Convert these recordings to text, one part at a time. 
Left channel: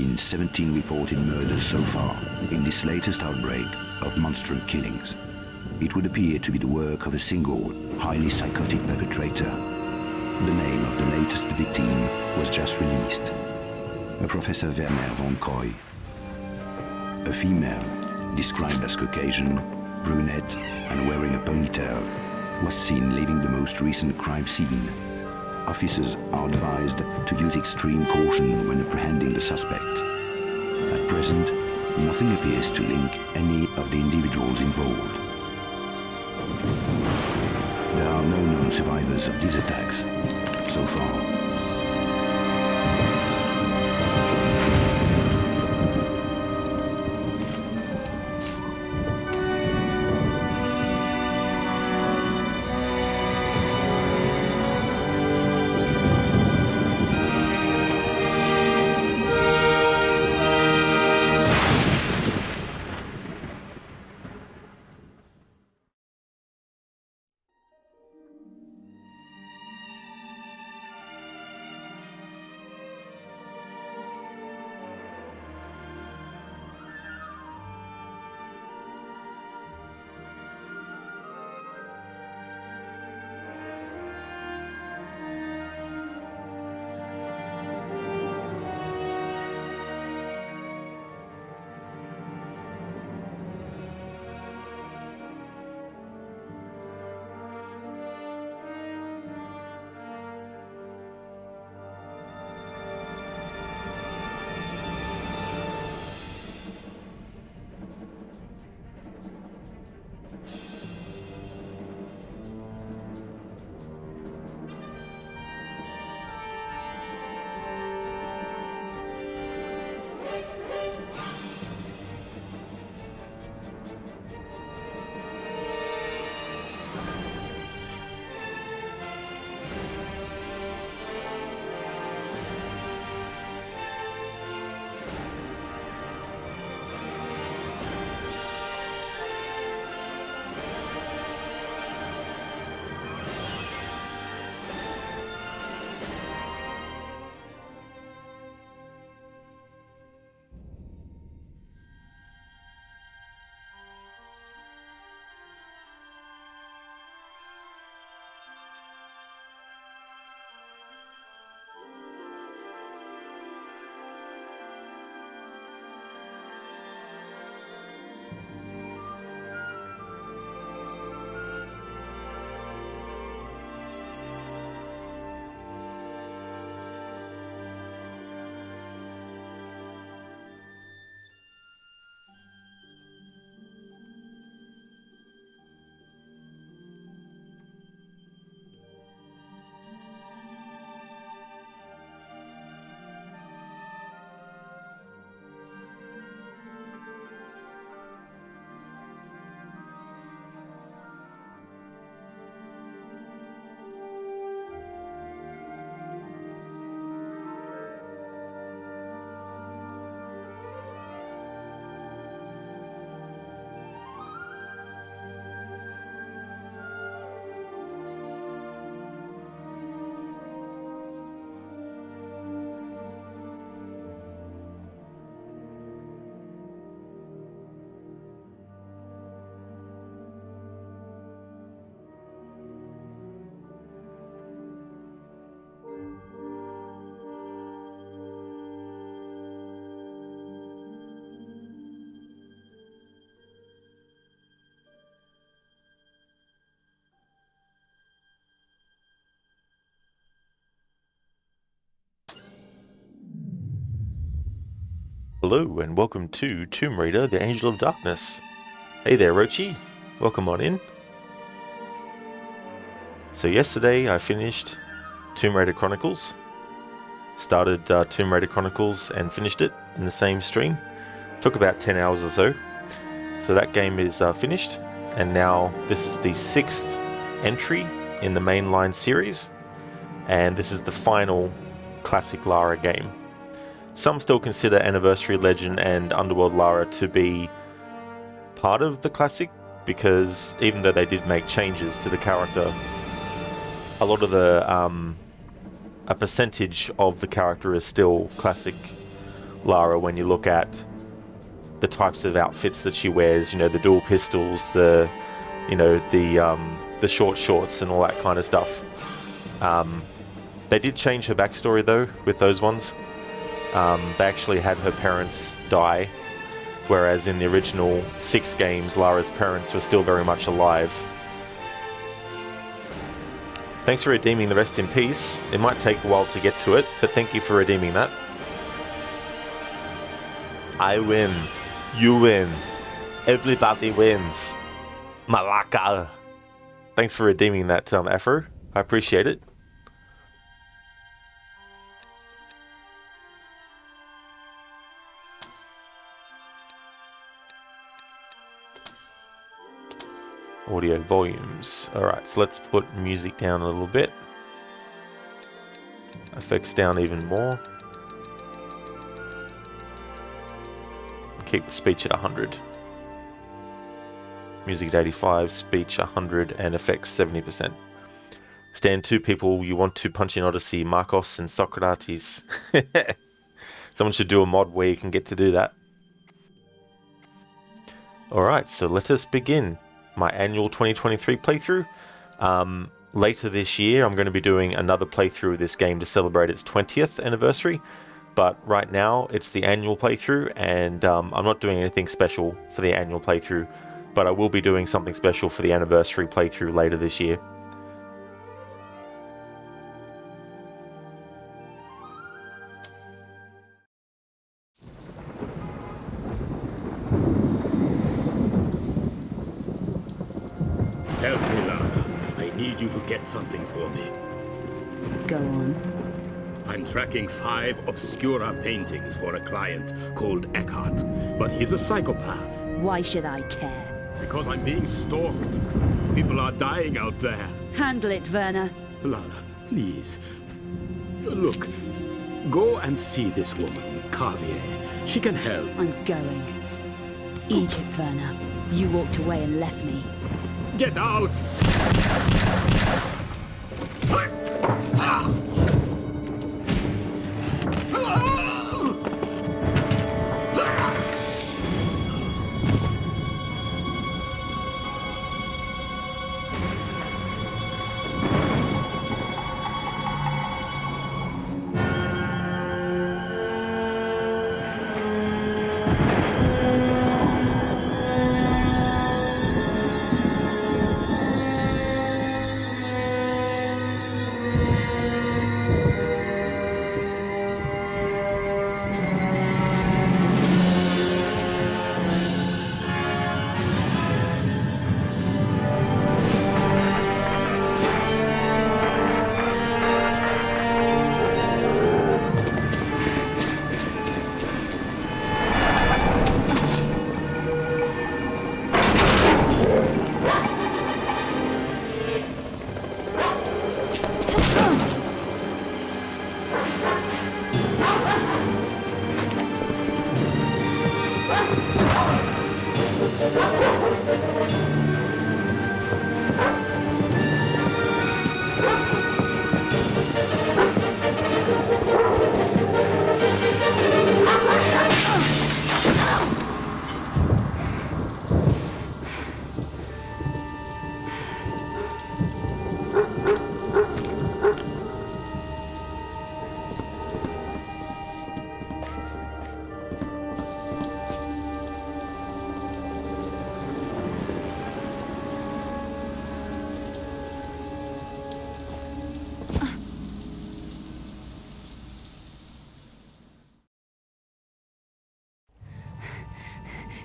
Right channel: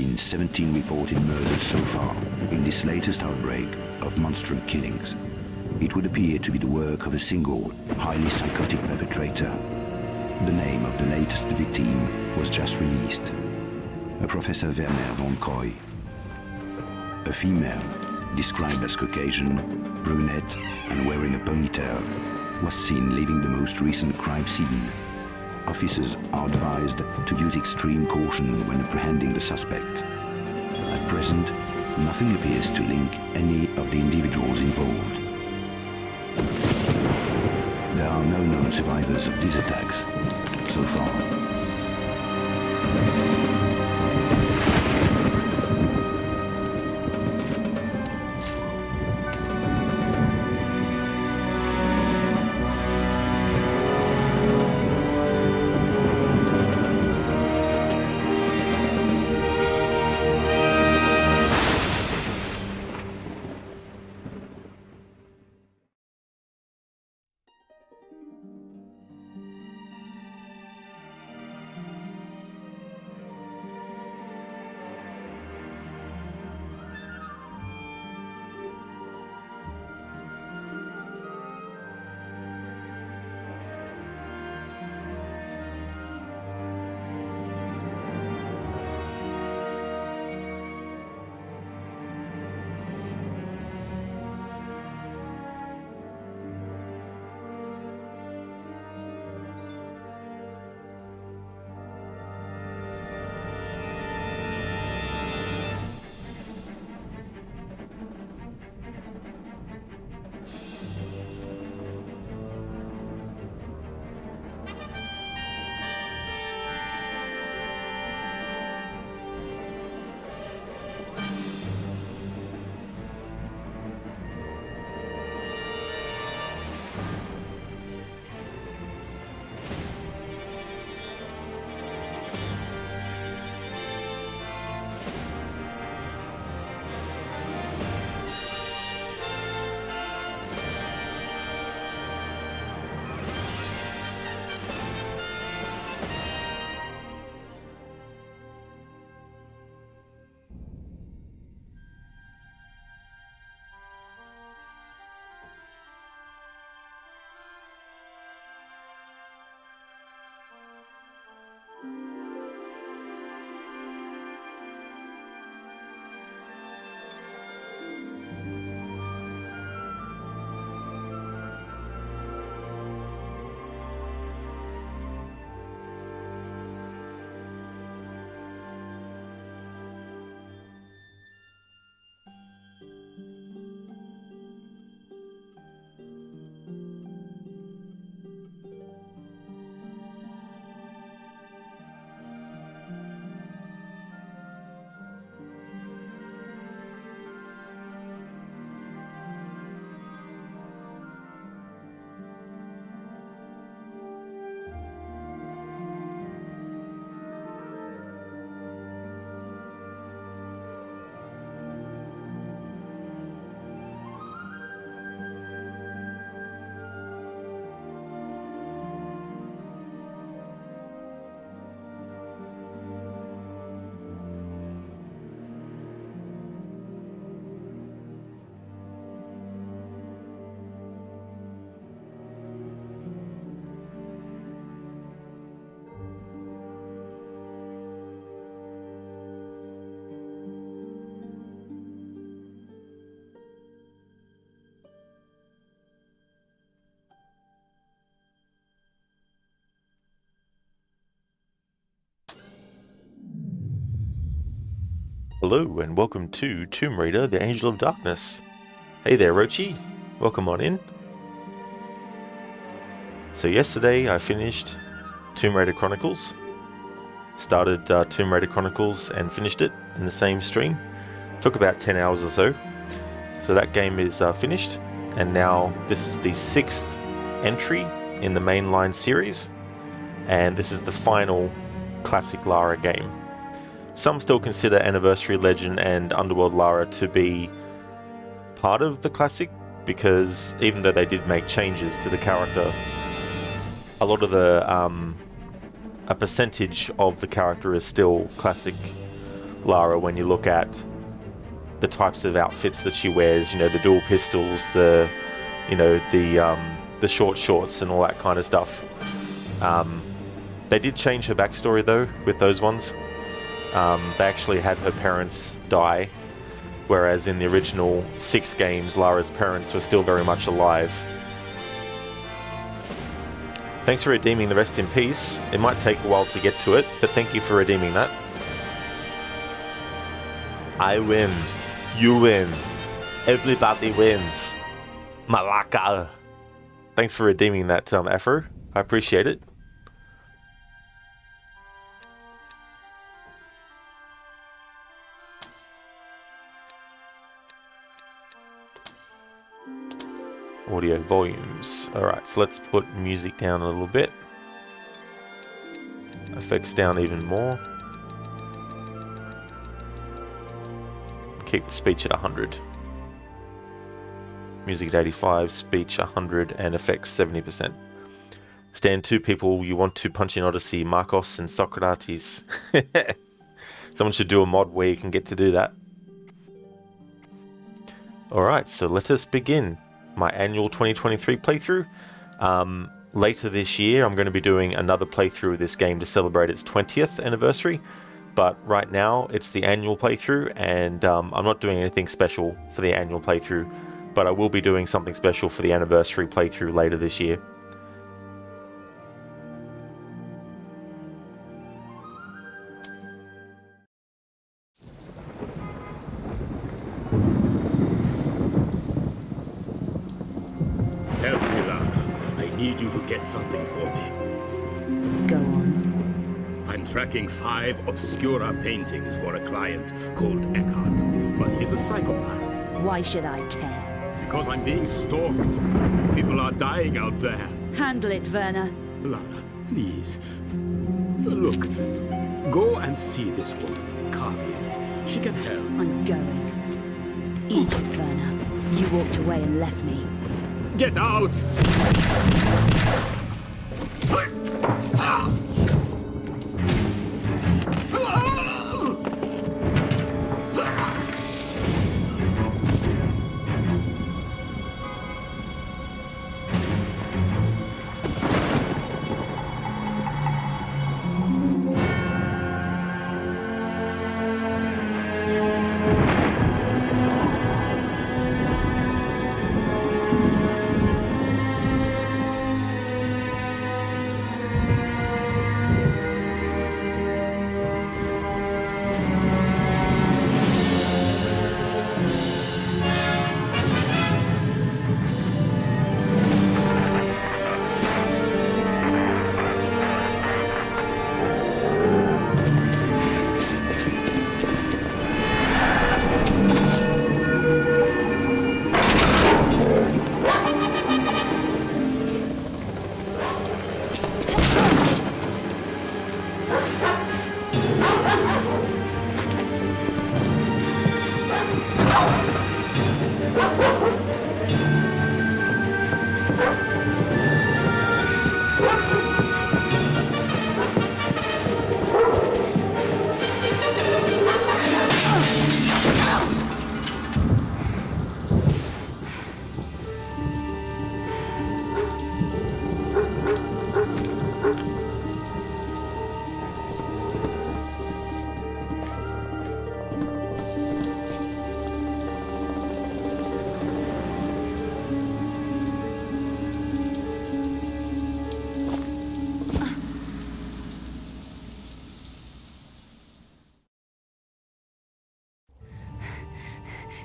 been 17 reported murders so far in this latest outbreak of monstrous killings. It would appear to be the work of a single, highly psychotic perpetrator. The name of the latest victim was just released. A Professor Werner von Croy. A female, described as Caucasian, brunette, and wearing a ponytail, was seen leaving the most recent crime scene. Officers are advised to use extreme caution when apprehending the suspect. At present, nothing appears to link any of the individuals involved. There are no known survivors of these attacks so far. Hello and welcome to Tomb Raider: The Angel of Darkness. Hey there, Rochi. Welcome on in. So yesterday I finished Tomb Raider Chronicles. Started Tomb Raider Chronicles and finished it in the same stream. Took about 10 hours or so. So that game is finished, and now this is the 6th entry in the mainline series, and this is the final classic Lara game. Some still consider Anniversary Legend and Underworld Lara to be part of the classic, because even though they did make changes to the character, a lot of a percentage of the character is still classic Lara when you look at the types of outfits that she wears. You know, the dual pistols, the short shorts and all that kind of stuff. They did change her backstory though with those ones. They actually had her parents die, whereas in the original 6 games, Lara's parents were still very much alive. Thanks for redeeming the Rest in Peace. It might take a while to get to it, but thank you for redeeming that. I win. You win. Everybody wins. Malaka. Thanks for redeeming that, Afro. I appreciate it. Audio volumes. Alright, so let's put music down a little bit. Effects down even more. Keep the speech at 100. Music at 85, speech 100, and effects 70%. Stand 2 people you want to punch in Odyssey, Marcos and Socrates. Someone should do a mod where you can get to do that. Alright, so let us begin my annual 2023 playthrough. Later this year I'm going to be doing another playthrough of this game to celebrate its 20th anniversary, but right now it's the annual playthrough, and I'm not doing anything special for the annual playthrough, but I will be doing something special for the anniversary playthrough later this year. Help me, Lara. I need you to get something for me. Go on. I'm tracking 5 Obscura paintings for a client called Eckhart, but he's a psychopath. Why should I care? Because I'm being stalked. People are dying out there. Handle it, Werner. Lara, please. Look, go and see this woman, Carvier. She can help. I'm going. Eat it, Werner. You walked away and left me. Get out!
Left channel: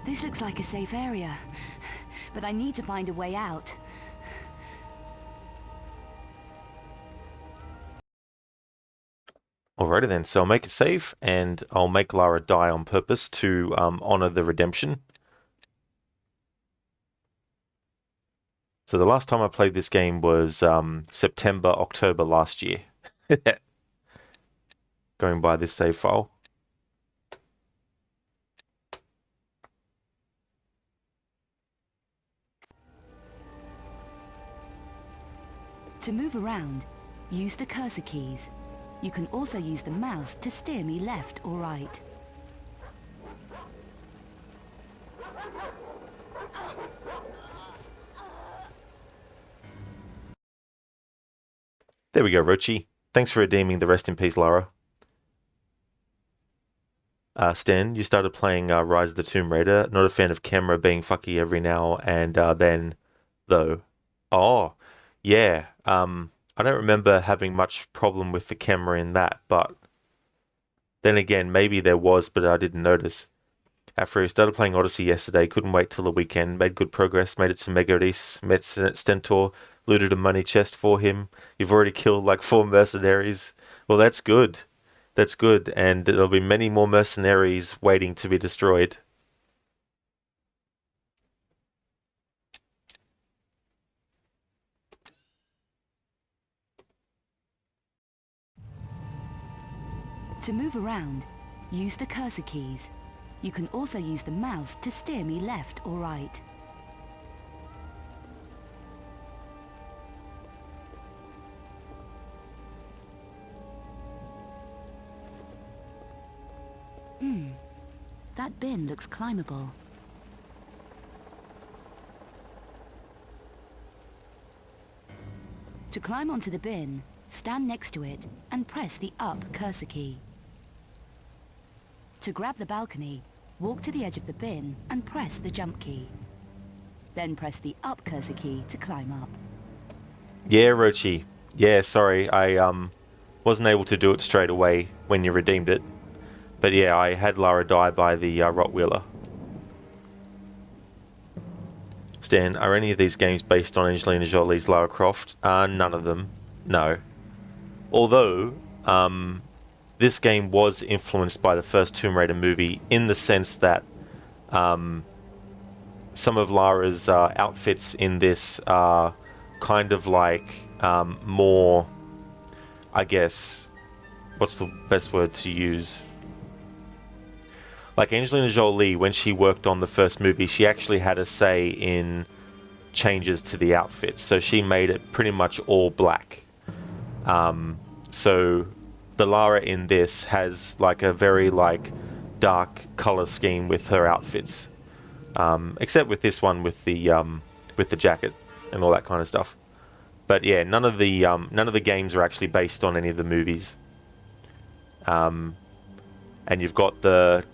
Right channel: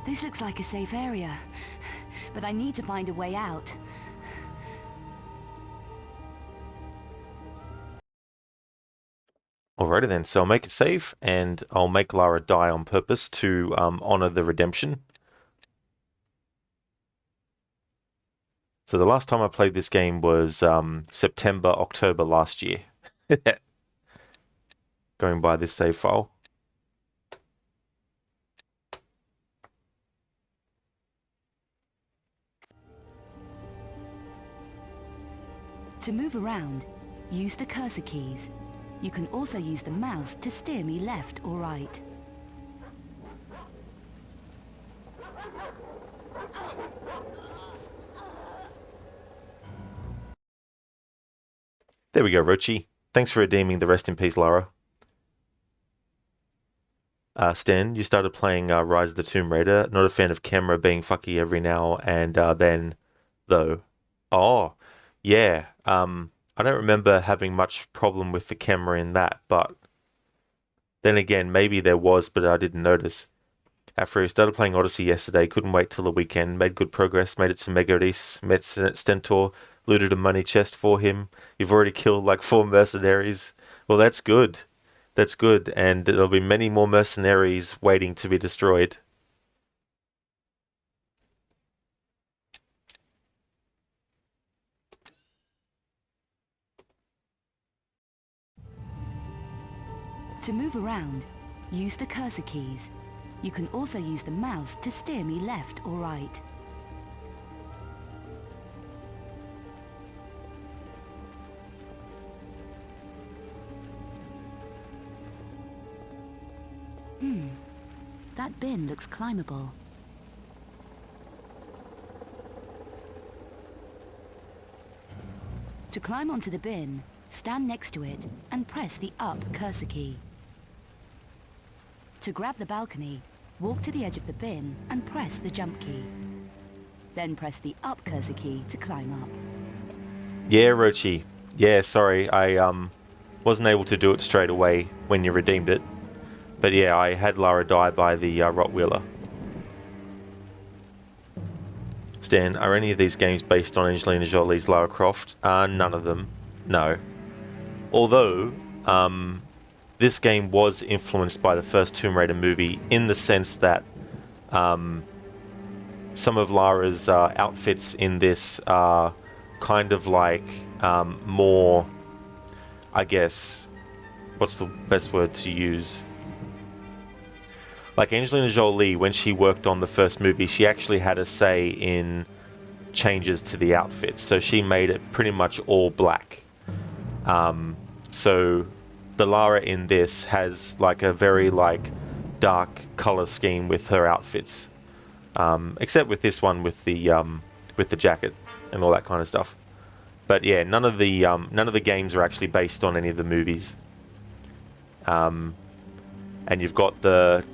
This looks like a safe area, but I need to find a way out. Alrighty then, so I'll make it save, and I'll make Lara die on purpose to honor the redemption. So the last time I played this game was September, October last year. Going by this save file. To move around, use the cursor keys. You can also use the mouse to steer me left or right. There we go, Rochi. Thanks for redeeming the rest in peace, Lara. Stan, you started playing Rise of the Tomb Raider. Not a fan of camera being fucky every now and then, though. Oh, yeah. I don't remember having much problem with the camera in that, but then again, maybe there was, but I didn't notice. After I started playing Odyssey yesterday, couldn't wait till the weekend, made good progress, made it to Megaris, met Stentor, looted a money chest for him. You've already killed like 4 mercenaries. Well, that's good. That's good, and there'll be many more mercenaries waiting to be destroyed. To move around, use the cursor keys. You can also use the mouse to steer me left or right. That bin looks climbable. To climb onto the bin, stand next to it and press the up cursor key. To grab the balcony, walk to the edge of the bin and press the jump key. Then press the up cursor key to climb up. Yeah, Rochi. Yeah, sorry, I wasn't able to do it straight away when you redeemed it. But yeah, I had Lara die by the Rottweiler. Stan, are any of these games based on Angelina Jolie's Lara Croft? None of them. No. Although, this game was influenced by the first Tomb Raider movie in the sense that some of Lara's outfits in this are kind of like more, I guess, what's the best word to use? Like Angelina Jolie, when she worked on the first movie, she actually had a say in changes to the outfit. So she made it pretty much all black. So the Lara in this has like a very like dark color scheme with her outfits, except with this one with the jacket and all that kind of stuff. But yeah, none of the games are actually based on any of the movies. And you've got the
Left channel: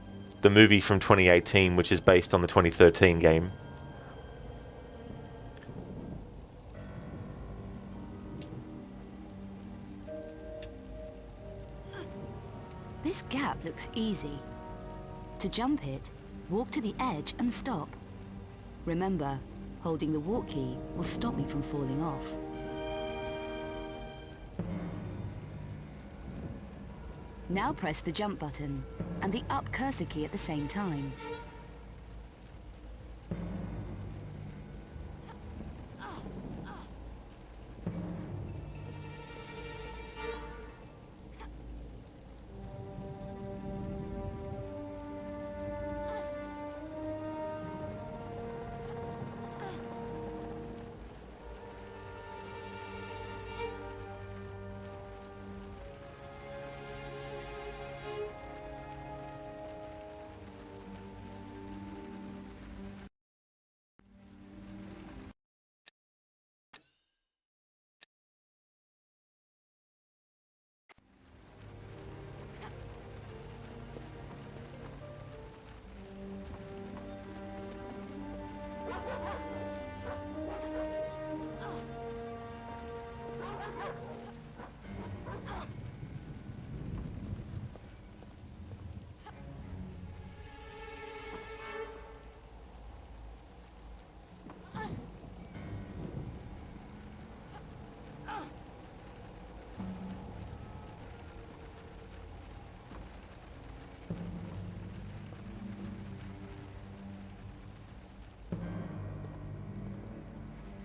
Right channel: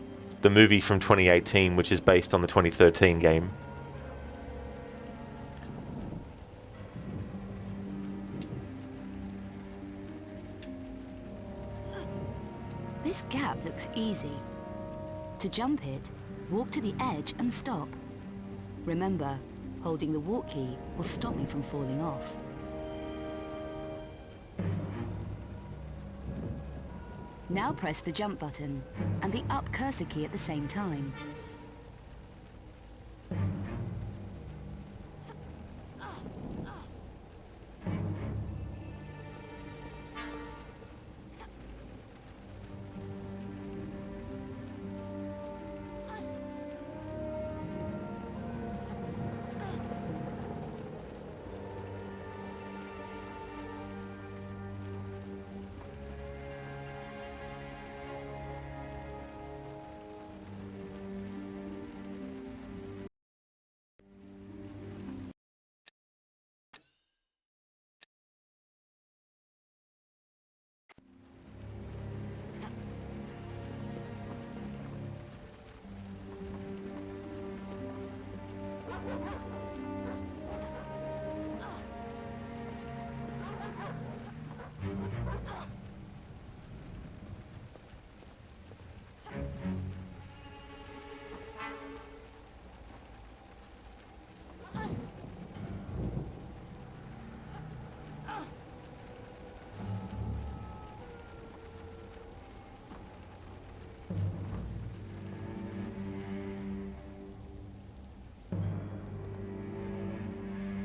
movie from 2018, which is based on the 2013 game. This gap looks easy. To jump it, walk to the edge and stop. Remember, holding the walk key will stop me from falling off. Now press the jump button and the up cursor key at the same time.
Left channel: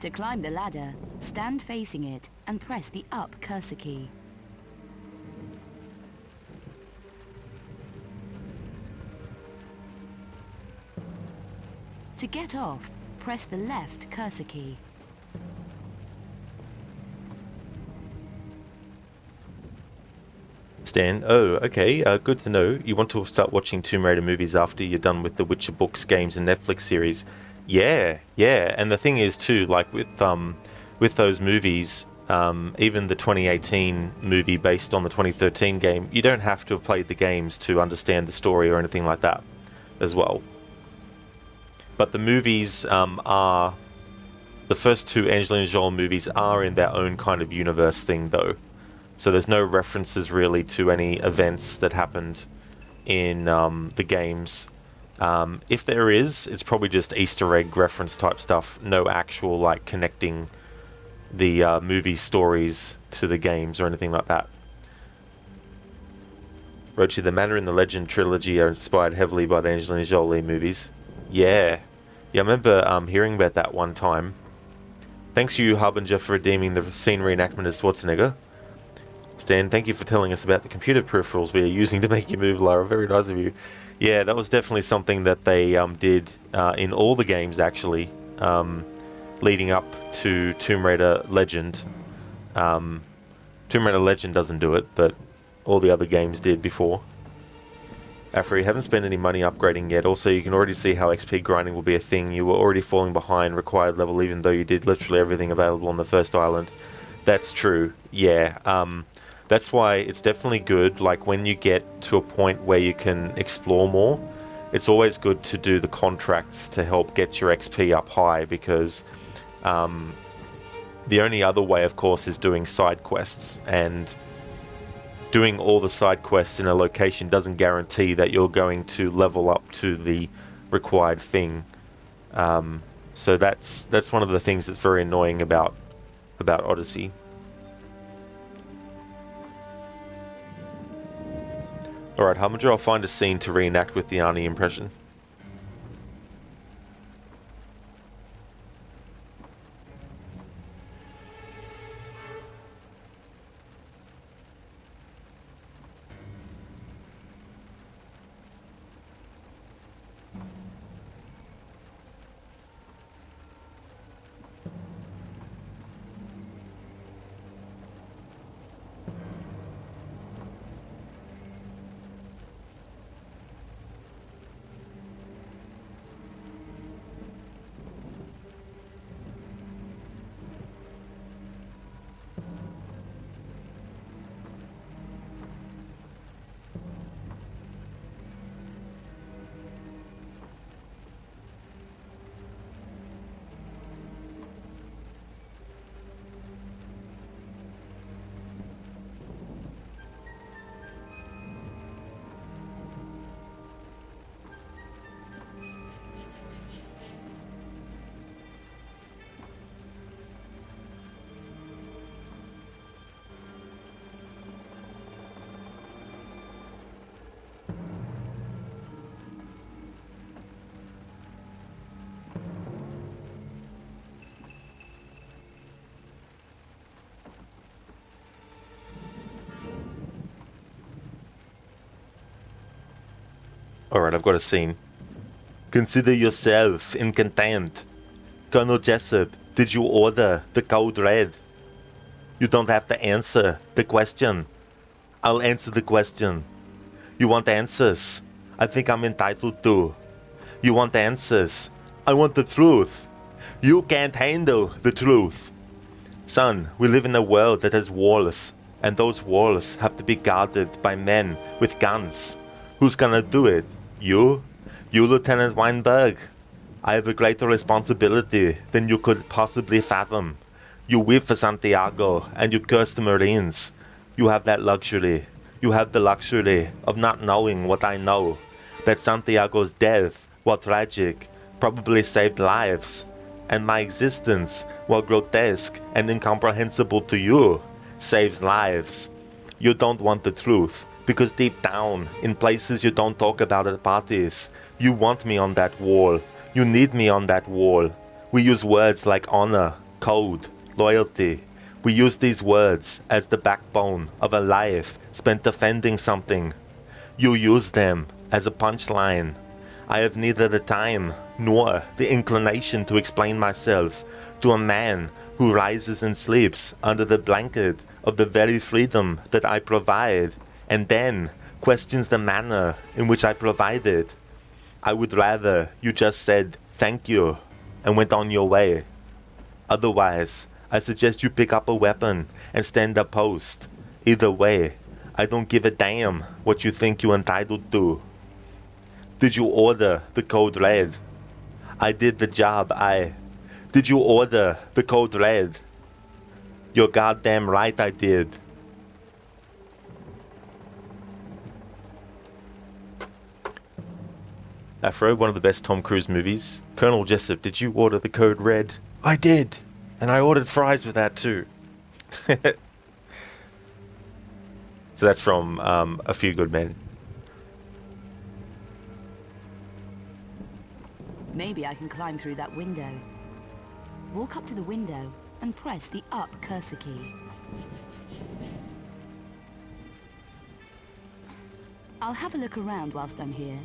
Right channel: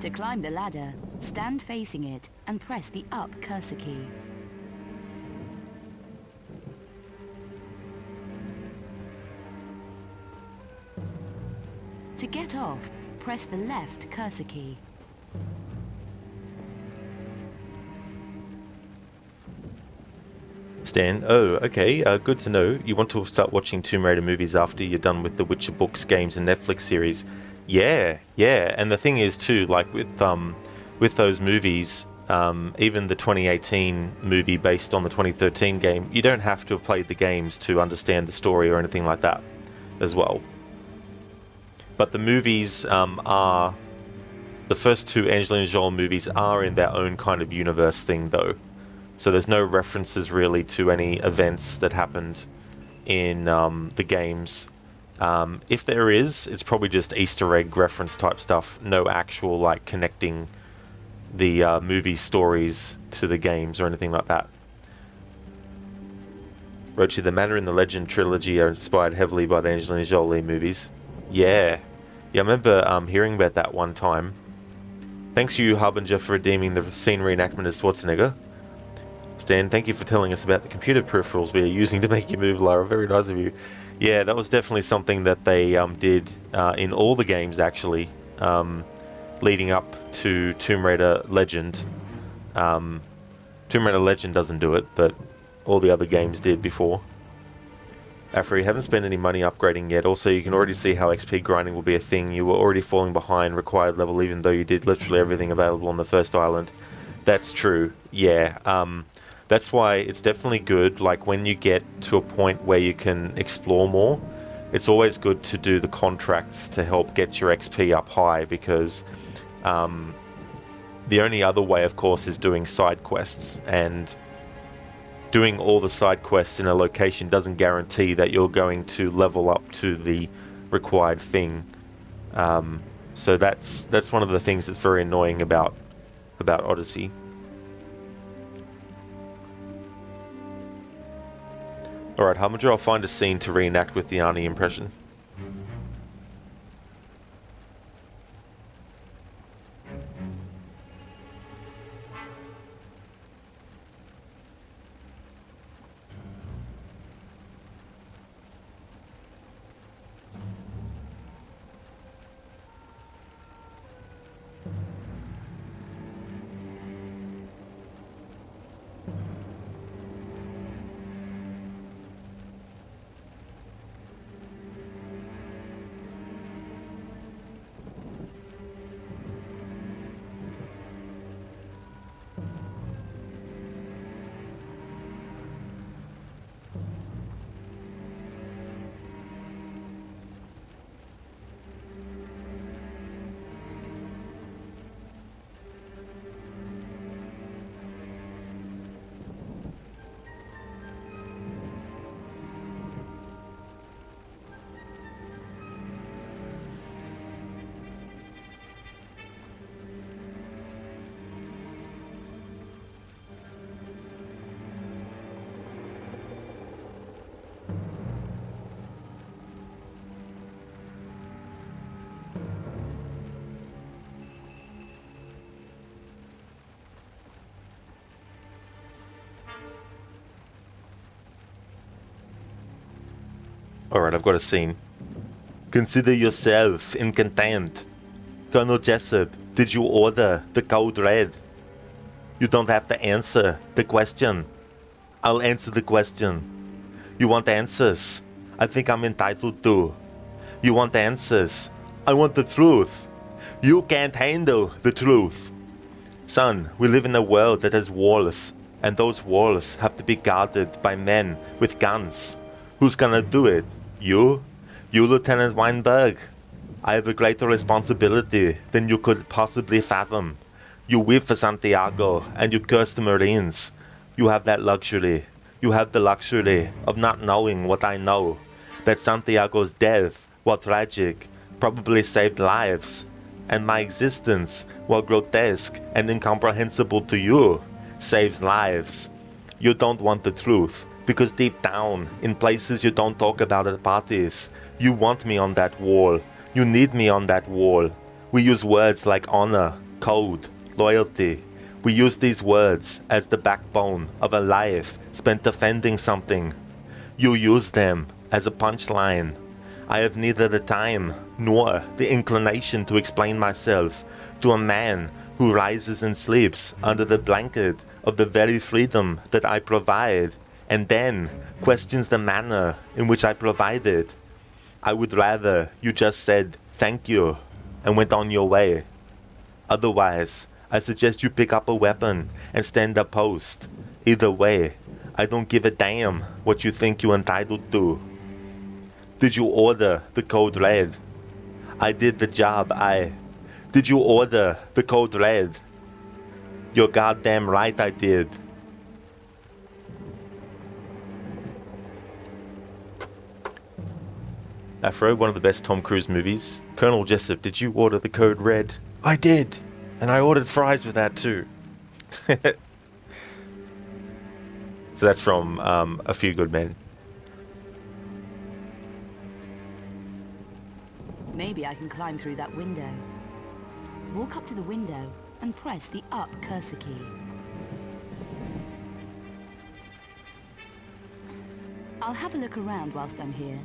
To climb the ladder, stand facing it and press the up cursor key. To get off, press the left cursor key. Stan, oh, okay, good to know. You want to start watching Tomb Raider movies after you're done with the Witcher books, games, and Netflix series. Yeah, and the thing is too, like with those movies, even the 2018 movie based on the 2013 game, you don't have to have played the games to understand the story or anything like that as well. But the movies are... The first two Angelina Jolie movies are in their own kind of universe thing, though. So there's no references really to any events that happened in the games. If there is, it's probably just Easter egg reference type stuff. No actual, like, connecting the movie stories to the games or anything like that. Rochi, the Manor and the Legend trilogy are inspired heavily by the Angelina Jolie movies. Yeah. Yeah, I remember hearing about that one time. Thanks you, Harbinger, for redeeming the scene reenactment as Schwarzenegger. Stan, thank you for telling us about the computer peripherals we are using to make you move, Lara. Very nice of you. Yeah, that was definitely something that they did in all the games, actually, leading up to Tomb Raider Legend. Tomb Raider Legend doesn't do it, but all the other games did before. Afri, haven't spent any money upgrading yet. Also, you can already see how XP grinding will be a thing. You were already falling behind required level, even though you did literally everything available on the first island. That's true. Yeah. That's why it's definitely good, like, when you get to a point where you can explore more, it's always good to do the contracts to help get your XP up high, because the only other way, of course, is doing side quests, and doing all the side quests in a location doesn't guarantee that you're going to level up to the required thing. So that's one of the things that's very annoying about Odyssey. Alright, Harbinger, I'll find a scene to reenact with the Arnie impression. Alright, I've got a scene. Consider yourself in contempt. Colonel Jessup, did you order the code red? You don't have to answer the question. I'll answer the question. You want answers? I think I'm entitled to. You want answers? I want the truth. You can't handle the truth. Son, we live in a world that has walls, and those walls have to be guarded by men with guns. Who's gonna do it? You? You, Lieutenant Weinberg? I have a greater responsibility than you could possibly fathom. You weep for Santiago, and you curse the Marines. You have that luxury. You have the luxury of not knowing what I know. That Santiago's death, while tragic, probably saved lives. And my existence, while grotesque and incomprehensible to you, saves lives. You don't want the truth, because deep down, in places you don't talk about at parties, you want me on that wall. You need me on that wall. We use words like honor, code, loyalty. We use these words as the backbone of a life spent defending something. You use them as a punchline. I have neither the time nor the inclination to explain myself to a man who rises and sleeps under the blanket of the very freedom that I provide, and then questions the manner in which I provide it. I would rather you just said thank you and went on your way. Otherwise, I suggest you pick up a weapon and stand a post. Either way, I don't give a damn what you think you're entitled to. Did you order the code red? I did the job, Did you order the code red? You're goddamn right I did. Afro, one of the best Tom Cruise movies. Colonel Jessup, did you order the code red? I did. And I ordered fries with that too. So that's from A Few Good Men. Maybe I can climb through that window. Walk up to the window and press the up cursor key. I'll have a look around whilst I'm here.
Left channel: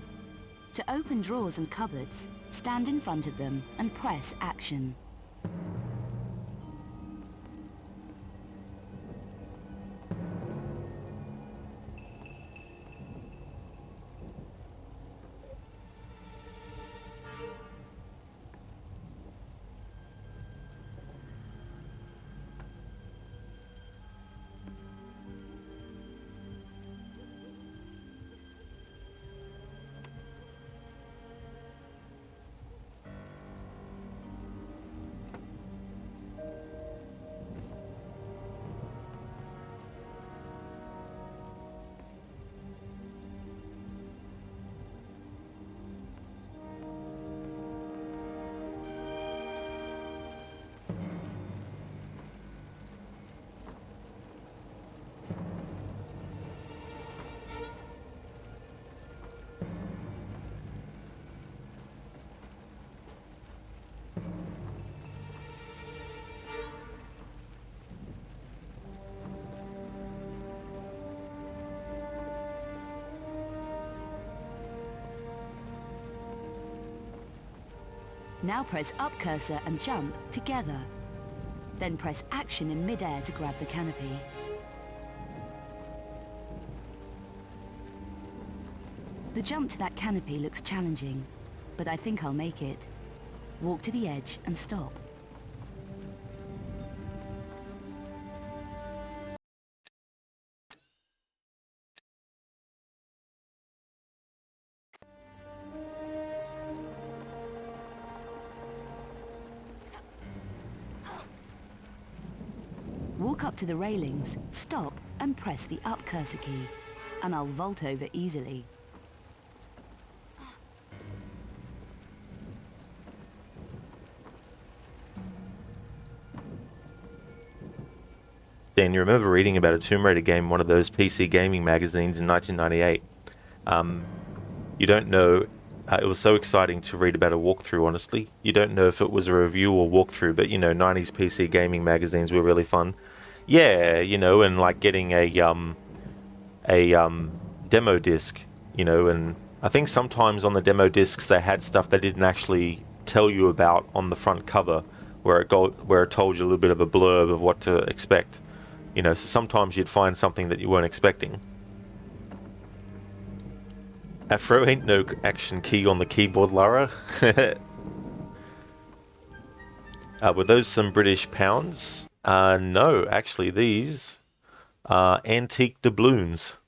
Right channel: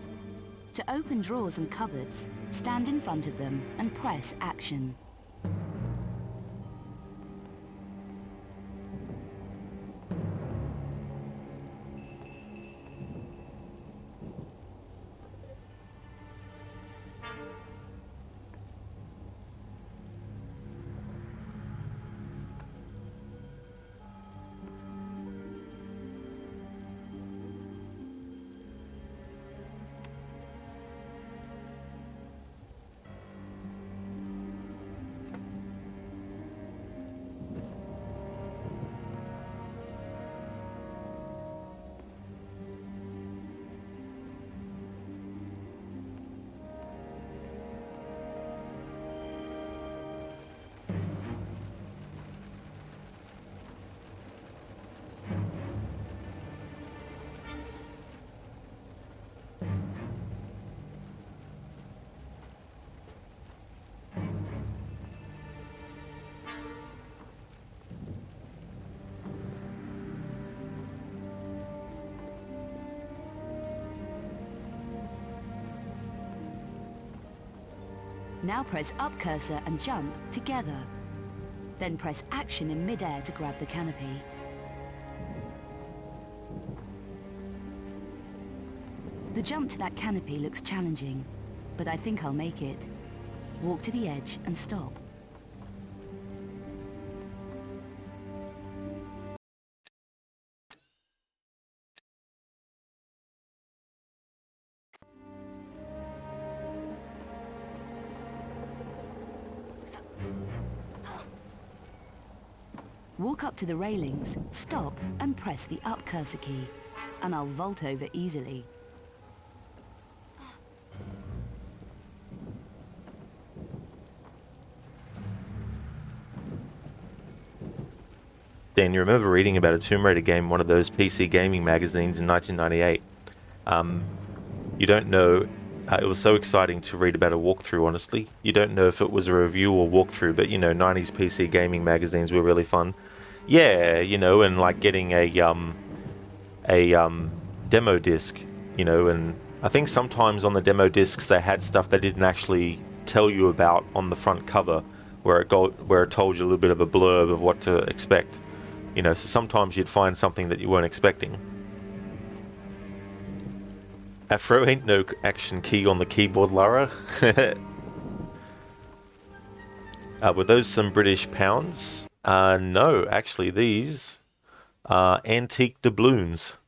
To open drawers and cupboards, stand in front of them and press action. Now press up cursor and jump together. Then press action in mid-air to grab the canopy. The jump to that canopy looks challenging, but I think I'll make it. Walk to the edge and stop. Walk up to the railings, stop, and press the up cursor key, and I'll vault over easily. Dan, you remember reading about a Tomb Raider game in one of those PC gaming magazines in 1998. You don't know, it was so exciting to read about a walkthrough, honestly. You don't know if it was a review or walkthrough, but 90s PC gaming magazines were really fun. Yeah, and like getting a demo disc, and I think sometimes on the demo discs they had stuff they didn't actually tell you about on the front cover, where it told you a little bit of a blurb of what to expect. So sometimes you'd find something that you weren't expecting. Afro ain't no action key on the keyboard, Lara. Were those some British pounds? No, actually these are antique doubloons.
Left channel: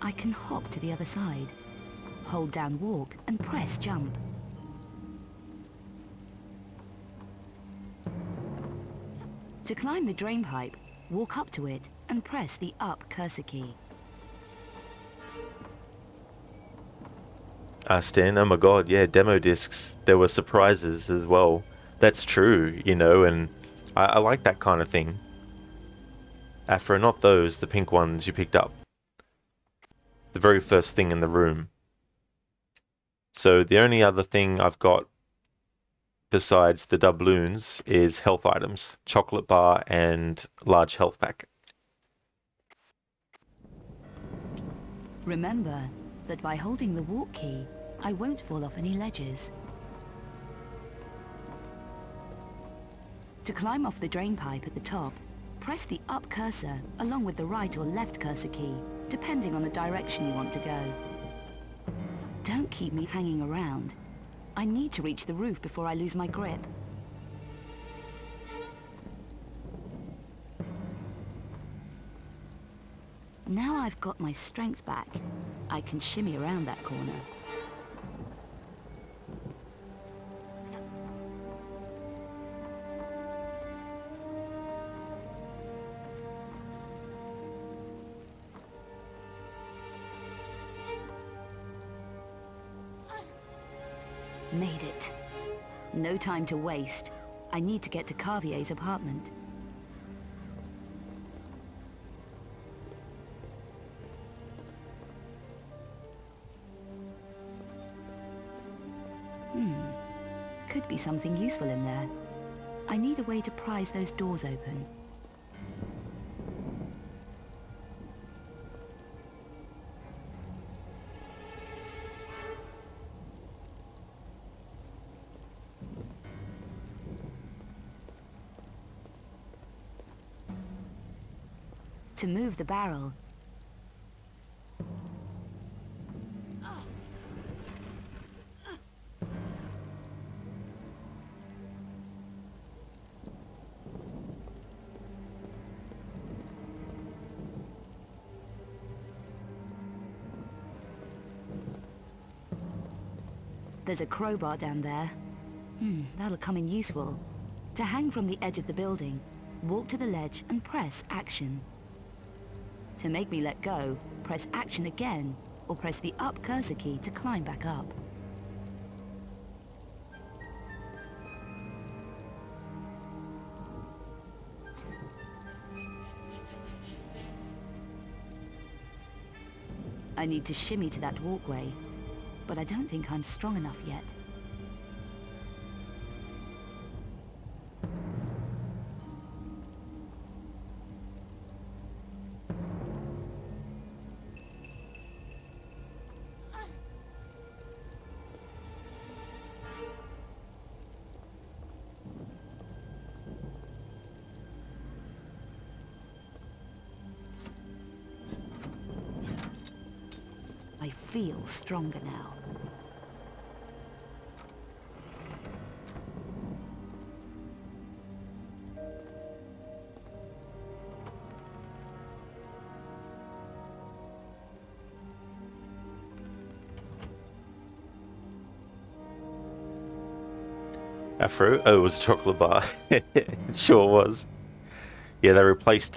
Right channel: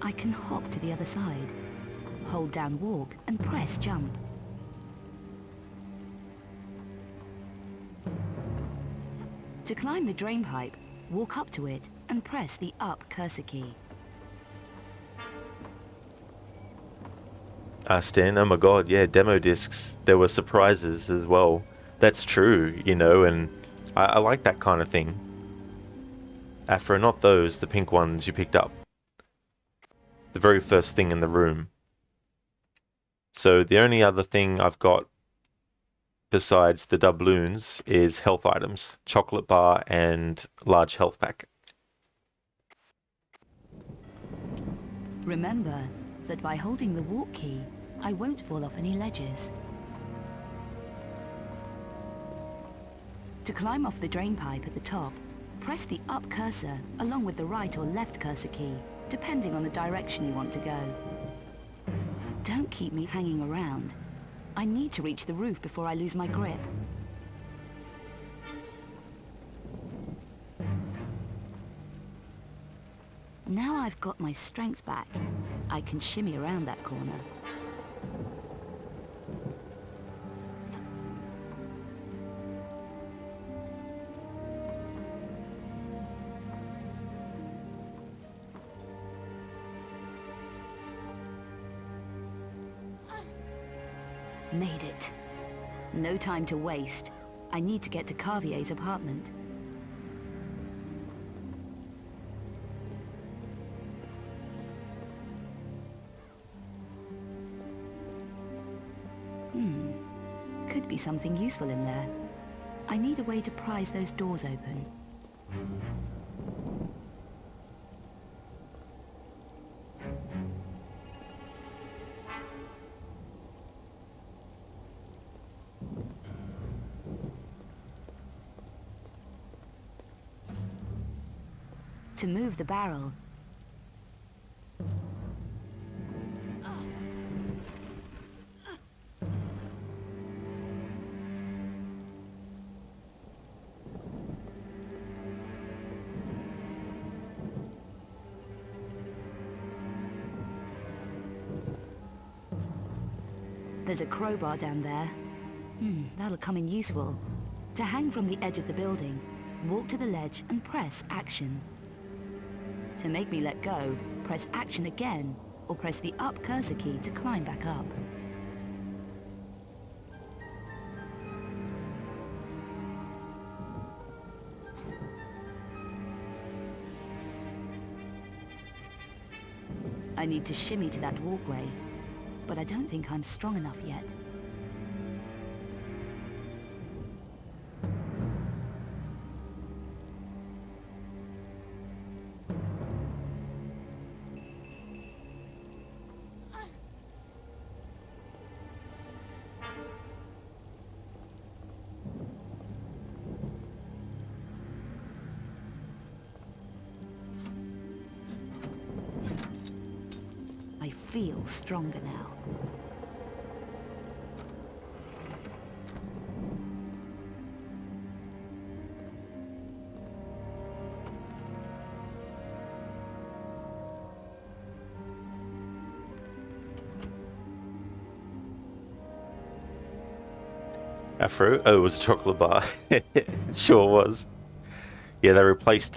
I can hop to the other side. Hold down walk and press jump. To climb the drain pipe, walk up to it and press the up cursor key. Stan, oh my god, yeah, demo discs. There were surprises as well. That's true, and I like that kind of thing. Afro, not those, the pink ones you picked up. The very first thing in the room. So the only other thing I've got besides the doubloons is health items, chocolate bar and large health pack. Remember that by holding the walk key, I won't fall off any ledges. To climb off the drain pipe at the top, press the up cursor along with the right or left cursor key depending on the direction you want to go. Don't keep me hanging around. I need to reach the roof before I lose my grip. Now I've got my strength back, I can shimmy around that corner. Made it. No time to waste. I need to get to Carvier's apartment. Could be something useful in there. I need a way to prise those doors open. To move the barrel, there's a crowbar down there. That'll come in useful. To hang from the edge of the building, walk to the ledge and press action. To make me let go, press action again, or press the up cursor key to climb back up. I need to shimmy to that walkway, but I don't think I'm strong enough yet. I feel stronger now. Afro? Oh, it was a chocolate bar. It sure was. Yeah, they replaced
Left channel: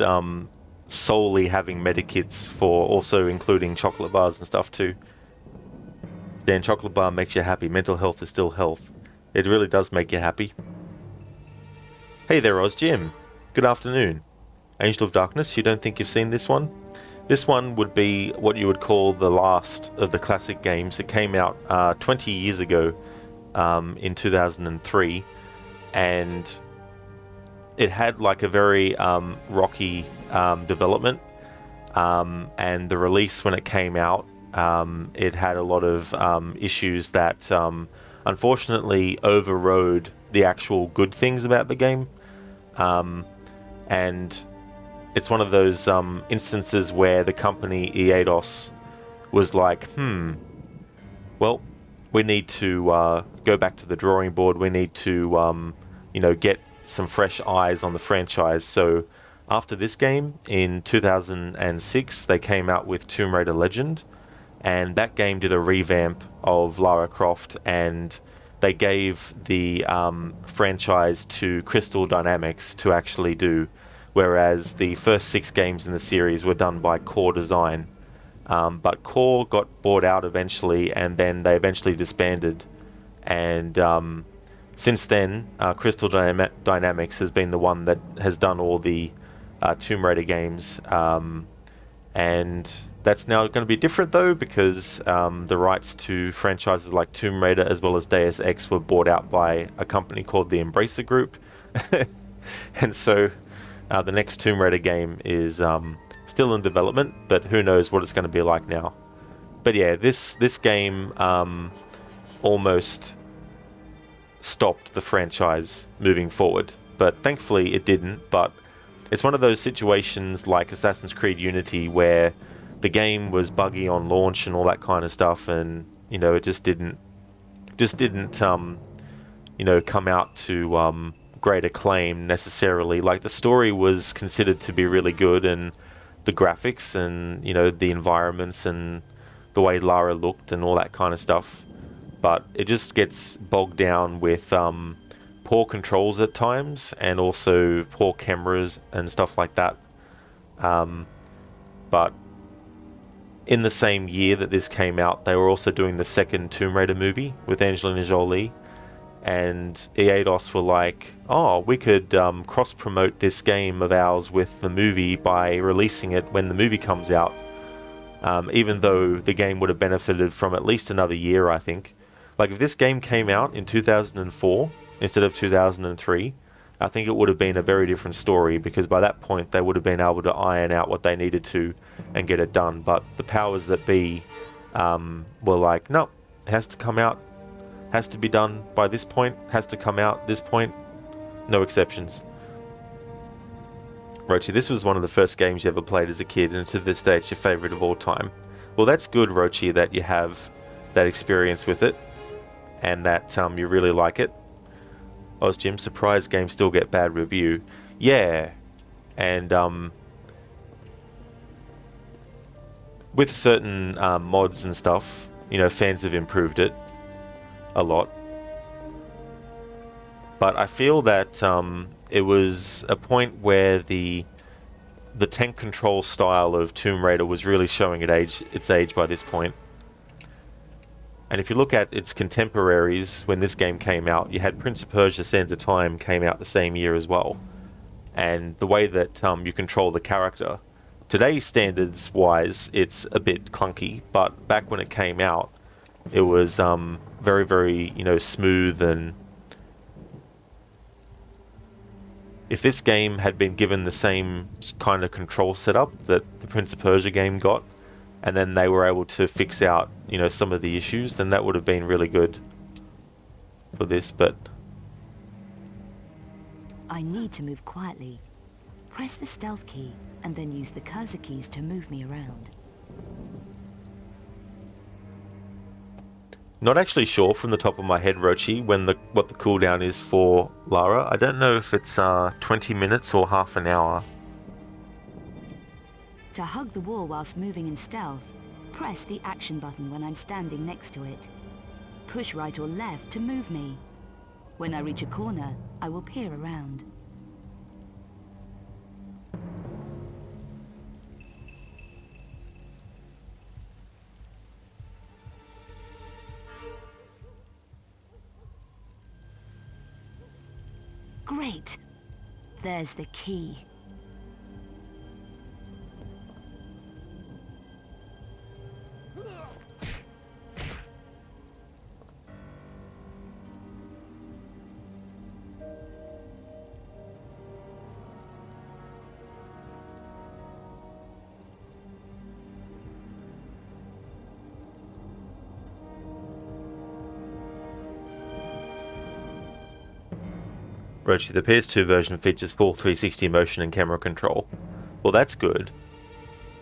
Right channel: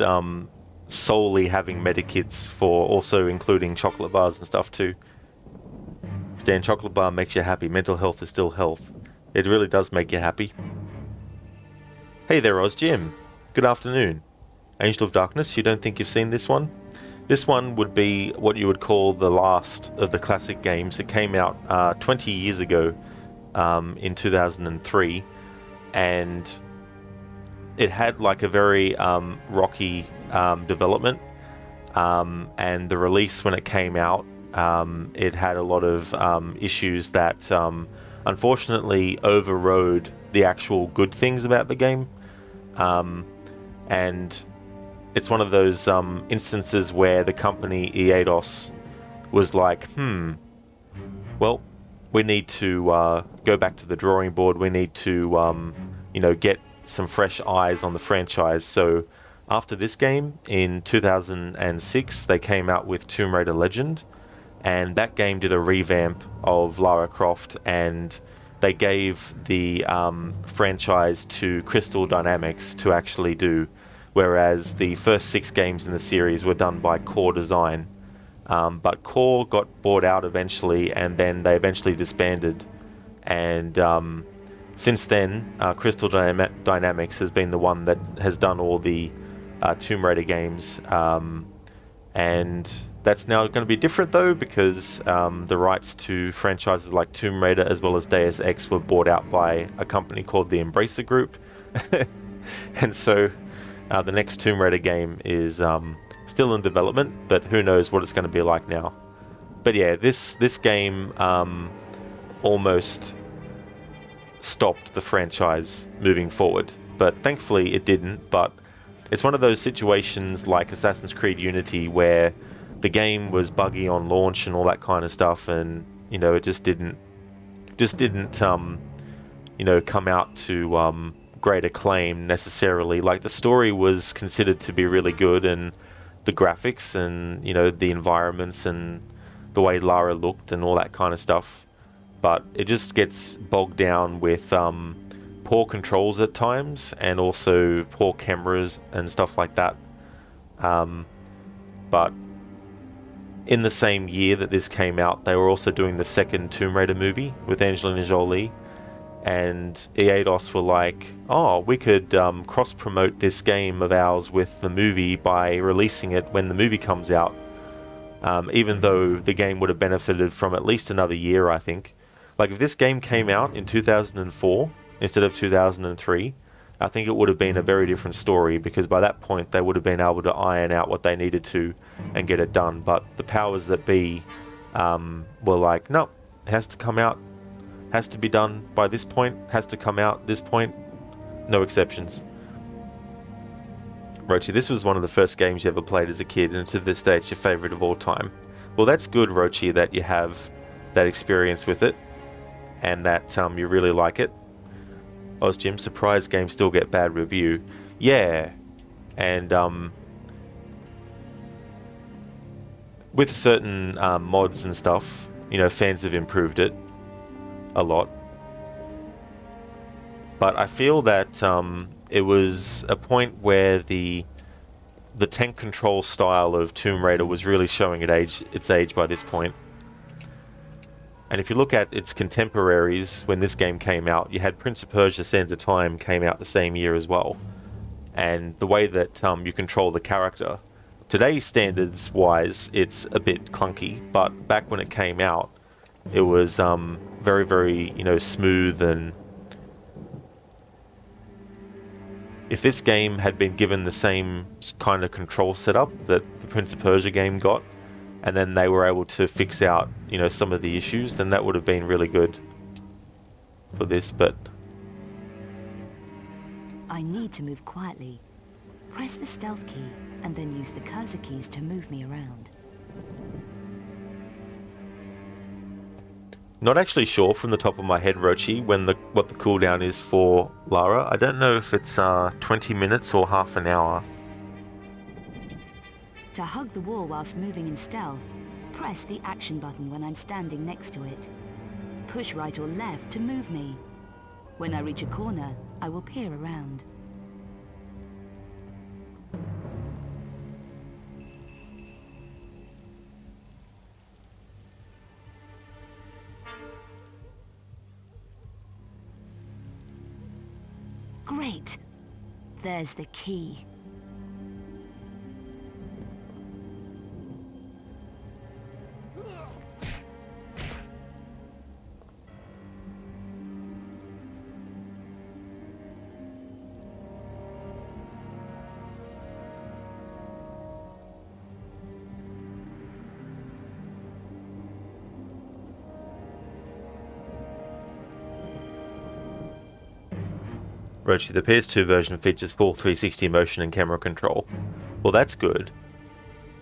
solely having medikits for also including chocolate bars and stuff too. Stan, chocolate bar makes you happy. Mental health is still health. It really does make you happy. Hey there, Oz Jim. Good afternoon. Angel of Darkness, you don't think you've seen this one? This one would be what you would call the last of the classic games. It came out 20 years ago in 2003, and it had like a very rocky development, and the release when it came out, it had a lot of issues that unfortunately overrode the actual good things about the game, and it's one of those instances where the company Eidos was like, well, we need to go back to the drawing board. We need to get some fresh eyes on the franchise. So after this game in 2006, they came out with Tomb Raider Legend, and that game did a revamp of Lara Croft, and they gave the franchise to Crystal Dynamics to actually do, whereas the first 6 games in the series were done by Core Design. But Core got bought out eventually, and then they eventually disbanded, and since then Crystal Dynamics has been the one that has done all the Tomb Raider games, and that's now going to be different though, because the rights to franchises like Tomb Raider as well as Deus Ex were bought out by a company called the Embracer Group. And so the next Tomb Raider game is still in development, but who knows what it's going to be like now. But yeah, this game almost stopped the franchise moving forward, but thankfully it didn't. But it's one of those situations like Assassin's Creed Unity where the game was buggy on launch and all that kind of stuff, and you know, it just didn't you know, come out to great acclaim necessarily. Like, the story was considered to be really good, and the graphics and, you know, the environments and the way Lara looked and all that kind of stuff, but it just gets bogged down with poor controls at times, and also poor cameras and stuff like that. But in the same year that this came out, they were also doing the second Tomb Raider movie with Angelina Jolie, and Eidos were like, oh, we could cross-promote this game of ours with the movie by releasing it when the movie comes out, even though the game would have benefited from at least another year, I think. Like, if this game came out in 2004 instead of 2003, I think it would have been a very different story, because by that point they would have been able to iron out what they needed to and get it done. But the powers that be were like, no, it has to come out, has to be done by this point, has to come out this point, no exceptions. Rochi, this was one of the first games you ever played as a kid, and to this day it's your favourite of all time. Well, that's good, Rochi, that you have that experience with it, and that you really like it. Ozjim, surprised games still get bad review. Yeah, and with certain mods and stuff, you know, fans have improved it a lot. But I feel that it was a point where the tank control style of Tomb Raider was really showing its age by this point. And if you look at its contemporaries when this game came out, you had Prince of Persia: Sands of Time came out the same year as well. And the way that you control the character, today's standards wise, it's a bit clunky, but back when it came out, it was very, very, you know, smooth. And if this game had been given the same kind of control setup that the Prince of Persia game got, and then they were able to fix out, you know, some of the issues, then that would have been really good for this. But I need to move quietly. Press the stealth key and then use the cursor keys to move me around. not actually sure from the top of my head, Rochi, what the cooldown is for Lara. I don't know if it's 20 minutes or half an hour. To hug the wall whilst moving in stealth, press the action button when I'm standing next to it. Push right or left to move me. When I reach a corner, I will peer around. Great! There's the key. Rochi, the PS2 version features full 360 motion and camera control. Well, that's good.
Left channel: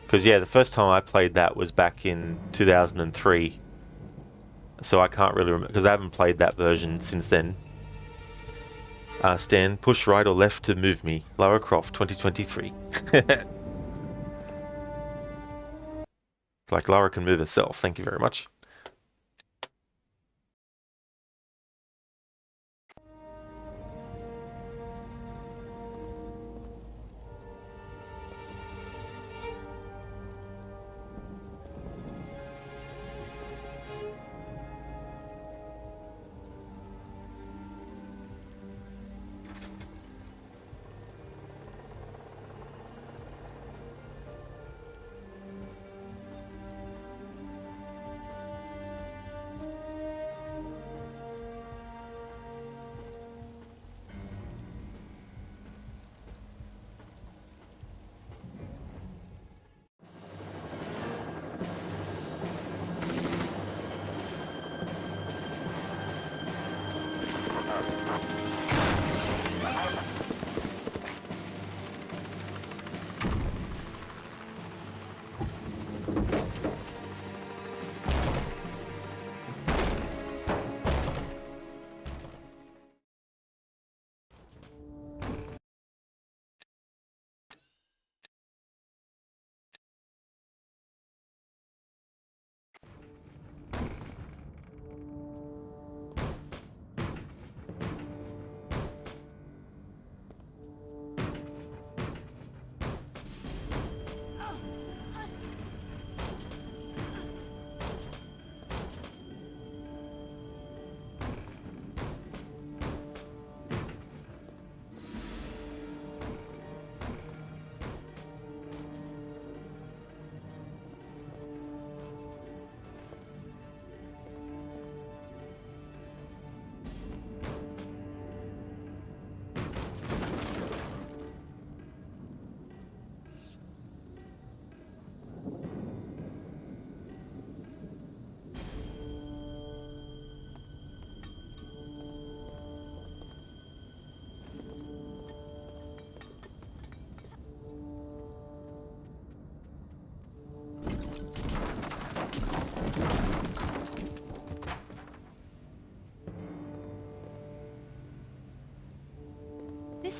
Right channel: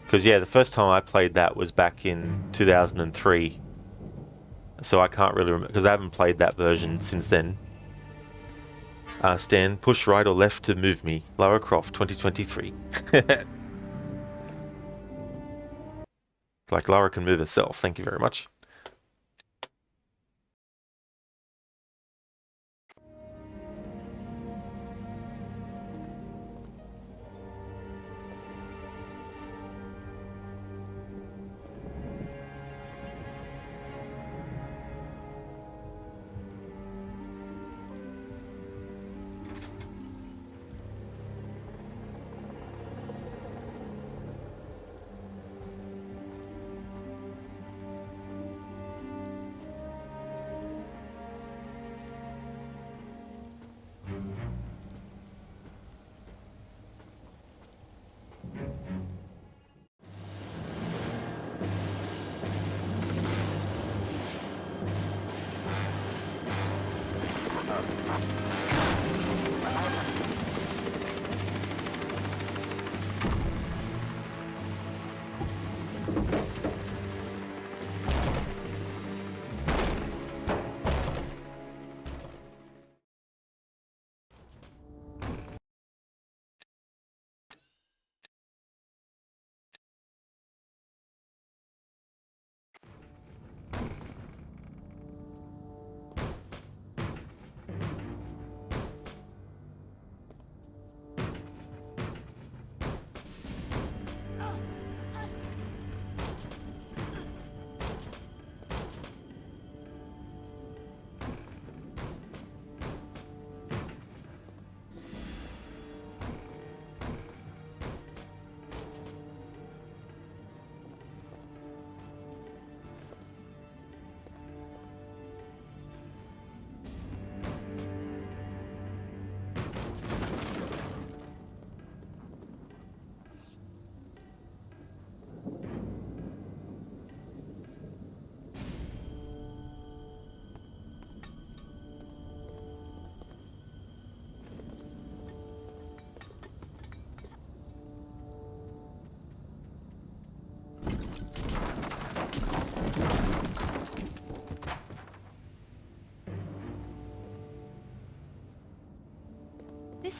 Because, yeah, the first time I played that was back in 2003. So I can't really remember, because I haven't played that version since then. Stan, push right or left to move me. Lara Croft, 2023. Like Lara can move herself, thank you very much.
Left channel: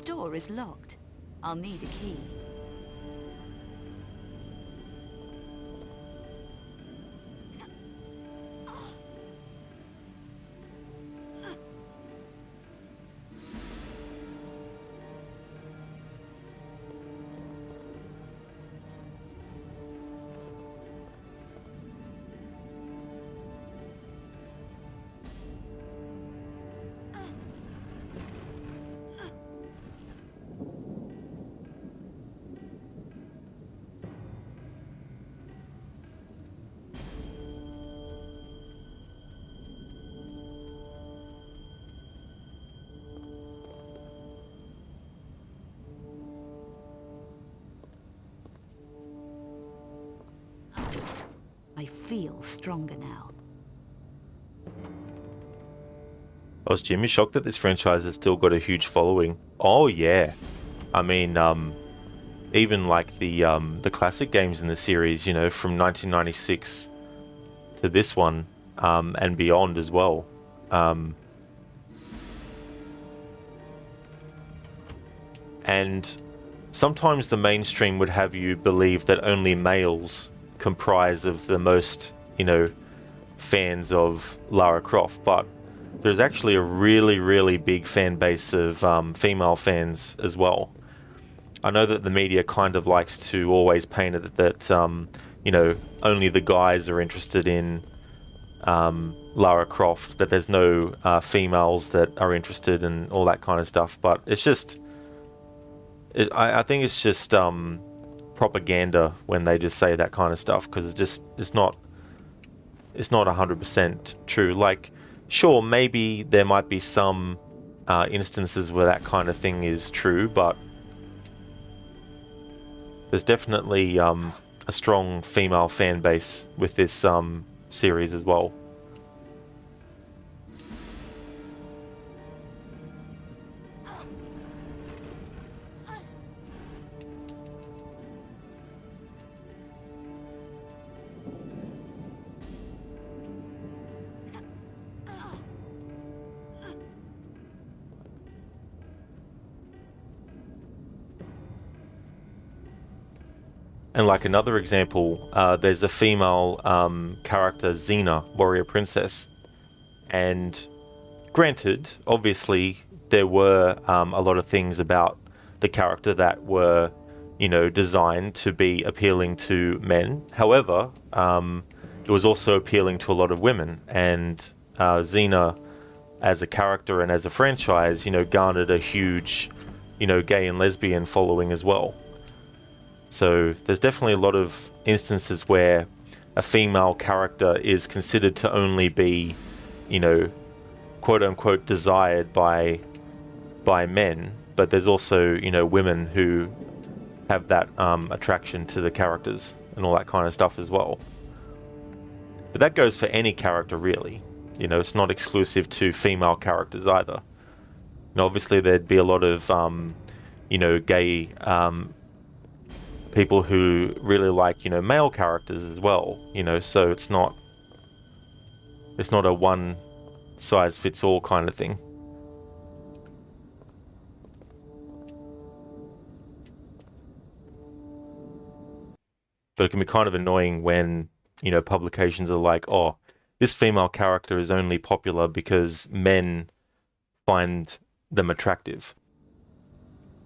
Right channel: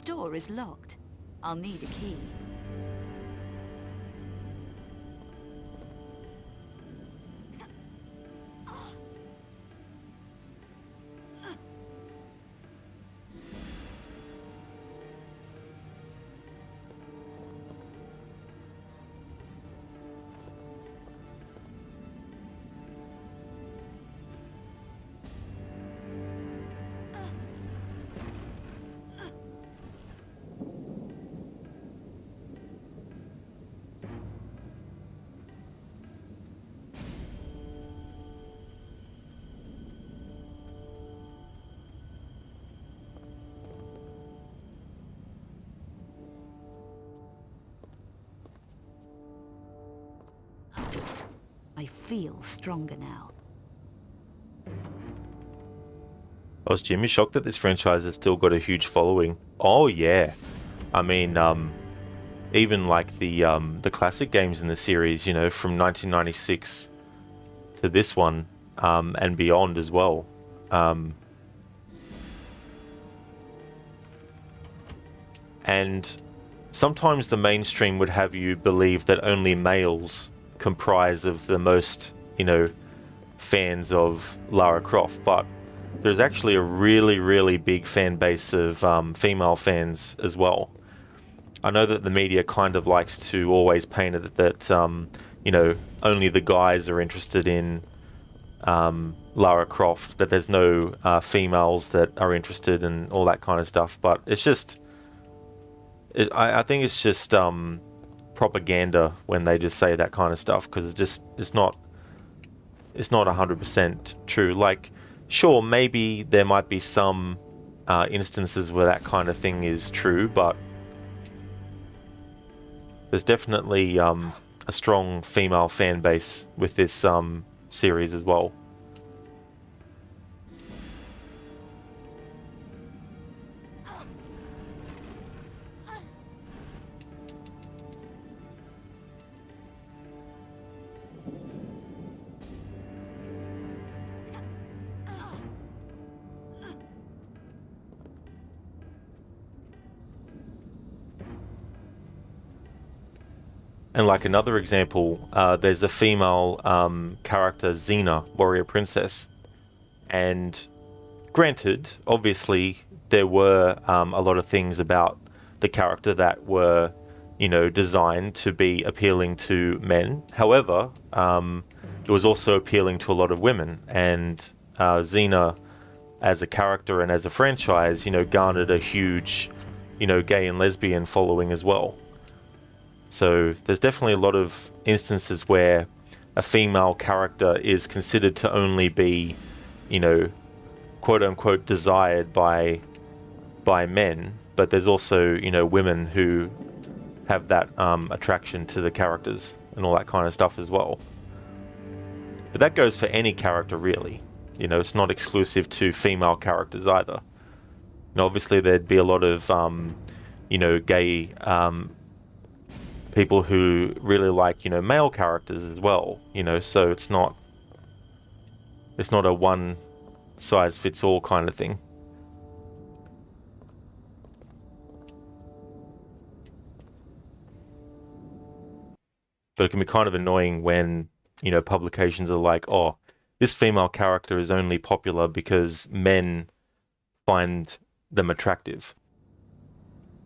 door is locked. I'll need a key. I feel stronger now. I was Jimmy shocked that this franchise has still got a huge following. Oh yeah, I mean, even like the classic games in the series, you know, from 1996 to this one, and beyond as well. And sometimes the mainstream would have you believe that only males comprise of the most, you know, fans of Lara Croft, but there's actually a really, really big fan base of female fans as well. I know that the media kind of likes to always paint it that, you know, only the guys are interested in Lara Croft, that there's no females that are interested in all that kind of stuff, but it's just, I think it's just propaganda when they just say that kind of stuff, because it's not 100% true. Like, sure, maybe there might be some instances where that kind of thing is true, but there's definitely a strong female fan base with this series as well. And like another example, there's a female character, Xena, warrior princess. And granted, obviously, there were a lot of things about the character that were, you know, designed to be appealing to men. However, it was also appealing to a lot of women. And Xena, as a character and as a franchise, you know, garnered a huge, you know, gay and lesbian following as well. So there's definitely a lot of instances where a female character is considered to only be, you know, quote unquote desired by men, but there's also, you know, women who have that attraction to the characters and all that kind of stuff as well. But that goes for any character really. You know, it's not exclusive to female characters either. You know, obviously there'd be a lot of you know, gay people who really like, you know, male characters as well, you know, so it's not a one size fits all kind of thing. But it can be kind of annoying when, you know, publications are like, oh, this female character is only popular because men find them attractive.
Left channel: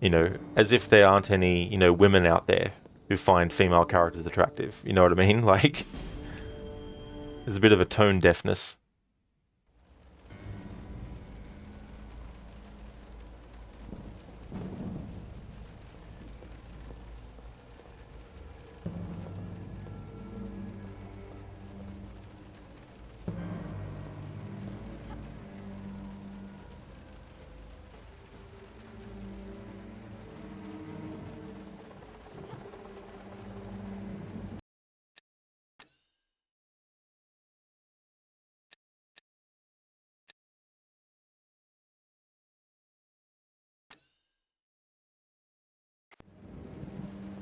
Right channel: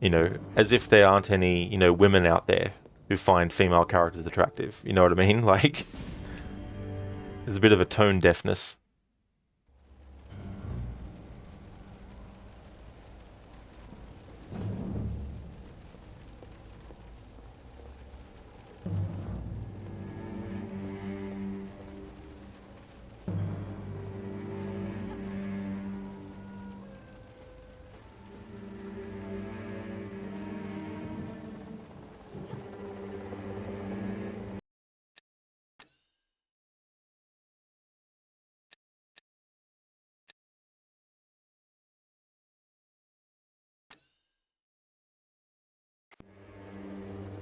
You know, as if there aren't any, you know, women out there who find female characters attractive. You know what I mean? Like, there's a bit of a tone deafness.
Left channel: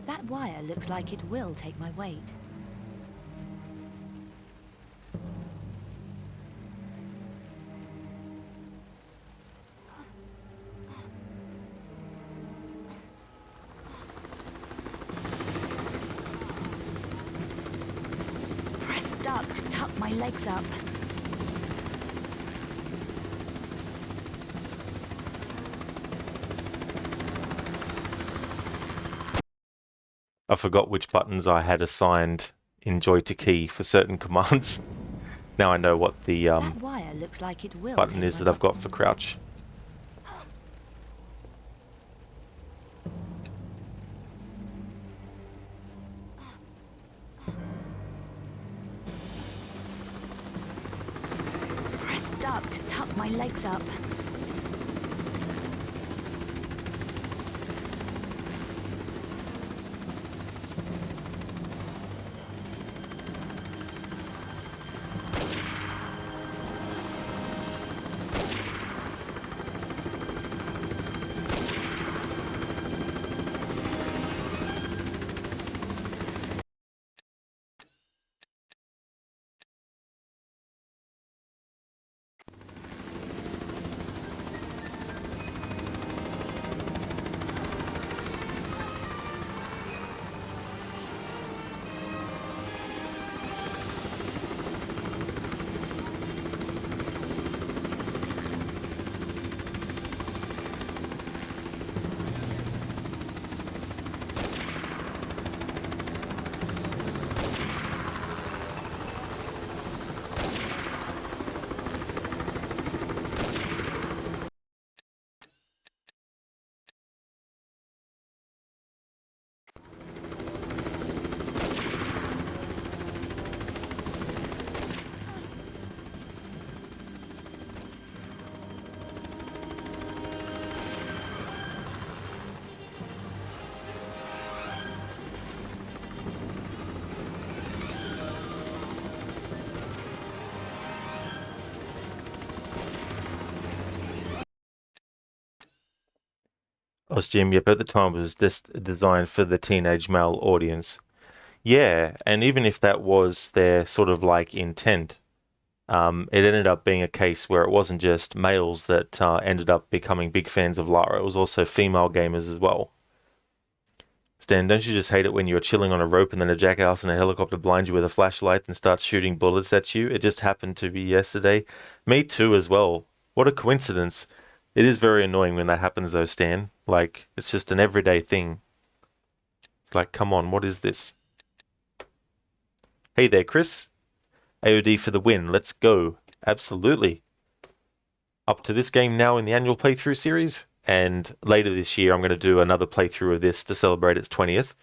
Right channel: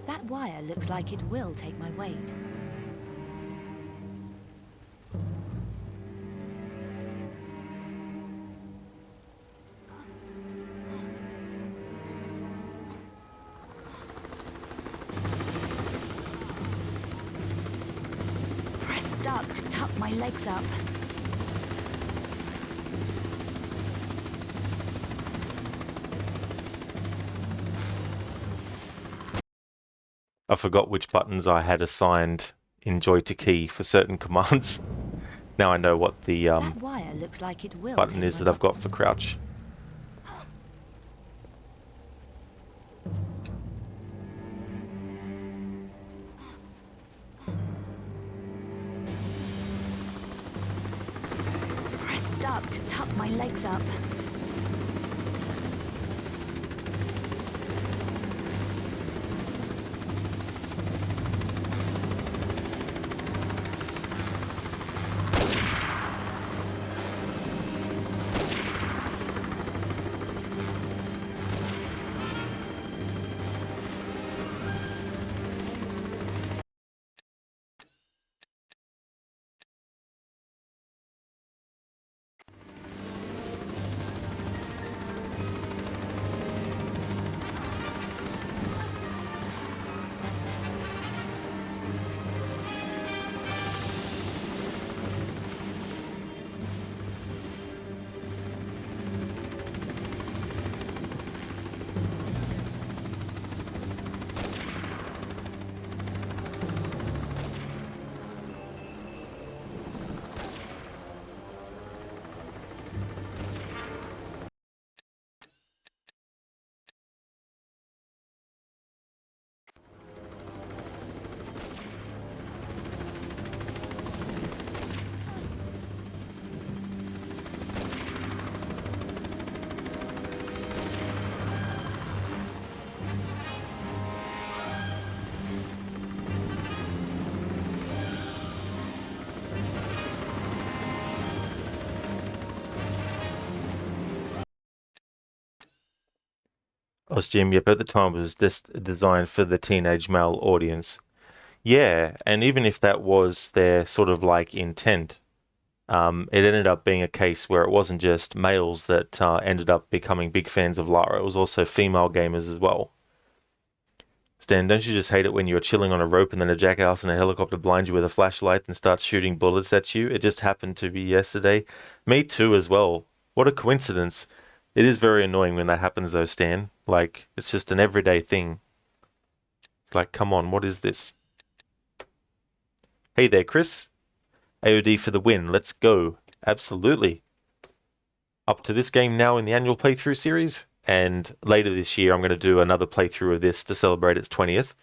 That wire looks like it will take my weight. stuck to tuck my legs up. I forgot which buttons I had assigned in Joy to key for certain commands. Now I know what the That wire looks like it will button take is my that I've got for crouch. Press duck to tuck my legs up. Jim, yep, at the time was this designed for the teenage male audience. Yeah, and even if that was their sort of like intent, it ended up being a case where it wasn't just males that ended up becoming big fans of Lara, it was also female gamers as well. Stan, don't you just hate it when you're chilling on a rope and then a jackass in a helicopter blinds you with a flashlight and starts shooting bullets at you? It just happened to be yesterday. Me too, as well. What a coincidence. It is very annoying when that happens, though, Stan. Like, it's just an everyday thing. It's like, come on, what is this? Hey there, Chris. AOD for the win. Let's go. Absolutely. Up to this game now in the annual playthrough series, and later this year I'm going to do another playthrough of this to celebrate its 20th.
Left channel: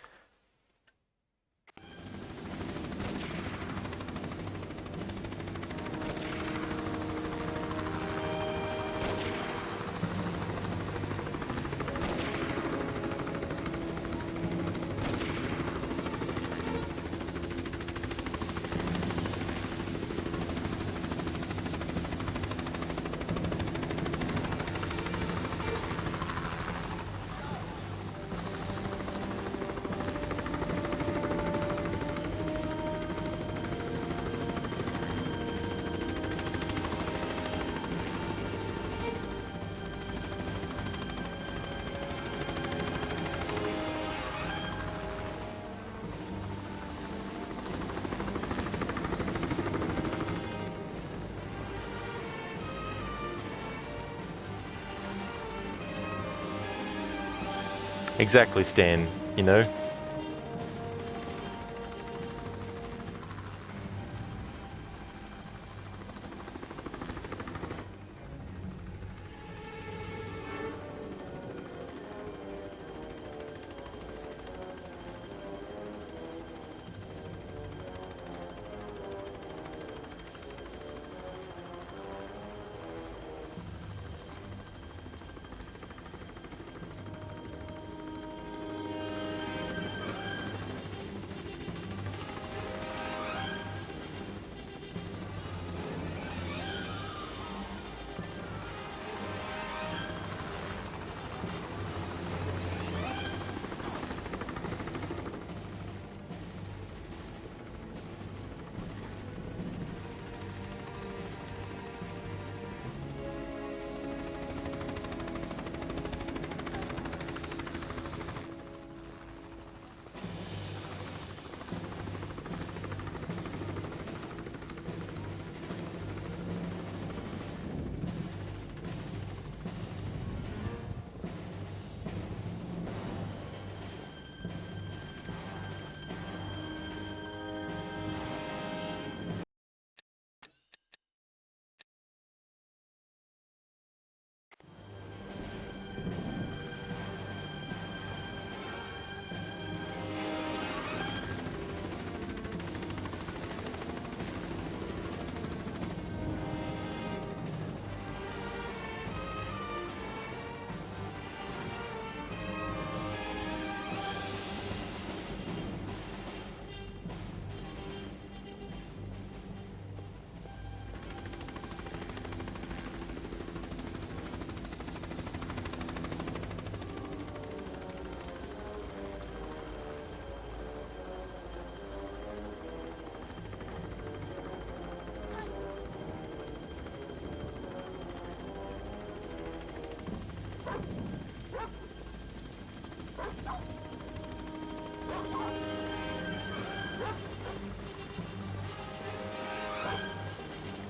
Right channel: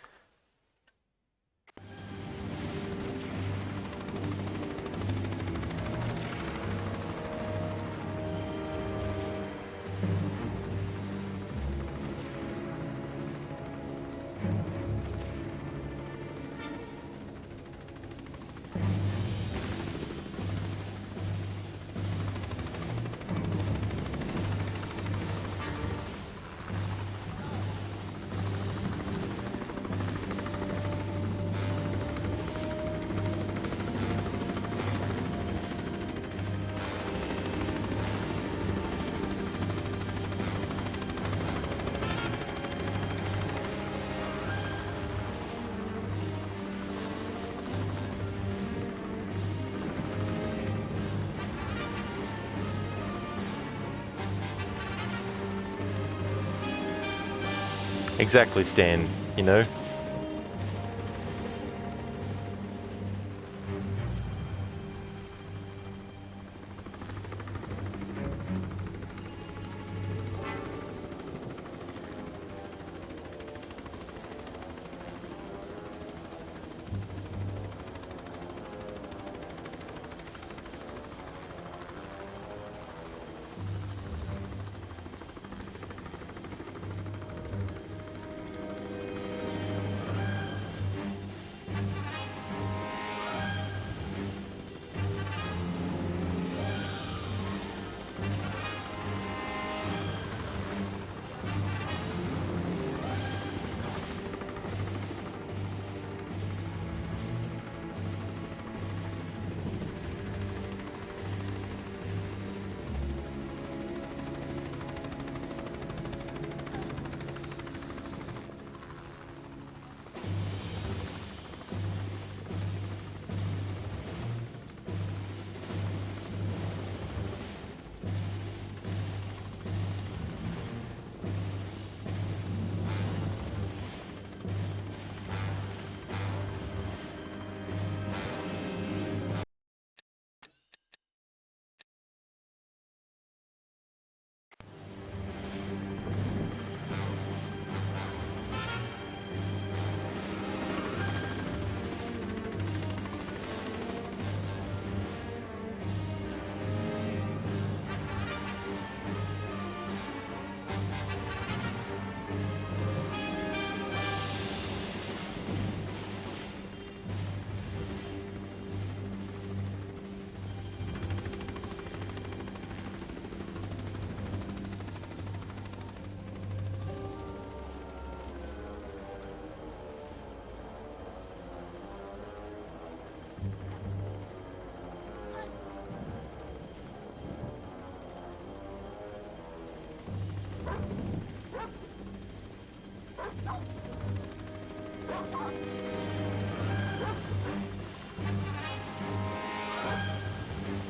Exactly, Stan, you know?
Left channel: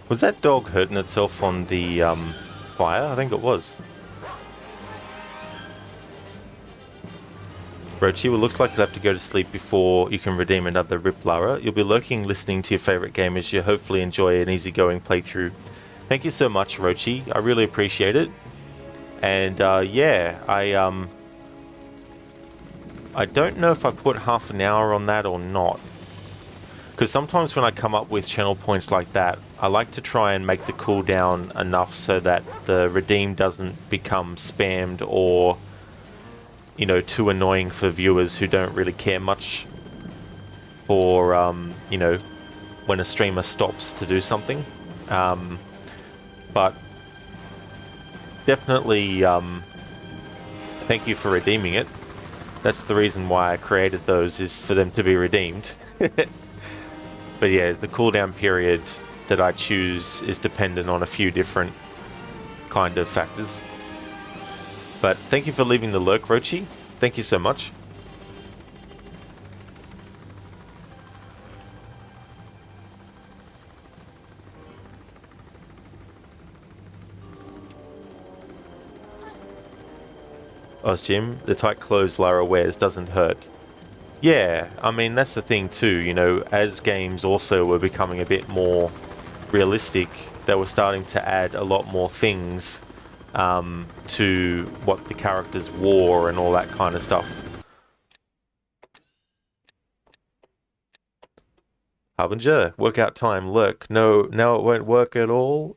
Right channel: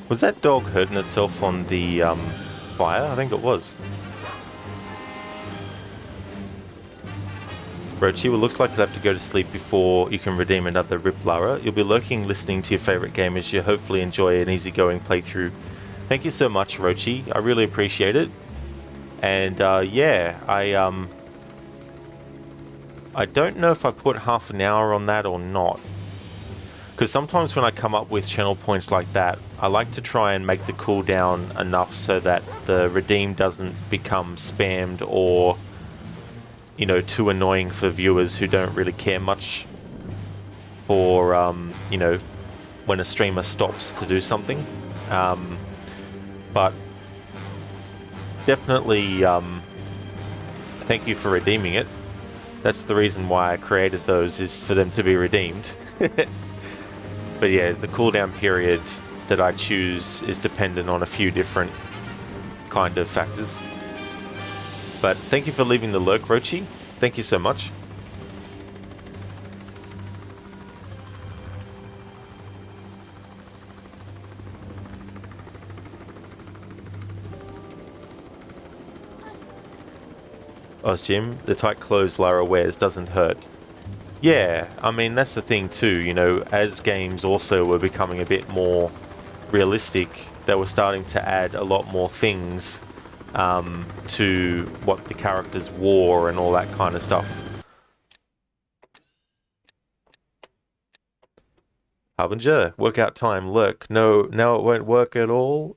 Was that dog hurting itself on the fire? I think it was. Rochi, well, looks like you'll have to go to sleep before you can redeem another Rip Lara. You'll be lurking, listening to your favourite game as you hopefully enjoy an easygoing playthrough. Thank you so much, Rochi. I really appreciate it. And yeah, I don't know if I put half an hour on that or not. Because sometimes when I come up with channel points like that, I like to try and make the cooldown enough so that the redeem doesn't become spammed or, you know, too annoying for viewers who don't really care much for, you know, when a streamer stops to do something. But definitely, thank you for redeeming it. That's the reason why I created those, is for them to be redeemed. But yeah, the cooldown period that I choose is dependent on a few different kind of factors. But thank you for leaving the lurk, Rochi. Thank you so much. Jim, the tight clothes Lara wears doesn't hurt. Yeah, I mean, that's the thing too, you know, as games also were becoming a bit more realistic, they were starting to add a lot more things to what the characters wore and all that kind of stuff. Harbinger, workout time, lurk. No, now it won't work at all.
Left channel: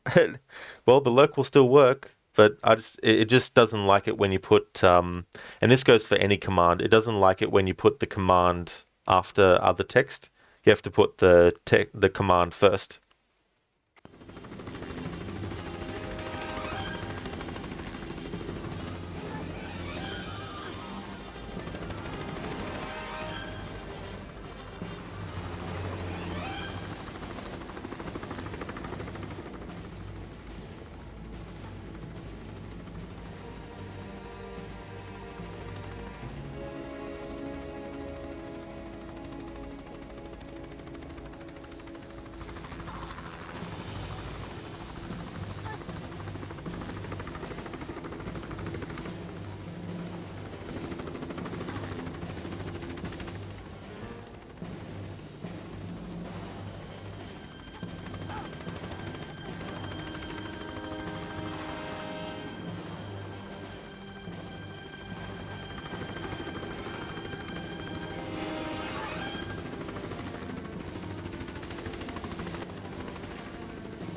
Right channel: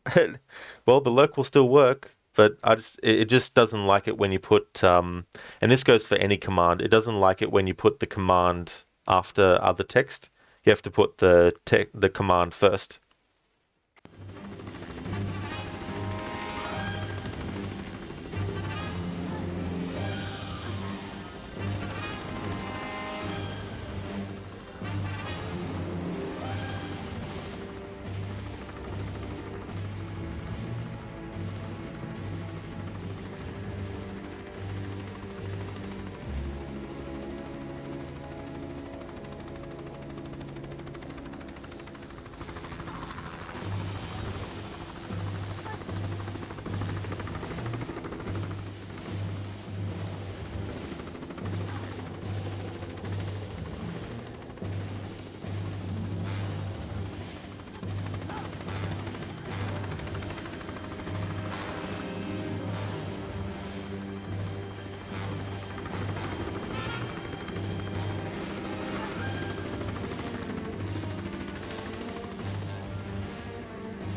Well, the lurk will still work, but it just doesn't like it when you put, and this goes for any command, it doesn't like it when you put the command after other text. You have to put the command first.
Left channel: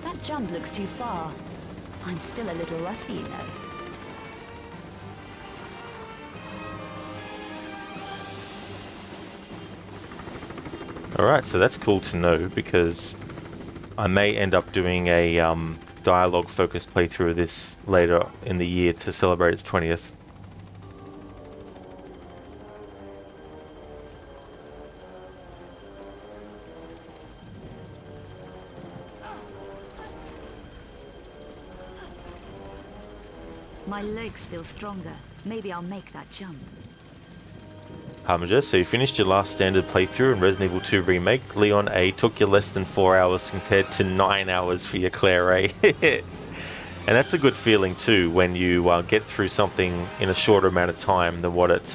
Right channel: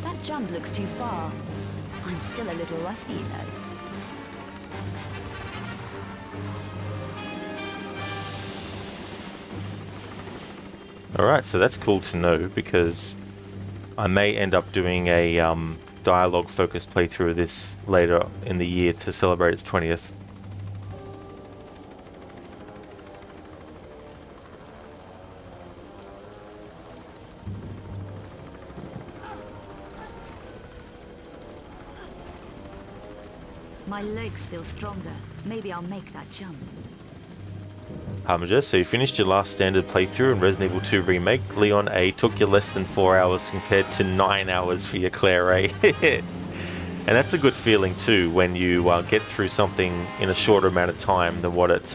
That jump looks too far. I'm still a little rusty, you know. Alright, so that's cool to know, because I may end up doing a dialogue-focused playthrough of this later in the year to celebrate its 20th. My legs feel stronger. Maybe I'll make that jump. Harbinger, so you finished your last standard playthrough in Resident Evil 2 Remake. Leon A took you less than 4 hours compared to 9 hours for your Claire A. And that's a good feeling too, when you get through something in a shorter amount of time than what it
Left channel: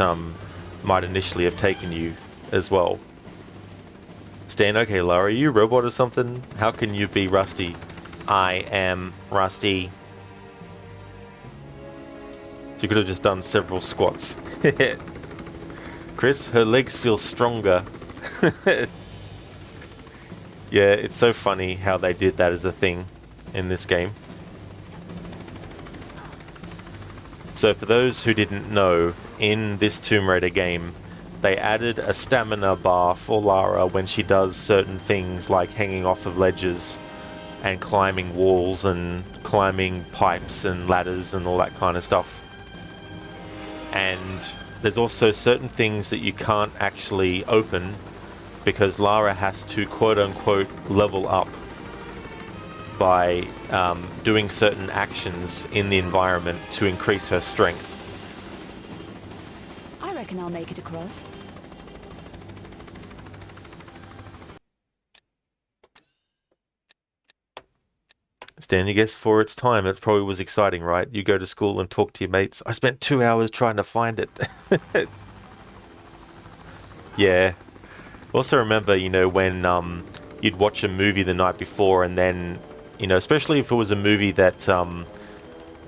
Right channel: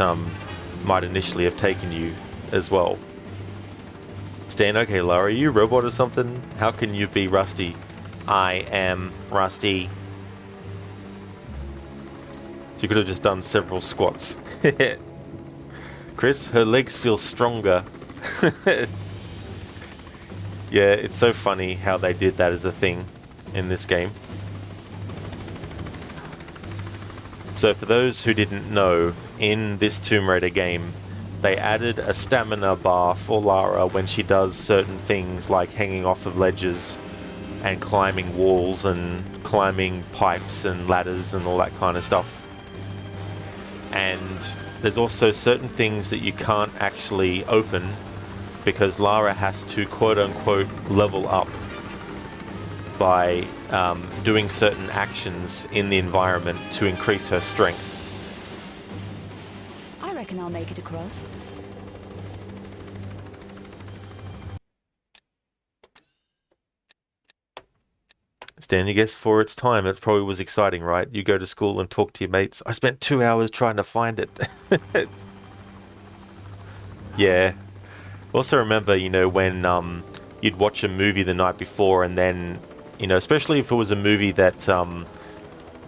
might initially have taken you as well. Stan, okay, Lara, are you a robot or something? How can you be rusty? I am rusty. You could have just done several squats. Chris, her legs feel stronger. Yeah, it's so funny how they did that as a thing in this game. So for those who didn't know, in this Tomb Raider game, they added a stamina bar for Lara when she does certain things like hanging off of ledges and climbing walls and climbing pipes and ladders and all that kind of stuff. And there's also certain things that you can't actually open because Lara has to quote-unquote level up by doing certain actions in the environment to increase her strength. I reckon I'll make it across. Stand, I guess for its time, it probably was exciting, right? You go to school and talk to your mates. I spent 2 hours trying to find it. Yeah. Also remember, when you'd watch a movie the night before and then, especially if it was a movie that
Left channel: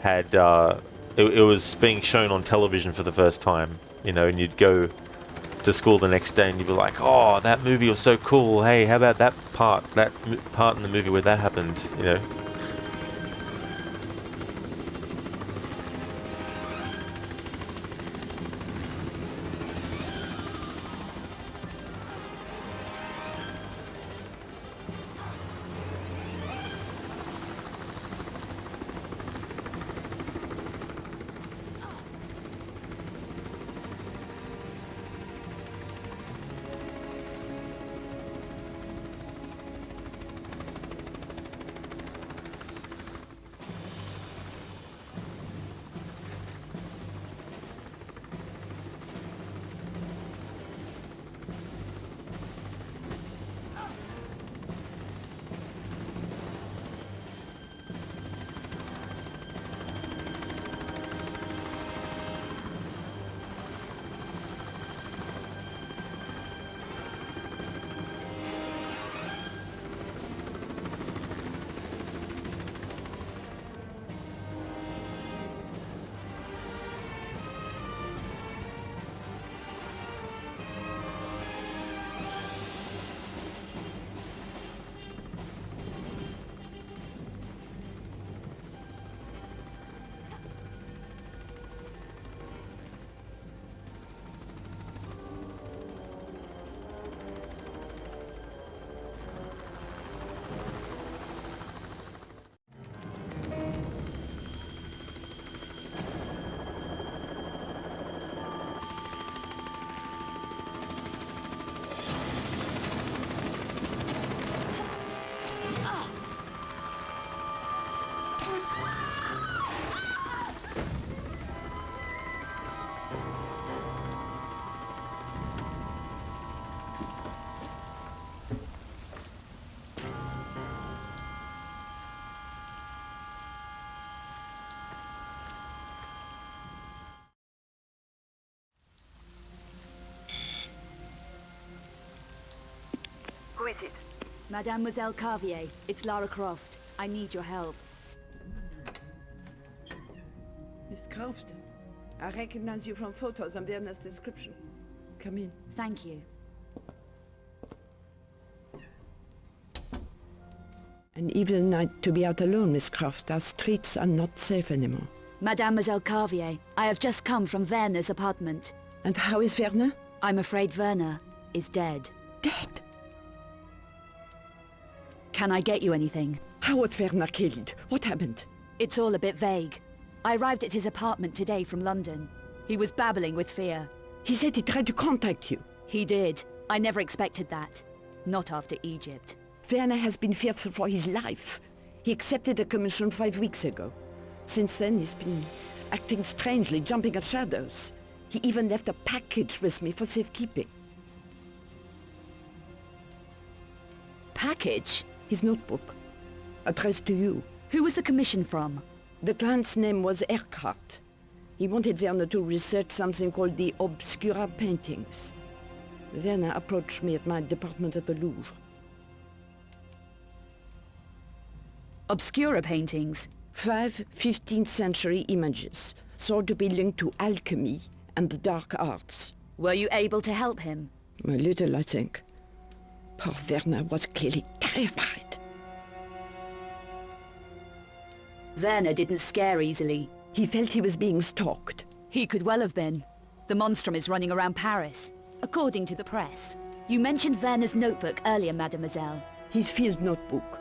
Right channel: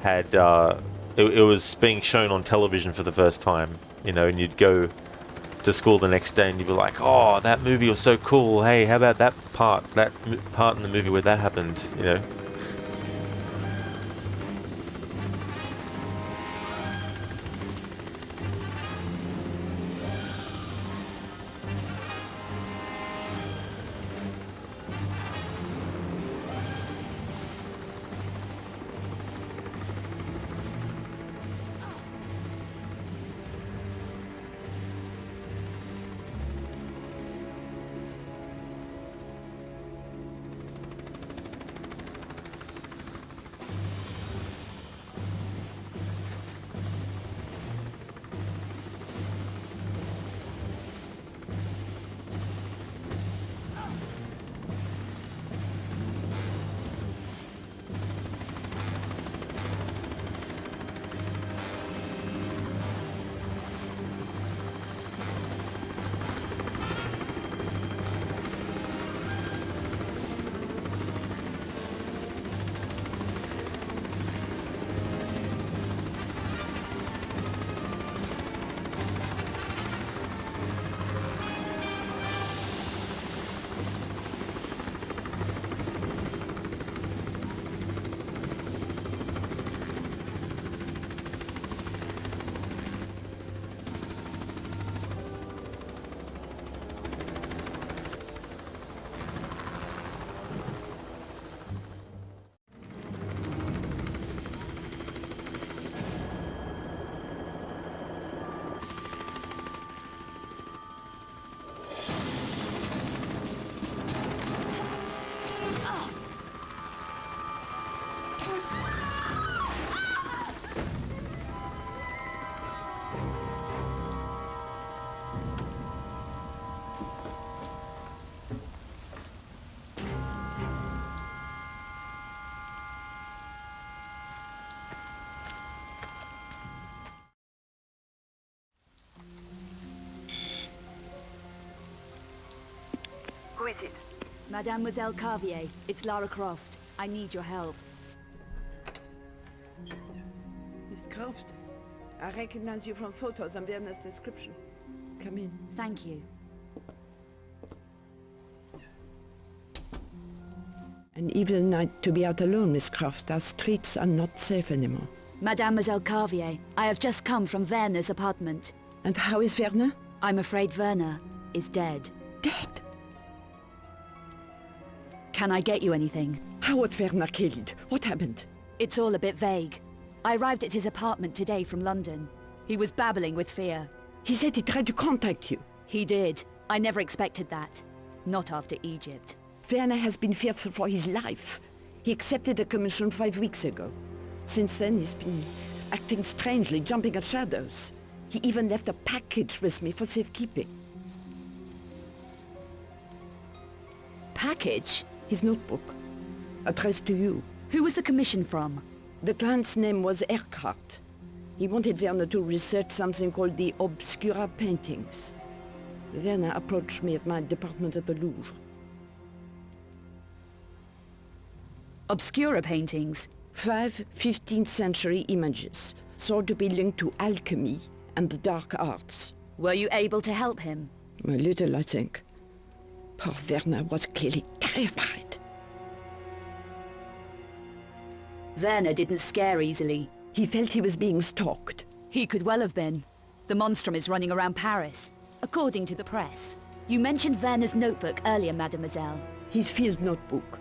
had it was being shown on television for the first time, and you'd go to school the next day and you'd be like, oh, that movie was so cool. Hey, how about that part in the movie where that happened. Who is it? Mademoiselle Carvier, it's Lara Croft. I need your help. Miss Croft, I recognize you from photos and Werner's description. Come in. Thank you. An evil night to be out alone, Miss Croft. Our streets are not safe anymore. Mademoiselle Carvier, I have just come from Werner's apartment. And how is Werner? I'm afraid Werner is dead. Dead? Can I get you anything? How was Werner killed? What happened? It's all a bit vague. I arrived at his apartment today from London. He was babbling with fear. He said he tried to contact you. He did. I never expected that. Not after Egypt. Werner has been fearful for his life. He accepted a commission 5 weeks ago. Since then, he's been acting strangely, jumping at shadows. He even left a package with me for safekeeping. Package? His notebook, addressed to you. Who was the commission from? The client's name was Erkhardt. He wanted Werner to research something called the Obscura paintings. Werner approached me at my department at the Louvre. Obscura paintings? 5 15th century images, thought to be linked to alchemy and the dark arts. Were you able to help him? A little, I think. Poor Werner was clearly terrified. Werner didn't scare easily. He felt he was being stalked. He could well have been. The monstrum is running around Paris, according to the press. You mentioned Werner's notebook earlier, mademoiselle. His field notebook.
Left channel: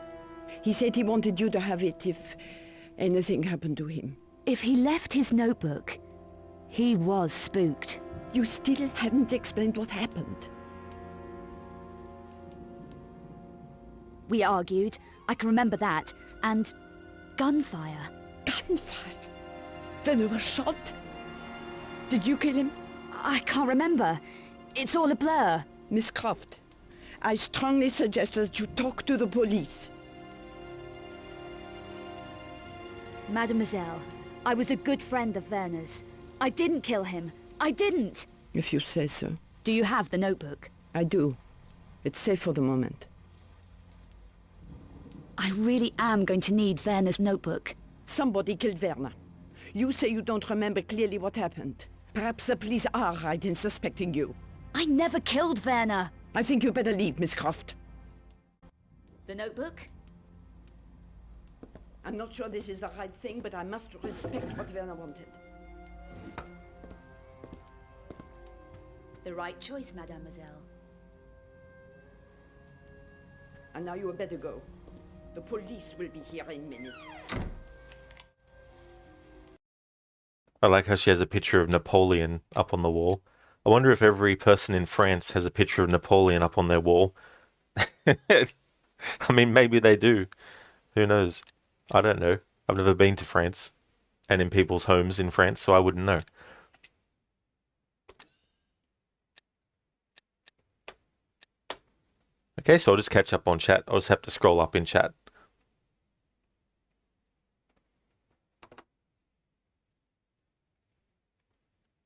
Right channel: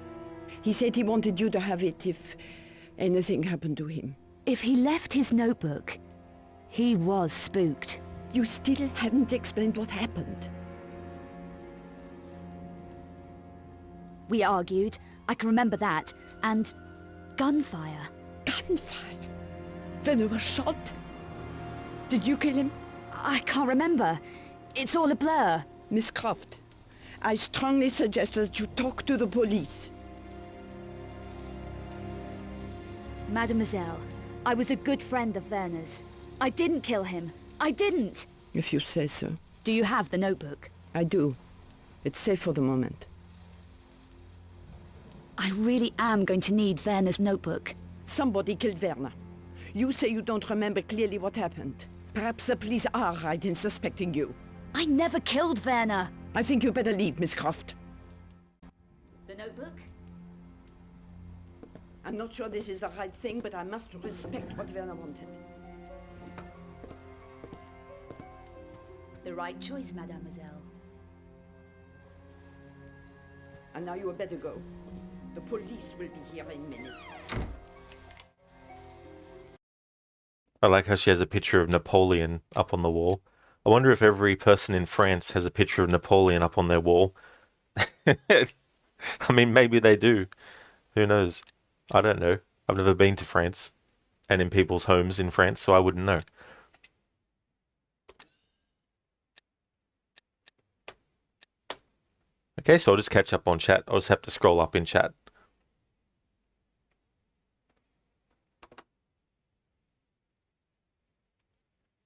He said he wanted you to have it if anything happened to him. If he left his notebook, he was spooked. You still haven't explained what happened. We argued, I can remember that, and gunfire. Gunfire? Werner was shot? Did you kill him? I can't remember. It's all a blur. Miss Croft, I strongly suggest that you talk to the police. Mademoiselle, I was a good friend of Werner's. I didn't kill him. I didn't! If you say so. Do you have the notebook? I do. It's safe for the moment. I really am going to need Werner's notebook. Somebody killed Werner. You say you don't remember clearly what happened. Perhaps the police are right in suspecting you. I never killed Werner! I think you better leave, Miss Croft. The notebook? I'm not sure this is the right thing, but I must respect what Werner wanted. The right choice, mademoiselle. And now you had better go. The police will be here in a minute. I like how she has a picture of Napoleon up on the wall. I wonder if every person in France has a picture of Napoleon up on their wall. I mean, maybe they do. Who knows? I don't know. I've never been to France and in people's homes in France, so I wouldn't know. Okay, so I'll just catch up on chat. I'll just have to scroll up in chat.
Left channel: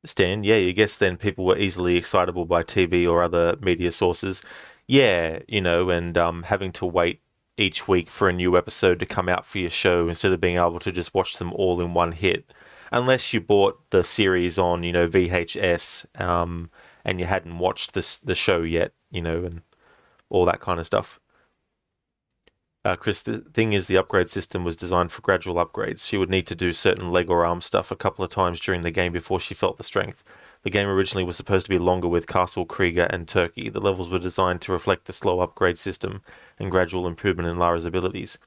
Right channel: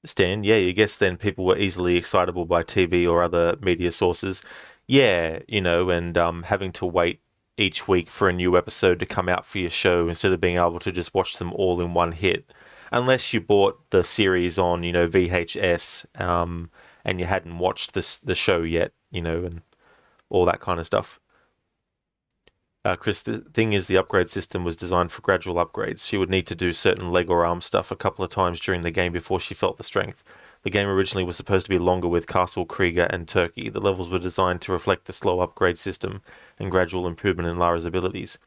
Stan, yeah, you guess then people were easily excitable by TV or other media sources. Yeah, and having to wait each week for a new episode to come out for your show instead of being able to just watch them all in one hit. Unless you bought the series on, VHS, and you hadn't watched the show yet, and all that kind of stuff. Chris, the thing is the upgrade system was designed for gradual upgrades. She would need to do certain leg or arm stuff a couple of times during the game before she felt the strength. The game originally was supposed to be longer with Castle, Krieger, and Turkey. The levels were designed to reflect the slow upgrade system and gradual improvement in Lara's abilities.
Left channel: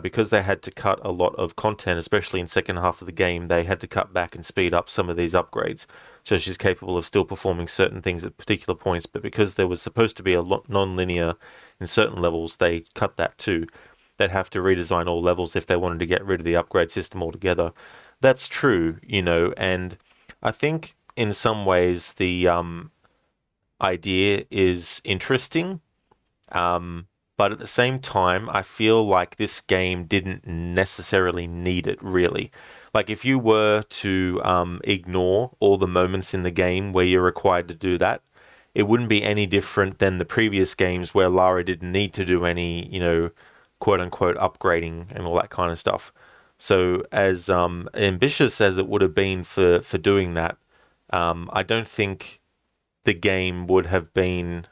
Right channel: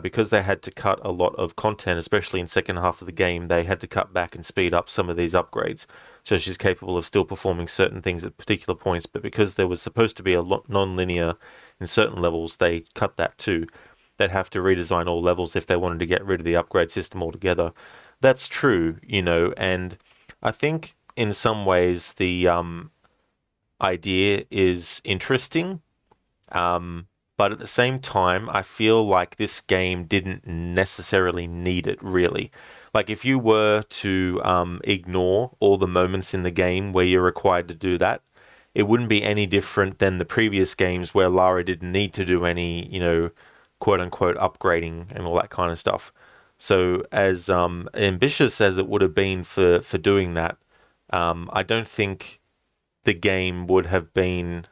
Because they had to cut a lot of content, especially in second half of the game, they had to cut back and speed up some of these upgrades. So she's capable of still performing certain things at particular points, but because there was supposed to be a non-linear in certain levels, they cut that too. They'd have to redesign all levels if they wanted to get rid of the upgrade system altogether. That's true, and I think in some ways the idea is interesting. But at the same time, I feel like this game didn't necessarily need it, really. Like, if you were to ignore all the moments in the game where you're required to do that, it wouldn't be any different than the previous games where Lara didn't need to do any, quote-unquote upgrading and all that kind of stuff. So as ambitious as it would have been for doing that, I don't think the game would have been,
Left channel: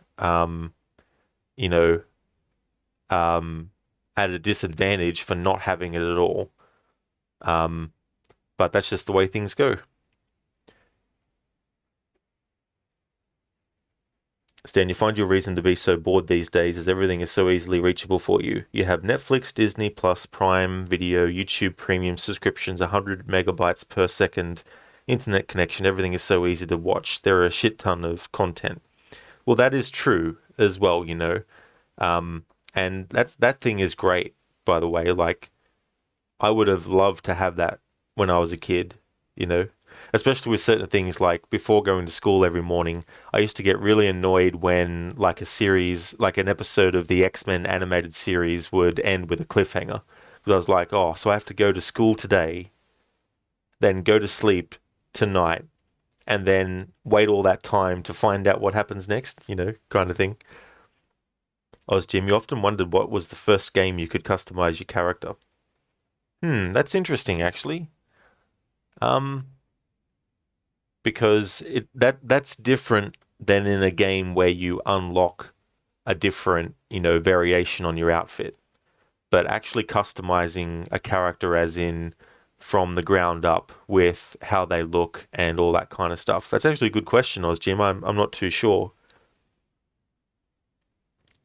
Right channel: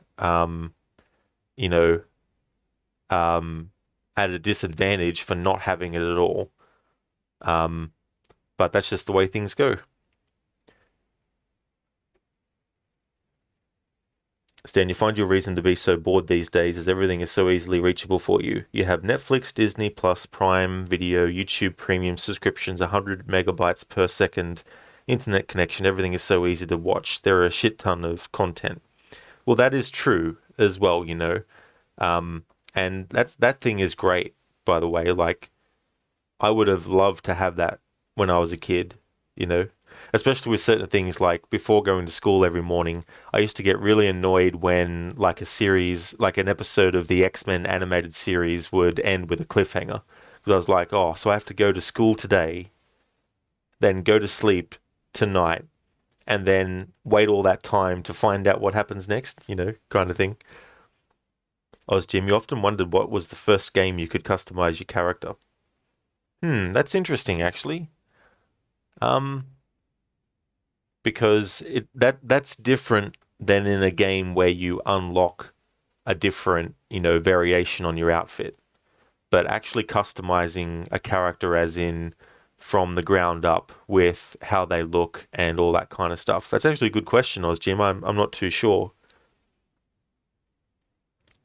at a disadvantage for not having it at all. But that's just the way things go. Stan, you find your reason to be so bored these days as everything is so easily reachable for you. You have Netflix, Disney Plus, Prime Video, YouTube Premium subscriptions, 100 megabytes per second internet connection. Everything is so easy to watch. There are a shit ton of content. Well, that is true as well, and that thing is great, by the way. Like, I would have loved to have that when I was a kid, especially with certain things like before going to school every morning. I used to get really annoyed when like an episode of the X-Men animated series would end with a cliffhanger. Because I was like, oh, so I have to go to school today, then go to sleep tonight, and then wait all that time to find out what happens next, kind of thing. Jim, you often wondered what was the first game you could customize your character. That's interesting, actually. Because that's different than in a game where you unlock a different, variation on your outfit. But actually customizing a character as in from the ground up with how they look and all that kind of stuff. That's actually a good question, Jim. I'm not too sure.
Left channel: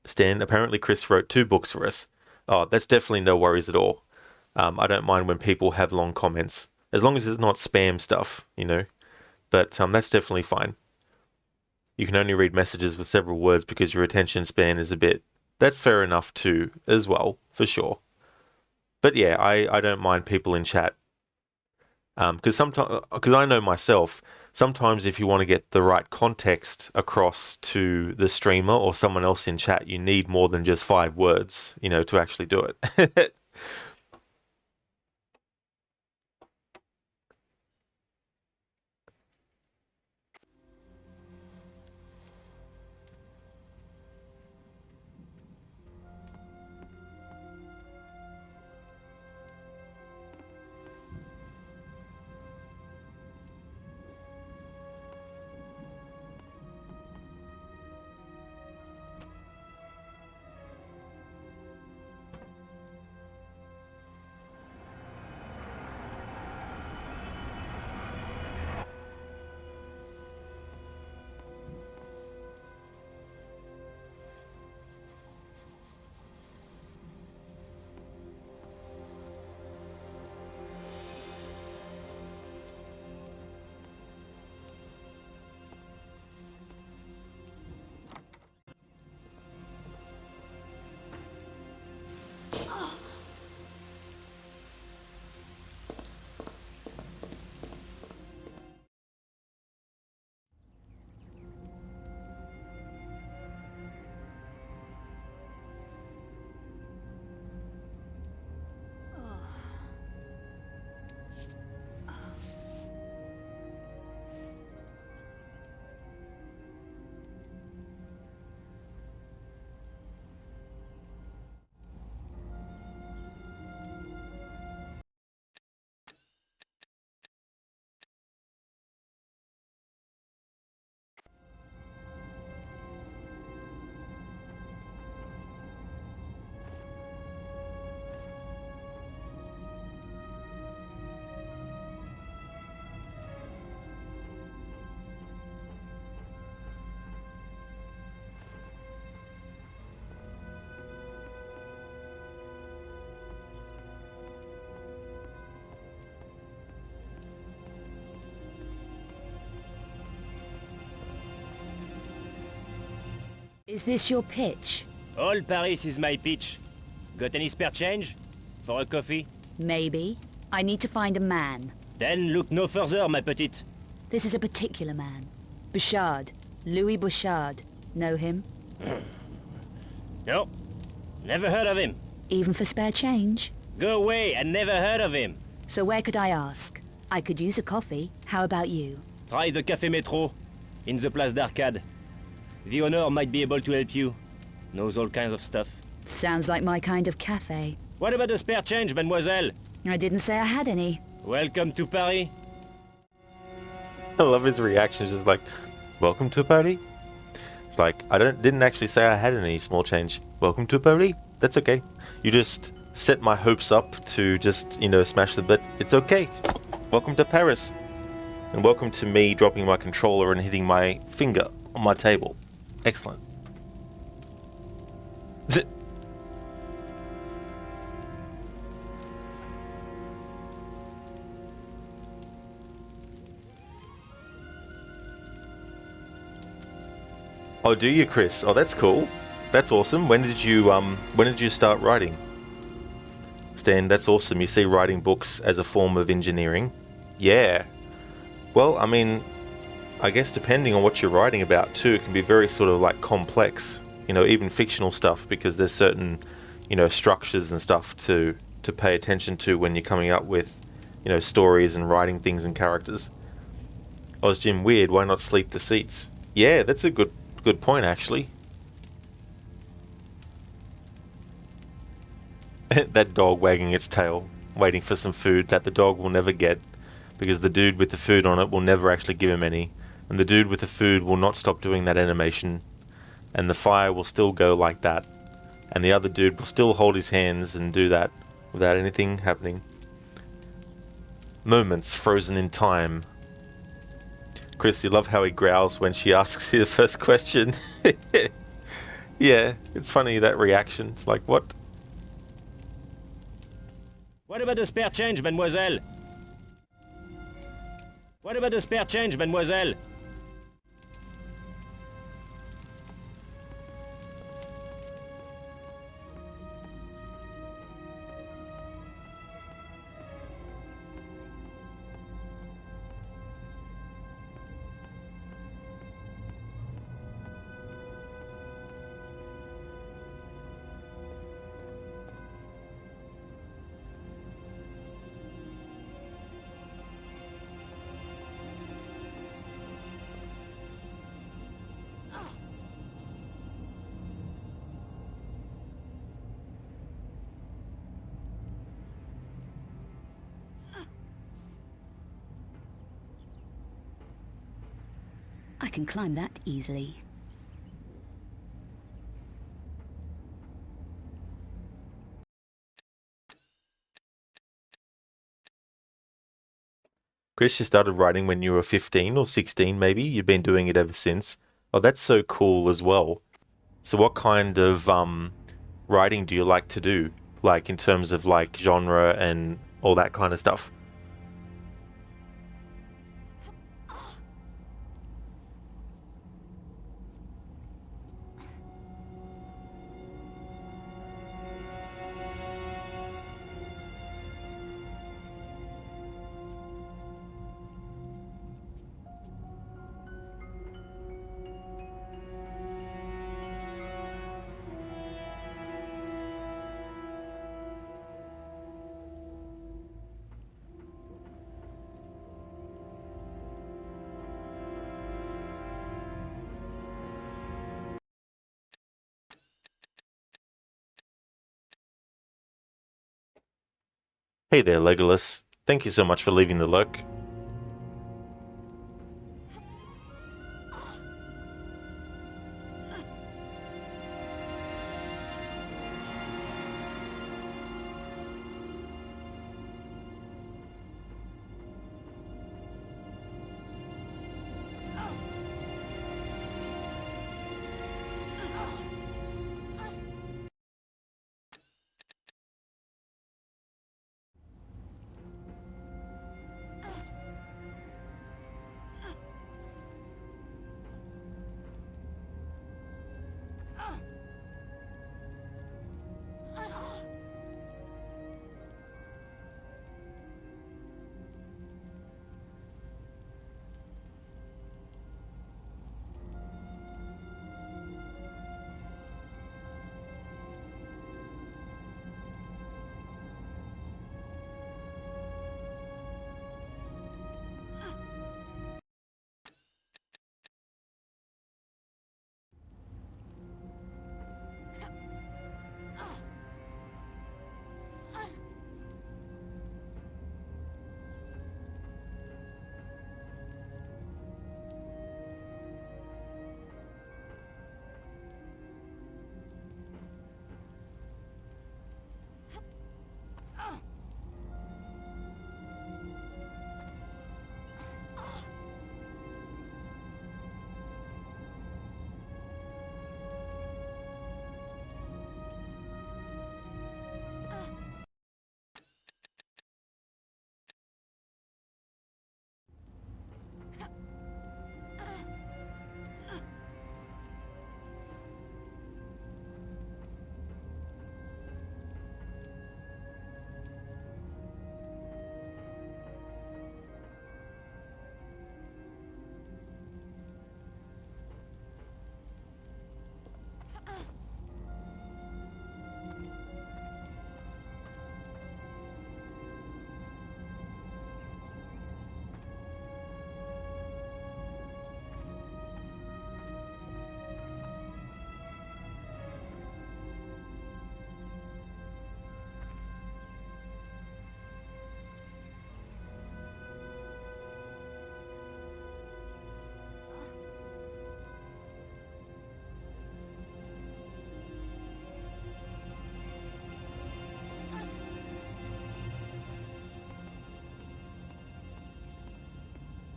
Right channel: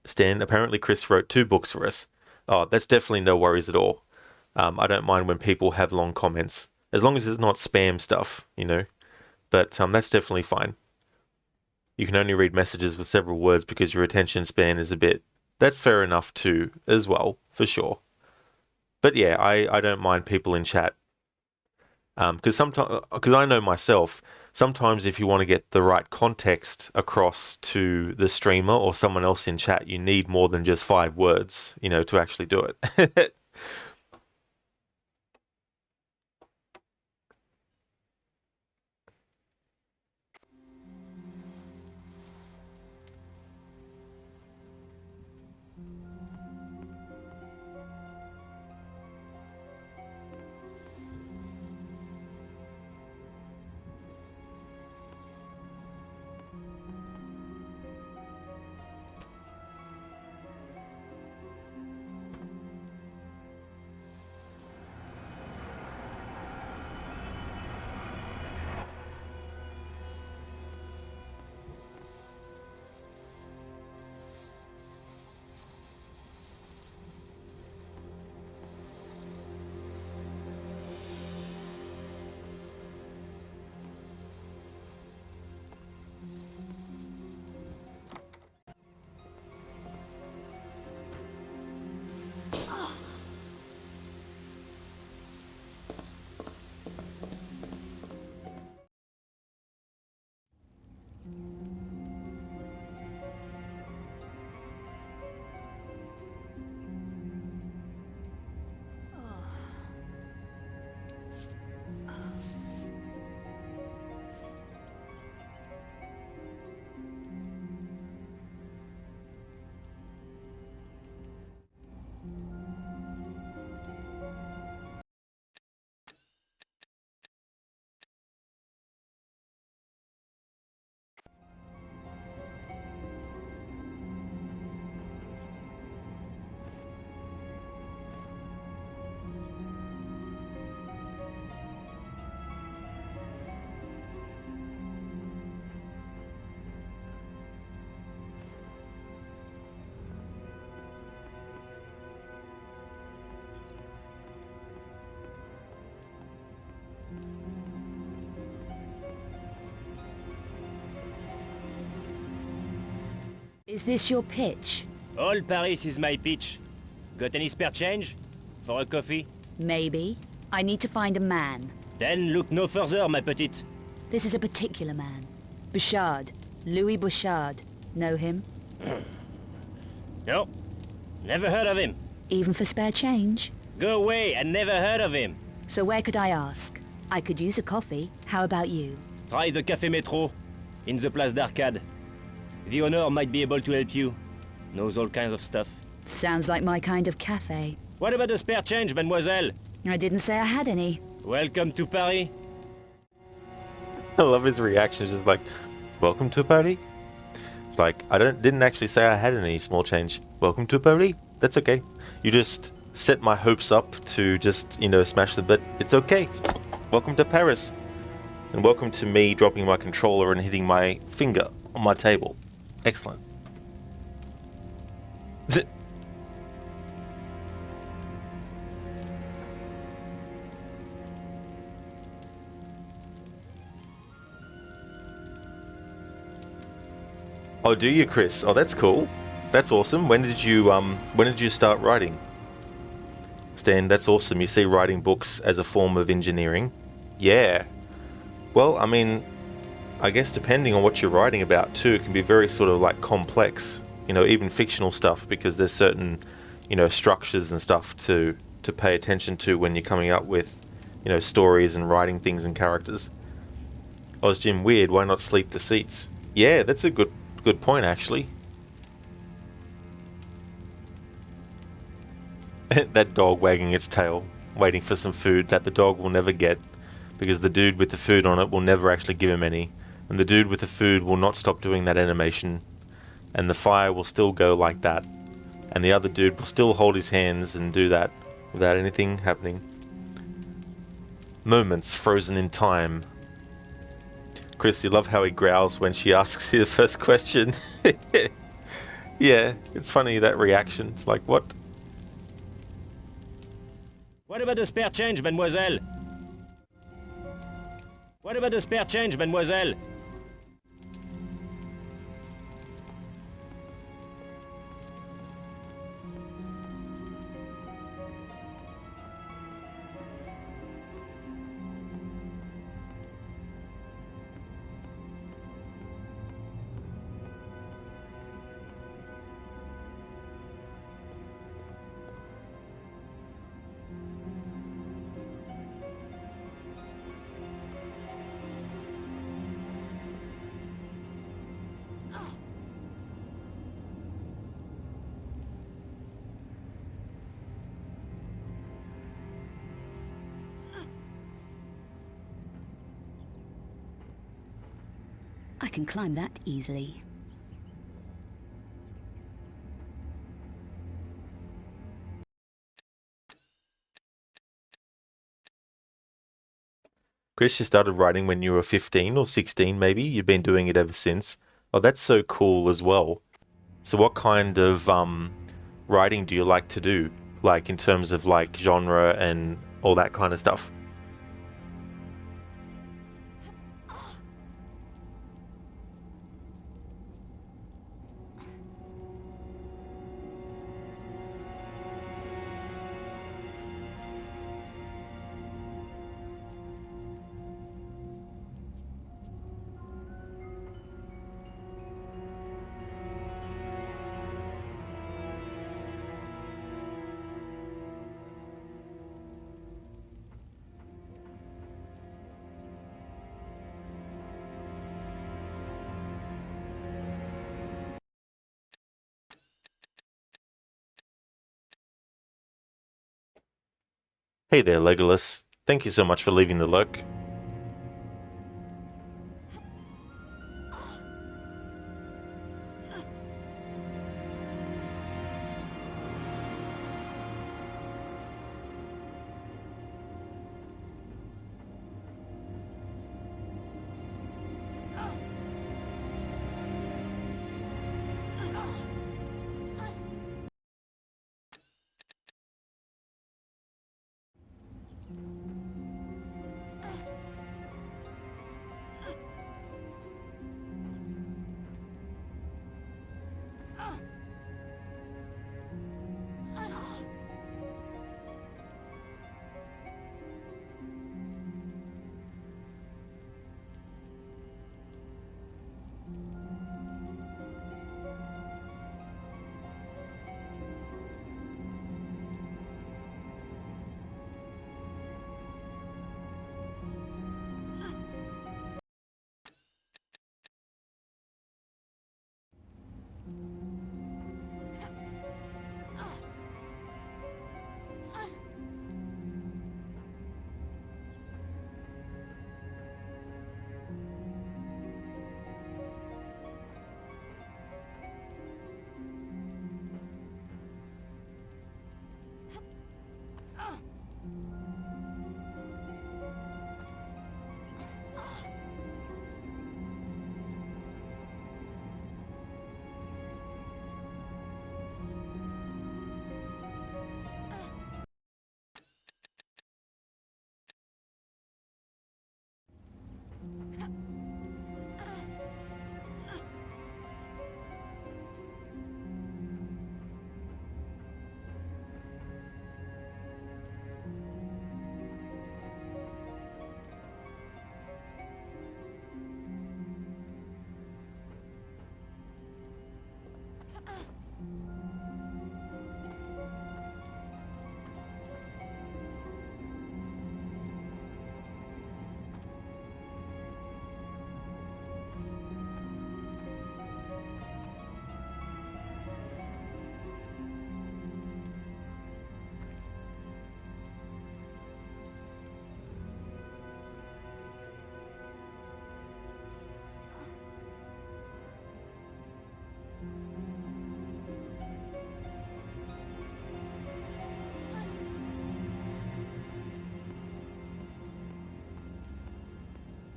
Stan, apparently Chris wrote 2 books for us. Oh, that's definitely no worries at all. I don't mind when people have long comments, as long as it's not spam stuff, But that's definitely fine. You can only read messages with several words because your attention span is a bit... That's fair enough too, as well, for sure. But yeah, I don't mind people in chat. Because I know myself, sometimes if you want to get the right context across to the streamer or someone else in chat, you need more than just 5 words, to actually do it. Is this your pitch? All Paris is my pitch. Got any spare change? For a coffee? Maybe. I need to find a man. Then look no further, ma petite. This is a particular man. Bouchard. Louis Bouchard. Know him? No. Never heard of him. Even for spare change? Go away, I never heard of him. So where could I ask? I could use a coffee. How about you? Try the Café Métro, in the Place d'Arcade. The owner might be able to help you. Knows all kinds of stuff. Sounds like my kind of cafe. What about the spare change, mademoiselle? I didn't say I had any. Welcome to Paris. I love his reactions. It's like, welcome to a party. It's like, didn't actually say I had any small change. Welcome to a party. That's okay. You just set my hopes up to just, smash the bit. It's okay. Welcome to Paris. And welcome to me dropping my controller and hitting my finger on my table. Excellent. Oh, do you, Chris? Oh, that's cool. That's awesome. When did you start writing? Stan, that's awesome. You see writing books as a form of engineering. Yeah. Well, I mean, I guess depending on what you're writing about too, it can be very sort of like complex, even fictional stuff, because there's certain, structures and stuff to pay attention to when you're coming up with, stories and writing things and characters. Oh, is Jim weird? Why not sleep the seats? Yeah, that's a good point, actually. That dog wagging its tail, waiting for some food that the dog will never get, because the dude with the food on it will never actually give him any, and the dude with the food will not stop doing that animation, and the fire will still go like that, and the other dude will still hold his hands and do that without anything happening. Moments frozen in time. Chris, you love how he growls when she asks you the first question. Yeah, it's funny, that reaction. It's like, what? What about the spare change, mademoiselle? What about the spare change, mademoiselle? I can climb that easily. Chris, you started writing when you were 15 or 16 maybe? You've been doing it ever since. Oh, that's so cool as well. So what kind of writing do you like to do? Like in terms of like genre and all that kind of stuff? Hey there, Legolas. Thank you so much for leaving the lurk.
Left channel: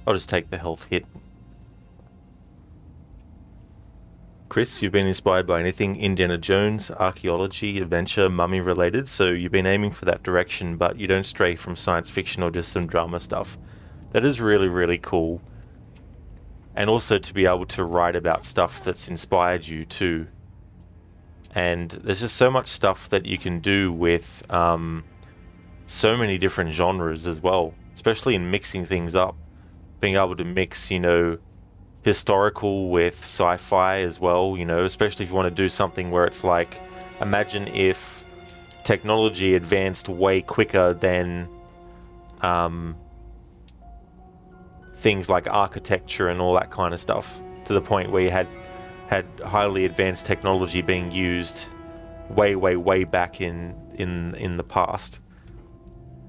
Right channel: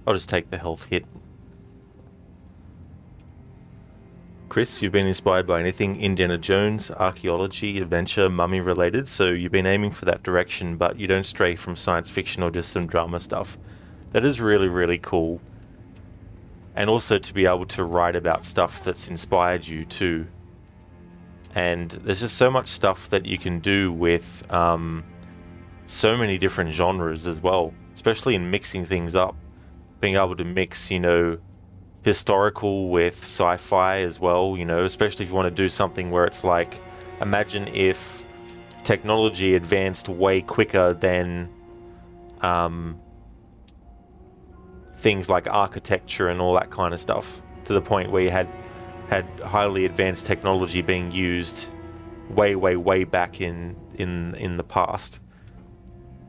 I'll just take the health hit. Chris, you've been inspired by anything Indiana Jones, archaeology, adventure, mummy related, so you've been aiming for that direction, but you don't stray from science fiction or just some drama stuff. That is really, really cool. And also to be able to write about stuff that's inspired you too. And there's just so much stuff that you can do with so many different genres as well, especially in mixing things up. Being able to mix, you know, historical with sci-fi as well, you know, especially if you want to do something where it's like, imagine if technology advanced way quicker than things like architecture and all that kind of stuff, to the point where you had highly advanced technology being used way back in the past,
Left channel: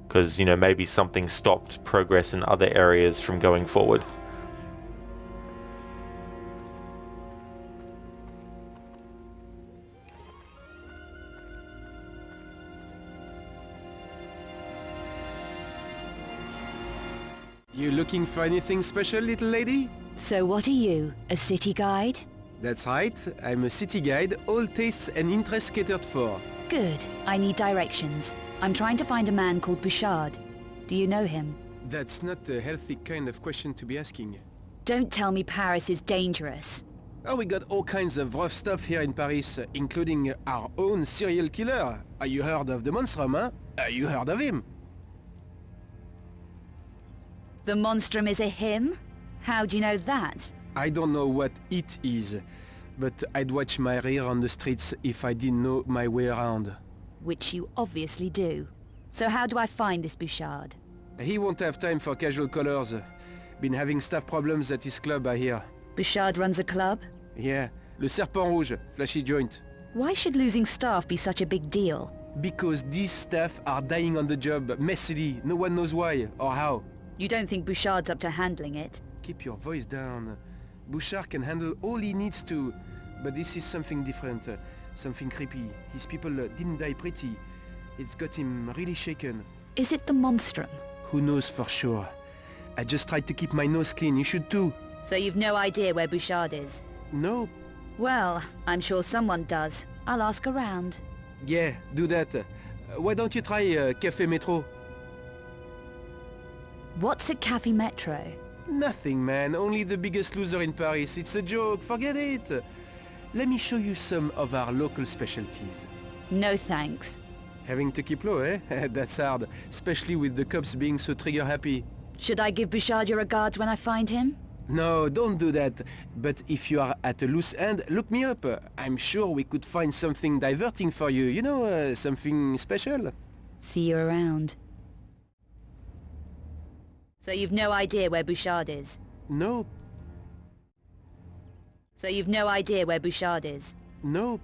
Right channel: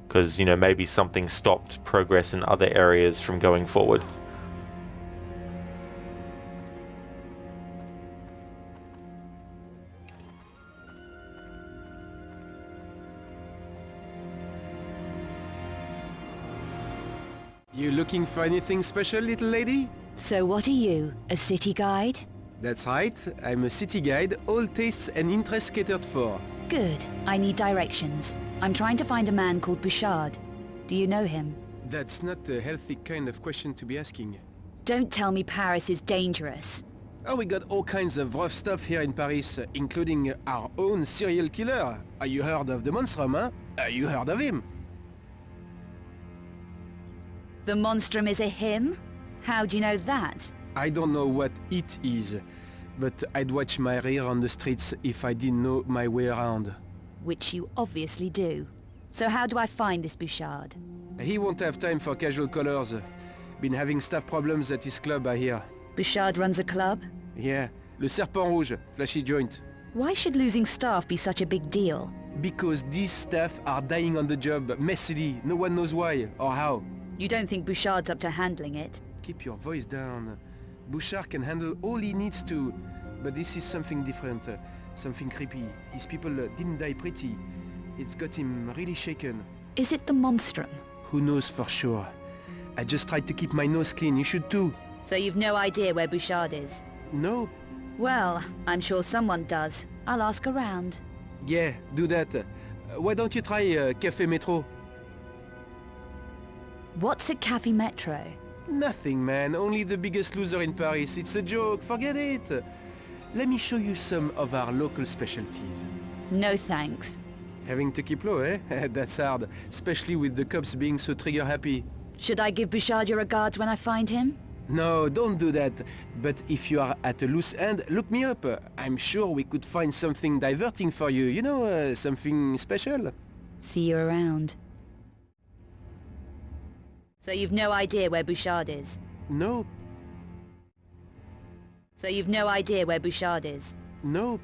because, you know, maybe something stopped progress in other areas from going forward. You looking for anything special, little lady? So what are you, a city guide? That's right, I'm a city guide, all tastes and interests catered for. Good. I need directions. I'm trying to find a man called Bouchard. Do you know him? That's not a healthy kind of question to be asking. Don't tell me Paris is dangerous. Oh, we got all kinds of rough stuff here in Paris, including our own serial killer. You heard of the Monstrum, huh? You heard of him? The Monstrum is a him? How do you know that? I don't know what it is, but I'd watch my rear on the streets if I didn't know my way around. Which you obviously do. So how do I find this Bouchard? He won't have time for casual callers. Been having staff problems at his club, I hear. Bouchard runs a club? Yeah, Le Serpent Rouge, flashy joint. Why should losing staff be such a big deal? Because these staff are dying on the job, messily, no one knows why or how. You don't think Bouchard's up to handling it? Keep your voice down. Bouchard can handle all he needs to, but this is something different, something creepy. His people didn't die pretty. It's got him really shaken. Is it the Monstrum? Who knows for sure? I just tried to keep my nose clean, you should too. So you've no idea where Bouchard is? No. Well, I'm sure someone does. I'll ask around. Yeah, do that. Why don't you try Café Metro? What's at Café Metro? Nothing, man. Only the biggest loser in Paris. It's a joke. Forget it. Let me show you some of our local specialties. No thanks. Having to keep low, eh? That's hard. Especially with the cops being so trigger-happy. Should I give Bouchard your regards when I find him? No, don't do that. But if you are at a loose end, look me up. I'm sure we could find something diverting for you. You know, something special. See you around. So you've no idea where Bouchard is? No. So you've no idea where Bouchard is? No.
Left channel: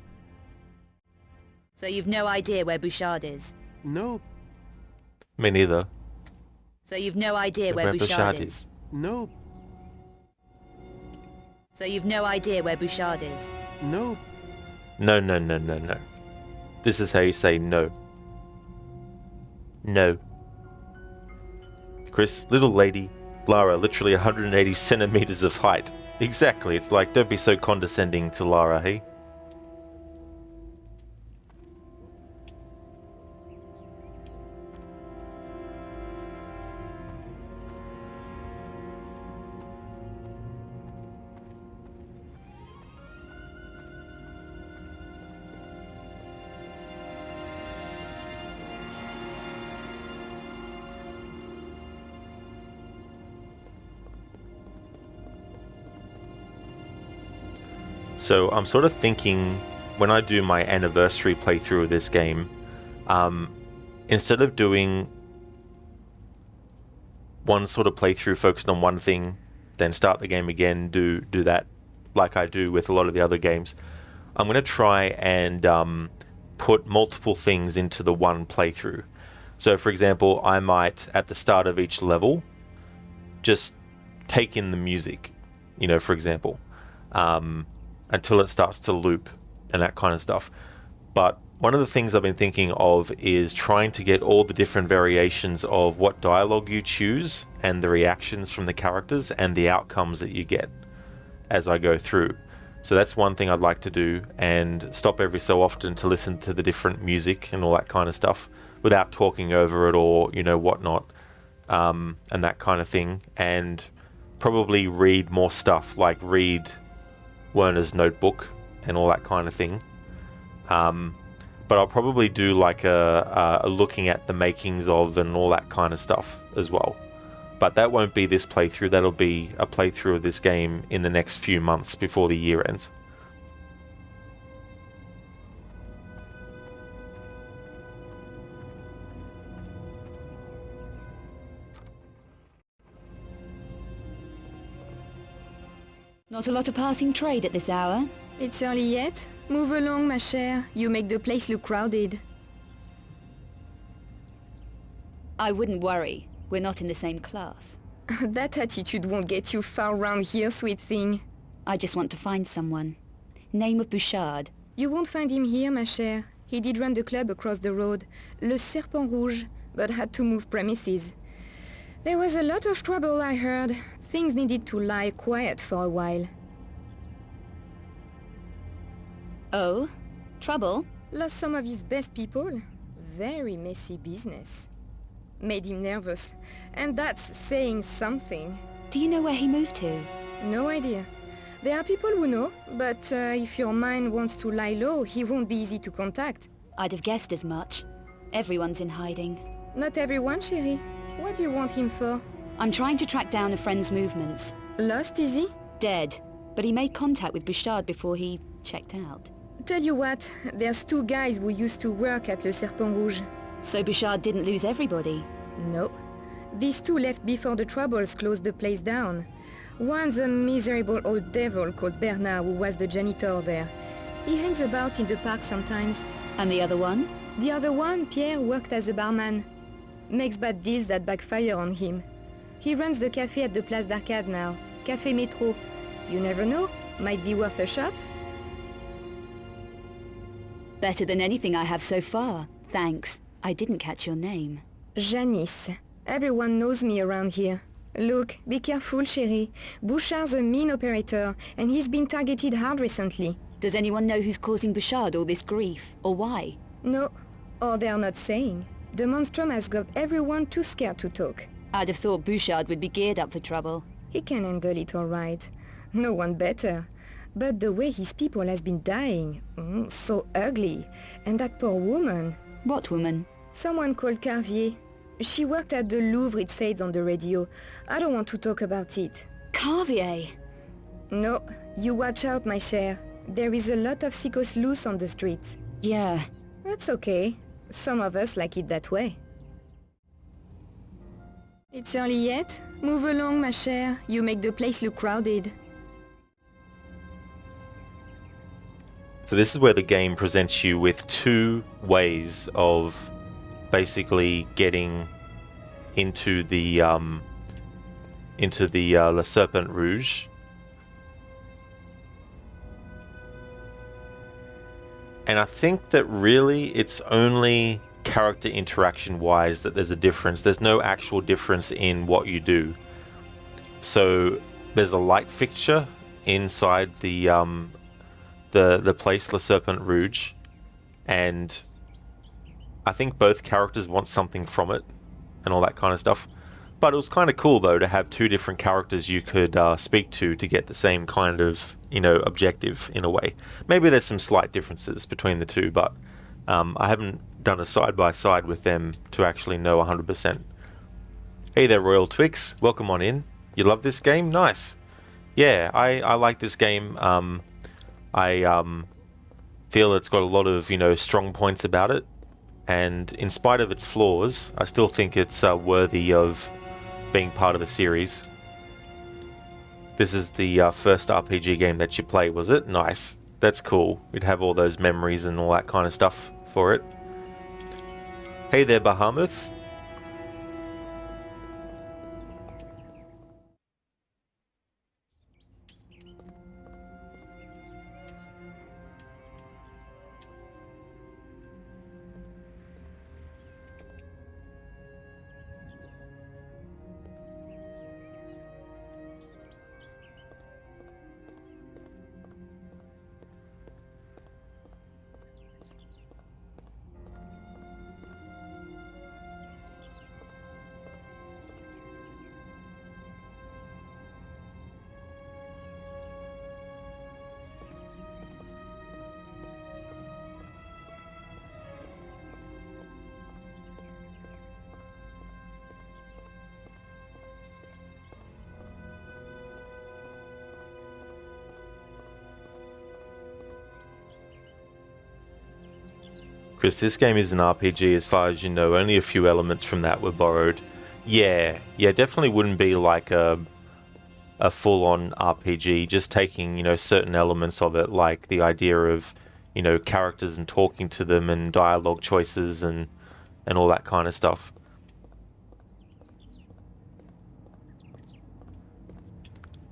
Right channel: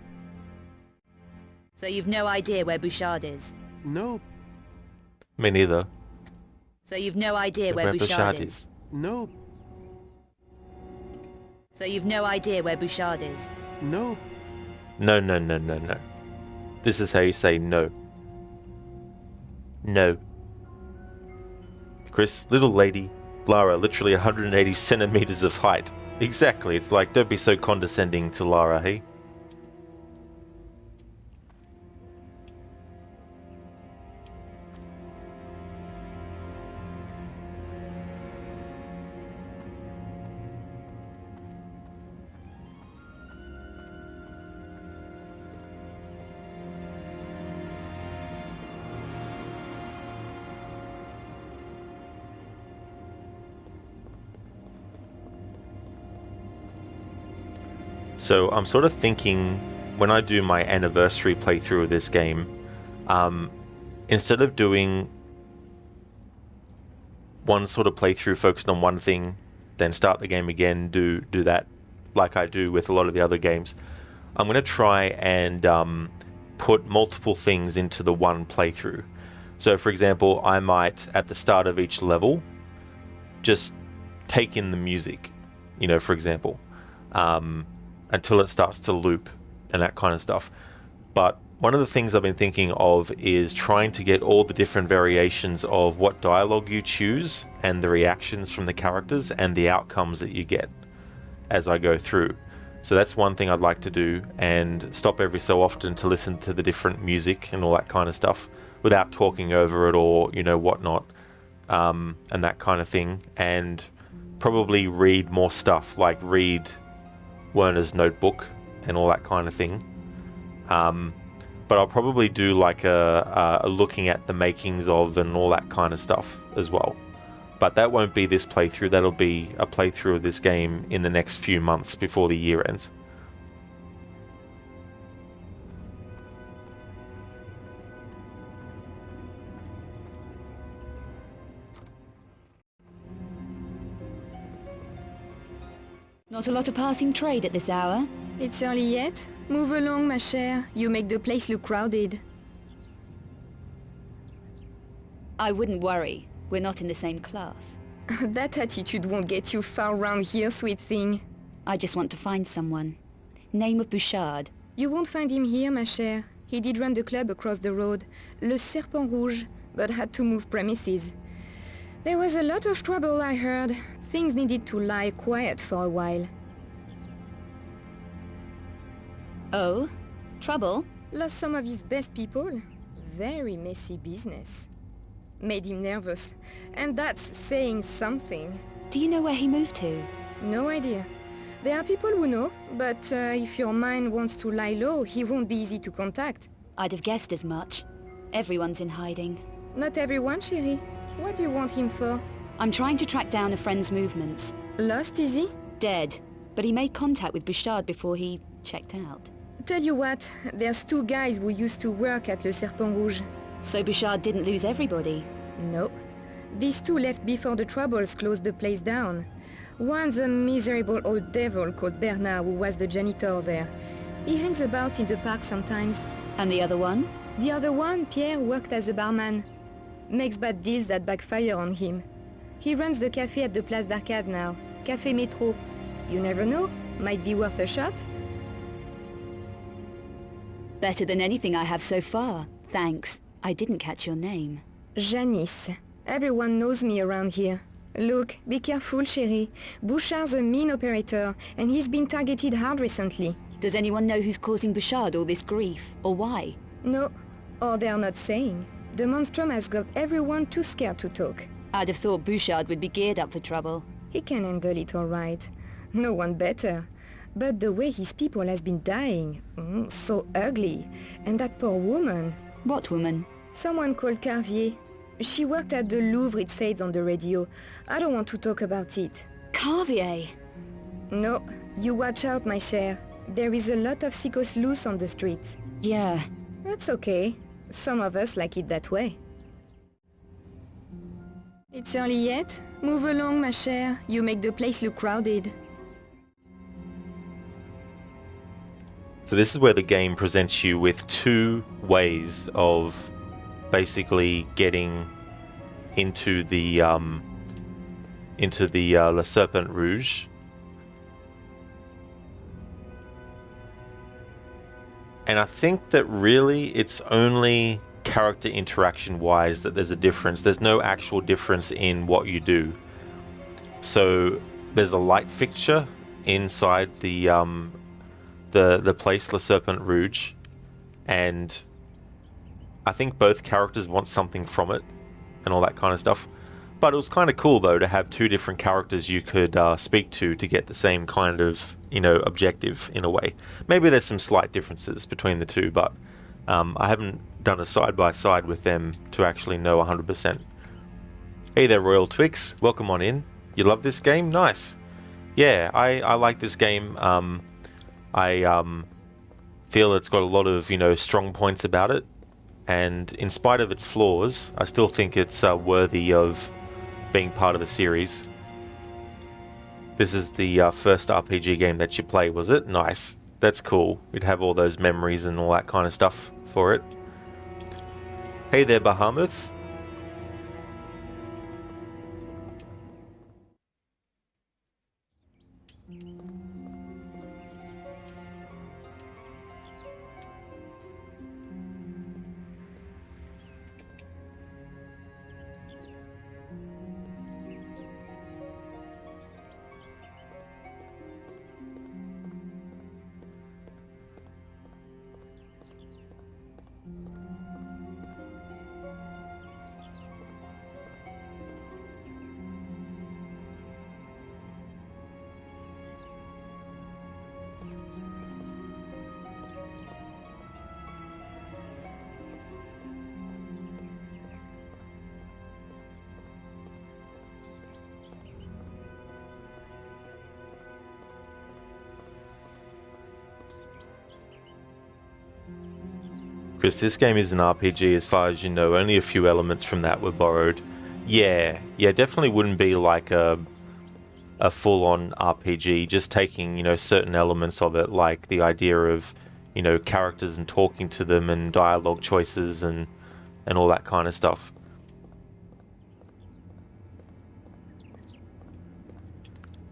So you've no idea where Bouchard is? No. Me neither. So you've no idea where Bouchard is? No. So you've no idea where Bouchard is? No. No. This is how you say no. No. Chris, little lady, Lara, literally 180 centimeters of height. Exactly, it's like, don't be so condescending to Lara, hey? So I'm sort of thinking, when I do my anniversary playthrough of this game, instead of doing one sort of playthrough focused on one thing, then start the game again, do that like I do with a lot of the other games, I'm going to try and put multiple things into the one playthrough. So for example, I might, at the start of each level, just take in the music, you know, for example. Until it starts to loop and that kind of stuff. But one of the things I've been thinking of is trying to get all the different variations of what dialogue you choose and the reactions from the characters and the outcomes that you get as I go through. So that's one thing I'd like to do, and stop every so often to listen to the different music and all that kind of stuff without talking over it or, you know, whatnot, and that kind of thing. And probably read more stuff, like read Werner's notebook and all that kind of thing. But I'll probably do like a looking at the makings of and all that kind of stuff as well. But that won't be this playthrough, that'll be a playthrough of this game in the next few months before the year ends. Not a lot of passing trade at this hour. It's early yet? Move along, ma chère. You make the place look crowded. I wouldn't worry. We're not in the same class. That attitude won't get you far round here, sweet thing. I just want to find someone. Name of Bouchard. You won't find him here, ma chère. He did run the club across the road, Le Serpent Rouge, but had to move premises. There was a lot of trouble, I heard. Things needed to lie quiet for a while. Oh? Trouble? Lost some of his best people. Very messy business. Made him nervous. And that's saying something. Do you know where he moved to? No idea. There are people who know, but if your mind wants to lie low, he won't be easy to contact. I'd have guessed as much. Everyone's in hiding. Not everyone, chérie. What do you want him for? I'm trying to track down a friend's movements. Lost, is he? Dead. But he made contact with Bouchard before he checked out. Tell you what, there's two guys who used to work at Le Serpent Rouge. So Bouchard didn't lose everybody? No. These two left before the Troubles closed the place down. One's a miserable old devil called Bernard who was the janitor there. He hangs about in the park sometimes. And the other one? The other one, Pierre, worked as a barman. Makes bad deals that backfire on him. He runs the cafe at the Place d'Arcade now. Café Métro. You never know. Might be worth a shot. Better than anything I have so far. Thanks. I didn't catch your name. Janice. Everyone knows me around here. Look, be careful, chérie. Bouchard's a mean operator, and he's been targeted hard recently. Does anyone know who's causing Bouchard all this grief, or why? No. Or they're not saying. The monstrum has got everyone too scared to talk. I'd have thought Bouchard would be geared up for trouble. He can handle it all right. No one better. But the way his people has been dying, so ugly. And that poor woman. What woman? Someone called Carvier. She worked at the Louvre, it says on the radio. I don't want to talk about it. Carvier? No, you watch out, my chère. There is a lot of sickos loose on the streets. Yeah. That's okay. Some of us like it that way. It's early yet? Move along, ma chère. You make the place look crowded. So this is where the game presents you with two ways of basically getting into the Le Serpent Rouge. And I think that really it's only character interaction wise that there's a difference. There's no actual difference in what you do. So there's a light fixture inside the place Le Serpent Rouge, and I think both characters want something from it and all that kind of stuff. But it was kind of cool though to have two different characters you could speak to get the same kind of, you know, objective in a way. Maybe there's some slight differences between the two, but I haven't done a side-by-side with them to actually know 100%. Hey there, Royal Twix. Welcome on in. You love this game? Nice. Yeah, I like this game. I feel it's got a lot of, you know, strong points about it. And in spite of its flaws, I still think it's worthy of being part of the series. This is the first RPG game that you play, was it? Nice. That's cool. We'd have all those memories and all that kind of stuff for it. Hey there, Bahamut. Chris, this game is an RPG as far as you know. Only a few elements from that were borrowed. Yeah, definitely wouldn't be like a full-on RPG, just taking, certain elements of it, like the idea of, characters and talking to them and dialogue choices and all that kind of stuff.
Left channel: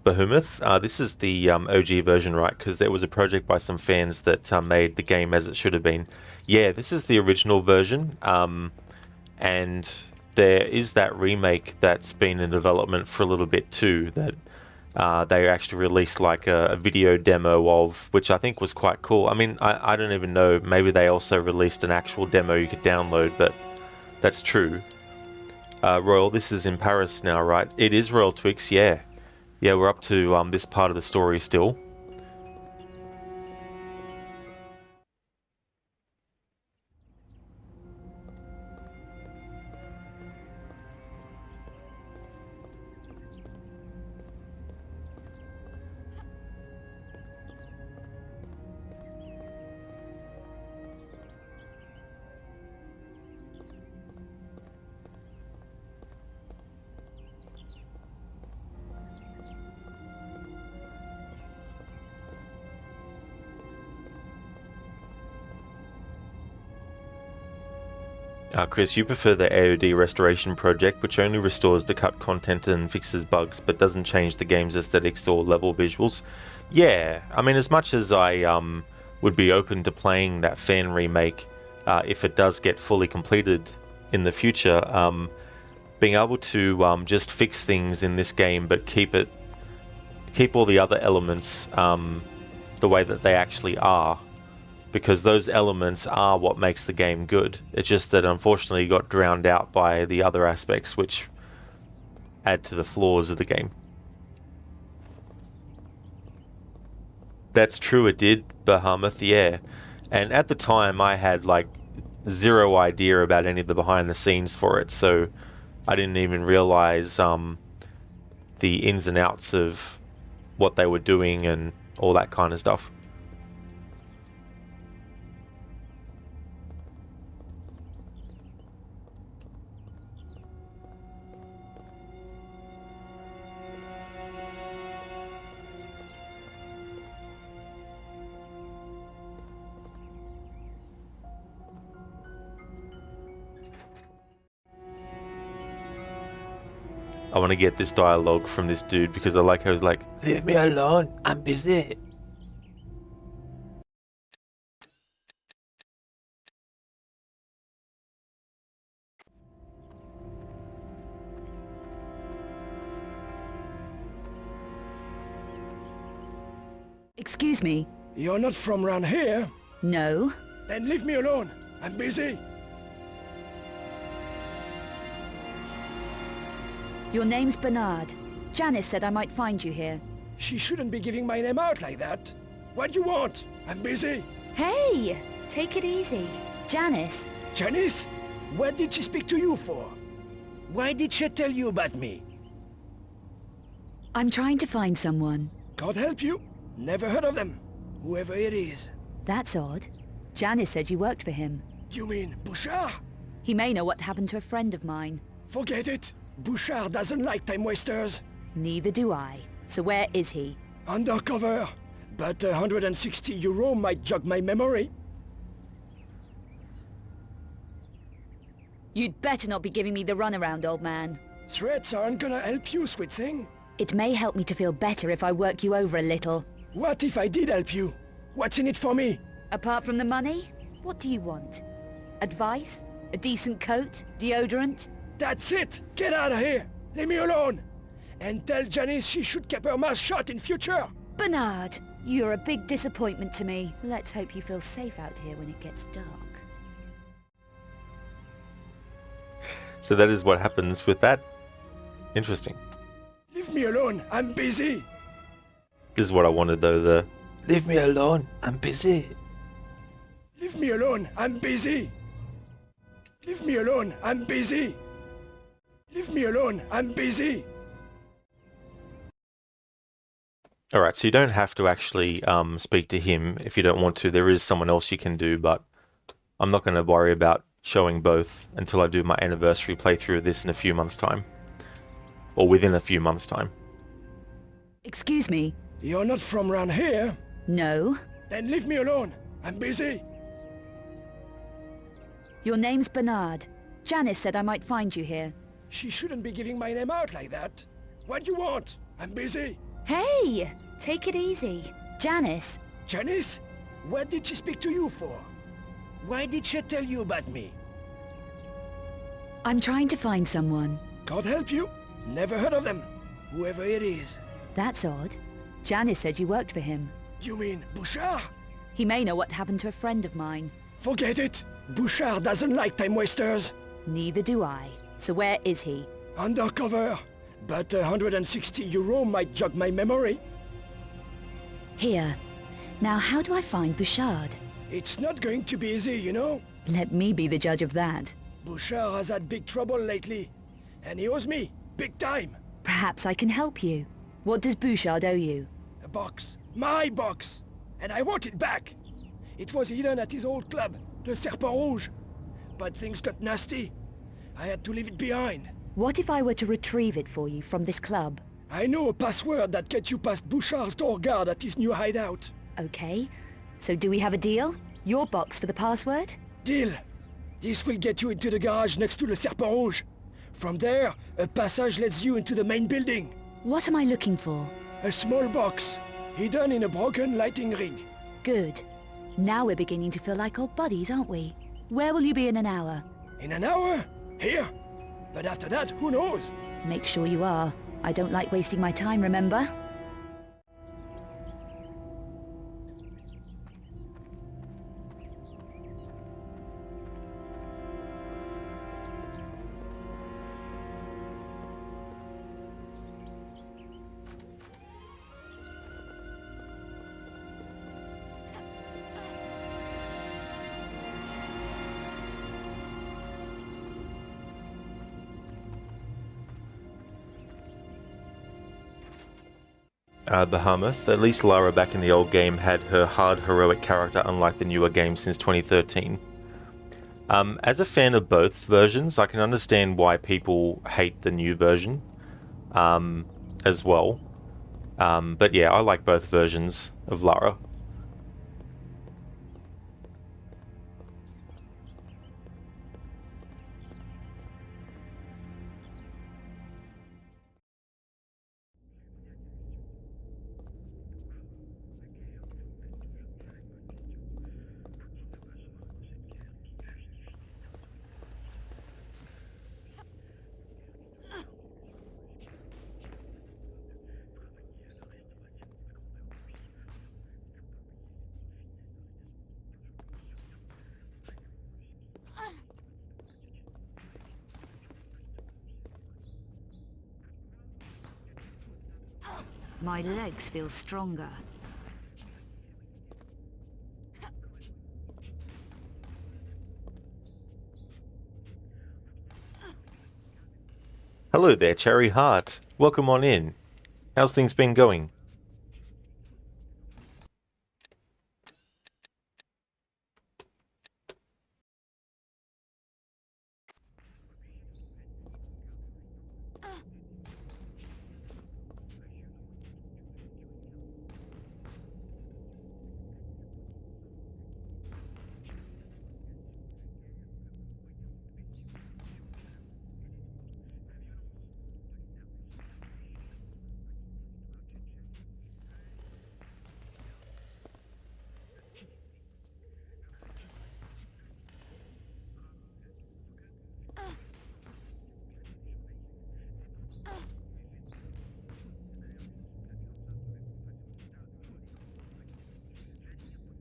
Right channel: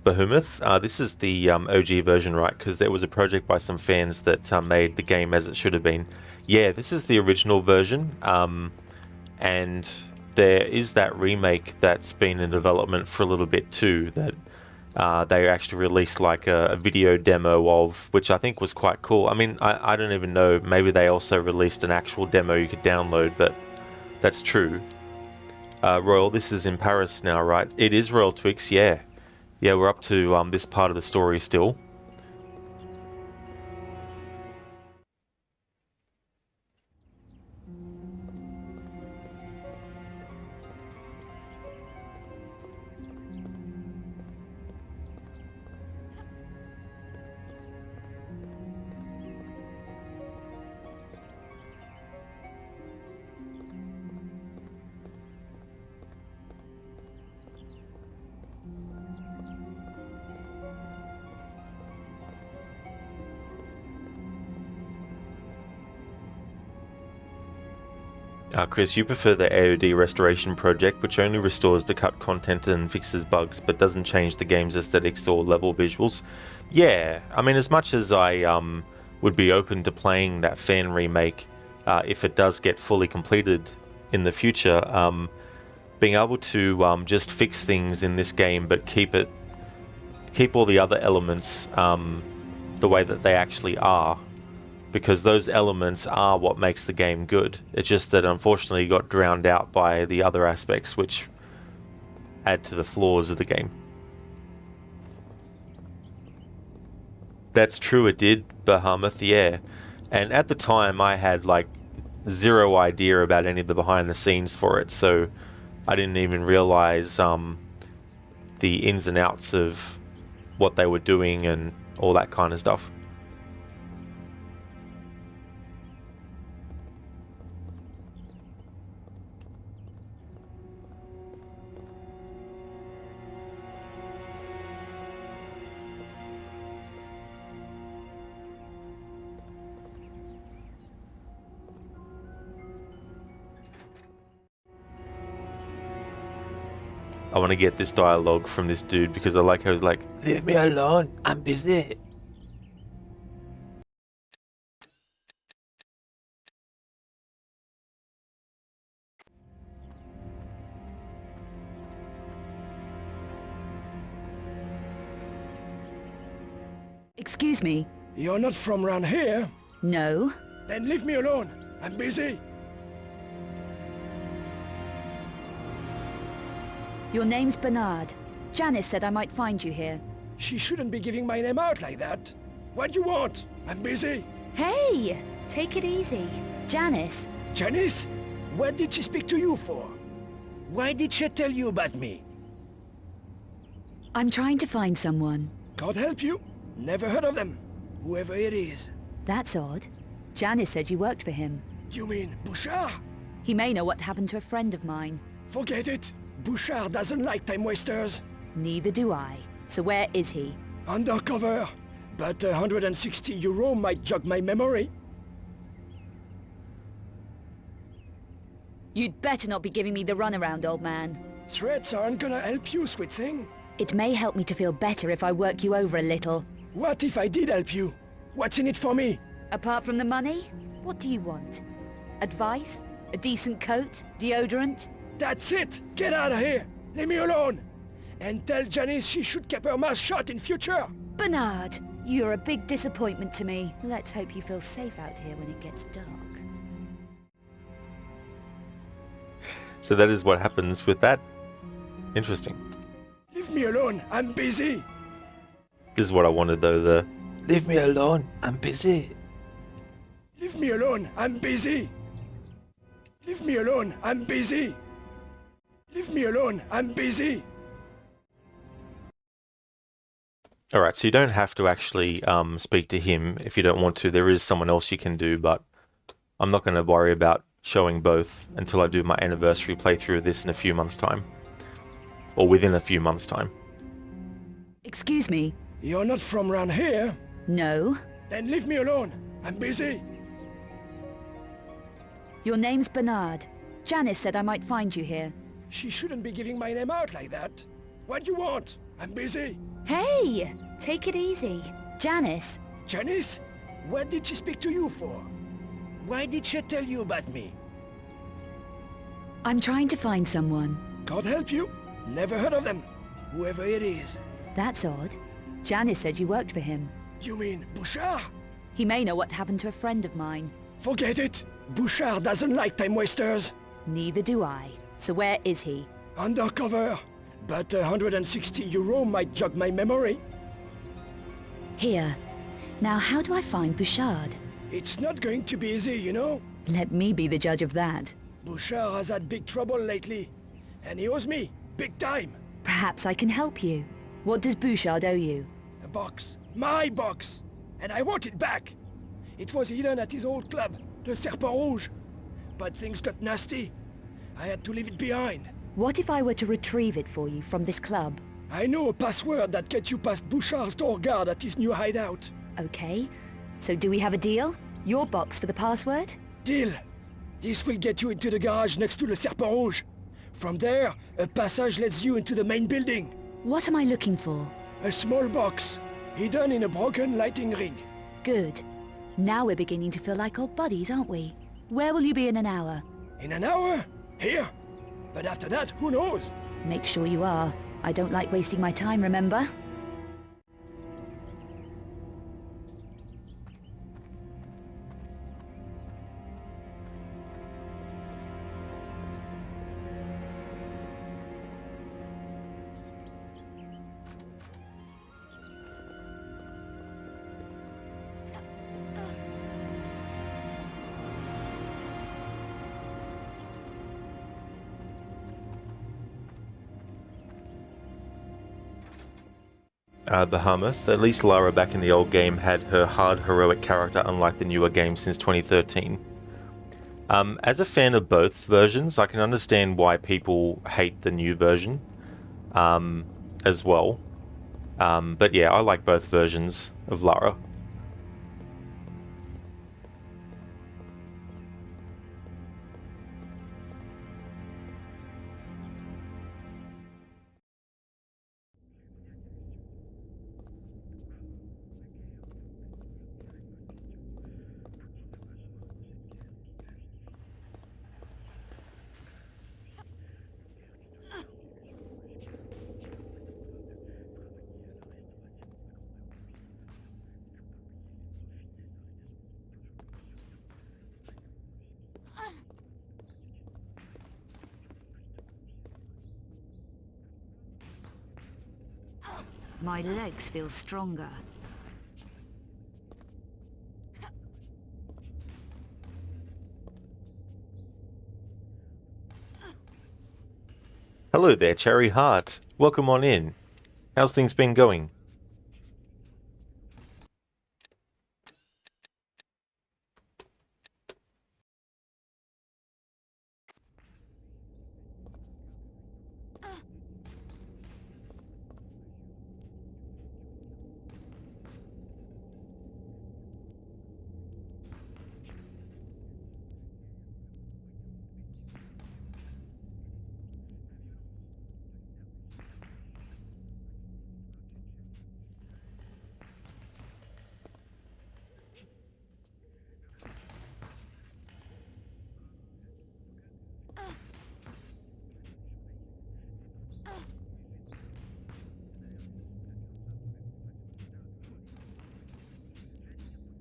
Behemoth, this is the OG version, right? Because there was a project by some fans that made the game as it should have been. Yeah, this is the original version, and there is that remake that's been in development for a little bit too, that they actually released like a video demo of, which I think was quite cool. I mean, I don't even know, maybe they also released an actual demo you could download, but that's true. Royal, this is in Paris now, right? It is Royal Twix, yeah. Yeah, we're up to this part of the story still. Chris, you prefer the AOD restoration project, which only restores the cut content and fixes bugs, but doesn't change the game's aesthetics or level visuals. Yeah, I mean, as much as I would be open to playing that fan remake, if it does get fully completed in the future, being able to just fix things in this game, but keep all the other elements the way that they actually are. Because those elements are what makes the game good. It's just that unfortunately got drowned out by the other aspects which add to the flaws of the game. That's true, it did, Behemoth, yeah. And at the time I had like zero idea about any of the behind the scenes for it, so I didn't even realize the ins and outs of what they were doing and all that kind of stuff. I want to get this dialogue from this dude because I like how he's like, "Leave me alone, I'm busy." Excuse me? You're not from around here? No. Then leave me alone. I'm busy. Your name's Bernard. Janice said I might find you here. She shouldn't be giving my name out like that. What do you want? I'm busy. Hey! Take it easy. Janice. Janice? What did she speak to you for? Why did she tell you about me? I'm trying to find someone. God help you. Never heard of them. Whoever it is. That's odd. Janice said you worked for him. You mean Bouchard? He may know what happened to a friend of mine. Forget it. Bouchard doesn't like time wasters. Neither do I. So where is he? Undercover. But 160 euro might jog my memory. You'd better not be giving me the runaround, old man. Threats aren't gonna help you, sweet thing. It may help me to feel better if I work you over a little. What if I did help you? What's in it for me? Apart from the money, what do you want? Advice? A decent coat? Deodorant? That's it! Get out of here! Leave me alone! And tell Janice she should keep her mouth shut in future! Bernard, you're a big disappointment to me. Let's hope you feel safe out here when it gets dark. So that is what happens with that. Interesting. Leave me alone, I'm busy! This is what I wanted though, the "Leave me alone, I'm busy." Leave me alone, I'm busy! Leave me alone, I'm busy! Leave me alone, I'm busy! Alright, so you don't have to actually speak to him if you don't want to. There is someone else you can do, but I'm not going to worry about showing both until I do my anniversary playthrough of this in a few months' time. Or within a few months' time. Excuse me? You're not from round here? No. Then leave me alone. I'm busy. Your name's Bernard. Janice said I might find you here. She shouldn't be giving my name out like that. What do you want? I'm busy. Hey! Take it easy. Janice. Janice? What did she speak to you for? Why did she tell you about me? I'm trying to find someone. Can't help you. Never heard of them. Whoever it is. That's odd. Janice said you worked for him. You mean Bouchard? He may know what happened to a friend of mine. Forget it. Bouchard doesn't like time wasters. Neither do I. So where is he? Undercover. But 160 euro might jog my memory. Here. Now how do I find Bouchard? It's not going to be easy, you know? Let me be the judge of that. Bouchard has had big trouble lately. And he owes me. Big time. Perhaps I can help you. What does Bouchard owe you? A box. My box. And I want it back. It was hidden at his old club, the Serpent Rouge. But things got nasty. I had to leave it behind. What if I were to retrieve it for you from this club? I know a password that gets you past Bouchard's door guard at his new hideout. Okay. So do we have a deal? Your box for the password? Deal. This will get you into the garage next to the Serpent Rouge. From there, a passage leads you into the main building. What am I looking for? A small box, hidden in a broken lighting rig. Good. Now we're beginning to feel like old buddies, aren't we? Where will you be in an hour? In an hour? Here. But after that, who knows? Make sure you are. I don't like wasting my time, remember? Bahamut. At least Lara back in the old game had her hard heroic character, unlike the newer game since 2013. As a fan of both versions, I can understand why people hate the new version as well. But yeah, I like both versions of Lara. My legs feel stronger. Hello there, Cherry Heart. Welcome on in. How's things been going?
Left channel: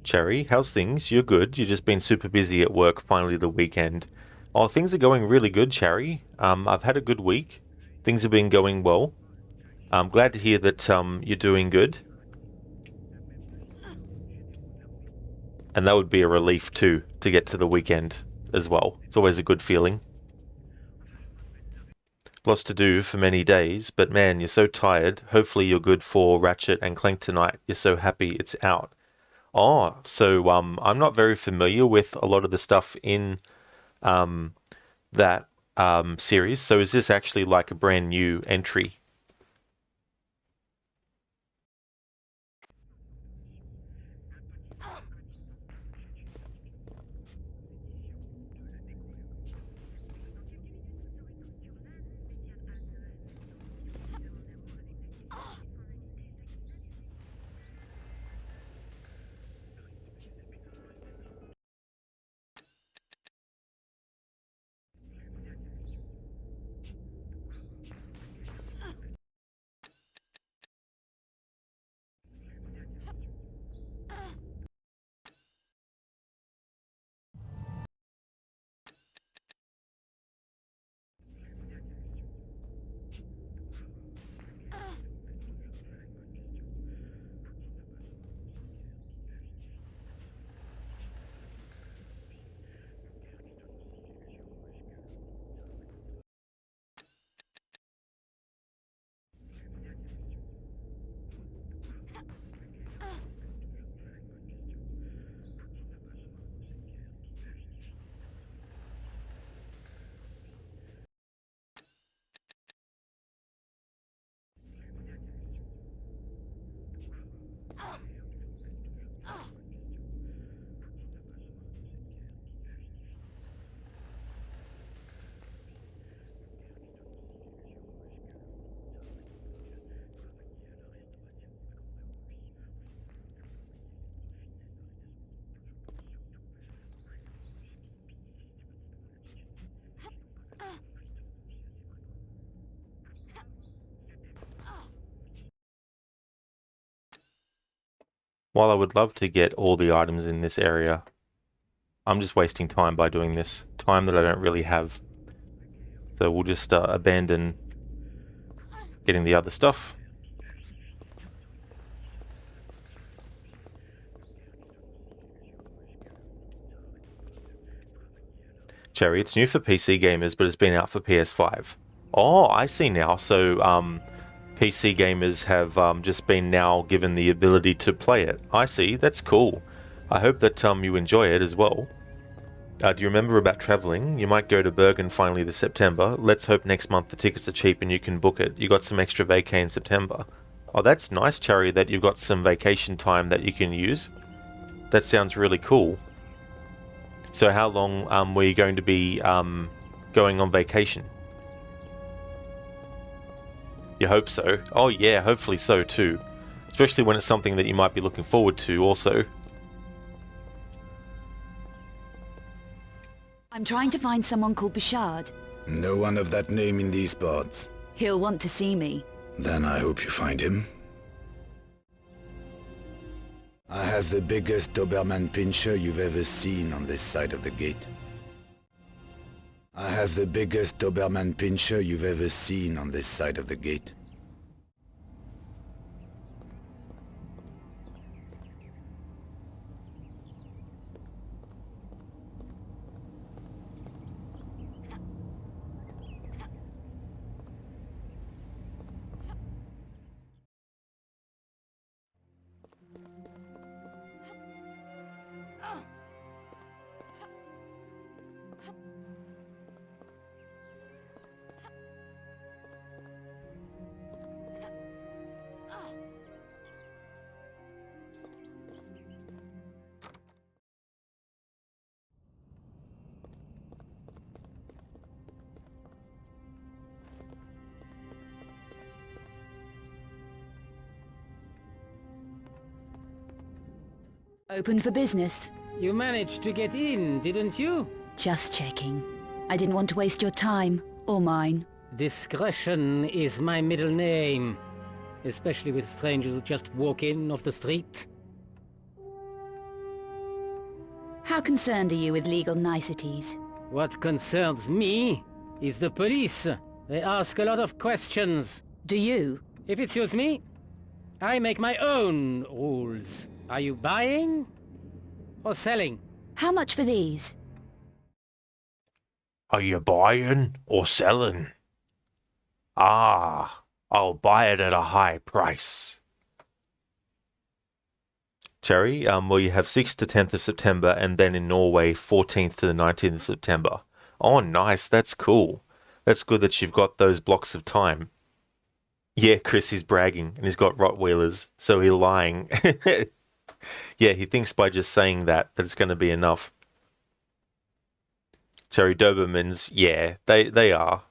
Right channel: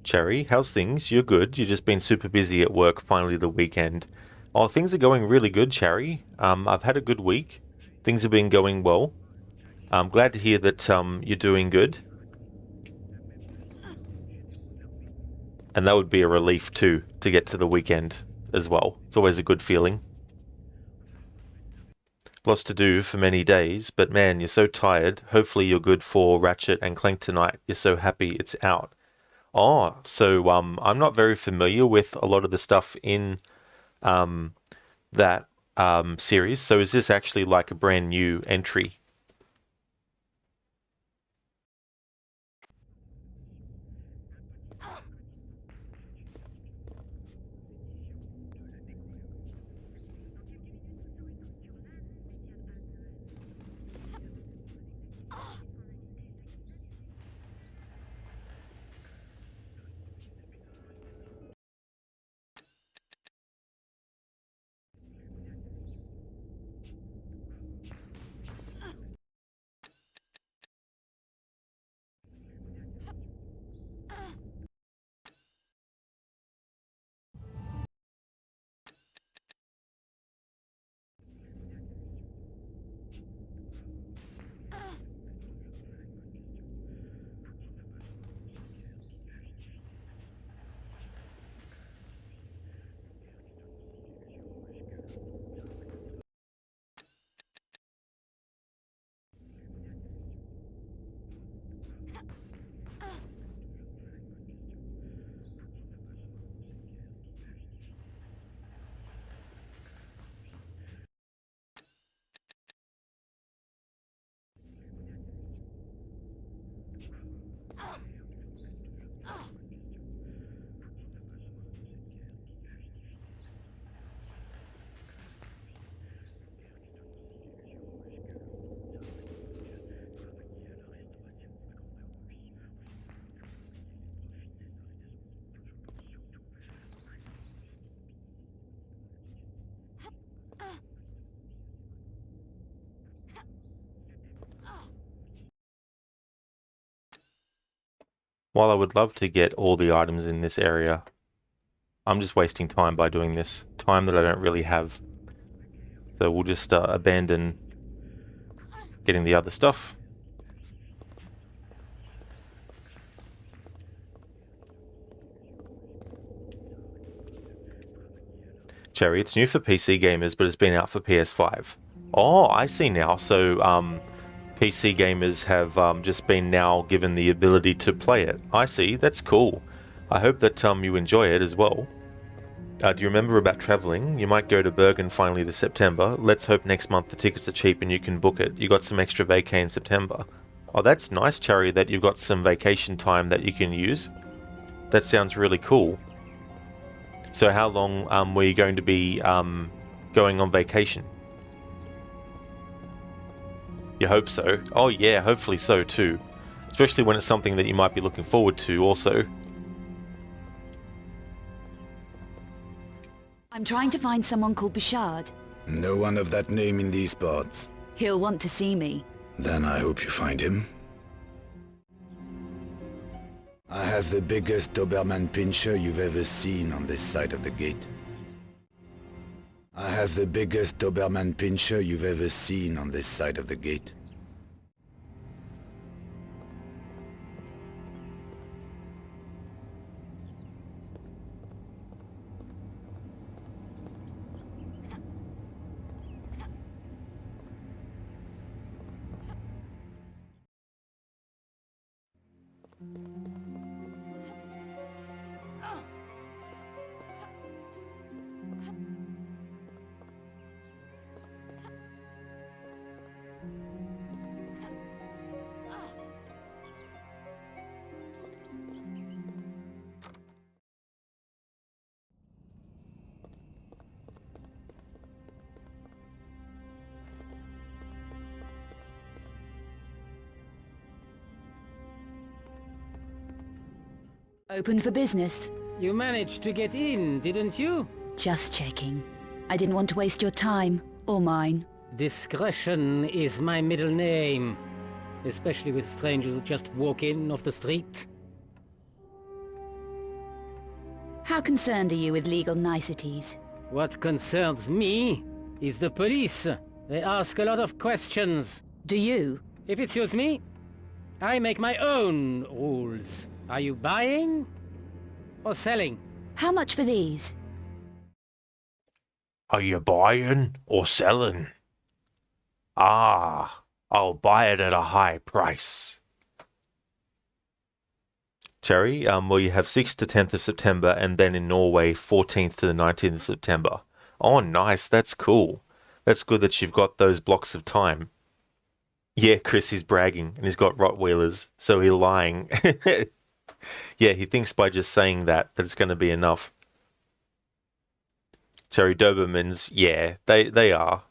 Cherry, how's things? You're good. You've just been super busy at work, finally the weekend. Oh, things are going really good, Cherry. I've had a good week. Things have been going well. I'm glad to hear that you're doing good. And that would be a relief too, to get to the weekend as well. It's always a good feeling. Lots to do for many days, but man, you're so tired. Hopefully you're good for Ratchet and Clank tonight. You're so happy it's out. Oh, so I'm not very familiar with a lot of the stuff in that series. So is this actually like a brand new entry? While I would love to get all the items in this area, I'm just wasting time by doing this. Time that I don't really have. So we'll just abandon getting the other stuff. Cherry, it's new for PC gamers, but it's been out for PS5. Oh, I see now. So PC gamers have just been now given the ability to play it. I see. That's cool. I hope that you enjoy it as well. Do you remember about traveling? You might go to Bergen finally this September. Let's hope next month the tickets are cheap and you can book it. You got some extra vacay in September. Oh, that's nice, Cherry, that you've got some vacation time that you can use. That sounds really cool. So how long were you going to be going on vacation? You hope so? Oh yeah, hopefully so too. Especially when it's something that you might be looking forward to also. I'm trying to find someone called Bouchard. No one of that name in these parts. He'll want to see me. Then I hope you find him. I have the biggest Doberman Pinscher you've ever seen on this side of the gate. I have the biggest Doberman Pinscher you've ever seen on this side of the gate. Open for business. You managed to get in, didn't you? Just checking. I didn't want to waste your time, or mine. Discretion is my middle name. Especially with strangers who just walk in off the street. How concerned are you with legal niceties? What concerns me is the police. They ask a lot of questions. Do you? If it suits me, I make my own rules. Are you buying or selling? How much for these? Are you buying or selling? Ah, I'll buy it at a high price. Cherry. Well, you have 6th to 10th of September, and then in Norway, 14th to the 19th of September. Oh, nice. That's cool. That's good that you've got those blocks of time. Yeah, Chris is bragging, and he's got Rottweilers, so he's lying. Yeah, he thinks by just saying that it's going to be enough. Cherry, Dobermans, yeah, they are.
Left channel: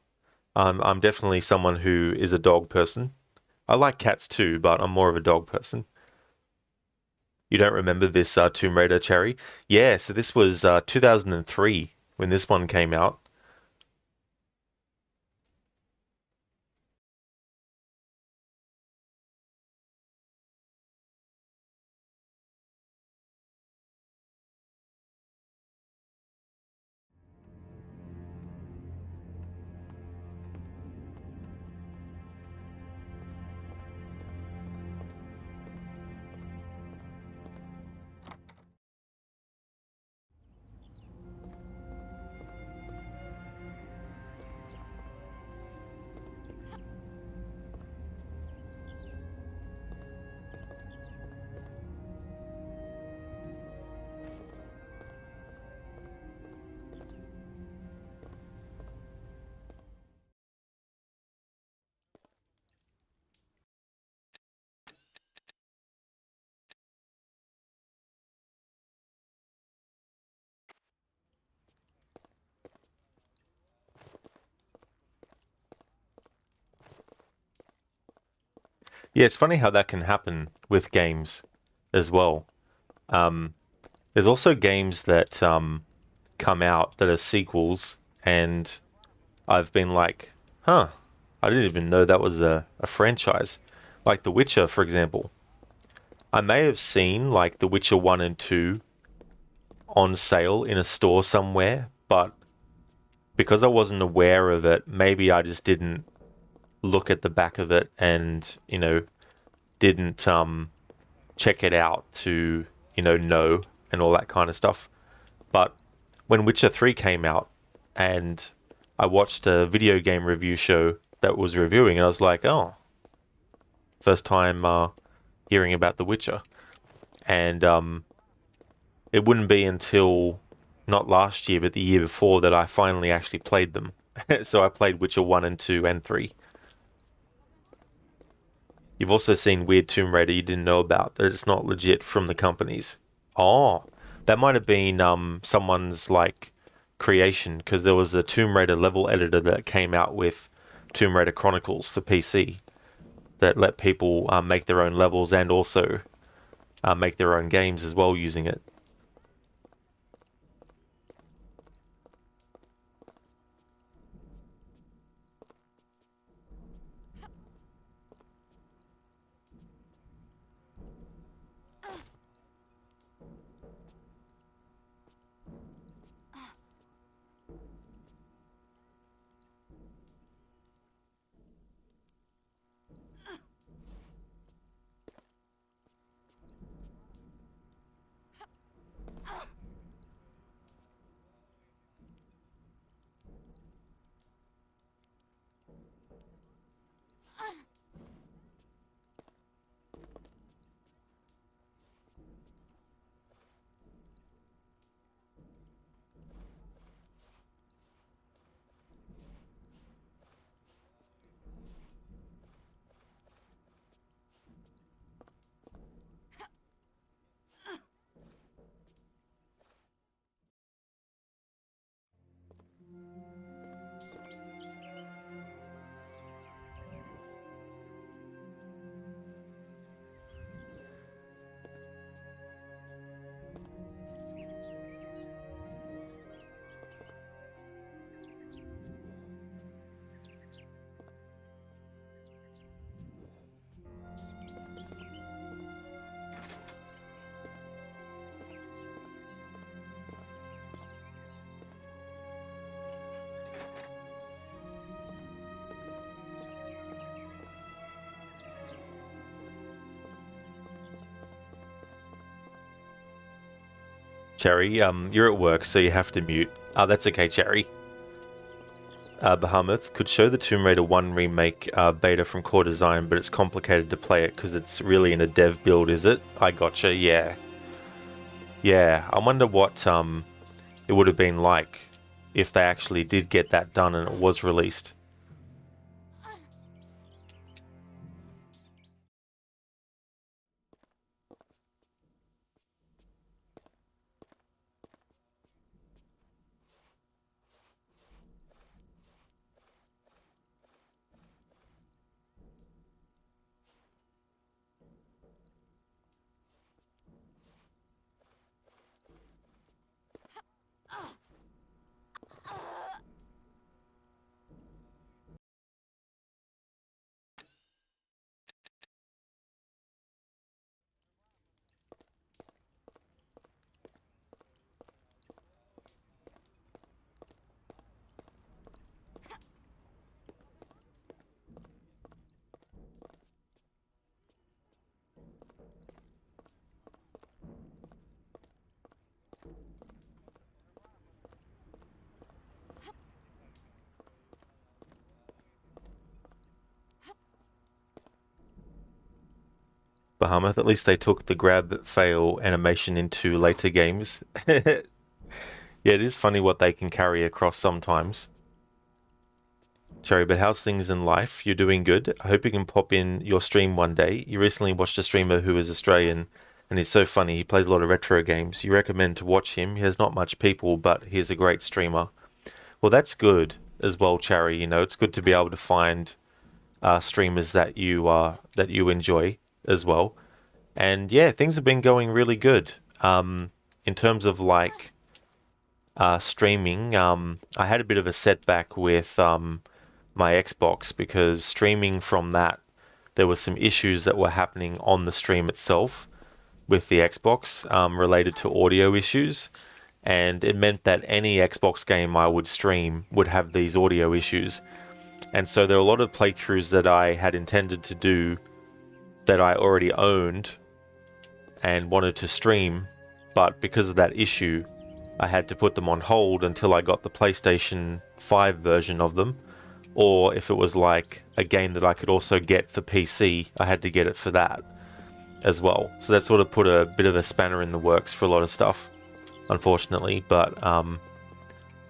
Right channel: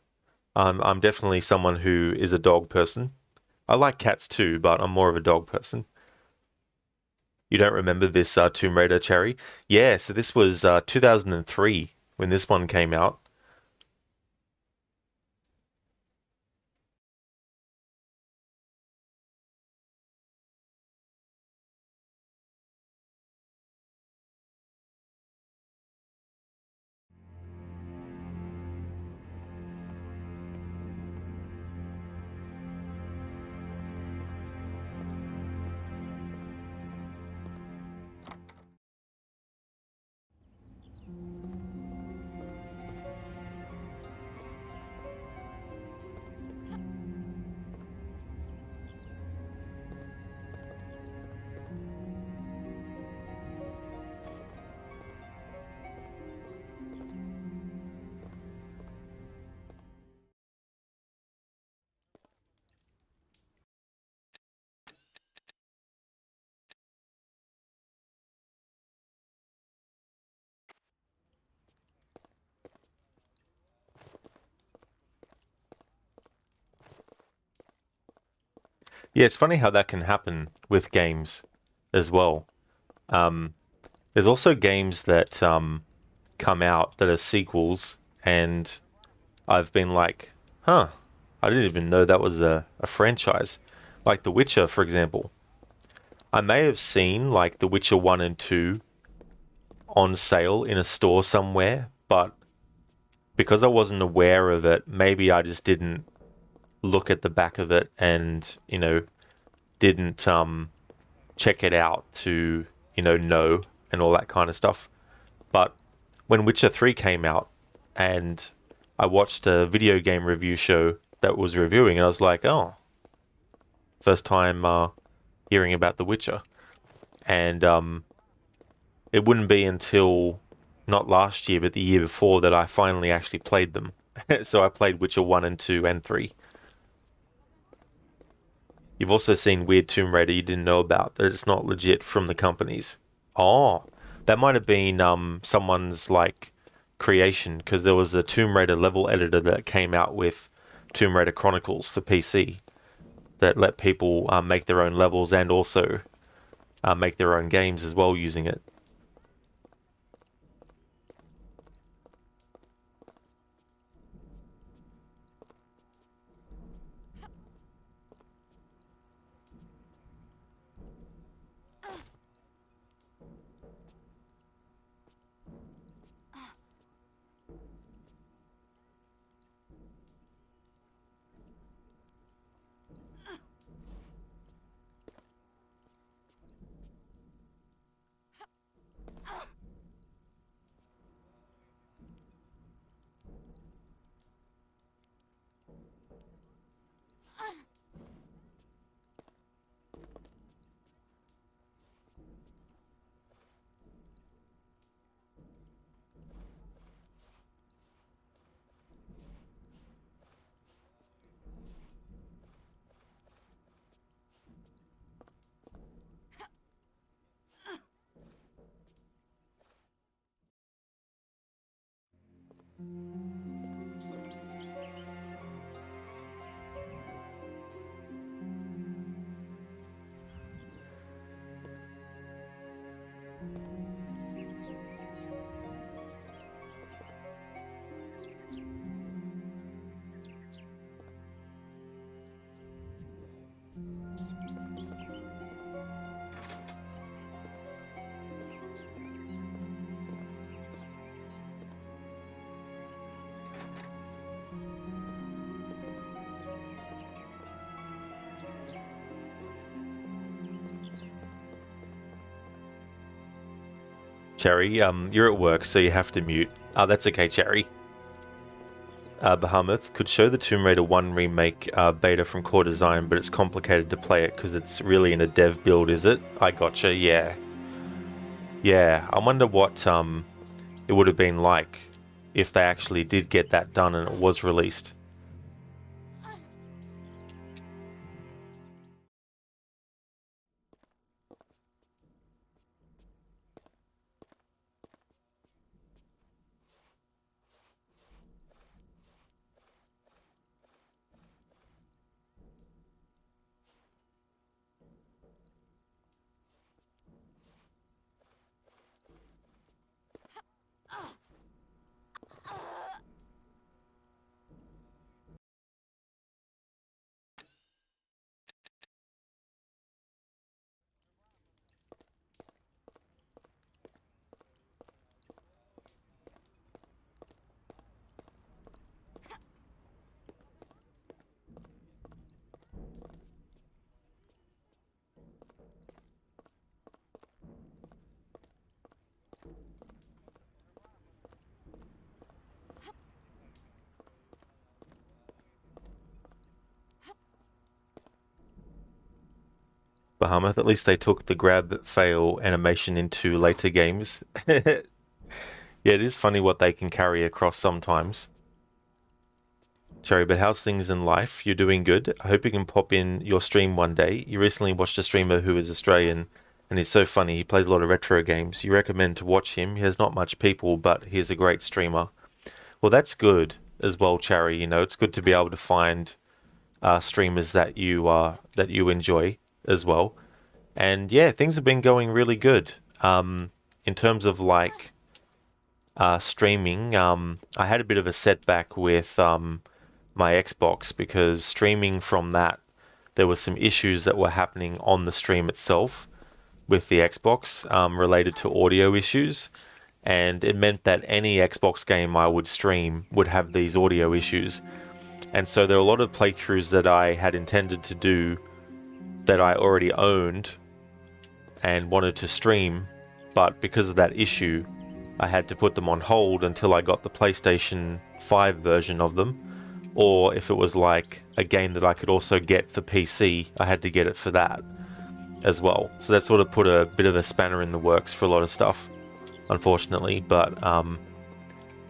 I'm definitely someone who is a dog person. I like cats too, but I'm more of a dog person. You don't remember this Tomb Raider, Cherry? Yeah, so this was 2003 when this one came out. Yeah, it's funny how that can happen with games as well. Um, there's also games that come out that are sequels, and I've been like, huh, I didn't even know that was a franchise. Like The Witcher, for example. I may have seen like The Witcher 1 and 2 on sale in a store somewhere, but because I wasn't aware of it, maybe I just didn't look at the back of it and, didn't check it out to, know and all that kind of stuff. But when Witcher 3 came out and I watched a video game review show that was reviewing, and I was like, oh, first time hearing about The Witcher. And it wouldn't be until not last year, but the year before that I finally actually played them. So I played Witcher 1 and 2 and 3. You've also seen Weird Tomb Raider you didn't know about, that it's not legit from the companies. Oh, that might have been someone's like creation, because there was a Tomb Raider level editor that came out with Tomb Raider Chronicles for PC that let people make their own levels and also make their own games as well using it. Cherry, you're at work, so you have to mute. Oh, that's okay, Cherry. Bahamut, could show the Tomb Raider 1 remake beta from Core Design, but it's complicated to play it because it's really in a dev build, is it? I gotcha, yeah. Yeah, I wonder what it would have been like if they actually did get that done and it was released. Bahamut, at least they took the grab fail animation into later games. Yeah, it is funny what they can carry across sometimes. Cherry, but how's things in life? You're doing good. I hope you can pop in your stream one day. You recently watched a streamer who is Australian, and he's so funny. He plays a lot of retro games. You recommend to watch him. He has not much people, but he's a great streamer. Well, that's good as well, Cherry. You know, it's good to be able to find streamers that you enjoy as well. And yeah, things have been going really good. In terms of like streaming, I had a bit of a setback with my Xbox because streaming from that, there were some issues that were happening on the stream itself with the Xbox related to audio issues. And it meant that any Xbox game I would stream would have these audio issues. And so there are a lot of playthroughs that I had intended to do that I already owned and wanted to stream, but because of that issue, I had to put them on hold until I got the PlayStation 5 version of them. Or if it was like a game that I could also get for PC, I had to get it for that as well. So that sort of put a bit of a spanner in the works for a lot of stuff, unfortunately, but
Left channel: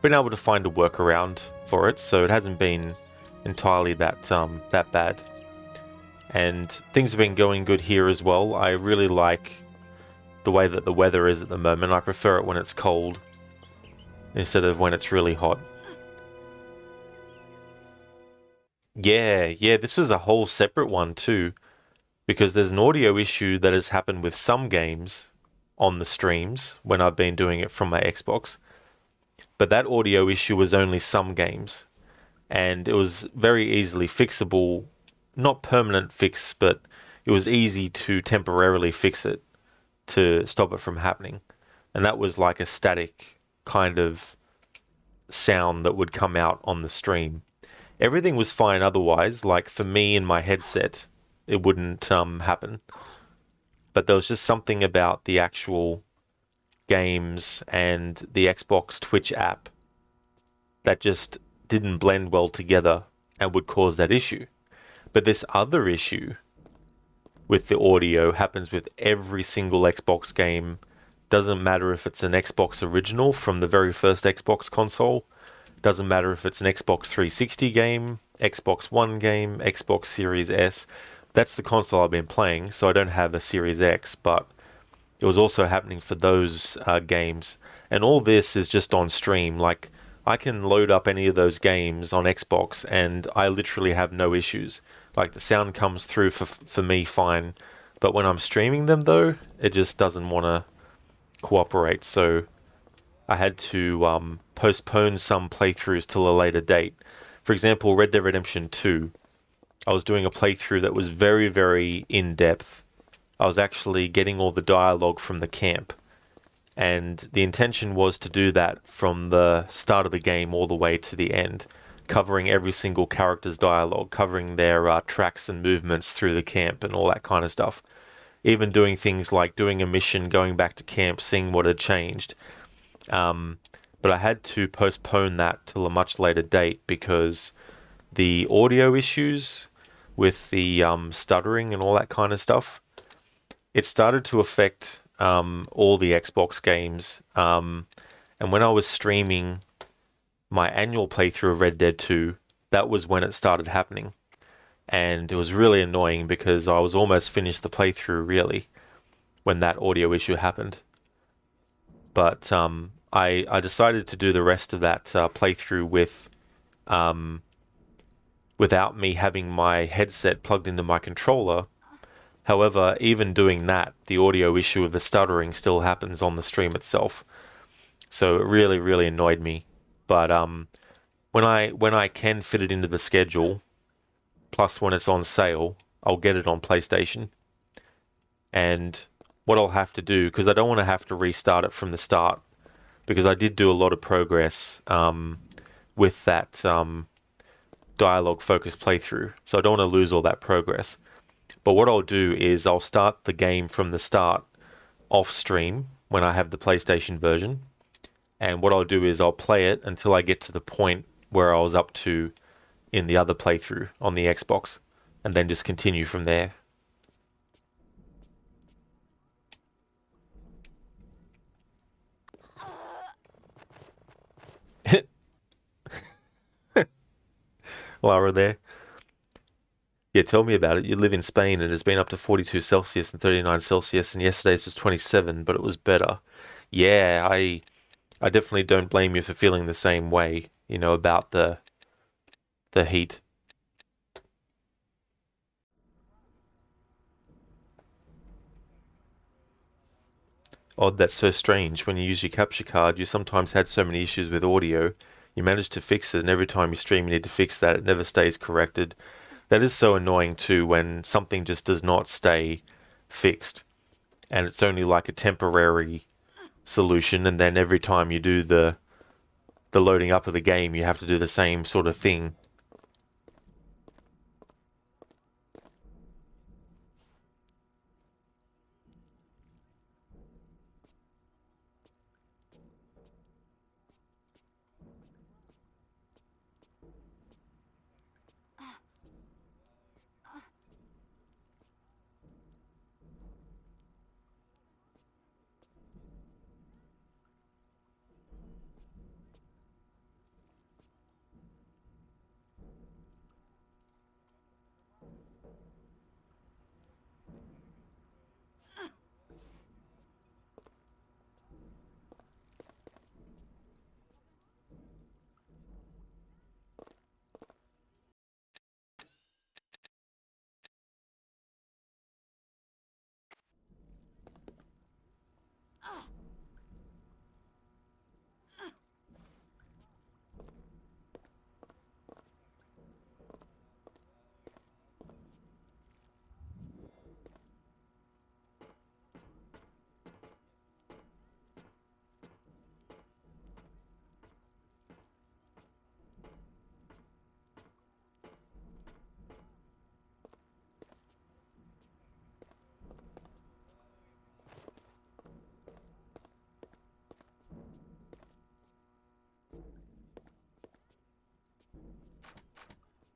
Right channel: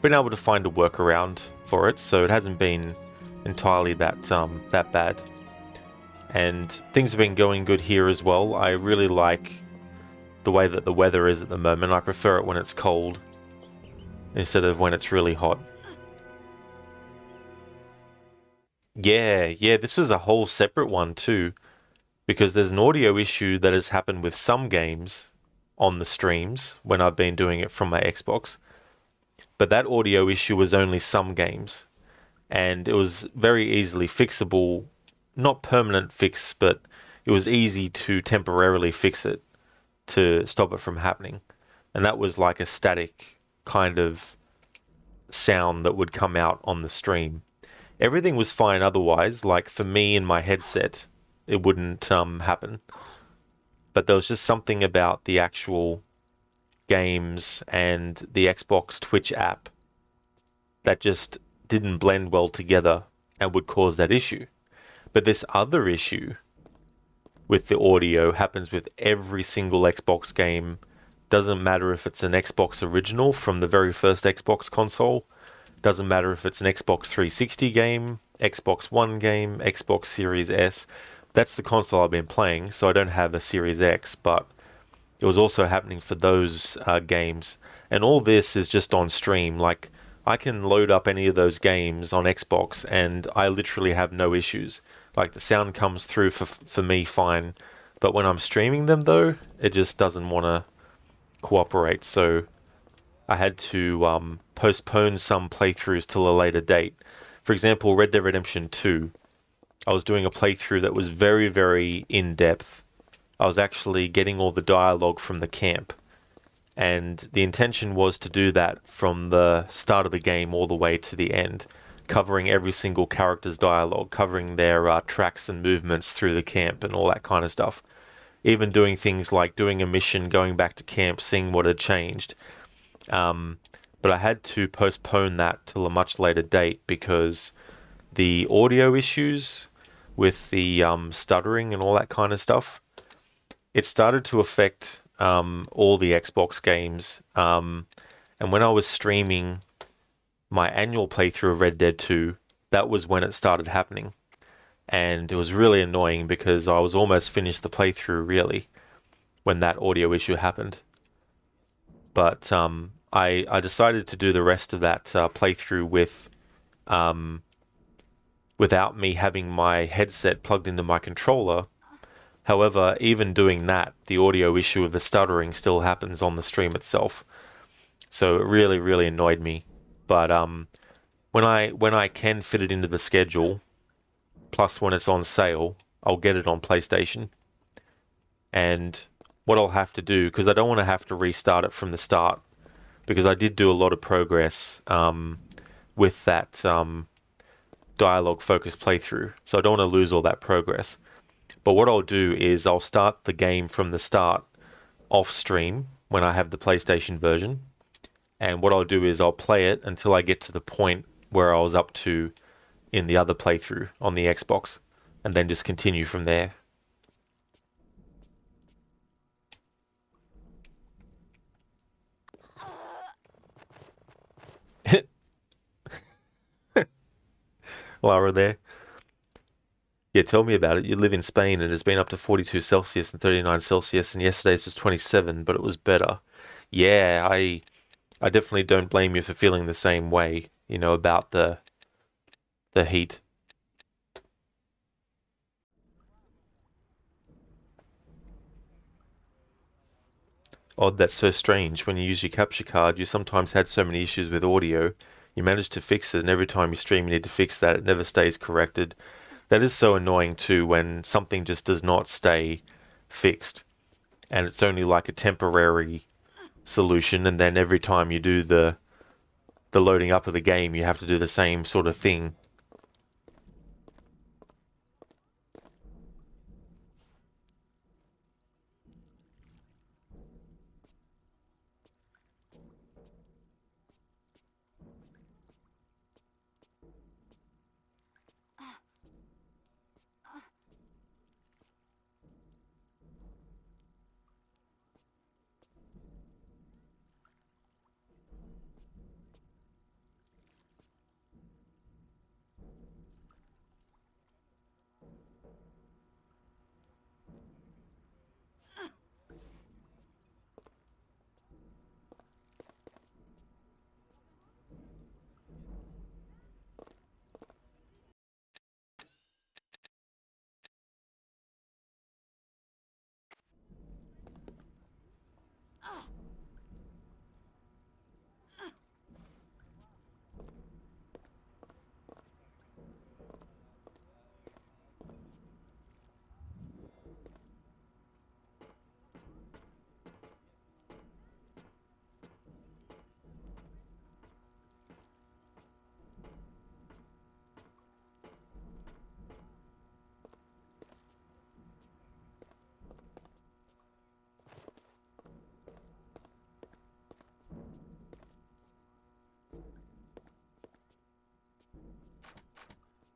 been able to find a workaround for it, so it hasn't been entirely that bad. And things have been going good here as well. I really like the way that the weather is at the moment. I prefer it when it's cold instead of when it's really hot. Yeah, this was a whole separate one too, because there's an audio issue that has happened with some games on the streams when I've been doing it from my Xbox. But that audio issue was only some games, and it was very easily fixable. Not permanent fix, but it was easy to temporarily fix it to stop it from happening. And that was like a static kind of sound that would come out on the stream. Everything was fine otherwise, like for me in my headset, it wouldn't happen. But there was just something about the actual games and the Xbox Twitch app that just didn't blend well together and would cause that issue. But this other issue with the audio happens with every single Xbox game. Doesn't matter if it's an Xbox original from the very first Xbox console. Doesn't matter if it's an Xbox 360 game, Xbox One game, Xbox Series S. That's the console I've been playing, so I don't have a Series X, but it was also happening for those games. And all this is just on stream. Like, I can load up any of those games on Xbox and I literally have no issues. Like, the sound comes through for me fine. But when I'm streaming them though, it just doesn't want to cooperate. So I had to postpone some playthroughs till a later date. For example, Red Dead Redemption 2. I was doing a playthrough that was very, very in-depth. I was actually getting all the dialogue from the camp. And the intention was to do that from the start of the game all the way to the end, covering every single character's dialogue, covering their tracks and movements through the camp and all that kind of stuff. Even doing things like doing a mission, going back to camp, seeing what had changed. but I had to postpone that till a much later date because the audio issues with the stuttering and all that kind of stuff, it started to affect all the Xbox games. And when I was streaming my annual playthrough of Red Dead 2, that was when it started happening. And it was really annoying because I was almost finished the playthrough, really, when that audio issue happened. But I decided to do the rest of that playthrough with without me having my headset plugged into my controller. However, even doing that, the audio issue of the stuttering still happens on the stream itself. So it really, really annoyed me. But when I can fit it into the schedule, plus when it's on sale, I'll get it on PlayStation. And what I'll have to do, because I don't want to have to restart it from the start, because I did do a lot of progress with that dialogue focused playthrough, so I don't want to lose all that progress. But what I'll do is I'll start the game from the start off stream when I have the PlayStation version, and what I'll do is I'll play it until I get to the point where I was up to in the other playthrough on the Xbox, and then just continue from there. Lara there. Yeah, tell me about it. You live in Spain and it's been up to 42 Celsius and 39 Celsius, and yesterday's was 27, but it was better. Yeah, I definitely don't blame you for feeling the same way, about the heat. Odd, that's so strange. When you use your capture card, you sometimes had so many issues with audio. You managed to fix it, and every time you stream, you need to fix that. It never stays corrected. That is so annoying too, when something just does not stay fixed, and it's only like a temporary solution, and then every time you do the loading up of the game, you have to do the same sort of thing.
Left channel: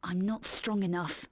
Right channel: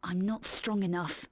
I'm not strong enough.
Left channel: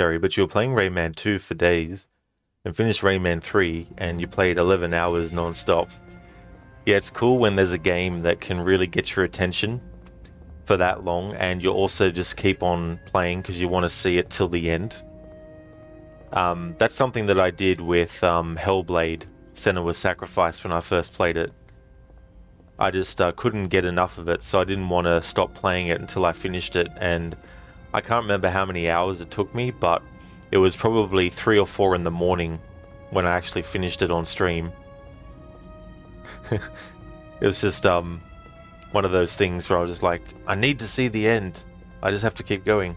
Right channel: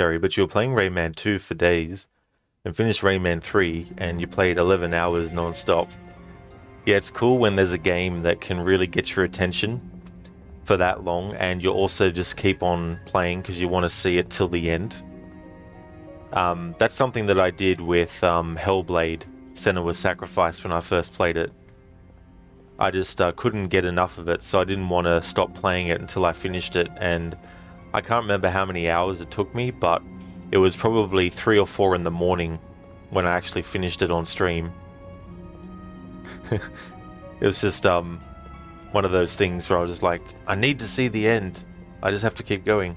Cherry, but you were playing Rayman 2 for days and finished Rayman 3 and you played 11 hours non-stop. Yeah, it's cool when there's a game that can really get your attention for that long and you also just keep on playing because you want to see it till the end. That's something that I did with Hellblade: Senua's Sacrifice when I first played it. I just couldn't get enough of it, so I didn't want to stop playing it until I finished it, and I can't remember how many hours it took me, but it was probably 3 or 4 in the morning when I actually finished it on stream. It was just one of those things where I was just like, I need to see the end. I just have to keep going.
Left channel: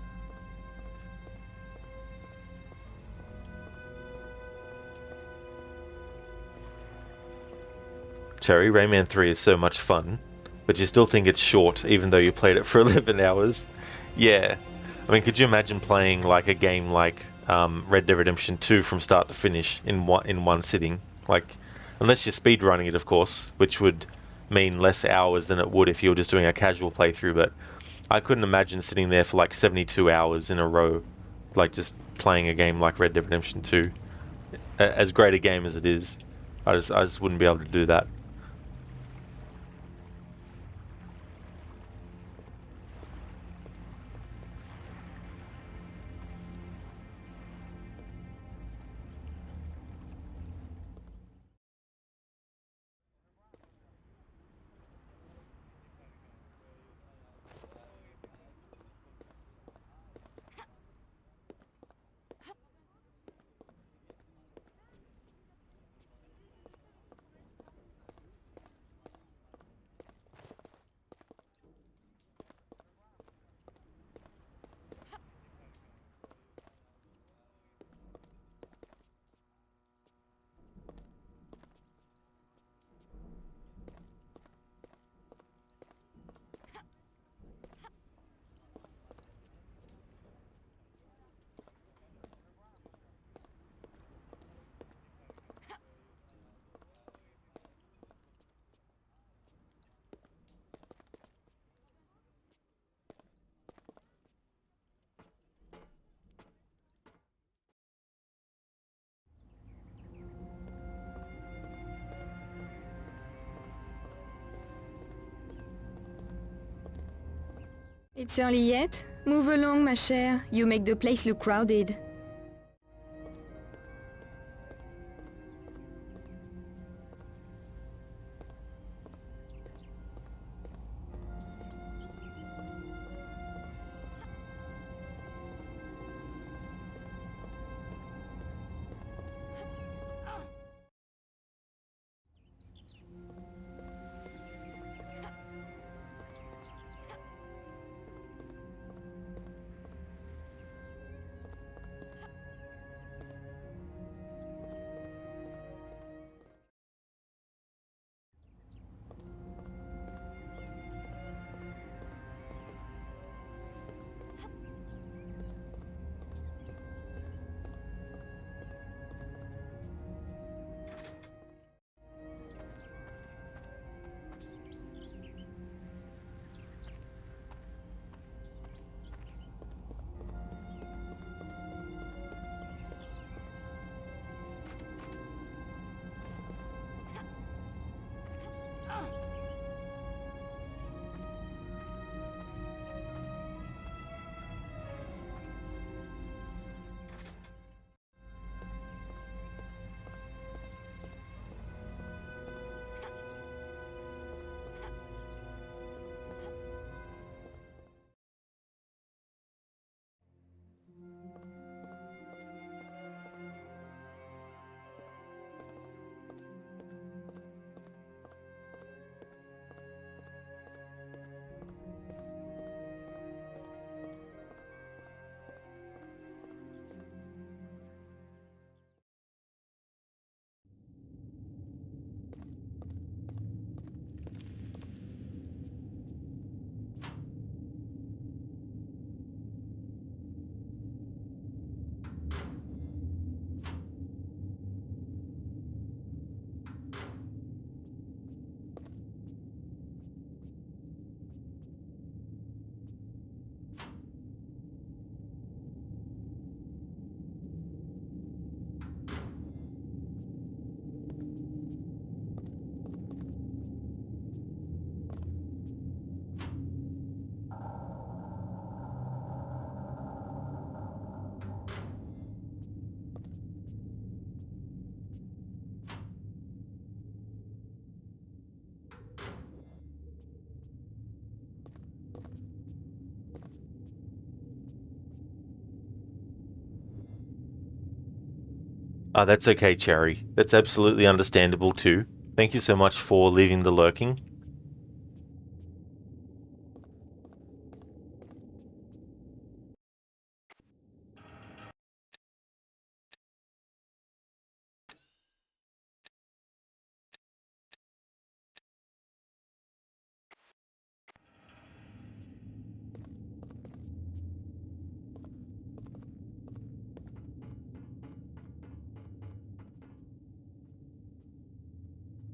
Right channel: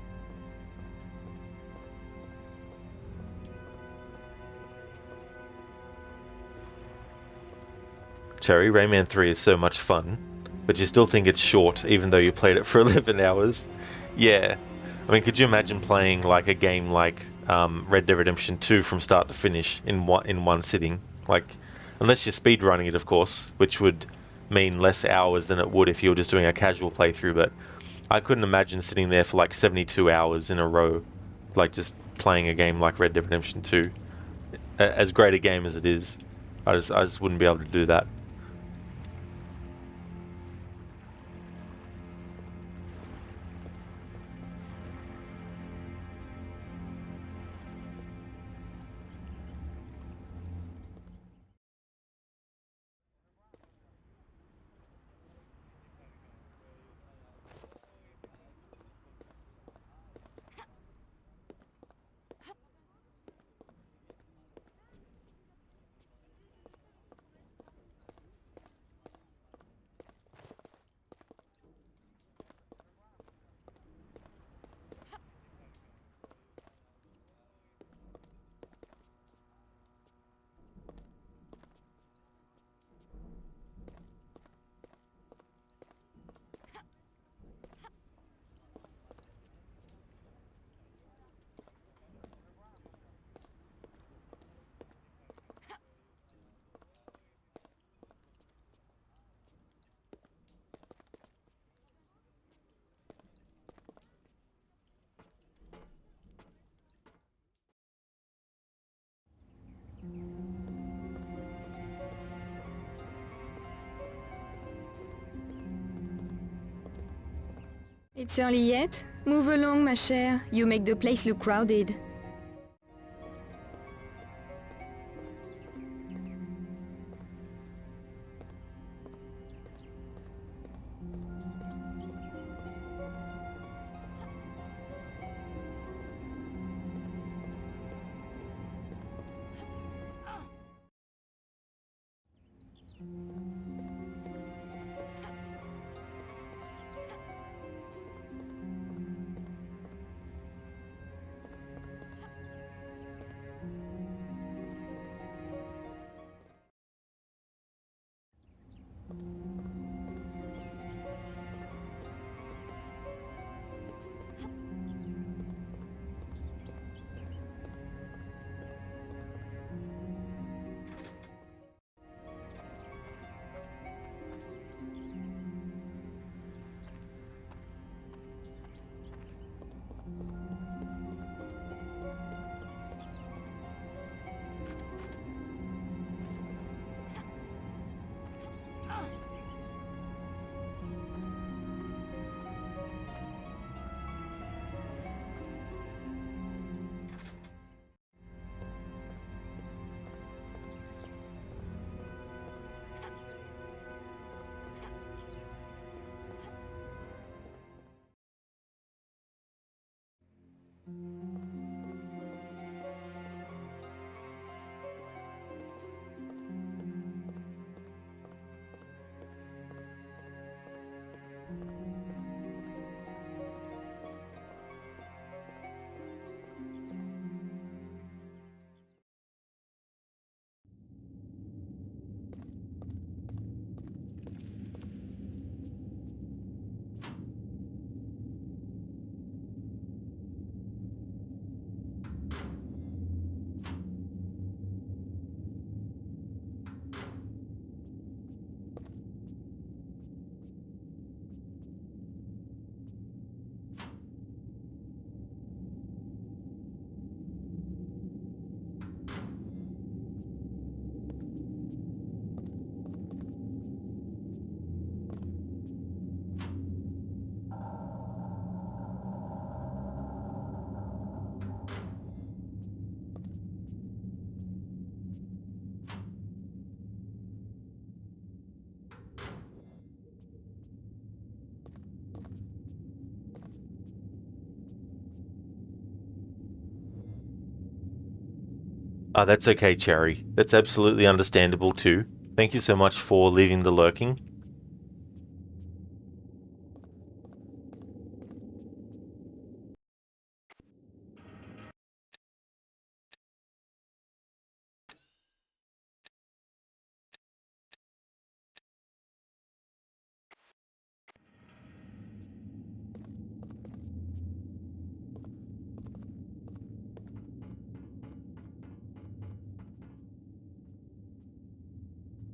Cherry, Rayman 3 is so much fun, but you still think it's short even though you played it for 11 hours. Yeah. I mean, could you imagine playing like a game like Red Dead Redemption 2 from start to finish in one sitting? Like, unless you're speedrunning it, of course, which would mean less hours than it would if you were just doing a casual playthrough, but I couldn't imagine sitting there for like 72 hours in a row, like just playing a game like Red Dead Redemption 2. As great a game as it is, I just wouldn't be able to do that. It's early yet? Move along, ma chère. You make the place look crowded. That's okay, Cherry. That's absolutely understandable too. Thank you so much for leaving the lurking.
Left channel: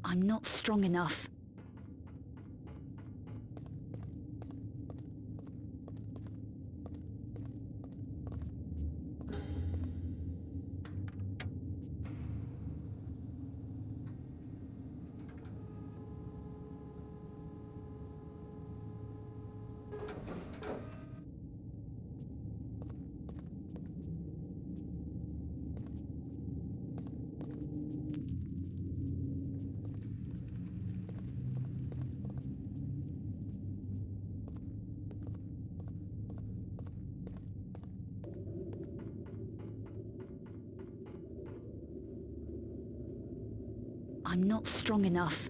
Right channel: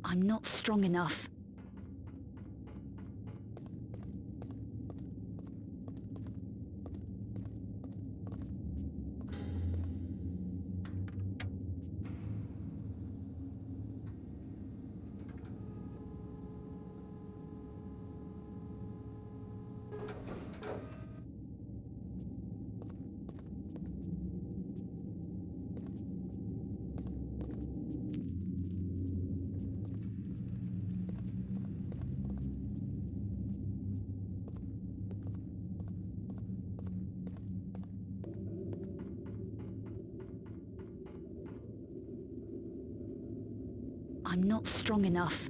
I'm not strong enough. I'm not strong enough.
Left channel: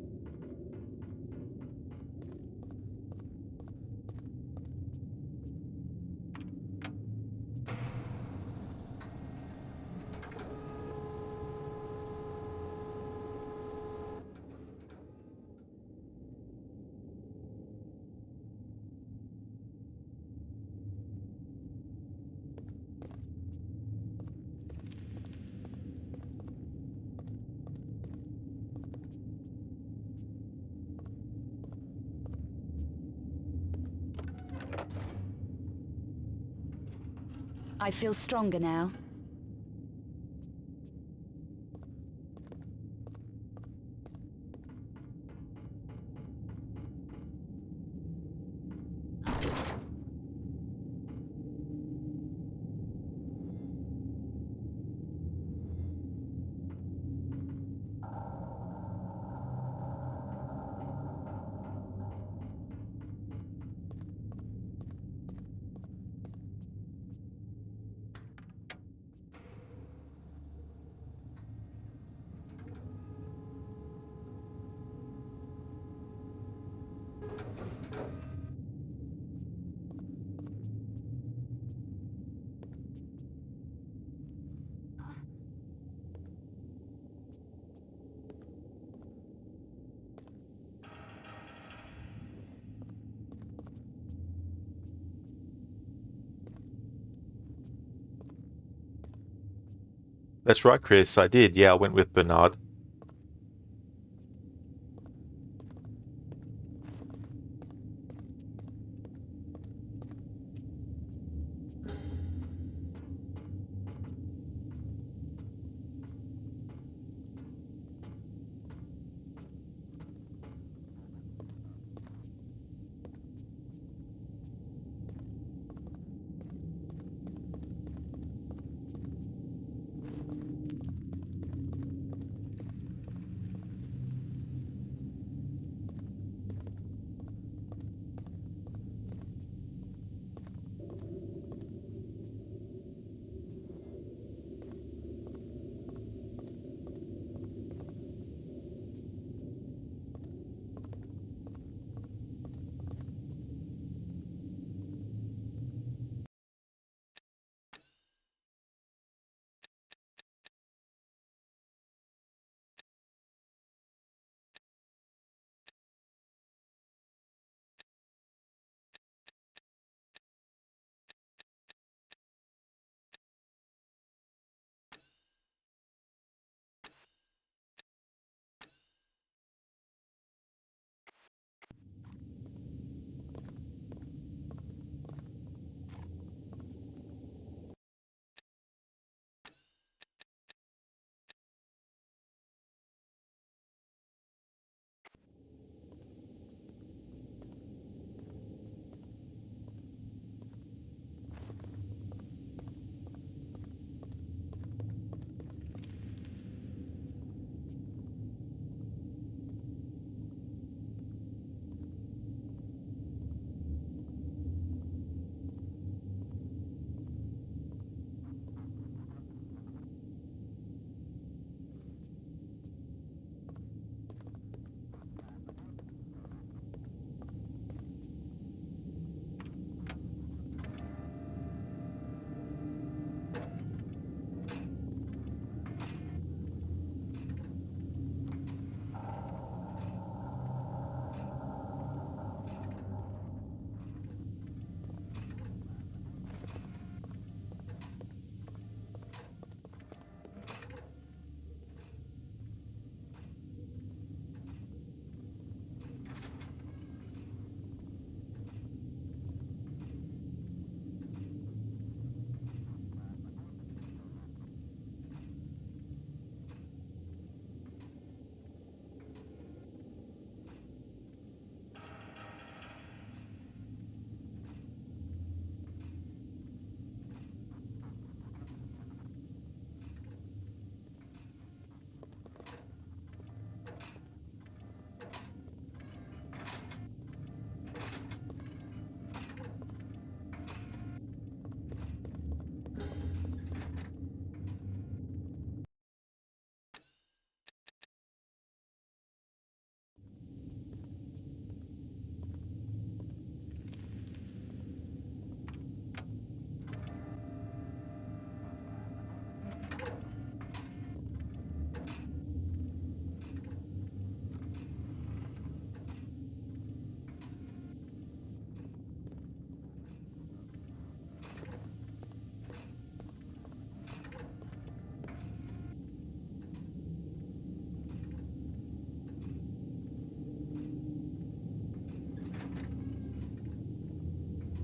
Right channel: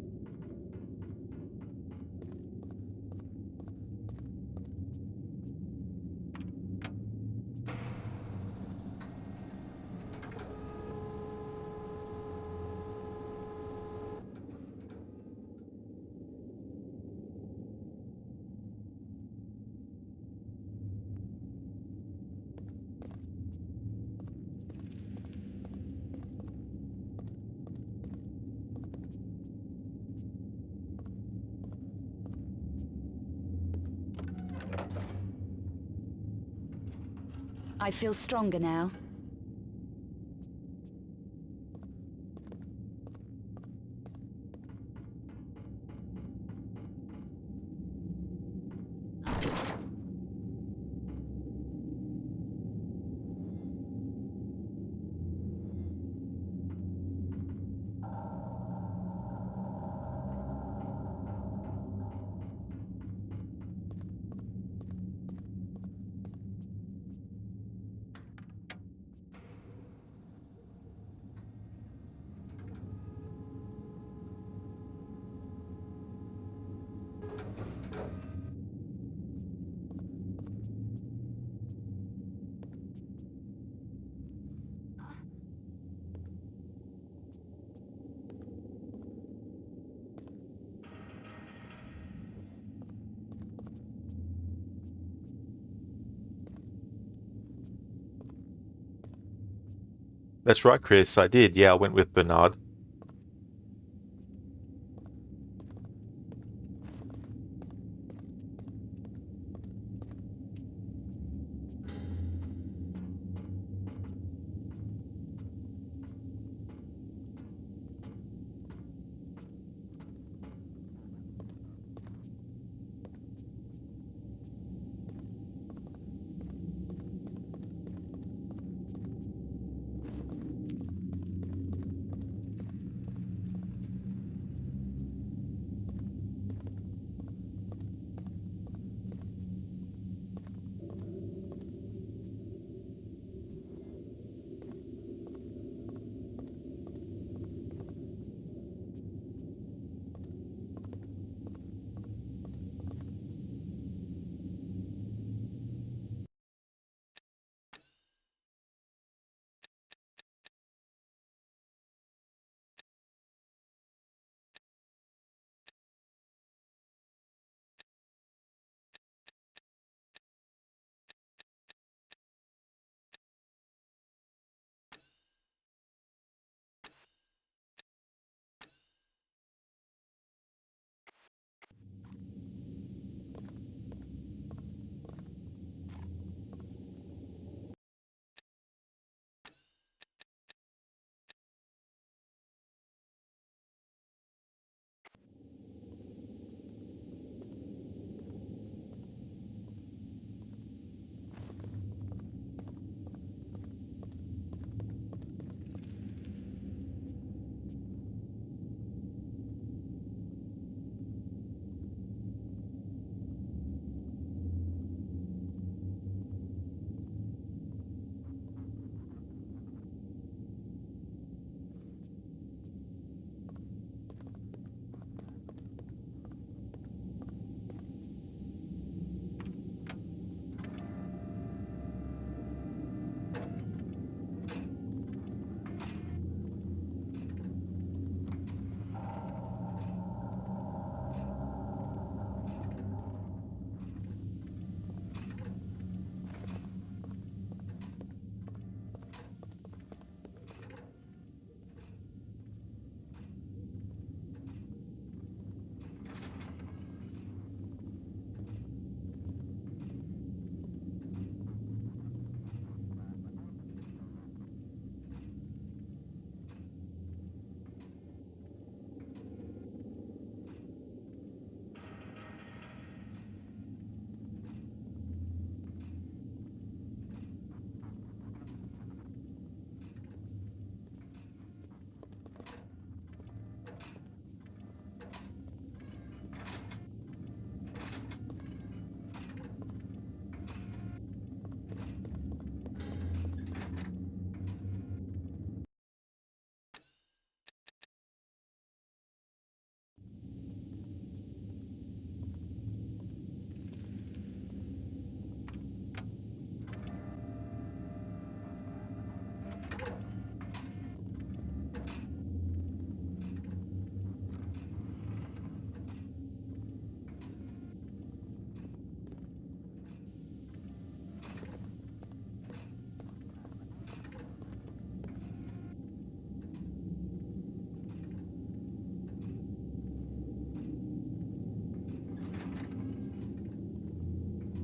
I feel stronger now. That's right, Chris. I did. Yeah, I went with Bernard.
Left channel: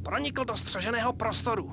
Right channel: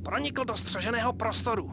Pronikl do střeženého prostoru.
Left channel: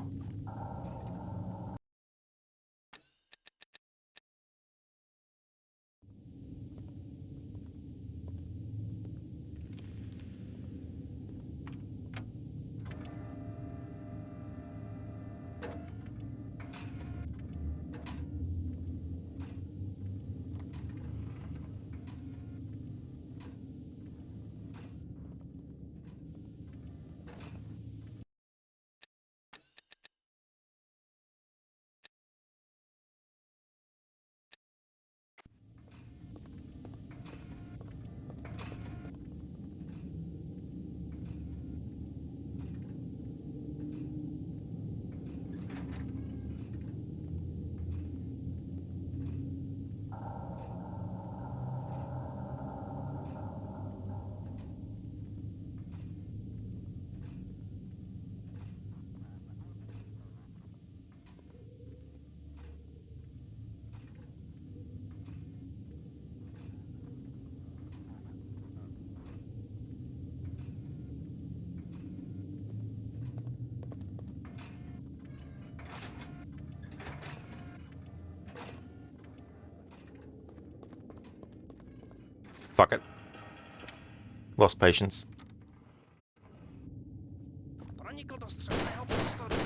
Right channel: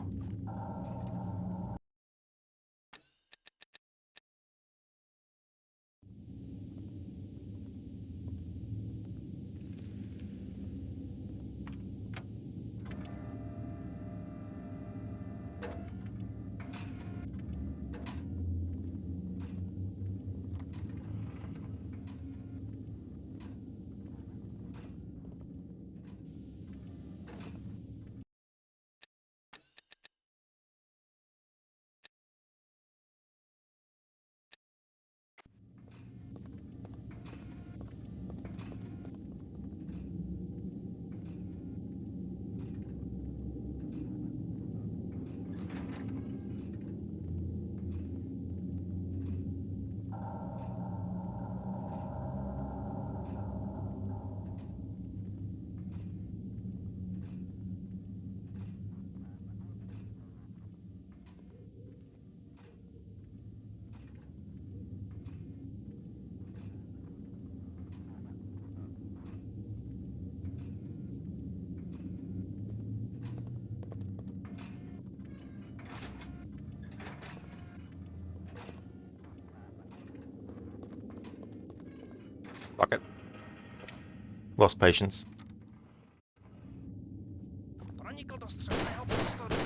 Fuck it. Lost patience. Pronikl do střeženého prostoru.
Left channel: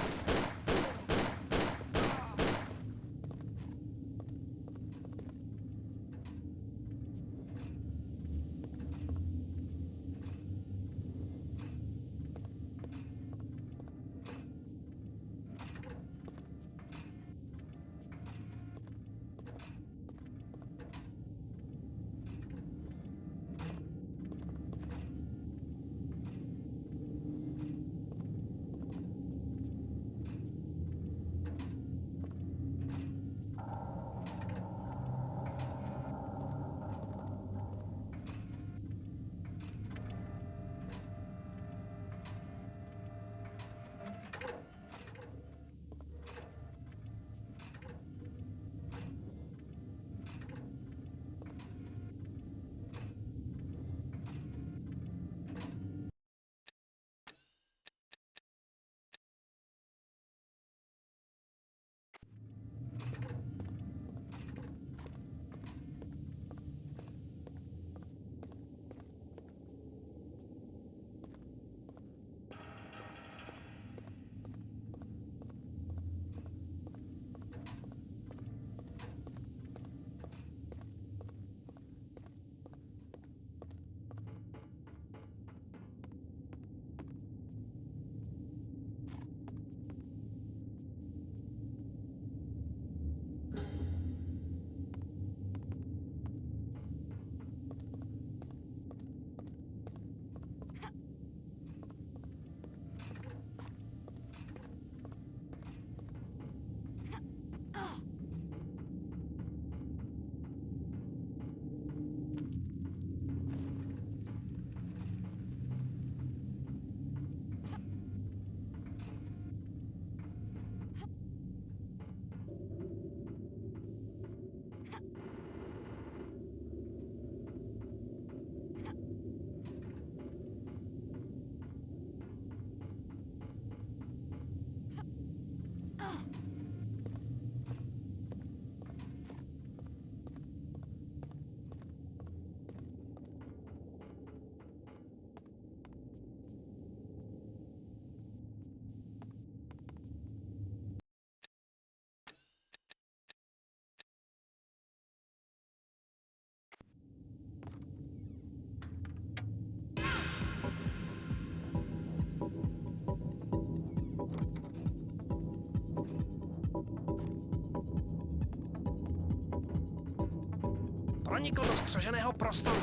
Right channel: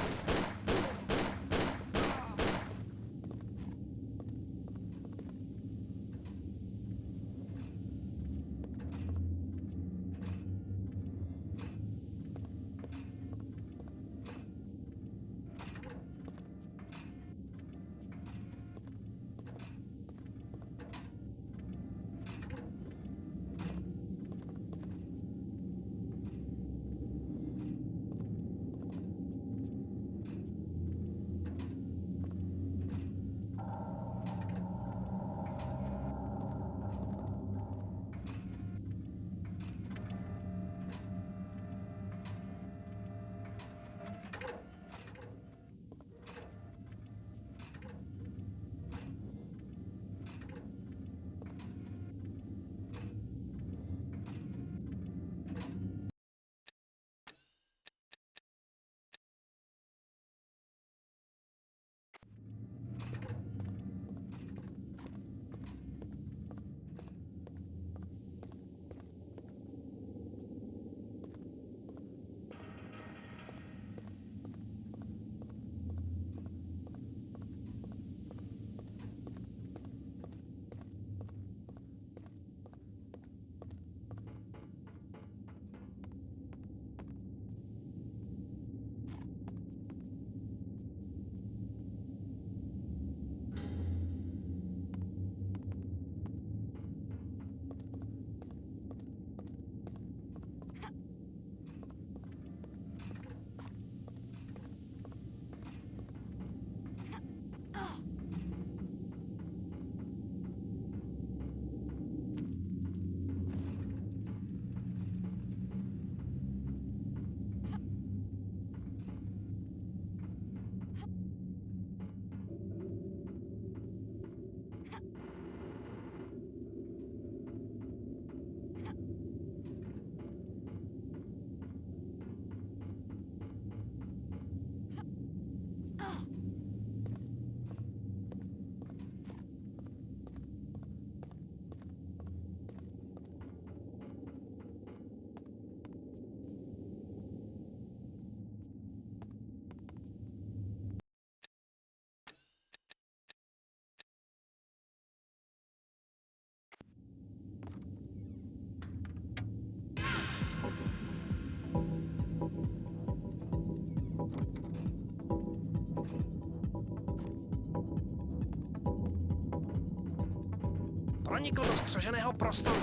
Pronikl do střeženého prostoru.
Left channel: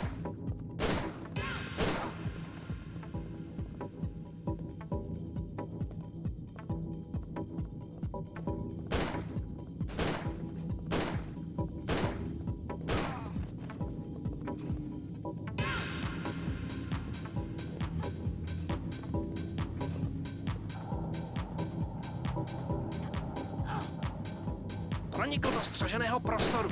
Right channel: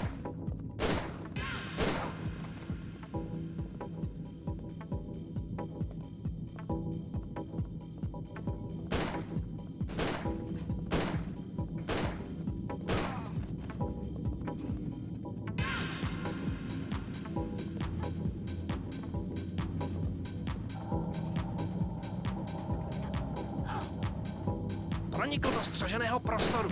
Pronikl do střeženého prostoru.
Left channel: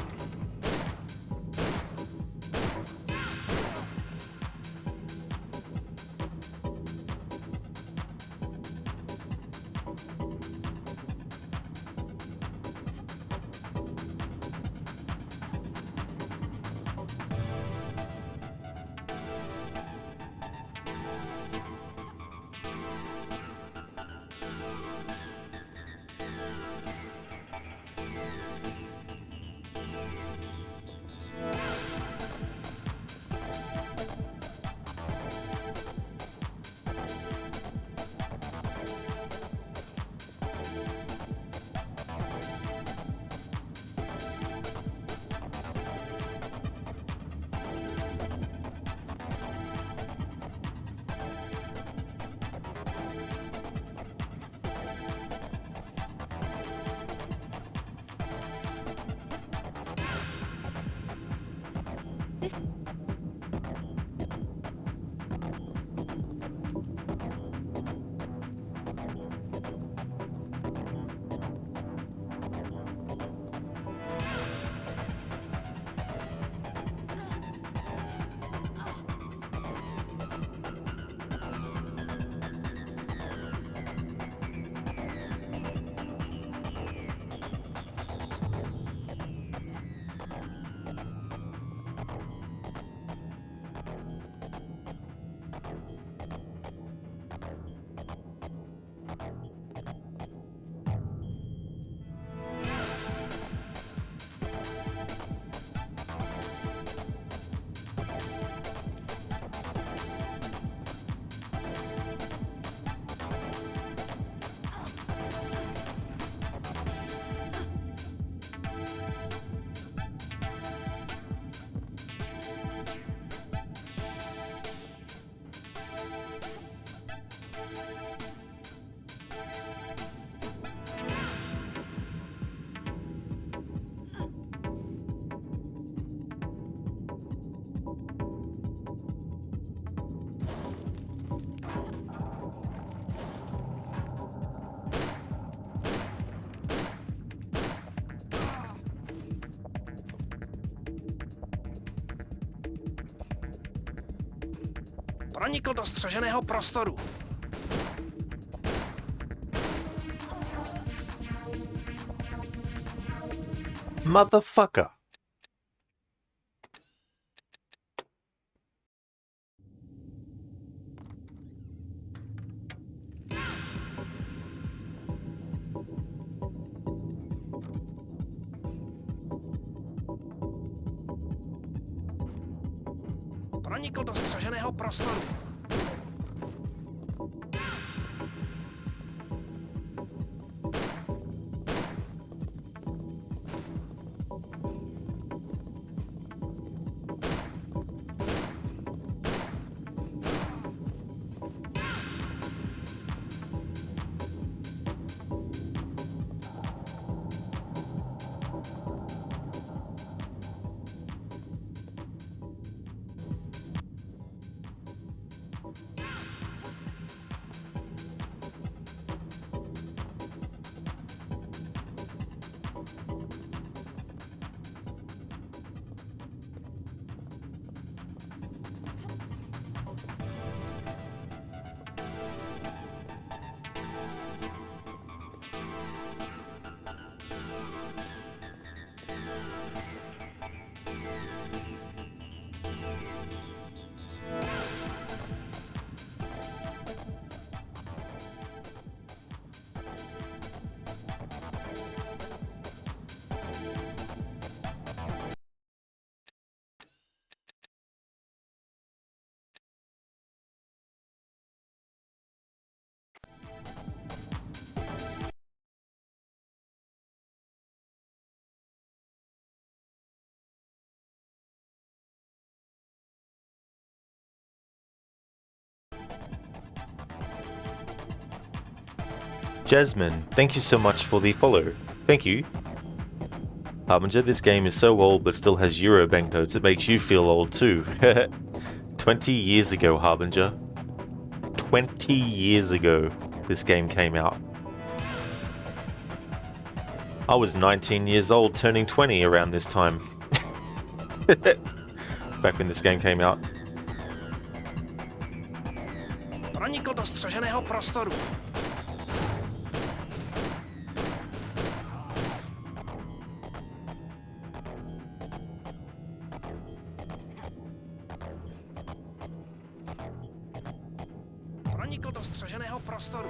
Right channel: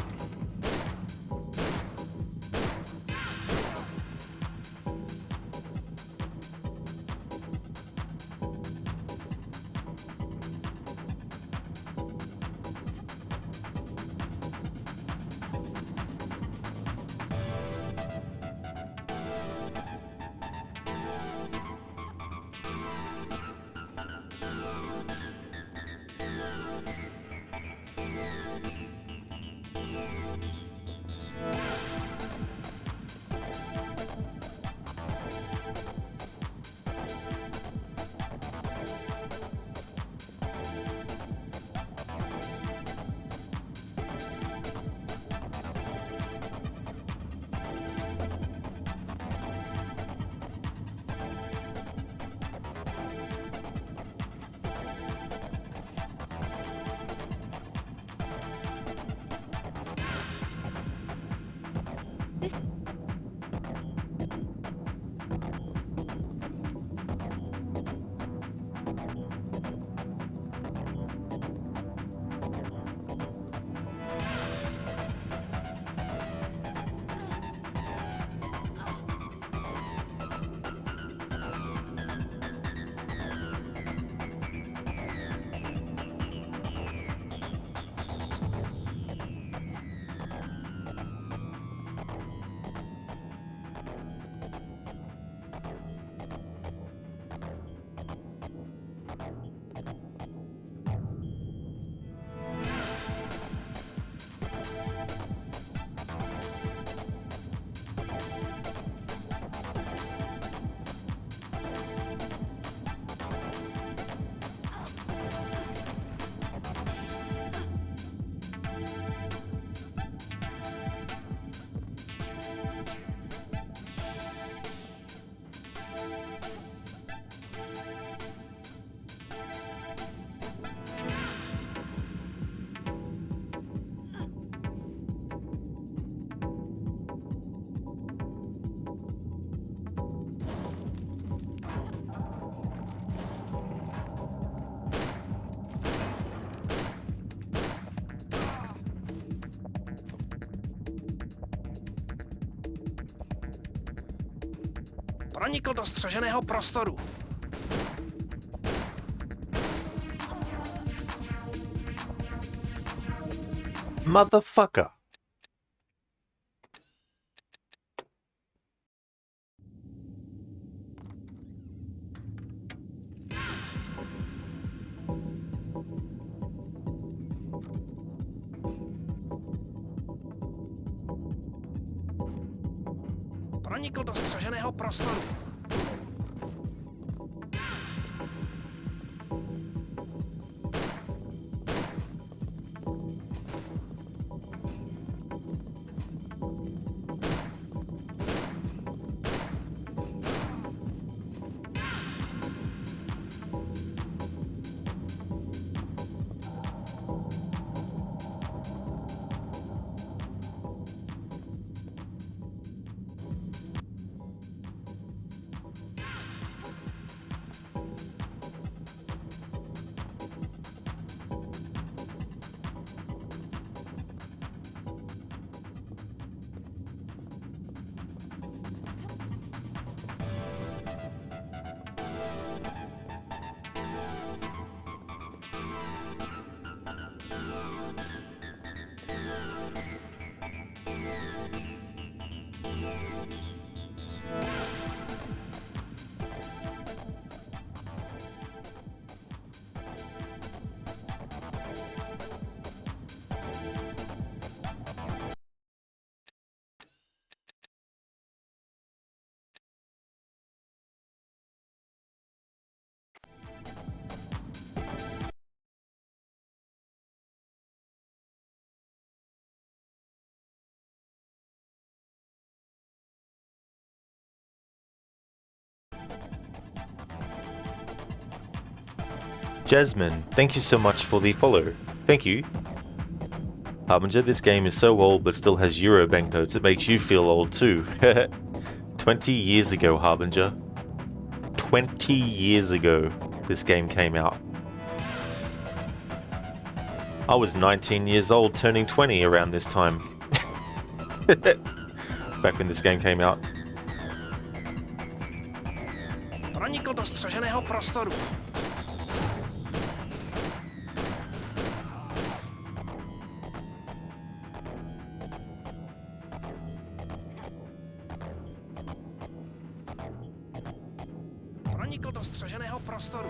Pronikl do střeženého prostoru. Motherfucker. Pronikl do střeženého prostoru. Jasmine, thank you so much for the follow. Thank you. Harbinger, this game is so old but still has Euro banknotes, it makes you feel old too. 20 years ago, Harbinger. 20 years ago this game came out. I was 19 years old, turning 20 around this time. Back when this game came out. Pronikl do střeženého prostoru. Pronikl do střeženého prostoru.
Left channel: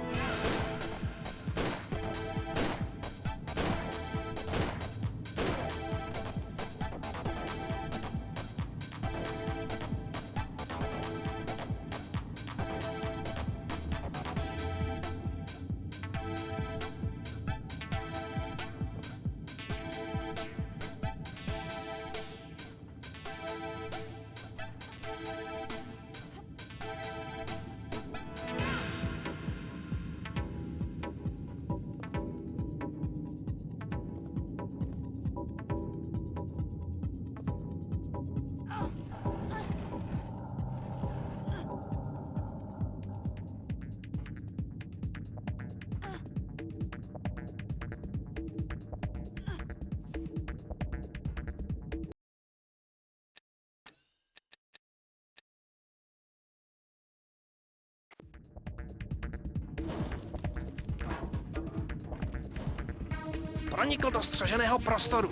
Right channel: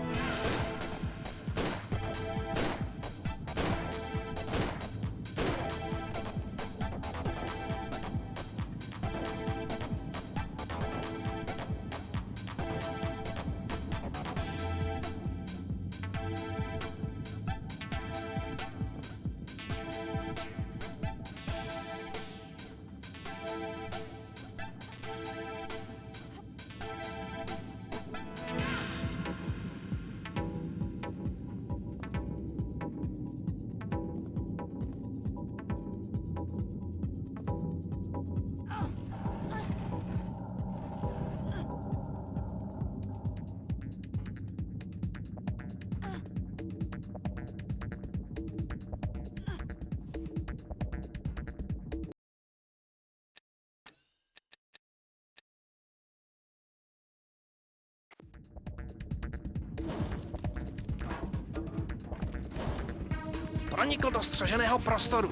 Pronikl do střeženého prostoru.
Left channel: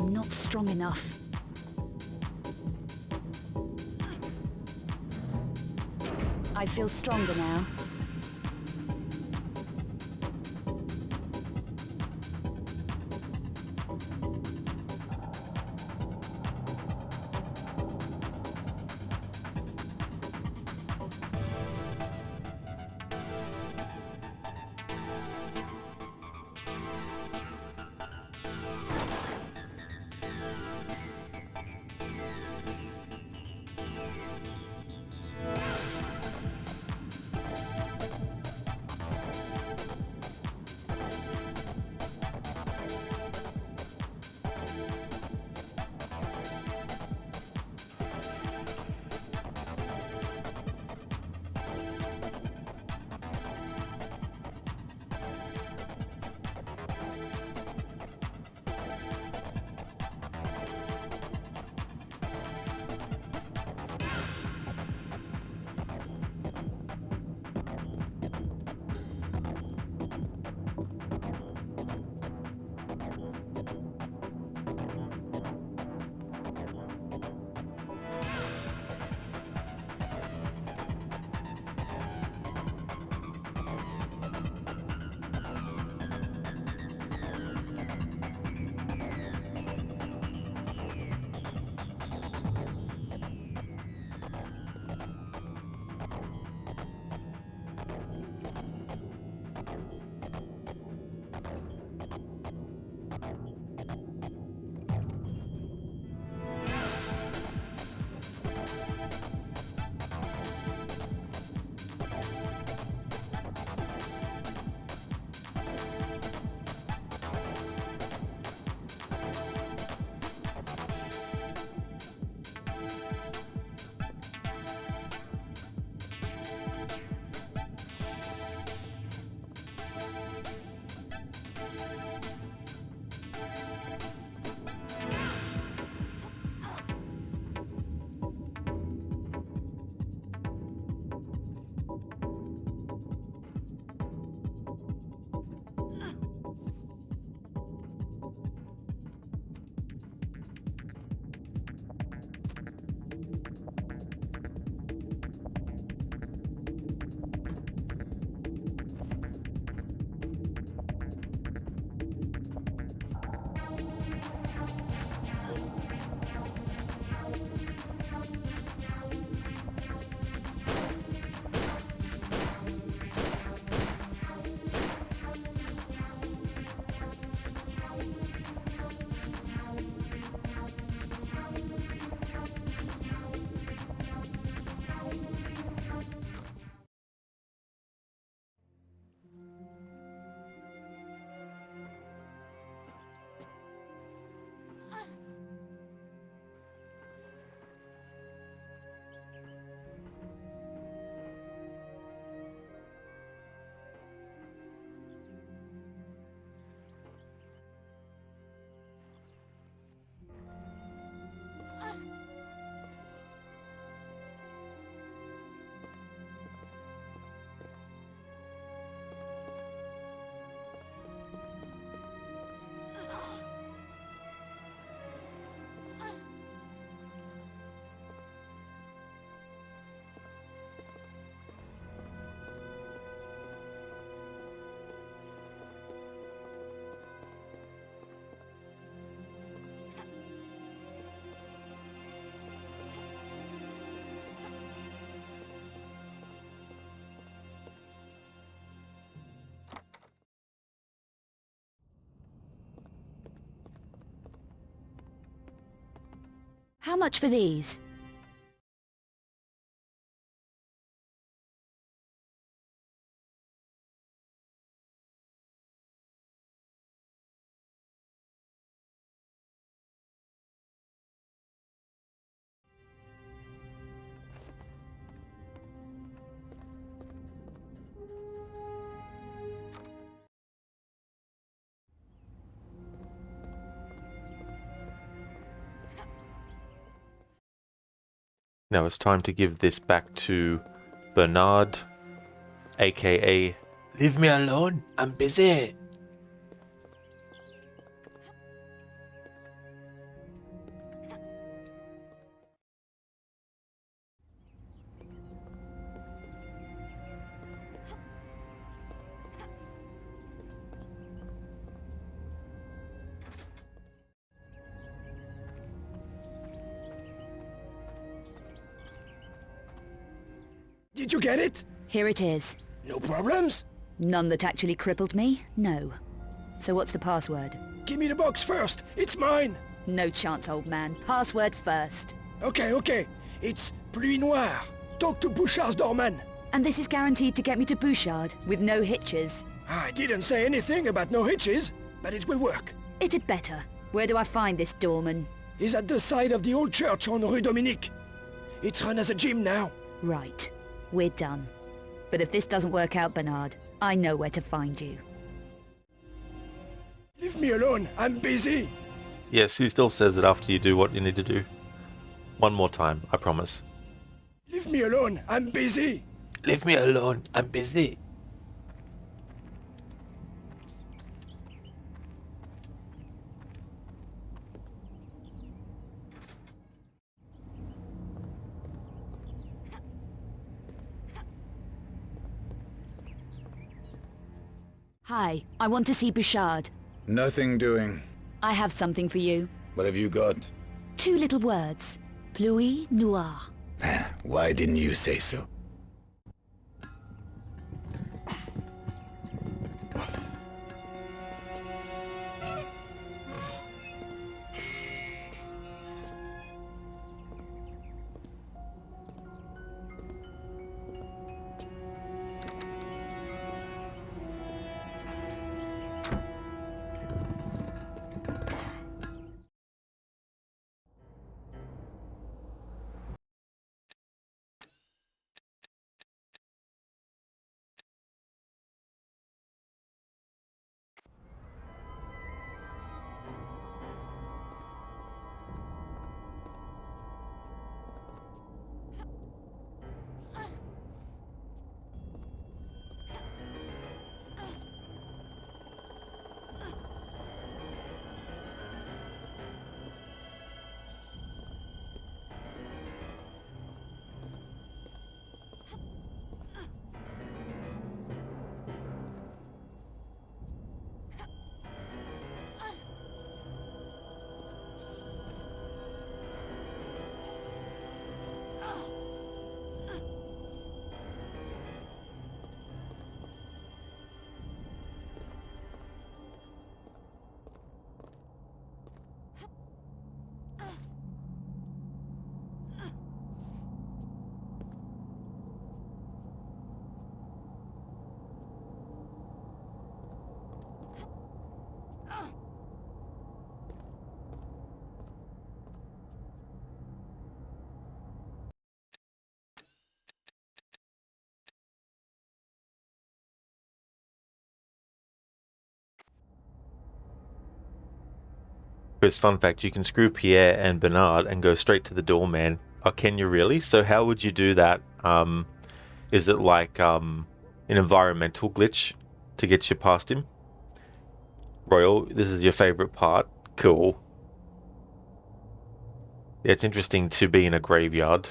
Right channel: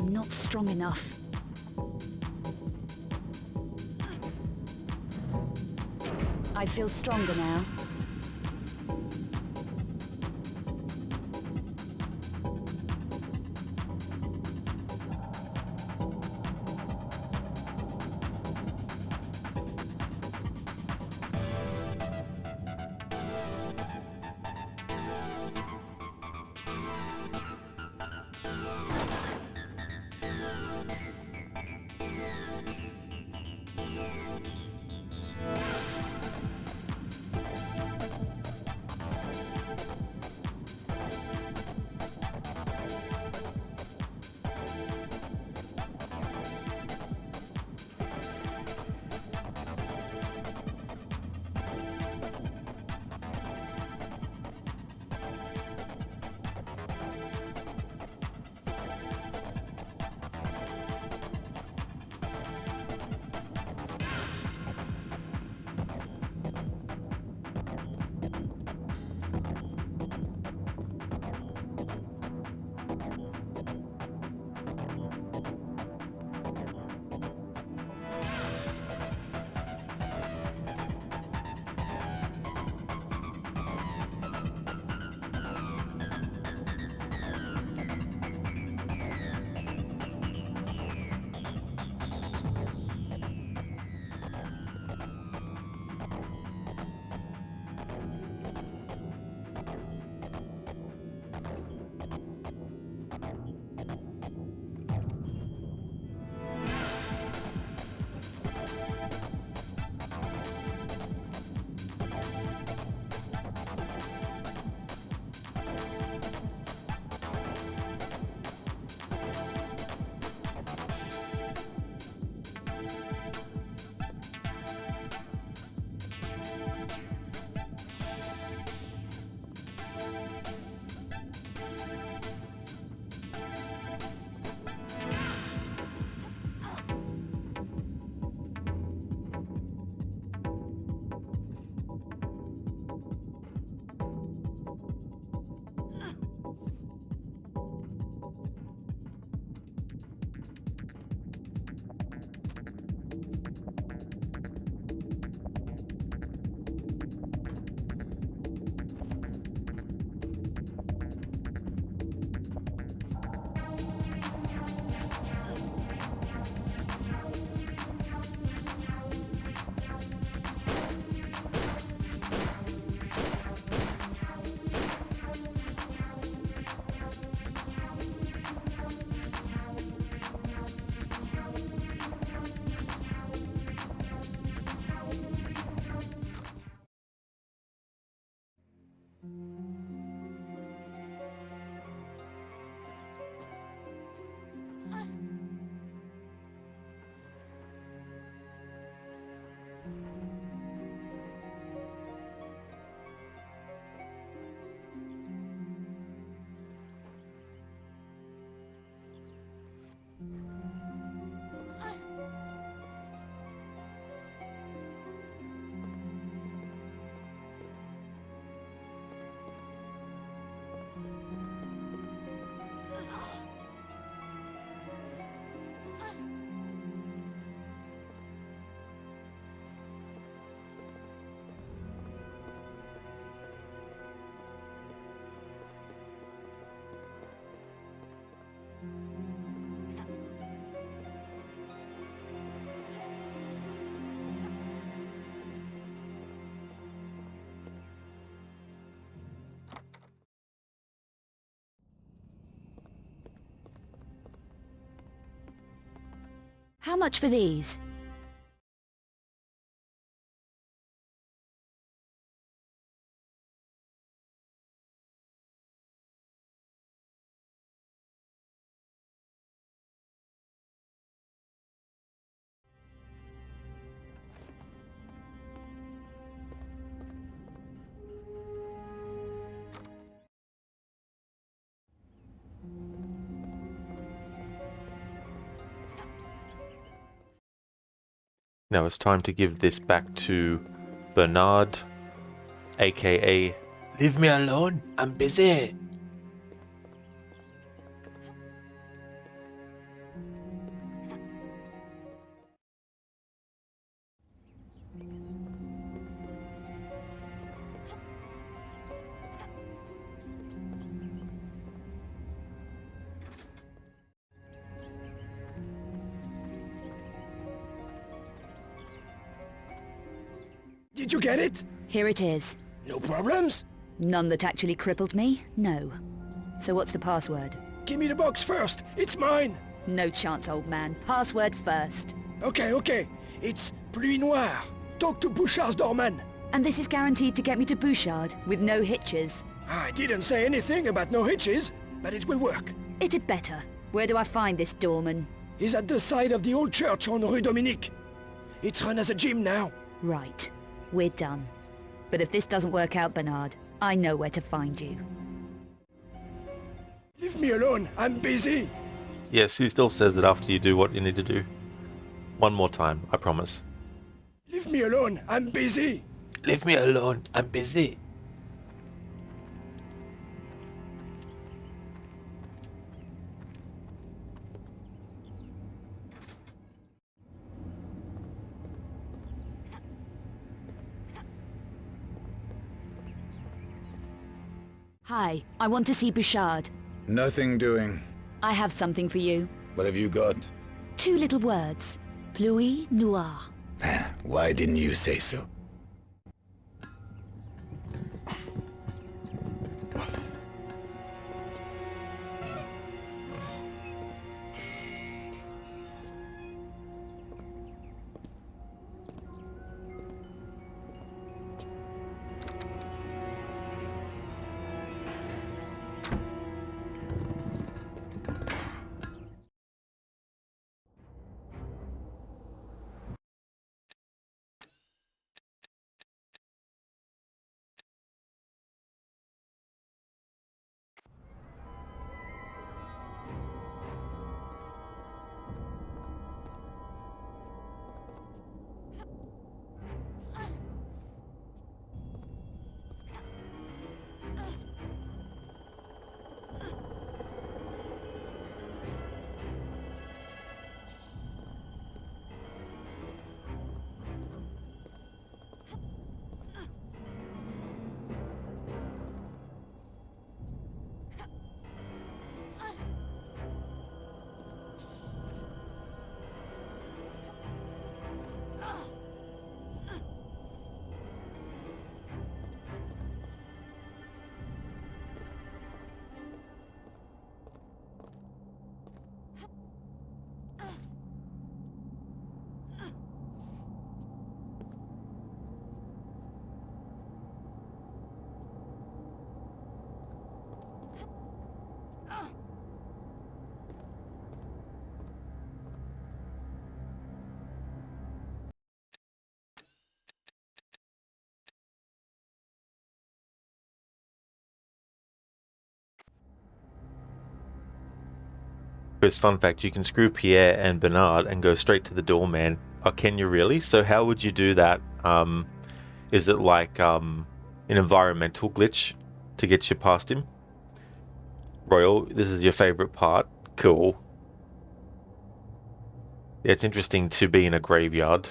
I'm not strong enough. I feel stronger now. How much for these? Now it's time to give this back to Bernard, aka Leave me alone, I'm busy. Did you get it? Here it is. No problems? None that actually crippled me? No. So what's the password? Give me the box first. It's mine. No chance, old man. Password first. Okay. It's Pluie Noire. Talk to Bouchard's doorman. And this is guaranteed to get me to Bouchard, with no hitches. I didn't say anything about no hitches, but it will work. It'd better. Where do I find this doorman? He's at the side of the old church on Rue Dominique. It's run as a gym now. Right. We're done. But if this doesn't work out, Bernard, I know where to find you. Leave me alone. I'm busy. Yes, he still says it after you do what you need to do. One more time, I promise. Leave me alone. I'm busy. Leave me alone, I'm busy. Hi, I want to see Bouchard. Nothing doing. I have something for you. What have you got? 2 little words. Pluie Noire. Why didn't you say so? Chris, fun fact, you can screw Pierre and Bernard and go straight to the doorman. Oh, can you really? So how would you do that? Is it like an environmental glitch to get you past him? Royal, this is your favorite part. Cool. Yeah, it's interesting to be in a graveyard.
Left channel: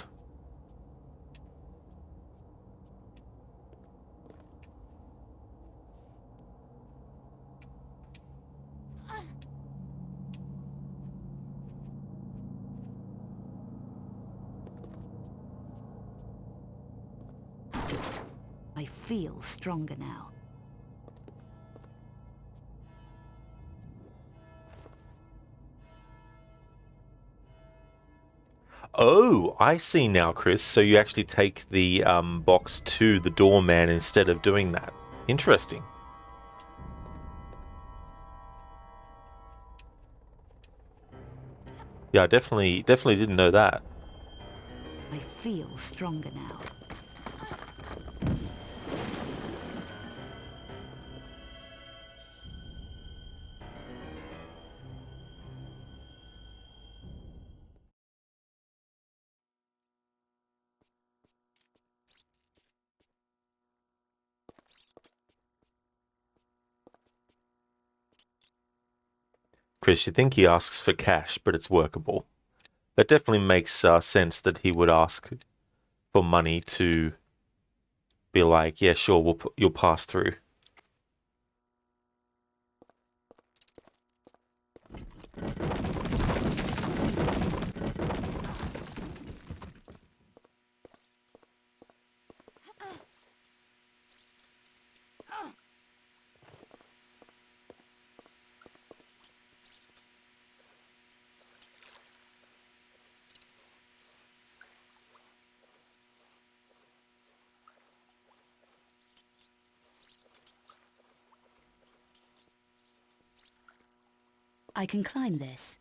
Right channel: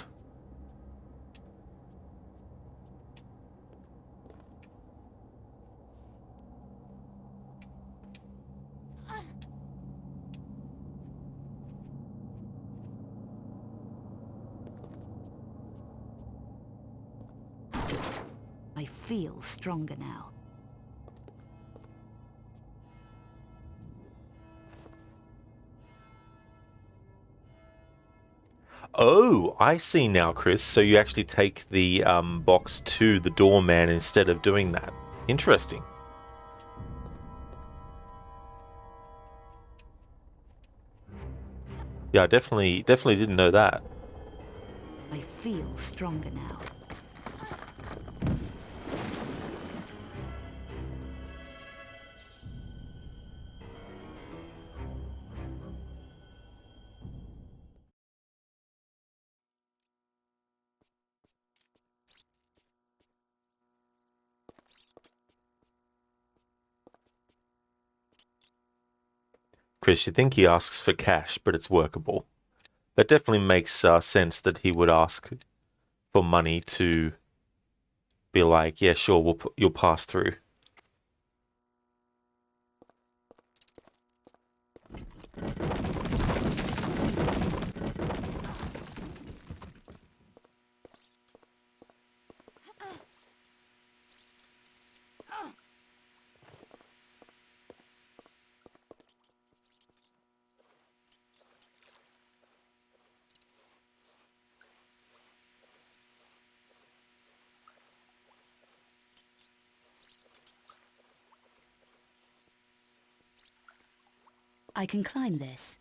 I feel stronger now. Oh, I see now, Chris. So you actually take the box to the doorman instead of doing that. Interesting. Yeah, I definitely didn't know that. I feel stronger now. Chris, you think he asks for cash, but it's workable. That definitely makes sense that he would ask for money to be like, yeah, sure, you'll pass through. I can climb this.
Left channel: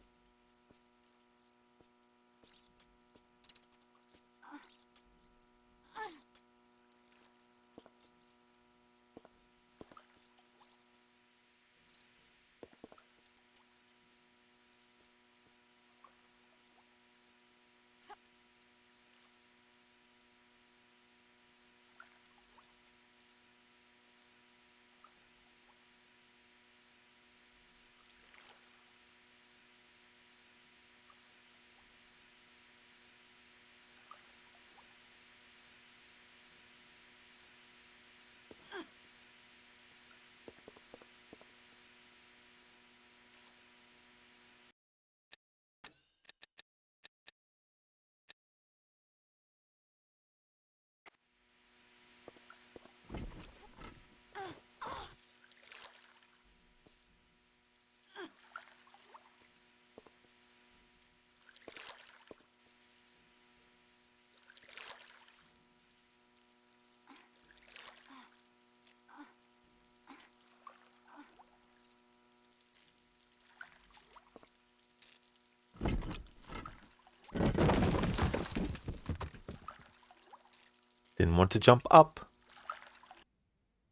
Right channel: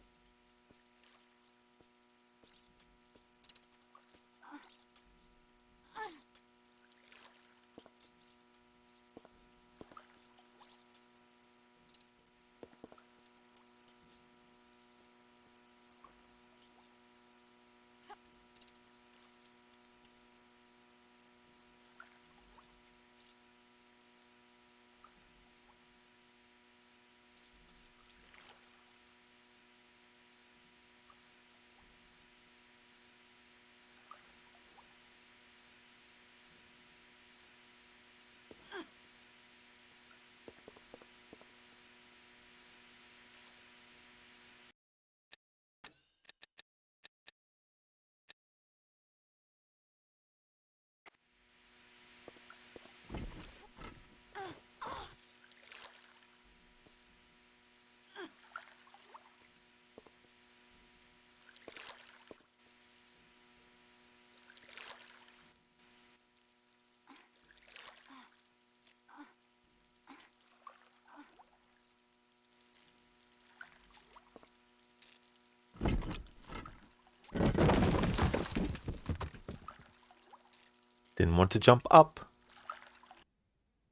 Didn't want to jump up.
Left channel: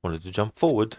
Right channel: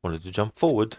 Wanted to jump forward.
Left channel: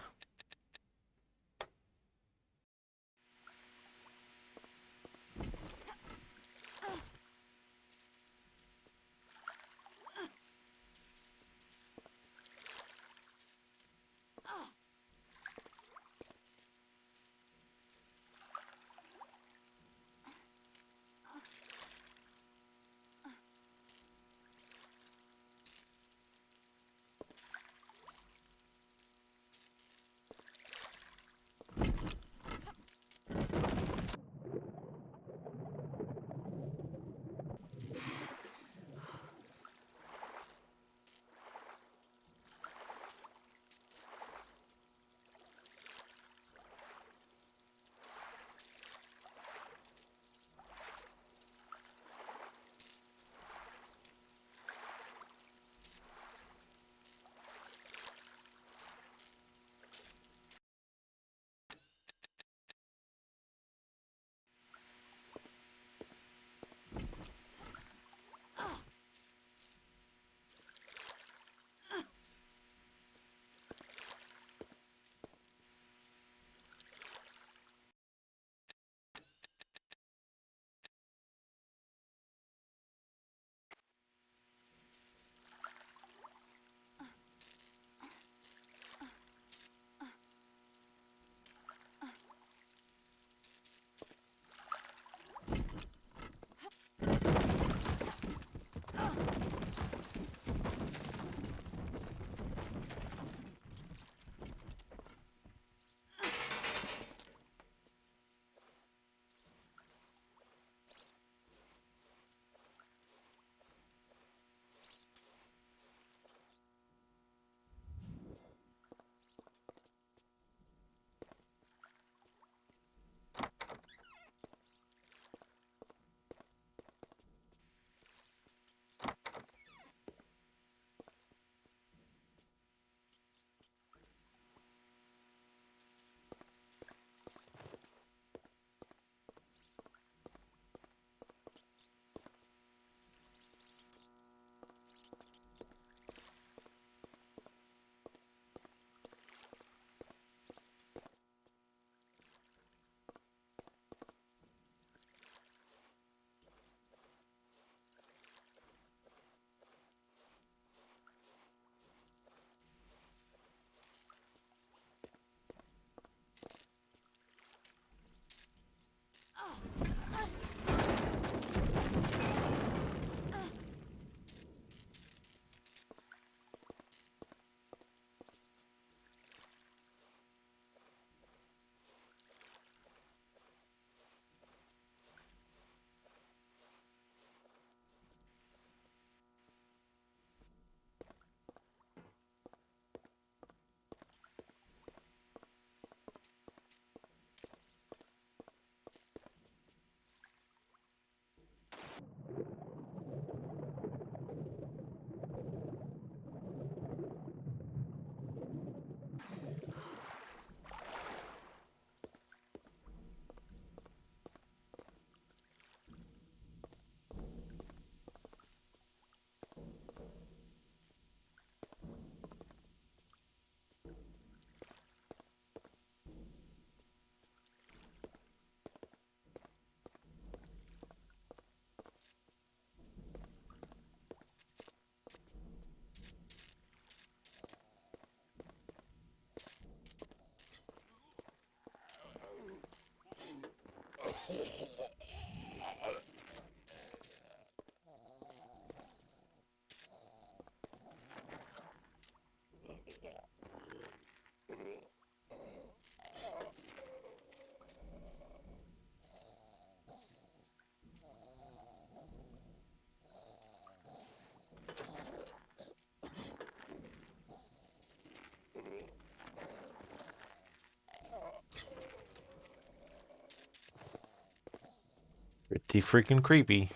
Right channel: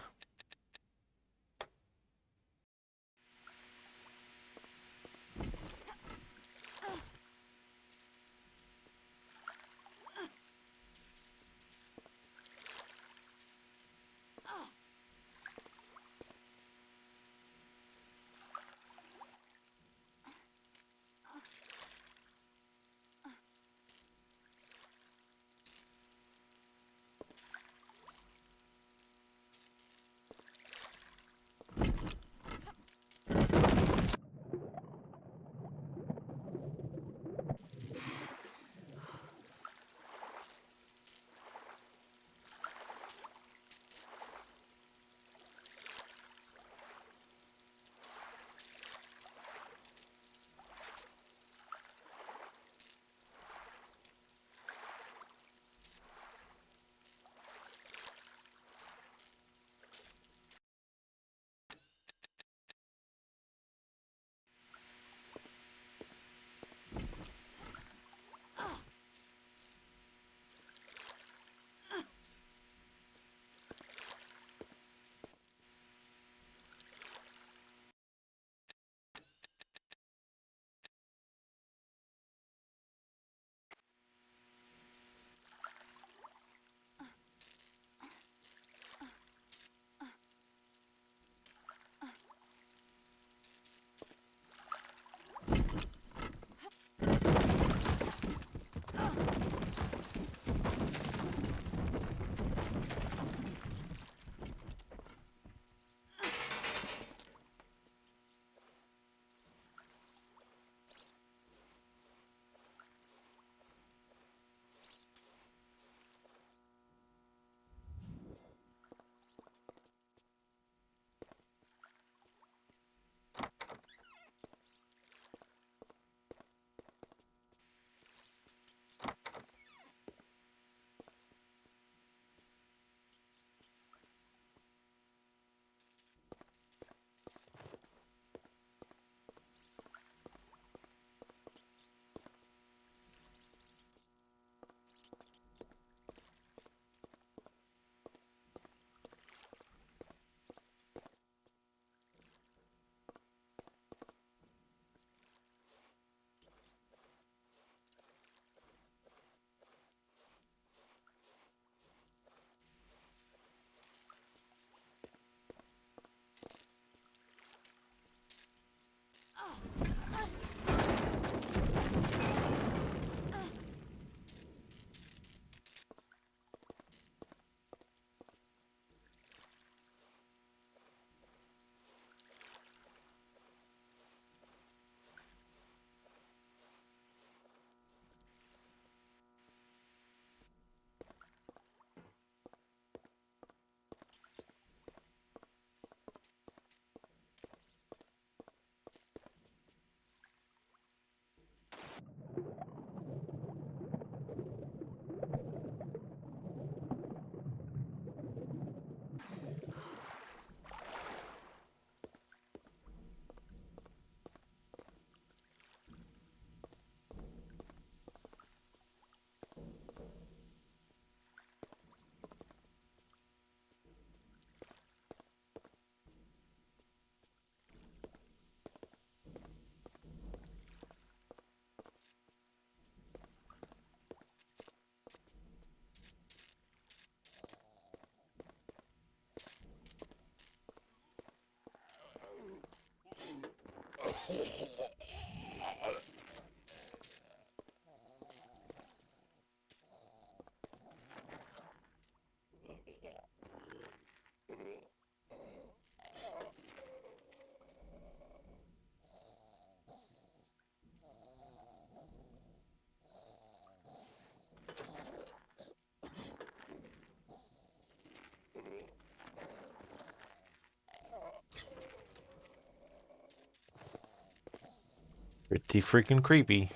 Pretty freaking creepy.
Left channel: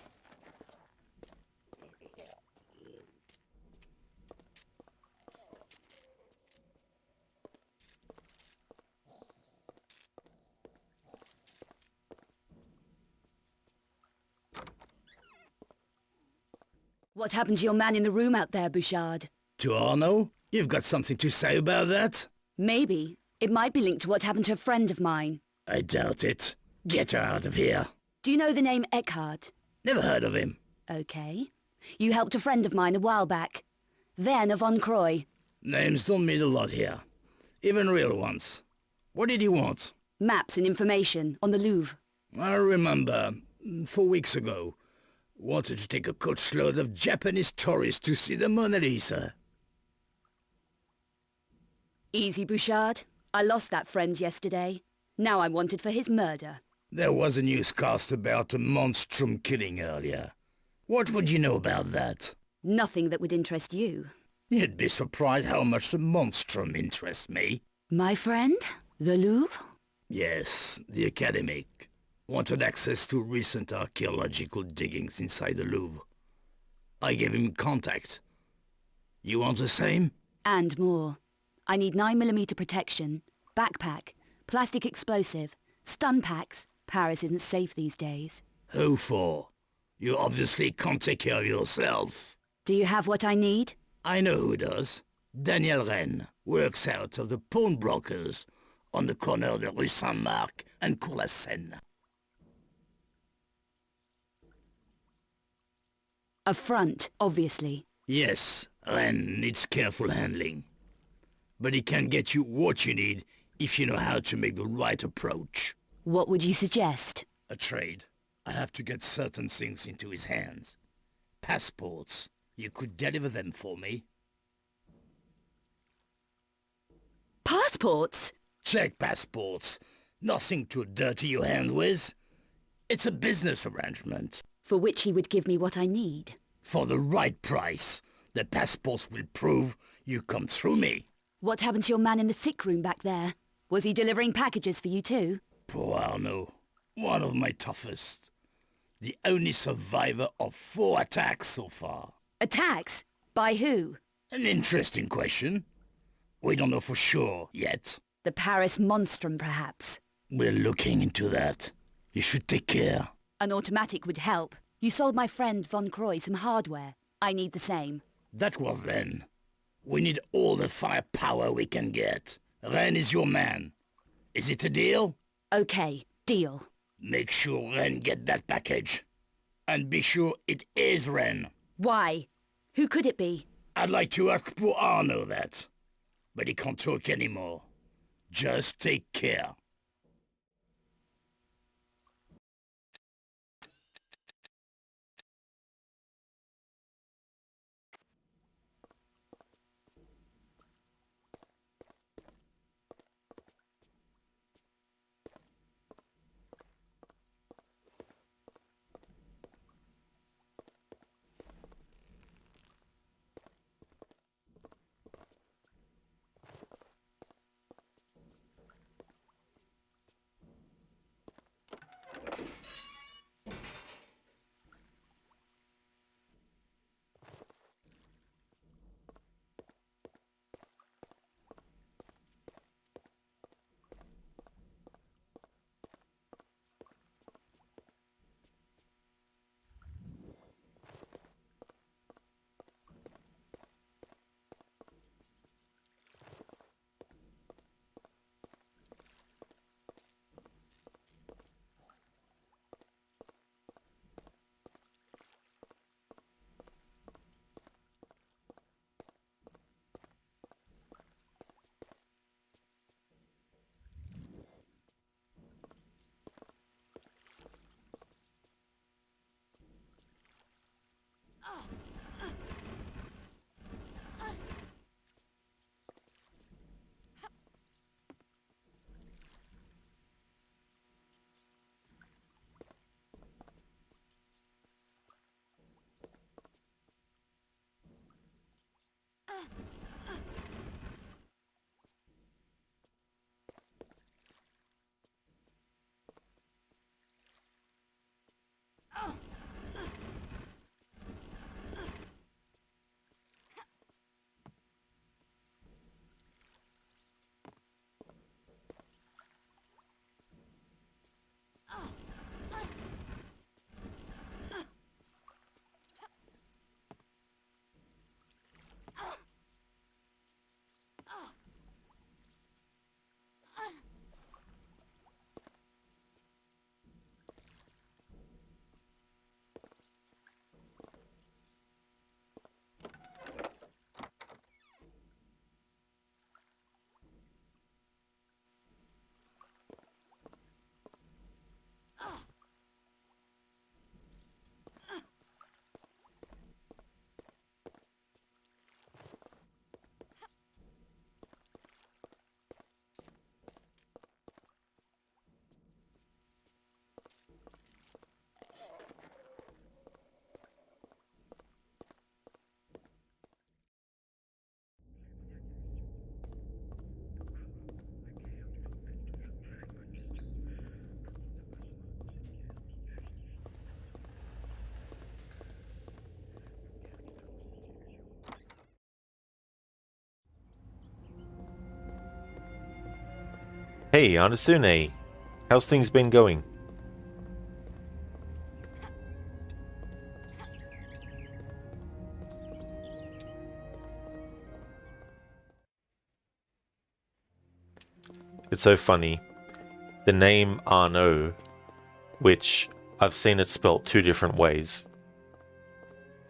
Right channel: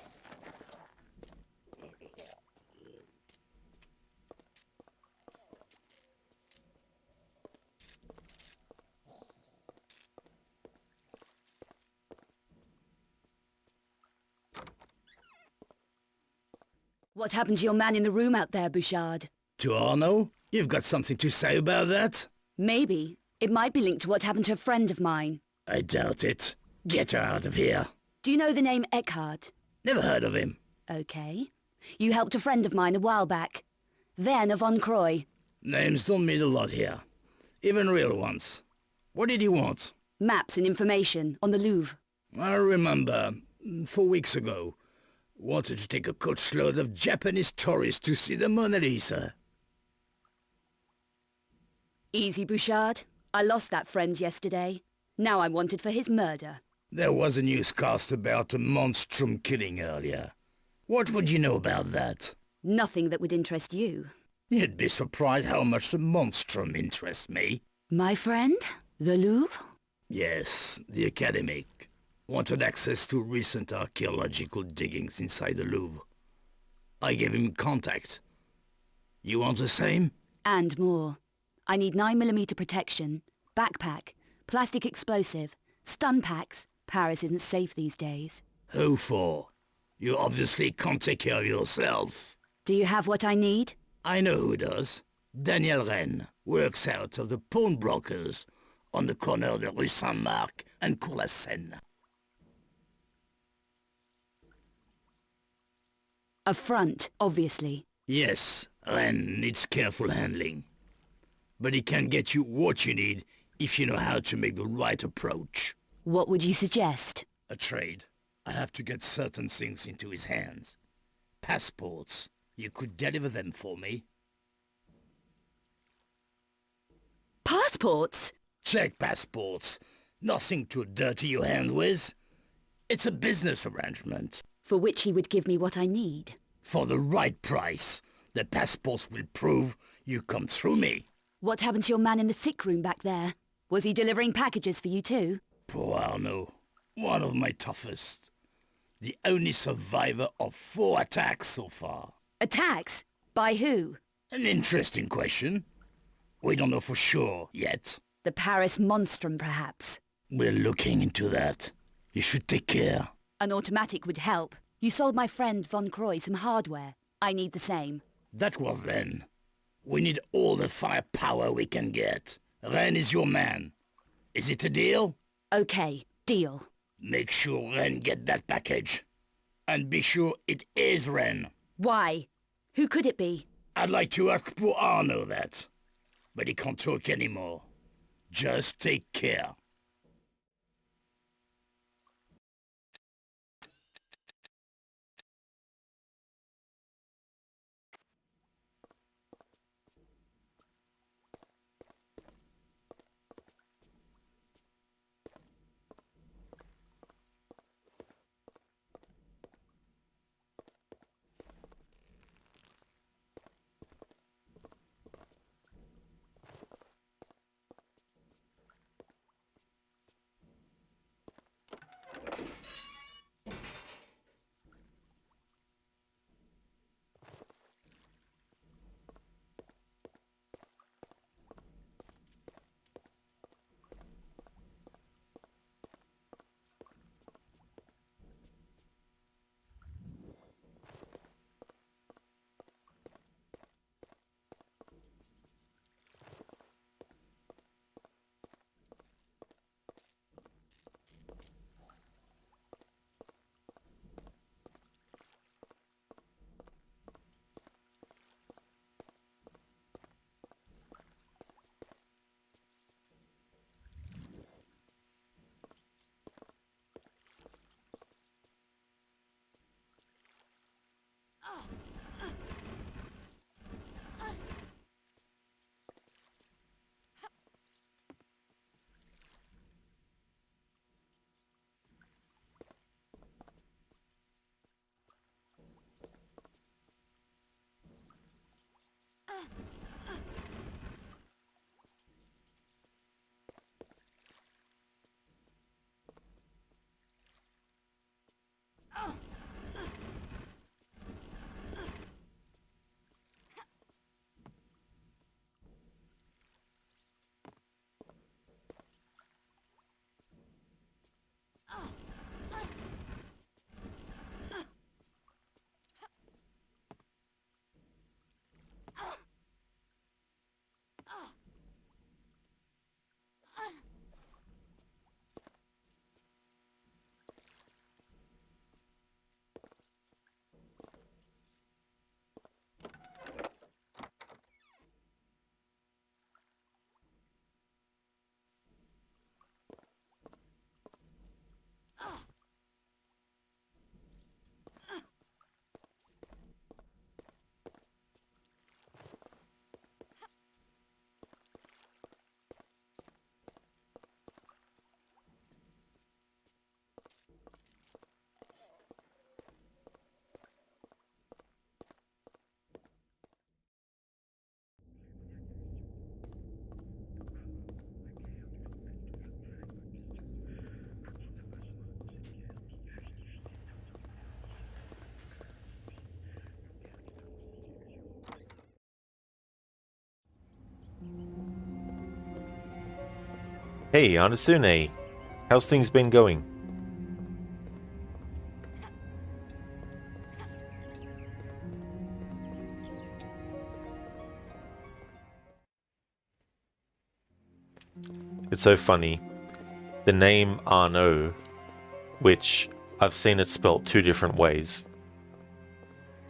What happened to your man in the room out there, Bouchard? To Arno? You've got something to say about that? Maybe. It might be linked to what happened to a friend of mine. I doubt it. Get her out of here. Do you know the name Eckhart? Never heard of him. Okay. You helped a friend of mine a while back. Werner von Croy. Names don't mean a lot here. Even real ones. What did he want? Maps and information on the Louvre. I remember, 4 weeks ago, wanted to take a coachload of Japanese tourists to see the Mona Lisa. Easy, Bouchard. I lost that friend yesterday. Now I'm wanted for his murder. There was a newscast about a monstrum killing earlier. What would you know about that? Nothing that would interest you. You'd be surprised how much the monstrum interests me. My friend? The Louvre? Yes, the academic. Wanted access to recent archaeological diggings inside the Louvre. I gave him contact. You want the same? And more. I need 9mm protection, backpack, plastic explosive, stun packs. Paris isn't safe these days. Who for? You obviously can't take care of yourself. Do you have what I need? I know who does. Daniel Rennes works out of the pawnbrokers on the corner of the Rue Saint-Marc and Cours la Seine. A front, obviously. Yes, Rennes needs careful handling. But he can get you what you need if you know how to make the right approach. What would you suggest? A trade. I have to get certain things into his hands. Passports. You could deliver them for me. Passports? Check passports. Nothing to dirty your hand with. It's a business arrangement. For which he would give me what I need. For the right price. The passports will prove you come through me. What happened to your man in the sick room back there? Was he delivering packages for you too? Poor Arno. One of my toughest. The only survivor of 4 attacks so far. Attacks? By who? An interesting question. We don't know for sure yet. The Paris Monstrum, perhaps. We're looking into that. You should take care. An automatic would help. You sold my friend Von Croy some hardware. I need the same. That was then. We need all the firepower we can get. Rennes is your man. Is it a deal? Okay, deal. Make sure Rennes get that package. And be sure it is Rennes. Why? Who could it be? I'd like to ask poor Arno that. But he can't talk anymore. Just take care. Hey, Anasune. How's things been going? It's so funny. The name Arnaud, which I've seen it spelt two different ways.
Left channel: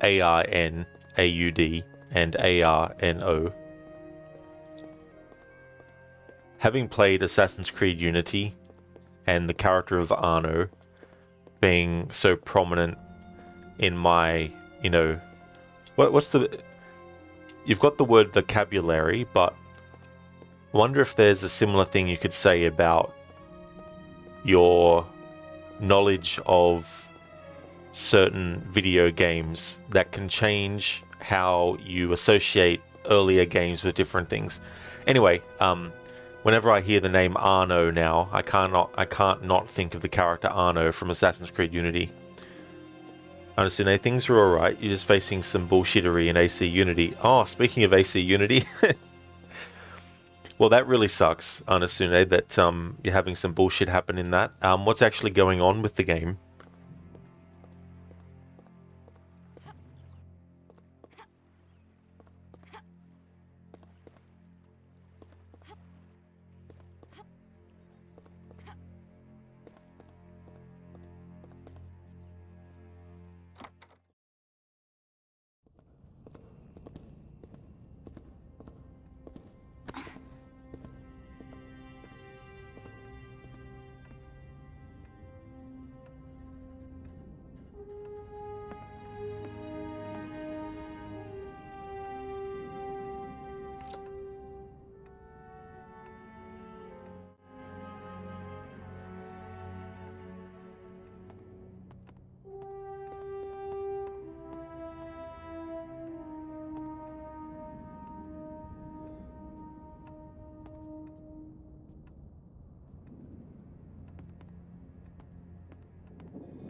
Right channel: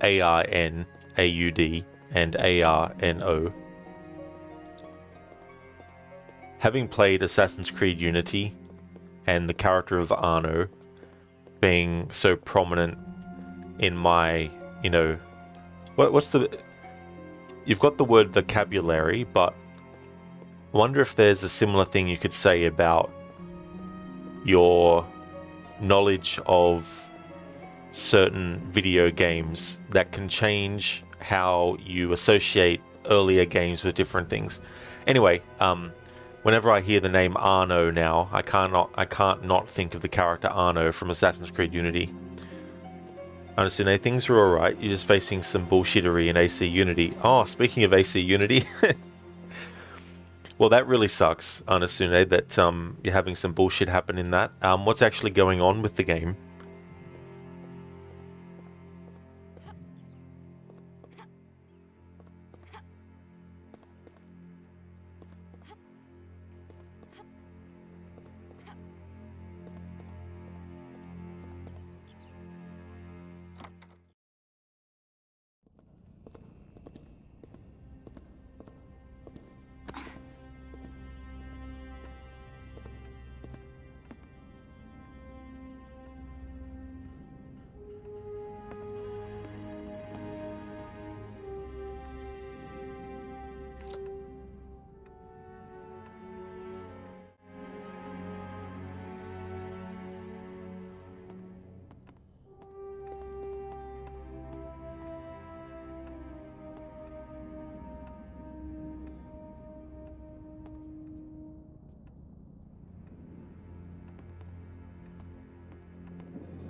A-R-N-A-U-D and A-R-N-O. Having played Assassin's Creed Unity and the character of Arnaud being so prominent in my, you know, what's the... You've got the word vocabulary, but I wonder if there's a similar thing you could say about your knowledge of certain video games that can change how you associate earlier games with different things. Anyway, whenever I hear the name Arnaud now, I can't not think of the character Arnaud from Assassin's Creed Unity. Honestly, things are alright. You're just facing some bullshittery in AC Unity. Oh, speaking of AC Unity, well, that really sucks, Anasune, that you're having some bullshit happen in that. What's actually going on with the game?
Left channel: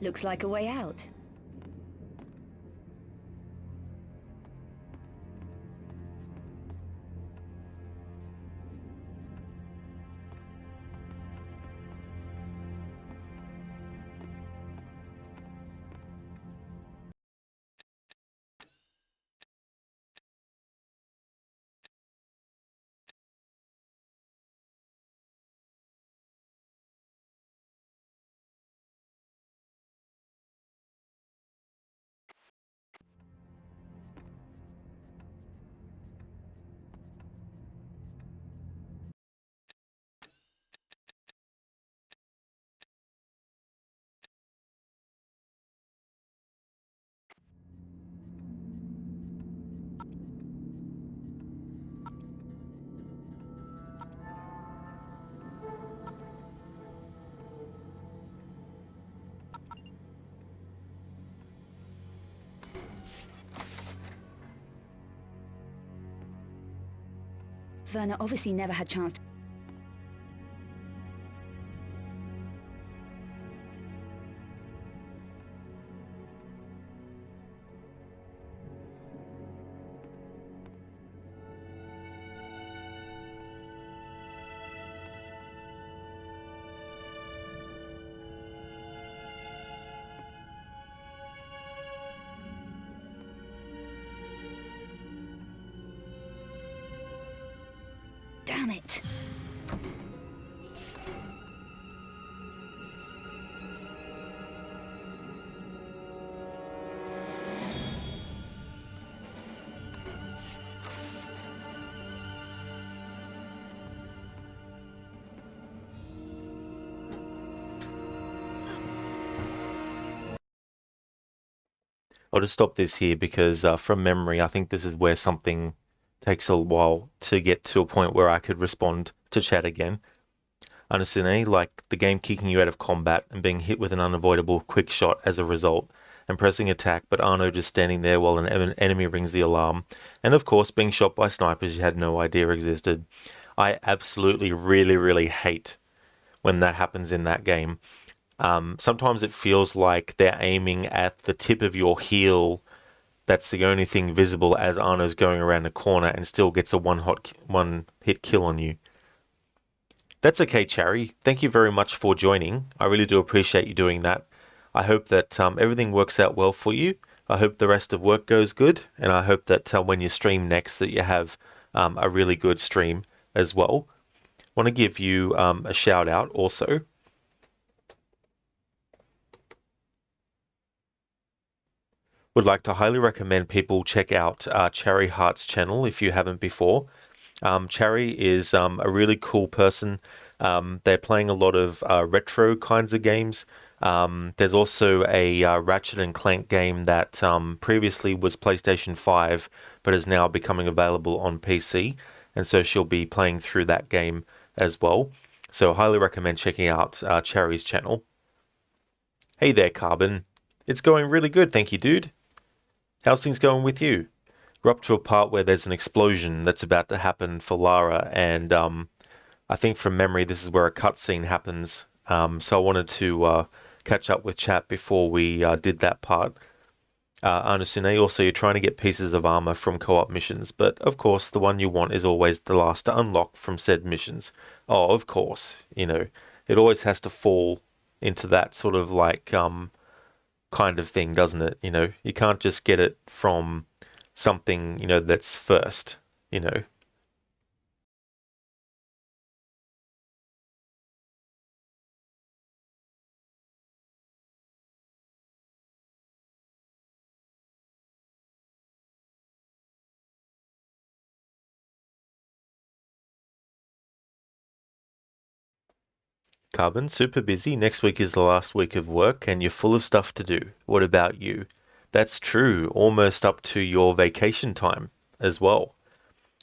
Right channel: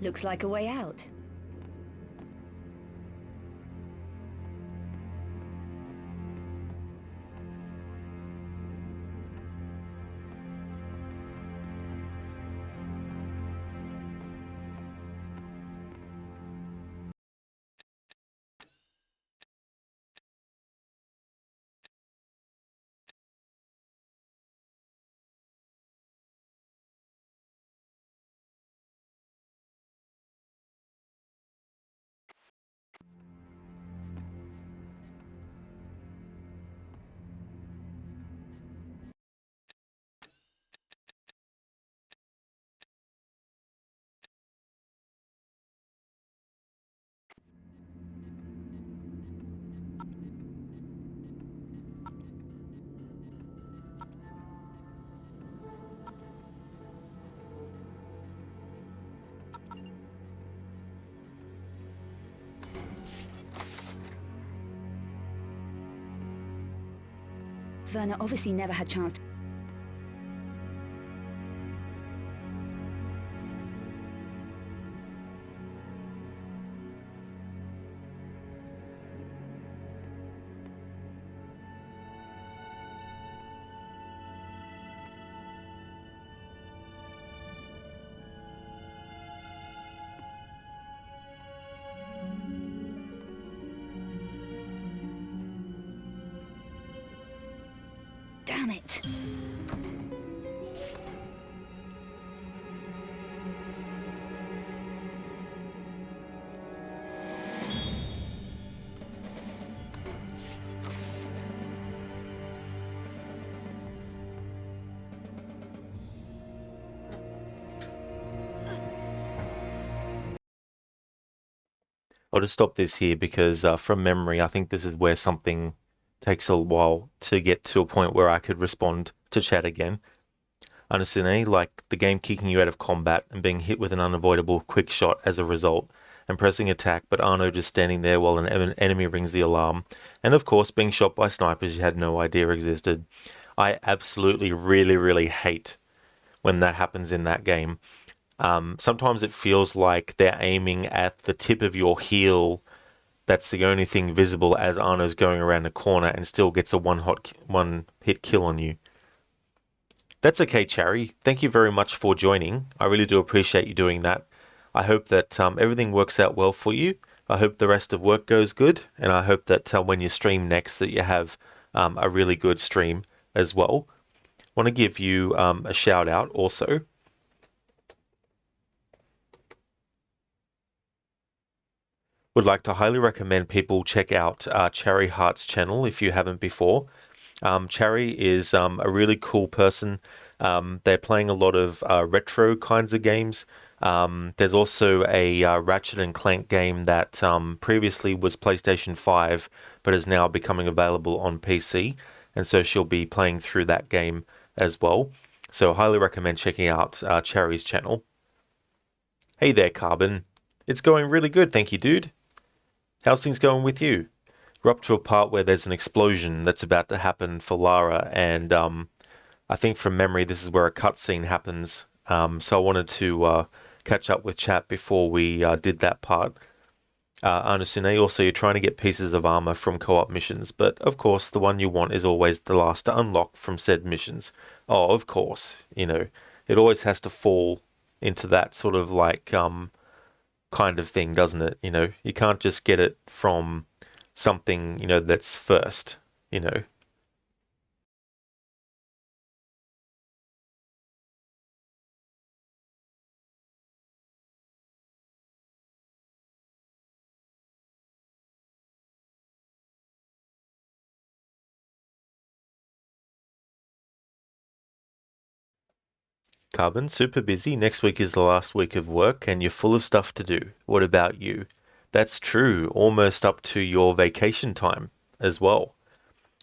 Looks like a way out. Werner obviously never had chance to... Damn it! I'll just stop this here because from memory, I think this is where something takes a while to get to a point where I could respond to chat again. Honestly, like the game kicking you out of combat and being hit with an unavoidable quick shot as a result, and pressing attack, but Arnaud just standing there while an enemy rings the alarm, and of course being shot by snipers you had no idea existed. I absolutely really hate when that happens in that game. Sometimes it feels like they're aiming at the tip of your heel. That's the only thing visible as Arnaud's going around the corner and still gets a one-hit kill on you. That's okay, Cherry. Thank you very much for joining. I really do appreciate you doing that. I hope that everything works out well for you. I hope the rest of work goes good, and I hope that when you stream next that you have a really good stream as well. Want to give you a shout out also. Would like to highly recommend people check out Cherry Heart's channel if you haven't before. Cherry is a really cool person. They're playing a lot of retro kinds of games. There's also a Ratchet and Clank game that previously was PlayStation 5 but is now becoming available on PC, and so she'll be playing through that game as well. So I highly recommend checking out Cherry's channel. Hey there, Carbon. It's going really good, thank you, dude. How's things going with you? We're up to a part where there's an explosion that's about to happen for Lara, and I think from memory this is where a cutscene happens. So I wanted to catch up with chat before we did that part. Anasune, also you're trying to get pieces of armor from co-op missions, but of course the one you want is always the last to unlock from said missions. Oh, of course, you know, it always has to fall into that sort of like kind of thing, doesn't it? You know, you can't just get it from something, you know, that's first, you know. Carbon, super busy. Next week is the last week of work and you're full of stuff to do. What about you? That's true, almost up to your vacation time as well.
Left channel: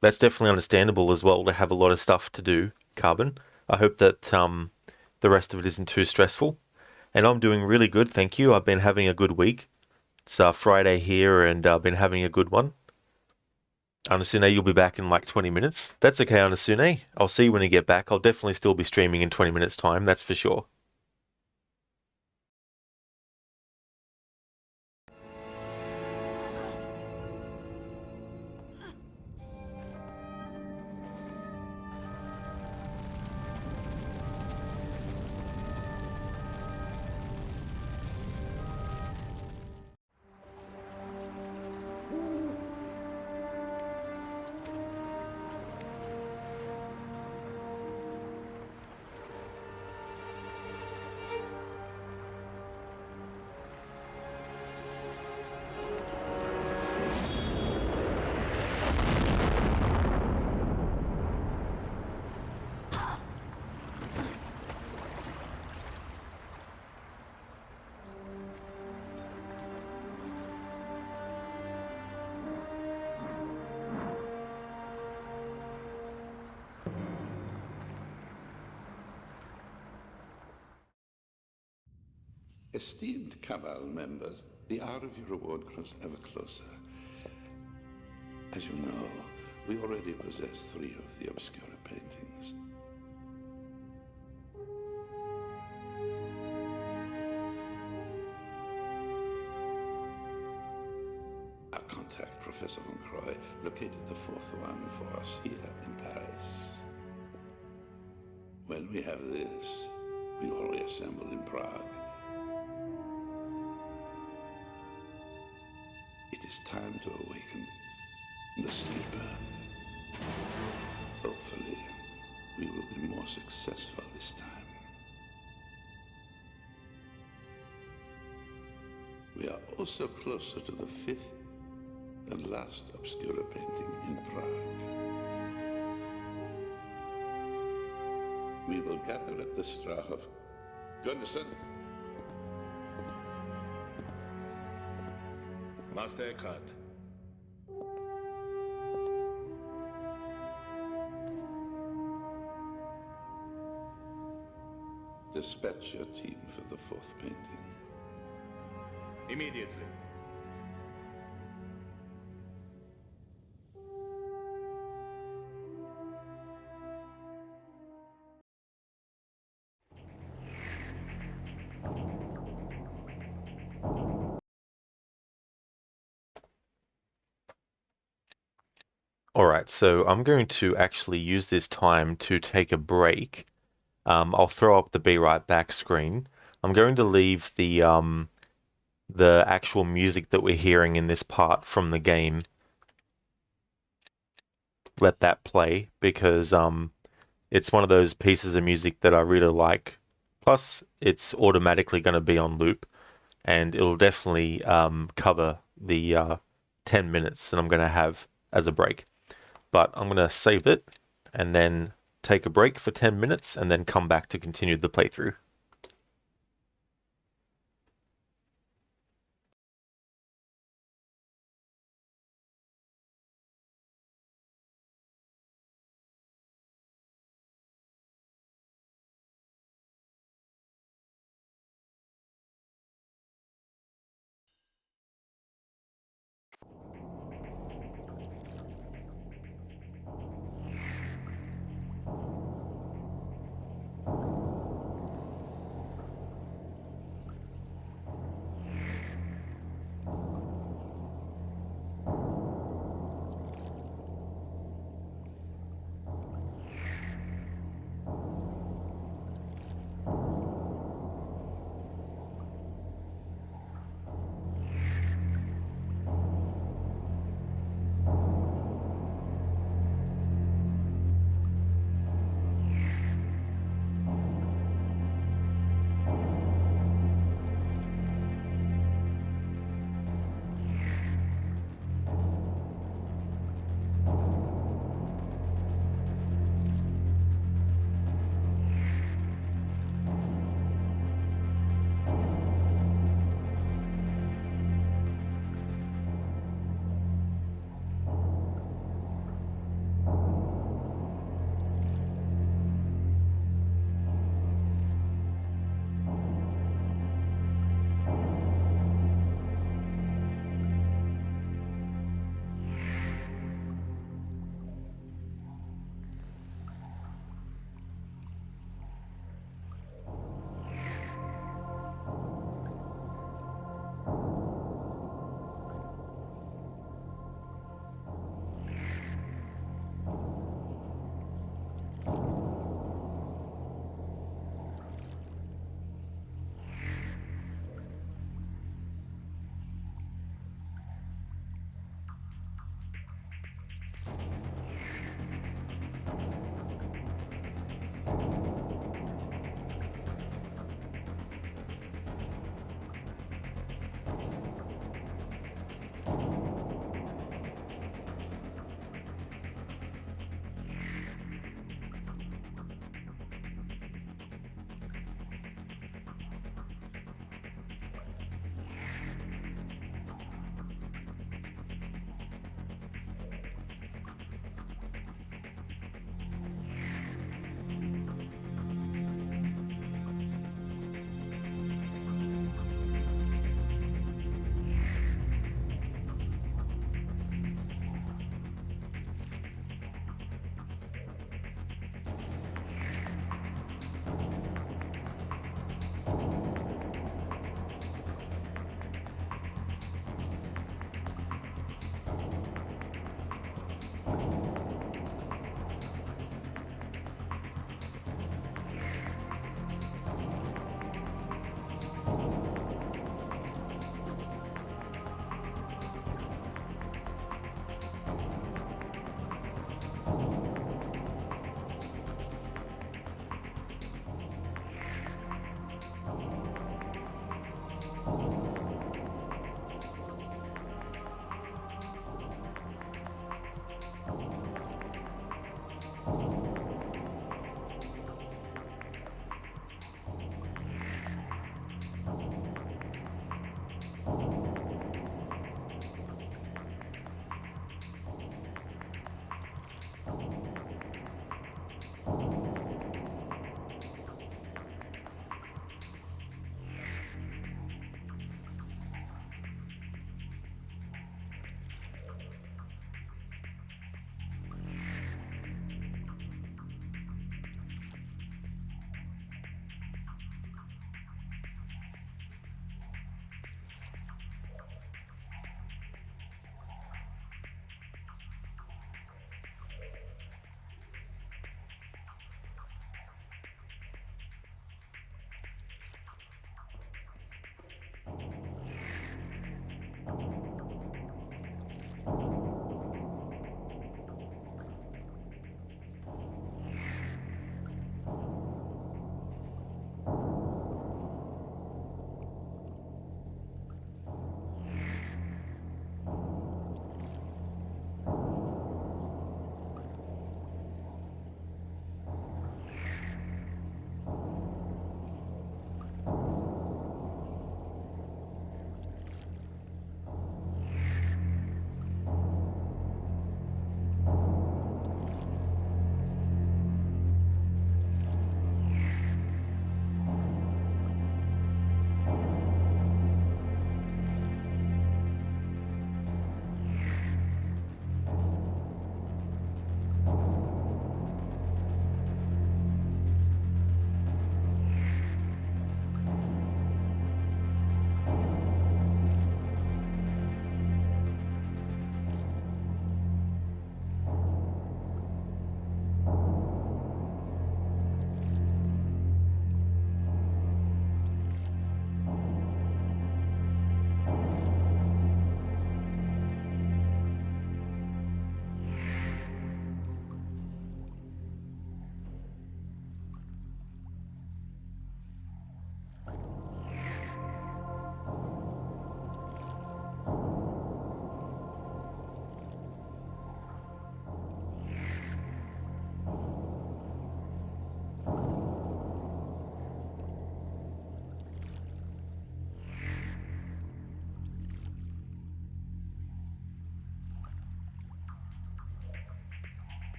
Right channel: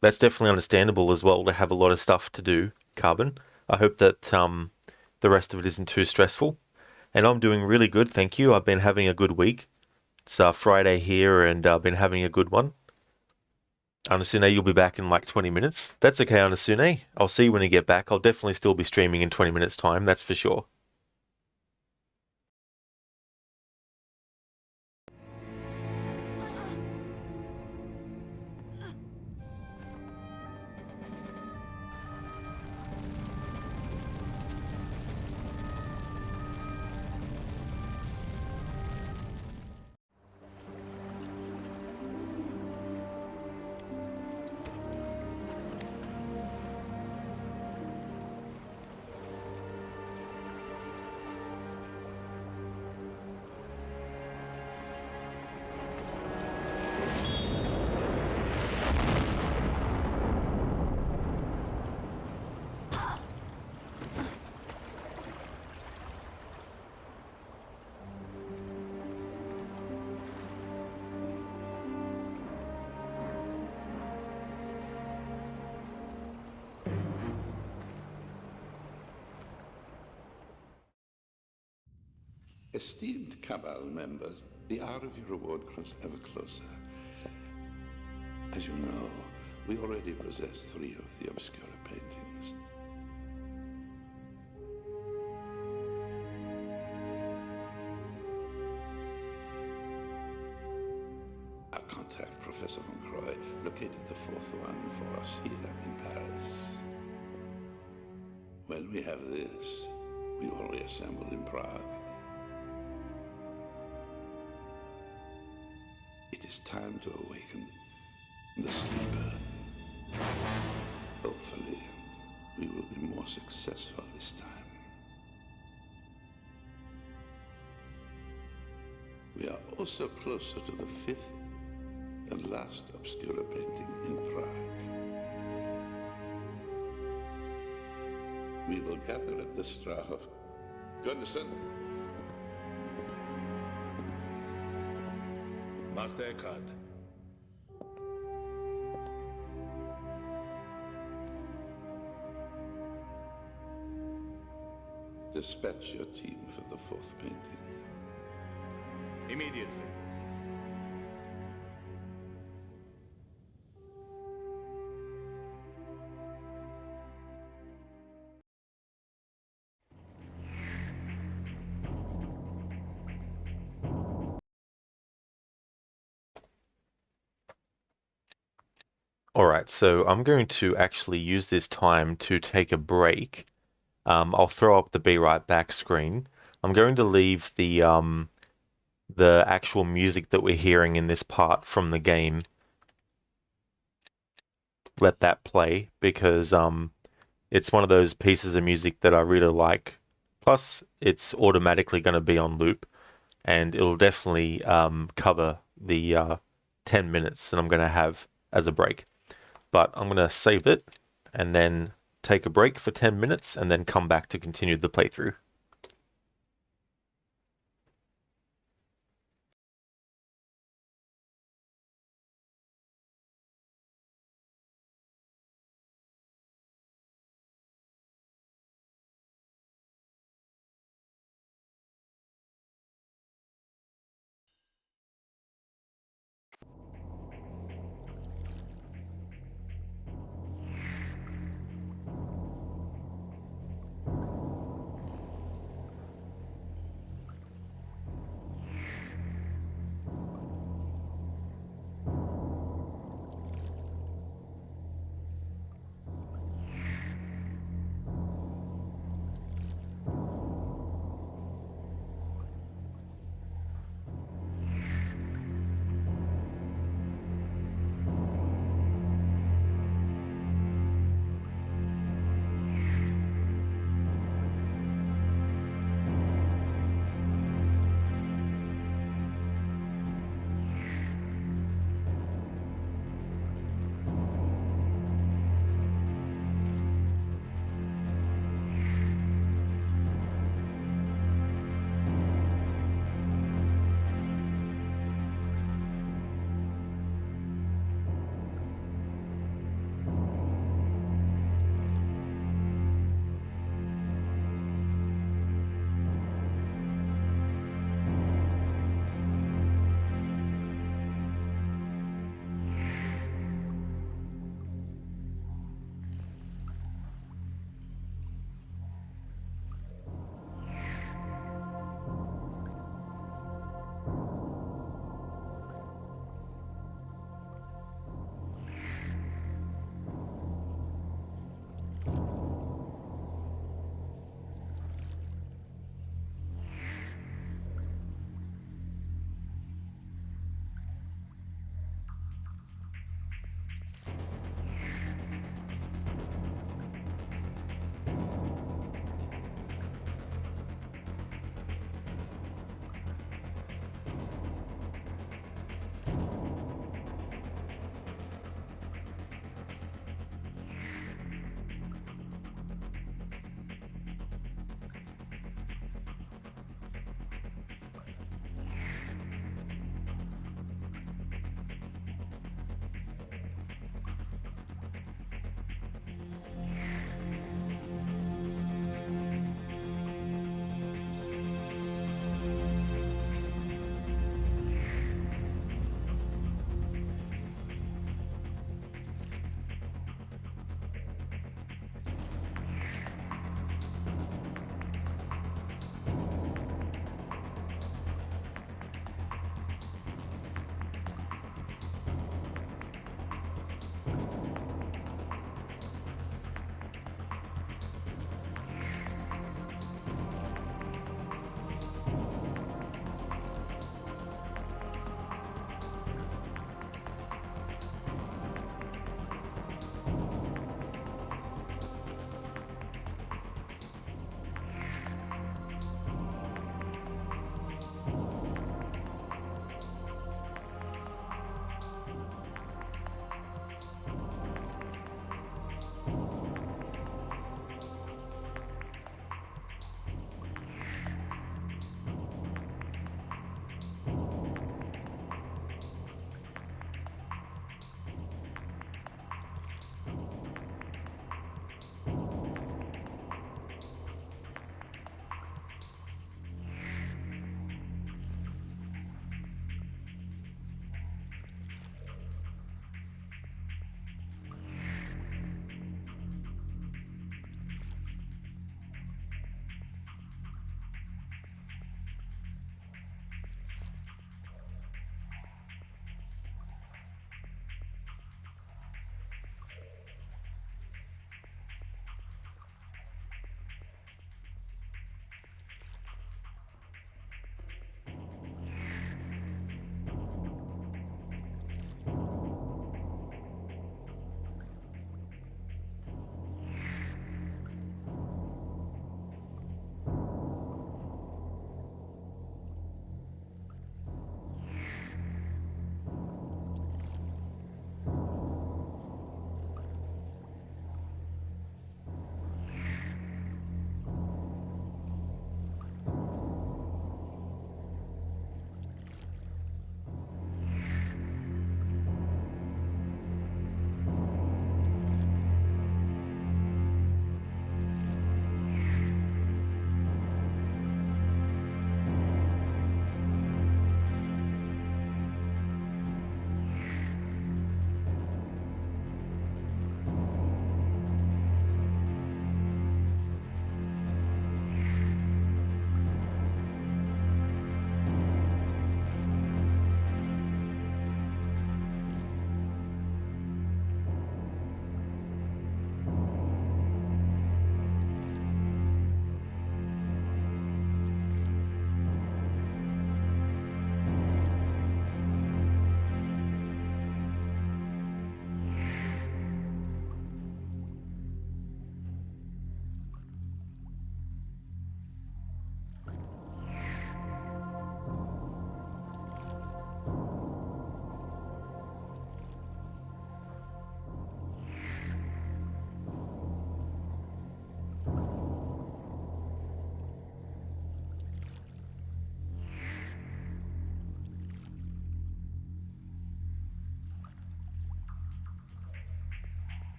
That's definitely understandable as well to have a lot of stuff to do, Carbon. I hope that the rest of it isn't too stressful. And I'm doing really good, thank you. I've been having a good week. It's Friday here and I've been having a good one. Anasune, you'll be back in like 20 minutes. That's okay, Anasune. I'll see you when you get back. I'll definitely still be streaming in 20 minutes time, that's for sure. Esteemed Cabal members, the hour of your reward grows ever closer. As you know, we already possess 3 of the Obscura paintings. Our contact, Professor Von Croy, located the 4th one for us here in Paris. When we have this, we will reassemble in Prague. It is time to awaken the sleeper. Hopefully, we will be more successful this time. We are also closer to the 5th and last Obscura painting in Prague. We will gather at the Strahov. Gunderson? Master Eckhart. Dispatch your team for the 4th painting. Immediately. Alright, so I'm going to actually use this time to take a break I'll throw up the Be Right Back screen. I'm going to leave the actual music that we're hearing in this part from the game. Let that play because it's one of those pieces of music that I really like. Plus, it's automatically going to be on loop, and it'll definitely cover the 10 minutes that I'm going to have as a break. But I'm going to save it and then take a break for 10 minutes and then come back to continue the playthrough.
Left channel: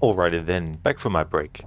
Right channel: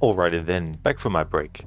Alrighty then, back for my break.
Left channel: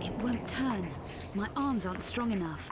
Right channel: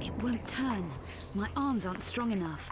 It won't turn. My arms aren't strong enough.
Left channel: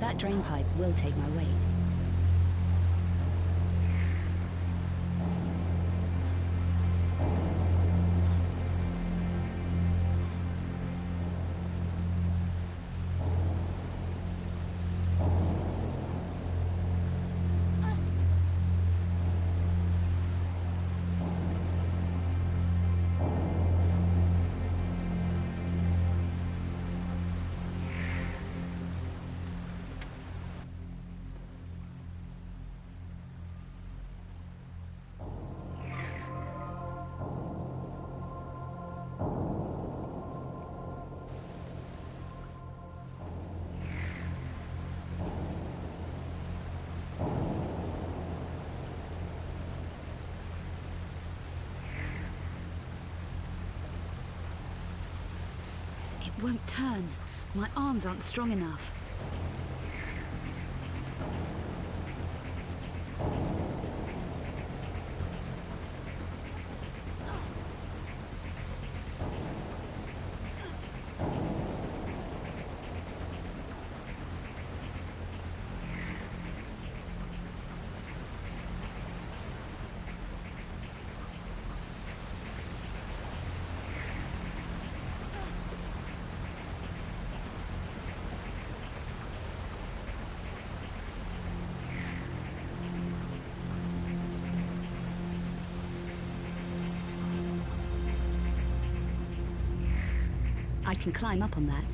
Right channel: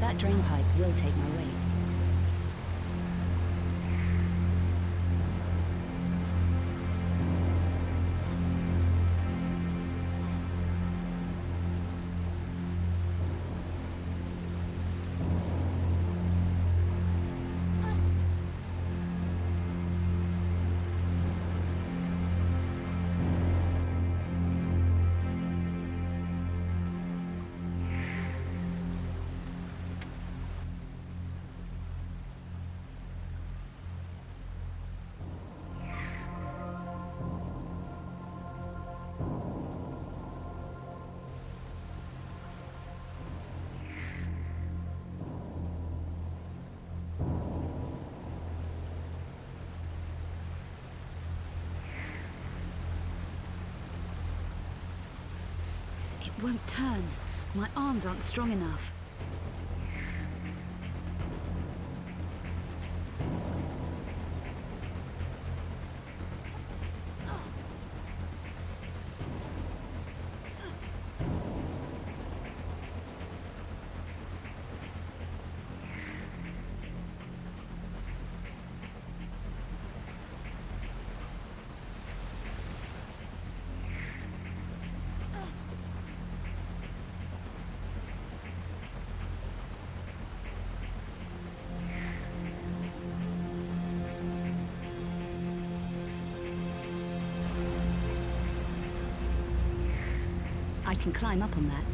That drain pipe will take my weight. It won't turn. My arms aren't strong enough. I can climb up on that.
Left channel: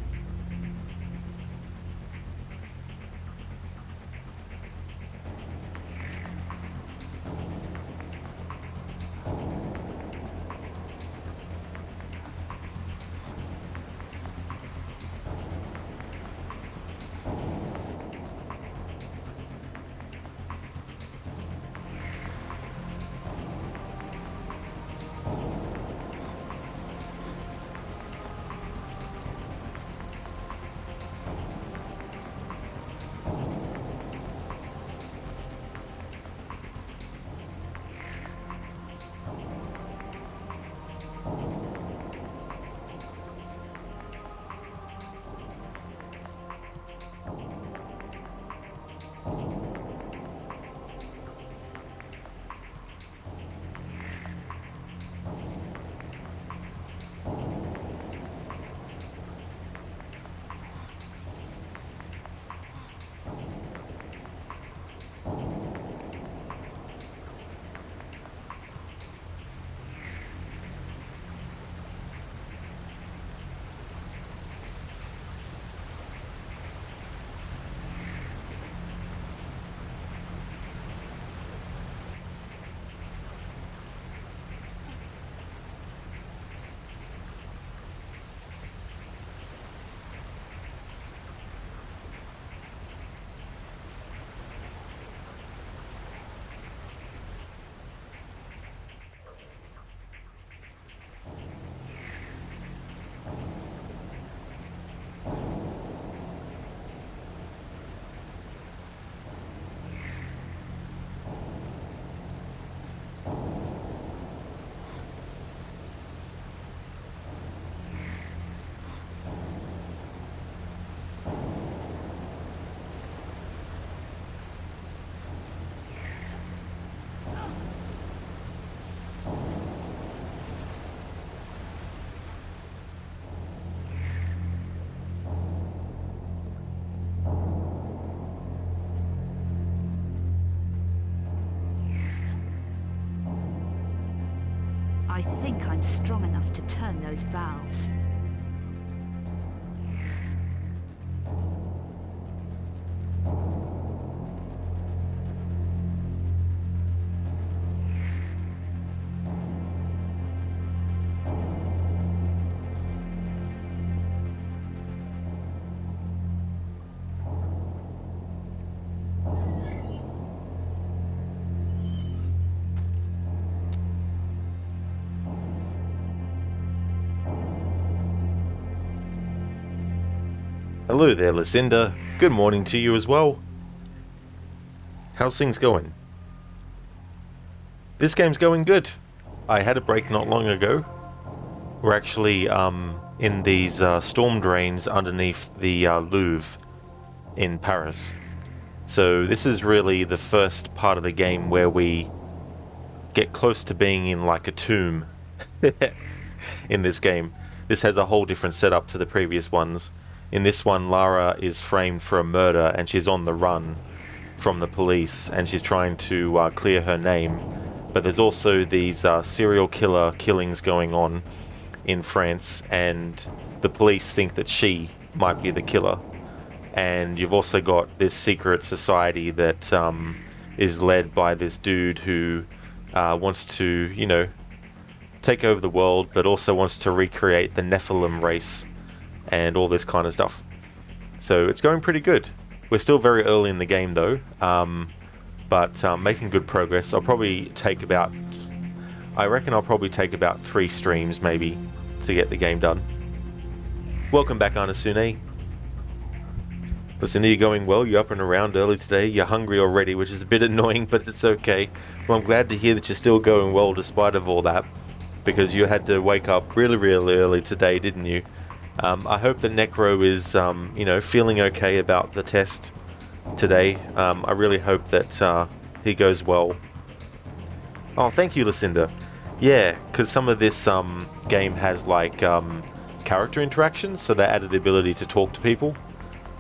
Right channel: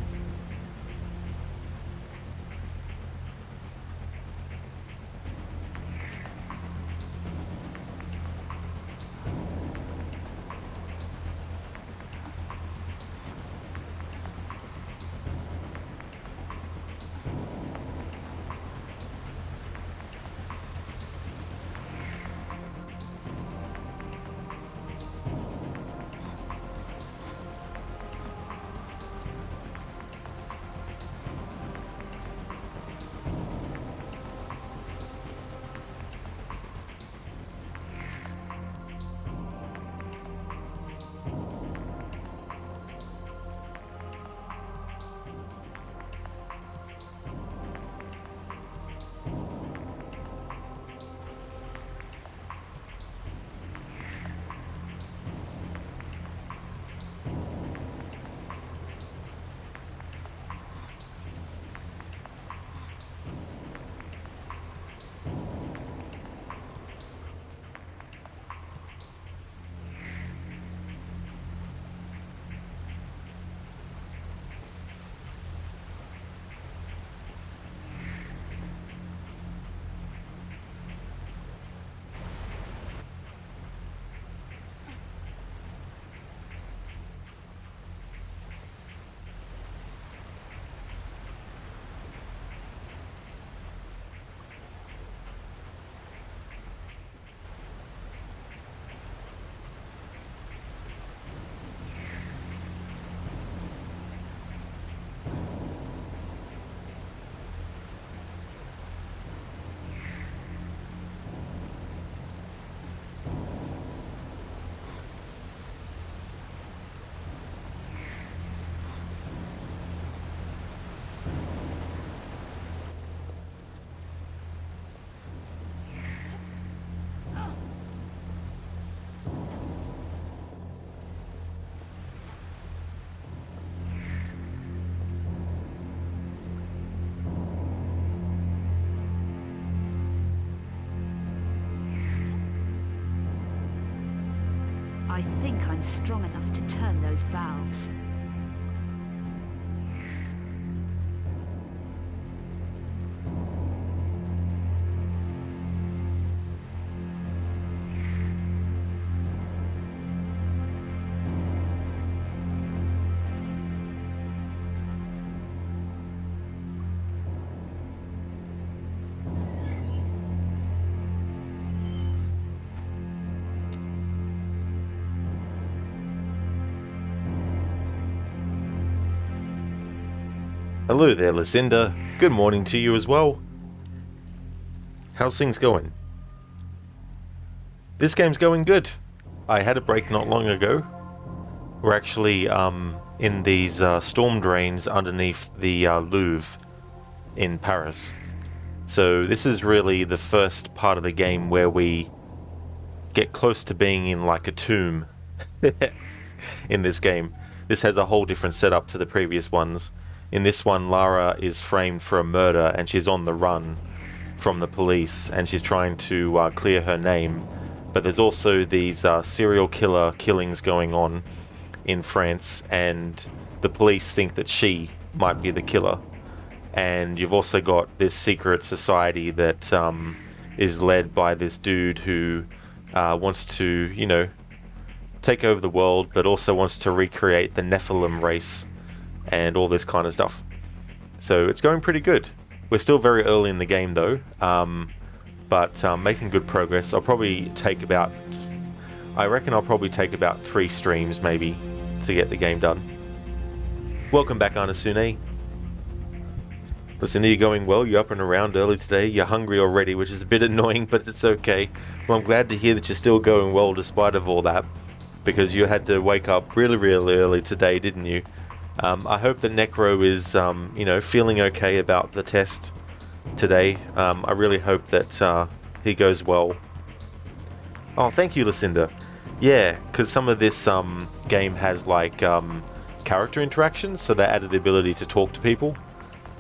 I think I'm strong enough to turn those valves. Hello there, Lucinda. Good morning to you as well. How's things going? This game's going good. I had a break not long ago. We're actually in these storm drains underneath the Louvre in Paris. So this is really the first part of the game where we get close to being in like a tomb in this game. This has a whole different setup to the previous ones. In this one, Lara is framed for a murder and she's on the run from the police and she's trying to clear her name. But there's also these serial killer killings going on in France and the police think that she might be the killer. And you've also got this secret society that is led by this dude who wants to, you know, take over the world, but also wants to recreate the Nephilim race and all this kind of stuff. So it's going pretty good. We're still very early in the game though, but making good progress. I reckon I'll probably take about 3 streams maybe to get the game done. Welcome back, Anasune. Listen, are you going well? You're up and around early today. You're hungry already, which is a bit annoying, but it's okay. Well, I'm glad to hear that you're still going well despite of all that, because you had to wake up really, really early today, didn't you? I hope that Necro is, you know, feeling okay about the test today. I really hope that he goes well. Oh, thank you, Lucinda. Yeah, because some of this game has like character interactions, so they added the ability to talk to people.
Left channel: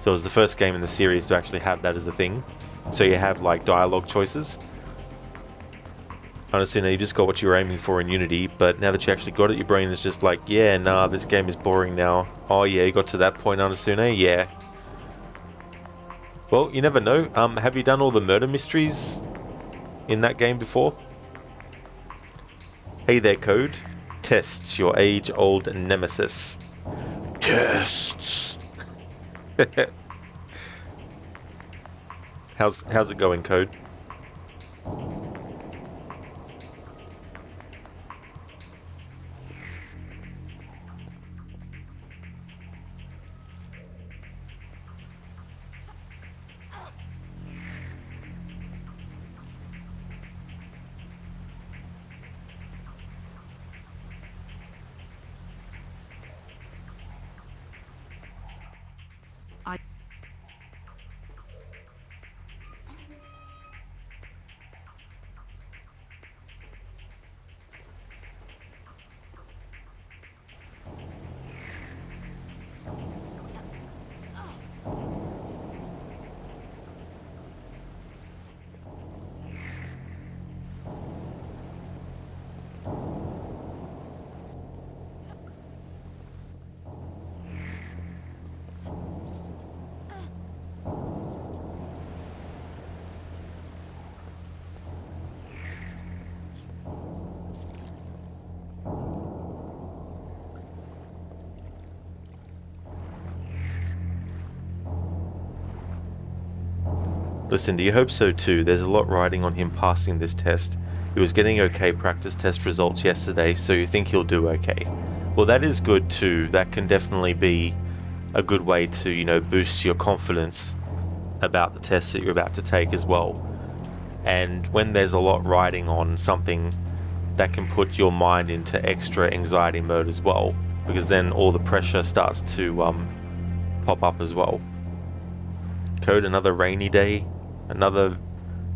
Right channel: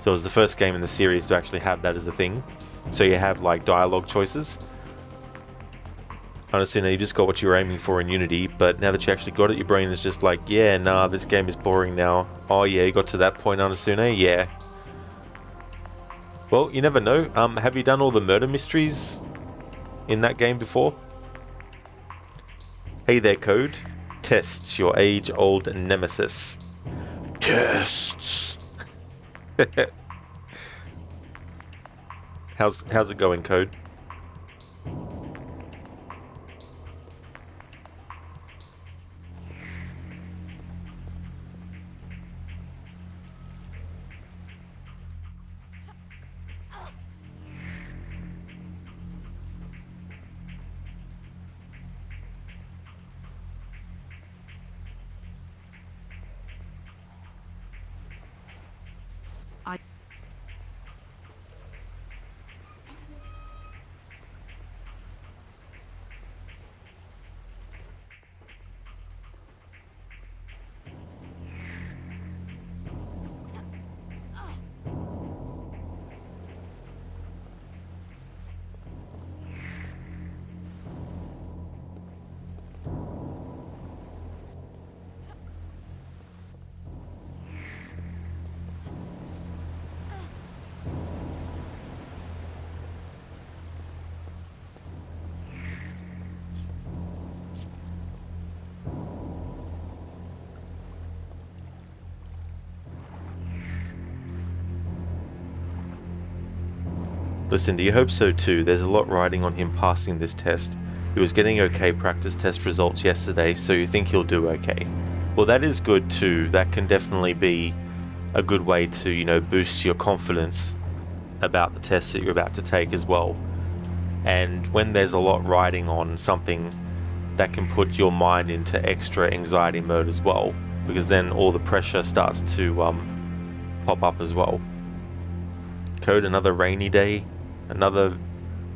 So it was the first game in the series to actually have that as a thing. So you have like dialogue choices. Anasuna, you just got what you were aiming for in Unity, but now that you actually got it, your brain is just like, yeah, nah, this game is boring now. Oh yeah, you got to that point, Anasuna? Yeah. Well, you never know. Have you done all the murder mysteries in that game before? Hey there, Code. Tests, your age-old nemesis. Tests! How's it going, Code? Listen, do you hope so too? There's a lot riding on him passing this test. He was getting okay practice test results yesterday, so you think he'll do okay. Well, that is good too. That can definitely be a good way to, you know, boost your confidence about the test that you're about to take as well. And when there's a lot riding on something, that can put your mind into extra anxiety mode as well, because then all the pressure starts to pop up as well. Code, another rainy day. Another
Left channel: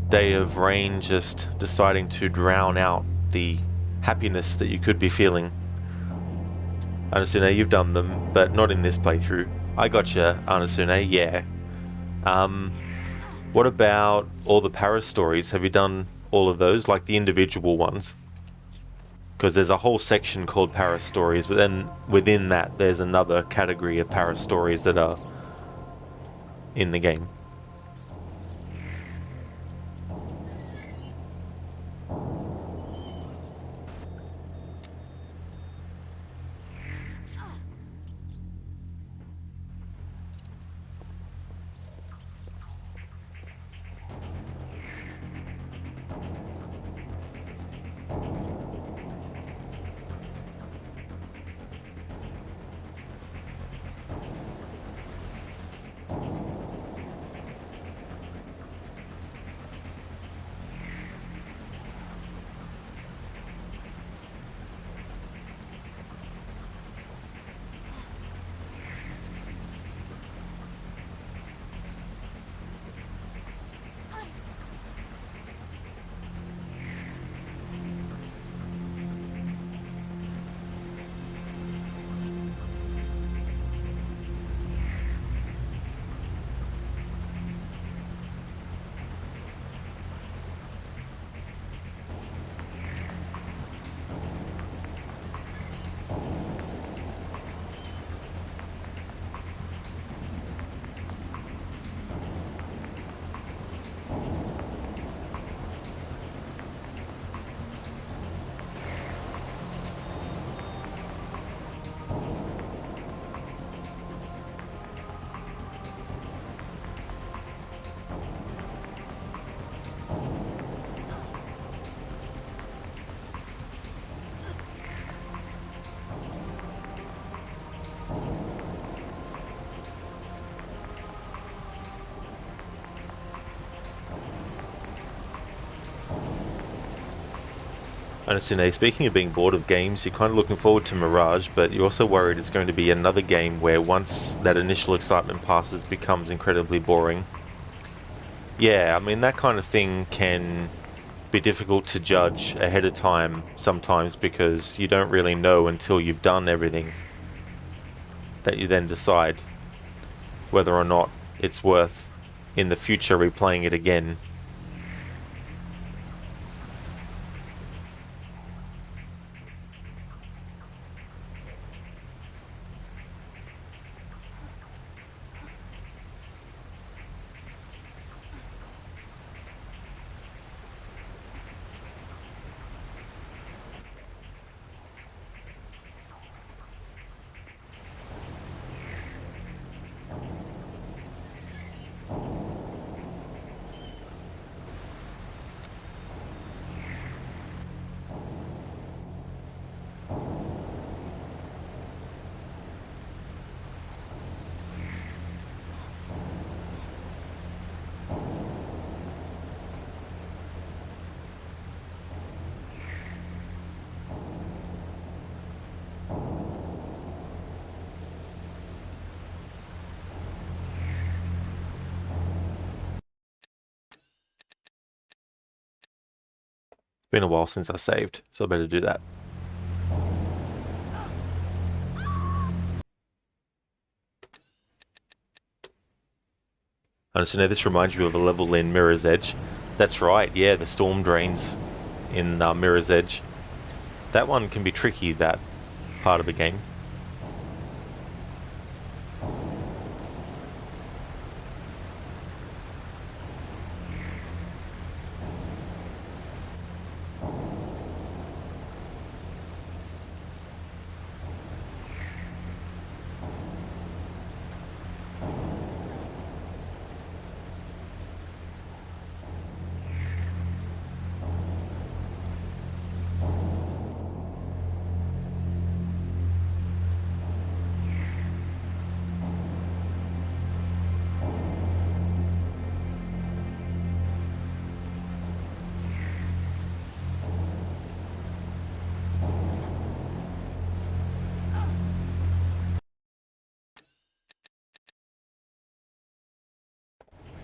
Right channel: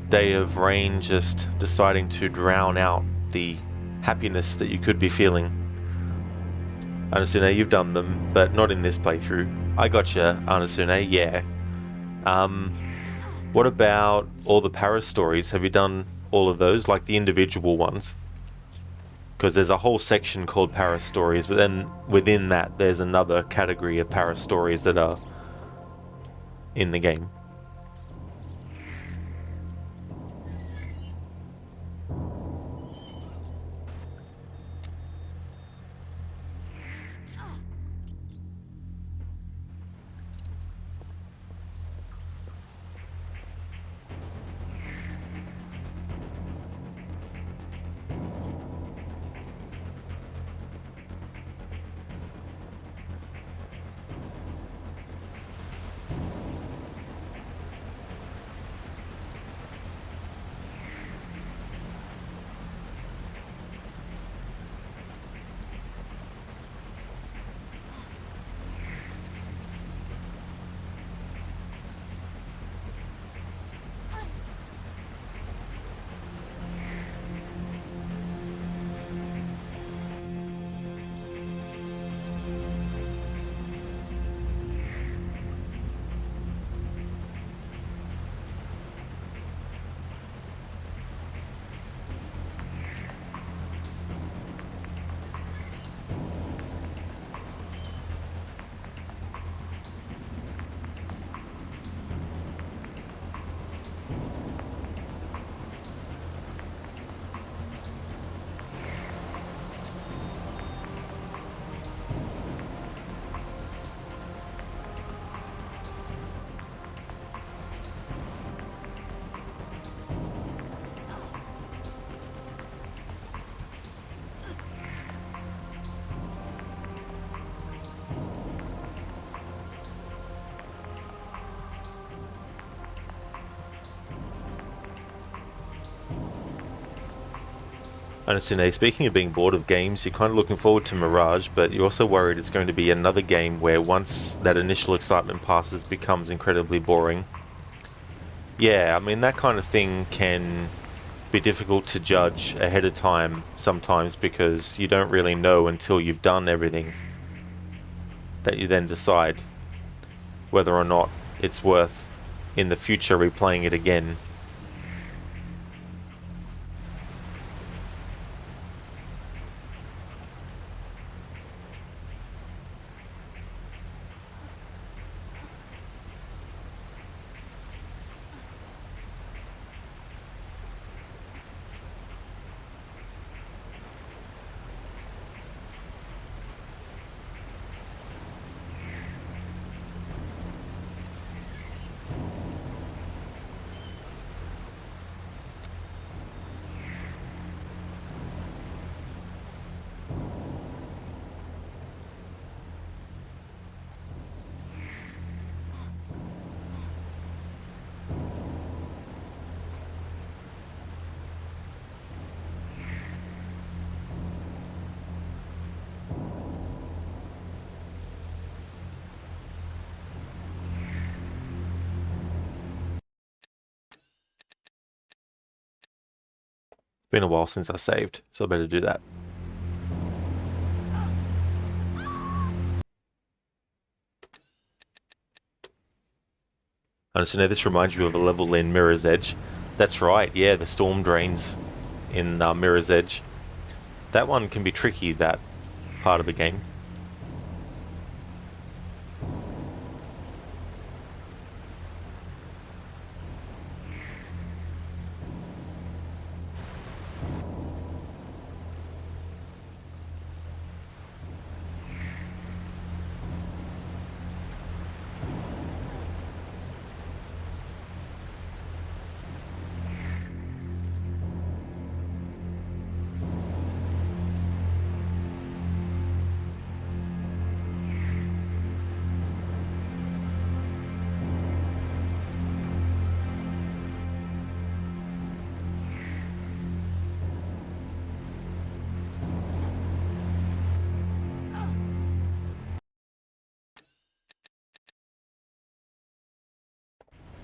day of rain just deciding to drown out the happiness that you could be feeling. Anasune, you've done them, but not in this playthrough. I gotcha, Anasune, yeah. What about all the Paris stories? Have you done all of those, like the individual ones? Because there's a whole section called Paris stories, but then within that there's another category of Paris stories that are in the game. Anasune, speaking of being bored of games, you're kind of looking forward to Mirage, but you're also worried it's going to be another game where once that initial excitement passes, becomes incredibly boring. Yeah, I mean, that kind of thing can be difficult to judge ahead of time sometimes, because you don't really know until you've done everything that you then decide whether or not it's worth in the future replaying it again. Been a while since I saved, so I better do that. And so now this reminds you of a level in Mirror's Edge. That's right, yeah, the storm drains in Mirror's Edge. That one can be tricky, that part of the game.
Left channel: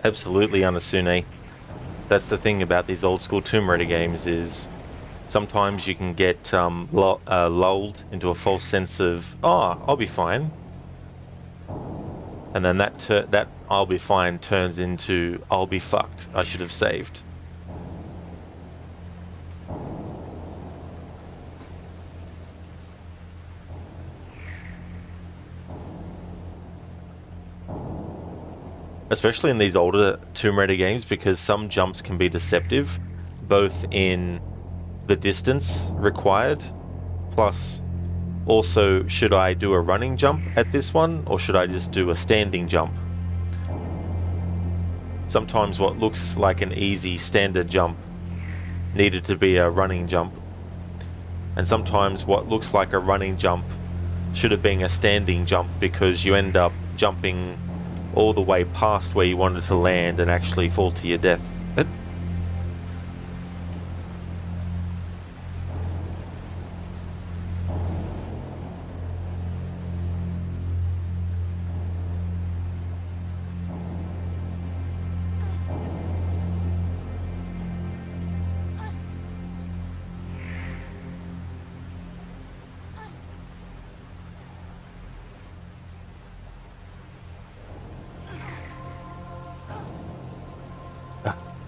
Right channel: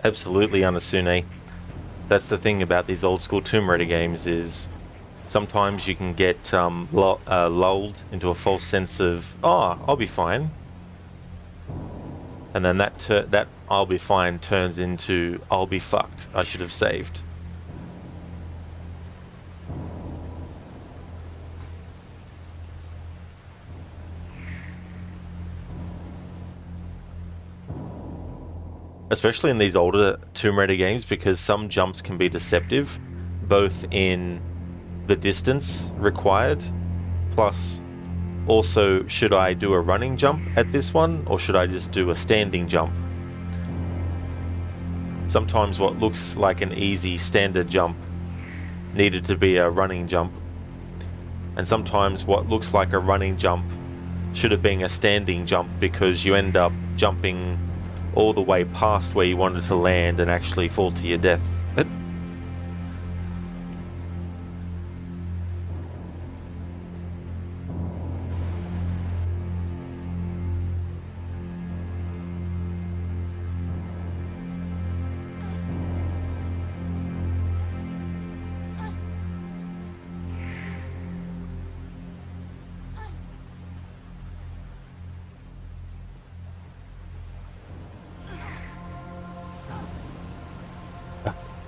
Absolutely, Anasune. That's the thing about these old school Tomb Raider games is sometimes you can get lulled into a false sense of, oh, I'll be fine. And then that I'll be fine turns into, I'll be fucked. I should have saved. Especially in these older Tomb Raider games, because some jumps can be deceptive, both in the distance required, plus also should I do a running jump at this one, or should I just do a standing jump? Sometimes what looks like an easy standard jump needed to be a running jump, and sometimes what looks like a running jump should have been a standing jump because you end up jumping all the way past where you wanted to land and actually fall to your death.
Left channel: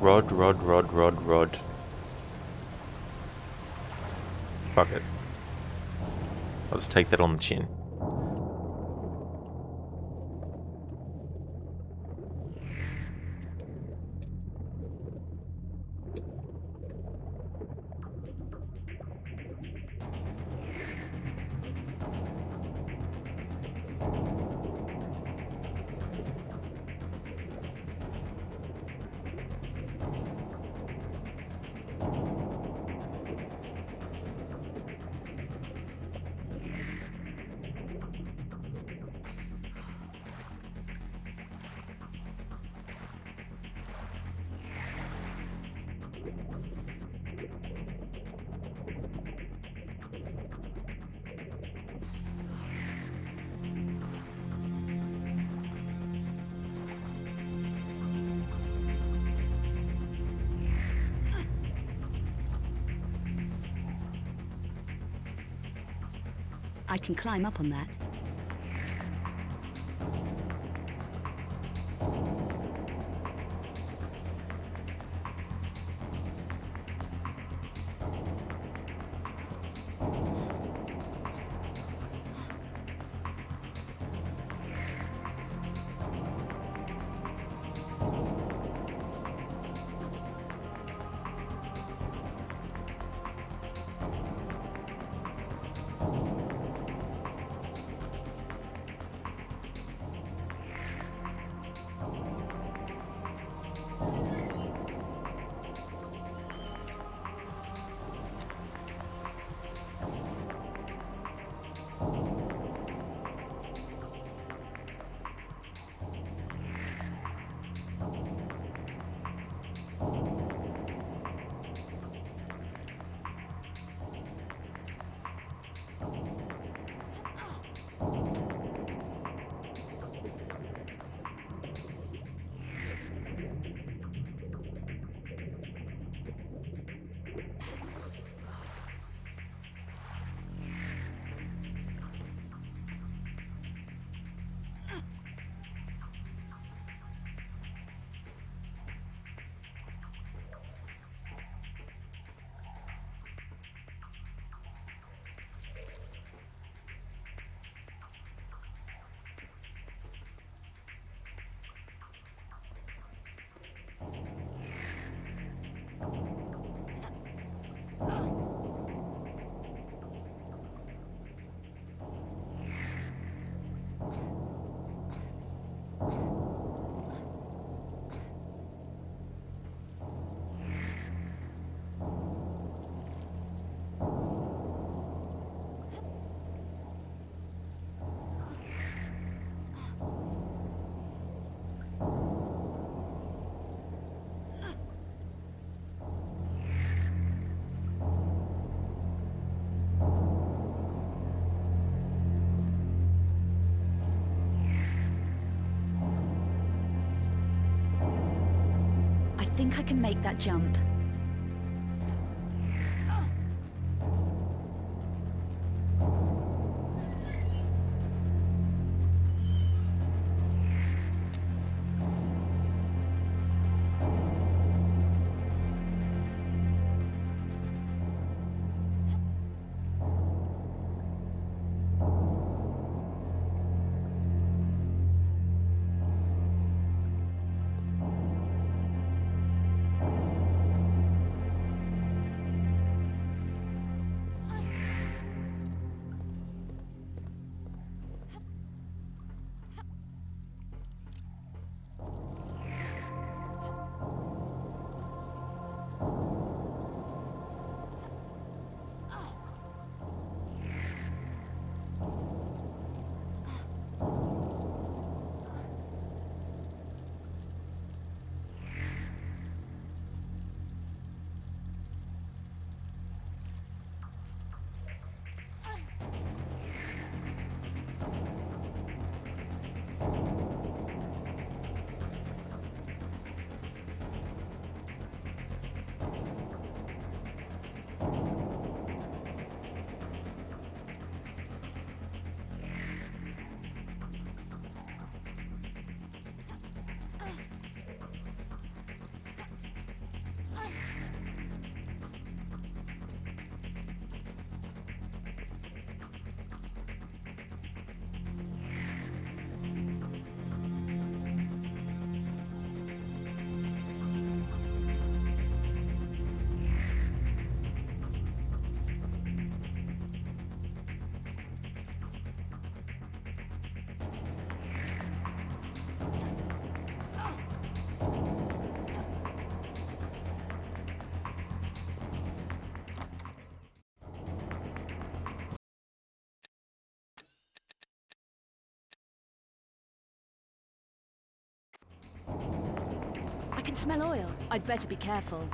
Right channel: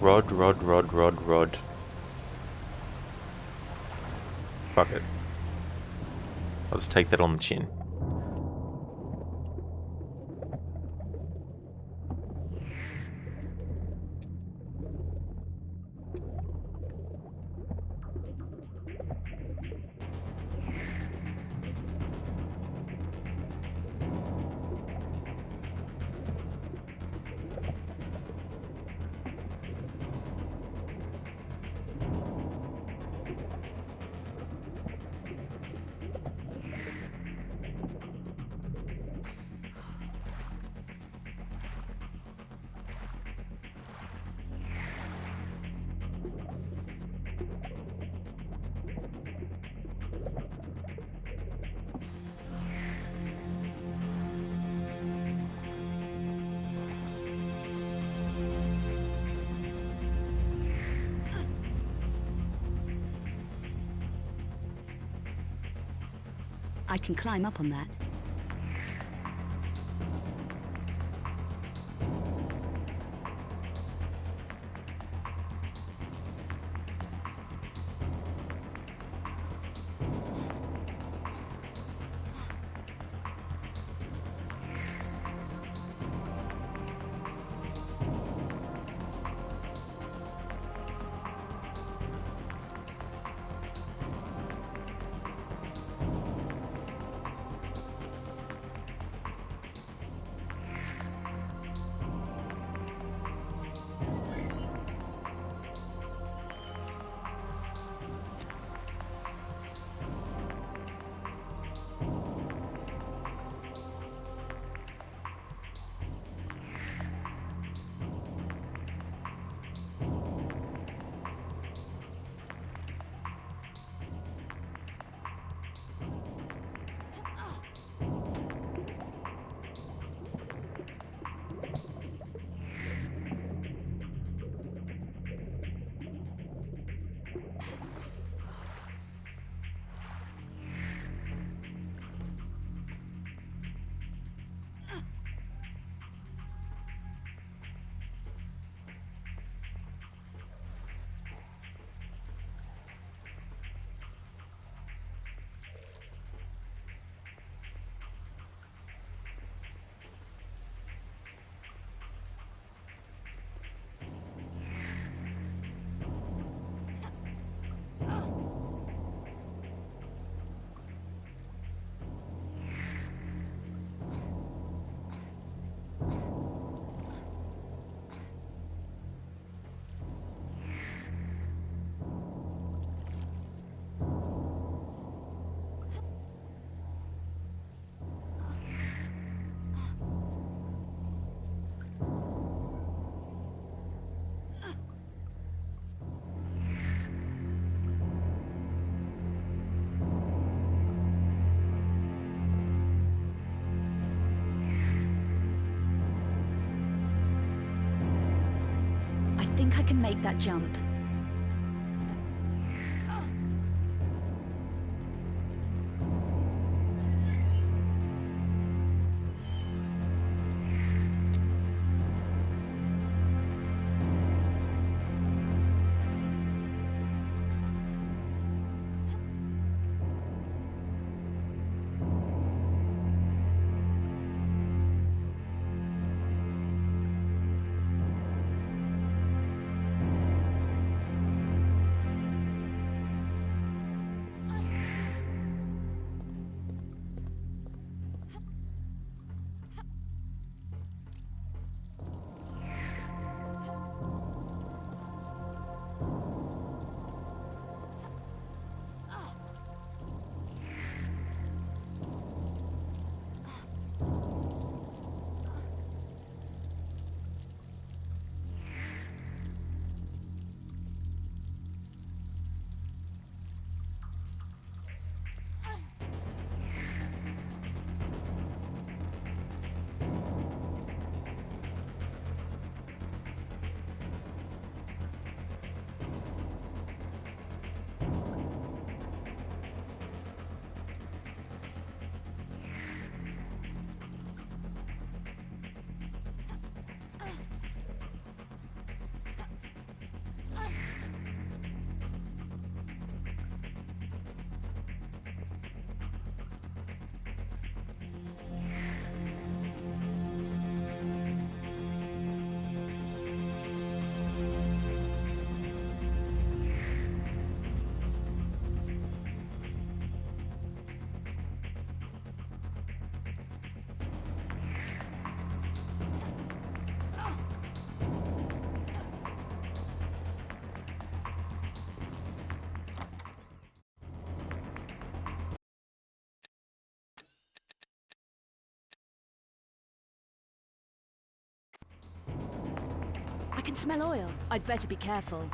Rod. Fuck it. I'll just take that on the chin. I can climb up on that. think I can make that jump. I can smell oil. I'd better be careful.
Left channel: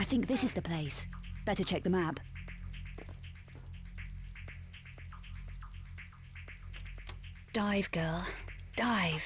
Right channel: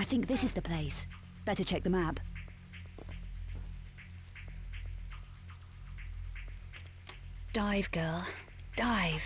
I think this is the place. Better check the map. Dive, girl. Dive.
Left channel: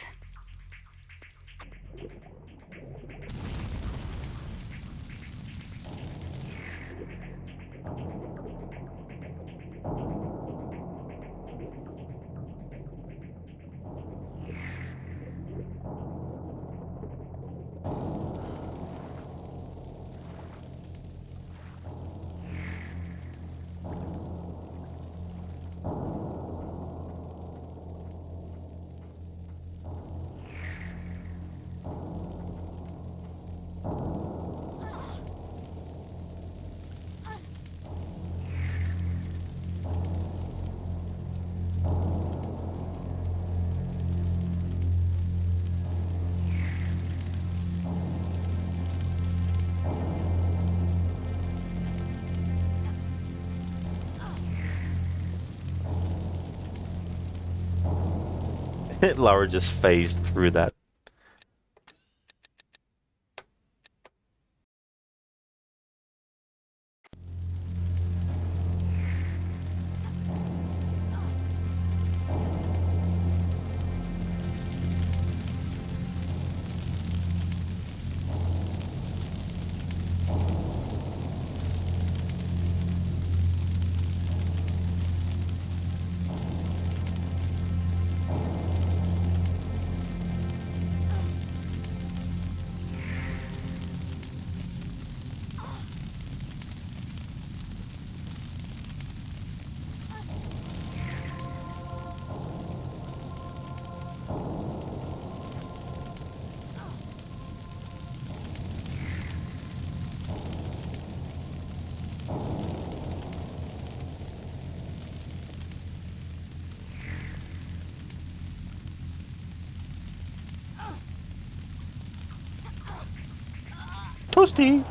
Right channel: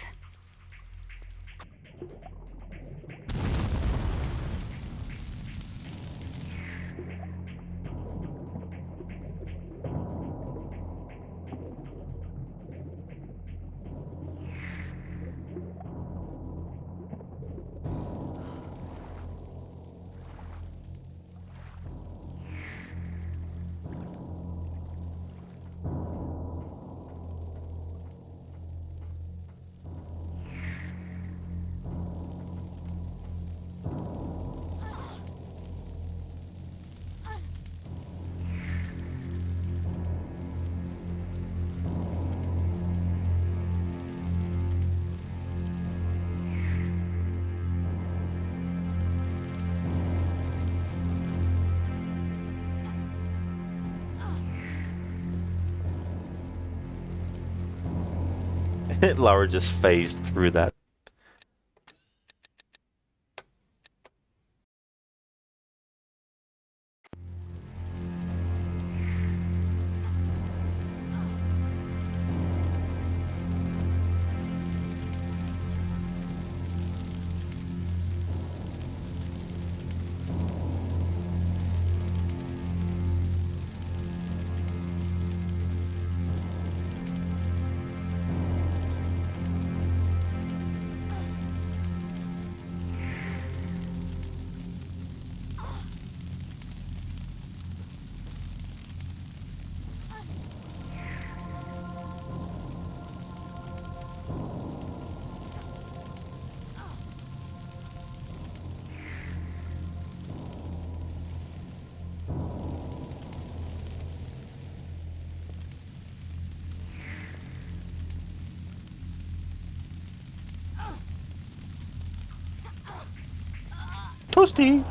Lara just phased through that. Toasty!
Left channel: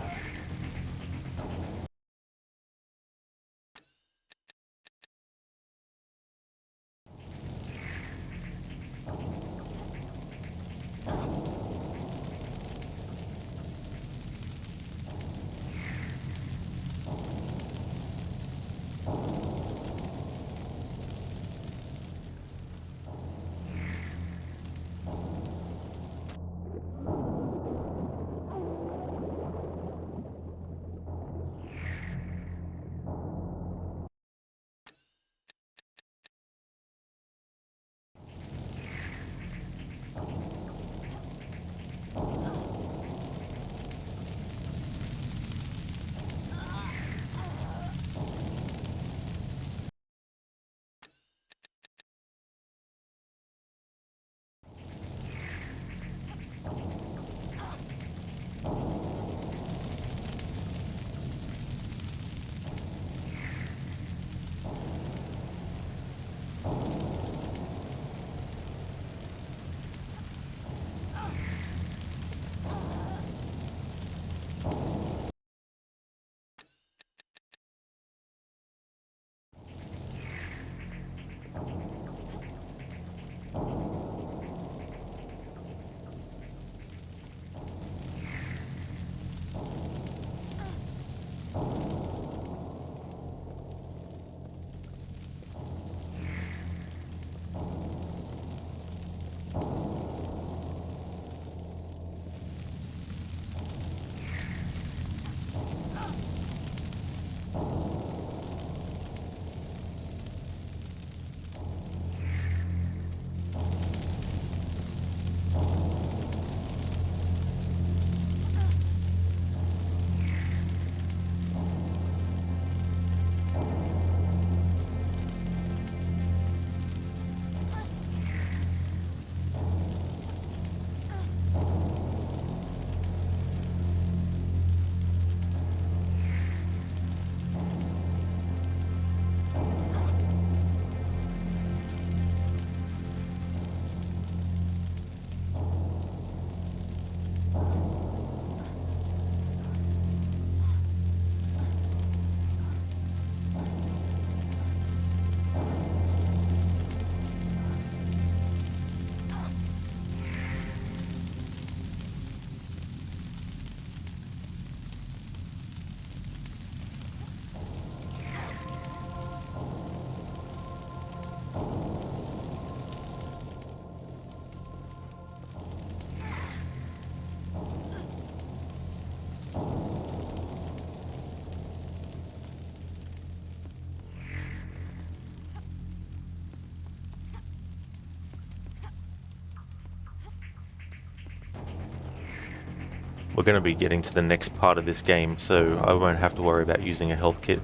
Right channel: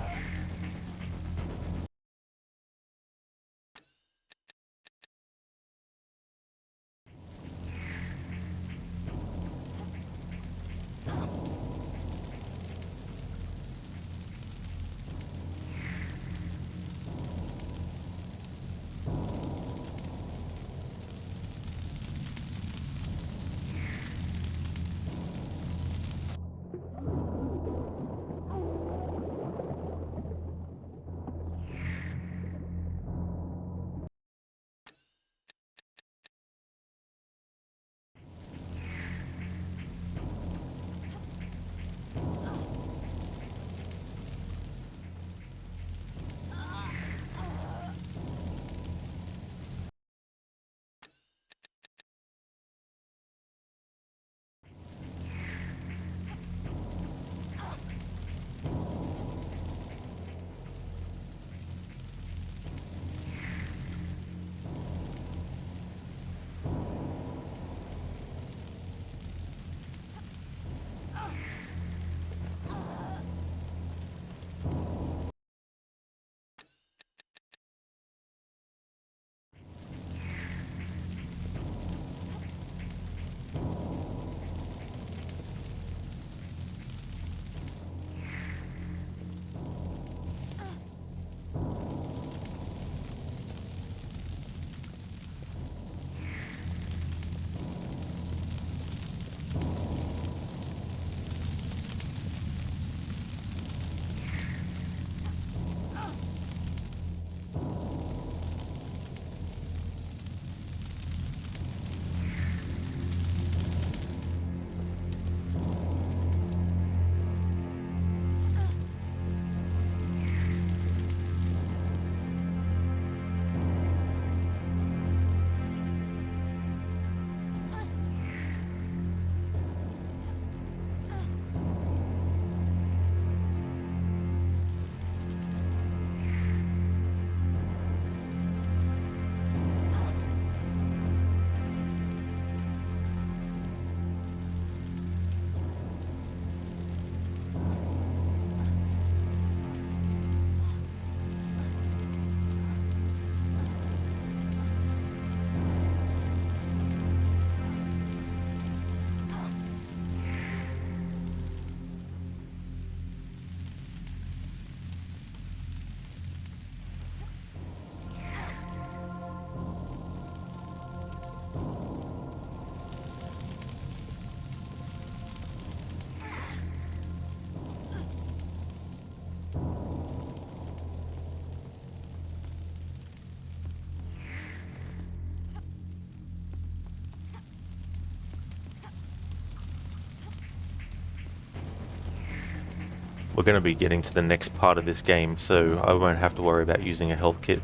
We're going to be getting to the next part of this game, so I won't have to worry about using a health kit.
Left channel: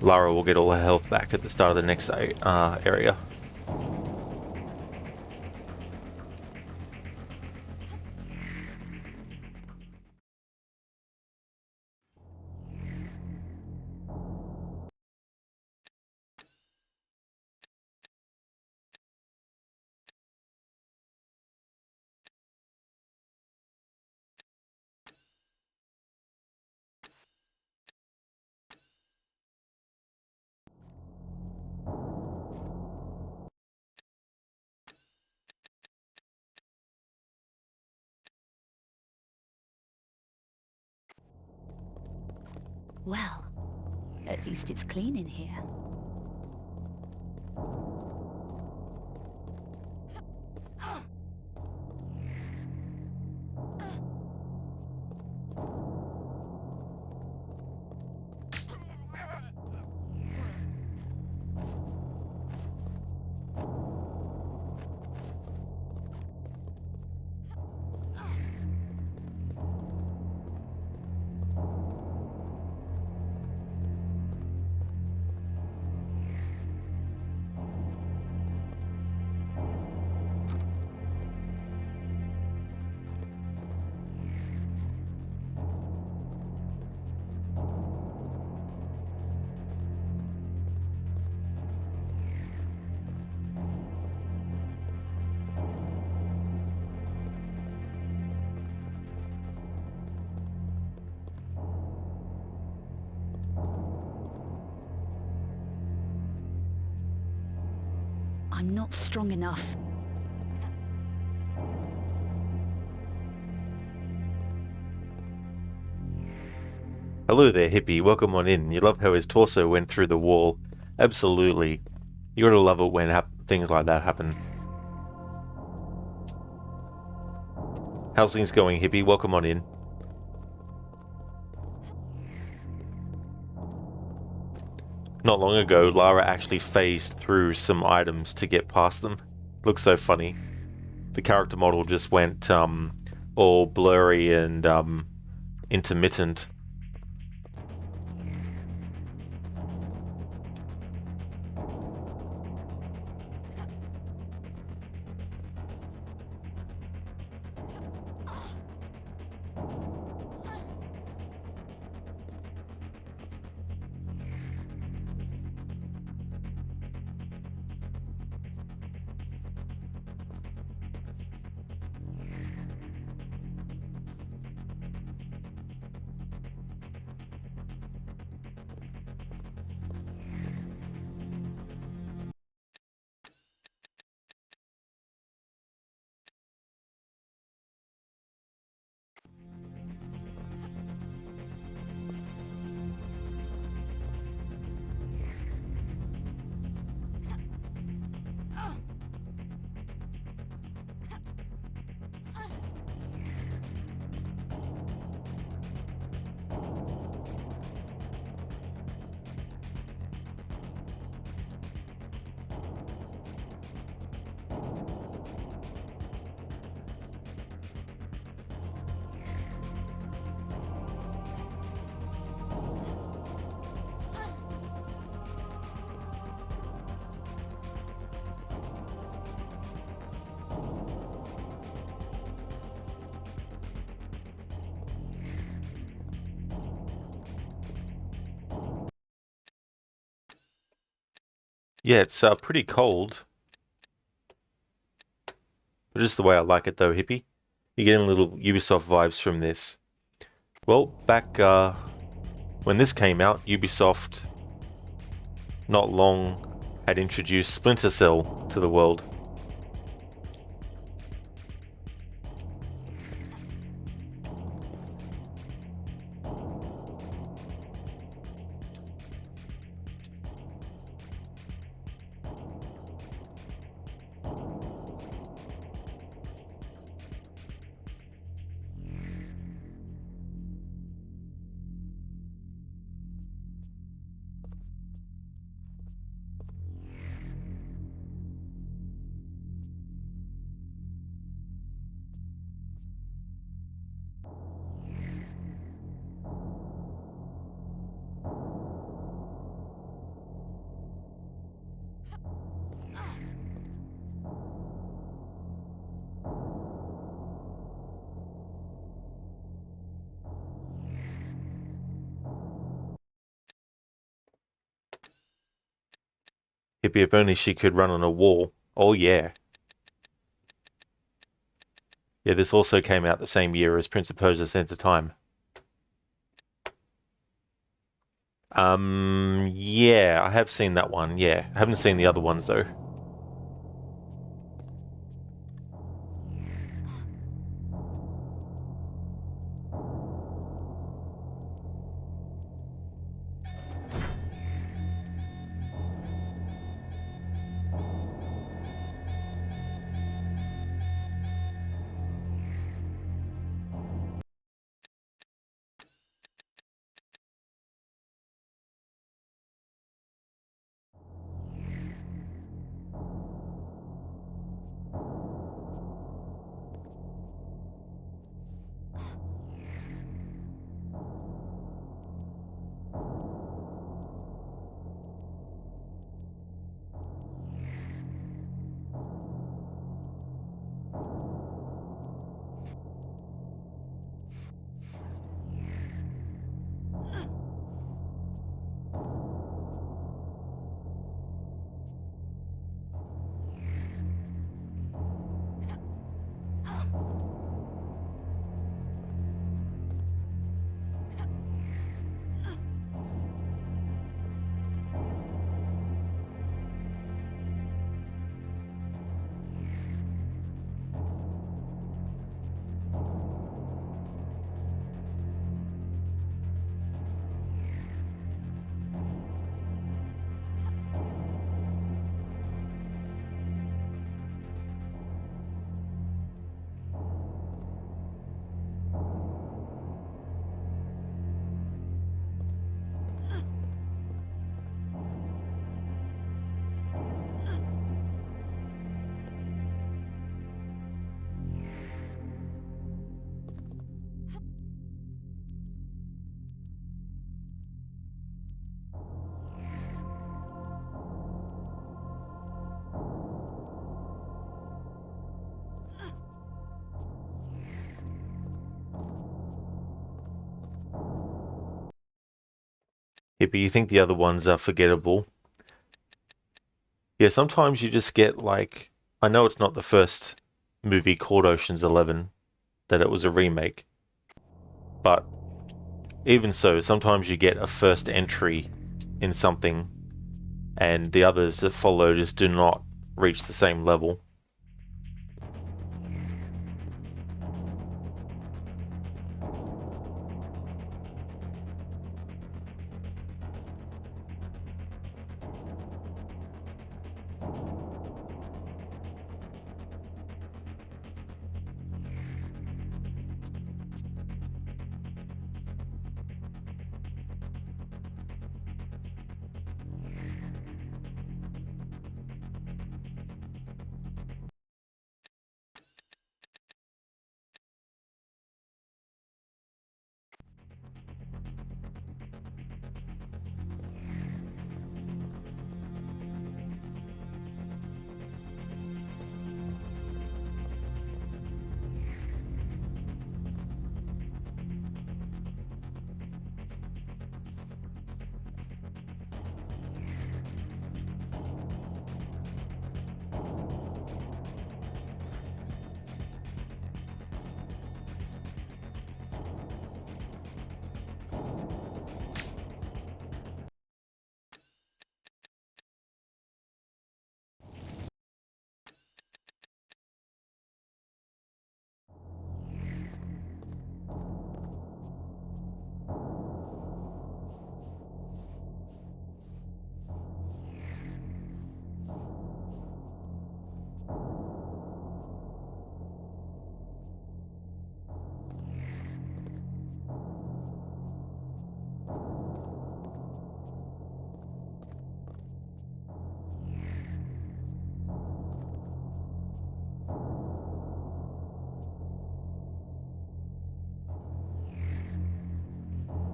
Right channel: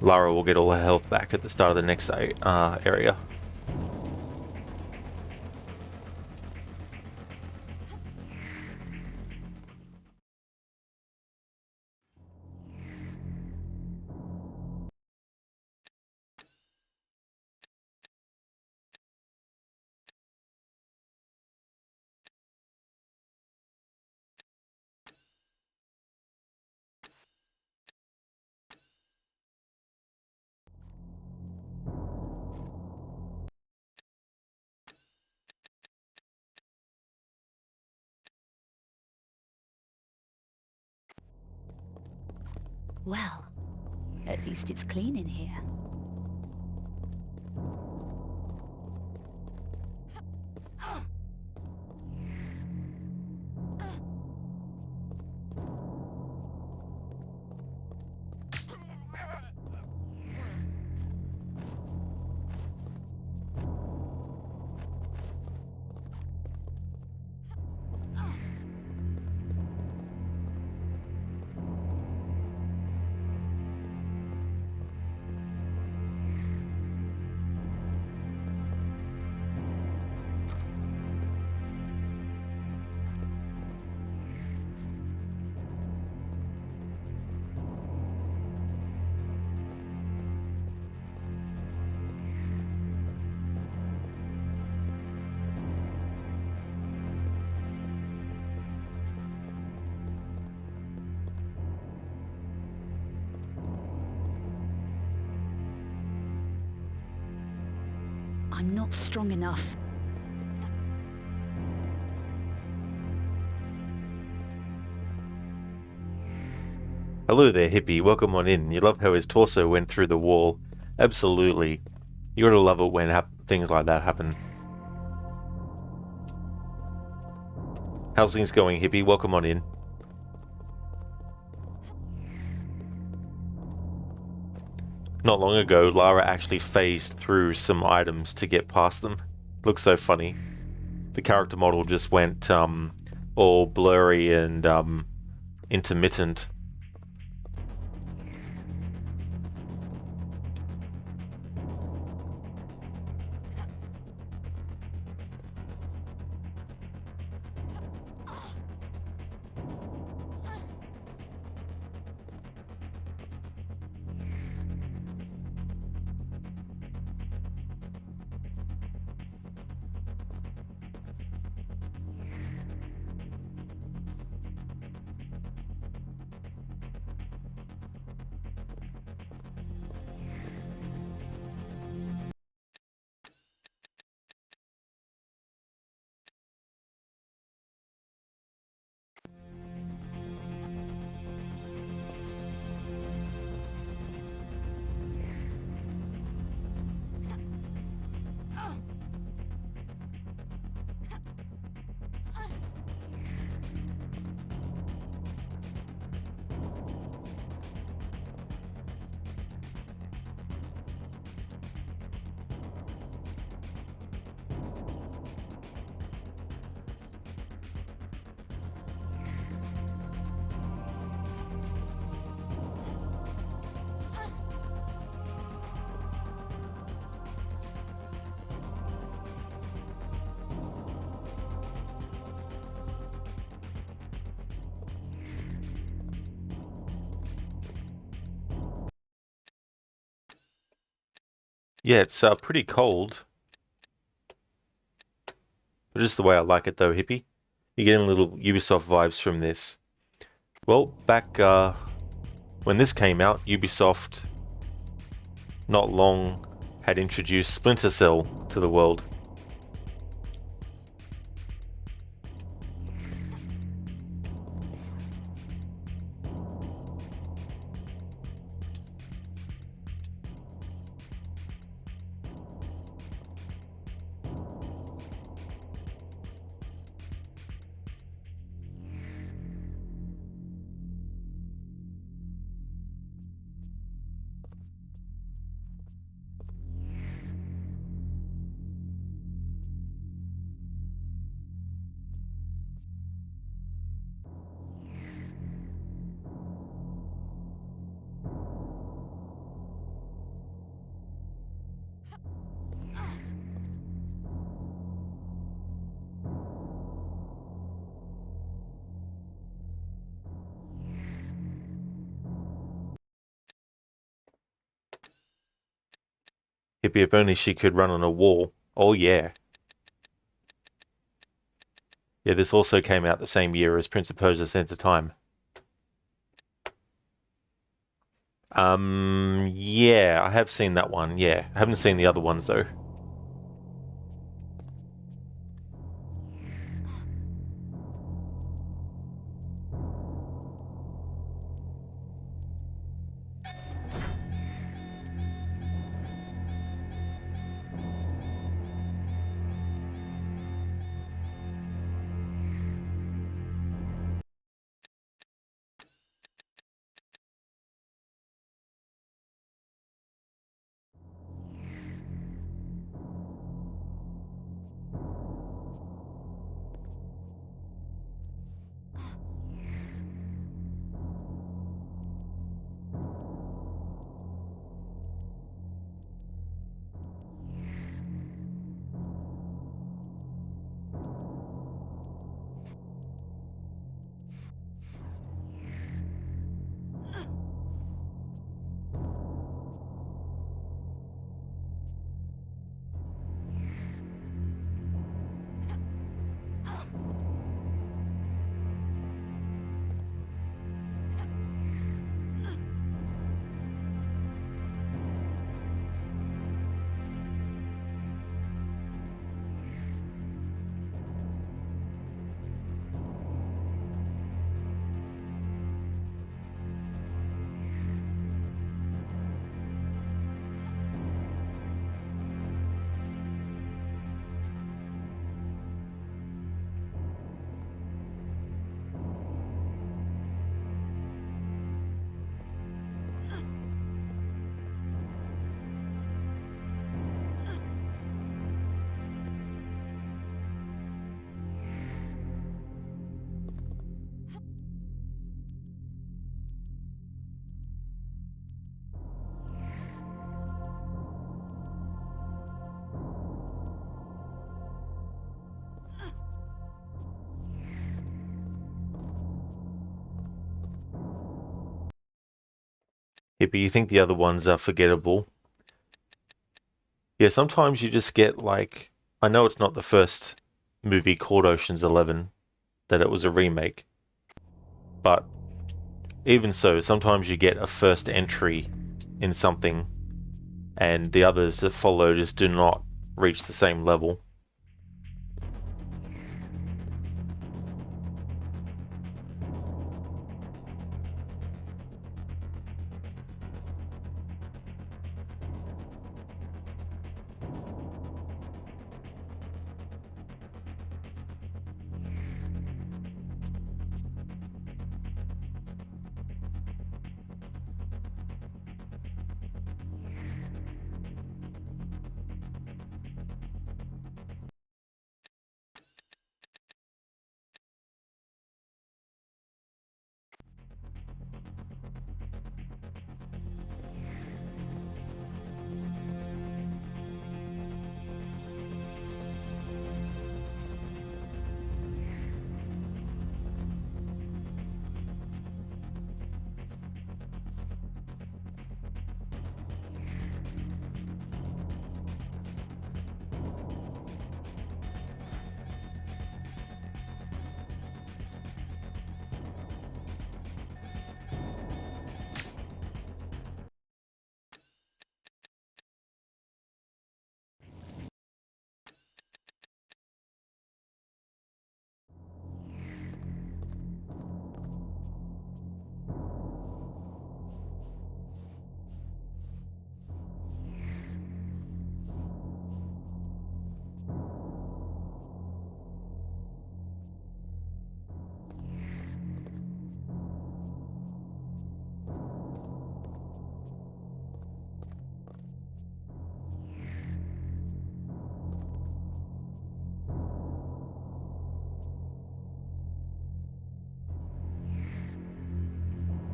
Lara will get all her health back at the start of the next area. Well, at least it's clean in here. I'm not strong enough. Hello there, hippie. Welcome on in. You love how his torso went through the wall. Absolutely. You gotta love it when things like that happen. How's things going, hippie? Welcome on in. Not long ago, Lara actually phased through some items to get past them. Looks so funny. The character model just went all blurry and intermittent. Yeah, it's pretty cold. But just the way I like it though, hippie. You're getting little Ubisoft vibes from this. Well, back when this came out, Ubisoft not long had introduced Splinter Cell to the world. Hippie, if only she could run on a wall. Oh yeah. Yeah, this also came out the same year as Prince of Persia: Sands of Time. Yeah, I have seen that one, yeah. I haven't seen the other ones though. Hippie, you think the other ones are forgettable. Yeah, sometimes you just get like, I know it's not the first movie called Ocean's 11, that it was a remake, but even so, sometimes you get a first entry in something and the others that follow just do not reach the same level.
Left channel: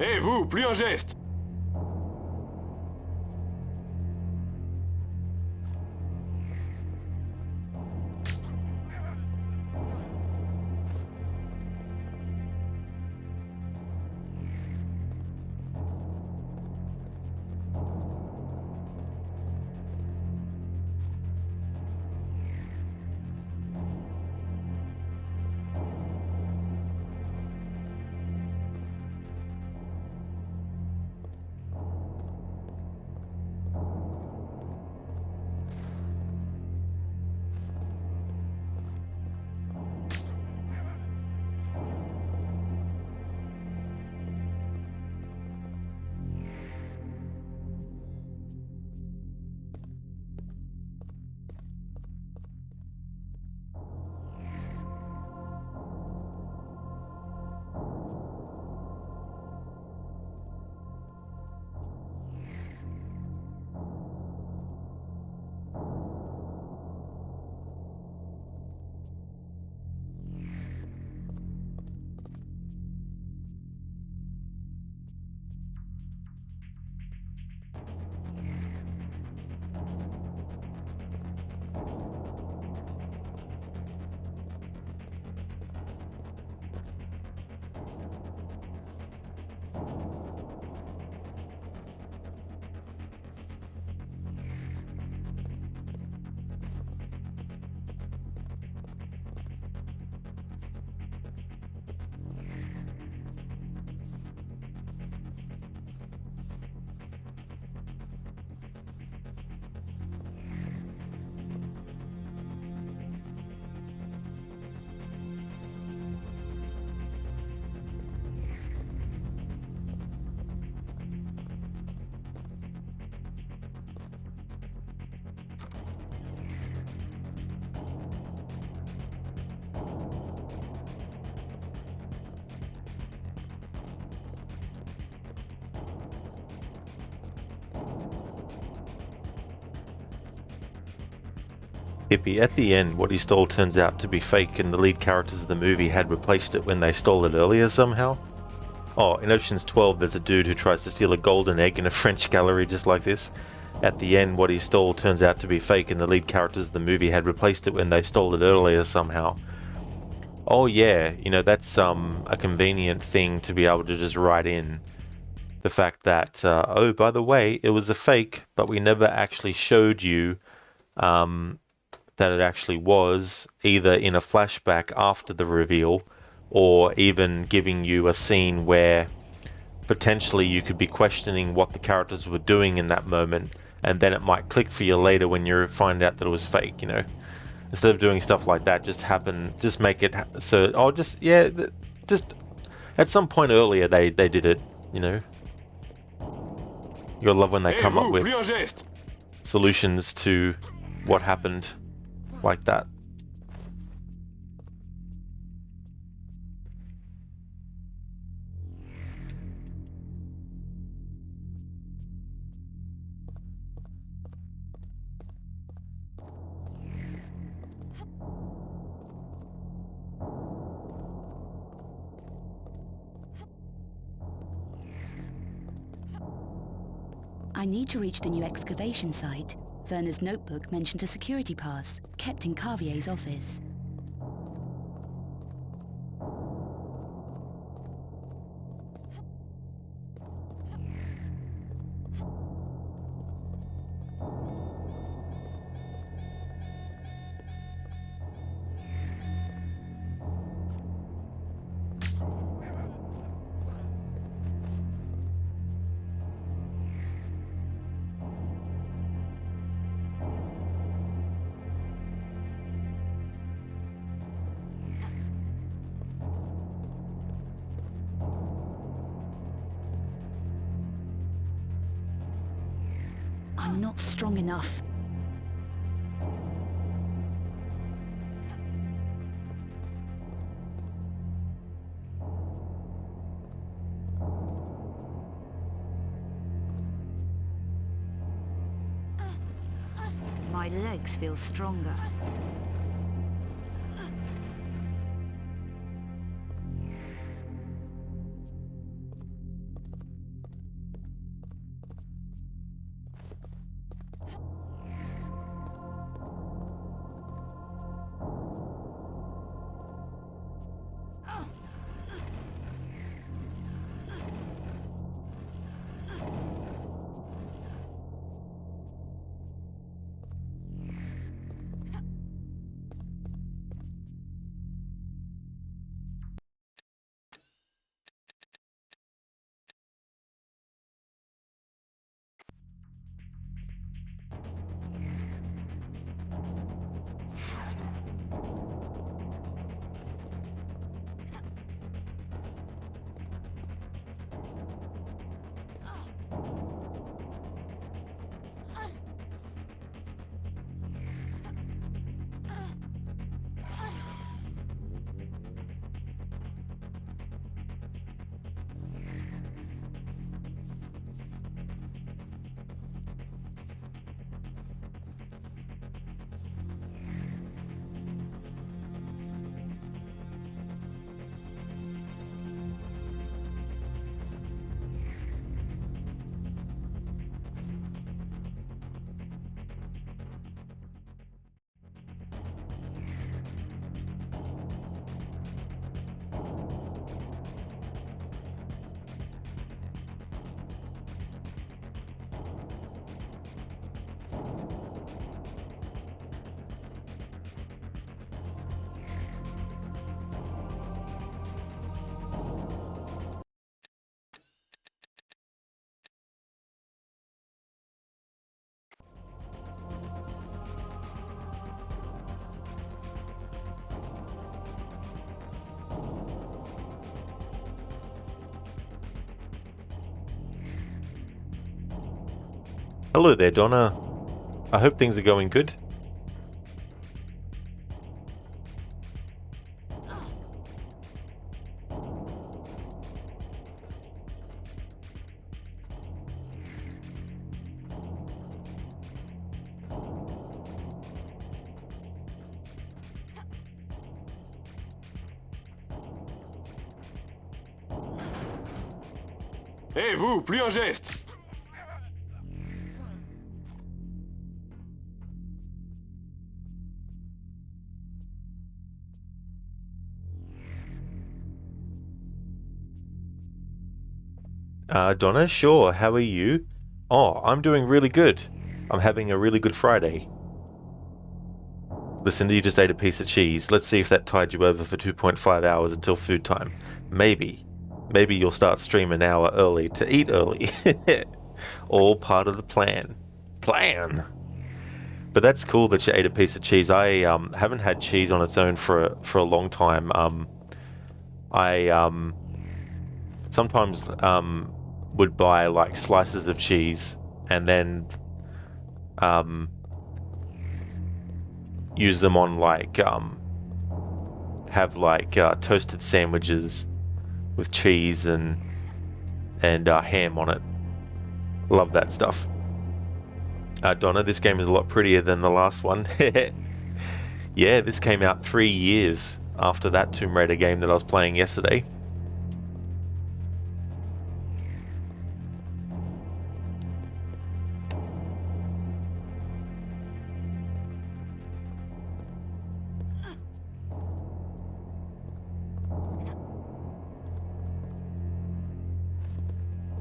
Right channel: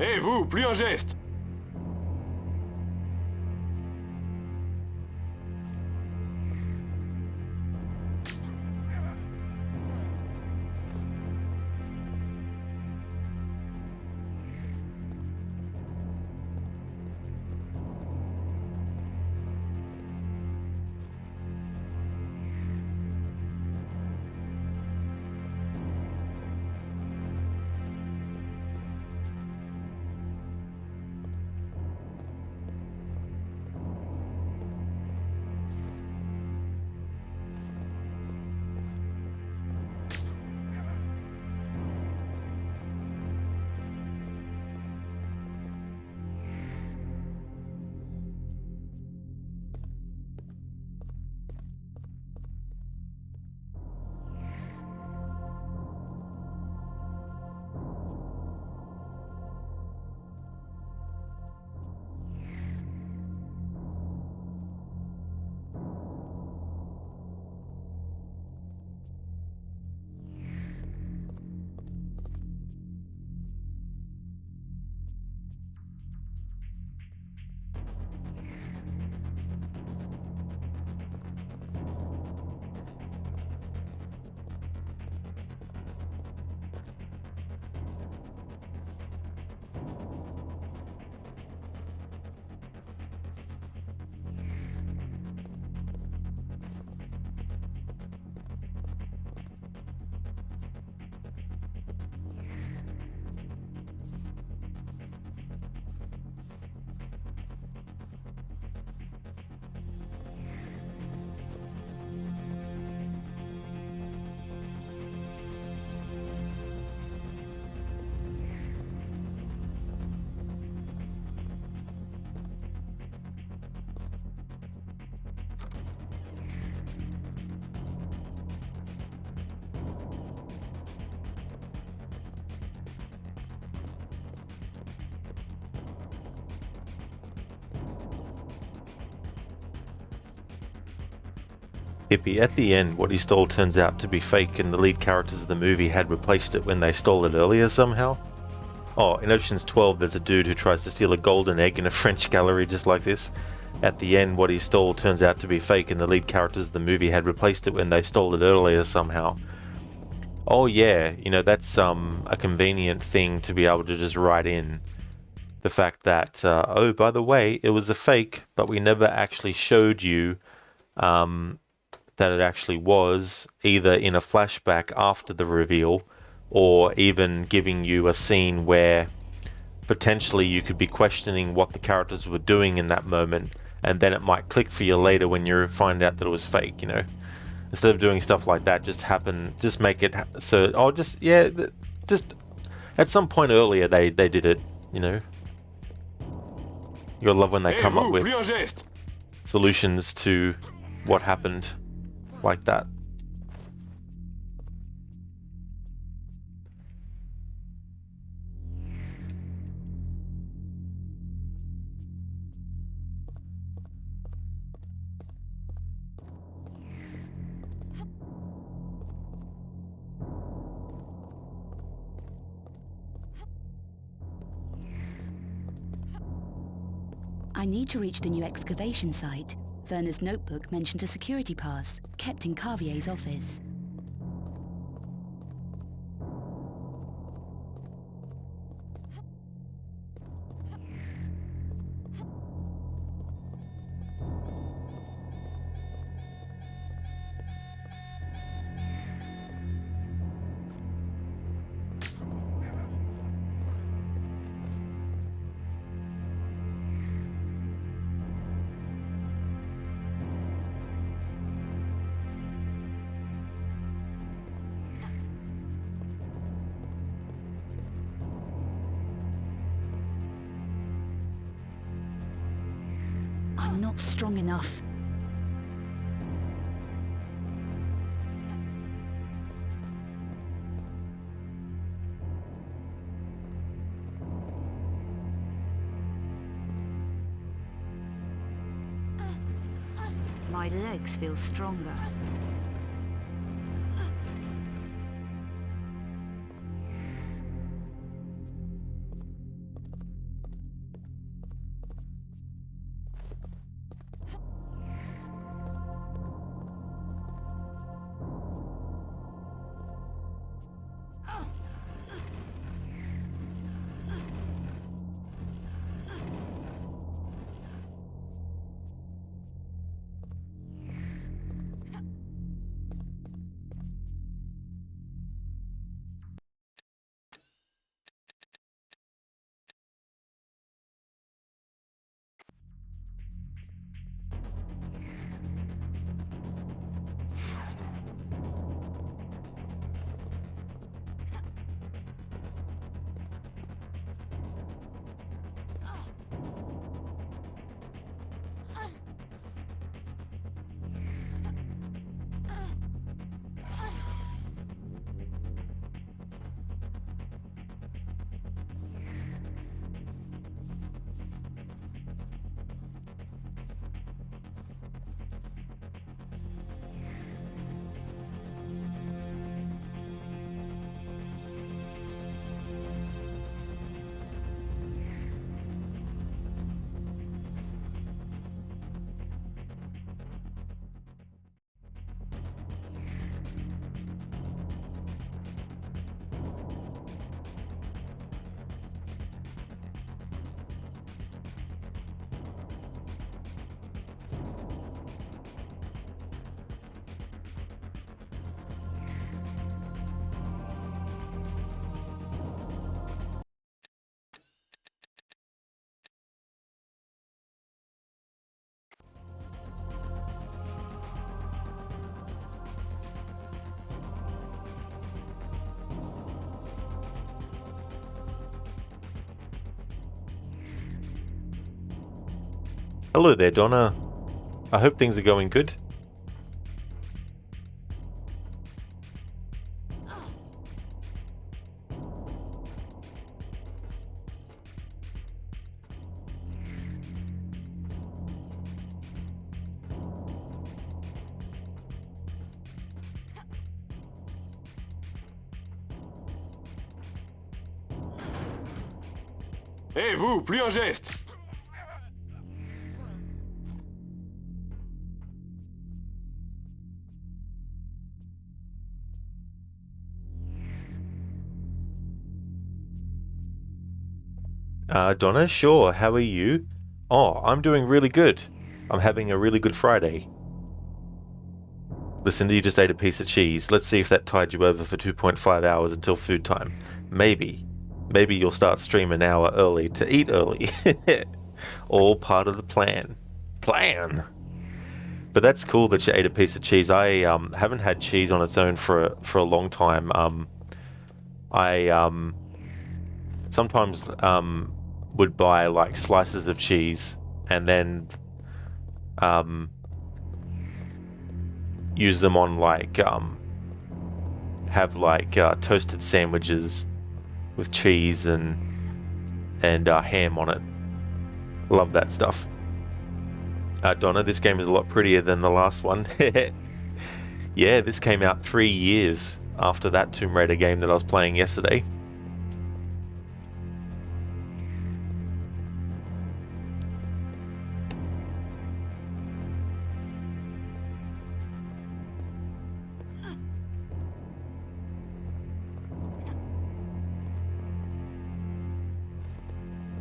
Hé, vous, plus un geste! Hippie, at the end, what he stole turns out to be fake and the lead characters of the movie had replaced it when they stole it earlier somehow. Oh, in Ocean's 12 there's a dude who tries to steal a golden egg in a French gallery just like this. At the end, what he stole turns out to be fake and the lead characters of the movie had replaced it when they stole it earlier somehow. Oh yeah, you know, that's a convenient thing to be able to just write in. the fact that, oh, by the way, it was a fake, but we never actually showed you that it actually was, either in a flashback after the reveal, or even giving you a scene where potentially you could be questioning what the characters were doing in that moment, and then it might click for you later when you find out that it was fake, you know? Instead of doing stuff like that, just make it so, oh, just at some point earlier they did it, you know? You'll love when they come up with solutions to what happened like that. I need to reach the new excavation site. Werner's notebook mentioned a security pass, kept in Carvier's office. I'm not strong enough. My legs feel stronger. Hello there, Donna. I hope things are going good. Hé, vous, plus un geste! Donna, sure, how are you? Oh, I'm doing really good. I'm having a really good Friday. Listen, you just ate a piece of cheese. Let's see if that tied you over for 2.5 hours until food time. Maybe. Maybe you'll start stream an hour early to eat early. All part of the plan. Plan! But that's cool that you ate a piece of cheese. I haven't had cheese on its own for a long time. I sometimes would buy like slices of cheese and then use them on like have like toasted sandwiches with cheese and ham on it. Love that stuff. Donna, this game is a lot prettier than the last one. Yeah, this came out 3 years after that Tomb Raider game that I was playing yesterday.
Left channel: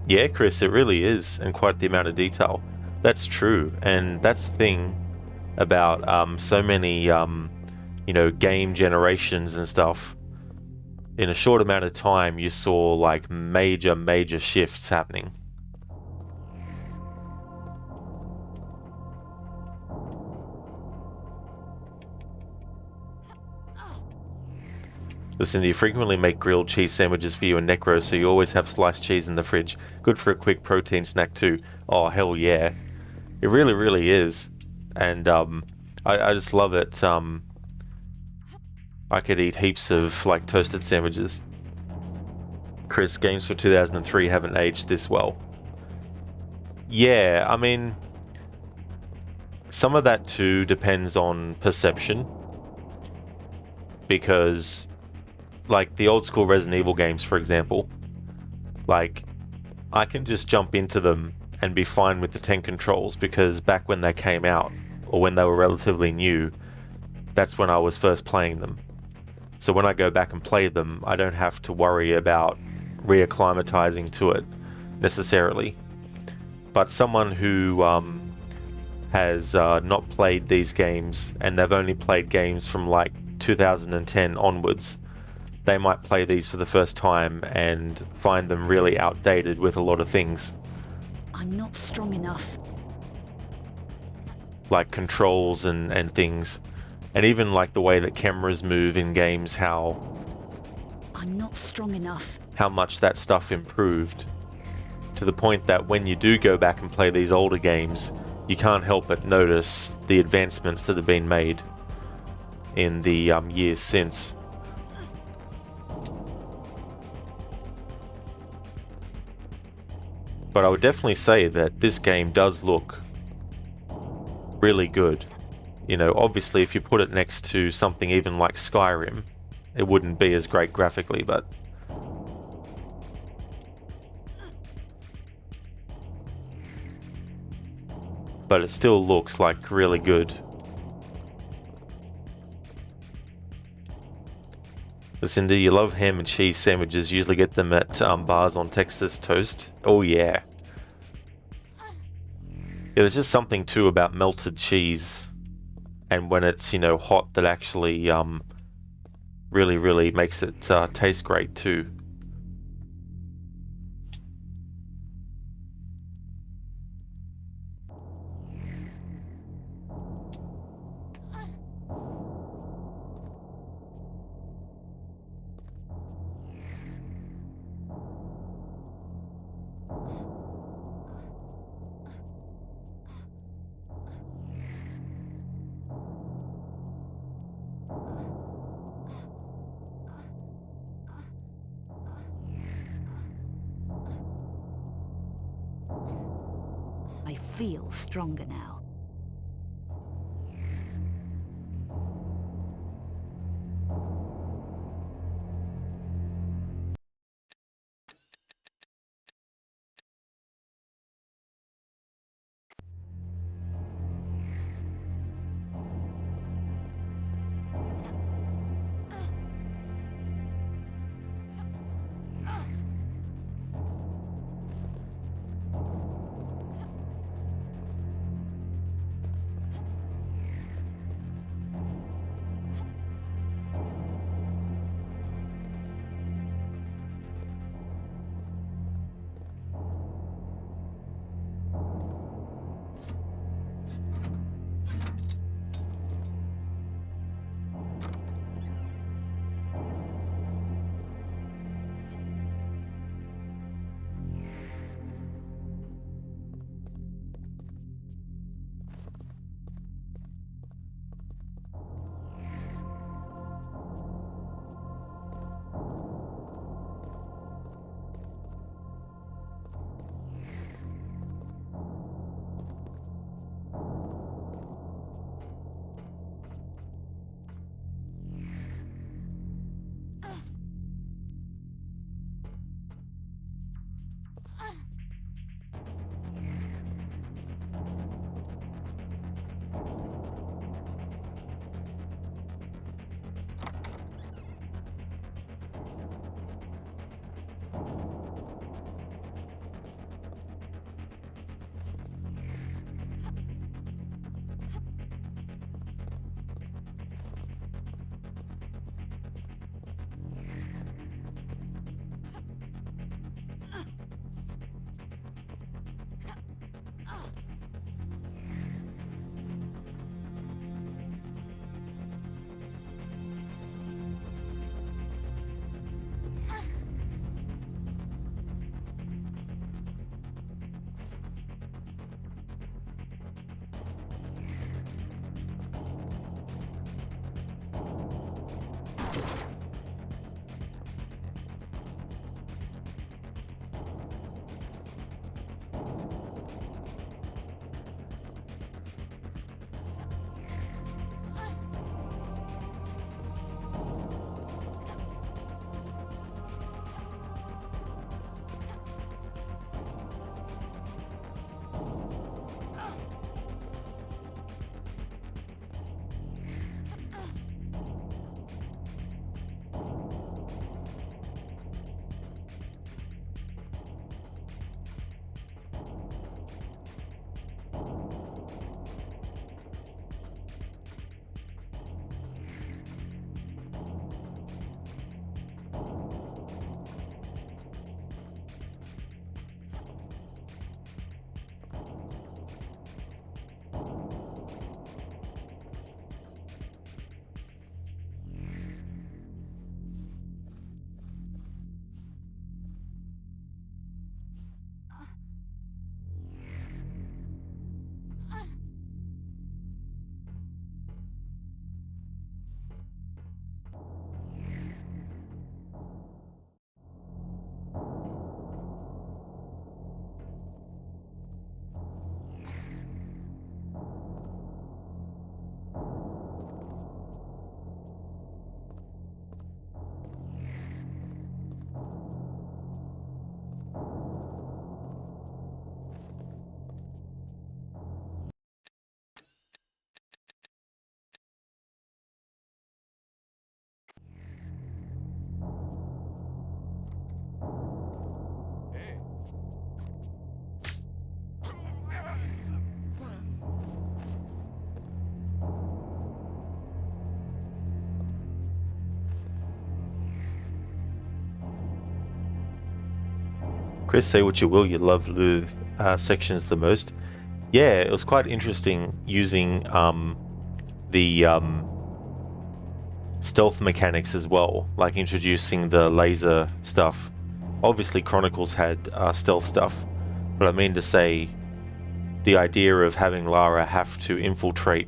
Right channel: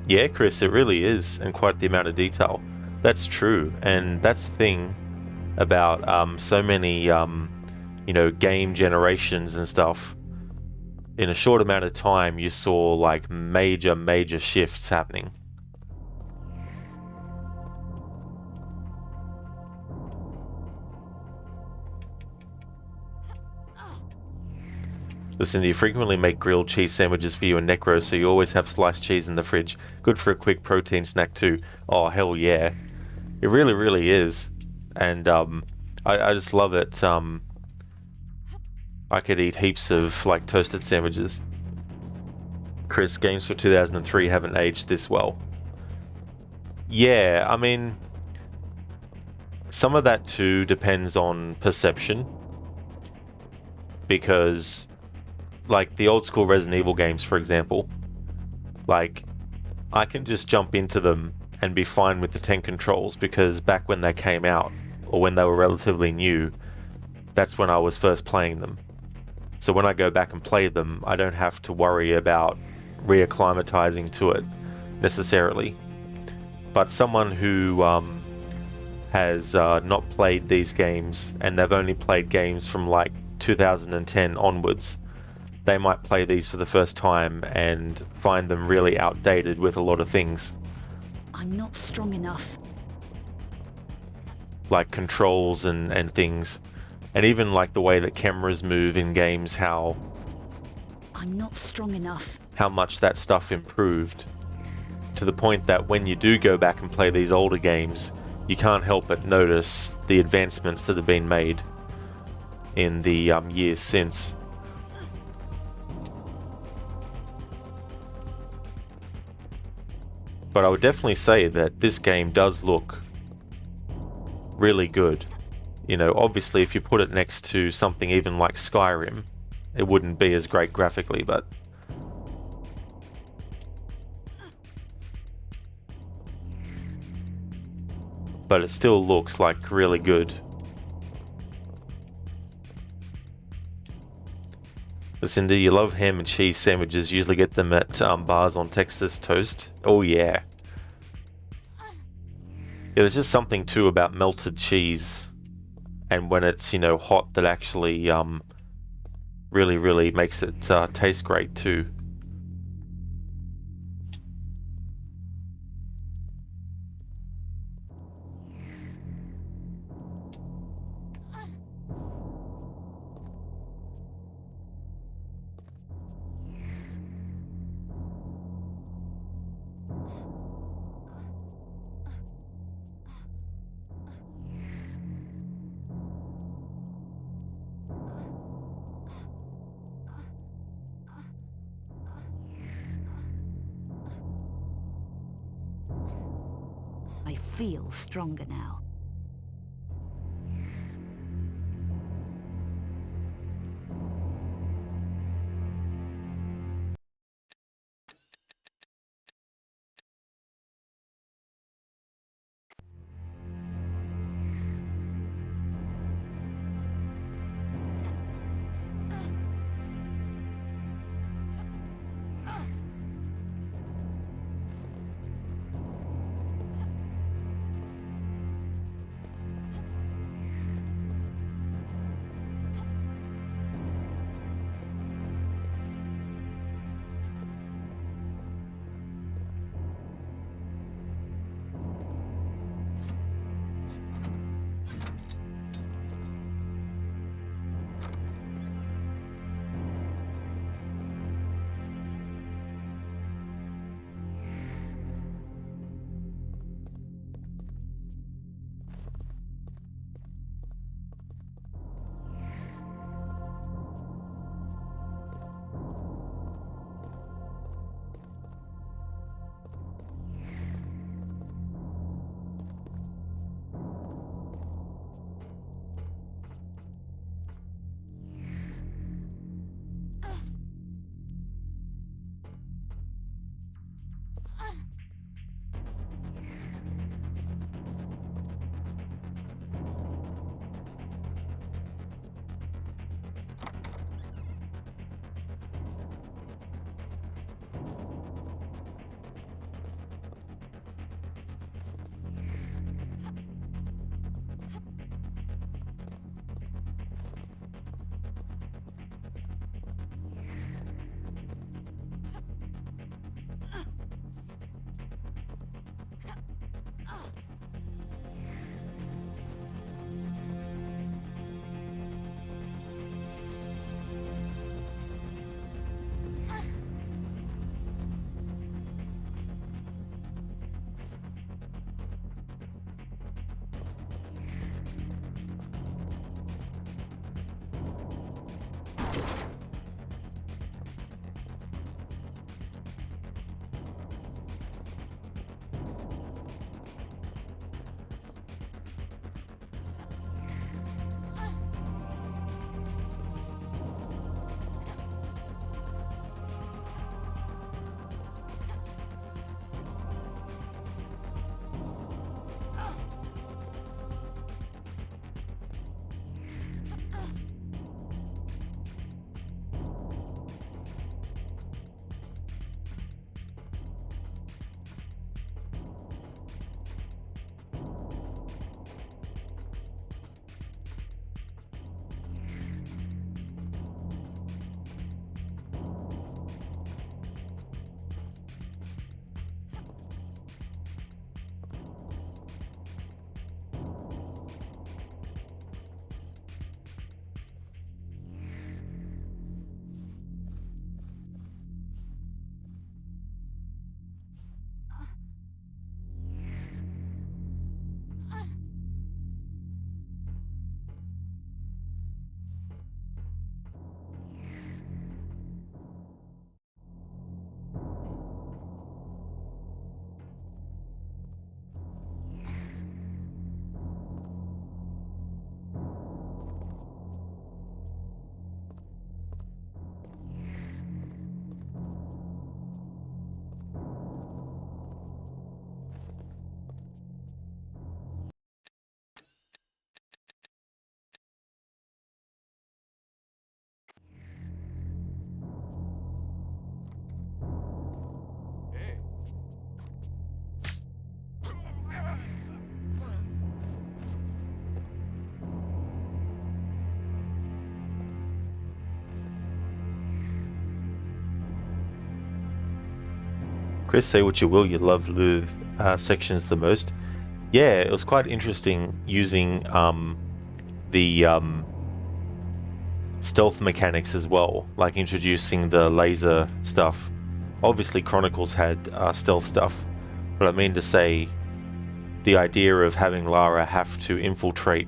Yeah, Chris, it really is, and quite the amount of detail. That's true, and that's the thing about so many, you know, game generations and stuff. In a short amount of time, you saw like major shifts happening. Listen, you frequently make grilled cheese sandwiches for you and Necro, so you always have sliced cheese in the fridge. Good for a quick protein snack too. Oh, hell yeah. It really is. And I just love it. I could eat heaps of like toasted sandwiches. Chris, games for 2003 haven't aged this well. Yeah, I mean, some of that too depends on perception. Because like the old school Resident Evil games, for example, like I can just jump into them and be fine with the 10 controls because back when they came out, or when they were relatively new, that's when I was first playing them. So when I go back and play them, I don't have to worry about reacclimatizing to it necessarily. But someone who has not played these games, and they've only played games from like 2010 onwards, they might play these for the first time and find them really outdated with a lot of things. I'm not strong enough. Like controls and things. And even like the way that cameras move in games, how I'm not strong enough. How much that stuff improved. To the point that when you do go back and play these older games, you can't help but notice the advancements that have been made in the years since. But I would definitely say that this game does look really good. You know, obviously if you put it next to something even like Skyrim, it wouldn't be as great graphically, but it still looks like really good. Listen, do you love ham and cheese sandwiches? Usually get them at bars on Texas Toast. Oh yeah. Yeah, there's just something too about melted cheese, and when it's, you know, hot, that actually really makes it taste great too. I feel stronger now. Chris, say what you will, you love Louvre sections the most. Yeah, it was quite interesting using the stealth mechanics as well, like introducing the laser stuff. Obviously Chronicles had stealth stuff, but I mean to say the idea of having Lara have to infiltrate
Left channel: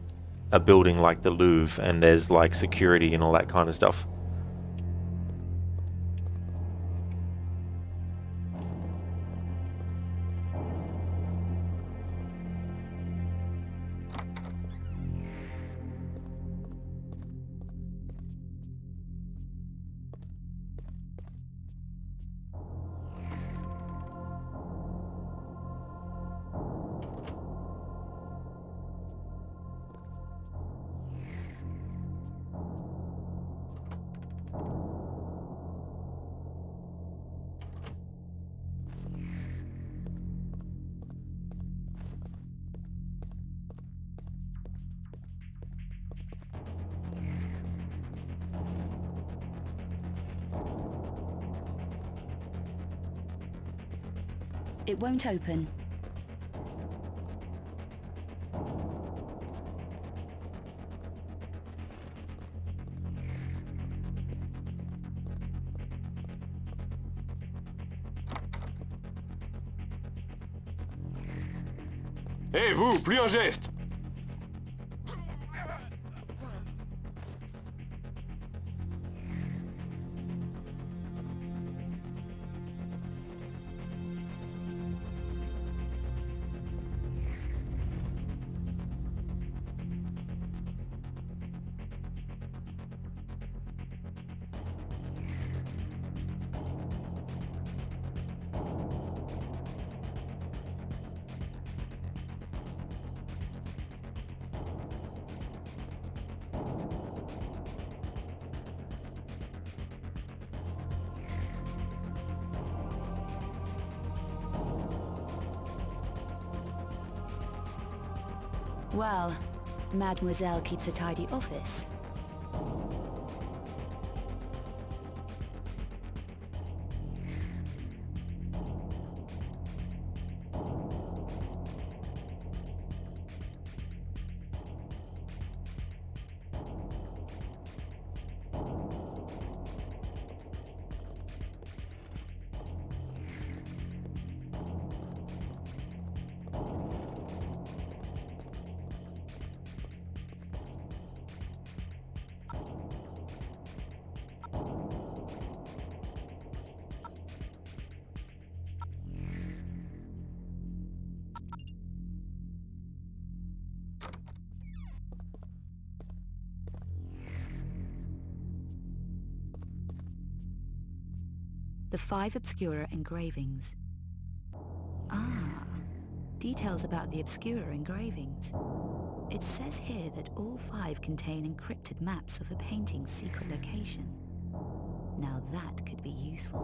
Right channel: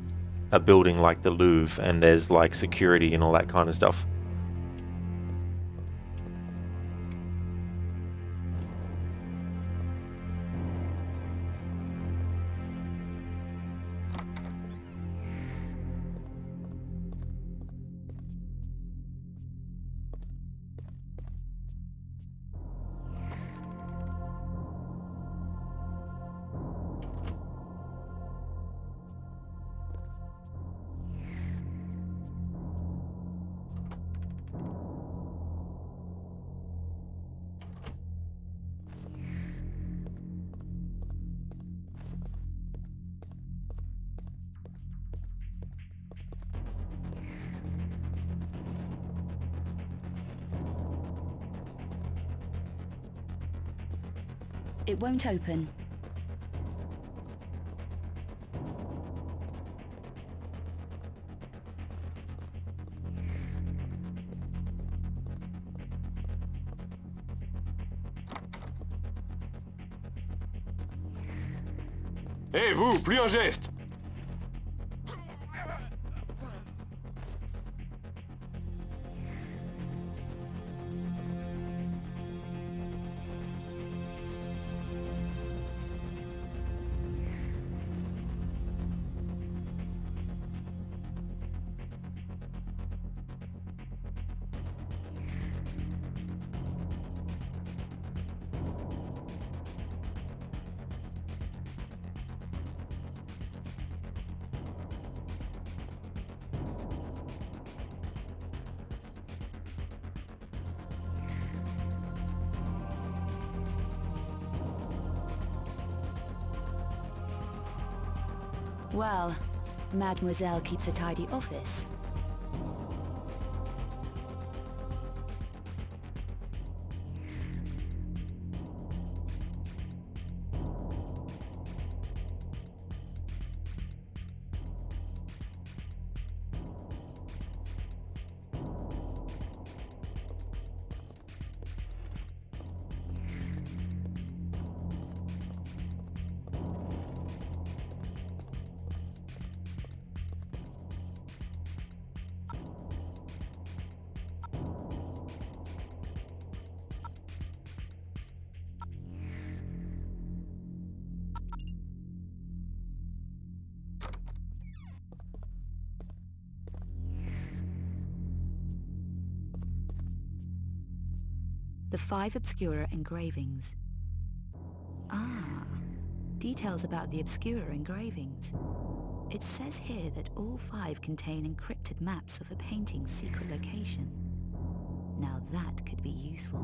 a building like the Louvre and there's like security and all that kind of stuff. It won't open. Hé, vous, plus un geste! Well, Mademoiselle keeps a tidy office. The 5 Obscura engravings. Ah, details about the Obscura engravings. It says here that all 5 contain encrypted maps of a painting's secret location. Now that could be useful.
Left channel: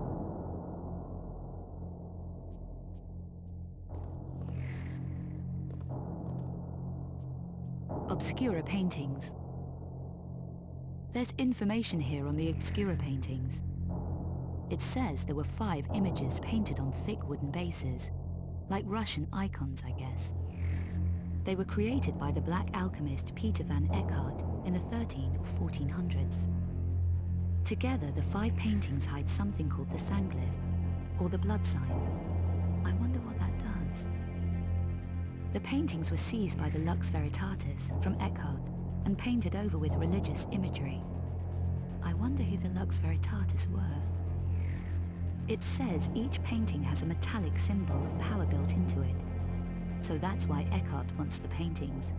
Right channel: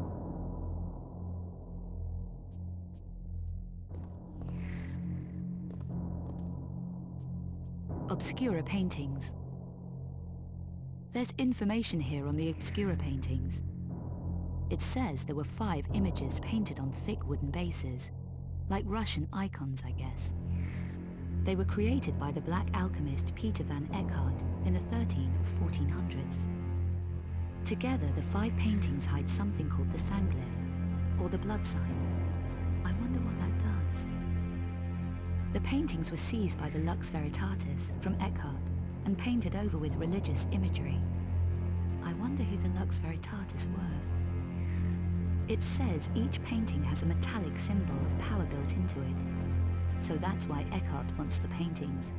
Obscura paintings. There's information here on the Obscura paintings. It says there were 5 images painted on thick wooden bases, like Russian icons, I guess. They were created by the black alchemist Peter van Eckhart in the 13 or 1400s. Together, the 5 paintings hide something called the Sanglyph, or the blood sign. I wonder what that does. The paintings were seized by the Lux Veritatis from Eckhart and painted over with religious imagery. I wonder who the Lux Veritatis were. It says each painting has a metallic symbol of power built into it. So that's why Eckhart wants the paintings.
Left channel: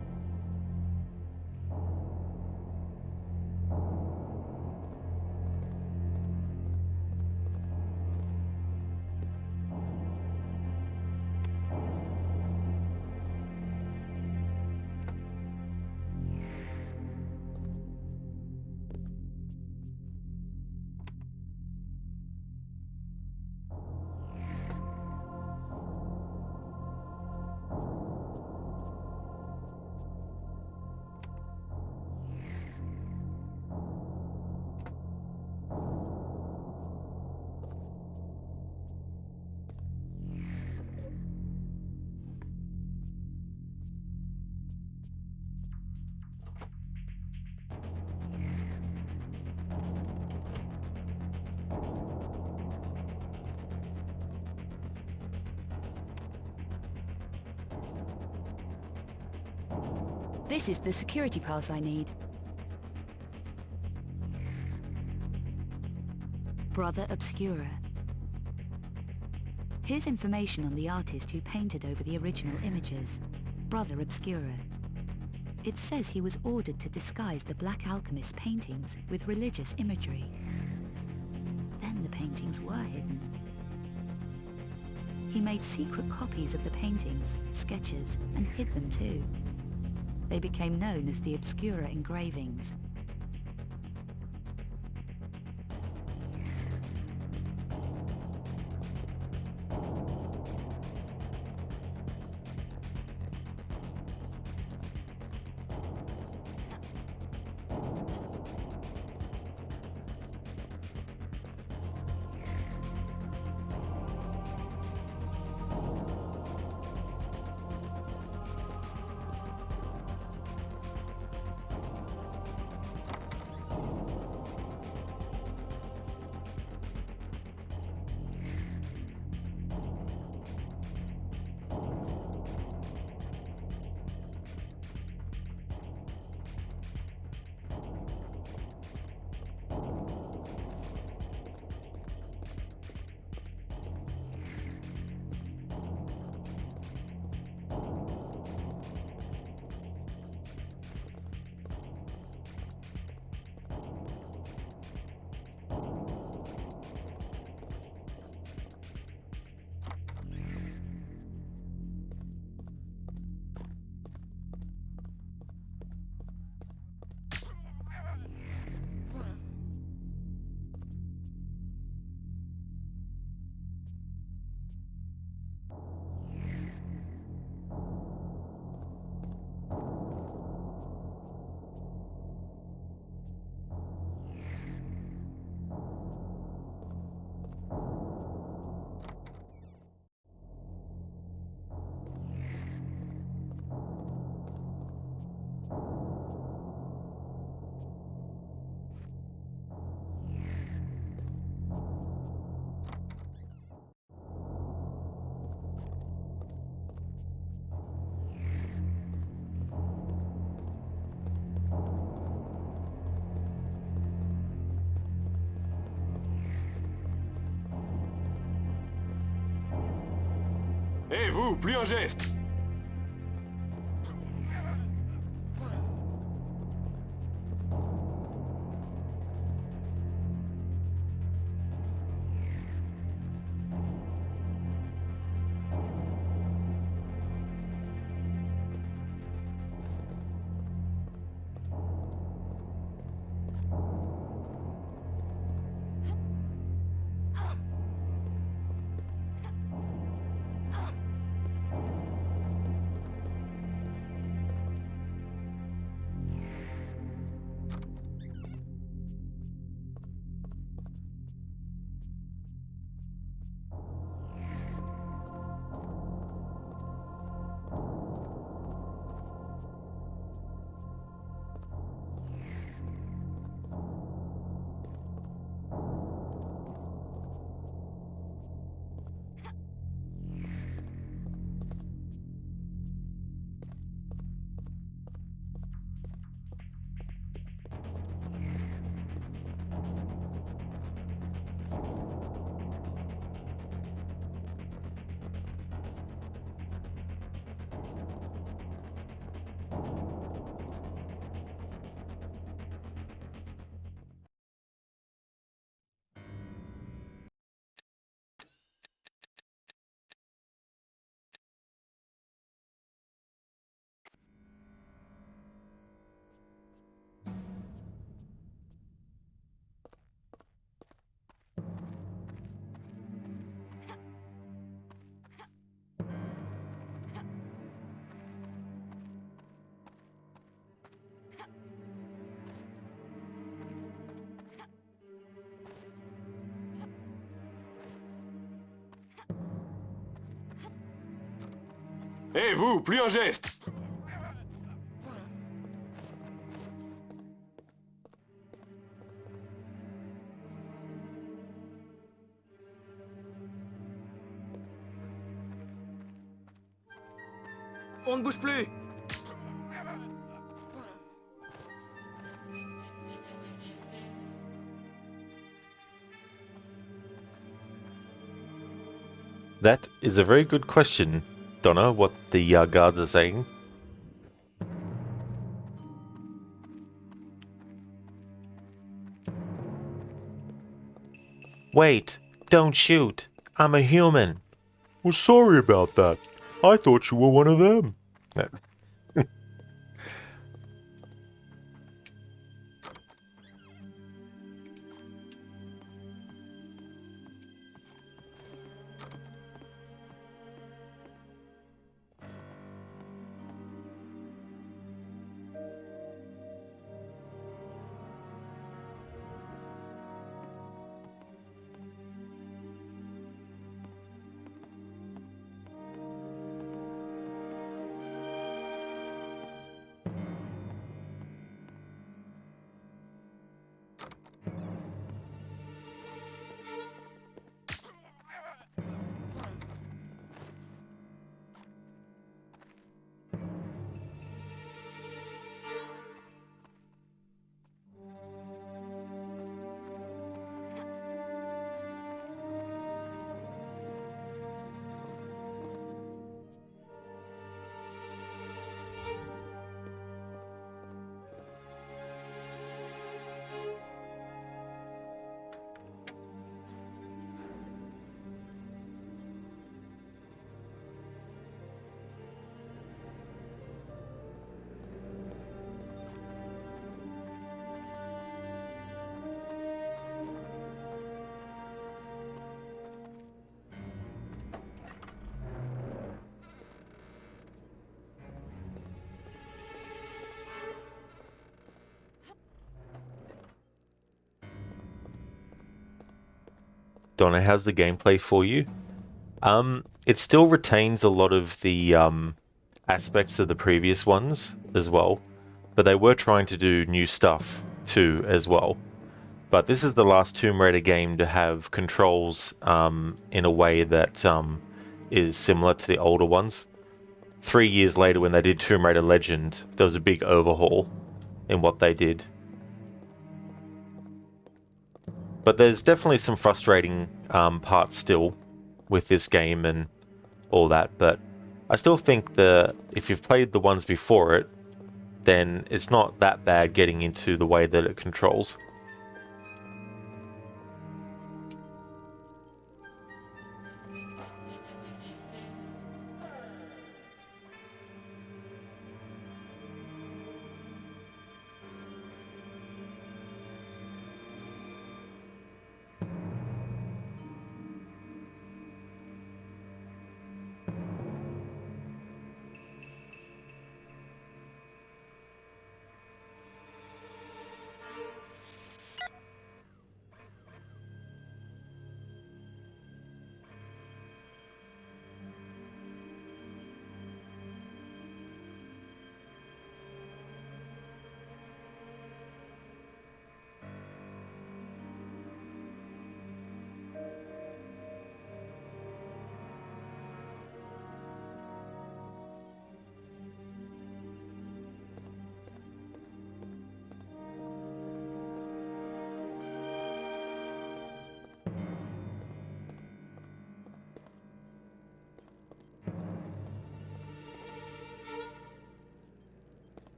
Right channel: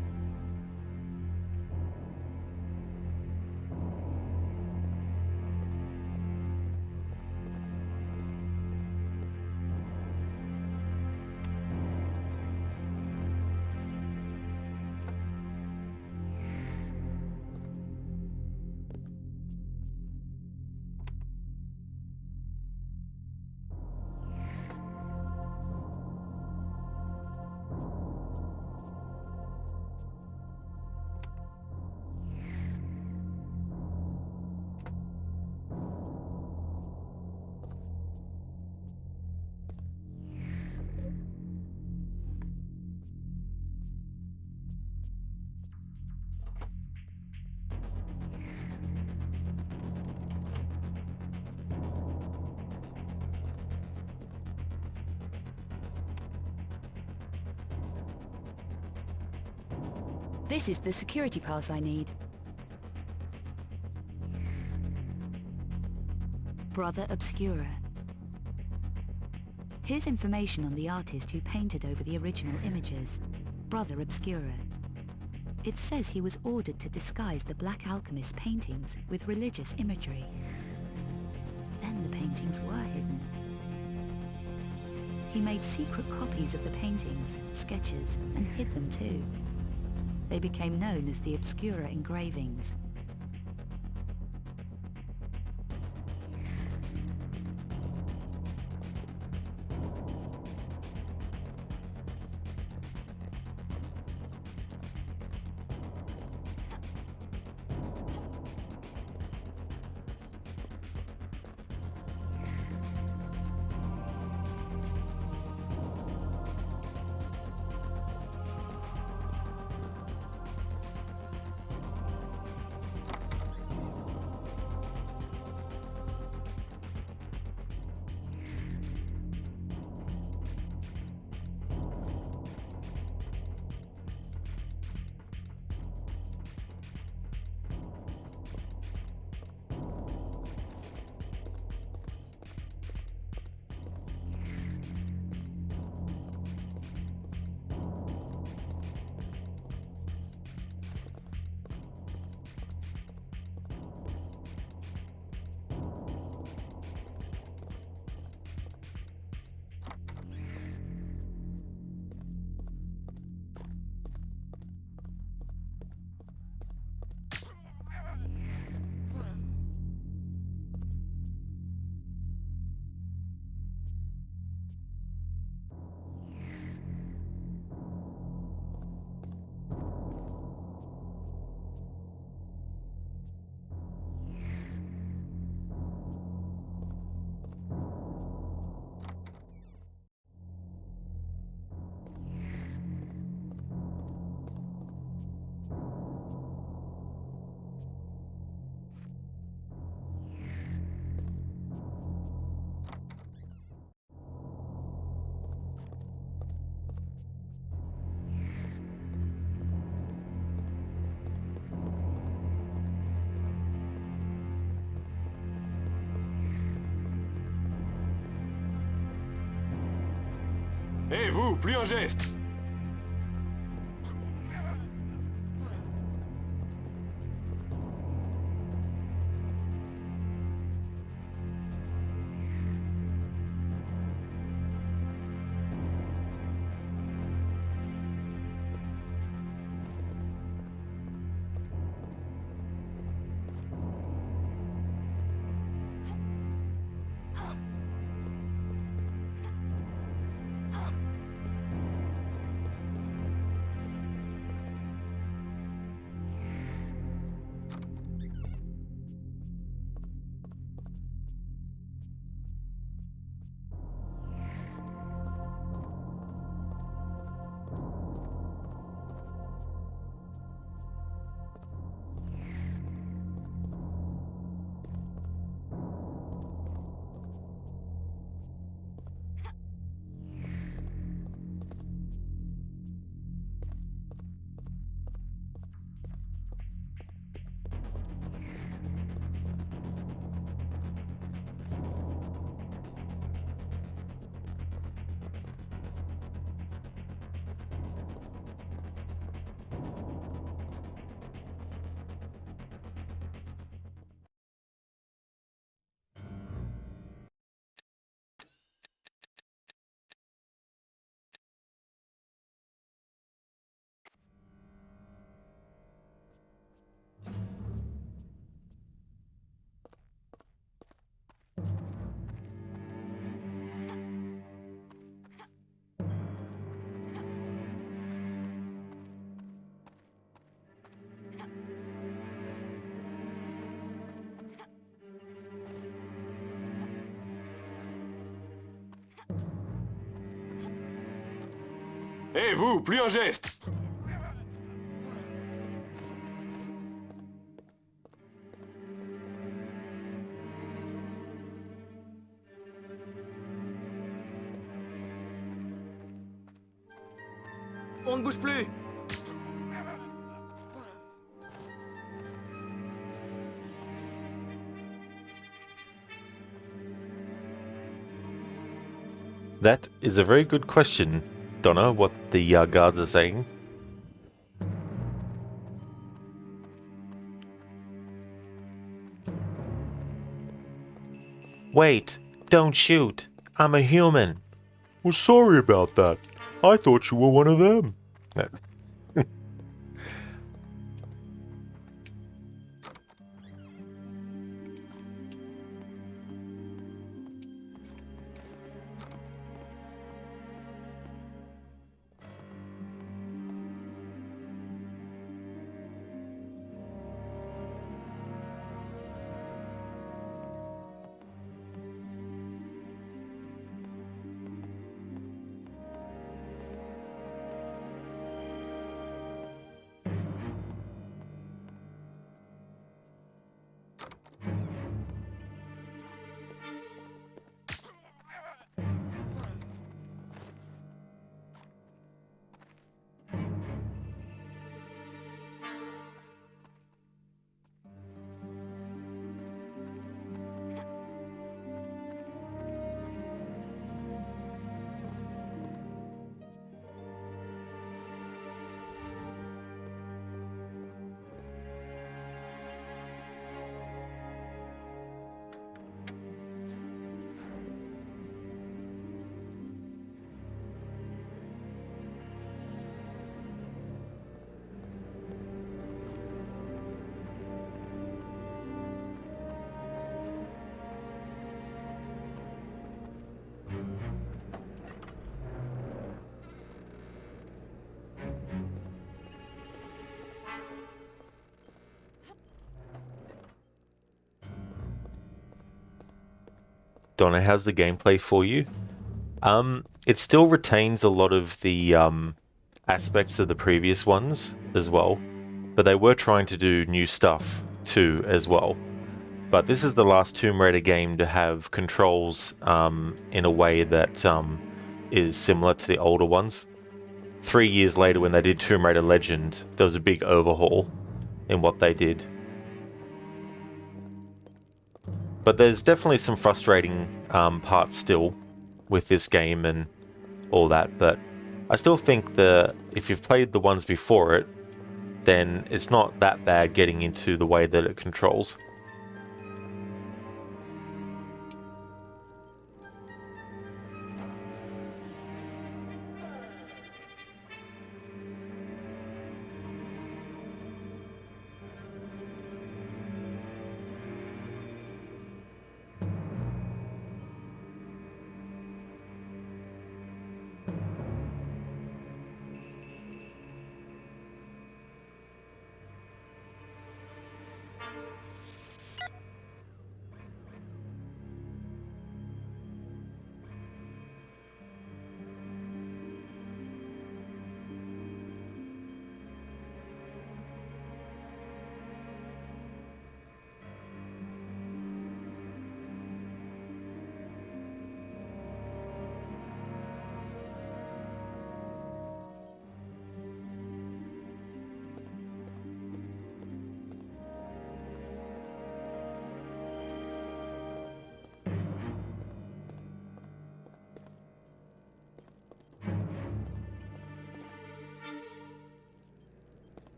This is the security pass I need. Brother Obscura. Here's information on the artist who painted over the original images, Brother Obscura. It says he was ordered to disguise the Black Alchemist's paintings with religious imagery. Then the paintings were hidden. He made secret copies of the paintings, sketches, and hid them too. They became known as the Obscura engravings. Hé, vous, plus un geste! Hé, vous, plus un geste! On ne bouge plus! That is a very good question, Donna, what the guards are saying. Wait, don't shoot. I'm a human. Well, sorry about that. I thought you were one of them. Donna, how's the gameplay for you? It still retains a lot of the aspects of the previous ones as well, but they were trying to do new stuff too as well. But this is the last Tomb Raider game to have controls in a way that is similar to the older ones. 3 years later, when they did Tomb Raider Legend, there was a big overhaul in what they did. But there's definitely some frustrating parts still with this game and all that, but I still think that if you've played the ones before it, then it's not that bad getting into the way that it controls.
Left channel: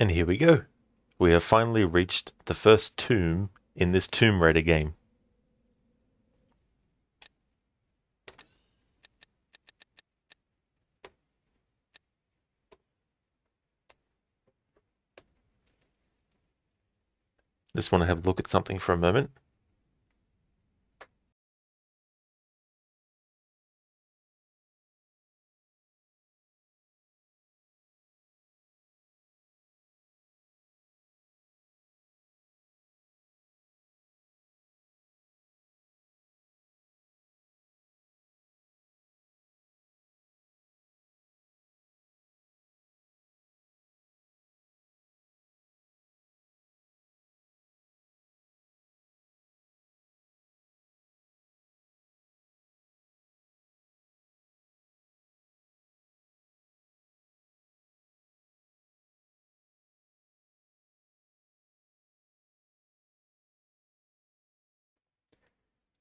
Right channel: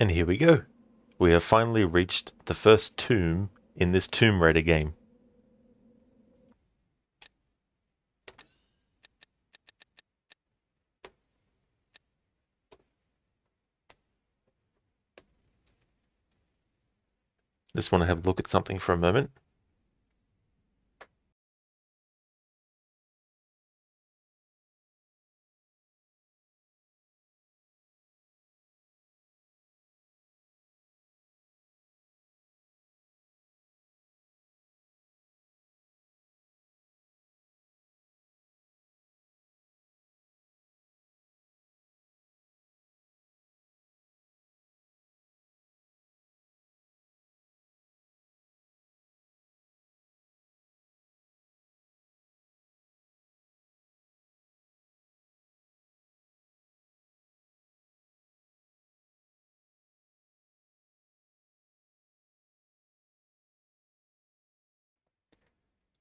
And here we go. We have finally reached the first tomb in this Tomb Raider game. Just want to have a look at something for a moment.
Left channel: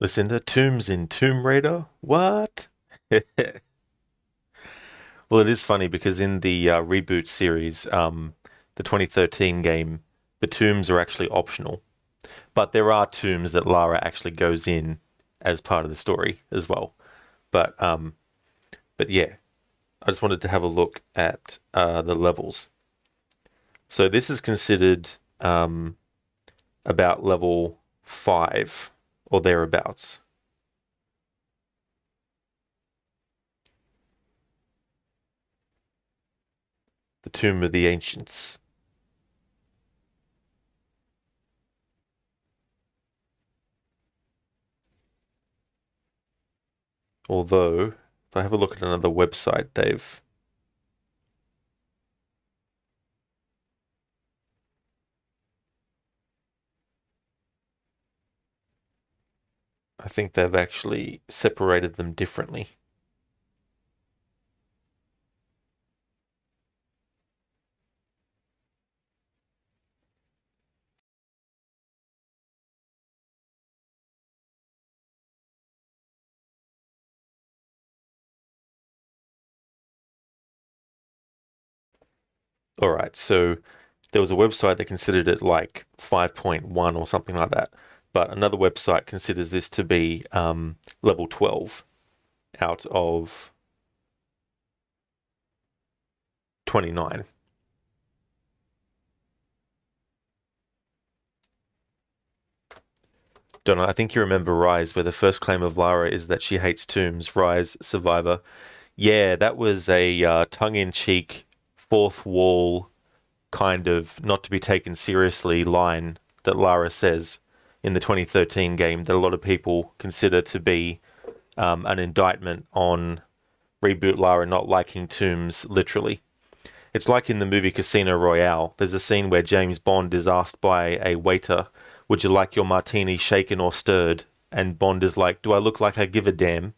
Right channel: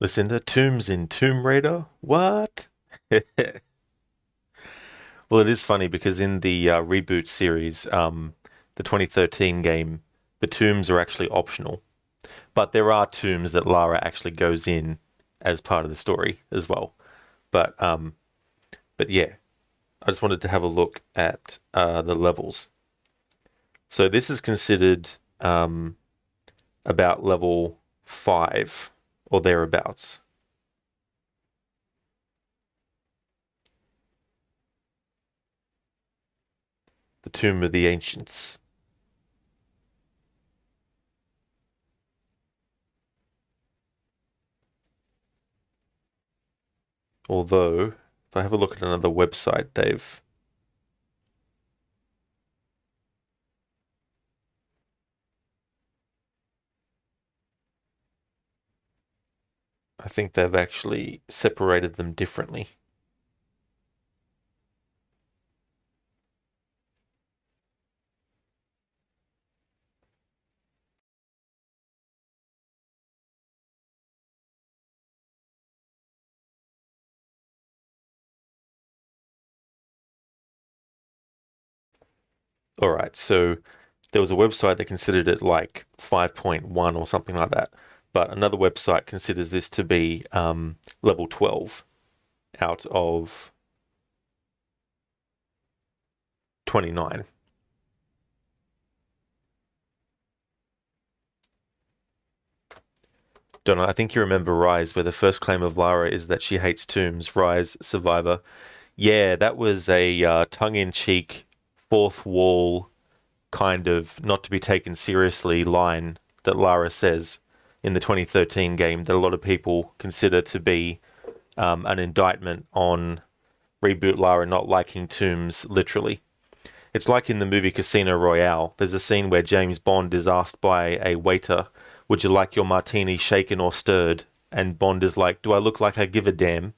Listen to tombs in Tomb Raider? What? Well, it is funny because in the reboot series, the 2013 game, the tombs are actually optional. But there are tombs that Lara actually goes in as part of the story as well. But yeah, I just wanted to have a look at the levels. So this is considered about level 5 or thereabouts. The Tomb of the Ancients. Although, if I have a look at another website, Dave, I think they've actually separated them differently. All right, so there was a website that considered it like 5.1 or something like that, but another website considers this to be level 12 out of 29. Donna, I think you remember Rise, where the first claim of Lara is that she hates tombs. Rise, Survivor. Yeah, that was a tongue-in-cheek, fourth wall kind of not to be taken seriously line that Lara says in the 2013 game that a lot of people consider to be an indictment on Reboot Lara not liking tombs literally. It's like in the movie Casino Royale. There's a scene where James Bond is asked by a waiter, "Would you like your martini shaken or stirred?" And Bond is like, "Do I look like I give a damn?"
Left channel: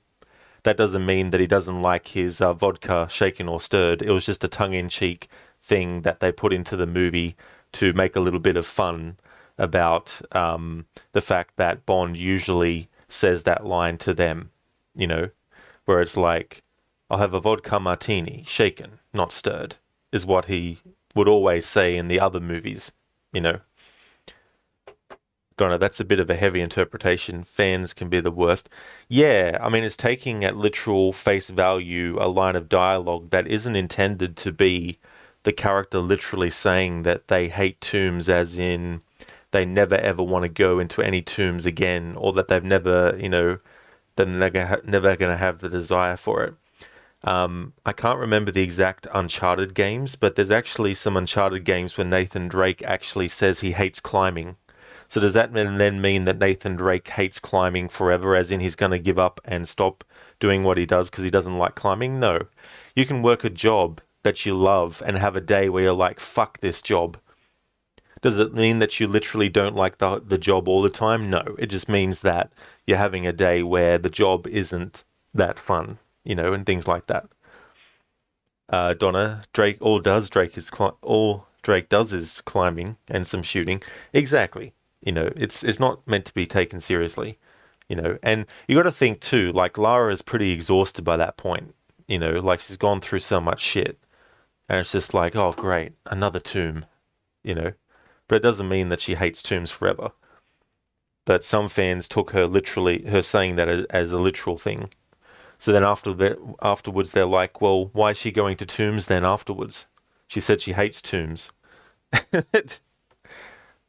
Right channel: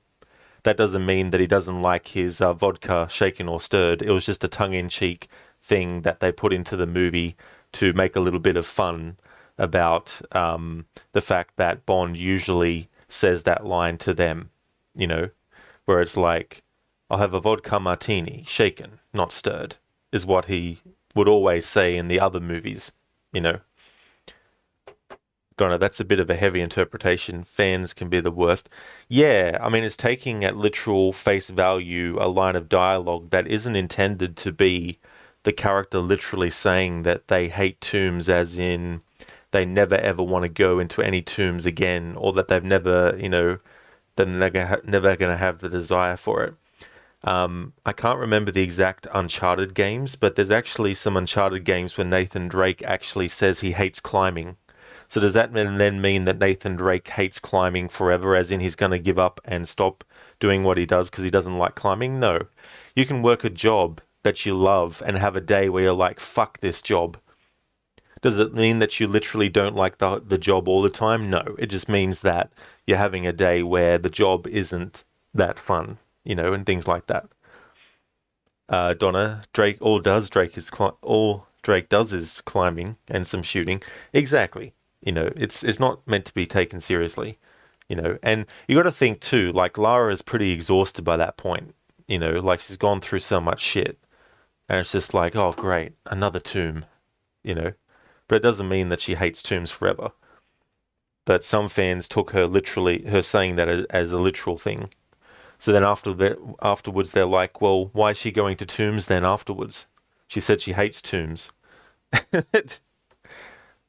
That doesn't mean that he doesn't like his vodka shaken or stirred. It was just a tongue-in-cheek thing that they put into the movie to make a little bit of fun about the fact that Bond usually says that line to them, you know, where it's like, "I'll have a vodka martini, shaken, not stirred," is what he would always say in the other movies, you know. Donna, that's a bit of a heavy interpretation. Fans can be the worst. Yeah, I mean, it's taking at literal face value a line of dialogue that isn't intended to be the character literally saying that they hate tombs, as in they never ever want to go into any tombs again, or that they've never, you know, they're never going to have the desire for it. I can't remember the exact Uncharted games, but there's actually some Uncharted games where Nathan Drake actually says he hates climbing. So does that then mean that Nathan Drake hates climbing forever, as in he's going to give up and stop doing what he does because he doesn't like climbing? No. You can work a job that you love and have a day where you're like, fuck this job. Does it mean that you literally don't like the job all the time? No. It just means that you're having a day where the job isn't that fun, you know, and things like that. Donna, all Drake does is climbing and some shooting. Exactly. You know, it's not meant to be taken seriously, you know. And you got to think too, like Lara is pretty exhausted by that point, you know, like she's gone through so much shit, and it's just like, oh great, another tomb, you know. But it doesn't mean that she hates tombs forever. But some fans took her literally, her saying that as a literal thing. So then afterwards, they're like, well, why is she going to tombs then afterwards? She said she hates tombs.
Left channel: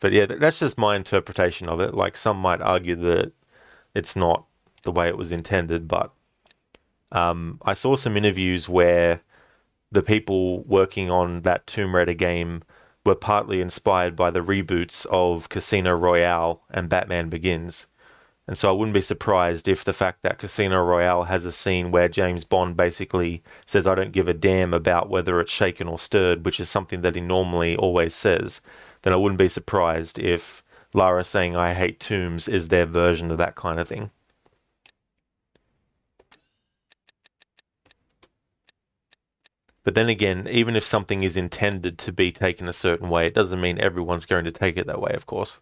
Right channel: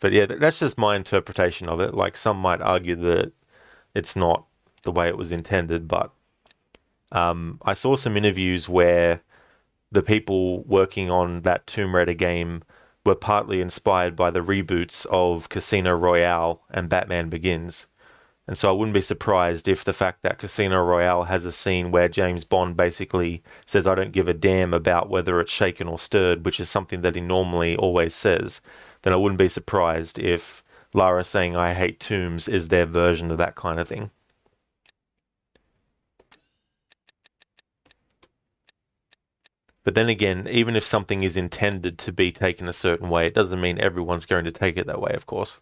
But yeah, that's just my interpretation of it. Like, some might argue that it's not the way it was intended, but I saw some interviews where the people working on that Tomb Raider game were partly inspired by the reboots of Casino Royale and Batman Begins. And so I wouldn't be surprised if the fact that Casino Royale has a scene where James Bond basically says, I don't give a damn about whether it's shaken or stirred, which is something that he normally always says, then I wouldn't be surprised if Lara saying I hate tombs is their version of that kind of thing. But then again, even if something is intended to be taken a certain way, it doesn't mean everyone's going to take it that way, of course.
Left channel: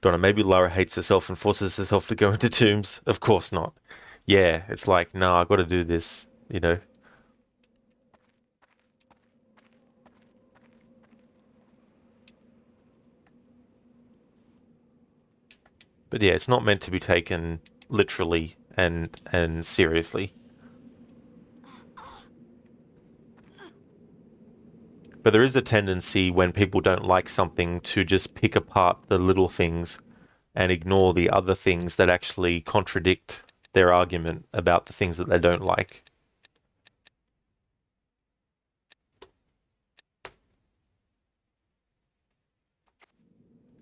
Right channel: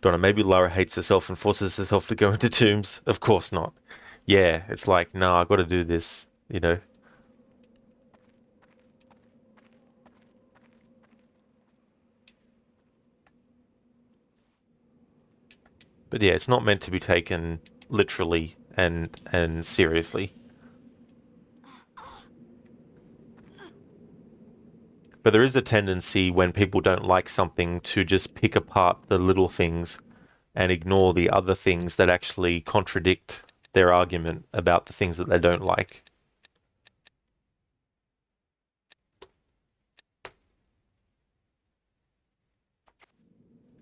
Don't know, maybe Lara hates herself and forces herself to go into tombs. Of course not. Yeah, it's like, no, I've got to do this, you know. But yeah, it's not meant to be taken literally and seriously. But there is a tendency when people don't like something to just pick apart the little things and ignore the other things that actually contradict their argument about the things that they don't like.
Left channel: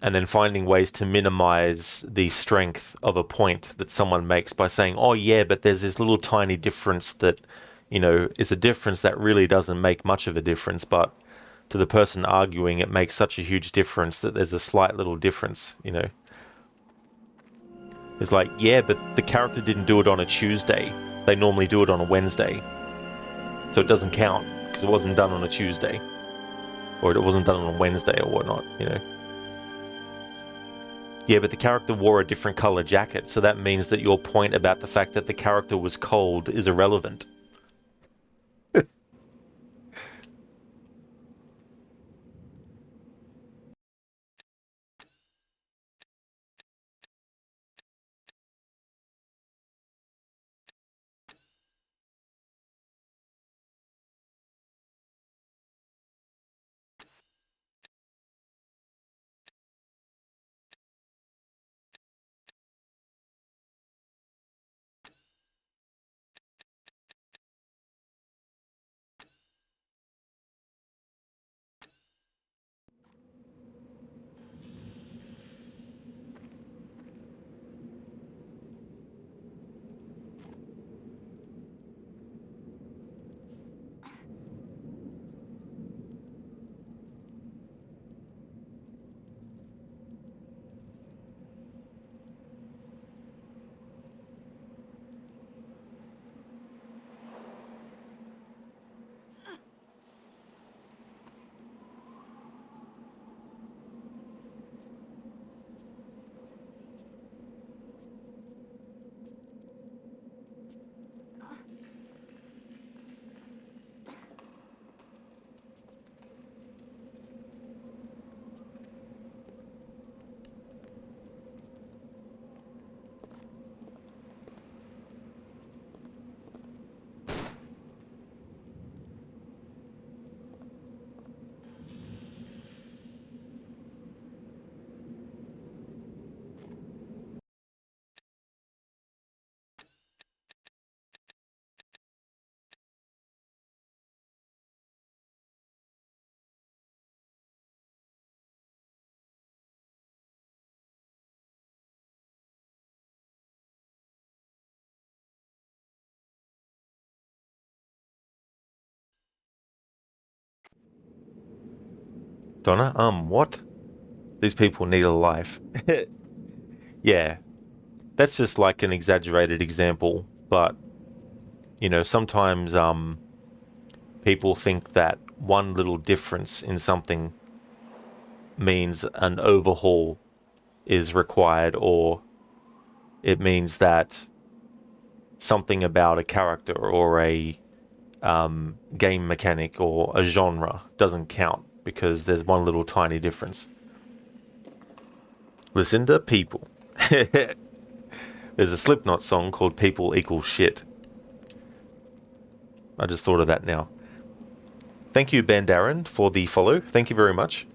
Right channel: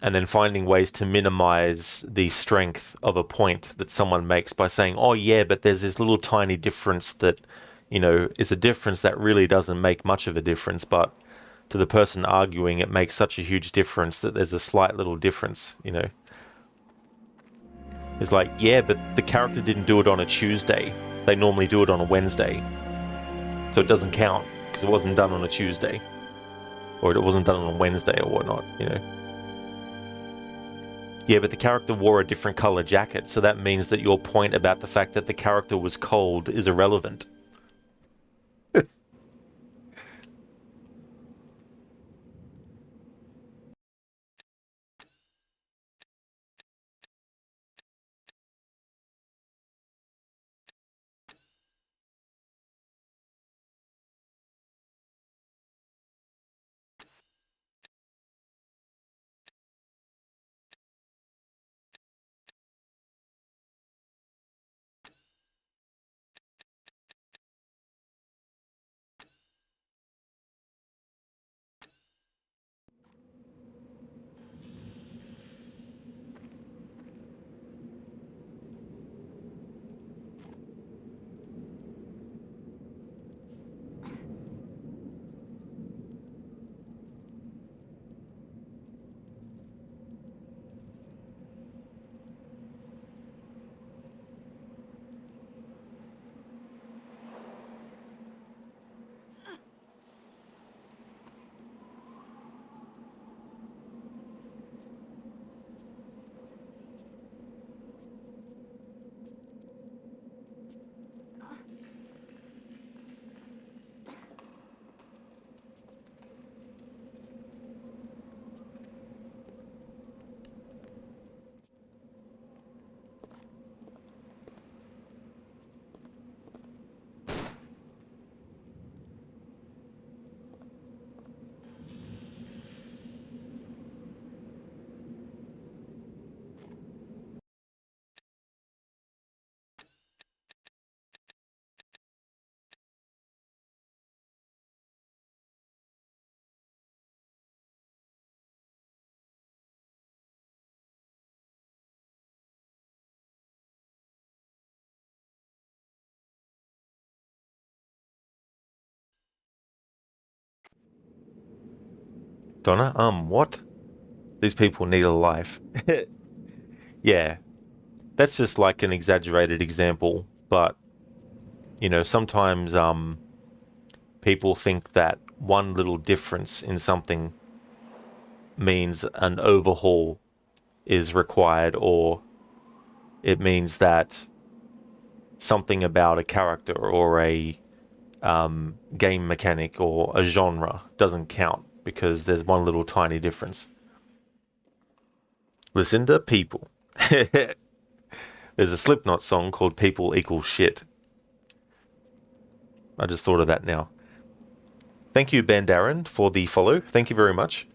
And then finding ways to minimize the strength of a point that someone makes by saying, oh yeah, but there's this little tiny difference that, you know, is a difference that really doesn't make much of a difference, but to the person arguing, it makes such a huge difference that there's a slight little difference, you know. It's like, yeah, but the character didn't do it on a Tuesday. They normally do it on a Wednesday. So it doesn't count, because it wasn't done on a Tuesday. Or it wasn't done on a Wednesday or whatnot, you know. Yeah, but the character wore a different color jacket, so that means that your point about the fact that the character was cold is irrelevant. Donna, what? These people need a life. Yeah, that's just like an exaggerated example, but, you know, sometimes, people think that one little difference in something means an overhaul is required, or it means that something about a character or a game mechanic or a genre doesn't count because there's one little tiny difference. Listen to People. There's a Slipknot song called People Equal Shit. I just thought of that now. Thank you, Ben Darren, for the follow. Thank you very much.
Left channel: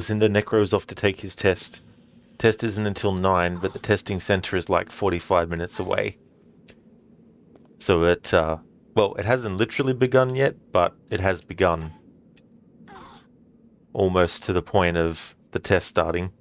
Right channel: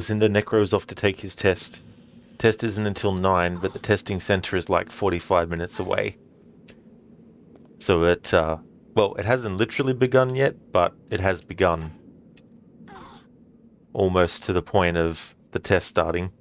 Lucinda, Necro's off to take his test. Test isn't until 9, but the testing center is like 45 minutes away. So it, well, it hasn't literally begun yet, but it has begun. Almost to the point of the test starting.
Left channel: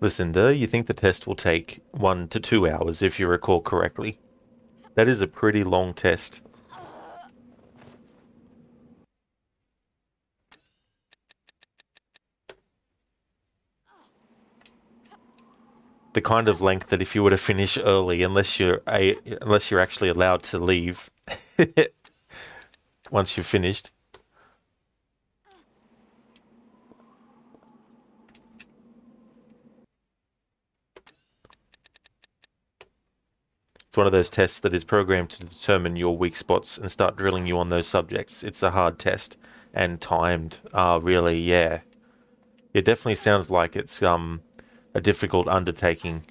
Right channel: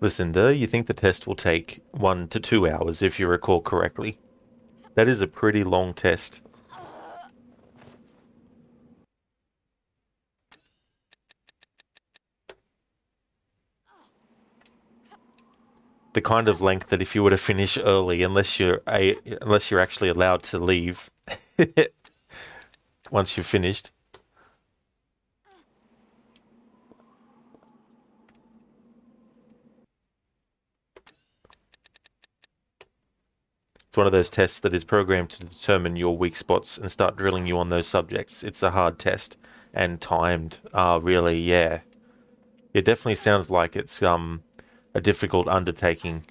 Lucinda, you think the test will take 1 to 2 hours if you recall correctly. That is a pretty long test. The kind of length that if you were to finish early, unless you're actually allowed to leave once you've finished. It's one of those tests that is programmed to determine your weak spots and start drilling you on those subjects. It's a hard test and timed. Really, yeah. It definitely sounds like it's a difficult undertaking.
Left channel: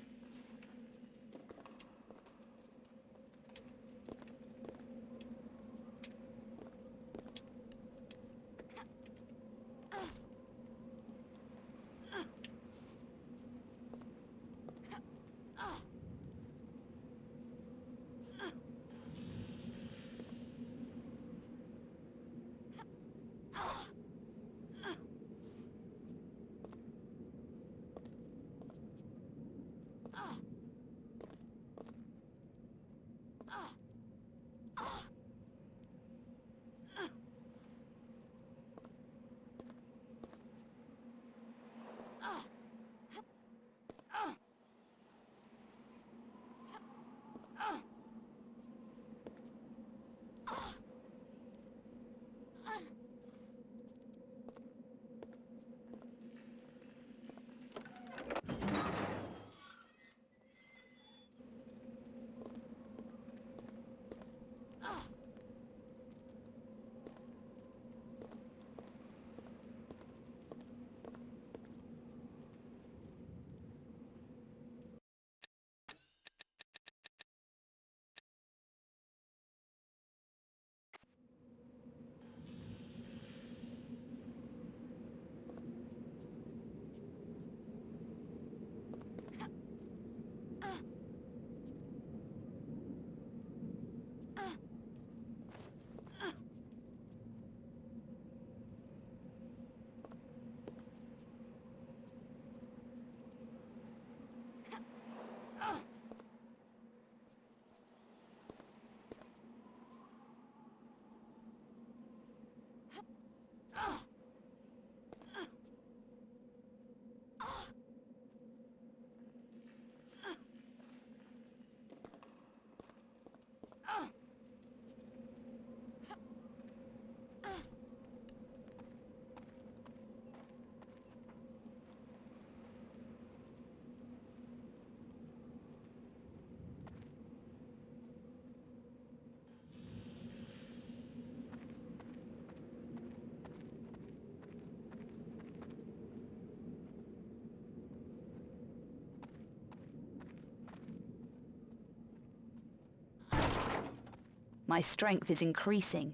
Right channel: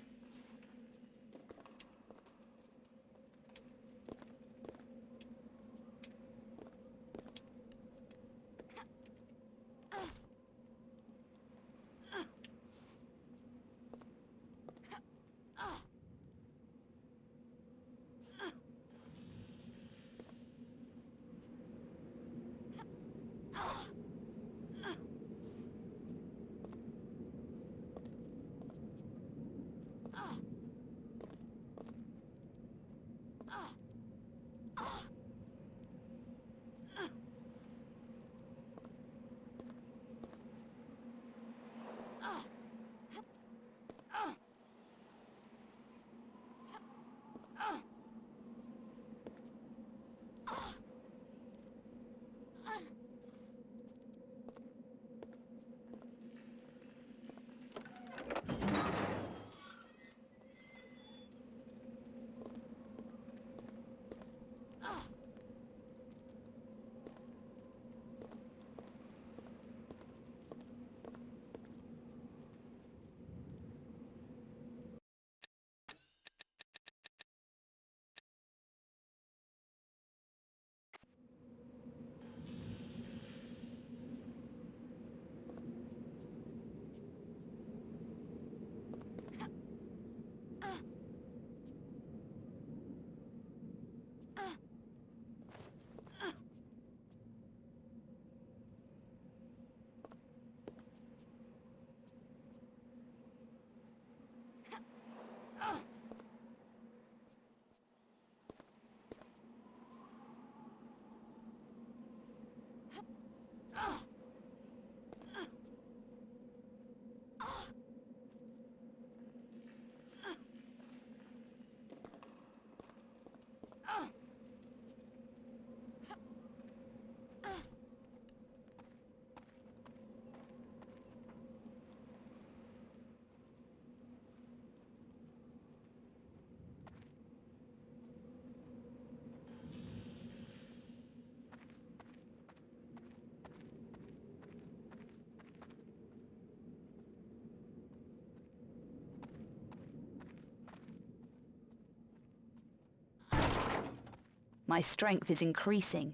My strength is increasing.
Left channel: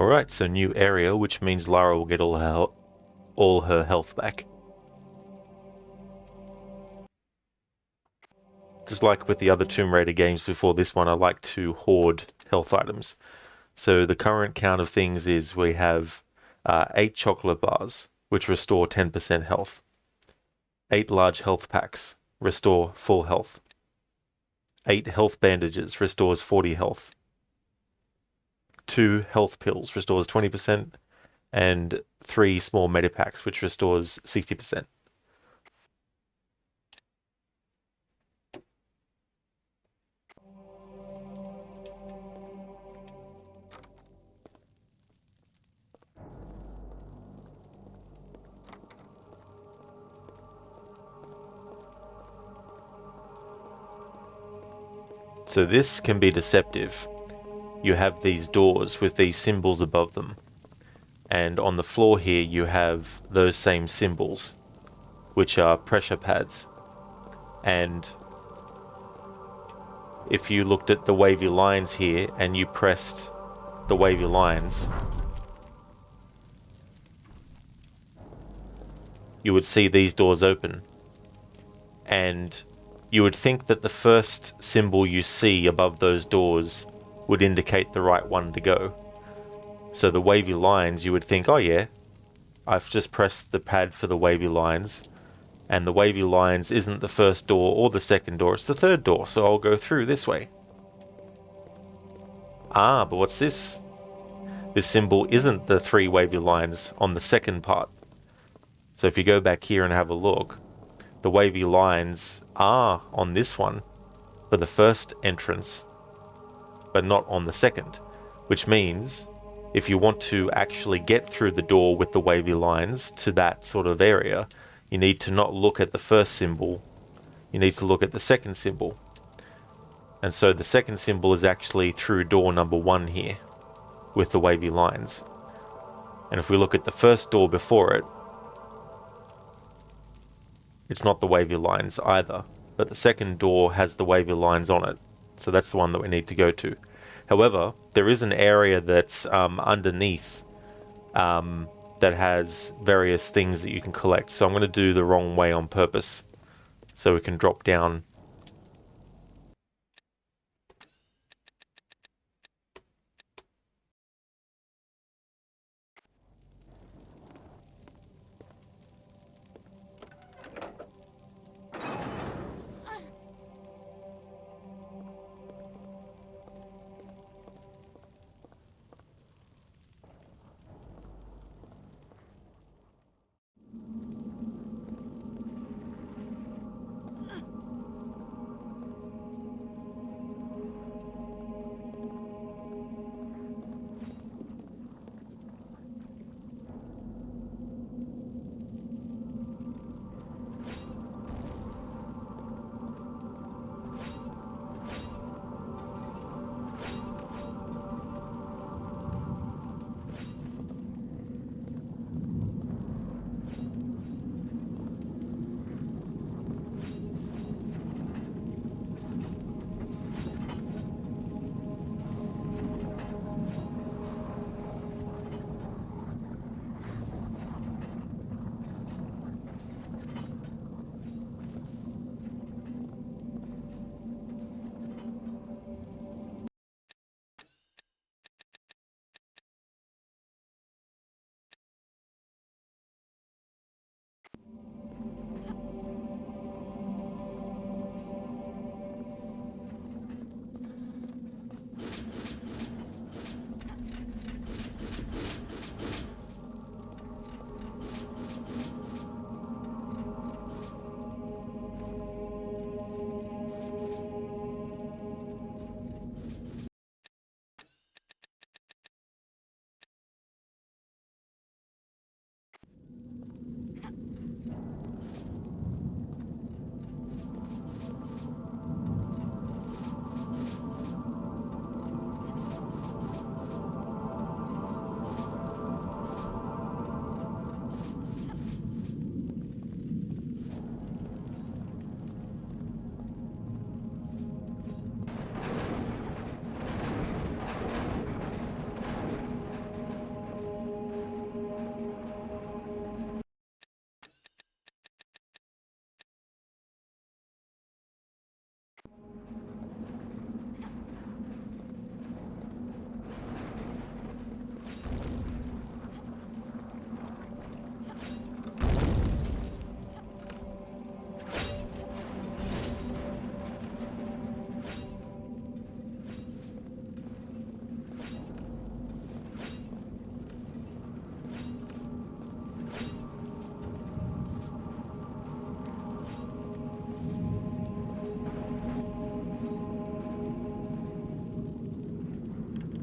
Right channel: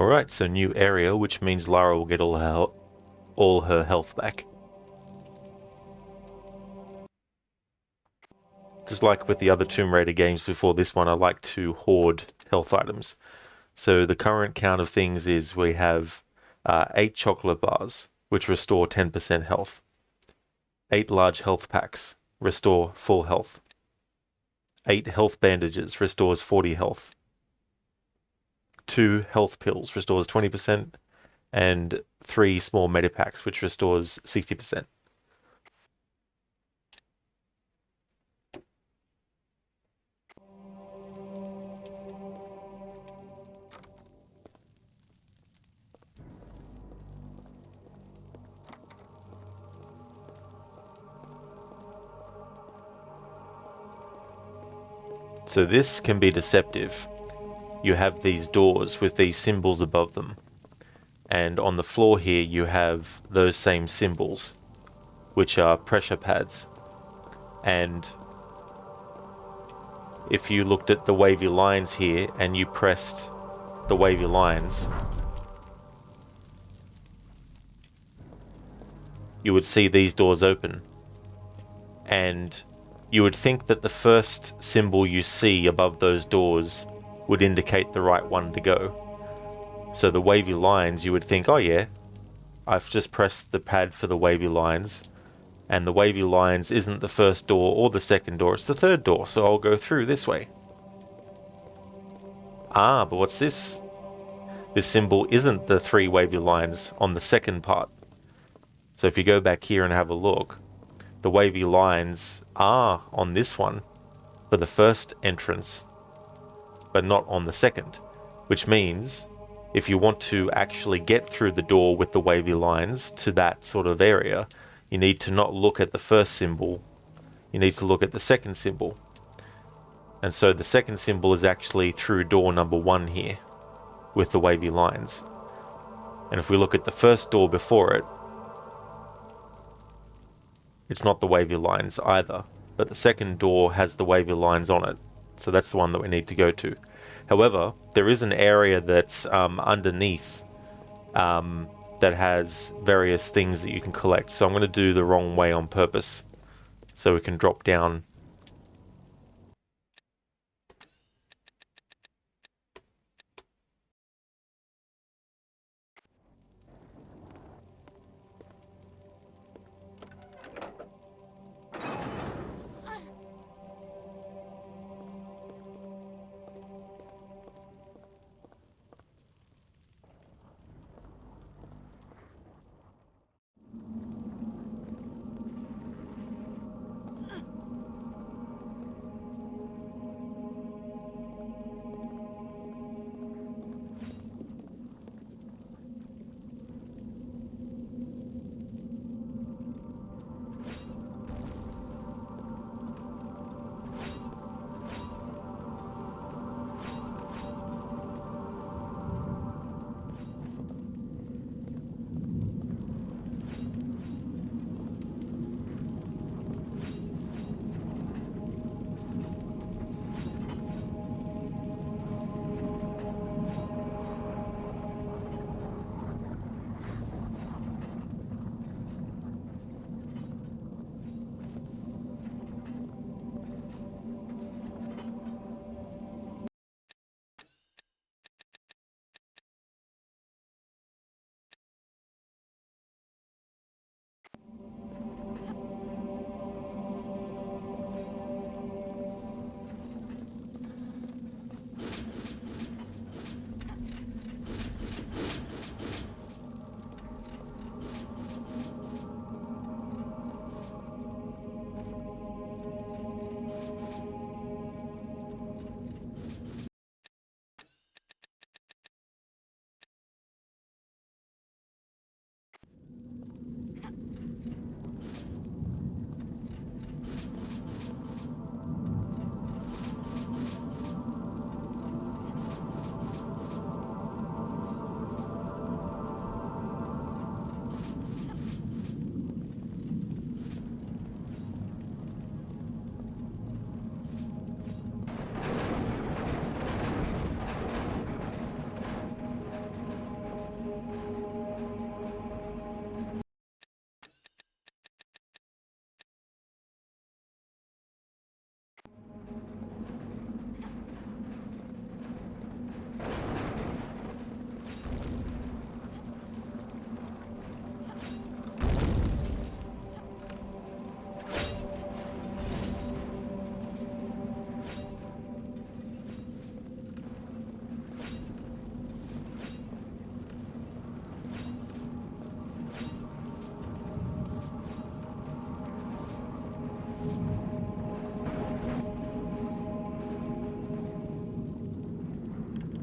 Alright, so new area, which means Lara will get all her health back. Just like with the other Tomb Raider games before this one, I like to hoard health items. So the current count of things is we have 8 chocolate bars, which restore 10% health. 8 large health packs, restore full health. 8 health bandages, restores 40 health. 2 health pills, restores 20. And 3 small medipacks, which restores 60%. So this can be deceptive. You have these doors with these symbols above them. And on the floor here you have those same symbols, which are pressure pads. And if you looked at the wavy lines here and you pressed the wavy lines, you would see these doors open. And you would think that the first symbol you see above those doors would indicate the right one to go. So the wavy lines, you would think, oh yeah, I've just pressed the pad for the wavy lines, and the wavy lines isn't the first door or the second door, it's the third door, so I'll go through this way. Ah, but what's this? This symbol isn't the 3 wavy lines on the second part. So if you go back here and have a look, the wavy lines are on this one for the first entrance, but not on the second, which means if you want to actually get through the door with the wavy lines to that sort of area, you need to not look at the first symbol, you need to look at the second symbol. And so the second symbol is actually through door number 1 here, with the wavy lines. And if we look at the first door before it, it's not the wavy lines either, but the second door has the wavy lines on it. So that's the one that we need to go to. However, there is an area that's underneath that has various things that you can collect. So I'm going to do the wrong way on purpose, so we can drop down.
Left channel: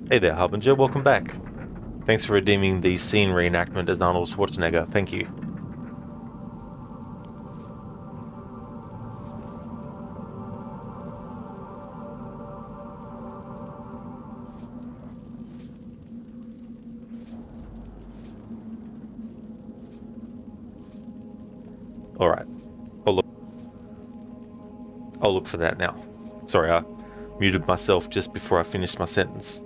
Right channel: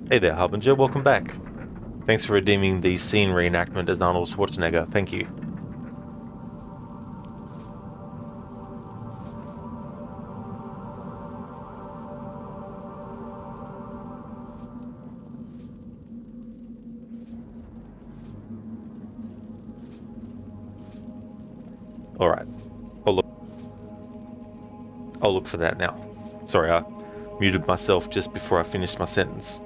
Hey there, Harbinger, welcome back. Thanks for redeeming the scene reenactment as Arnold Schwarzenegger, thank you. Alright, I'll look for that now. Sorry, I muted myself just before I finished my sentence.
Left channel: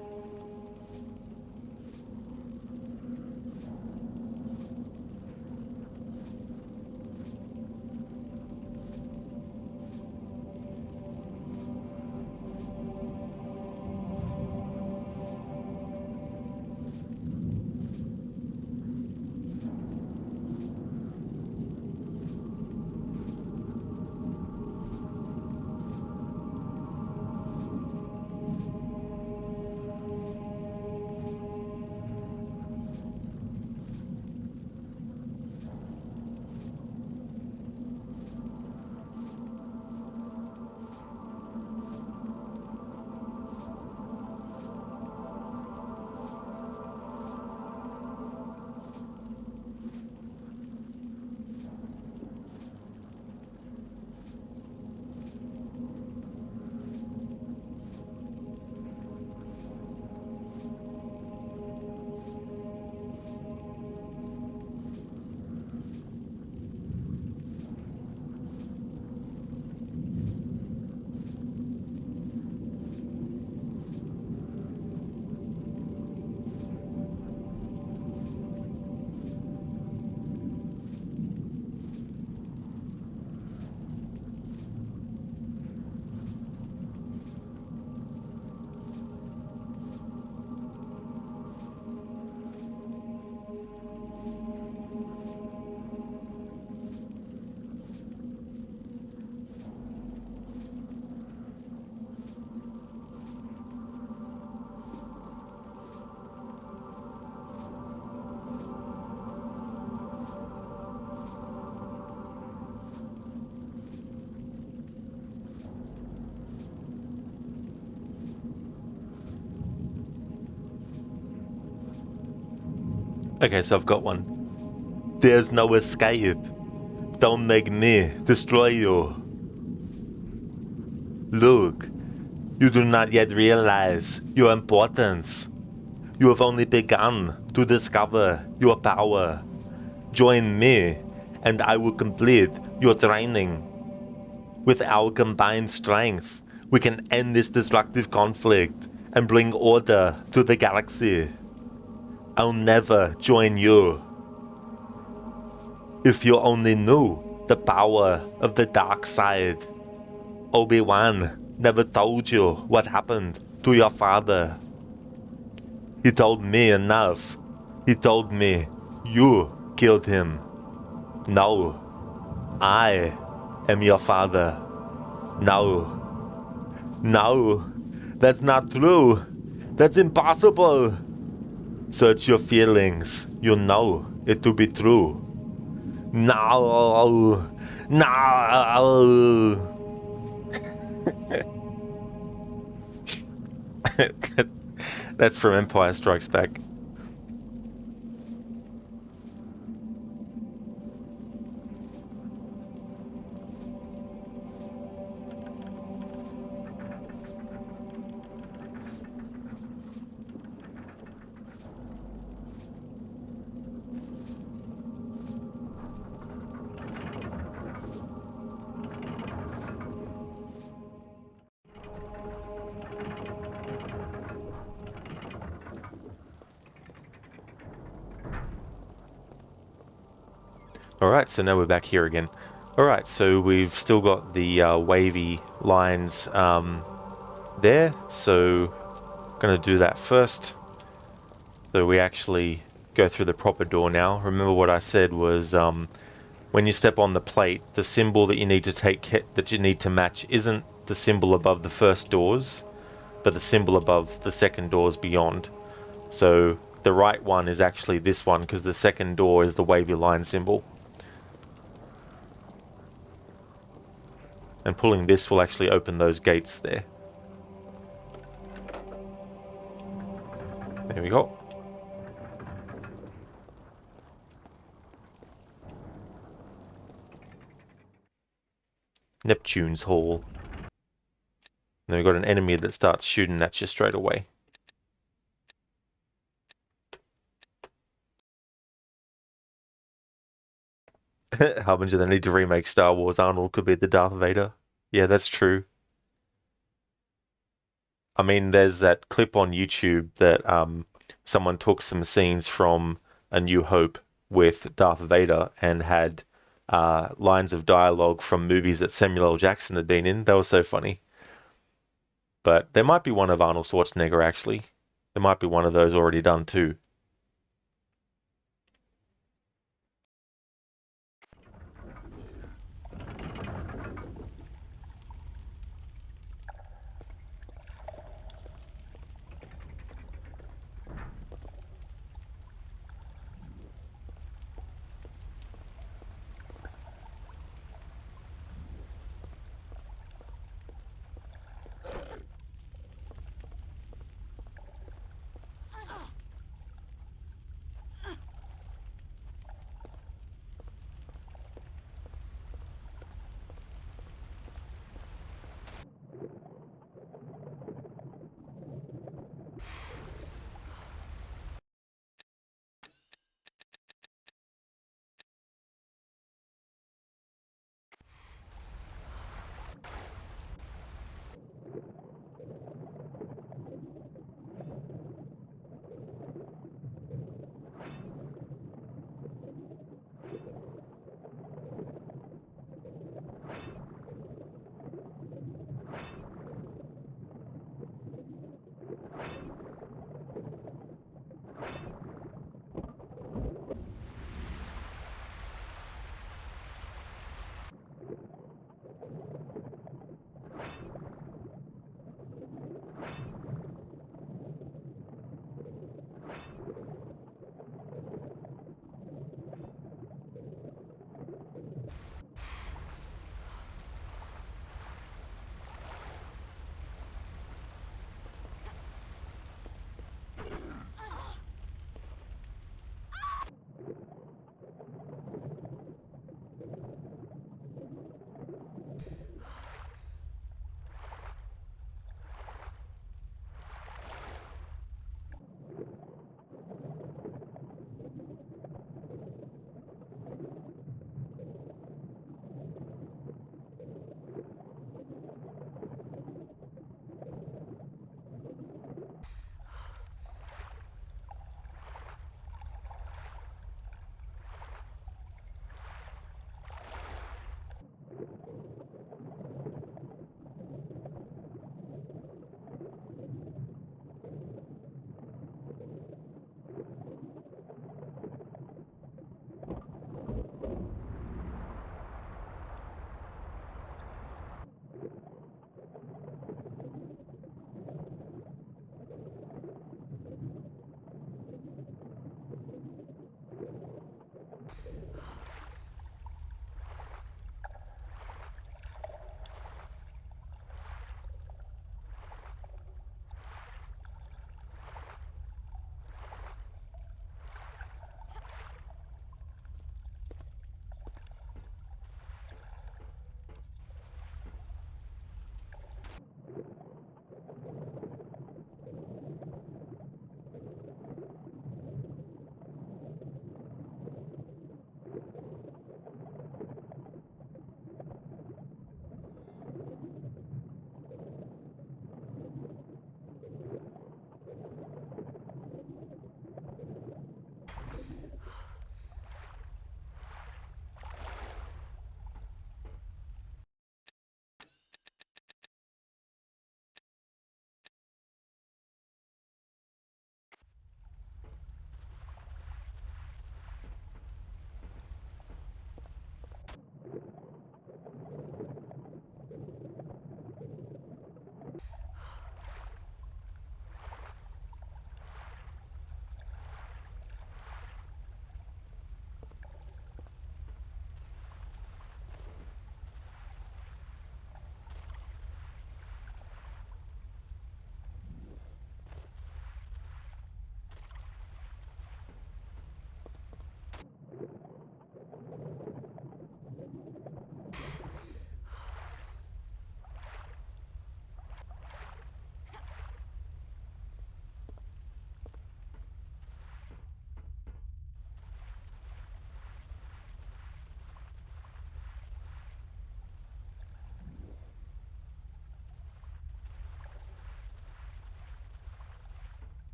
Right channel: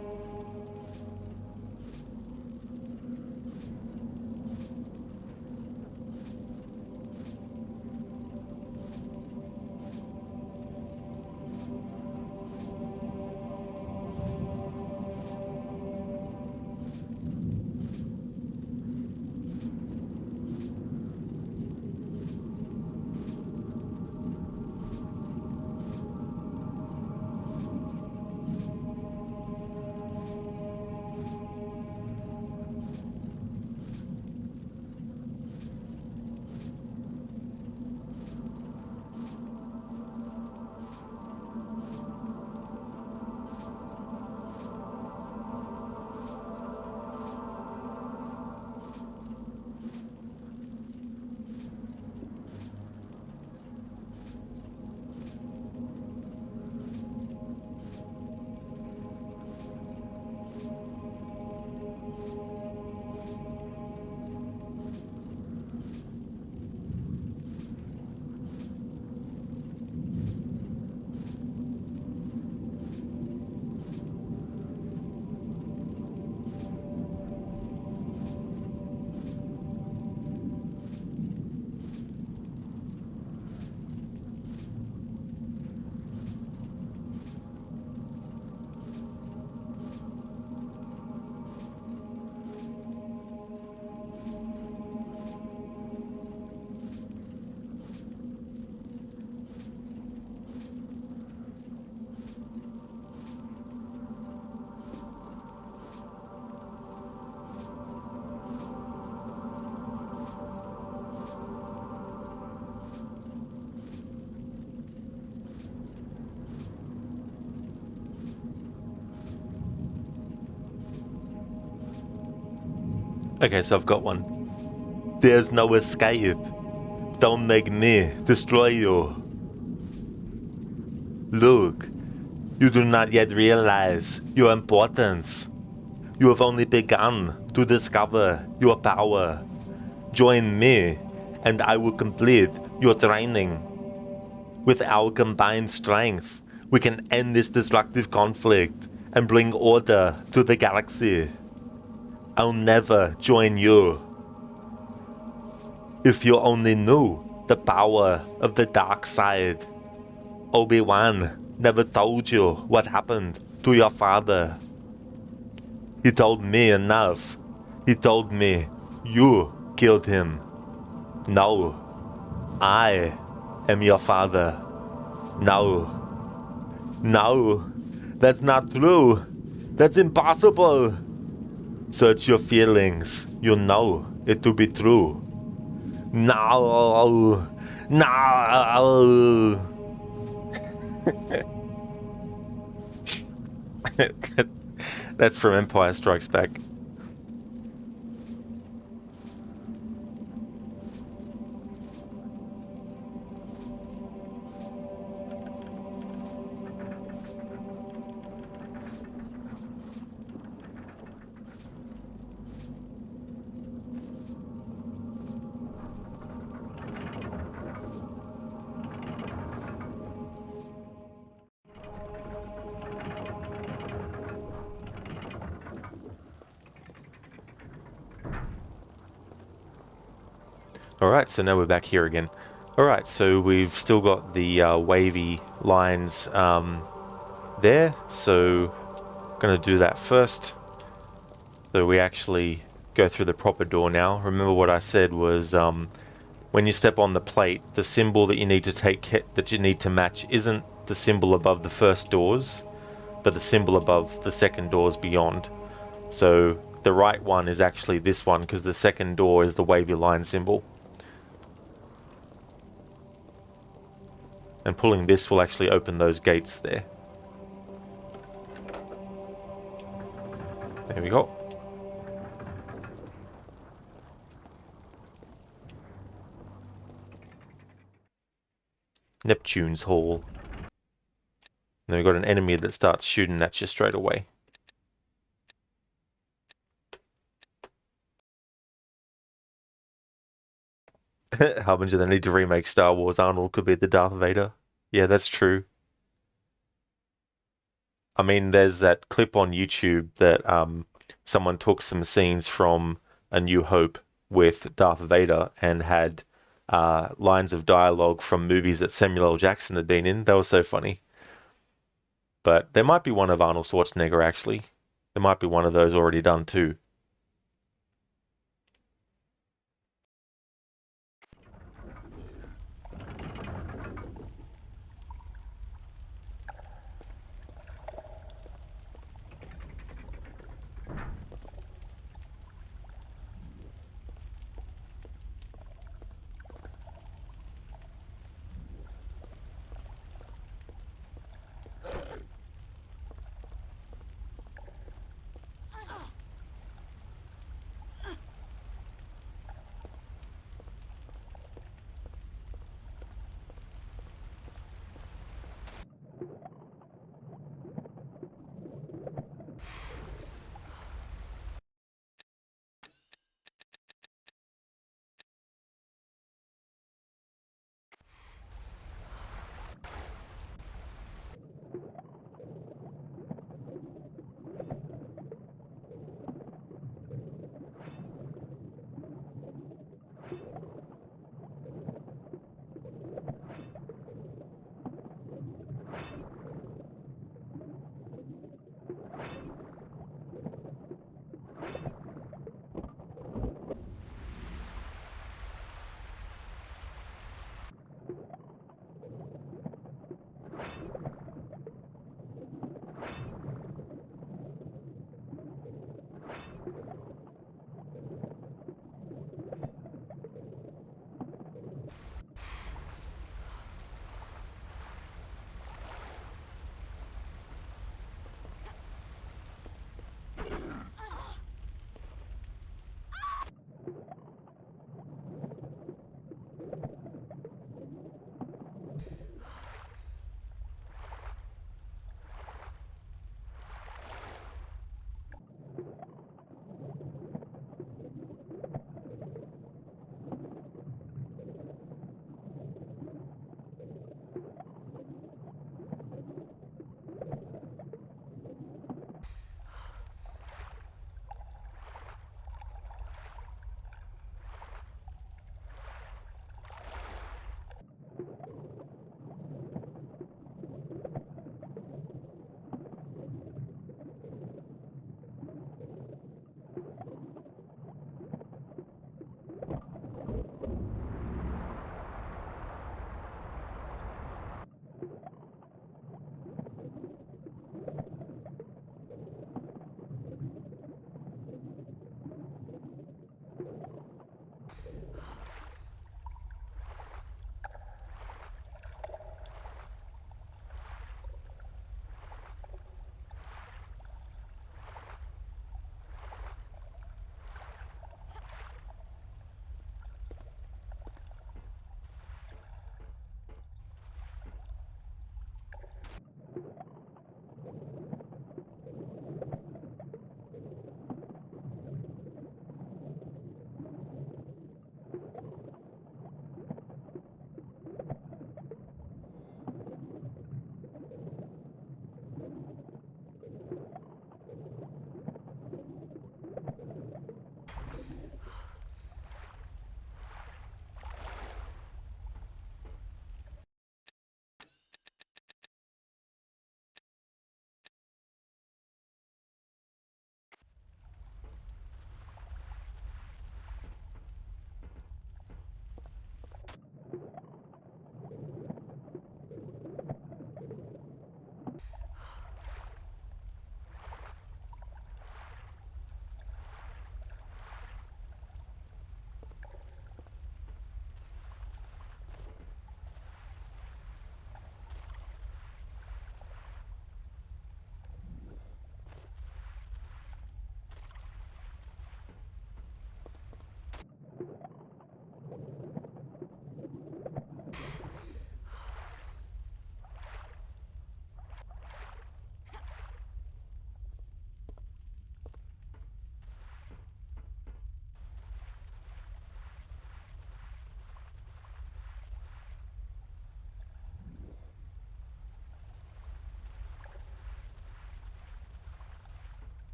Okay, so I've got one. There's no escape. Don't make me destroy you. Look, you do not yet realize your importance. You have only begun to discover your power. Join me, and I will complete your training. With our combined strength, we can end this destructive conflict and bring order to the galaxy. I'll never join you. If you only knew the power of the dark side. Obi-Wan never told you what happened to your father. He told me enough. He told me you killed him. No, I am your father. No. No, that's not true. That's impossible. Search your feelings. You know it to be true. No. No. That's from Empire Strikes Back. Alright, so now we're back here again. Alright, so we've still got the wavy lines there, so I'm going to do that first. So we actually go through the proper door now. Remember what I said was when you step on the plate, the symbol that you need to match isn't the symbol above the first doors, but the symbol above the second doors beyond. So the right one is actually this one because the second door is the wavy line symbol. And pulling this will actually open those gates there. There we go. Neptune's Hall. And then we've got an enemy that starts shooting at you straight away. Harbinger, they need to remake Star Wars. Arnold could be the Darth Vader. Yeah, that's true. I mean, there's that clip on YouTube that someone took some scenes from A New Hope with Darth Vader and had lines of dialogue from movies that Samuel L. Jackson had been in. That was so funny. But there might be one of Arnold Schwarzenegger, actually. There might be one of those already done, too.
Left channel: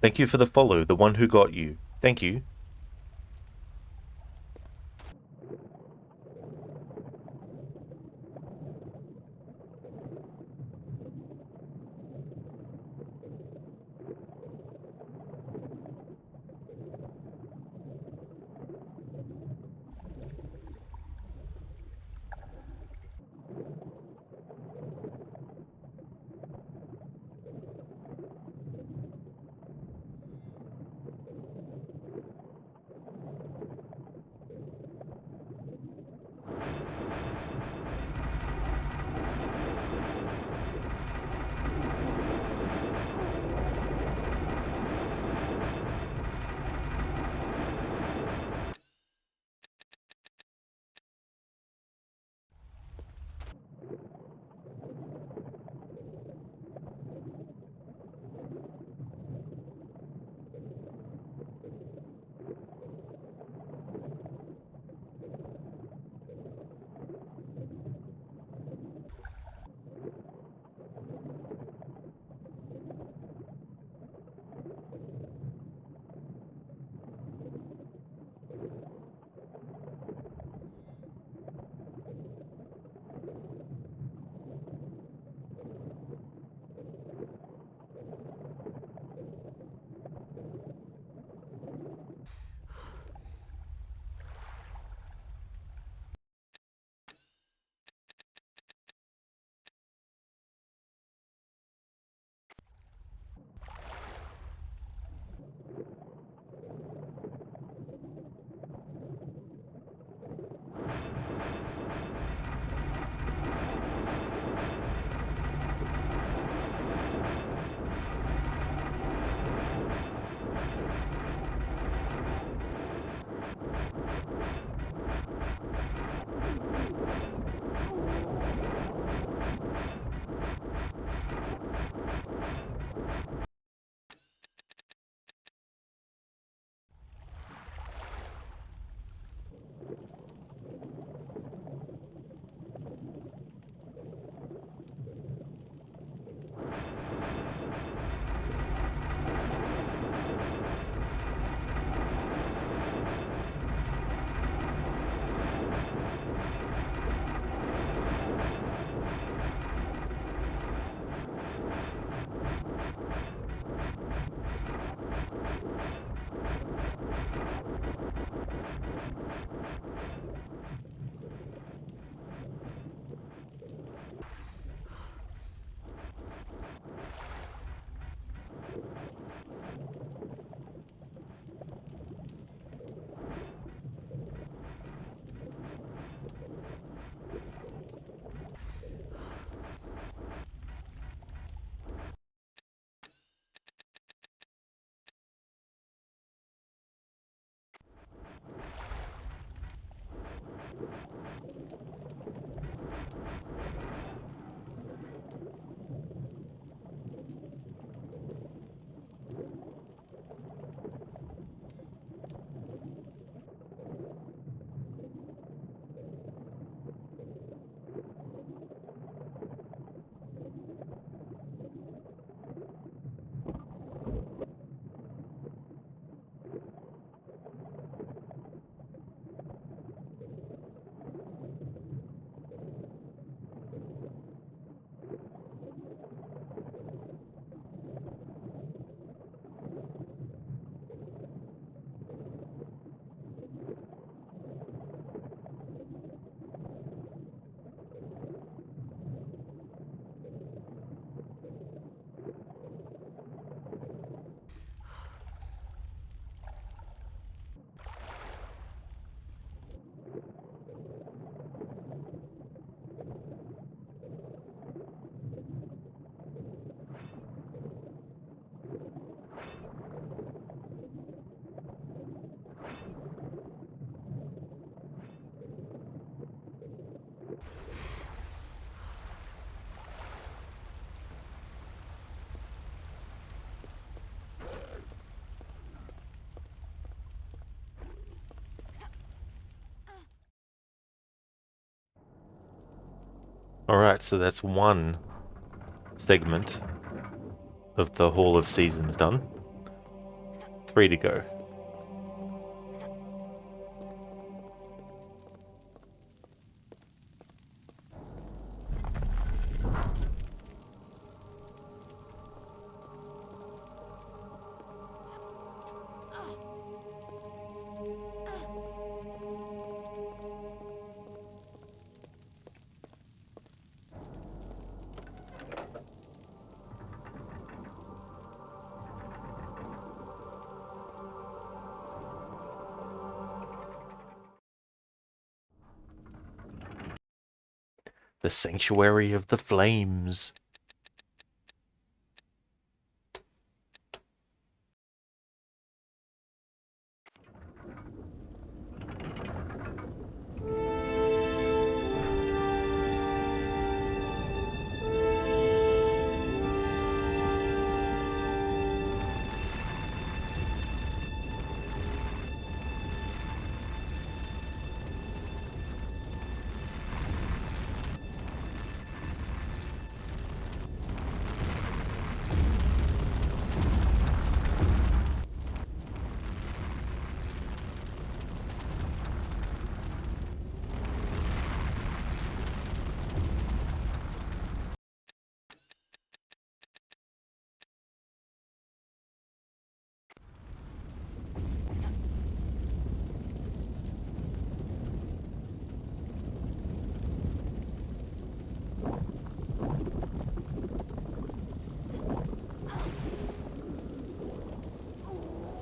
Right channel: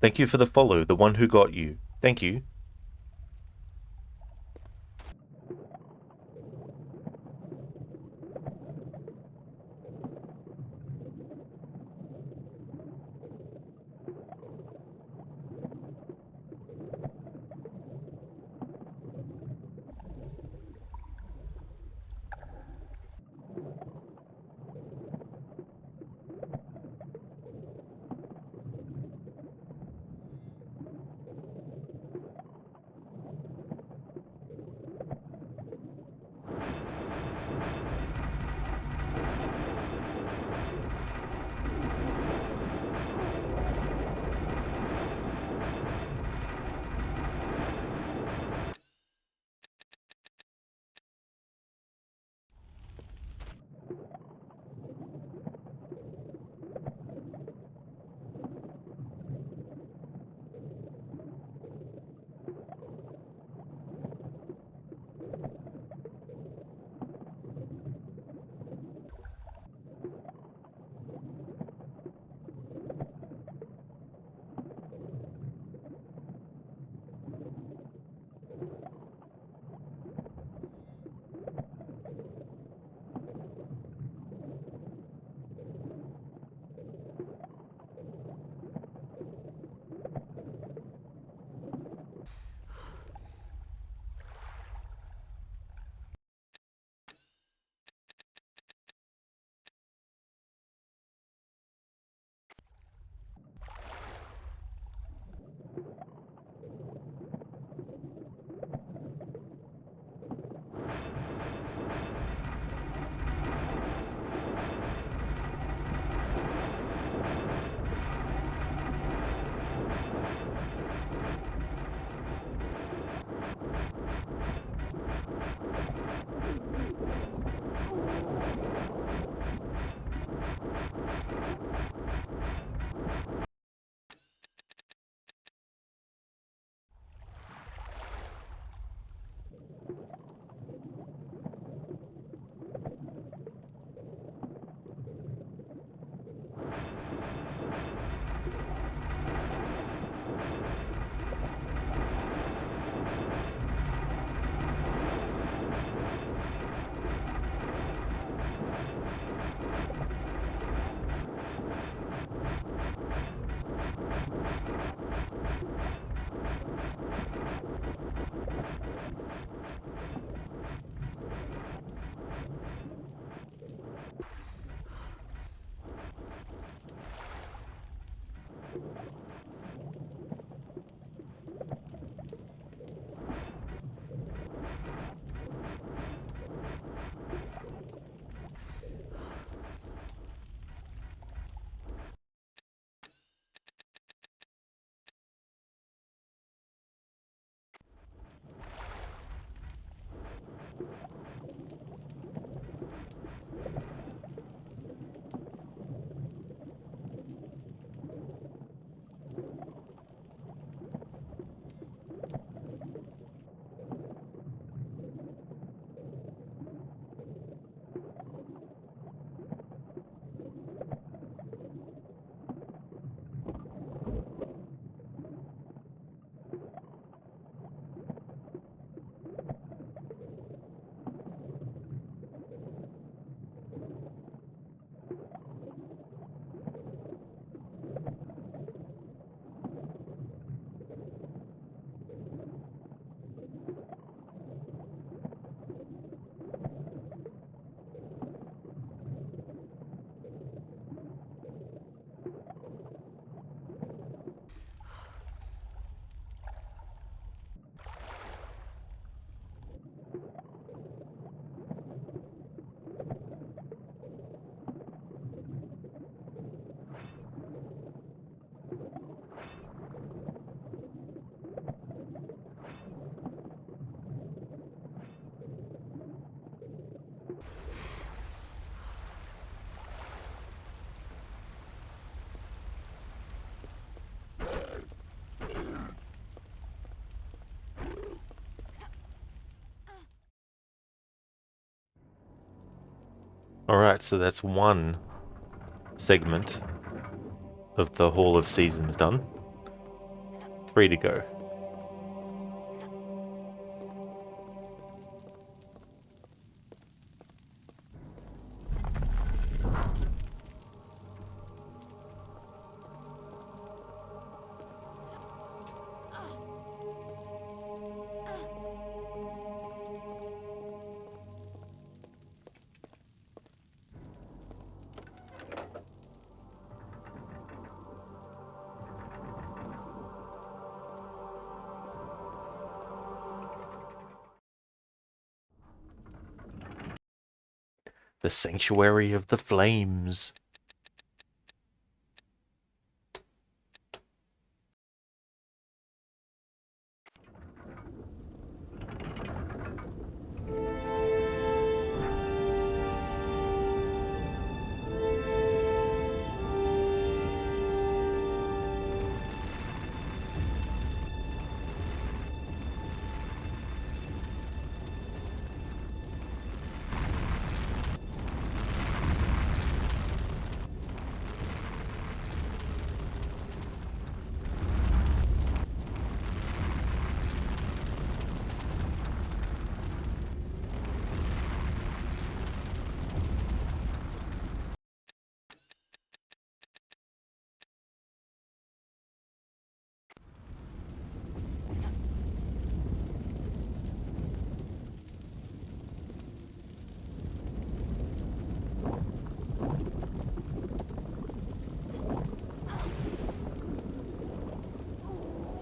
Thank you for the follow, the one who got you. Thank you. Alright, so that's one segment of the Hall of Seasons done. 3 to go. The Sanctuary of the Flames.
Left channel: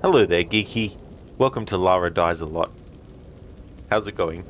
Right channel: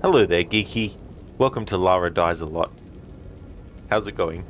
Hello there, Geeky. Welcome to Lara Dies a Lot. How's it going?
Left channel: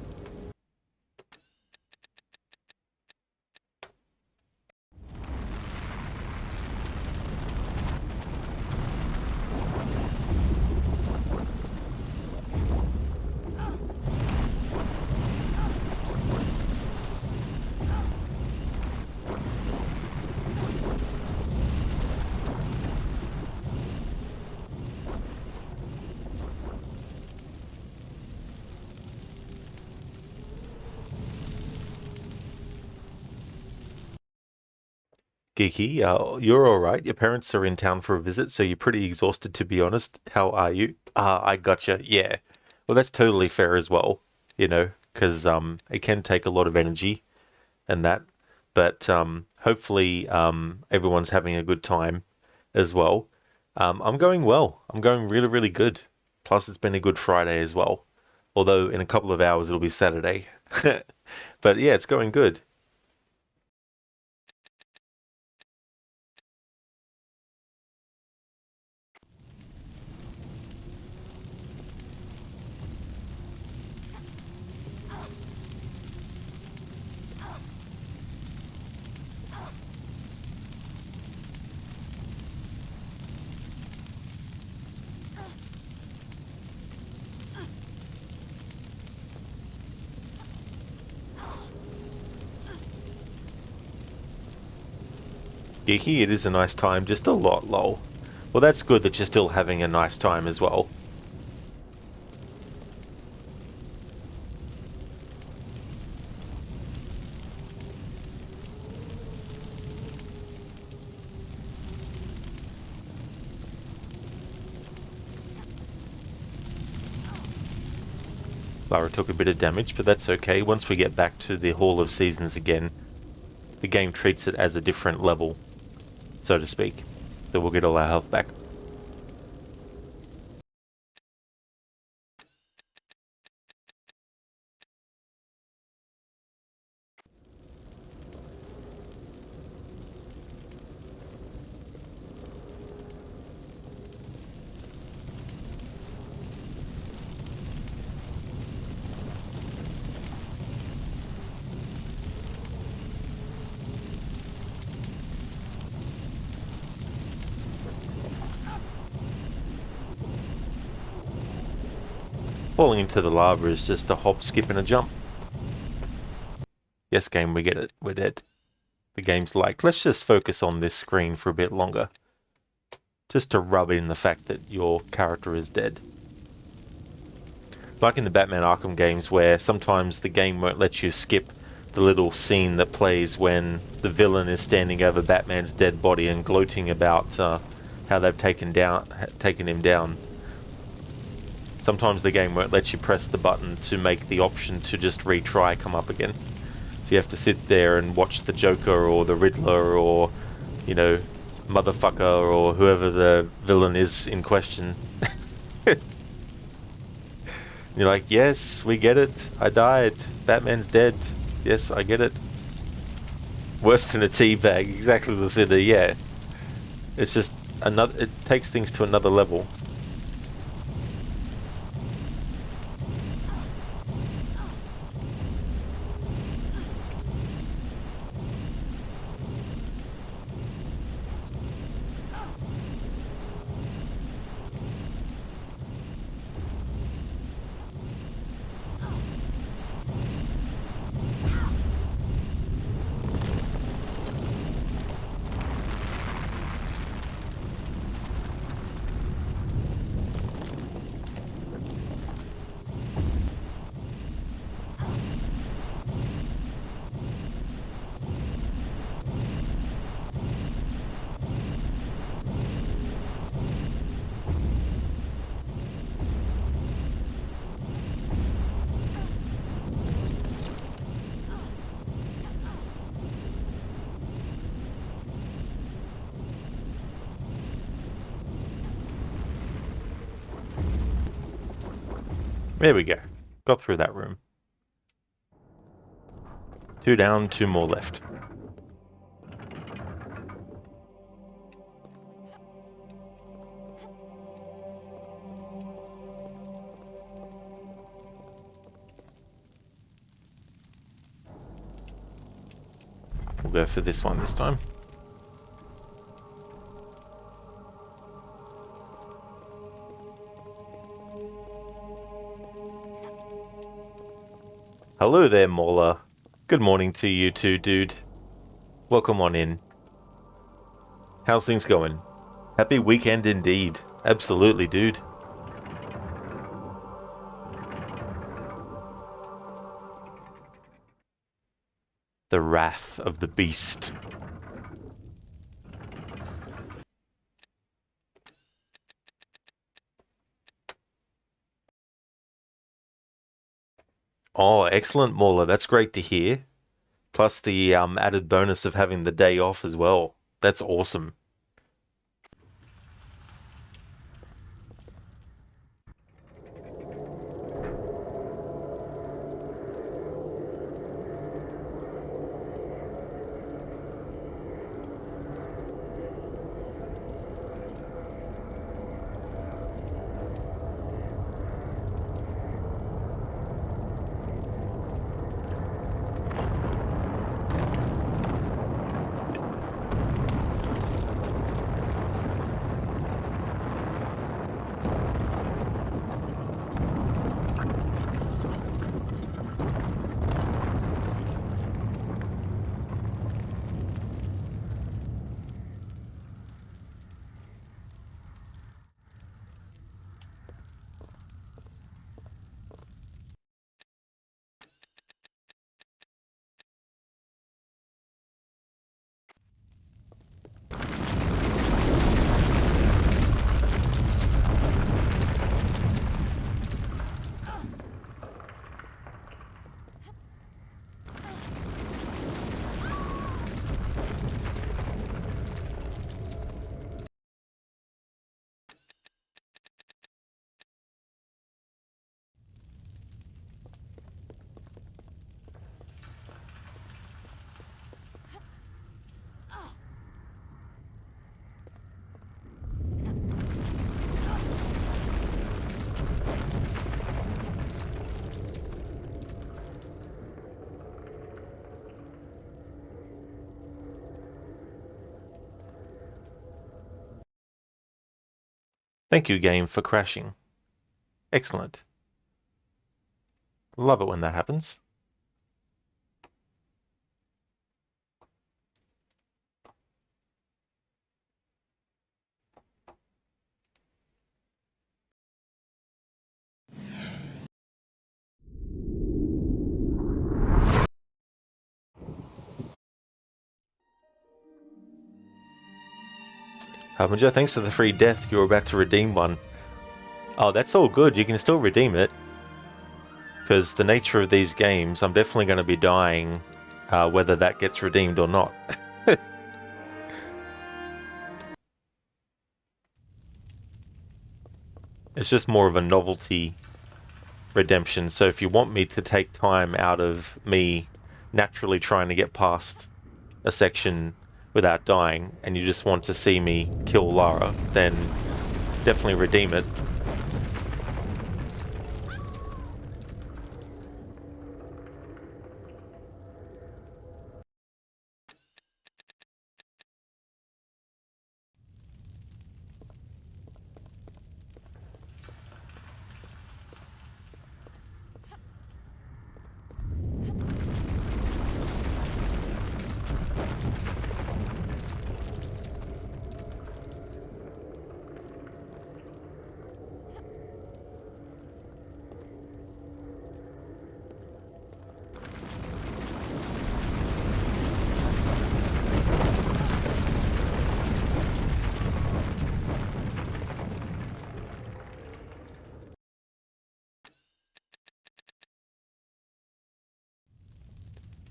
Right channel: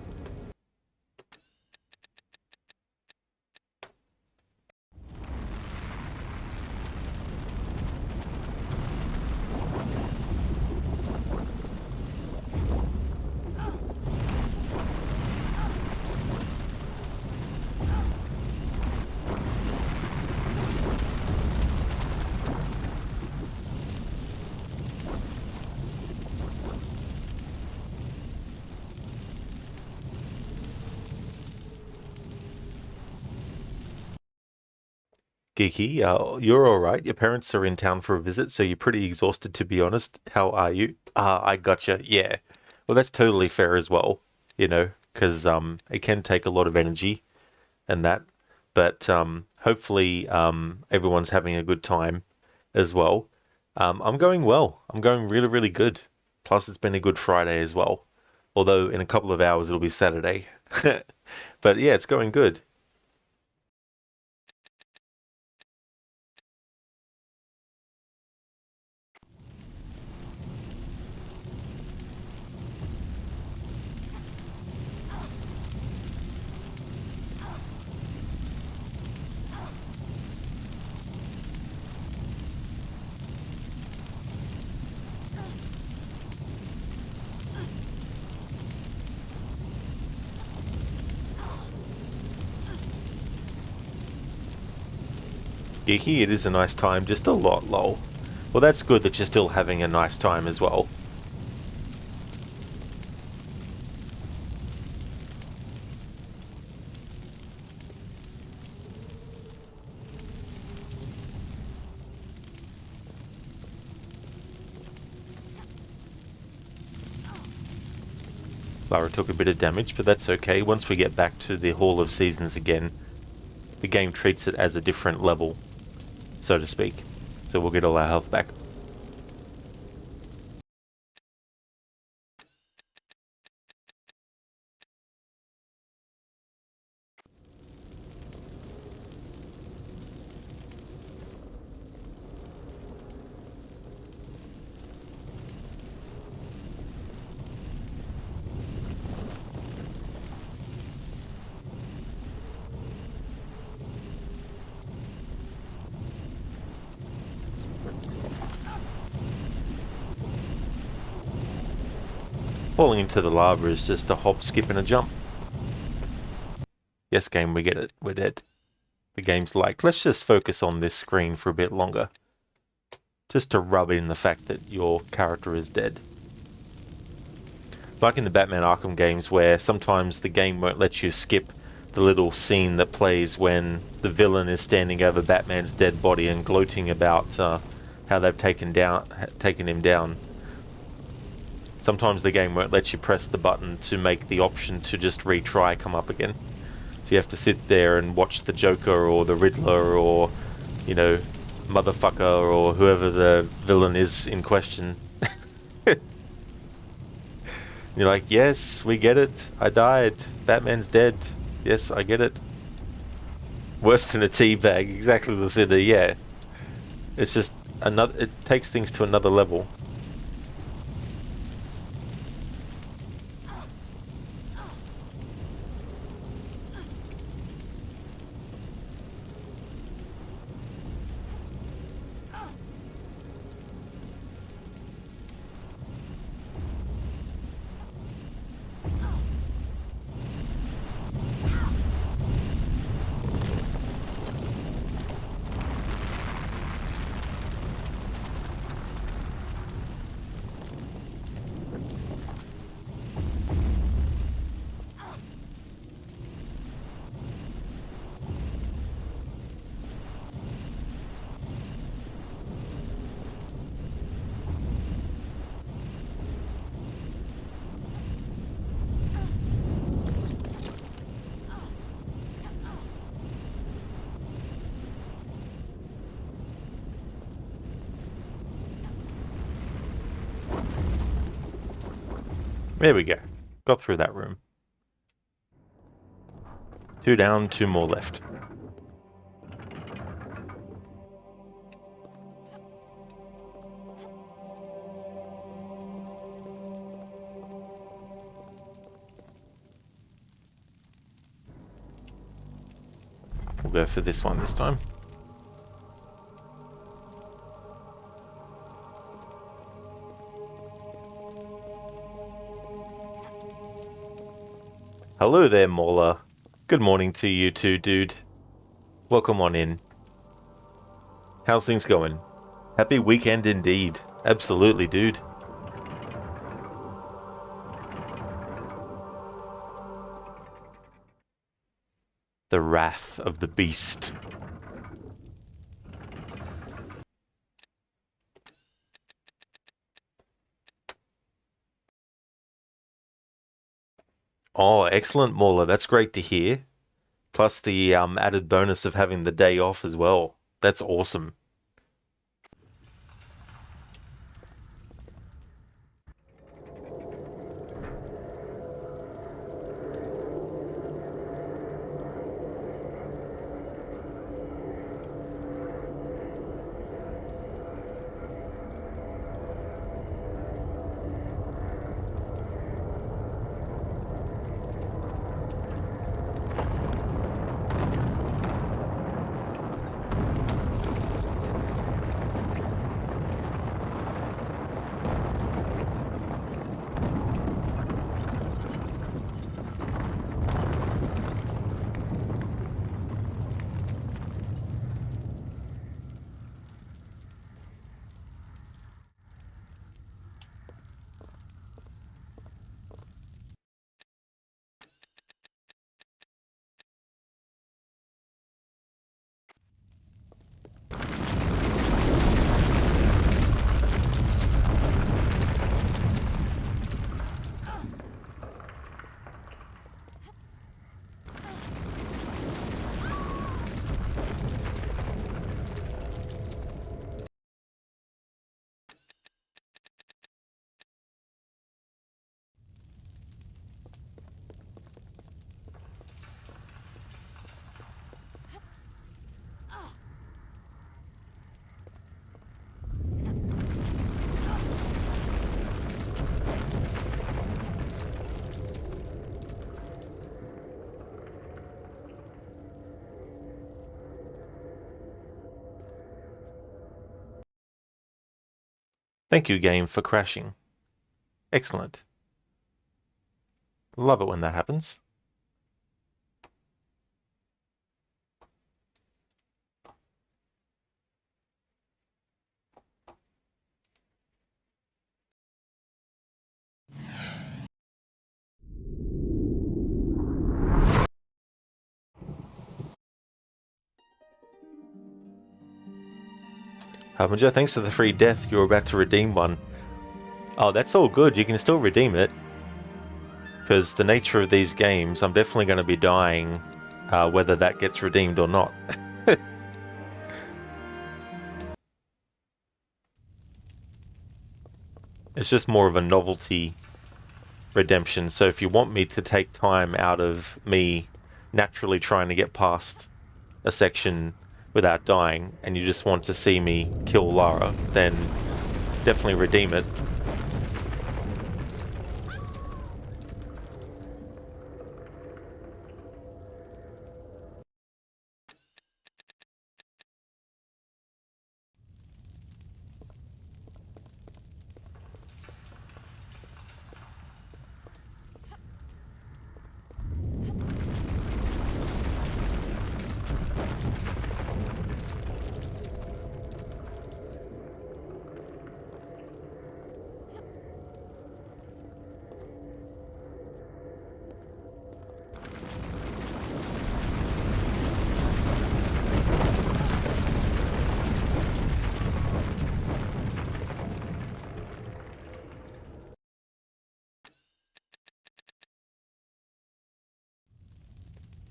Geeky, you're alright. Your parents are in town for a visit, so you're pretty exhausted, to be honest. How are you? I gotcha. Yeah. Well, that's totally fair as well, you know, because it can take a lot of energy and that. But hopefully everyone's having a good time as well. I'm going well. I'm going really, really good. Plus, it's been a good Friday as well. Although in a couple of hours it'll be Saturday. But yeah, it's going good. Geeky, it is a nice time, just a lot lol. Well, that's good that you're still having a nice time as well. Lara took a bit of damage, but that's okay. Once we get back to the Hall of Seasons again, the game treats it as a different level, so to speak. So we'll get all our health back. Falling into the lava is just a hop, skip and a jump. Yes, game, we get it. We're dead. The game's like, let's just focus on this screen for a bit longer. Just to rub in the fact that your character is dead. It's like in the Batman Arkham games where sometimes the game won't let you skip the little scene that plays when the villain is standing over Batman's dead body and gloating about how they've taken him down. sometimes the game won't let you press the button to make the option to just retry come up again. So you have to sit there and watch the Joker or the Riddler or, you know, motherfucker or whoever the villain is in question. You're like, yes, we get it. I died. Batman's dead. Yes, I get it. Worse than a teabag. Exactly the city. Yeah. It's just another. It takes things to another level. There we go. Got through that room. 2 down, 2 more left. We'll go for this one this time. Hello there, Mauler. Good morning to you too, dude. Welcome on in. How's things going? Happy weekend indeed. Absolutely, dude. The Wrath of the Beast. Oh, excellent, Mauler. That's great to hear. Plus the added bonus of having the day off as well. That's awesome. Thank you, game, for crashing. Excellent. Love it when that happens. Harbinger, thanks for the free death. You're about to redeem one. Oh, that's all good. You can still redeem it. Because the nature of these games, I'm definitely going to be dying whether that gets redeemed or not. It's just more of a novelty redemption. So if you want me to take time out of me naturally trying to get past a section without dying, and you just want to see me kill Lara, then definitely redeem it.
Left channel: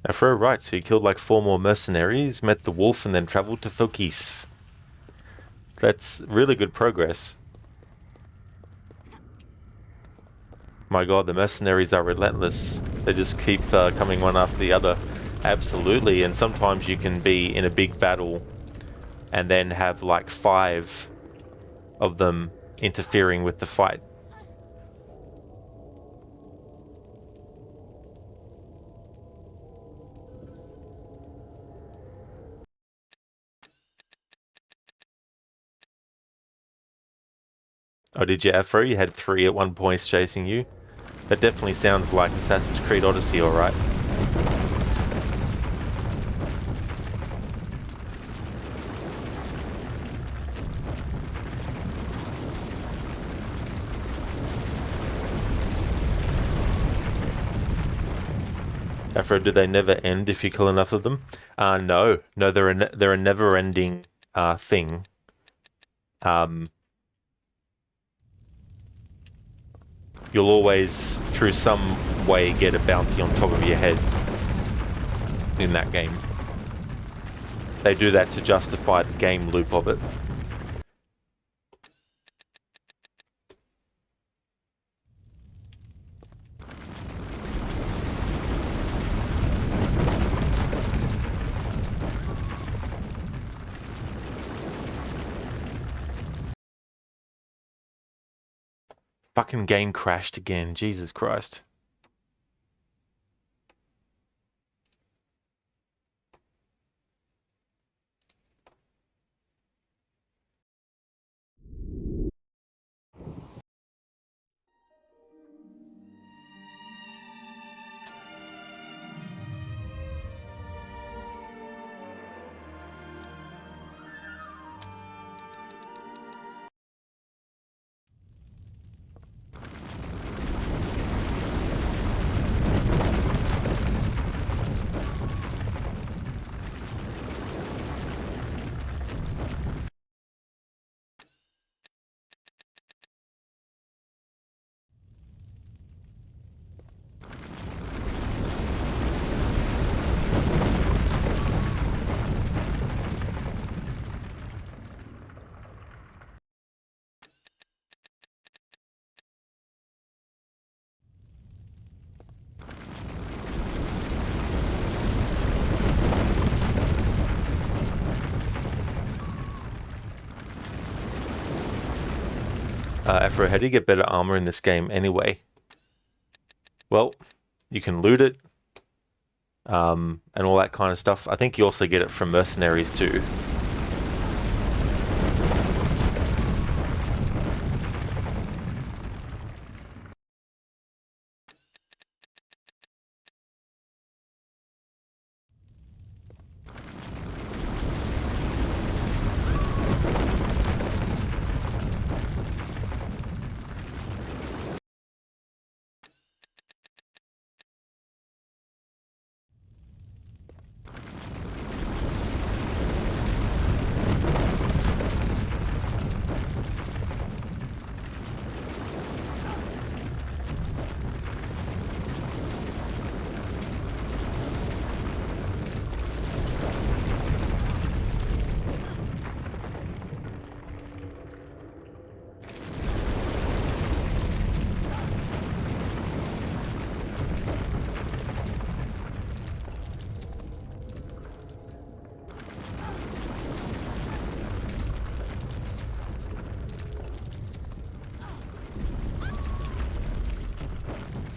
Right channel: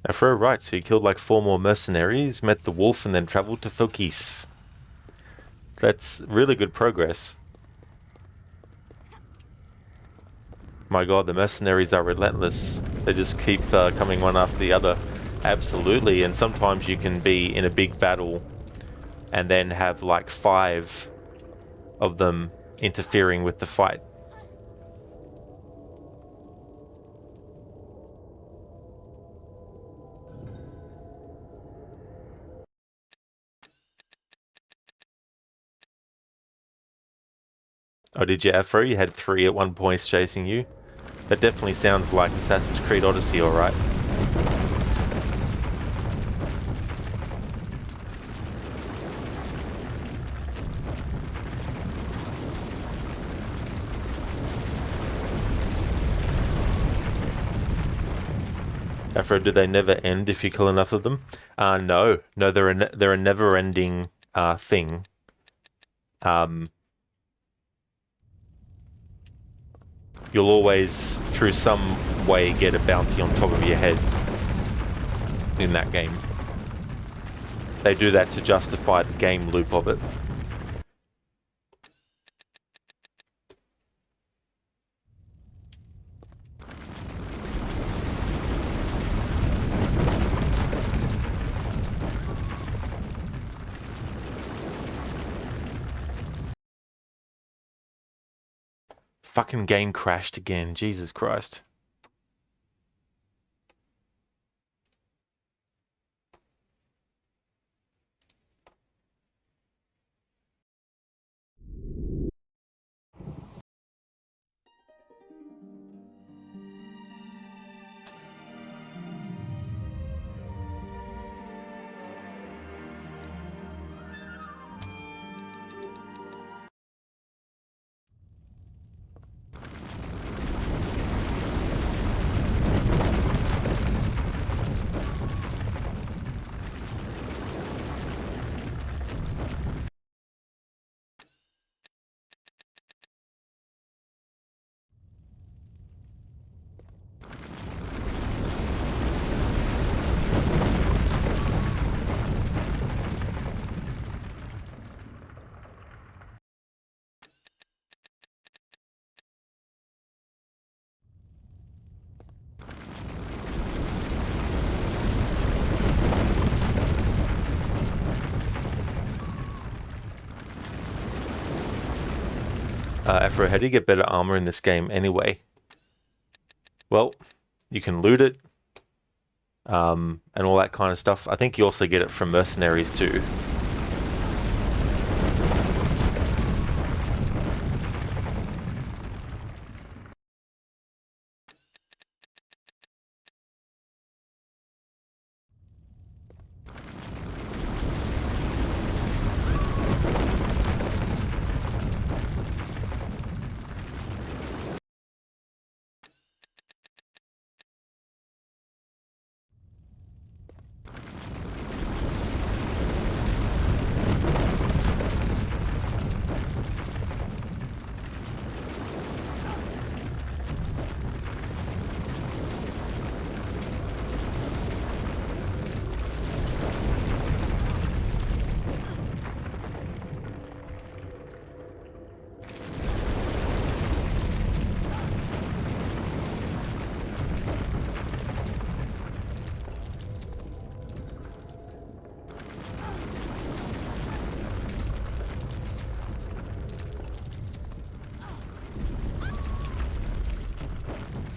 Afro, right, so you killed like 4 more mercenaries, met the wolf, and then traveled to Fokis. That's really good progress. My god, the mercenaries are relentless. They just keep coming one after the other. Absolutely, and sometimes you can be in a big battle and then have like 5 of them interfering with the fight. Oh, did you, Afro? You had 3 at one point chasing you? That definitely sounds like Assassin's Creed Odyssey, alright. Afro, do they never end if you kill enough of them? No, they're a never-ending thing. You'll always, through some way, get a bounty on top of your head in that game. They do that to justify the game loop of it. Fucking game crashed again, Jesus Christ. Afro, how do you get better armor in this game anyway? Well, you can loot it, and all that kind of stuff. I think you also get it from mercenaries too.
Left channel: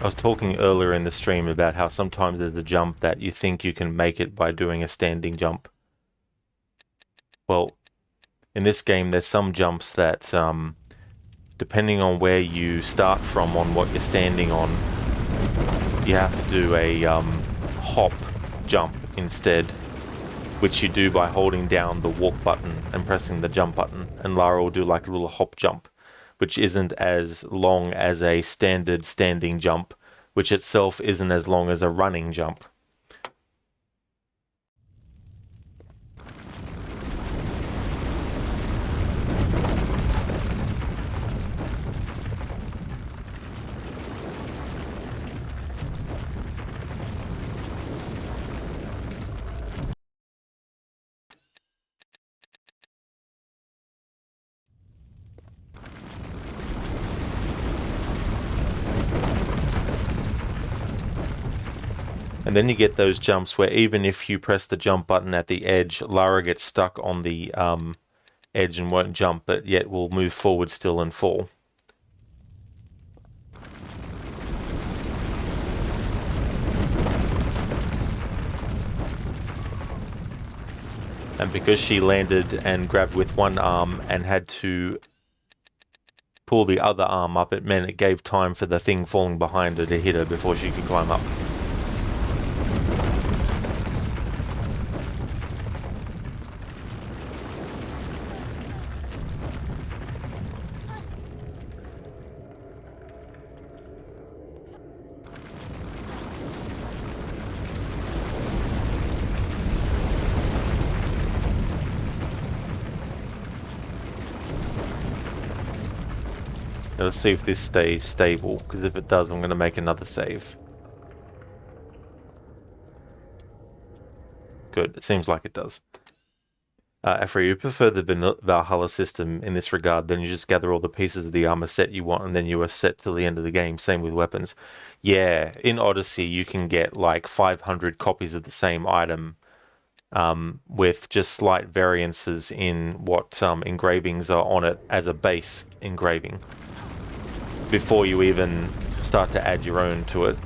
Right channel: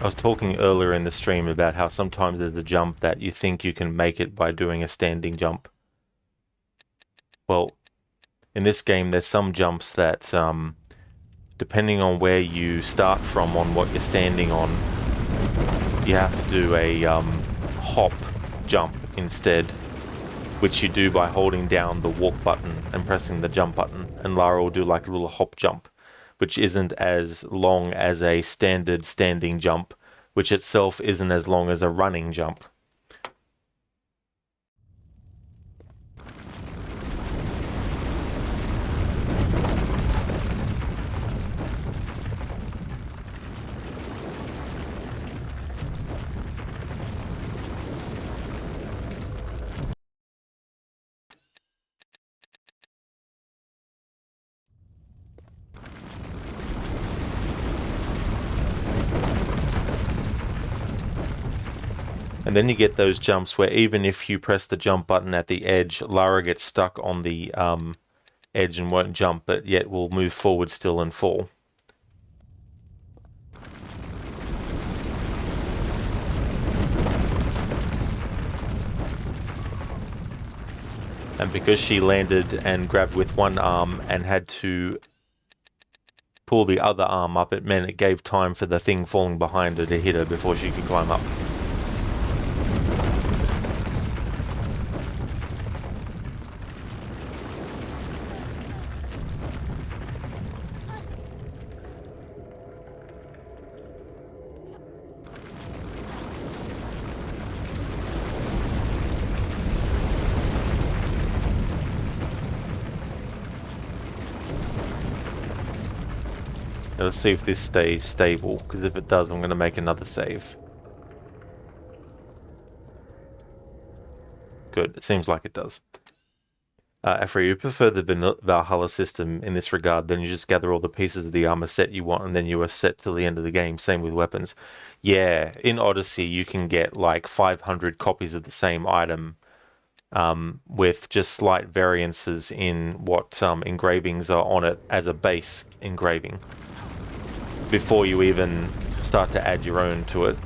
I was talking earlier in the stream about how sometimes there's a jump that you think you can make it by doing a standing jump. Well, in this game there's some jumps that, depending on where you start from on what you're standing on, you have to do a hop jump instead, which you do by holding down the walk button and pressing the jump button, and Lara will do like a little hop jump, which isn't as long as a standard standing jump, which itself isn't as long as a running jump. And then you get those jumps where even if you press the jump button at the edge, Lara gets stuck on the edge and won't jump, but yet will move forward still and fall. And because she landed and grabbed with one arm and had to pull the other arm up, it meant it gave time for the thing falling behind her to hit her before she could climb up. Let's see if this stays stable, because if it does, I'm going to make another save. Good, it seems like it does. Afra, you prefer the Valhalla system in this regard, then you just gather all the pieces of the armor set you want, and then you are set till the end of the game. Same with weapons. Yeah, in Odyssey, you can get like 500 copies of the same item, with just slight variances in what engravings are on it as a base engraving, before you even start to add your own to it.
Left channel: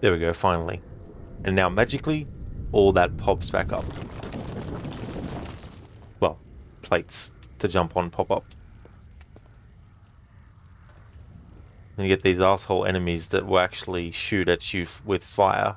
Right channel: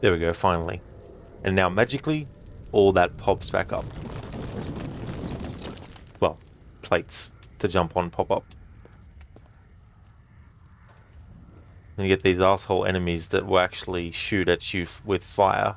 There we go, finally. And now magically, all that pops back up. Well, plates to jump on pop up. And you get these asshole enemies that will actually shoot at you with fire.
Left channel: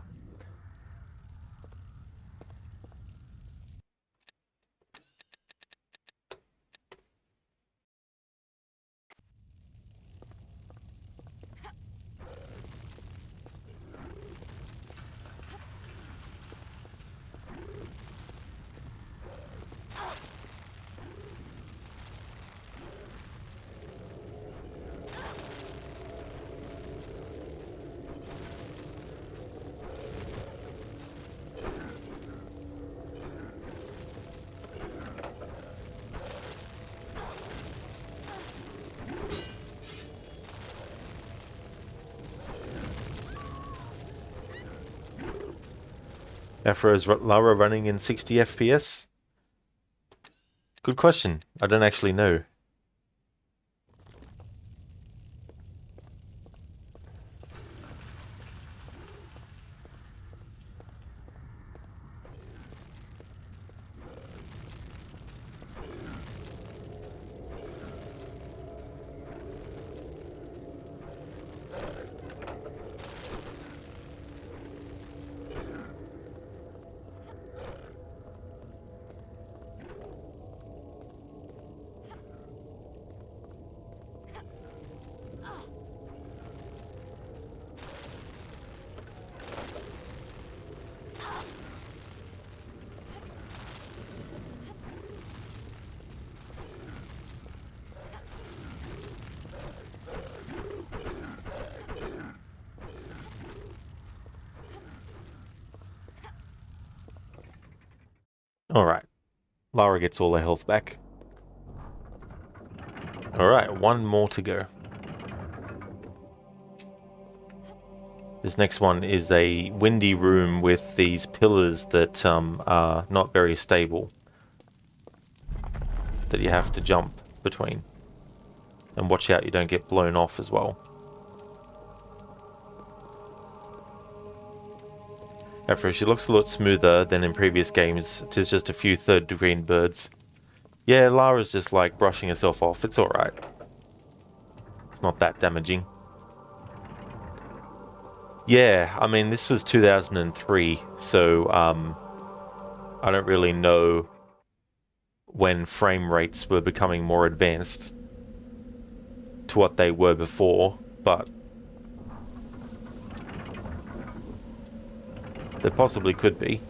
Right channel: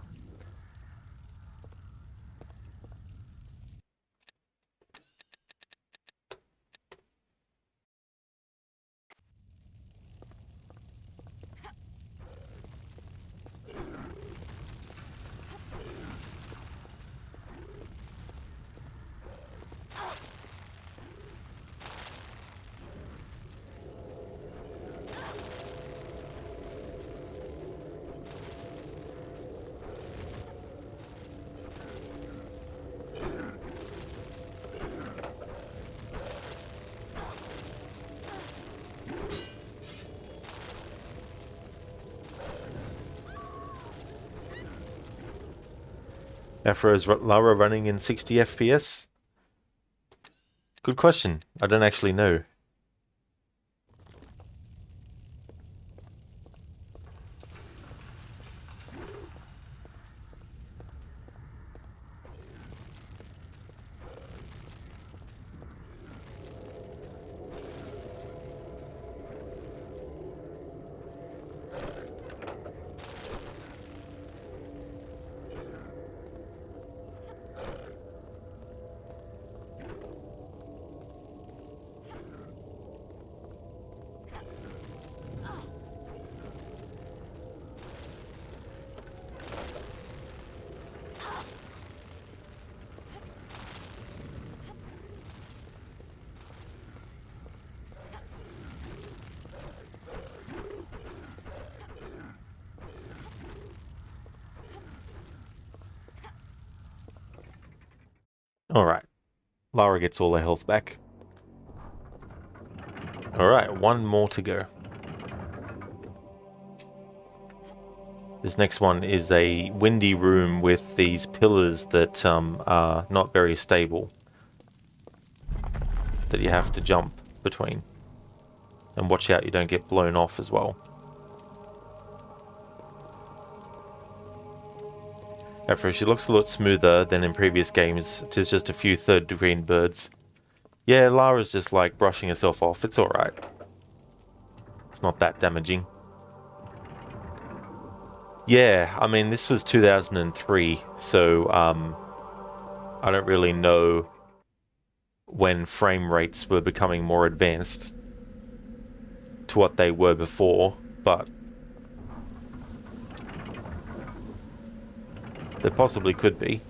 Afra, is Lara running in 60 FPS? Good question. I don't actually know. Alright. Lara gets all her health back. Alright, one more to go. This next one is a windy room with these pillars that are not very stable, that you have to jump between. And watch out you don't get blown off as well. However, she looks a lot smoother than in previous games. It is just a few third-degree birds. Yeah, Lara's just like brushing herself off. It's alright. It's not that damaging. Yeah, I mean, this was 2003, so I don't really know when frame rates were becoming more advanced to what they were before, but there possibly could be.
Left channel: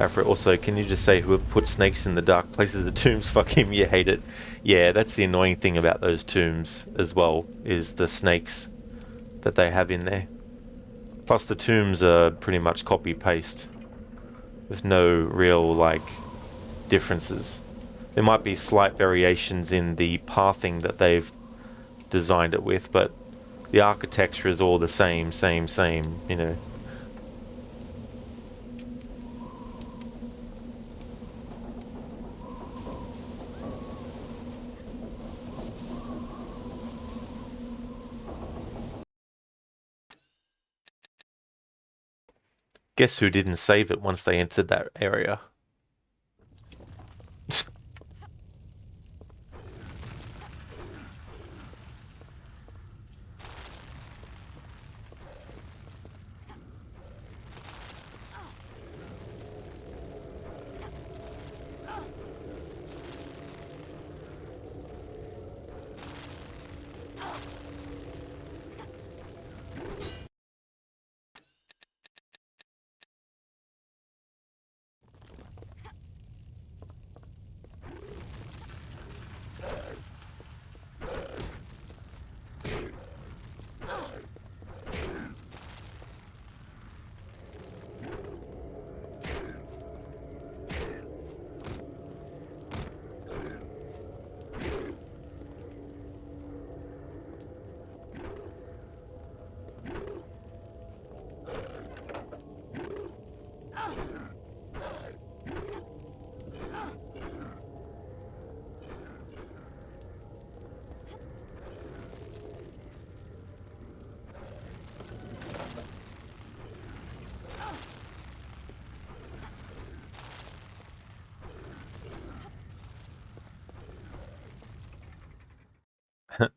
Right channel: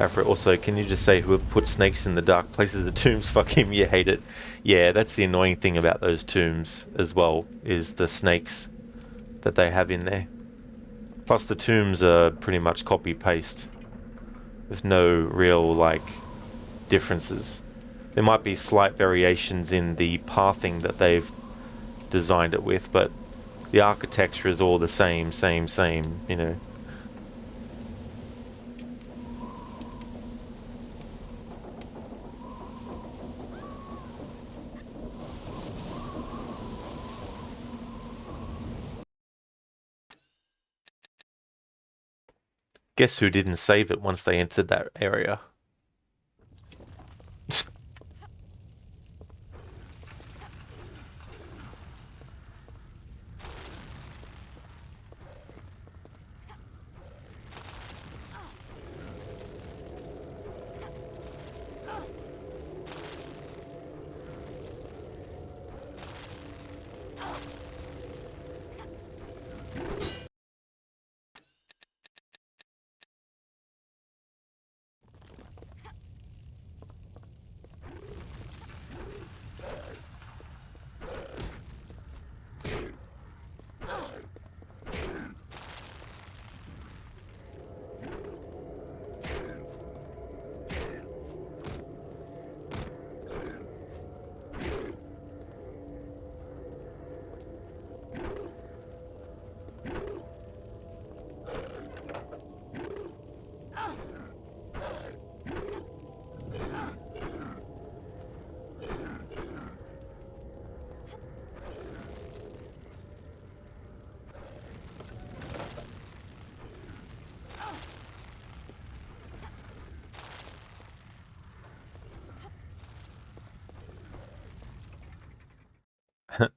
After also, can you just say whoever put snakes in the dark places of the tombs, fuck him, you hate it. Yeah, that's the annoying thing about those tombs as well, is the snakes that they have in there. Plus the tombs are pretty much copy-paste, with no real, like, differences. There might be slight variations in the pathing that they've designed it with, but the architecture is all the same, you know. Guess who didn't save it once they entered that area?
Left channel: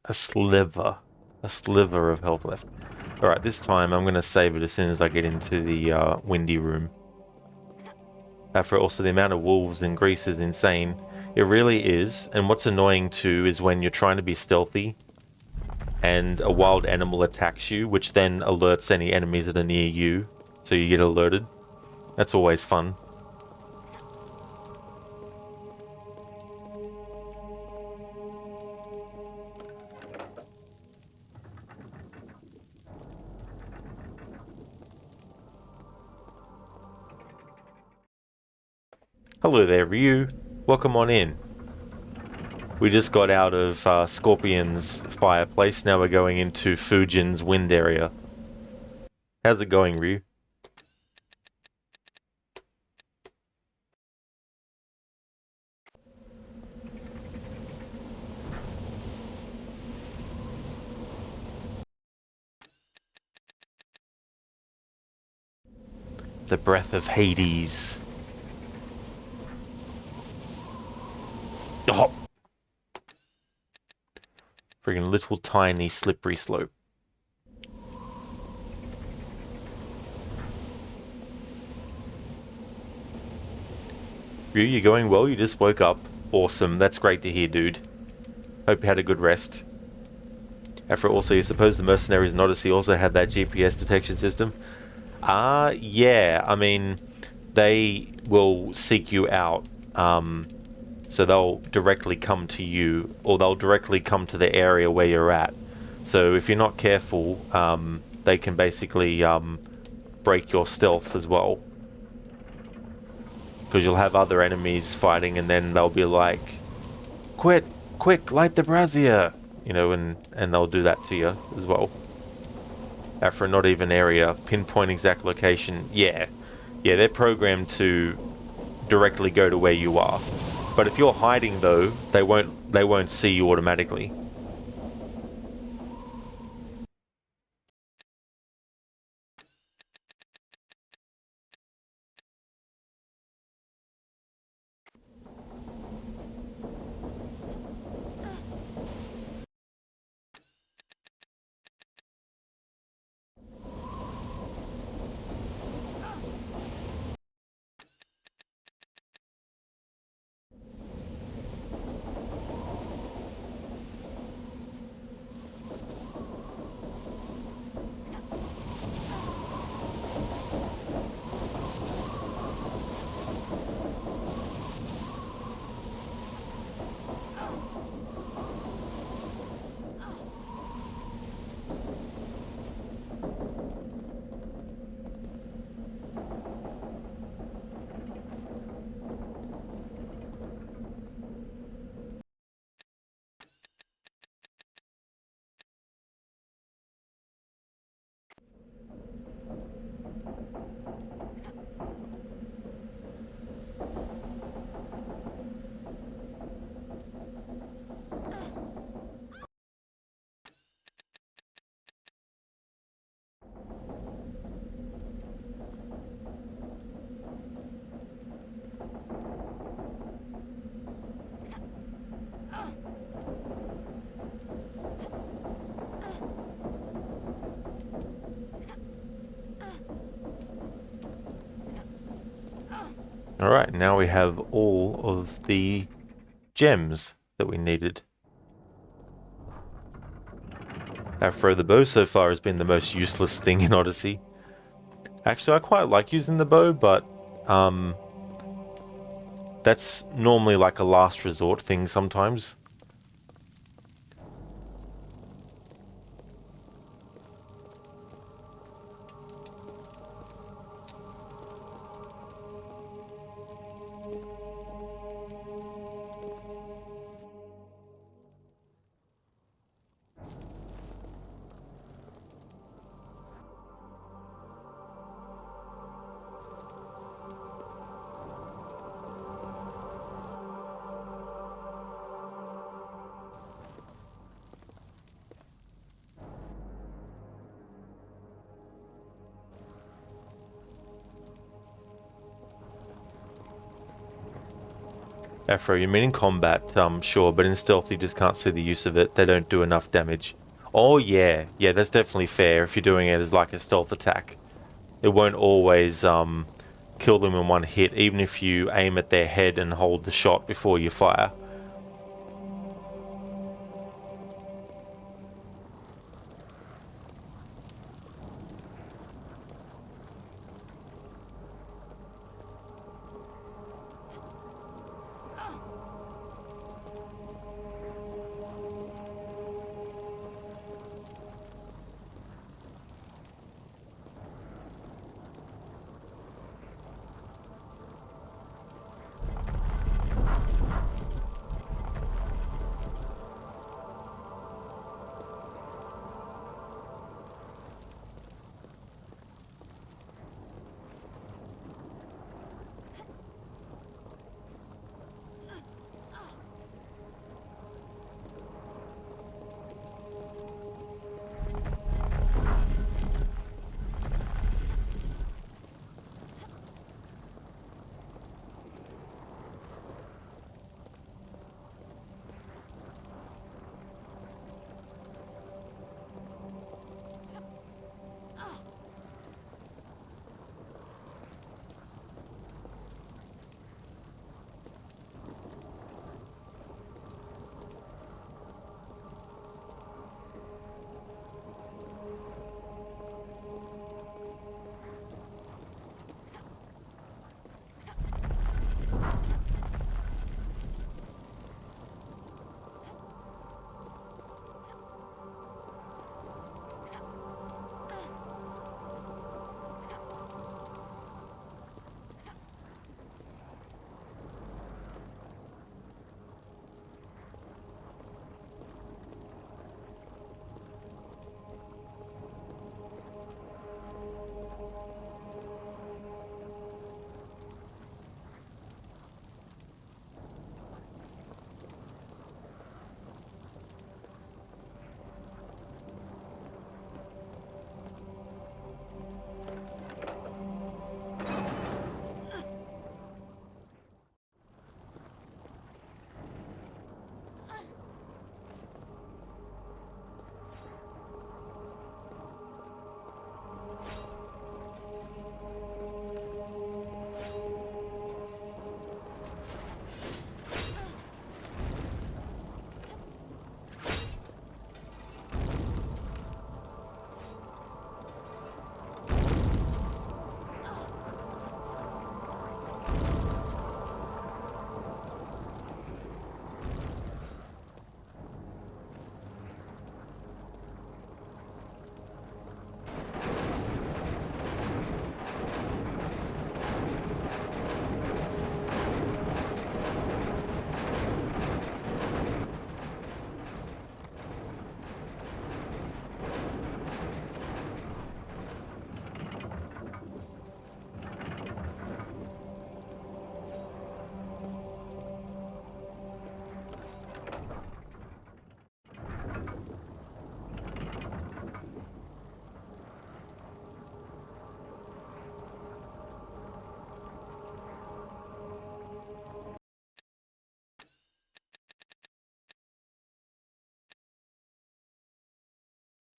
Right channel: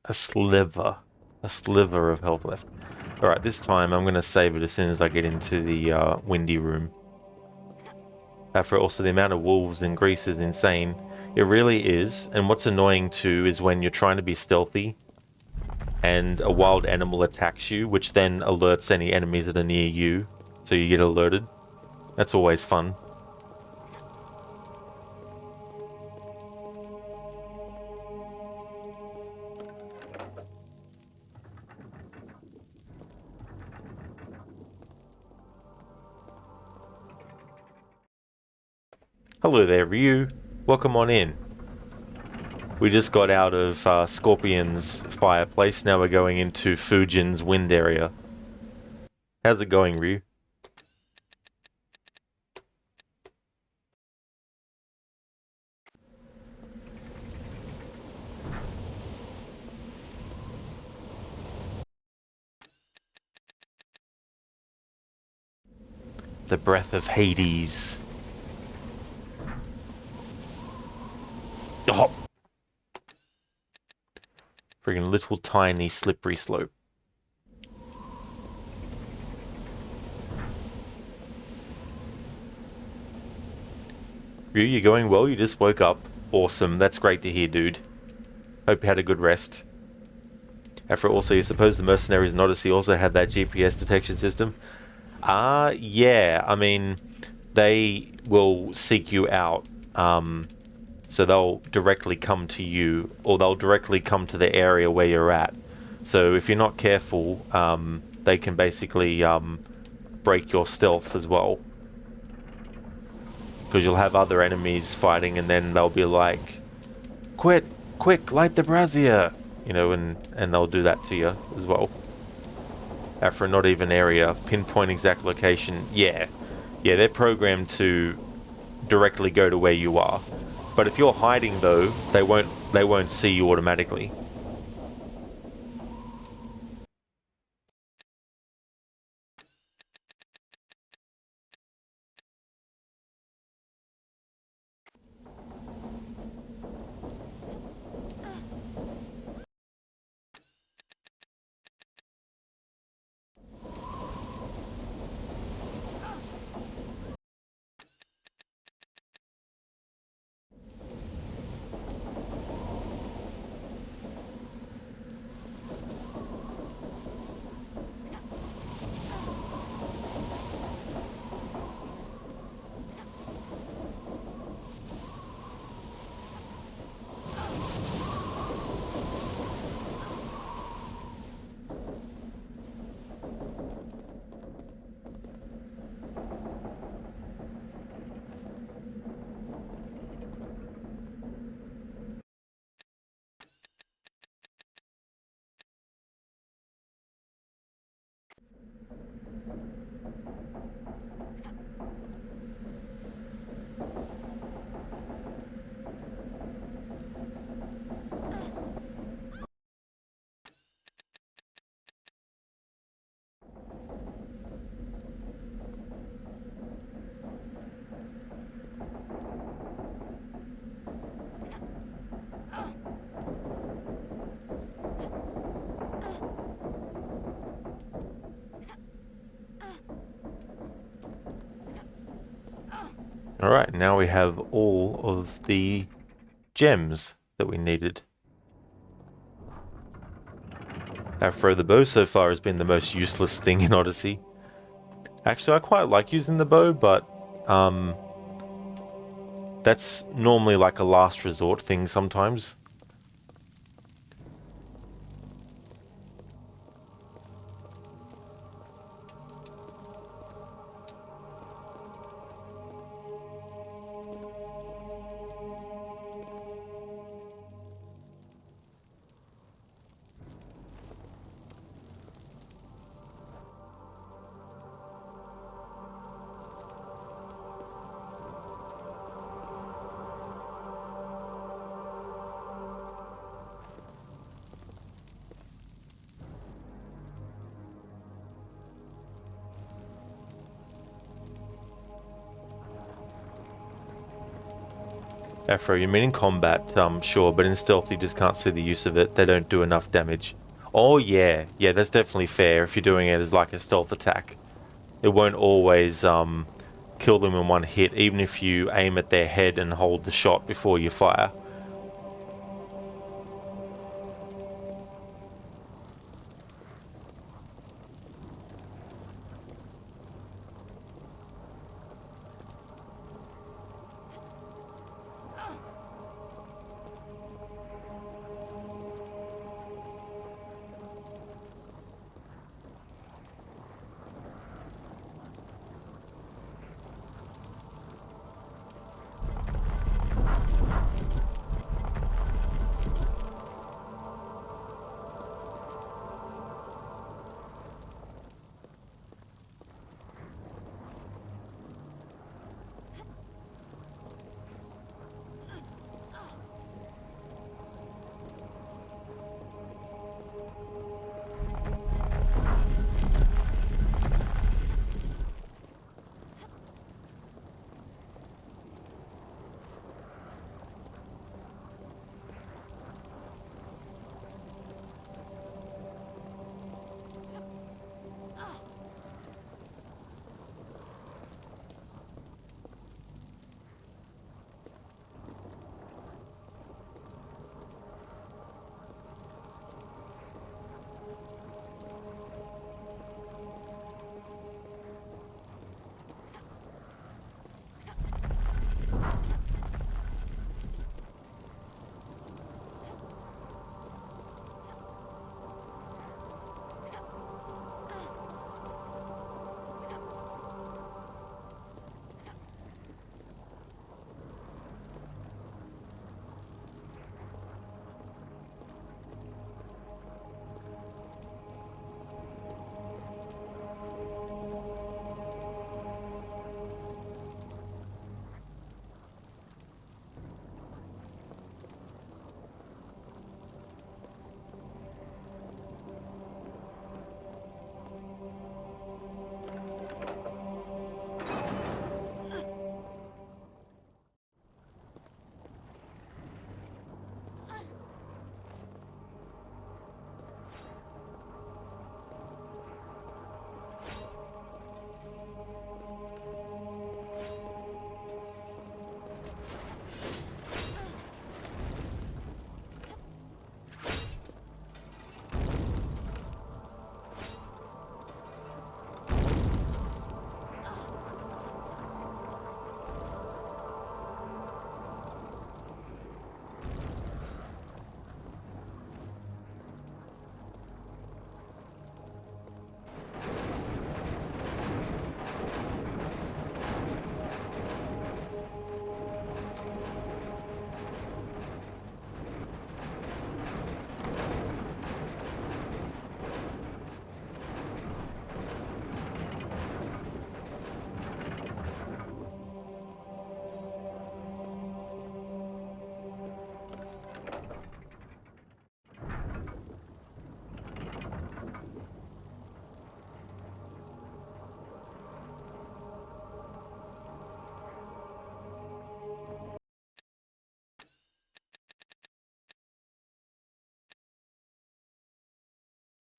A sliver of health left. Alright, this time I'm going to save it as soon as I get into the windy room. For also the amount of wolves in Greece is insane. It really is, and what's annoying too is when you're trying to be stealthy and a wild animal attacks you, which then alerts any enemies that are near you, so you get alerted. That's always fun. Hello there, Ryu. Welcome on in. We just got out of Scorpion's fireplace. Now we're going into Fujin's wind area. How's it going, Ryu? The breath of Hades. Oh! Friggin' little tiny slippery slope. Ryu, you going well? You just woke up. Awesome. That's great to hear, dude. Hope you had a good rest. After also, you suppose the mercenaries in Odyssey also had that GPS detection system? Yeah. I mean, they will seek you out. So they'll directly come to you, or they'll directly come to the area where you're at. So if you're not careful, they can basically break your stealth as well. Because you'll have other enemies fighting and then they'll be like, "Quit! Quick, light the brazier!" You know, and they'll do that to you as well. For a not even area, pinpoint exact location. Yeah, they're programmed to directly go to where you are. But if you're hiding though, they won't see you automatically. Alright, now we have all of the gems that we needed. Afro the bow so far has been the most useless thing in Odyssey. Actually, I quite like using the bow, but that's normally like a last resort thing sometimes. Afro, you mean in combat, sure, but in stealth you just can't see the use of it. They don't do enough damage. Oh yeah, that's definitely fair if you're doing it as like a stealth attack. It won't always kill them in one hit, even if you aim at their head and hold the shot before you fire.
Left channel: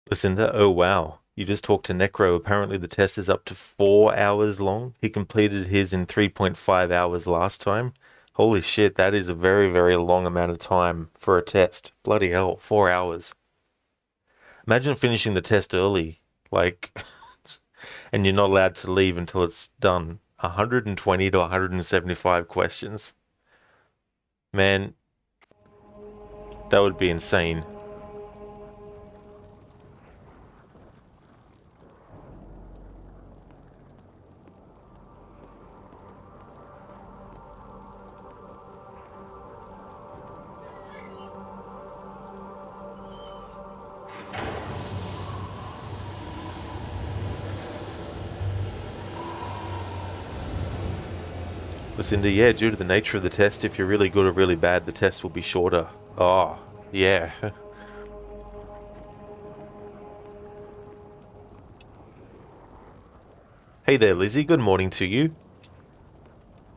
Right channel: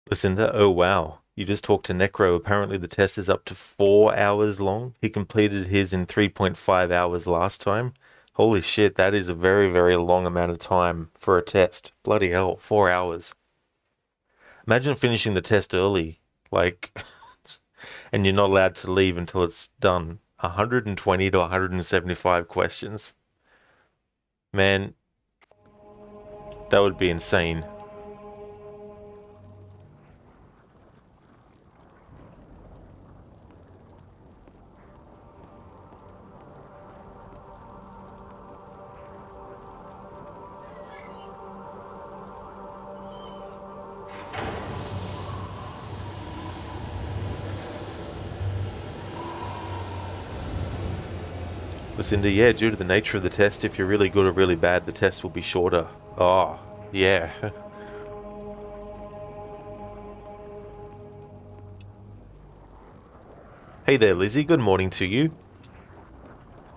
Lucinda, oh wow. You just talked to Necro. Apparently the test is up to 4 hours long. He completed his in 3.5 hours last time. Holy shit, that is a very, very long amount of time for a test. Bloody hell, 4 hours. Imagine finishing the test early, like, and you're not allowed to leave until it's done. 120 to 175 questions. Man, that would be insane. Lucinda, yeah, due to the nature of the test, if you're really good or really bad, the test will be shorter. Oh, yeah. Hey there, Lizzie. Good morning to you.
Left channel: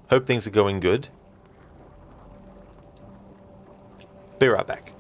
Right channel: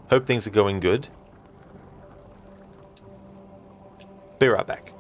Hope things are going good. Be right back.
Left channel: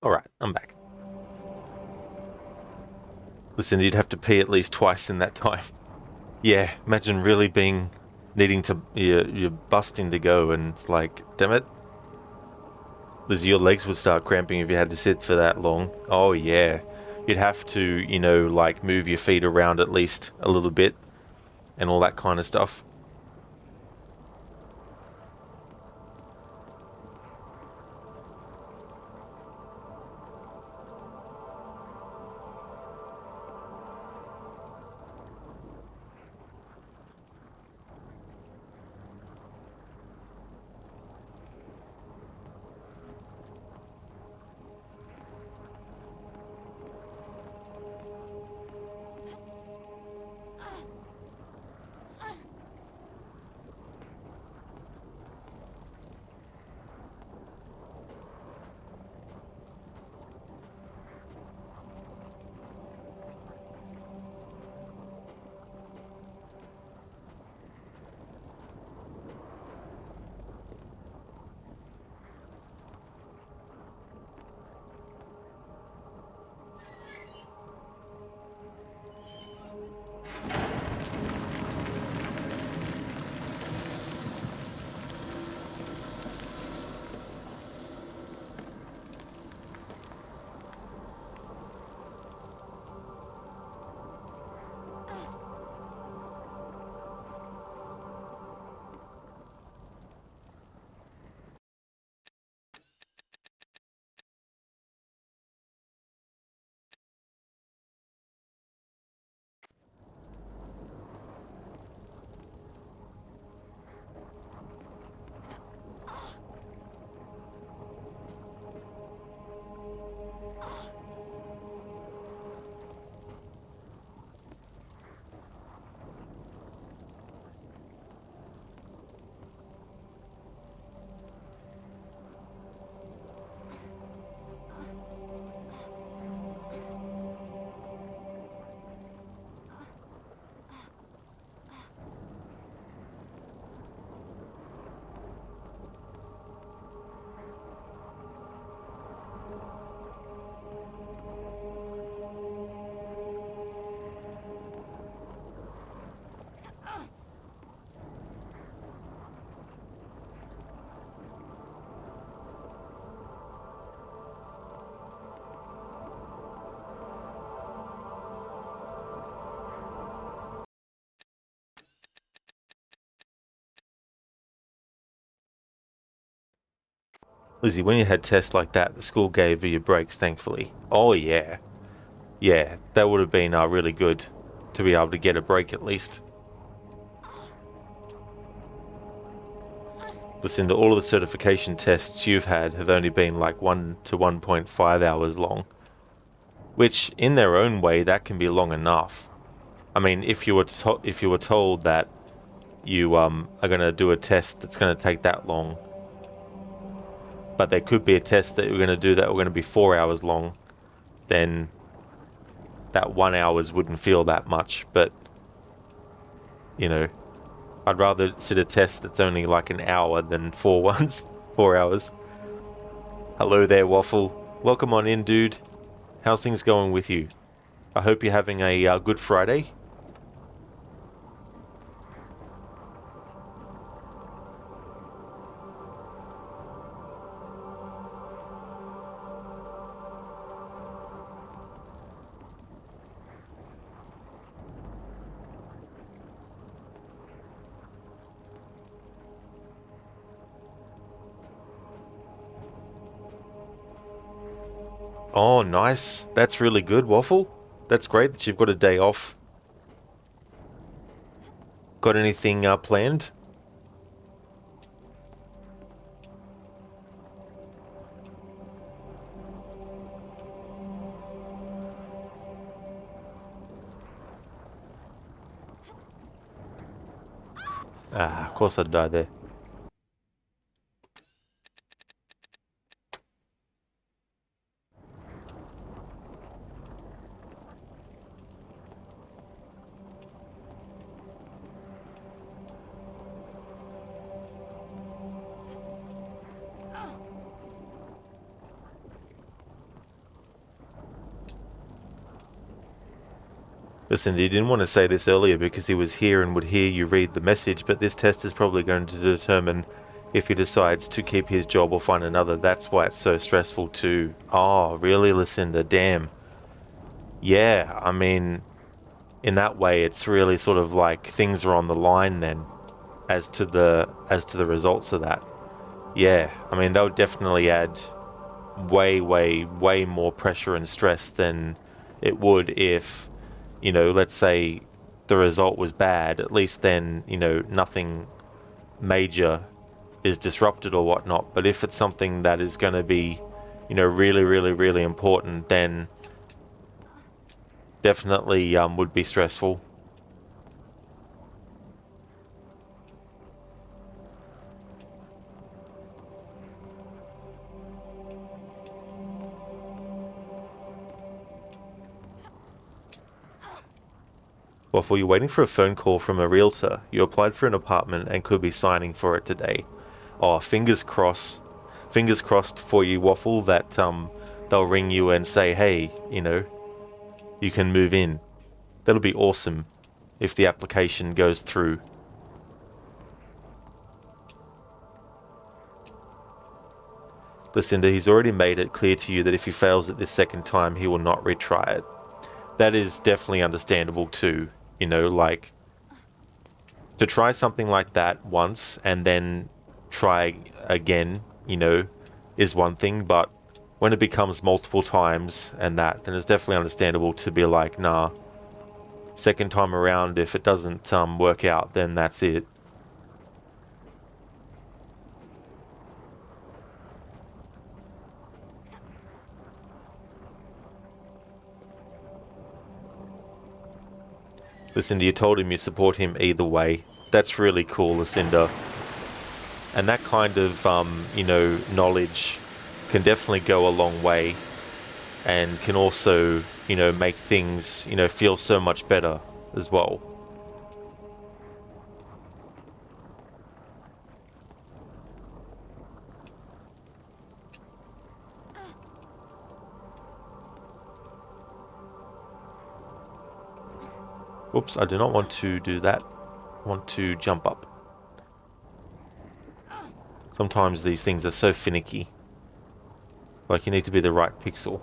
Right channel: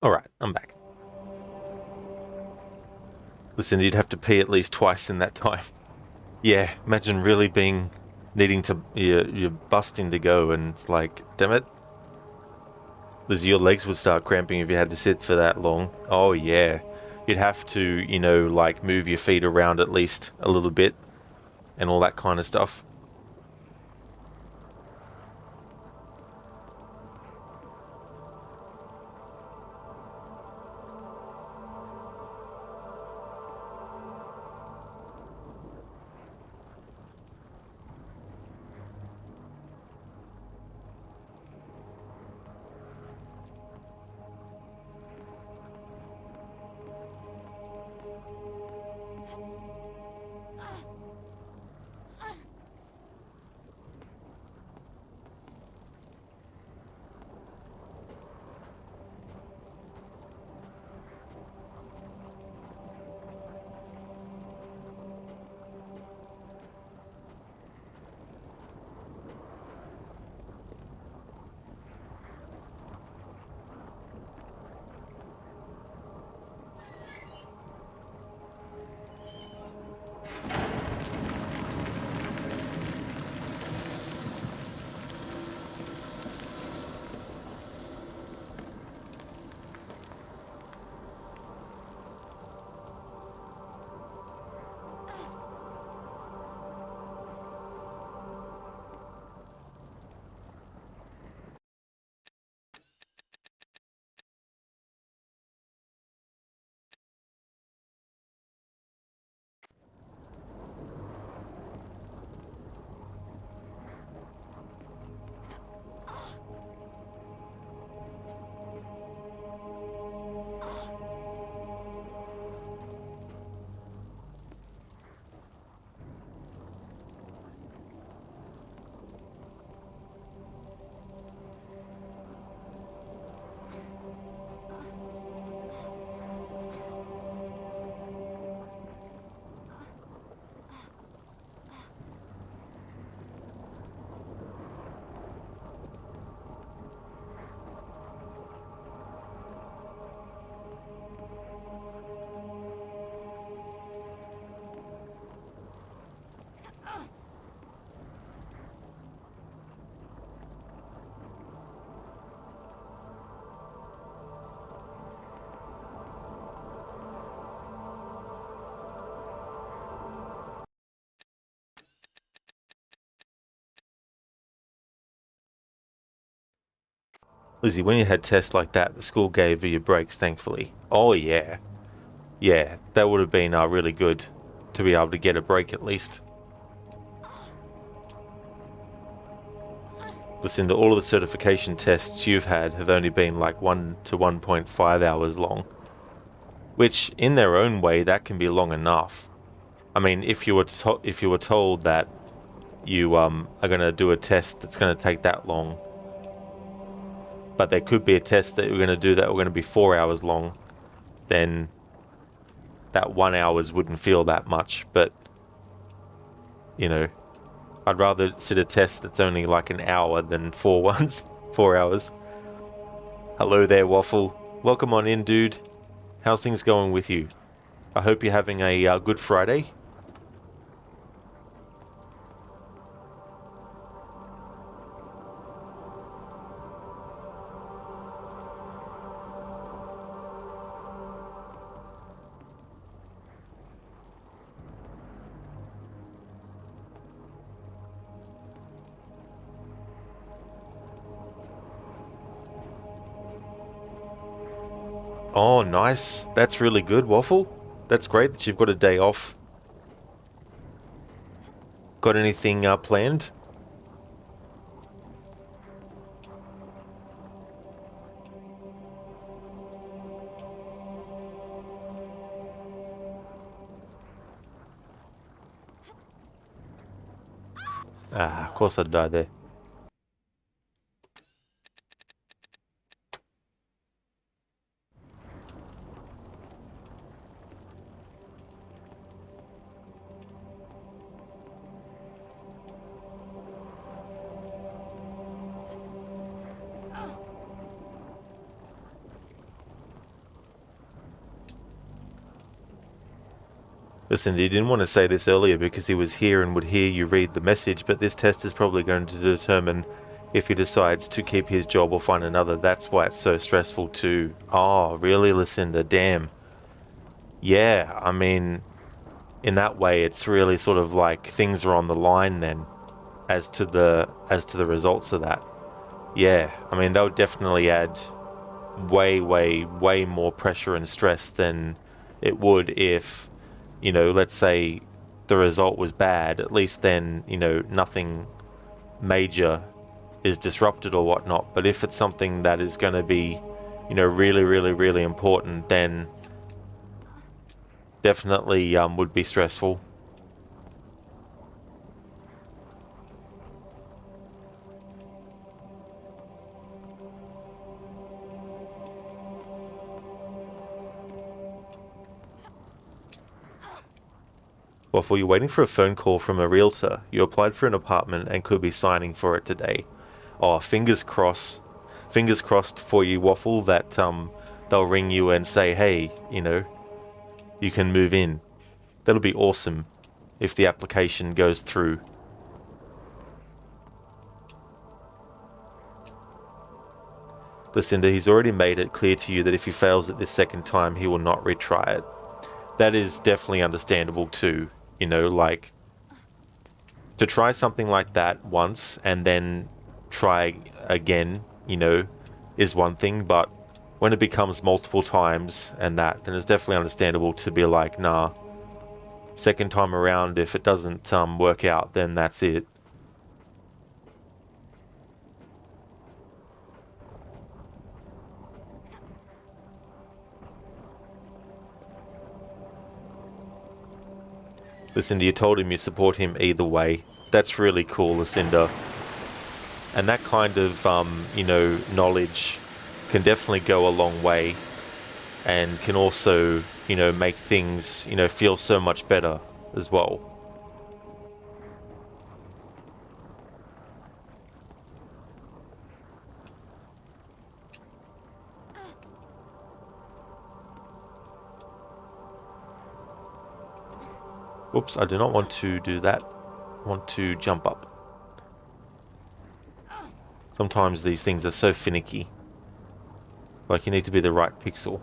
Alright, I'm back. Listen, you'd have to pee at least twice in that time. Yeah, imagine really needing to, you're busting to go and it's like, damn it. Lizzie, your legs would start cramping if you had to sit for that long. Oh yeah. You'd have to, like move your feet around at least a little bit and all that kind of stuff. Lizzie, when you had tests like that, the school gave you your breaks, thankfully. Oh, yeah. Yeah, that would have been really good to be able to get a break at least. Listen, to all of the certification tests you've had have only been like 1 to 1.5 hours long. Which, in their own way, that can be long enough. I mean, if you were told that you are going to do a test that's going to take that long, but there could be a test that you're going to do that we're going to be 4 hours long, then that 1 hours wouldn't feel that much. But, you know, I'd rather sit a test that's only like an hour than 4 hours. Hello there, Waffle. Welcome on in, dude. How's things going with you? I hope you're having a good Friday. Oh, nice. That's really good, Waffle. That's great that you've got a day off. Got anything planned? Ah, of course I'd die there. Listen, he didn't want to say this earlier because he was here and would hear you read the message, but this test is probably going to determine if he decides to keep his job or find another. That's why it's so stressful too. Oh, really, Lucinda? Damn. Yeah, I mean, in that way, it's really sort of like things are on the line then, as to the results of that. Yeah, I mean, that would definitely add way, way, way more pressure and stress than it would if, you know, let's say the result was bad. At least then, you know, nothing major is disrupted or whatnot. But if it's something that is going to be, you know, really, really, really important, then definitely would be stressful. Waffle, you're waiting for a phone call from a realtor. You applied for an apartment and could be signing for it today. Oh, fingers crossed. Fingers crossed for you, Waffle, that they'll ring you and say, hey, you know, you can move in. That'll be awesome if the application goes through. Lucinda, he's already made it clear to you that if he fails it this second time, he will not retry it. That is definitely understandable too. You know, like, to try something like that once and then try again, you know, is one thing, but when it becomes multiple times and that, then it's definitely understandable to be like, nah, second time around, if it doesn't work out, then that's it. Lucinda, you told him you support him either way. That's really cool, Lucinda. And that kind of, you know, knowledge can definitely go a long way and can also, you know, make things, you know, feel so much better as well. Whoops, I do not want to do that. I want to jump up. Sometimes these things are so finicky. Like, you need to be the right pixel.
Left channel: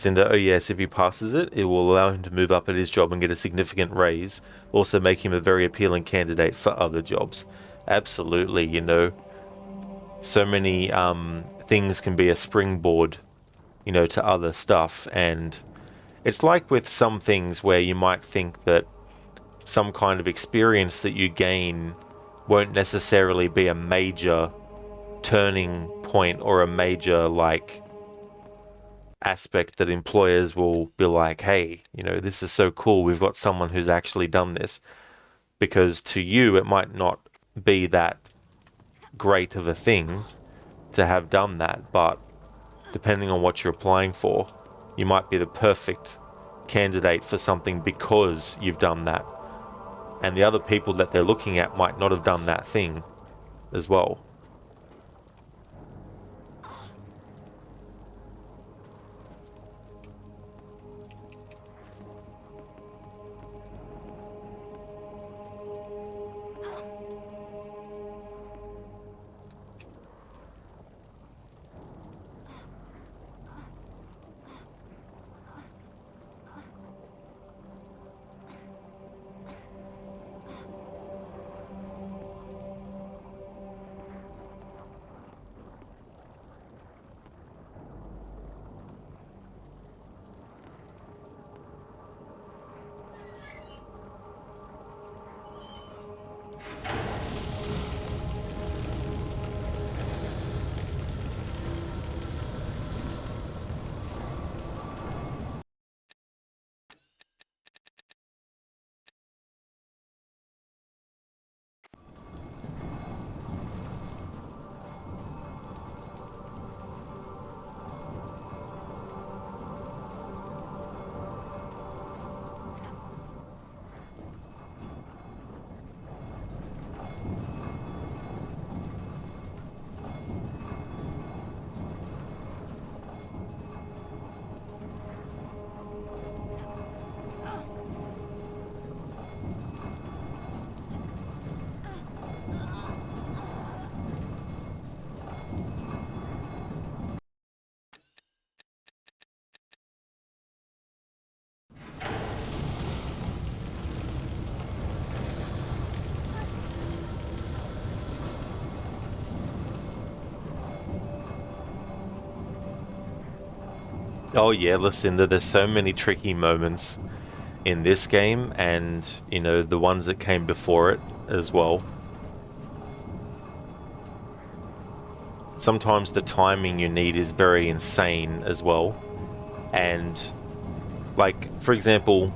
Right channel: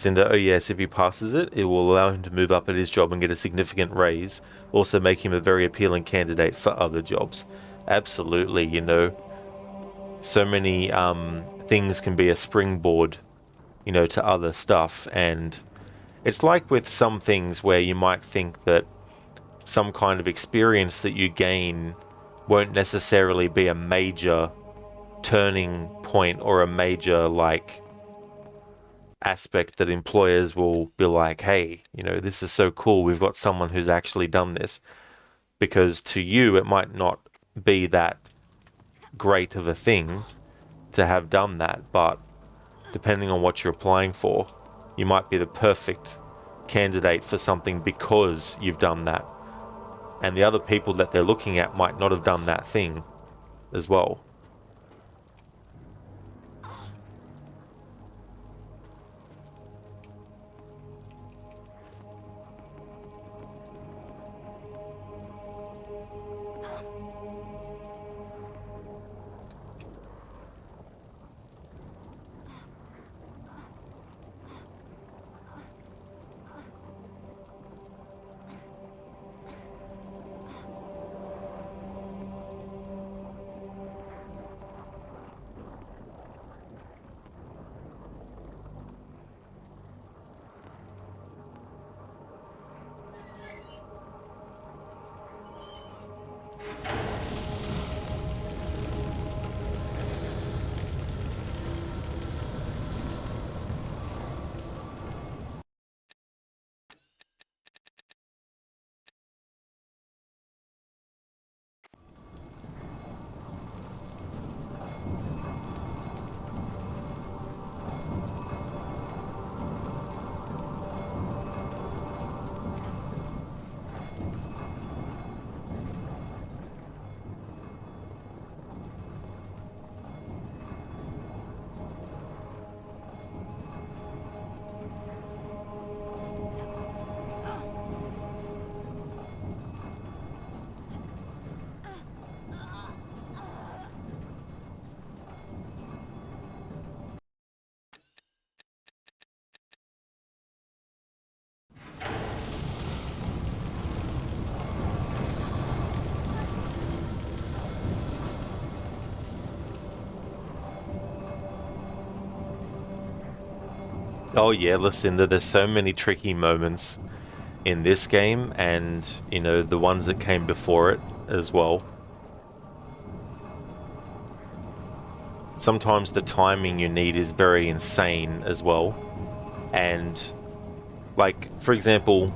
Cinder, oh yes, if he passes it, it will allow him to move up at his job and get a significant raise. Also make him a very appealing candidate for other jobs. Absolutely, you know. So many things can be a springboard, you know, to other stuff. And it's like with some things where you might think that some kind of experience that you gain won't necessarily be a major turning point or a major, like, aspect that employers will be like, hey, you know, this is so cool, we've got someone who's actually done this. Because to you, it might not be that great of a thing to have done that, but depending on what you're applying for, you might be the perfect candidate for something because you've done that. And the other people that they're looking at might not have done that thing as well. Oh yeah, Lucinda, there's so many tricky moments in this game and, you know, the ones that came before it as well. Sometimes the timing you need is very insane as well. And, like, for example,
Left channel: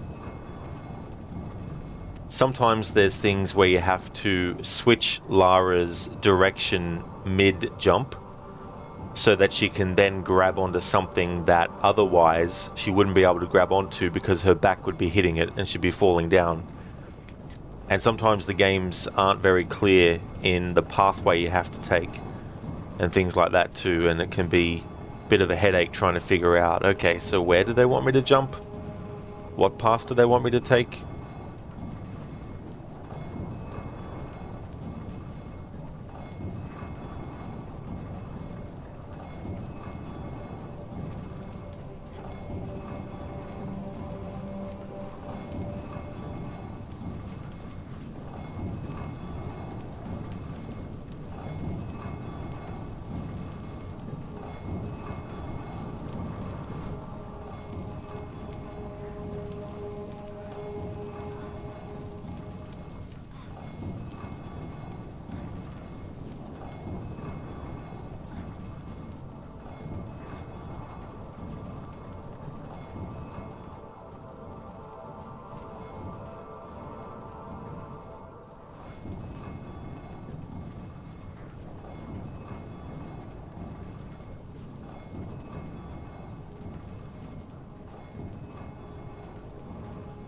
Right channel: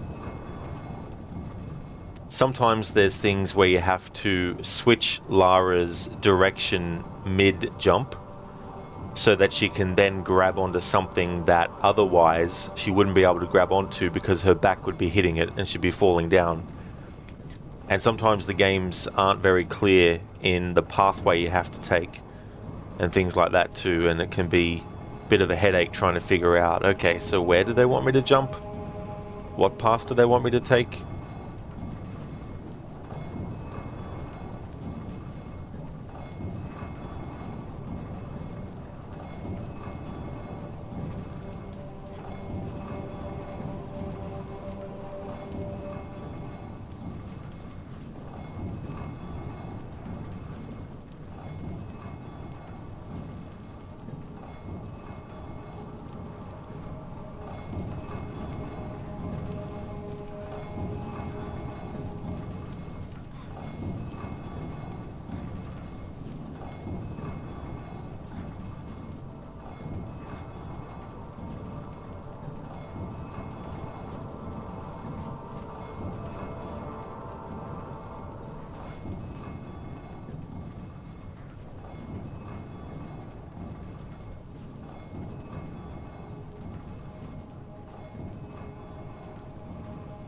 sometimes there's things where you have to switch Lara's direction mid-jump so that she can then grab onto something that otherwise she wouldn't be able to grab onto because her back would be hitting it and she'd be falling down. And sometimes the games aren't very clear in the pathway you have to take and things like that too, and it can be a bit of a headache trying to figure out, okay, so where do they want me to jump? What path do they want me to take?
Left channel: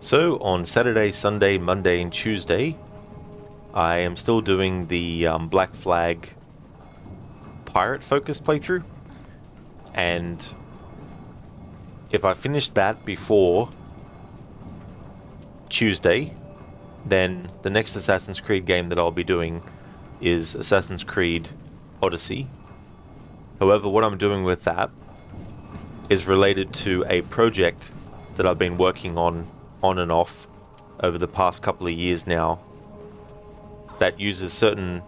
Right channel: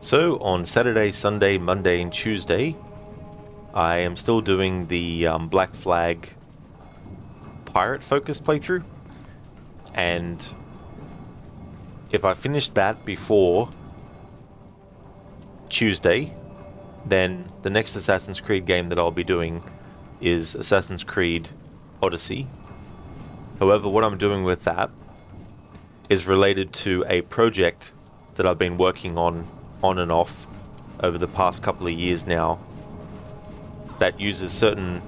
So on Saturday, Sunday, Monday and Tuesday, I am still doing the Black Flag pirate focus playthrough, and if I finish that before Tuesday, then the next Assassin's Creed game that I'll be doing is Assassin's Creed Odyssey. However, what I'm doing with that is related to a project that I've been working on and off over the past couple of years now that uses certain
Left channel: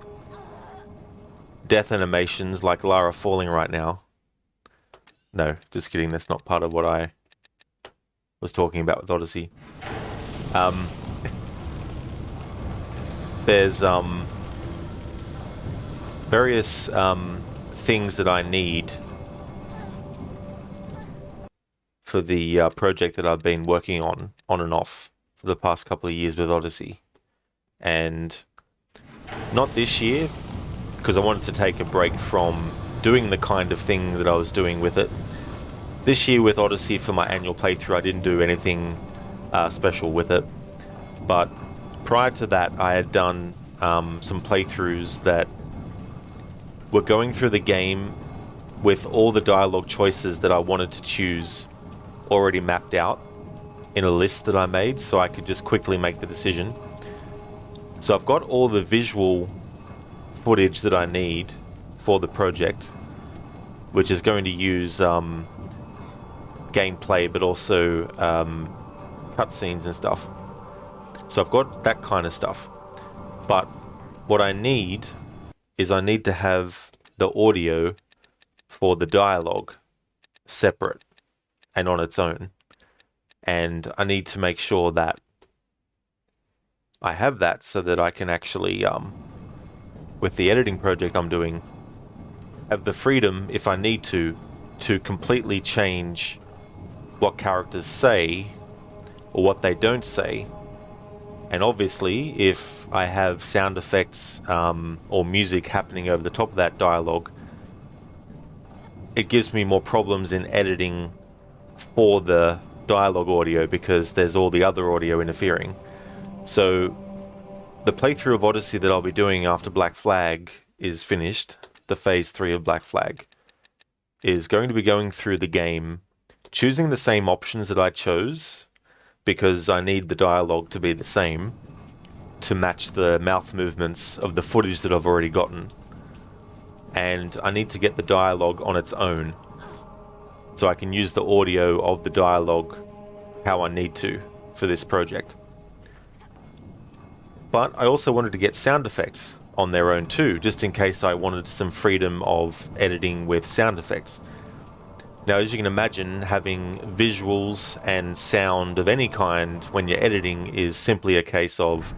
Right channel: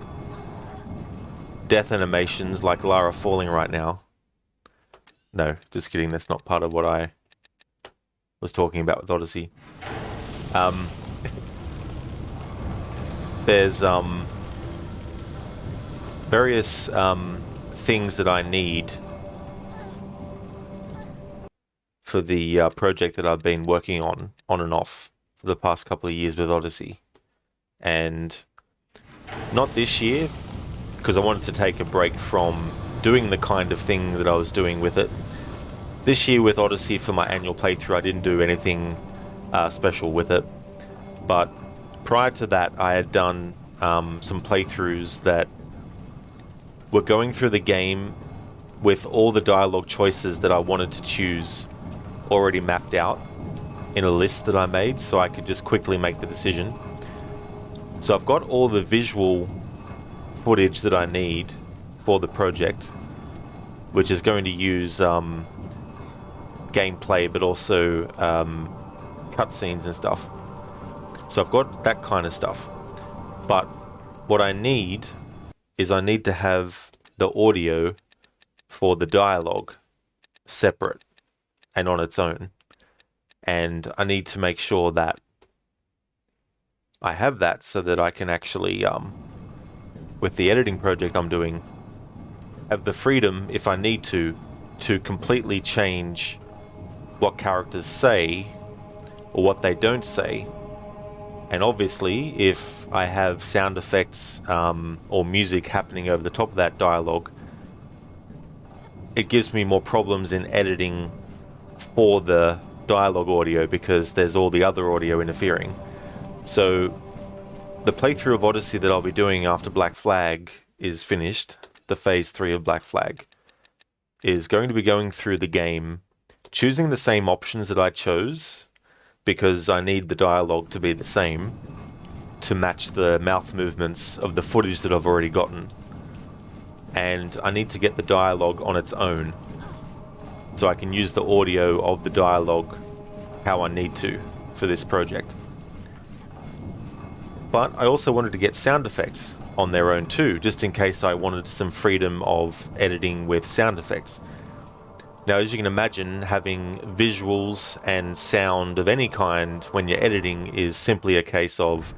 death animations like Lara falling right now. No, just kidding, that's not part of what I was talking about with Odyssey. There's various things that I need for the project that I've been working on and off for the past couple of years with Odyssey. And not this year, because I wanted to take a break from doing the kind of thing that I was doing with it. This year with Odyssey for my annual playthrough, I didn't do anything special with it. But prior to that, I had done some playthroughs that were going through the game with all the dialogue choices that I wanted to choose already mapped out in a list that I made, so I could just quickly make the decision. So I've got all the visual footage that I need for the project, which is going to use gameplay, but also cutscenes and stuff. So I've got that kind of stuff. But what I need is I need to have the audio for the dialogue separate and on its own. And I need to make sure that I have that so that I can actually, with the editing project I'm doing, have the freedom, if I need to completely change what characters say or what they don't say. And obviously, if I have sound effects or music happening over the top of that dialogue, it gives me more problems in editing for the dialogue audio because there's all the other audio interfering. So the playthrough of Odyssey that I'll be doing after Black Flag is finished, the Phase 3 of Black Flag, is going to be going through the game, choosing the same options that I chose, because I need the dialogue to be the same to match the mouth movements of the footage that I've already gotten. And I need to get the dialogue on its own, so I can use the audio of the dialogue how I need to for this project. But I also wanted to get sound effects on their own too, just in case I wanted some freedom of editing with sound effects. Now, as you can imagine, having visuals and sound of any kind when you're editing is simply a case of,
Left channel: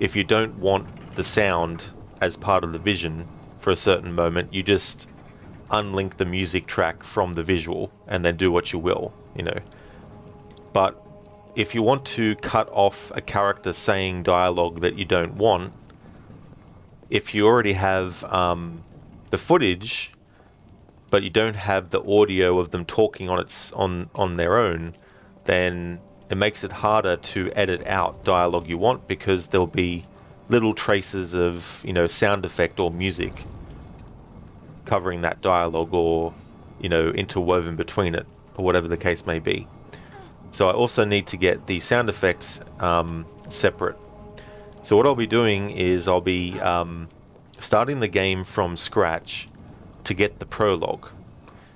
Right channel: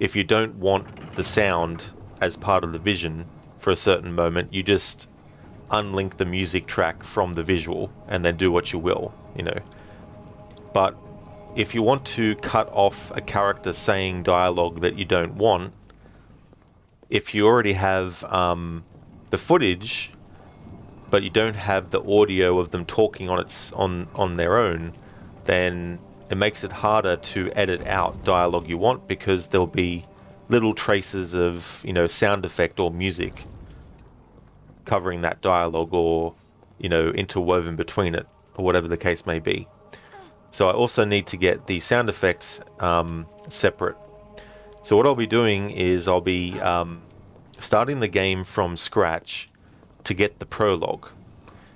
if you don't want the sound as part of the vision for a certain moment, you just unlink the music track from the visual and then do what you will, you know. But if you want to cut off a character saying dialogue that you don't want, if you already have the footage, but you don't have the audio of them talking on their own, then it makes it harder to edit out dialogue you want, because there'll be little traces of, you know, sound effect or music covering that dialogue, or, you know, interwoven between it, or whatever the case may be. So I also need to get the sound effects separate. So what I'll be doing is I'll be starting the game from scratch to get the prologue,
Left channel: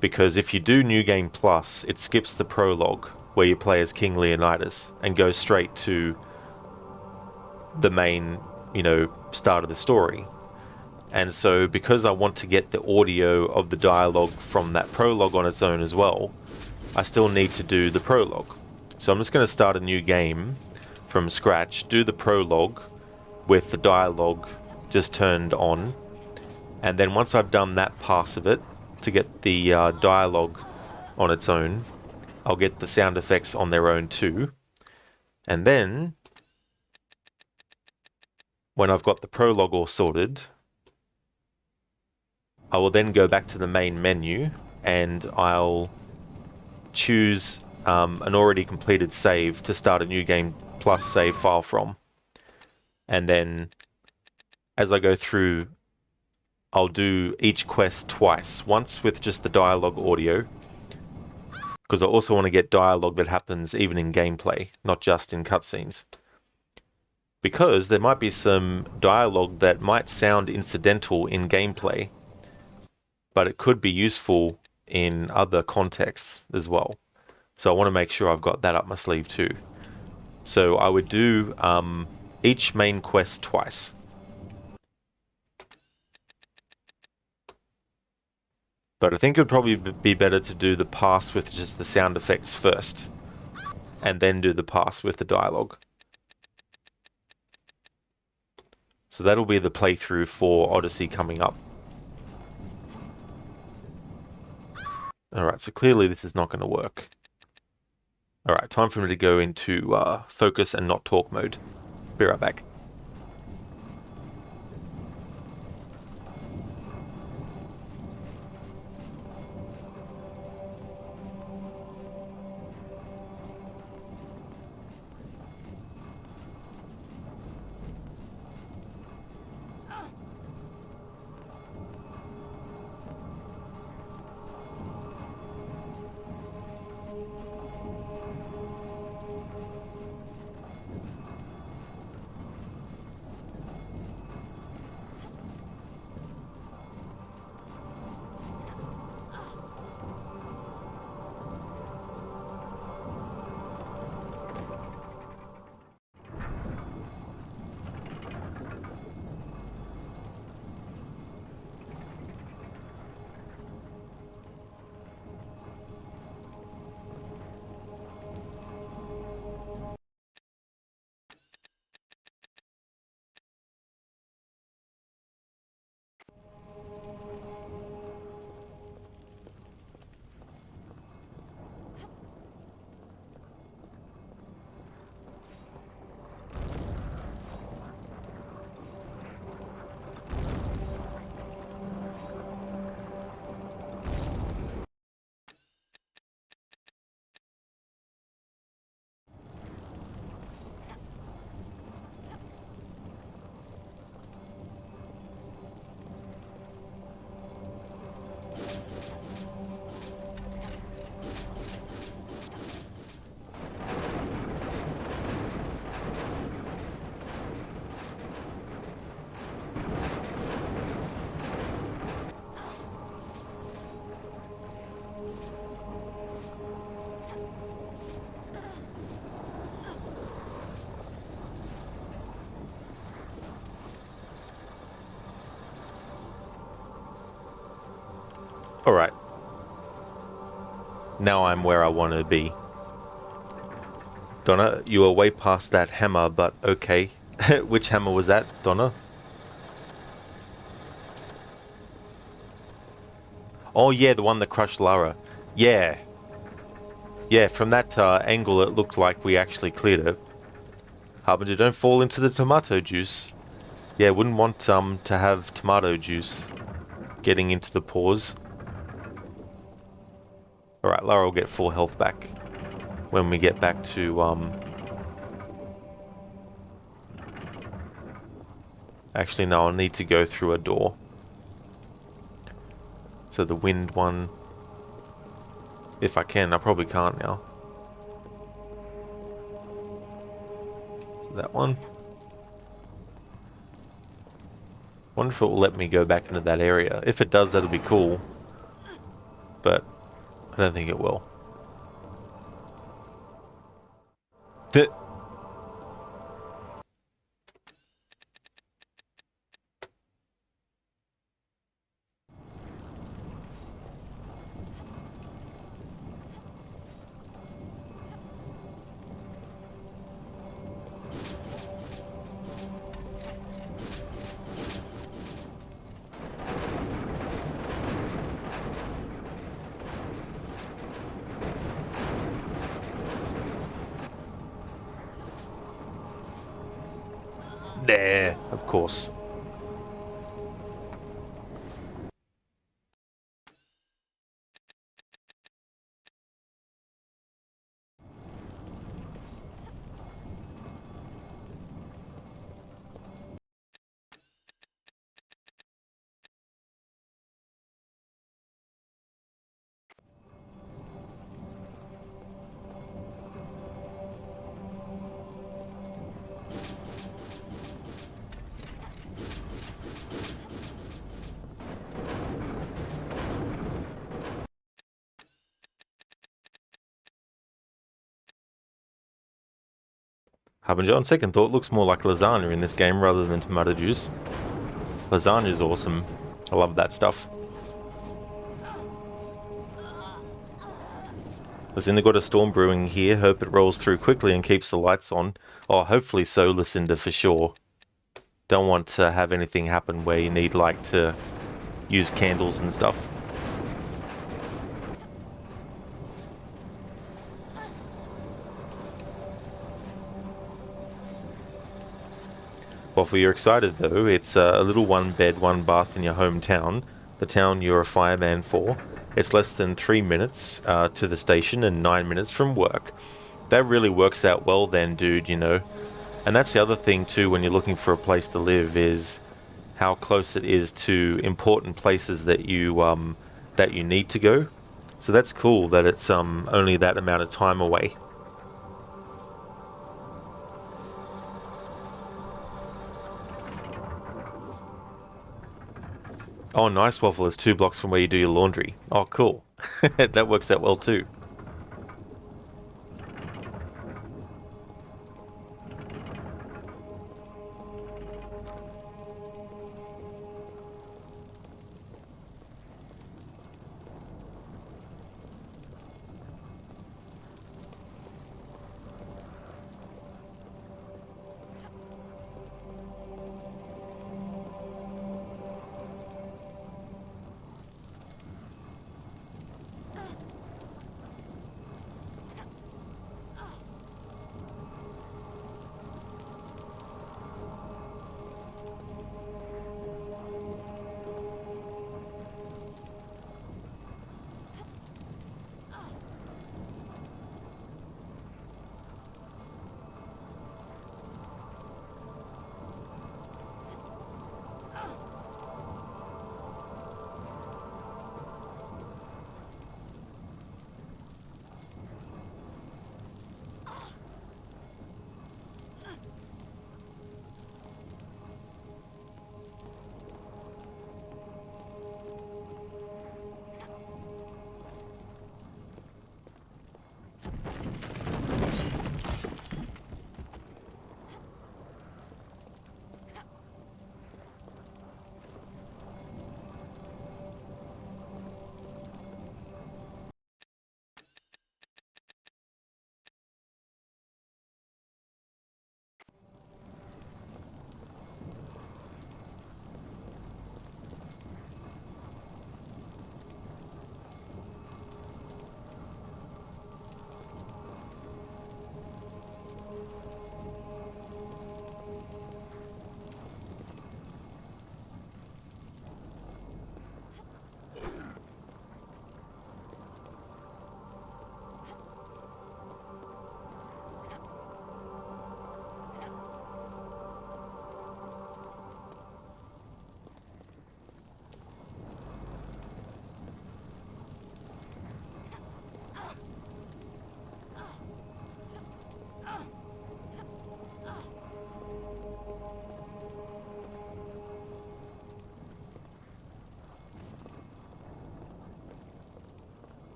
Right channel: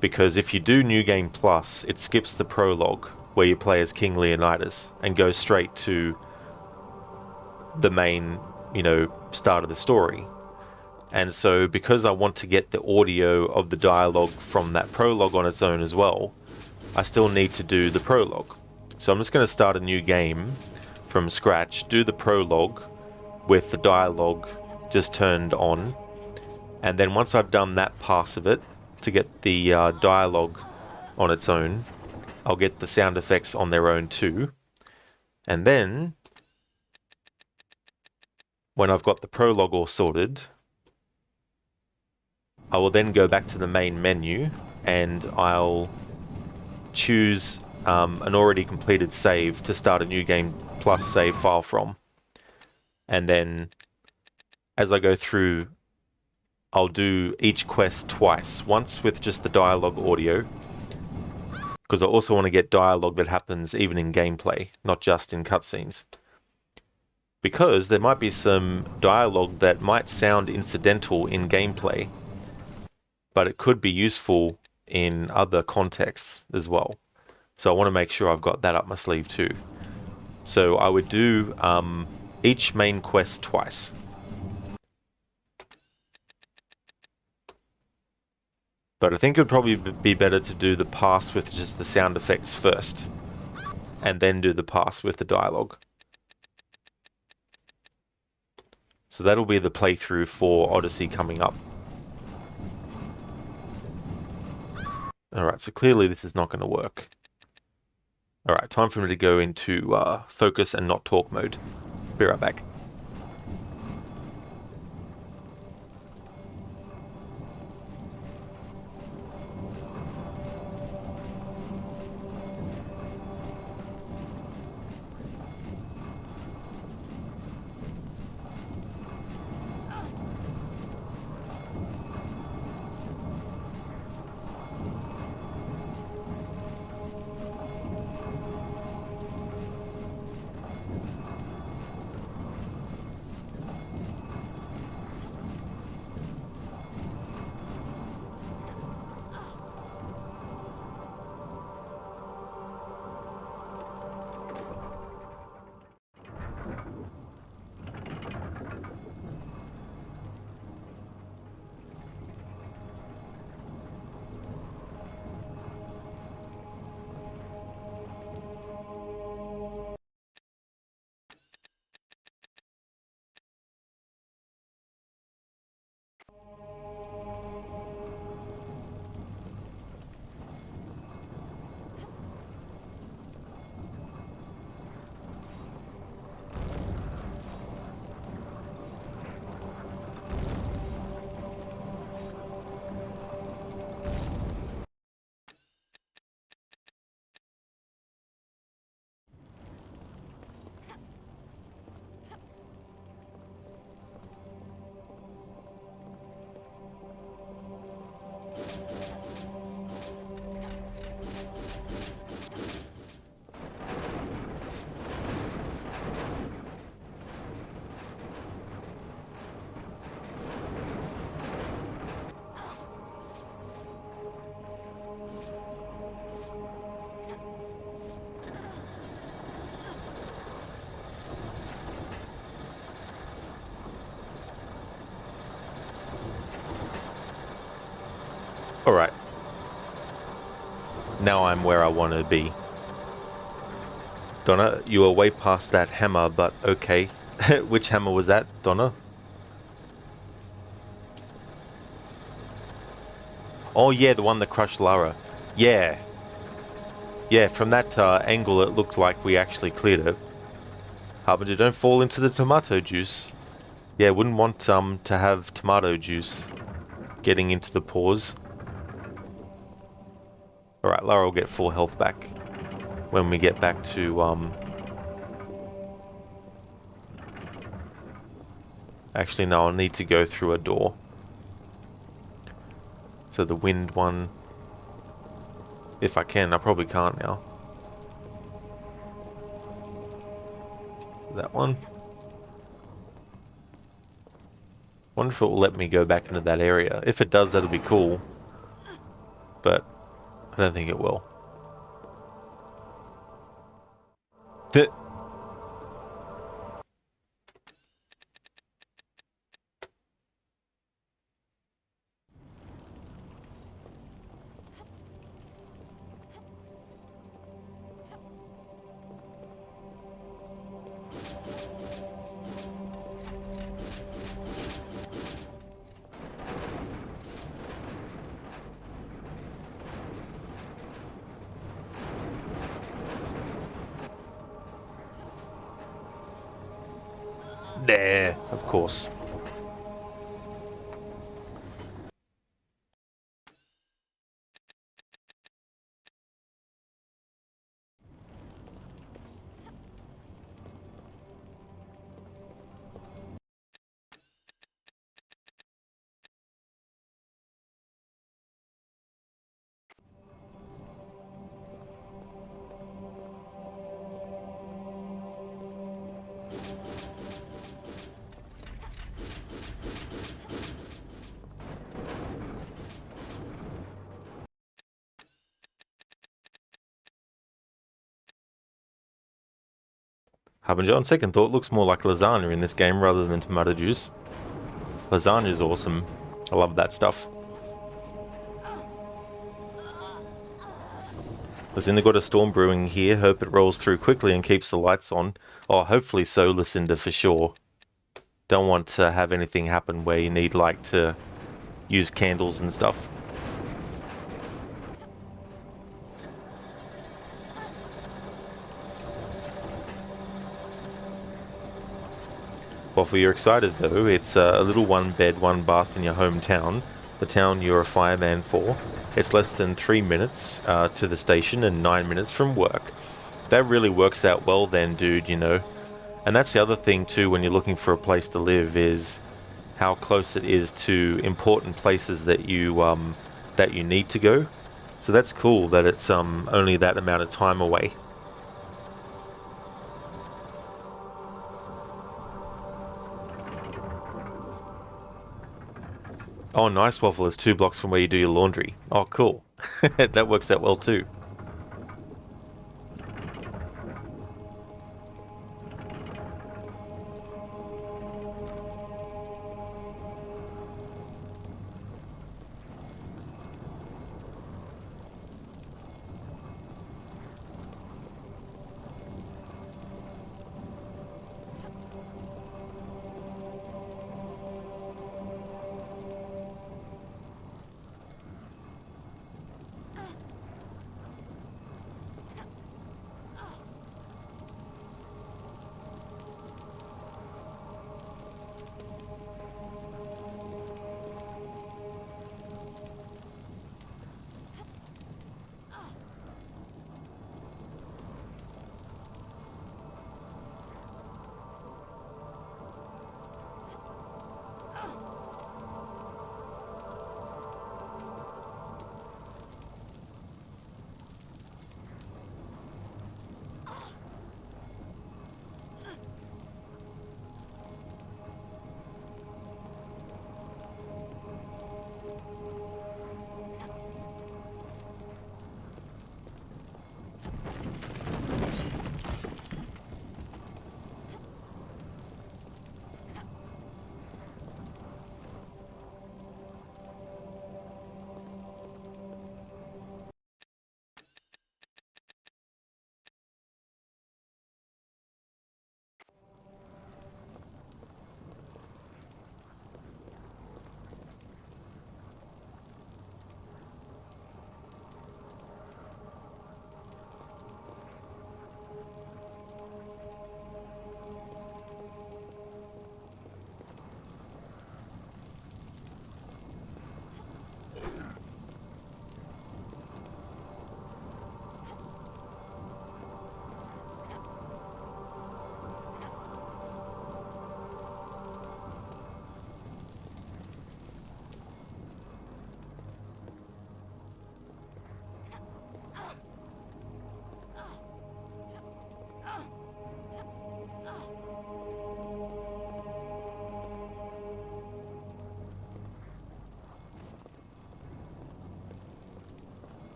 because if you do New Game Plus, it skips the prologue where you play as King Leonidas and goes straight to the main, you know, start of the story. And so because I want to get the audio of the dialogue from that prologue on its own as well, I still need to do the prologue. So I'm just going to start a new game from scratch, do the prologue with the dialogue just turned on, and then once I've done that pass of it to get the dialogue on its own, I'll get the sound effects on their own too. And then when I've got the prologue all sorted, I will then go back to the main menu and I'll choose an already completed save to start a New Game Plus save file from. And then as I go through, I'll do each quest twice, once with just the dialogue audio, because I also want to get dialogue that happens even in gameplay, not just in cutscenes. Because there might be some dialogue that might sound incidental in gameplay, but it could be useful in other contexts as well. So I want to make sure I've got that up my sleeve too. So I would do each main quest twice. But I think it would probably be better to do the pass with just the sound effects first, and then do the pass with the dialogue. So that'll be the playthrough for Odyssey coming up. Alright, so clearly this is not going to work. Alright, time for me to go into focus and not talk mode. Be right back. Alright. Now I'm where I want to be. Donna, you are way past that hammer, but okay. Which hammer was that, Donna? Oh yeah, the one that crushed Lara. Yeah. Yeah, from that angle it looked like we actually cleared it. Harbinger, don't fall into the tomato juice. Yeah, wouldn't want to have tomato juice getting into the pores. Alright, Lara will get full health back when we get back to, Actually, no, I'll need to go through a door. So the wind one... If I can, I probably can't now. So that one. Wonder if it will let me go back into that area. If it does, that'll be cool. But I don't think it will. There, of course. Harbinger, on second thought, looks more like lasagna in this game rather than tomato juice. Lasagna is awesome. I love that stuff. Lucinda got a storm brewing here. Hope it rolls through quickly and keeps the lights on. Oh, hopefully so, Lucinda, for sure. Don't want to have anything happen where you need, like, to use candles and stuff. Waffle, you're excited though. It's a little one bed, one bath in your hometown, the town you're a fireman for. It's less than 3 minutes to the station and 9 minutes from work. That really works out well then, dude, you know. And that's the other thing too when you're looking for a place to live, is how close it is to important places that you need to go. So that's cool that it's only that amount of time away. Oh, nice, Waffle is 2 blocks from where you do your laundry. Oh, cool. That works out well too.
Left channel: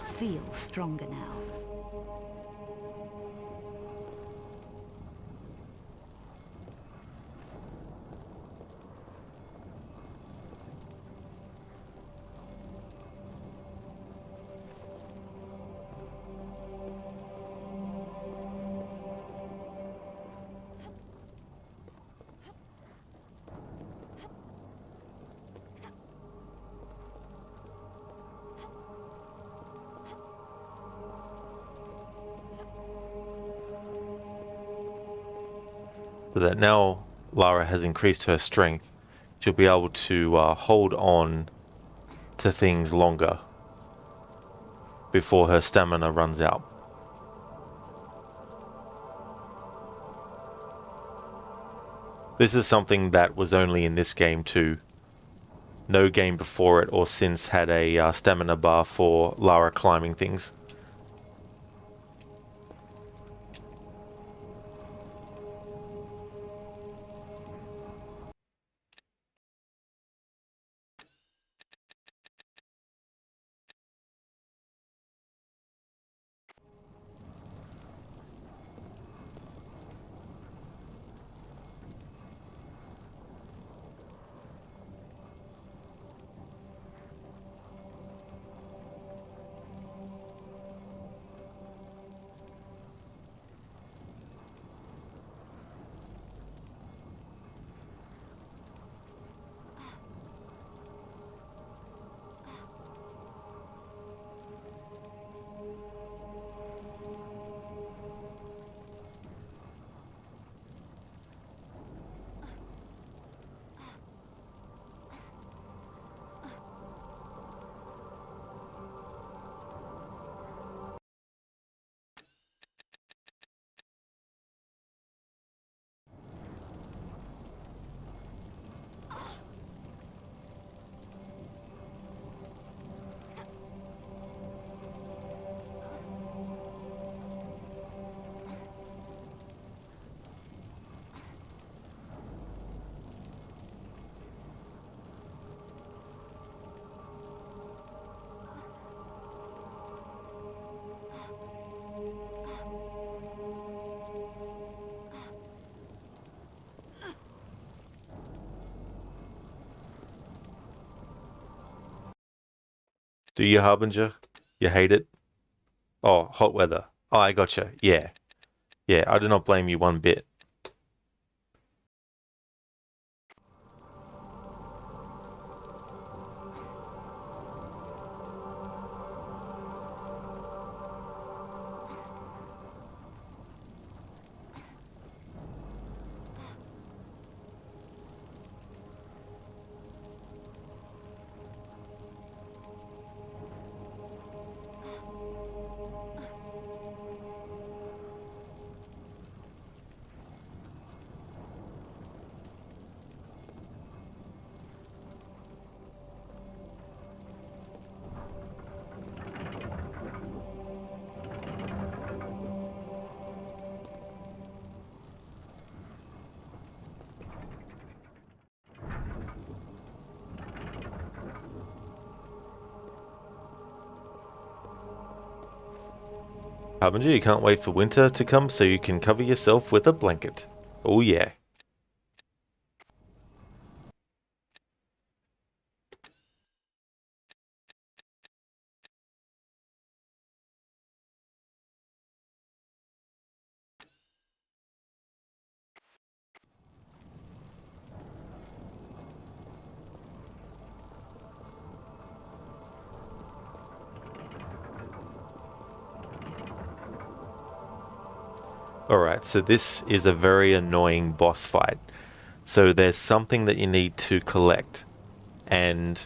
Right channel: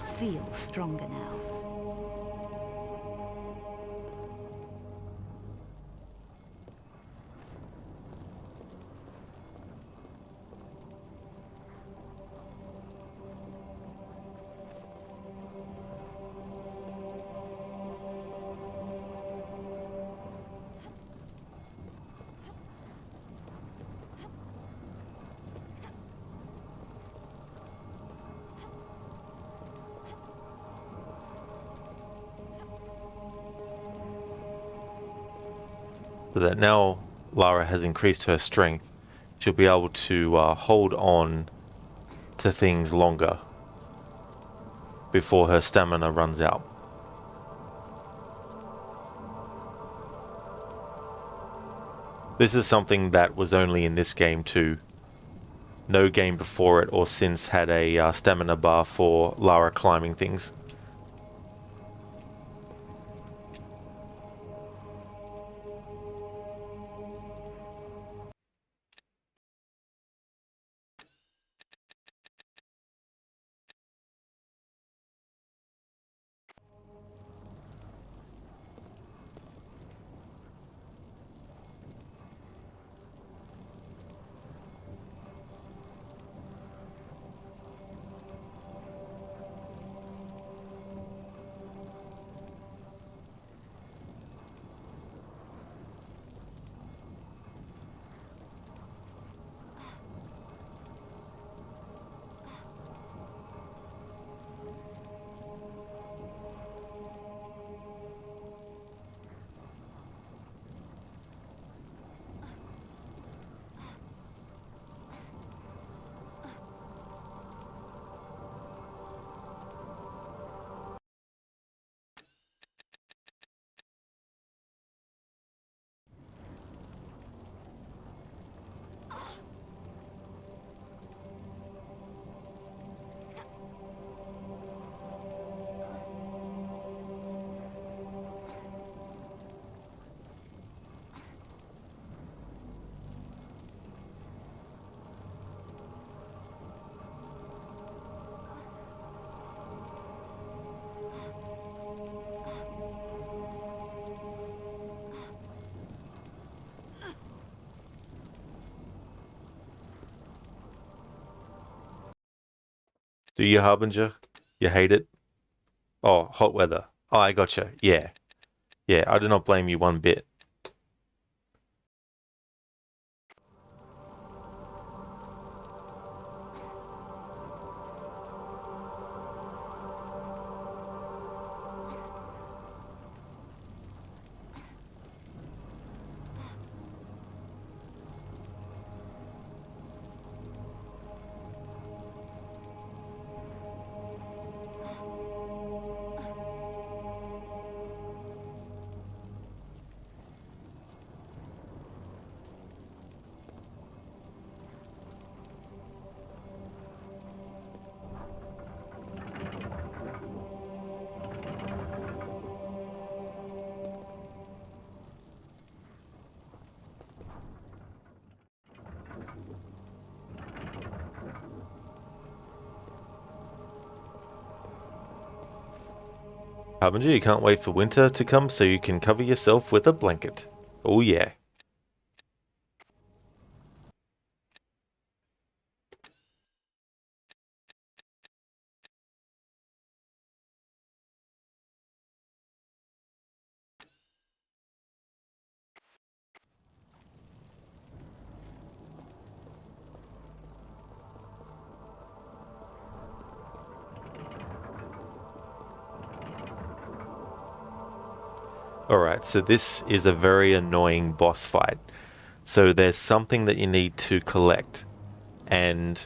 feel stronger now. So that now Lara has increased her strength, she'll be able to hold on to things longer before her stamina runs out. This is something that was only in this game too. No game before it or since had a stamina bar for Lara climbing things. Do you, Harbinger? You hate it? Oh, hot weather. Oh, I gotcha. Yeah. Yeah, I do not blame you one bit. Harbinger, you can't wait for winter to come so you can cover yourself with a blanket. Oh yeah. Alright, so this is a very annoying boss fight. So there's something that you need to collect, and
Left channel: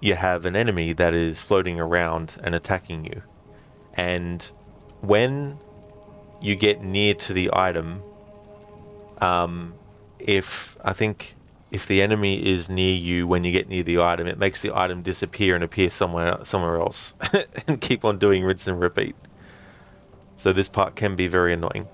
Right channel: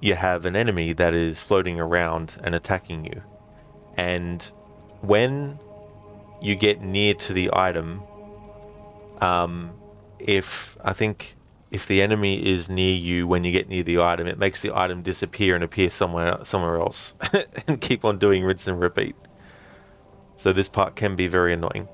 you have an enemy that is floating around and attacking you. And when you get near to the item, if the enemy is near you when you get near the item, it makes the item disappear and appear somewhere else and keep on doing rinse and repeat. So this part can be very annoying.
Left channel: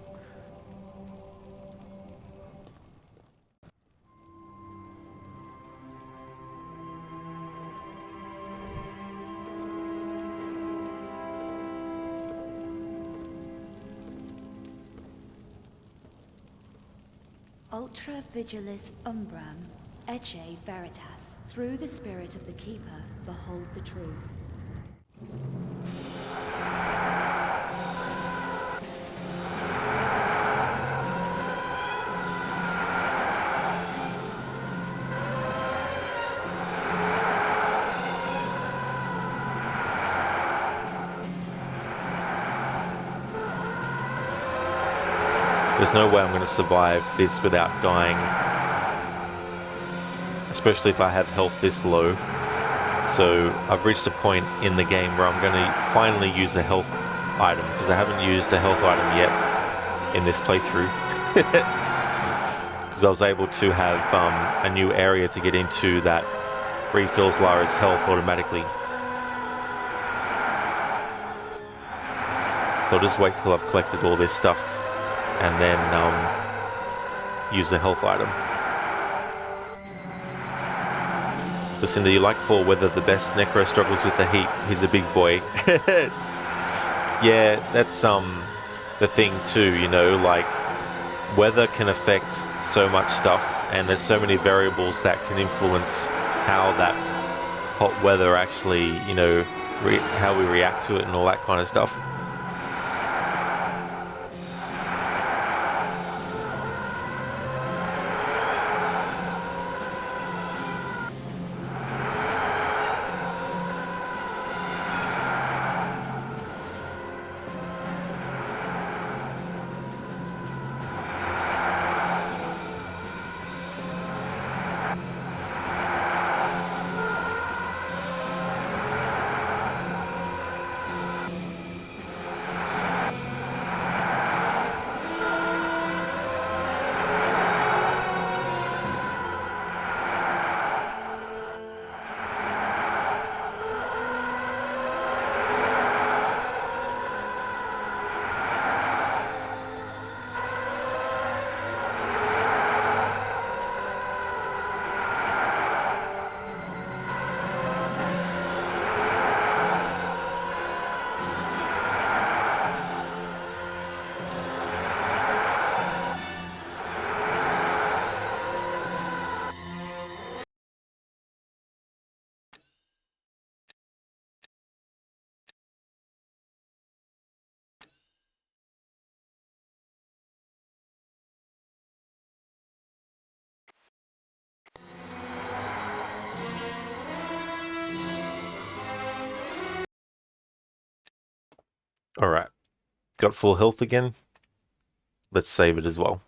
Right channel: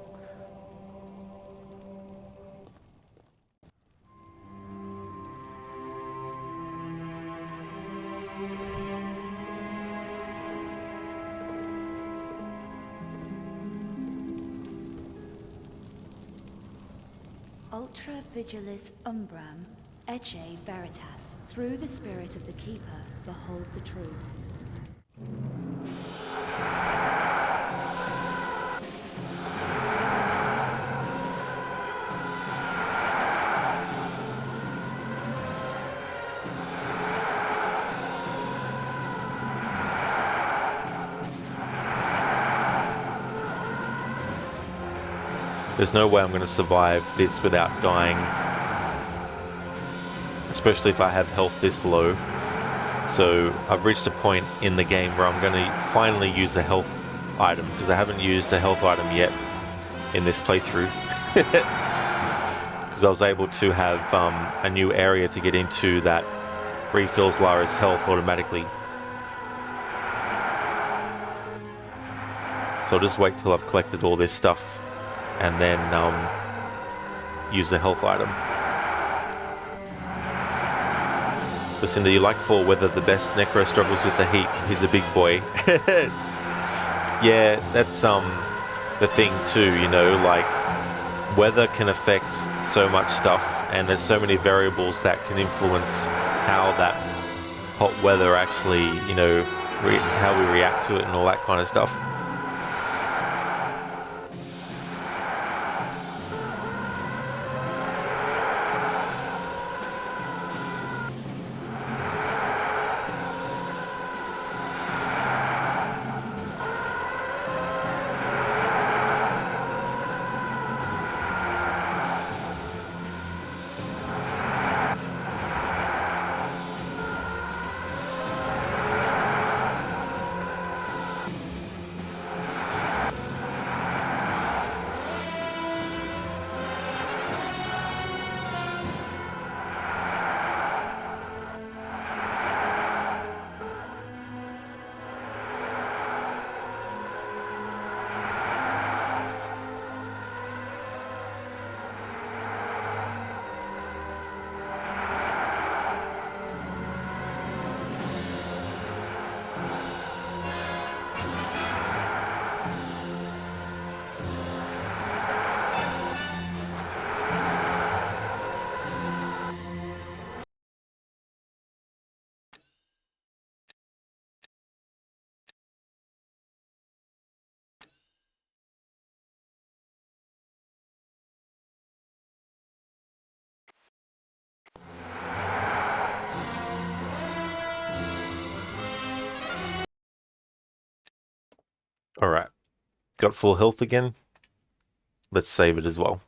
Ultra Vigilis Umbram, Ecce Veritas. Through the spirit of the Keeper, behold the truth. There's no way I'm going to survive this without dying. Especially if I have health this low. So I've reached a point in the game where I'm going to finally use a health item, because I haven't used a health item yet in this playthrough. Because I was able to have a new area to get into that refills Lara's health automatically. So I'll just wait till I've collected all this stuff and then use the health item. Listen, do you like for weather the best? Necro struggles with the heat. He's a big boy. Yeah, that's the thing too, you know, like weather can affect so much stuff, and there's so many variables that can influence how that hot weather actually, you know, how we react to it and all that kind of stuff. Alright, got full health again. Let's save it as well.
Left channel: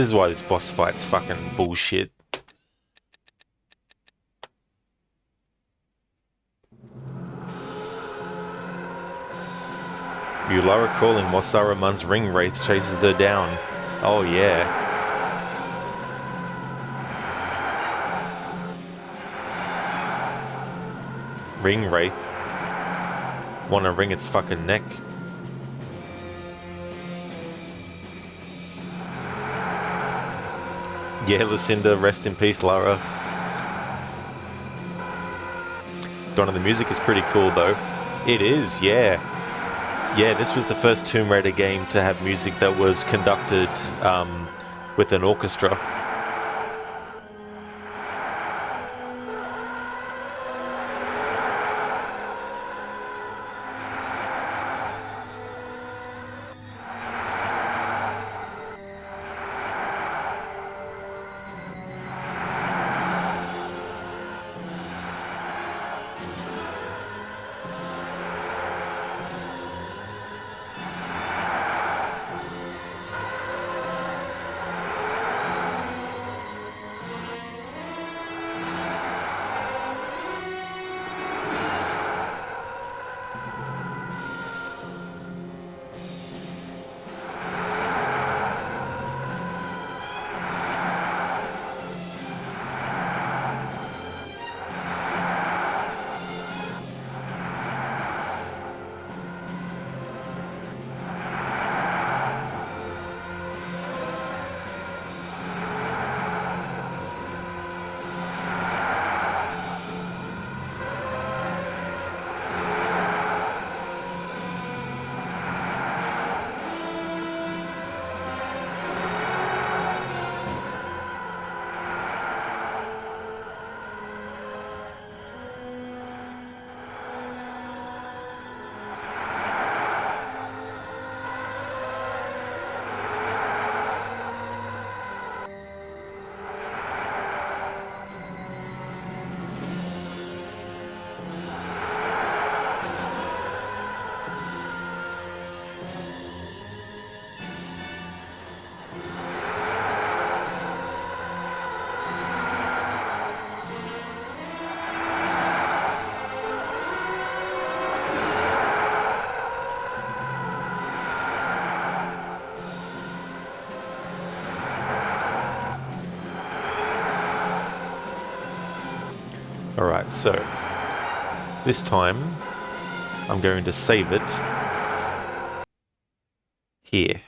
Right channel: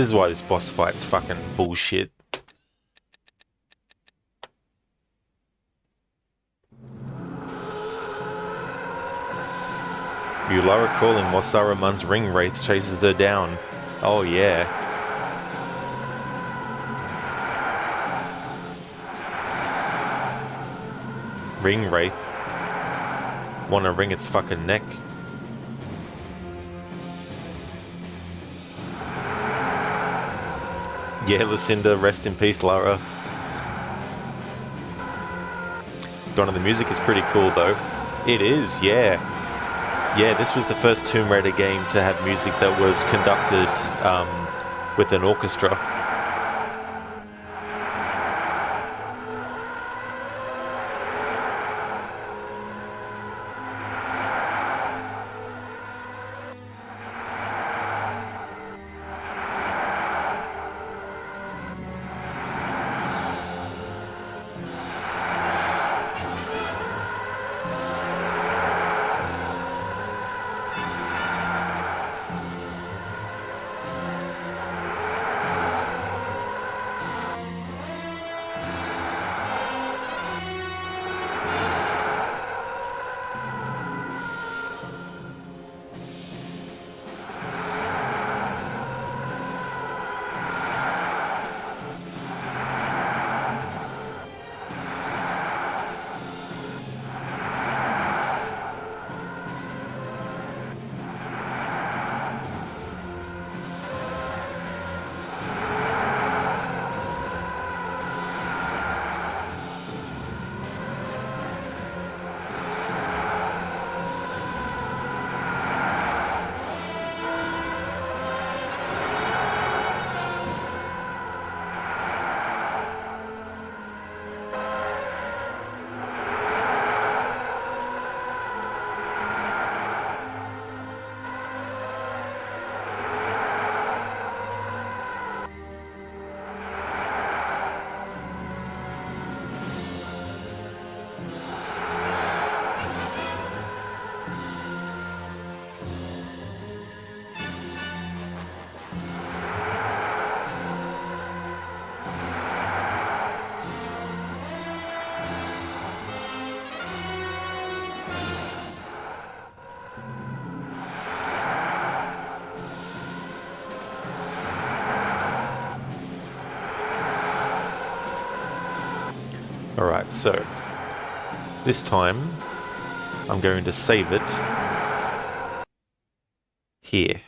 This is why this boss fight's fucking bullshit. Ulara crawling while Saruman's ring wraith chases her down. Oh yeah. Ring wraith. Wanna wring its fucking neck. Yeah, Lucinda, rest in peace, Lara. Donna, the music is pretty cool though. It is, yeah. Yeah, this was the first Tomb Raider game to have music that was conducted with an orchestra. Alright, so this time I'm going to save it here.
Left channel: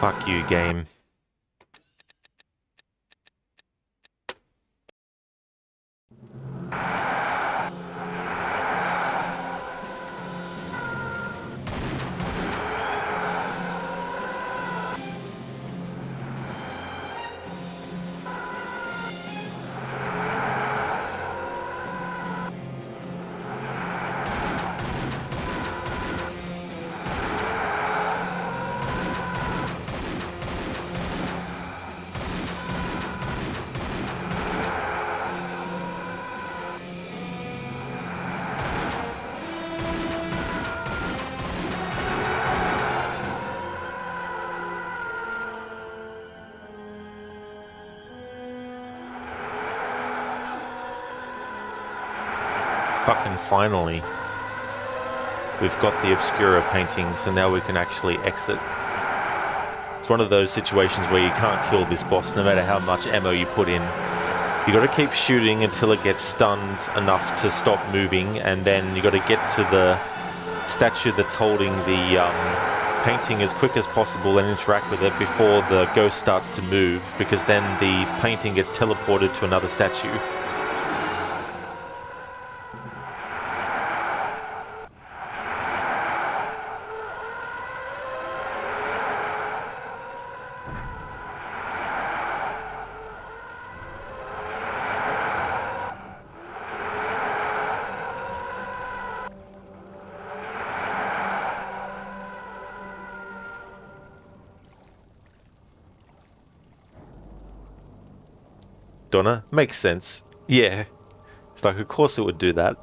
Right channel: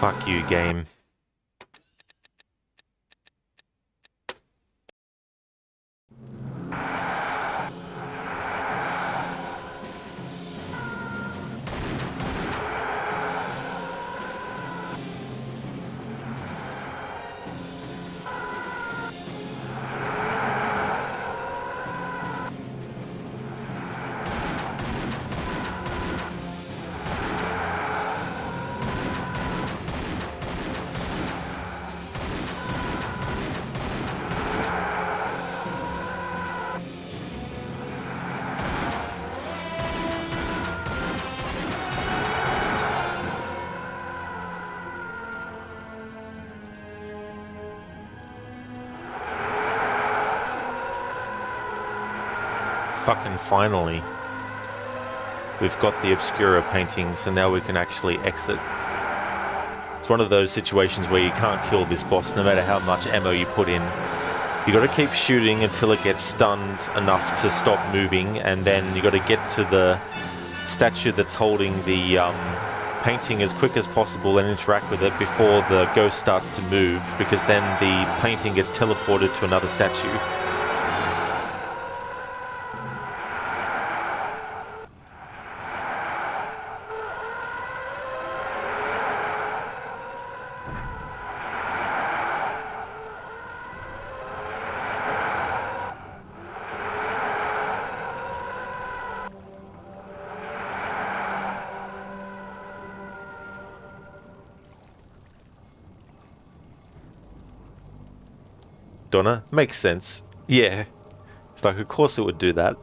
Fuck you, game. fucking finally. We've got the Obscura painting, so now we can actually exit. It's one of those situations where you can't kill this boss no matter how much ammo you put in. You gotta keep shooting until it gets stunned enough to stop moving, and then you gotta get to the statue that's holding the painting as quick as possible and interact with it before the ghost starts to move, because then the painting gets teleported to another statue. Donna? Makes sense. Yeah. It's like, of course it would do that.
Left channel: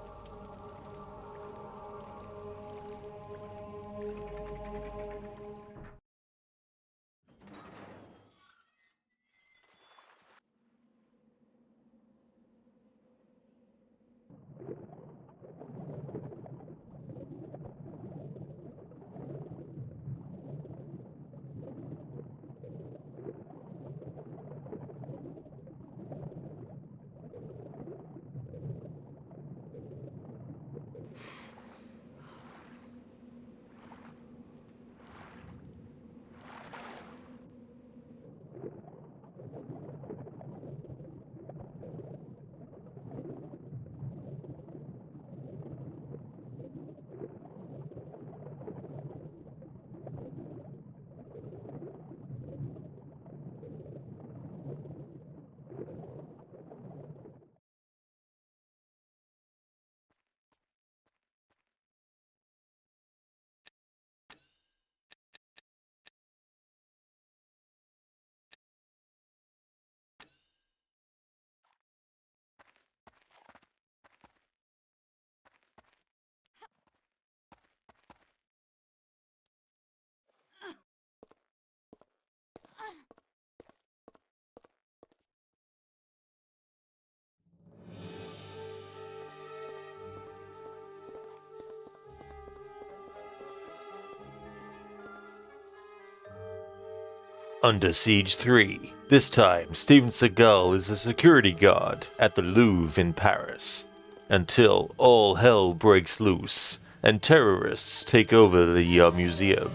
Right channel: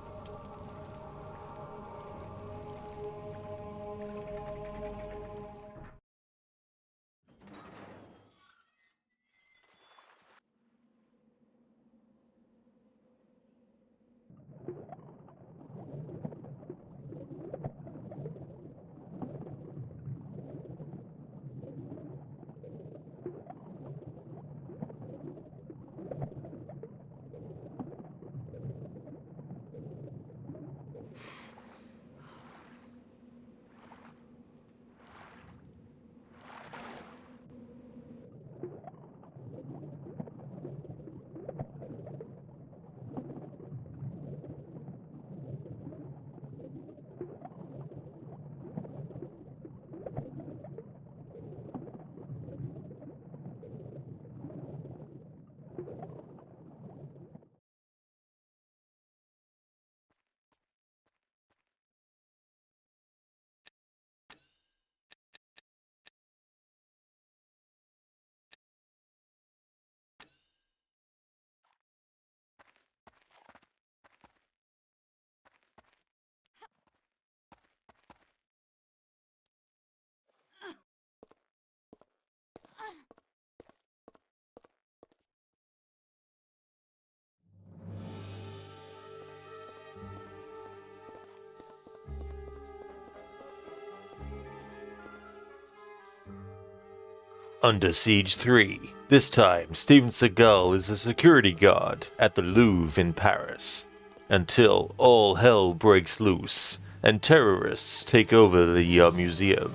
Under Siege 3. This time, Steven Seagal is a security guard at the Louvre in Paris, until all hell breaks loose and terrorists take over the museum.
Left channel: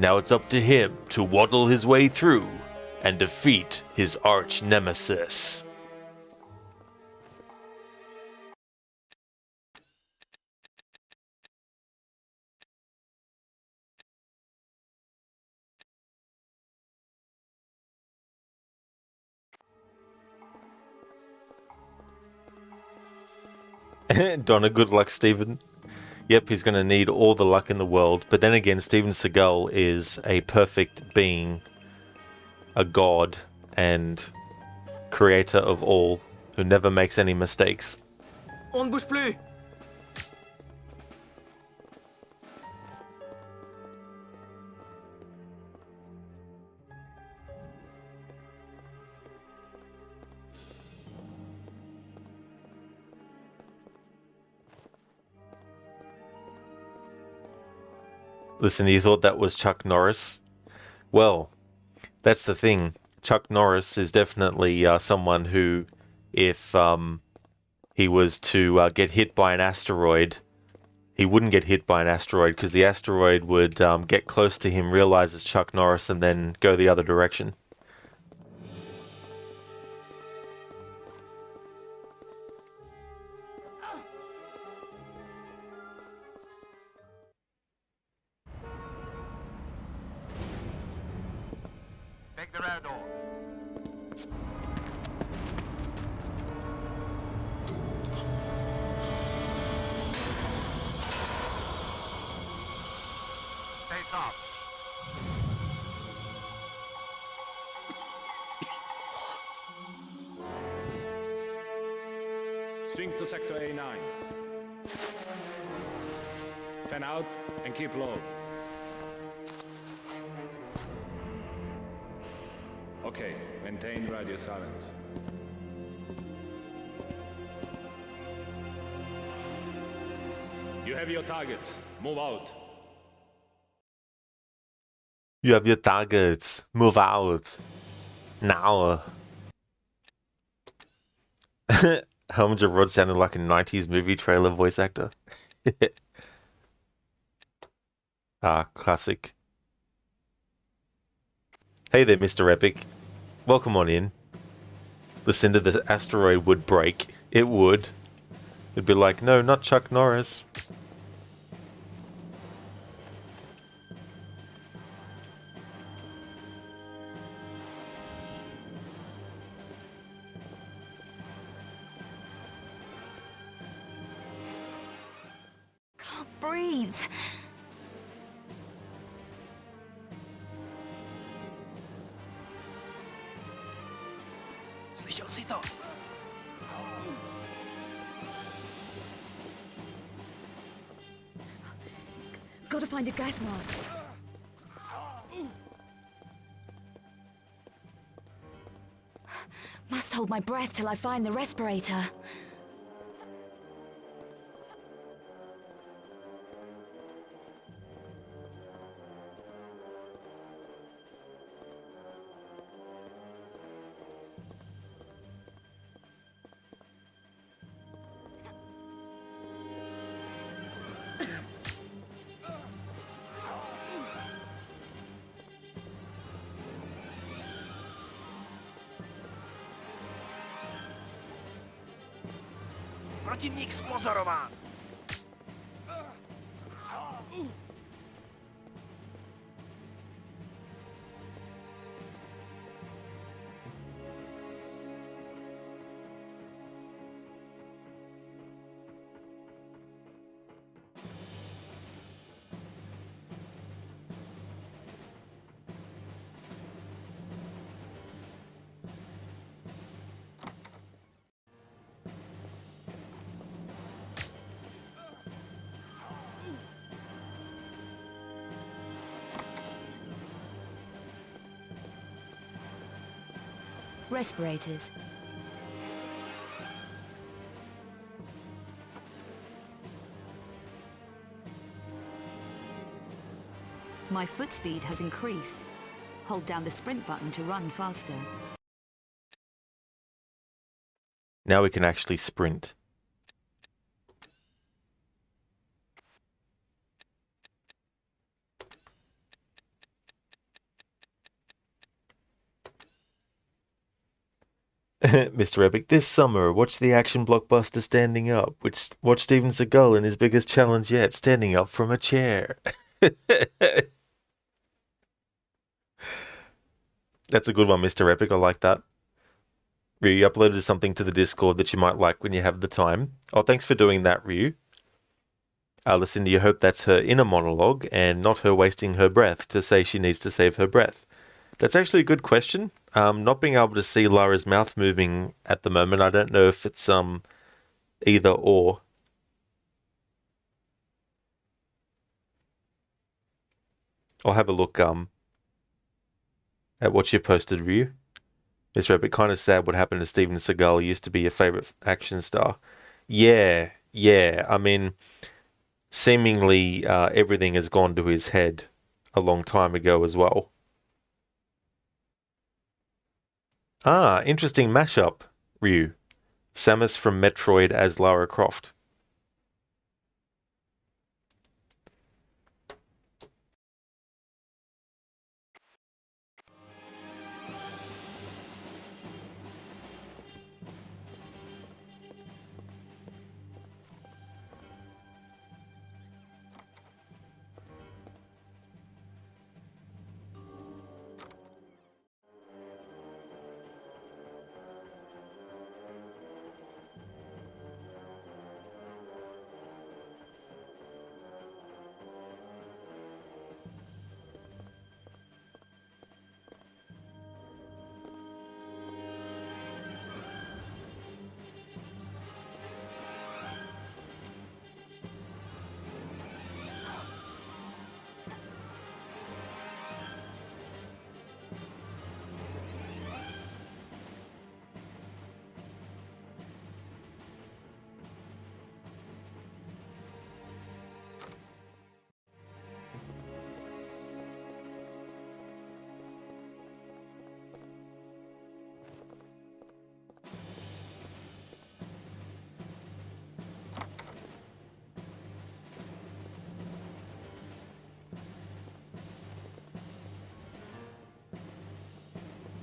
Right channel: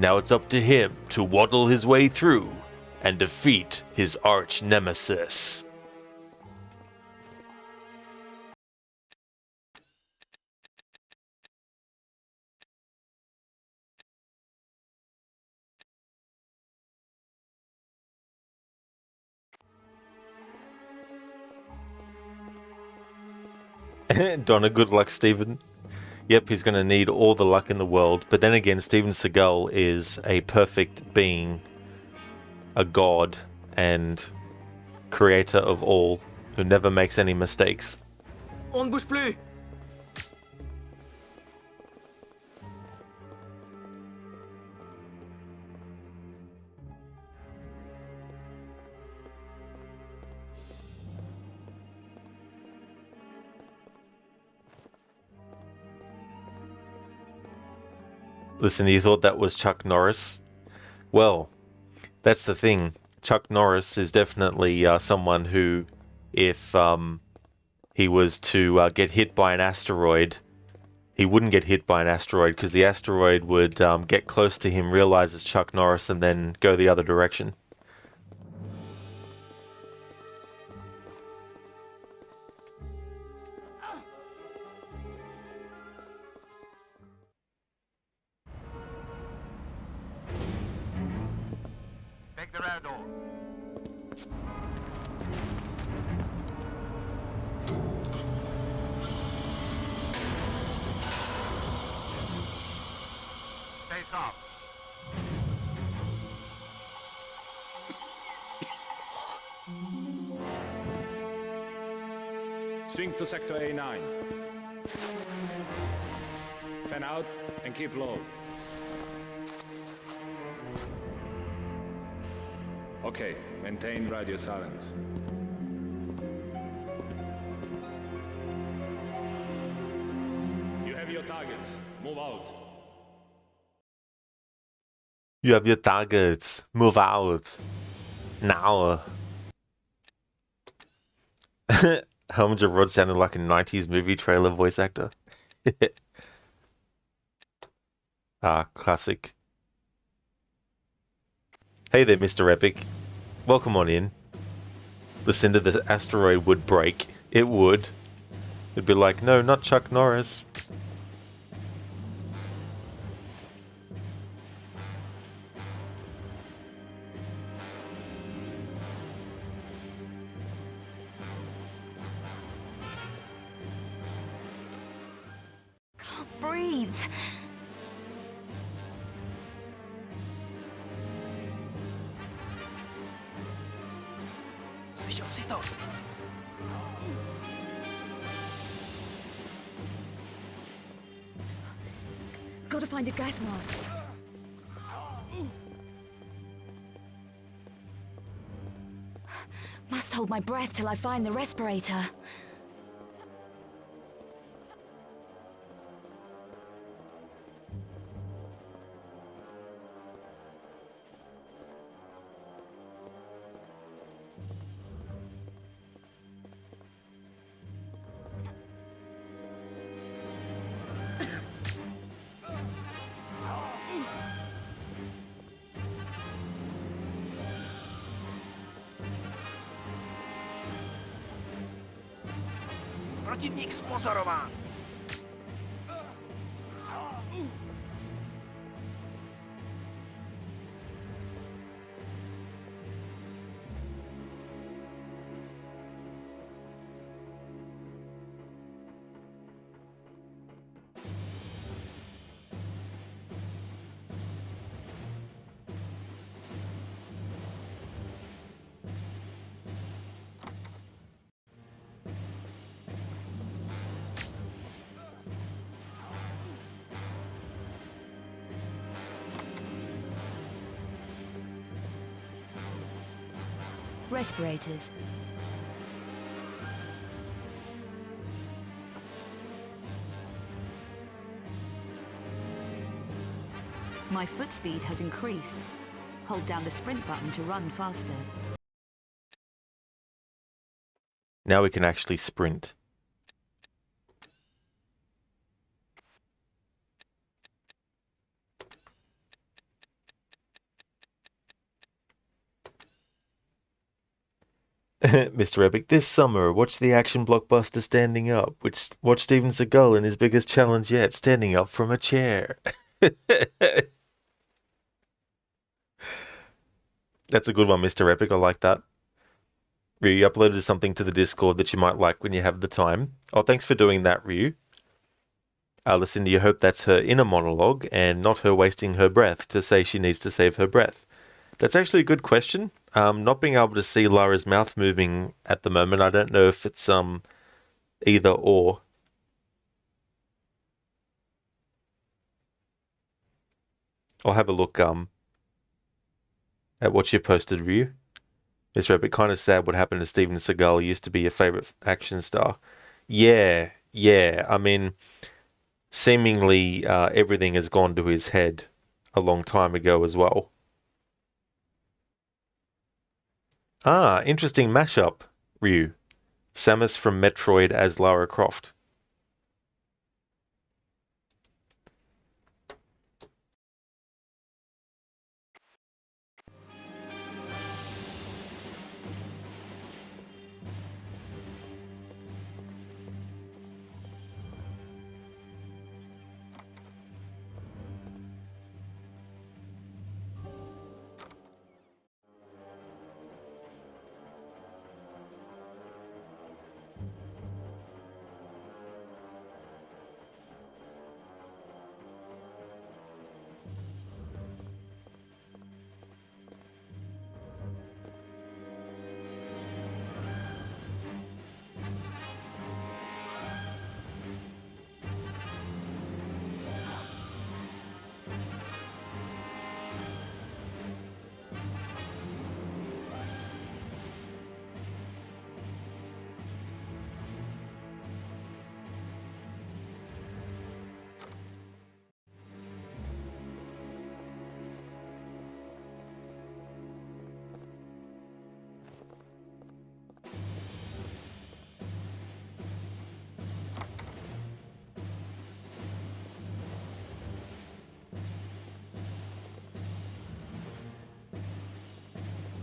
Now it's up to him to waddle his way through and defeat his arch nemesis. Donna, good luck, Steven. Yep, he's going to need all the luck in the world. But then again, Steven Seagal is a perfect being, a god, and creator of all, who never makes any mistakes. On ne bouge plus! Listen, you thought that was Chuck Norris? Well, that's the thing. Chuck Norris is definitely someone who, if he was to get hit by an asteroid, he wouldn't get hit by an asteroid because the asteroid would get close to him, realize it's Chuck Norris, and then go the other direction. Take the rear door. Stay sharp. Swing to sector A9. Fan out and keep low. Okay, maintain radio silence. have your targets. Move out. You have your targets. Move out. Now. Helmut Rod sounded like a 90s movie trailer voice actor. Classic. Hey there, Mr. Epic. Welcome on in. Listen to the asteroid would break. It would. It'd be like, no, not Chuck Norris. Can't breathe. Gotta find a gas mask. Must hold my breath till I find the respirator. Protivník spozorován. Respirators. My foot speed has increased. Hold down the sprint button to run faster. Now we can actually sprint. Mr. Epic, this summer, watch the action blockbuster Standing Up. Watch Steven Seagal in his biggest challenge yet, standing up from a chair. That's a good one, Mr. Epic. I like that. Ryu uploaded something to the Discord that you might like when you have the time. Oh, thanks for doing that, Ryu. Lucinda, you hope that's her inner monologue and not her wasting her breath to say she needs to save her breath. That's actually a good question. Not being able to see Lara's mouth moving at the moment, I don't know if it's either or. I'll have a look at what you posted, Ryu. Mr. Epic, kind of sad what happened to Steven Seagal. He used to be your favorite action star. Yeah. I mean, seemingly everything has gone to his head a long time ago as well. Interesting mashup, Ryu. Samus from Metroid as Lara Croft.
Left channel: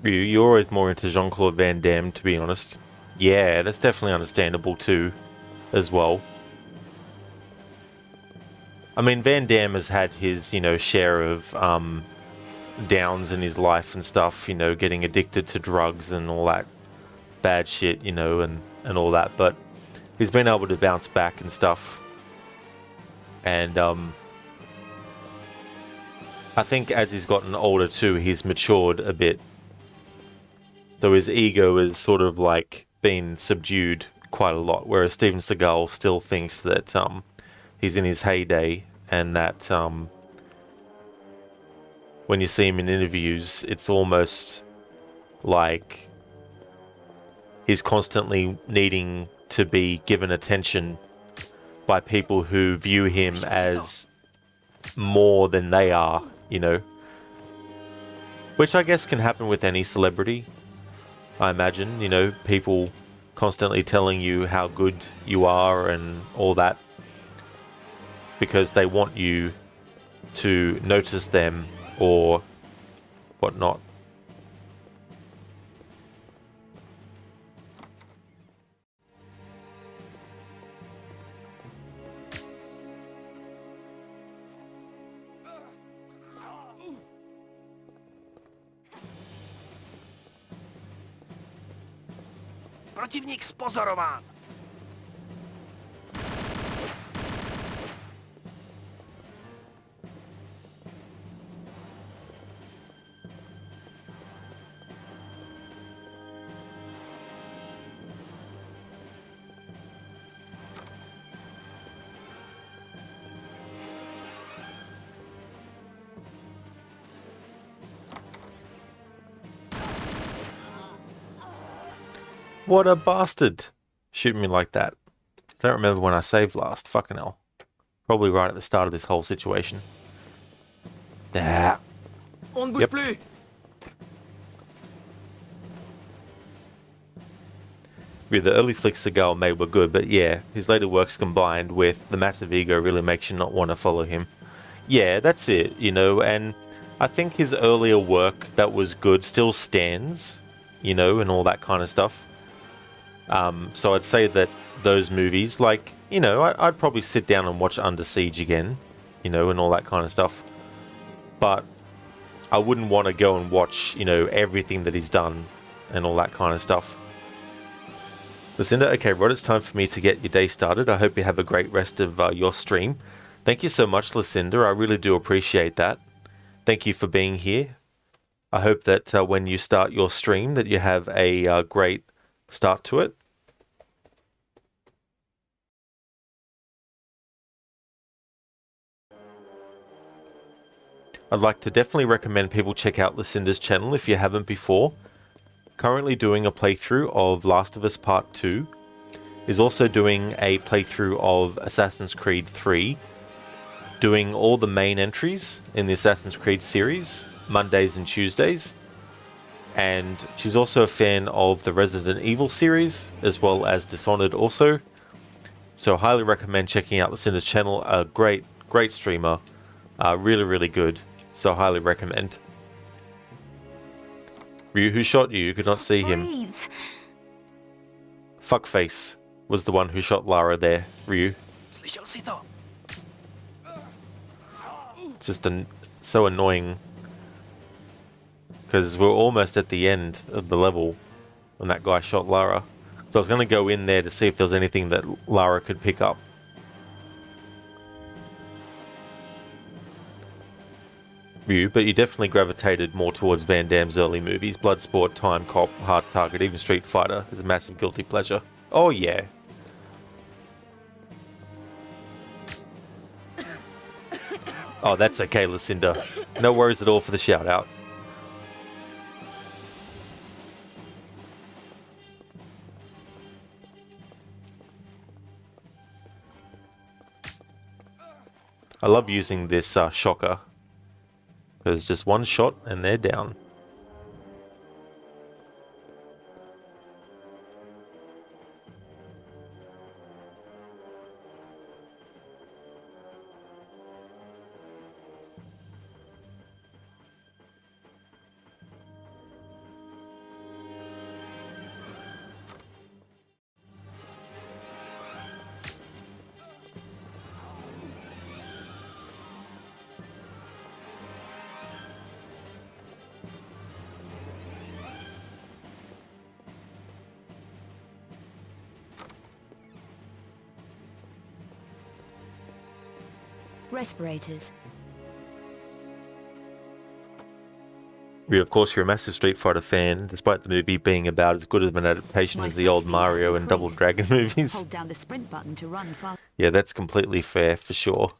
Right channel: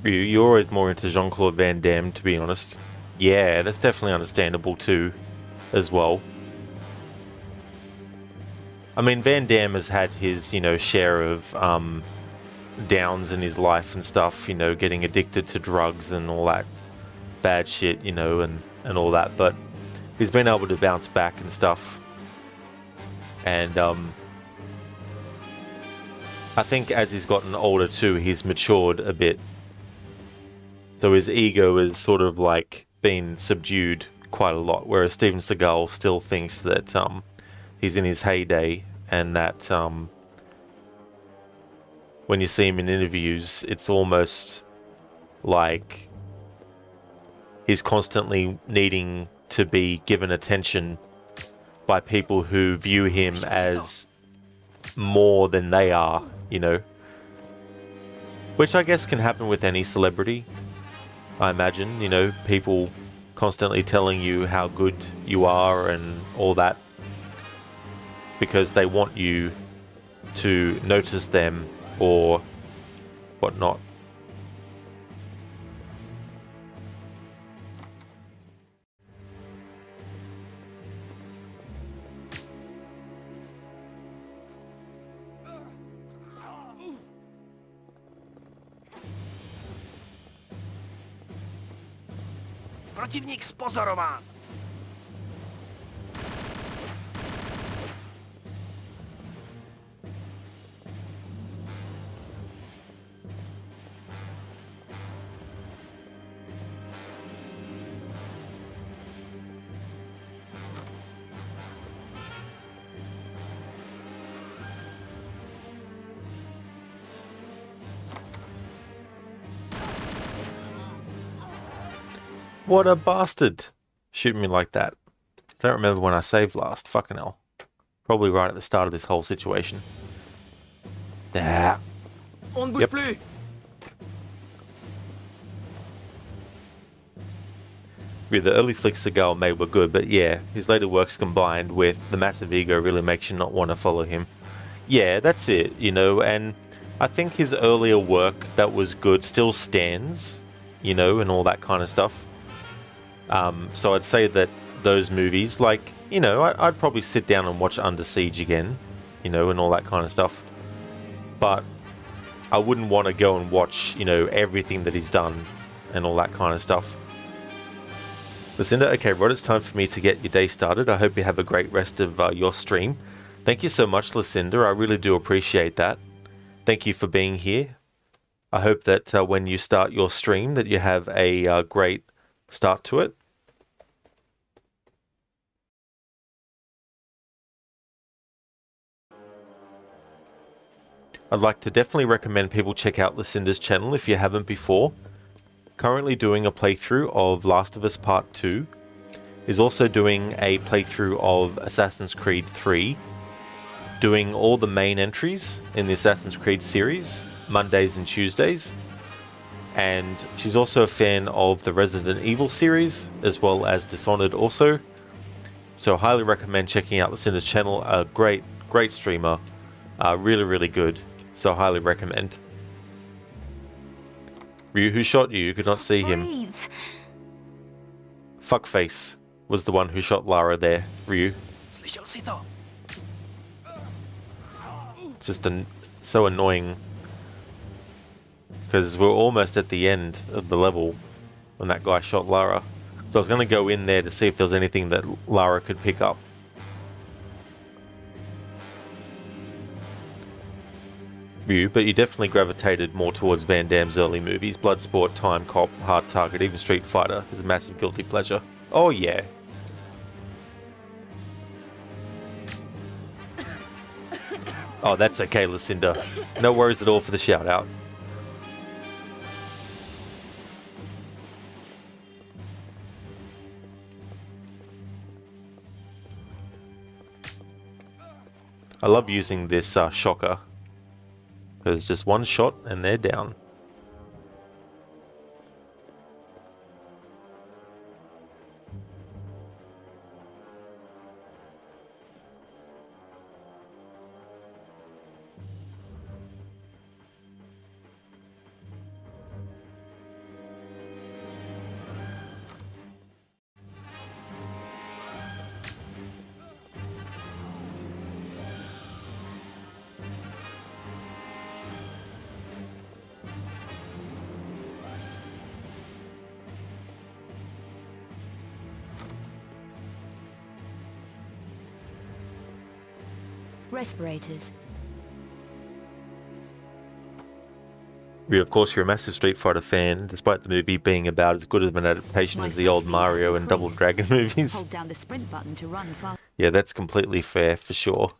You're always more into Jean-Claude Van Damme, to be honest. Yeah, that's definitely understandable too, as well. I mean, Van Damme has had his, share of downs in his life and stuff, getting addicted to drugs and all that bad shit, and all that, but he's been able to bounce back and stuff. And I think as he's gotten older too, he's matured a bit. So his ego is sort of like been subdued quite a lot, whereas Steven Seagal still thinks that he's in his heyday, and that when you see him in interviews, it's almost like he's constantly needing to be given attention by people who view him as more than they are, Which I guess can happen with any celebrity, I imagine, people constantly telling you how good you are and all that because they want you to notice them or whatnot. Protivník spozorován. What a bastard! Shooting me like that. I don't remember when I saved last. Fucking hell. Probably right at the start of this whole situation. Yeah. On ne bouge plus. Yeah, the early flicks Seagal made were good, but yeah, his later works combined with the massive ego really makes you not want to follow him. Yeah, that's it, and I think his earlier work that was good still stands, and all that kind of stuff. So I'd say that those movies, like, I'd probably sit down and watch Under Siege again, and all that kind of stuff. But I wouldn't want to go and watch, everything that he's done and all that kind of stuff. Lucinda, okay, Rod, it's time for me to get your day started. I hope you have a great rest of your stream. Thank you so much, Lucinda. I really do appreciate that. Thank you for being here. I hope that when you start your stream that you have a great start to it. I'd like to definitely recommend people check out Lucinda's channel if you haven't before. Currently doing a playthrough of Last of Us Part 2. Is also doing a playthrough of Assassin's Creed 3. Doing all the main entries in the Assassin's Creed series, Mondays and Tuesdays. And she's also a fan of the Resident Evil series, as well as Dishonored also. So I highly recommend checking out Lucinda's channel. A great streamer. Really, really good. So I highly recommend. Ryu, who shot you? You could not see him. Fuckface was the one who shot Lara there, Ryu. It's just so annoying. Because we're almost at the end of the level when that guy shot Lara. So I was going to go in there to see if there was anything that Lara could pick up. But you definitely gravitated more towards Van Damme's early movies. Bloodsport, Time Cop, Hard Target, even Street Fighter is a massive guilty pleasure. Oh yeah. Oh, that's okay, Lucinda. No worries at all for the shout out. I love using this shocker. Because just one shot and they're down. Respirators. Of course, you're a massive Street Fighter fan, despite the movie being about as good of an adaptation My as the foot old speed Mario has and Double increased. Dragon movies. Hold down the sprint button to run fast. Yeah, that's completely fair for sure.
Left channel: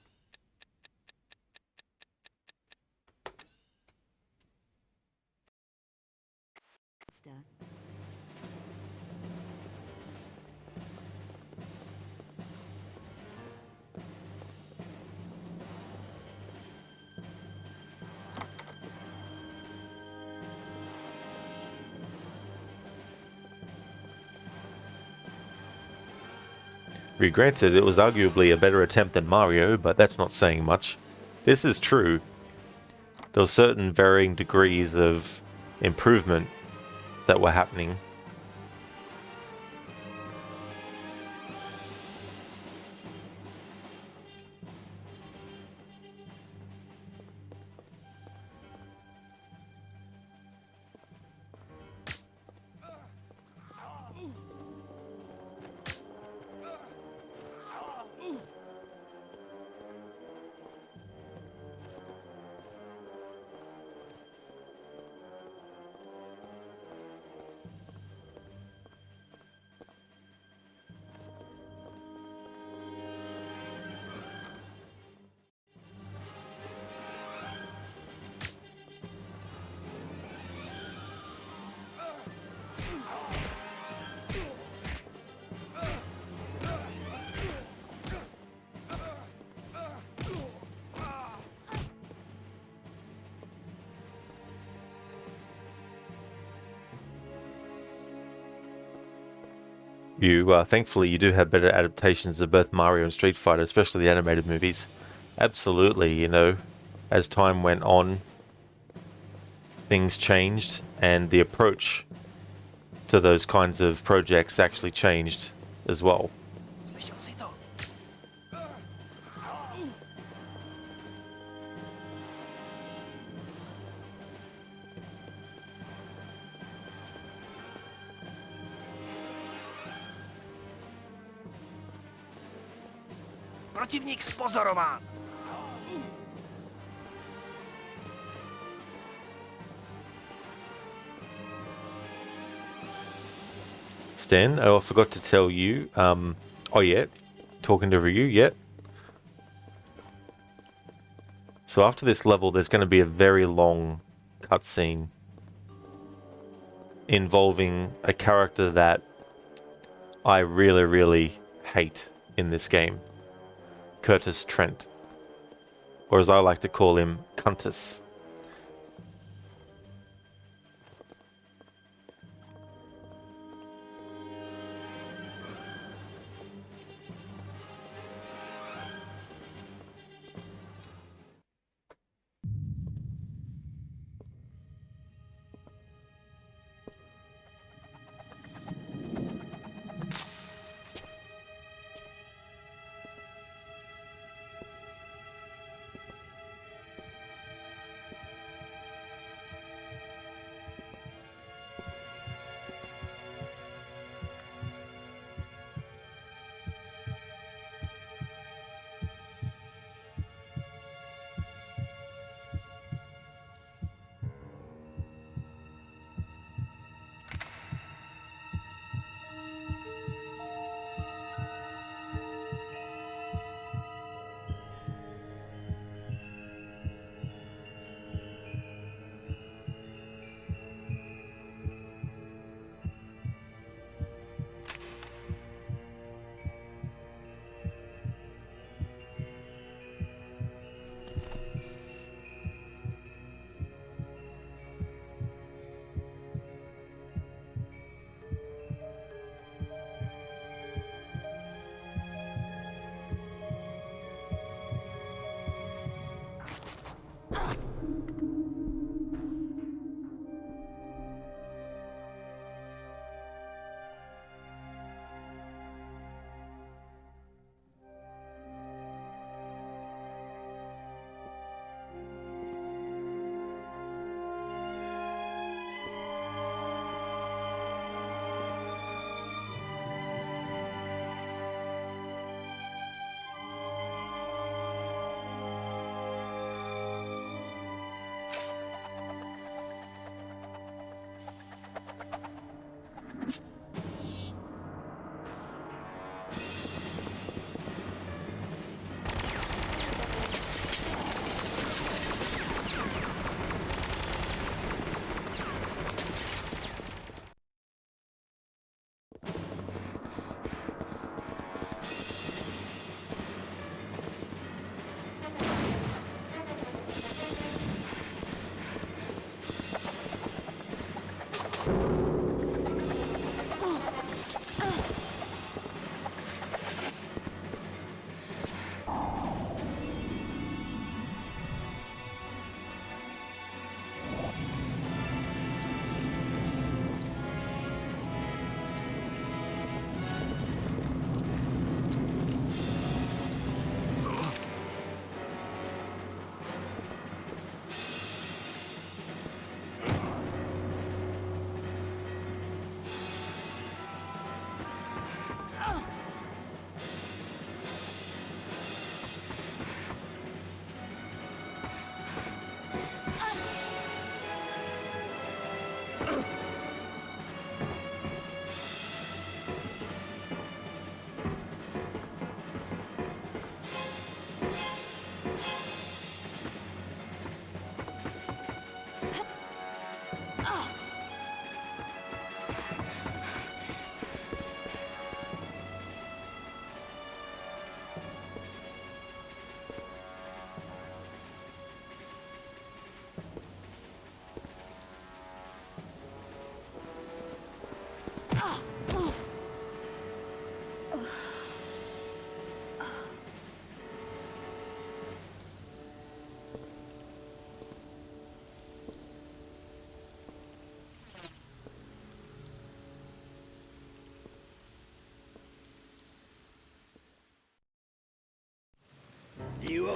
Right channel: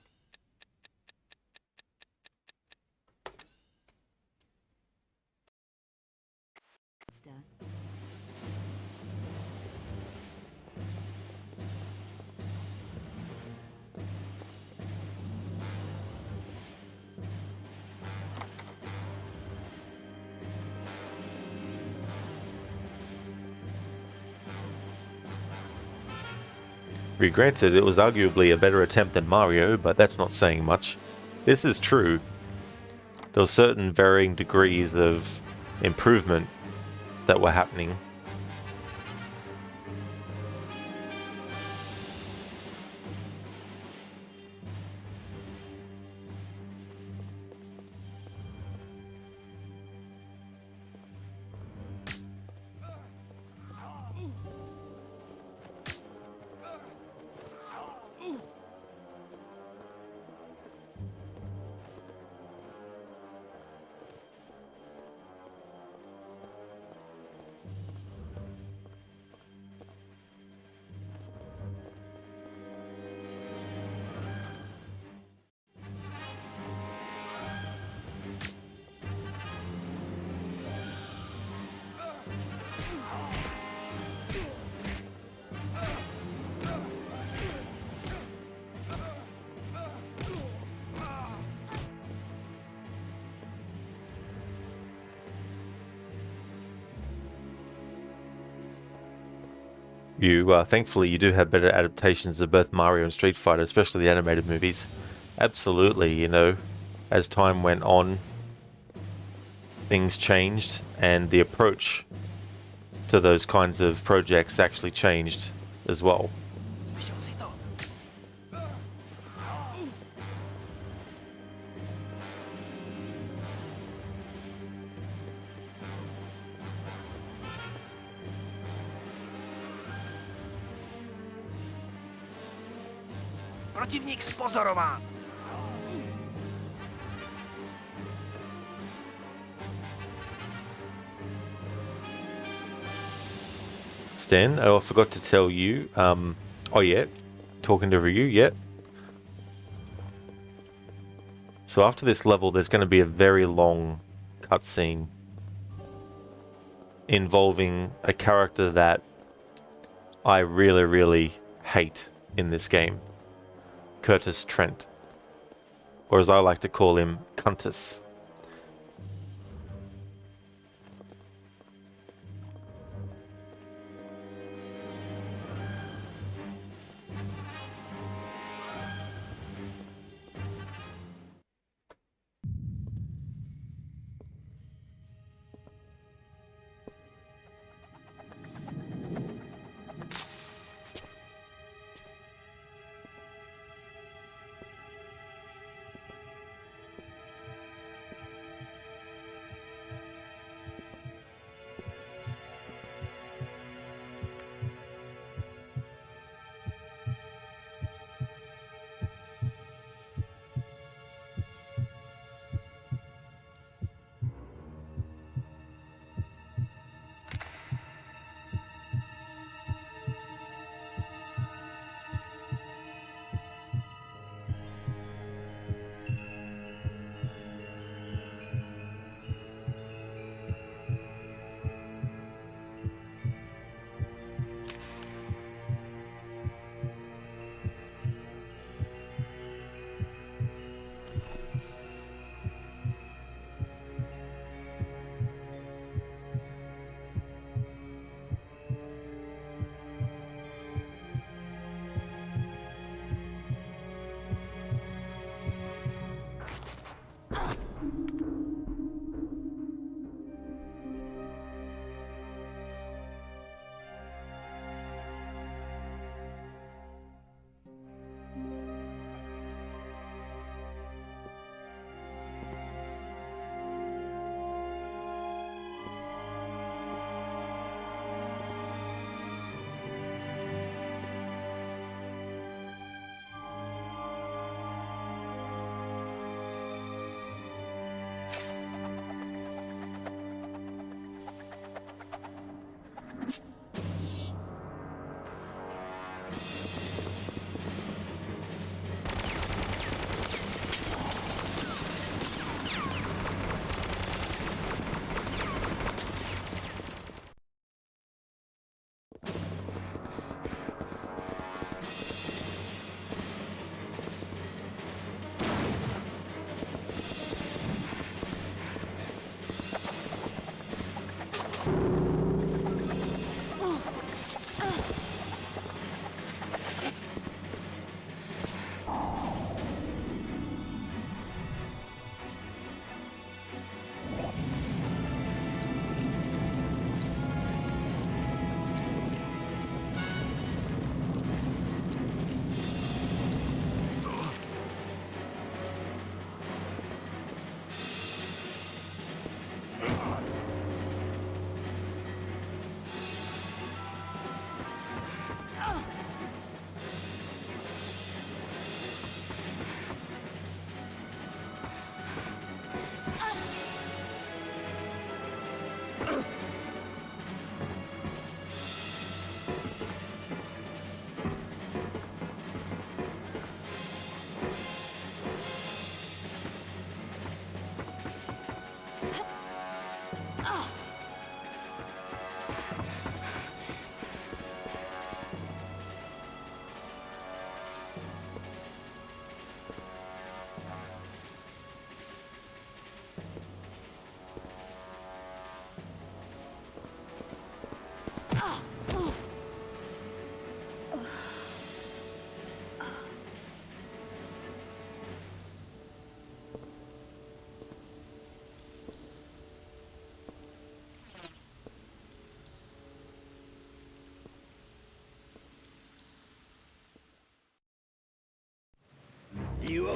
Granted, it was arguably a better attempt than Mario, but that's not saying much. This is true. There were certain varying degrees of improvement that were happening. Thankfully, you do have better adaptations of both Mario and Street Fighter, especially the animated movies. Absolutely, you know, as time went on, things changed, and the approach to those kinds of projects actually changed as well. Protivník spozorován! Stan, I forgot to tell you, oh yeah, talking to Ryu, yeah. So after this level, there's going to be a very long cutscene involving a character that I really, really hate in this game. Curtis Trent, or as I like to call him, Cuntus.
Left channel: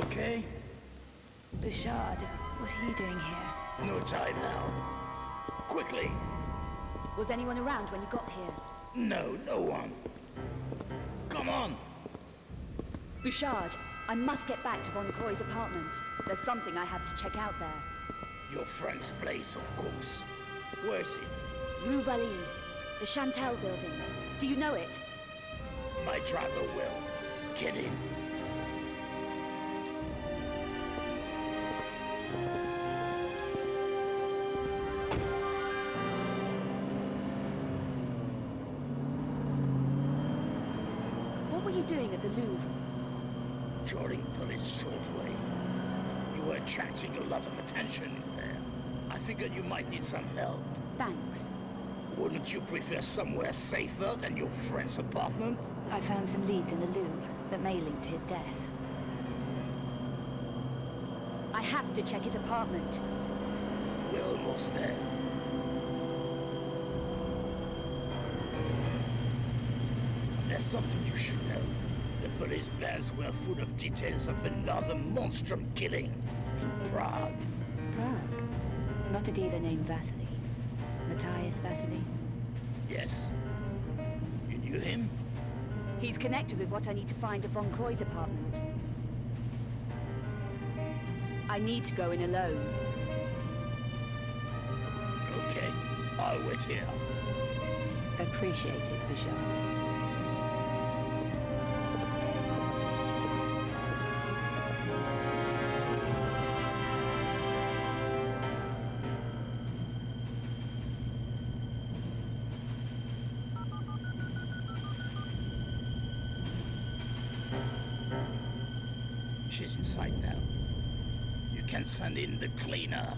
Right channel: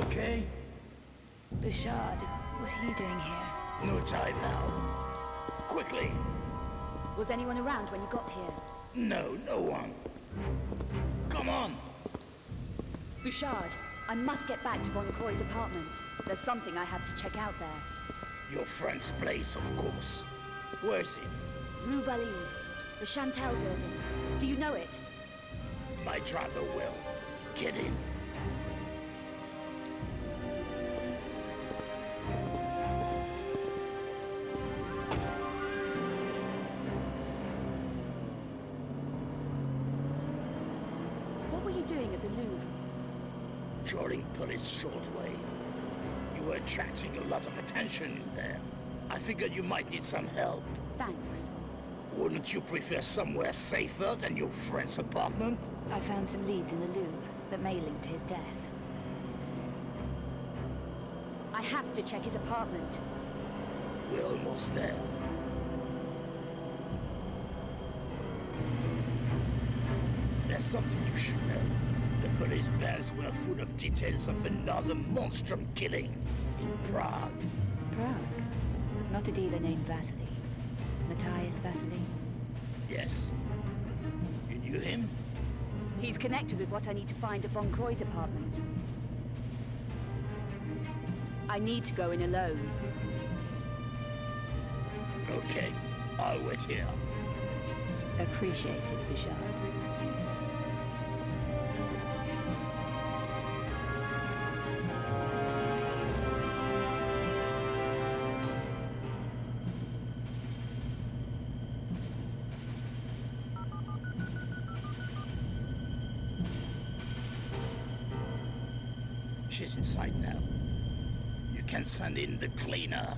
okay? Bouchard, what are you doing here? No time now. Quickly. Was anyone around when you got here? No, no one. Come on. Bouchard, I must get back to Von Croy's apartment. There's something I have to check out there. Your friend's place, of course. Where is it? Rue Valise, the Chantel building. Do you know it? My driver will. Get in. What were you doing at the Louvre? Joining police shortwave. You were attracting a lot of attention in there. I figured you might need some help. Thanks. Wouldn't you prefer somewhere safer than your friend's apartment? I found some leads in the Louvre that may link to his death. I have to check his apartment. We're almost there. There's something you should know. The police bands were full of details of another monstrum killing in Prague. Prague? Not a dealer named Vasily. Matthias Vasily? Yes. You knew him? He's connected with what I need to find at Von Croy's apartment. I need to go in alone. Okay, I'll wait here. Appreciate it, Bouchard. She's inside now. You can send in the cleaner.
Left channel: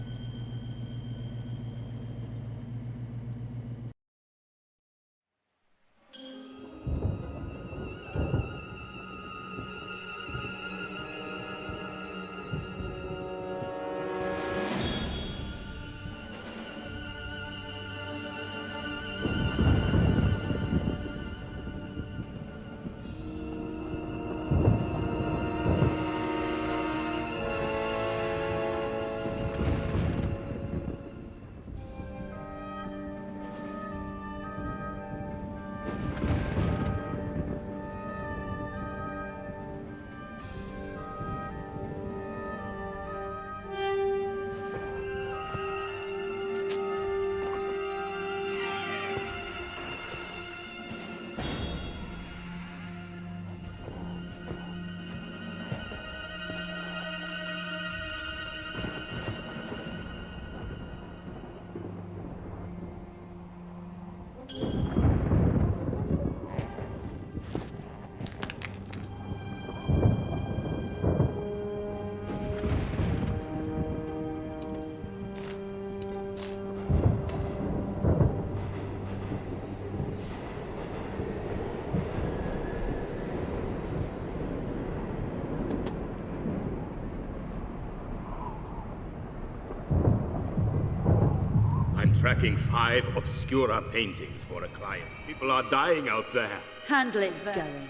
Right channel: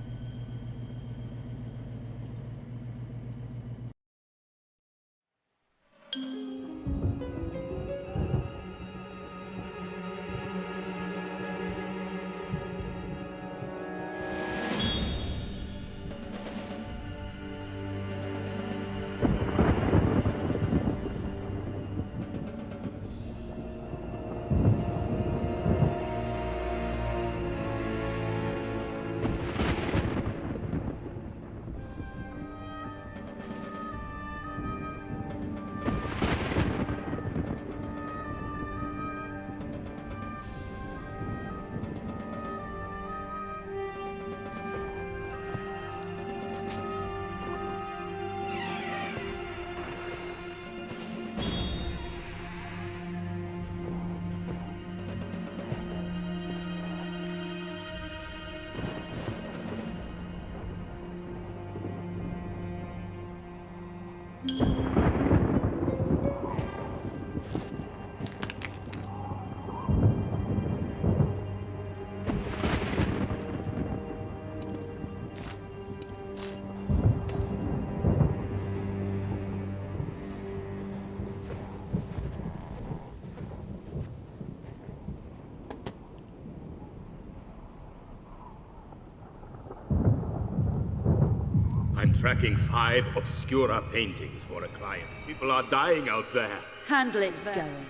I'm tracking 5 Obscura paintings for a client. People are dying out there. Handle it, Going.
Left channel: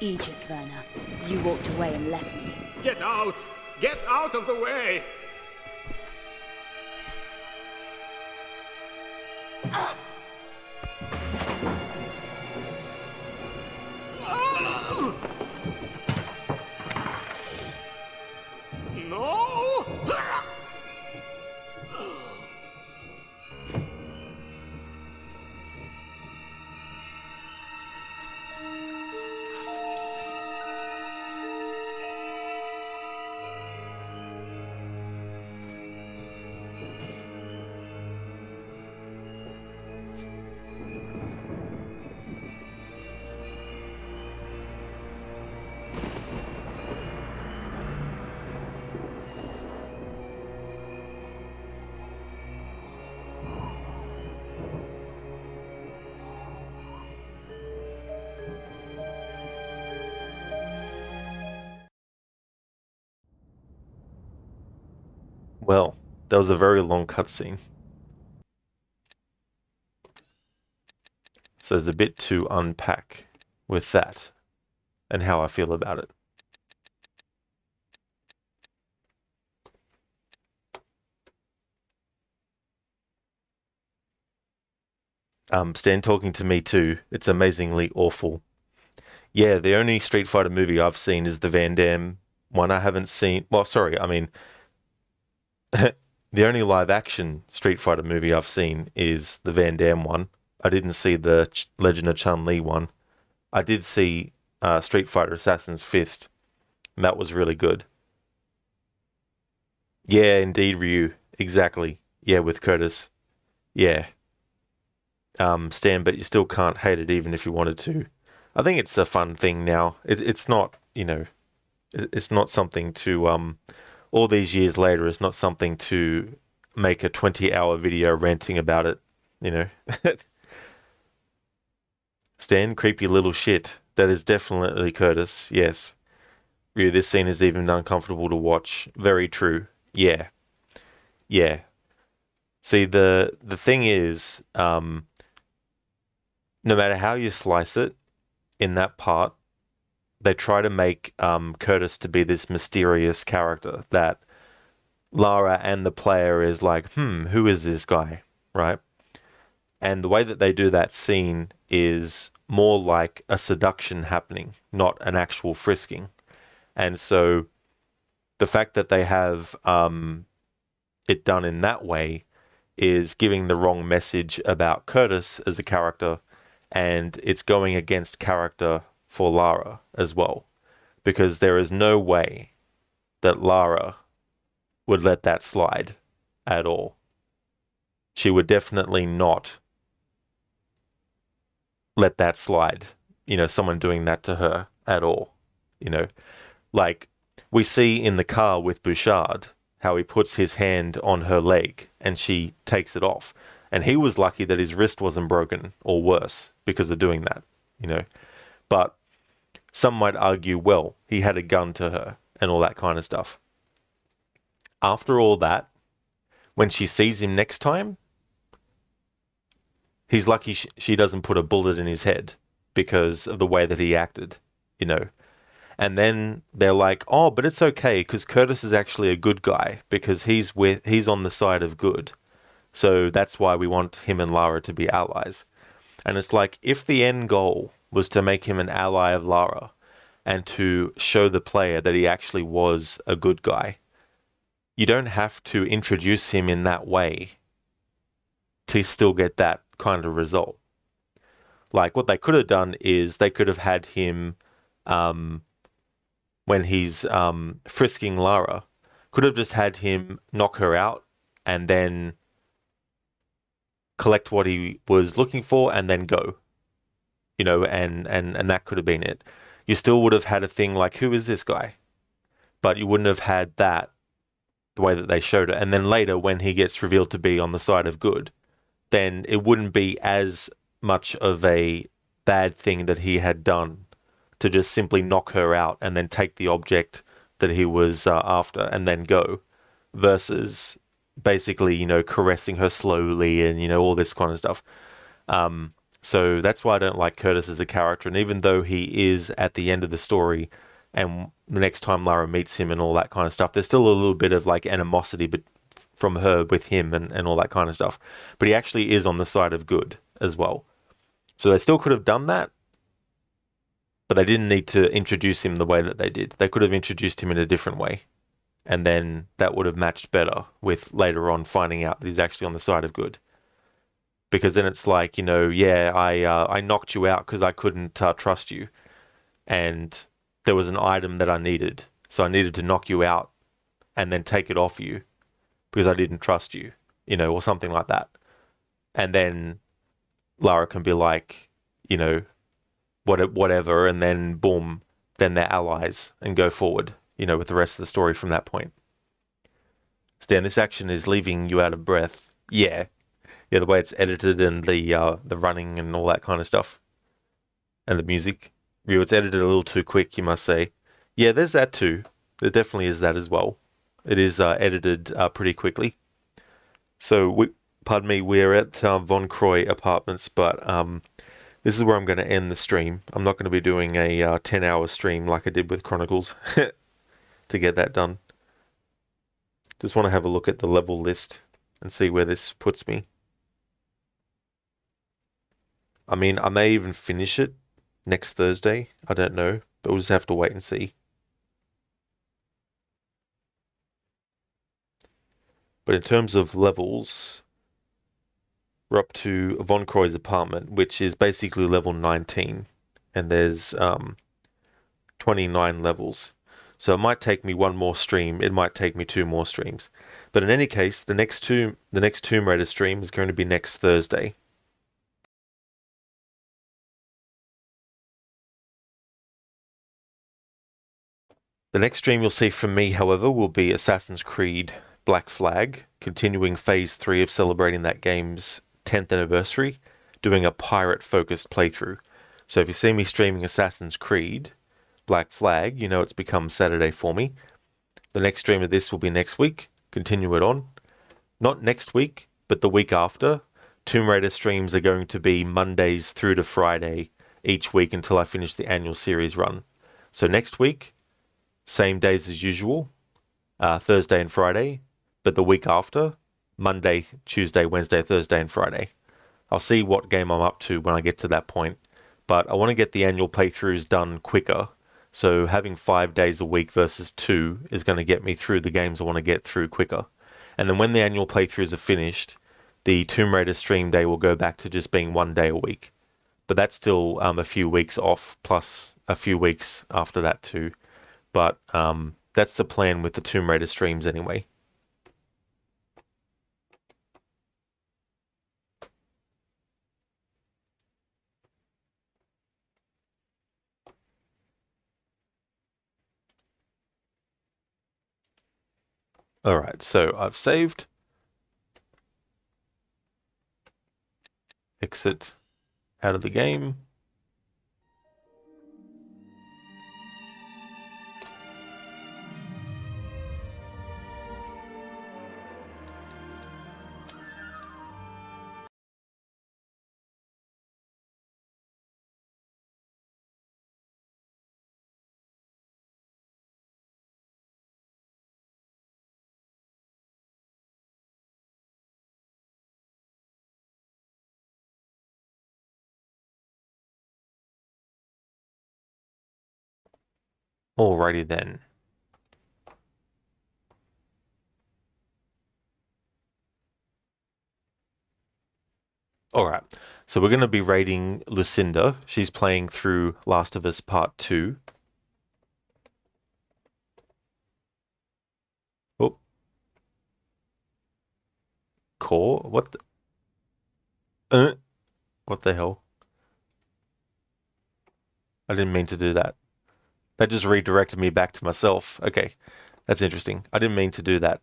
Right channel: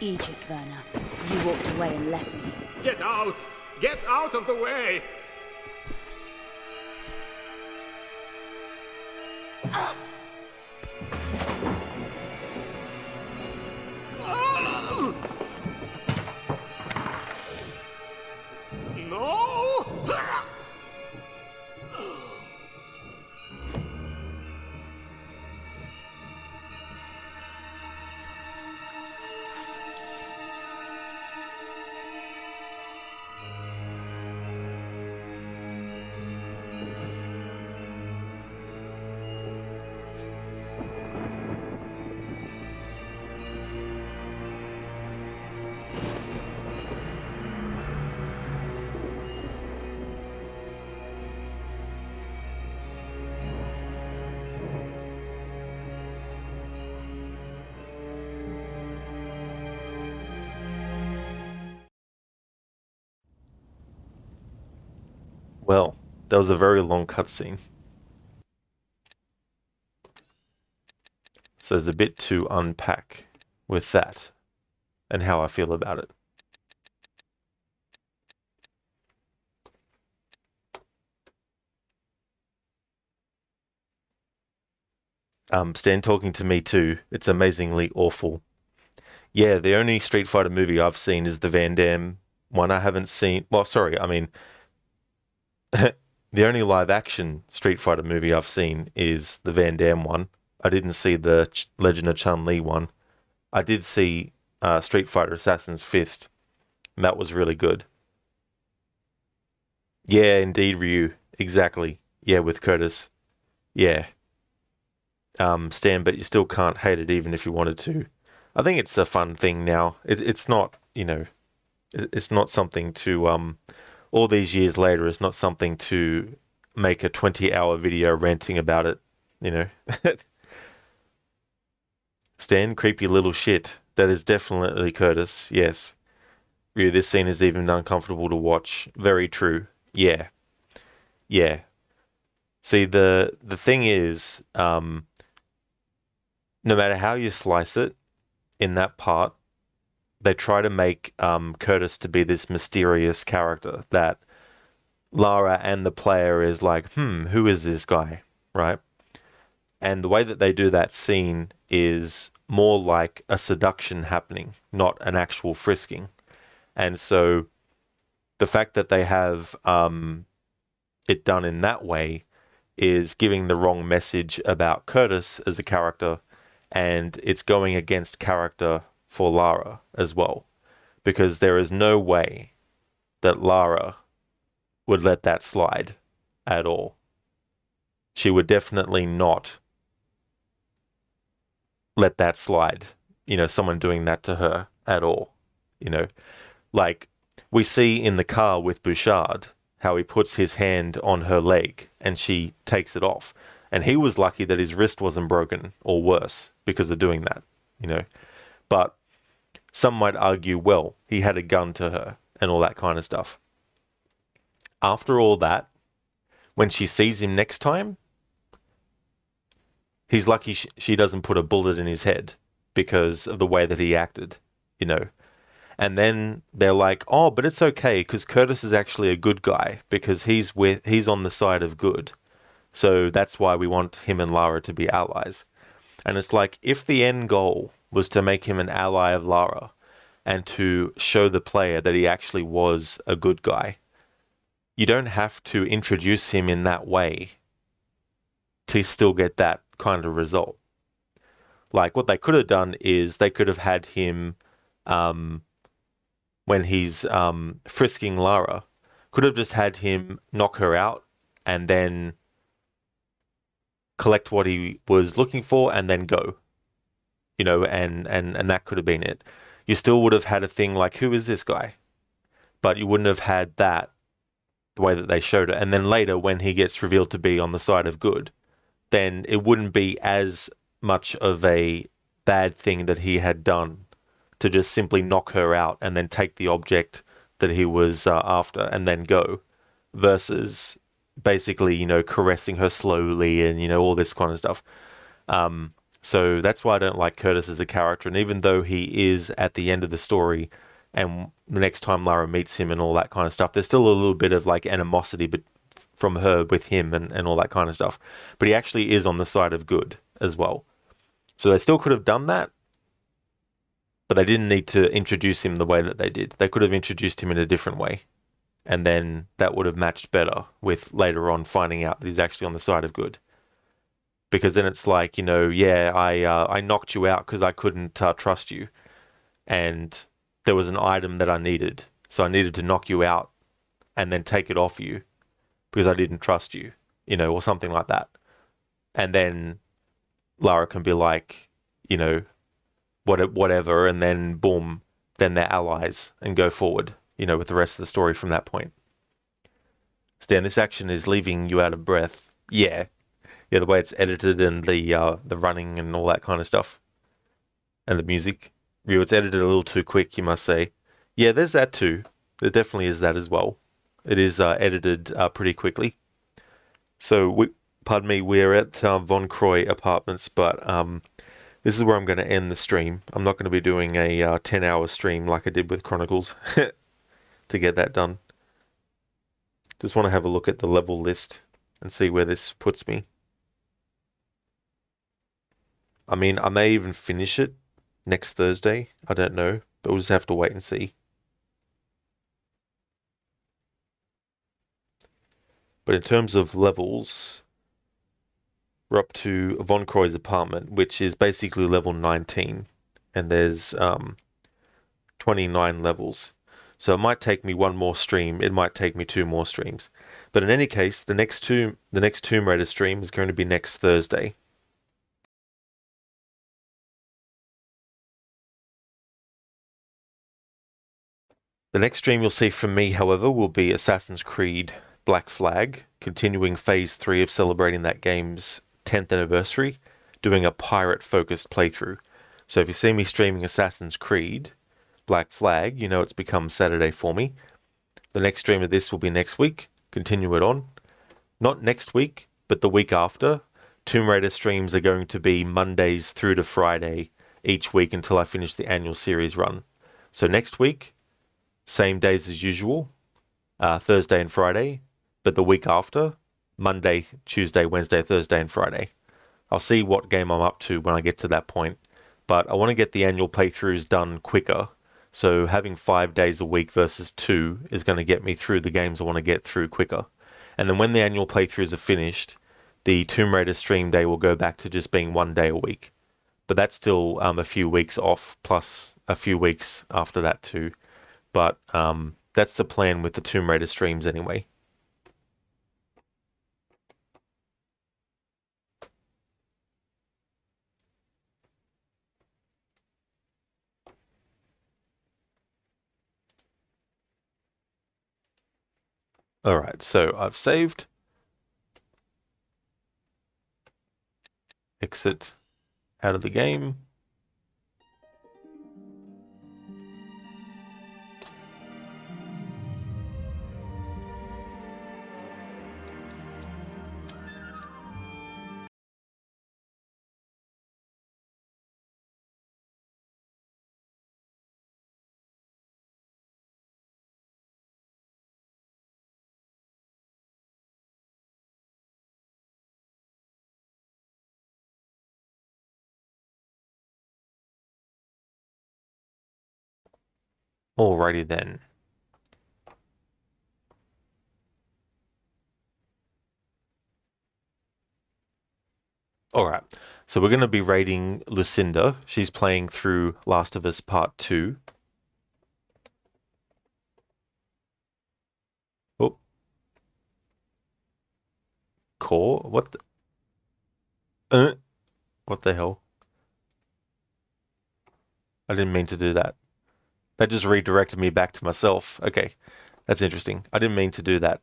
Egypt, Werner. You walked away and left me. Get out! Get out of the way! No! Well, that was a very long cutscene. So there's a bit to unpack with that and how I feel about it. Stan talking to me too. It's amazingly awful. Yeah, the only Street Fighter movie I've seen is the Van Damme one. I haven't seen. Well, sorry, I mean, the only live action Street Fighter movie I've seen is the Van Damme one. I didn't see the Legend of Chun-Li one. I did see Street Fighter Assassin's Fist, and that was really good. Yeah, indeed, Ryu. Exactly. Yeah, with Curtis. Yeah. Stan, but you still can't hate it even if you wanted to. I think it's a fun thing now. It's not, it's not something to, all these years later, it's not something to make a 20-hour video ranting about it, Stan, creepy little shit. That is definitely Curtis, yes. Ryu, this scene is even uncomfortable to watch. Very true. Yeah. Yeah. See, the thing is, no matter how you slice it, in that part, they try to make Curtis to be this mysterious character that Lara and the player is like, who is this guy, right? And the way that they do that scene is more like a seduction happening, not an actual frisking. And so the fact that they have it done in that way is giving the wrong message about Curtis as a character, and it's going against character for Lara as well, because there is no way that Lara would let that slide at all. She would definitely not let that slide, someone doing that to her at all, like we see in the car with Bouchard, how he puts his hand on her leg and she takes it off. And he was lucky that his wrist wasn't broken or worse because of doing that, But some might argue, well, he had a gun to her and all that kind of stuff. After all that, when she sees him next time, he's lucky she doesn't put a bullet in his head because of the way that he acted, And then they're like, oh, but it's okay because Curtis is actually a good guy because he's on the side of good. So that's why we want him and Lara to be allies. And it's like, if the end goal was to make him an ally of Lara and to show the player that he actually was a good guy, you don't have to introduce him in that way to still get that kind of result. Like, what they could have done is they could have had him, when he's frisking Lara, could have just had him knock her out and then collect what he was looking for and then go, and that could have been it. You still would have had a thing like, who is this guy? But you wouldn't have had that the way that they showed it. And then later, when he gets revealed to be on the side of good, then it wouldn't be as much of a bad thing that he had done to just simply knock her out and then take the object that he was after and then go, versus basically, caressing her slowly and, all this kind of stuff. So that's why I don't like Curtis as a character. And even though he is at the end of the story and the next time Lara meets him and all that kind of stuff, there's still a little bit of like animosity from her with him and all that kind of stuff. But he actually is on the side of good as well. So they still could have done that, but they didn't need to introduce him the way that they did. They could have introduced him in a different way. And then that would have matched better with later on finding out that he's actually on the side of good. Because then it's like, I knocked you out because I couldn't trust you. And there was an item that I needed. So I needed to knock you out and then take it off you because I didn't trust you, or something like that. And then Lara can be like, whatever, and then boom, then they're allies and go forward, with the rest of the story from that point. Stan, this action is leaving you out of breath. Yeah, the way it's edited and the running and all that kind of stuff. And the music. It's edited a little too quick, you must say. Yeah, there's that too. There definitely is that as well. It is edited pretty quickly. So, we're at Von Croy Apartments, but this is where I'm going to end the stream. I'm not going to be doing a 10-hour stream like I did with Chronicles to get that done. Just want to have a look at the level list and see where this puts me. I mean, I may even finish it next Thursday. I don't know, but we'll just have to wait and see. But in terms of levels, we're up to Von Croy's apartment, which is basically level 19, and there's 29 levels. So it might take me one more stream, it might take me 2 more streams. But in any case, the next Tomb Raider stream is going to be next Thursday. The next stream you'll see from me, however, will be Assassin's Creed Black Flag, continuing Phase 3 of celebrating that game's 10th anniversary, doing a pirate-focused playthrough. So if you see me streaming Assassin's Creed Black Flag, you know it's become Saturday for me. The next stream of this will be next week, continue it on. Not next week, but the week after. Tomb Raider streams are going to be Mondays through to Friday each week until I finish the annual series run. So next week, same days as usual, Thursday and Friday, but the week after, Monday, Tuesday, Wednesday, Thursday, and Friday. I'll see what game I'm up to when I get to that point, but I want to get the annual playthroughs done quicker, so having 5 days a week versus 2 is going to get me through the games I want to get through quicker. And then when the annual playthroughs are finished, the Tomb Raider stream day will go back to just being 1 day a week. But that's still a few weeks off, plus a few weeks after that too. But that's the plan with the Tomb Raider streams anyway. Alright, so I've saved. Exit out of the game. Alrighty then. Alright, so we're going to be rating Lucinda. She's playing through Last of Us Part 2. Oh. Core? What the... What the hell? I didn't mean to do that. That just redirected me back to myself. Okay, that's interesting. I didn't mean to do that.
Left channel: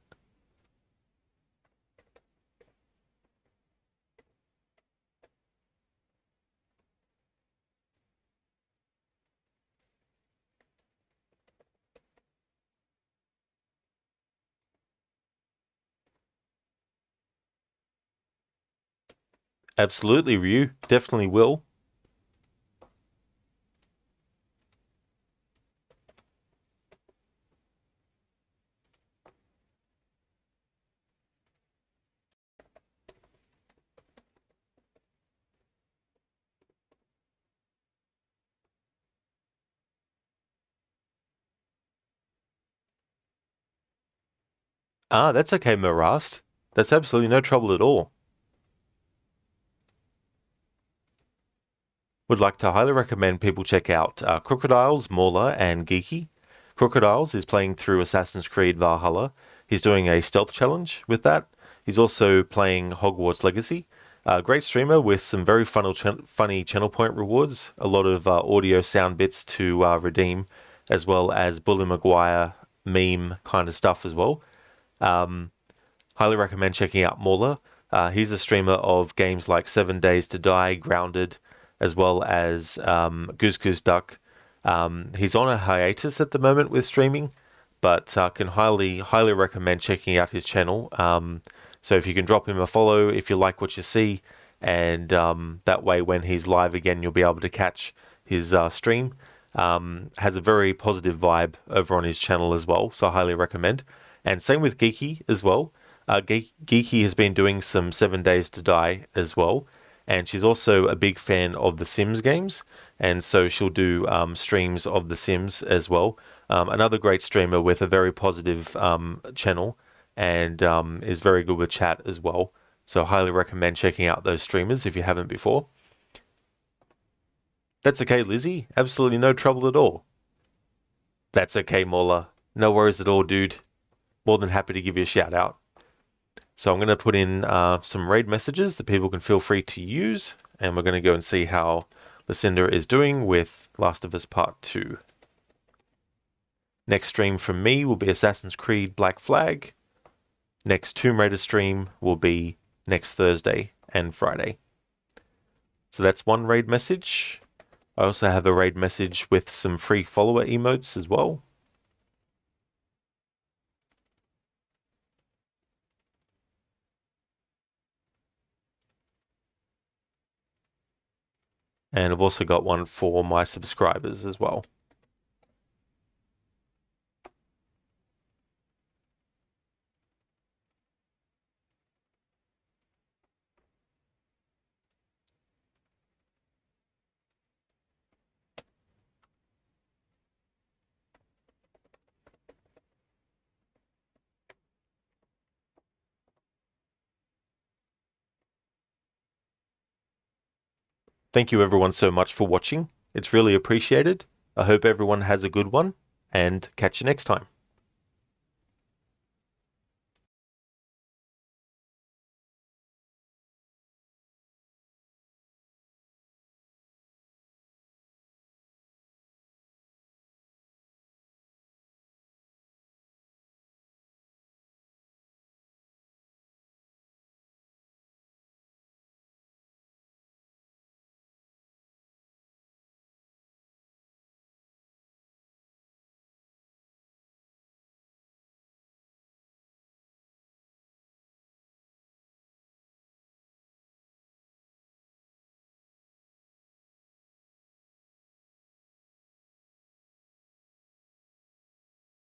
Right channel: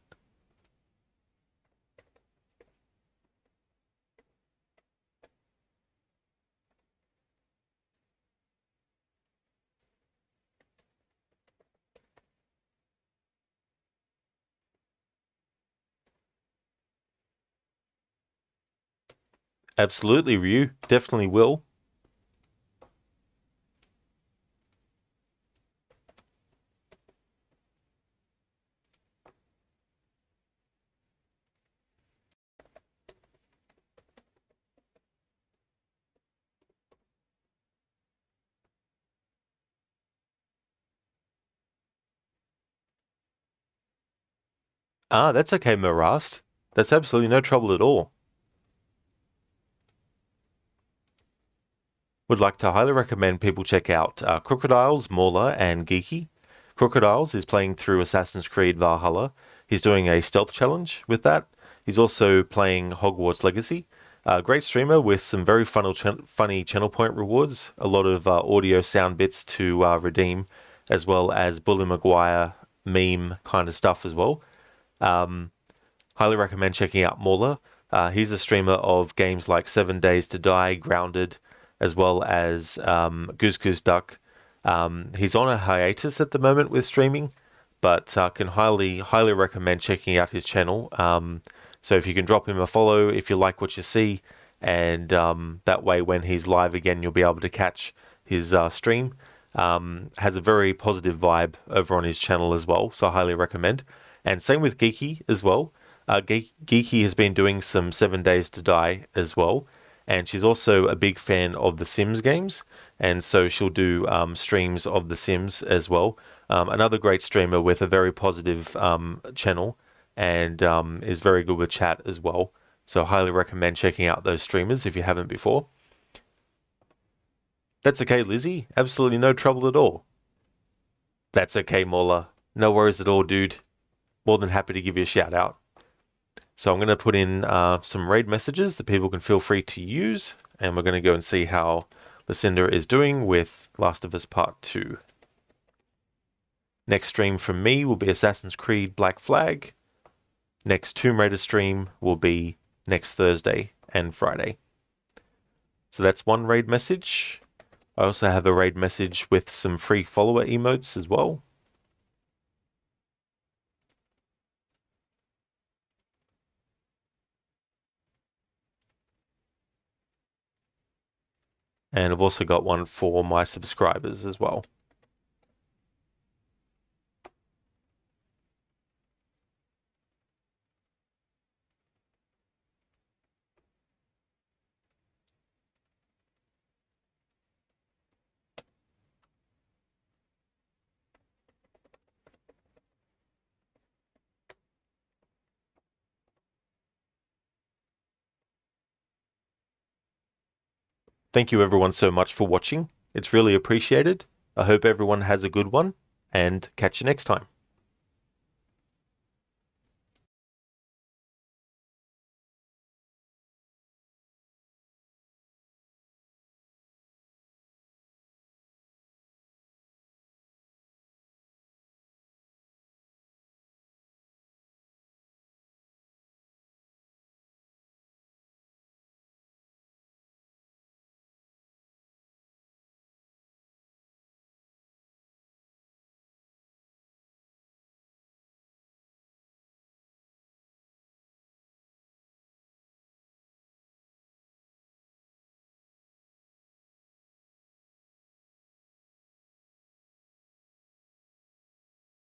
Absolutely, Ryu. Definitely will. Ah, that's okay, Marast. That's absolutely no trouble at all. Would like to highly recommend people check out Crocodiles, Mauler, and Geeky. Crocodiles is playing through Assassin's Creed Valhalla. He's doing a stealth challenge with that. He's also playing Hogwarts Legacy. Great streamer with some very funny channel point rewards, a lot of audio sound bits to redeem, as well as Bully Maguire meme kind of stuff as well. Highly recommend checking out Mauler. He's a streamer of games like 7 Days to Die, Grounded, as well as Goose Goose Duck. He's on a hiatus at the moment with streaming, but can highly recommend checking out his channel. So if you can drop him a follow if you like what you see, and that way when he's live again you'll be able to catch his stream. Has a very positive vibe over on his channel as well, so I highly recommend. And same with Geeky as well. Geeky has been doing some 7 Days to Die as well, and she's also a big fan of the Sims games, and so she'll do streams of the Sims as well. Another great streamer with a very positive channel, and is very good with chat as well. So highly recommend checking out those streamers if you haven't before. That's okay, Lizzie. Absolutely no trouble at all. That's okay, Mola. No worries at all, dude. More than happy to give you a shout out. So I'm going to put in some raid messages that people can feel free to use, and we're going to go and see how Lucinda is doing with Last of Us Part 2. Next stream from me will be Assassin's Creed Black Flag. Next Tomb Raider stream will be next Thursday and Friday. So that's one raid message. I also have a raid message with some free follower emotes as well. And I've also got one for my subscribers as well. Thank you everyone so much for watching. It's really appreciated. I hope everyone has a good one, and catch you next time.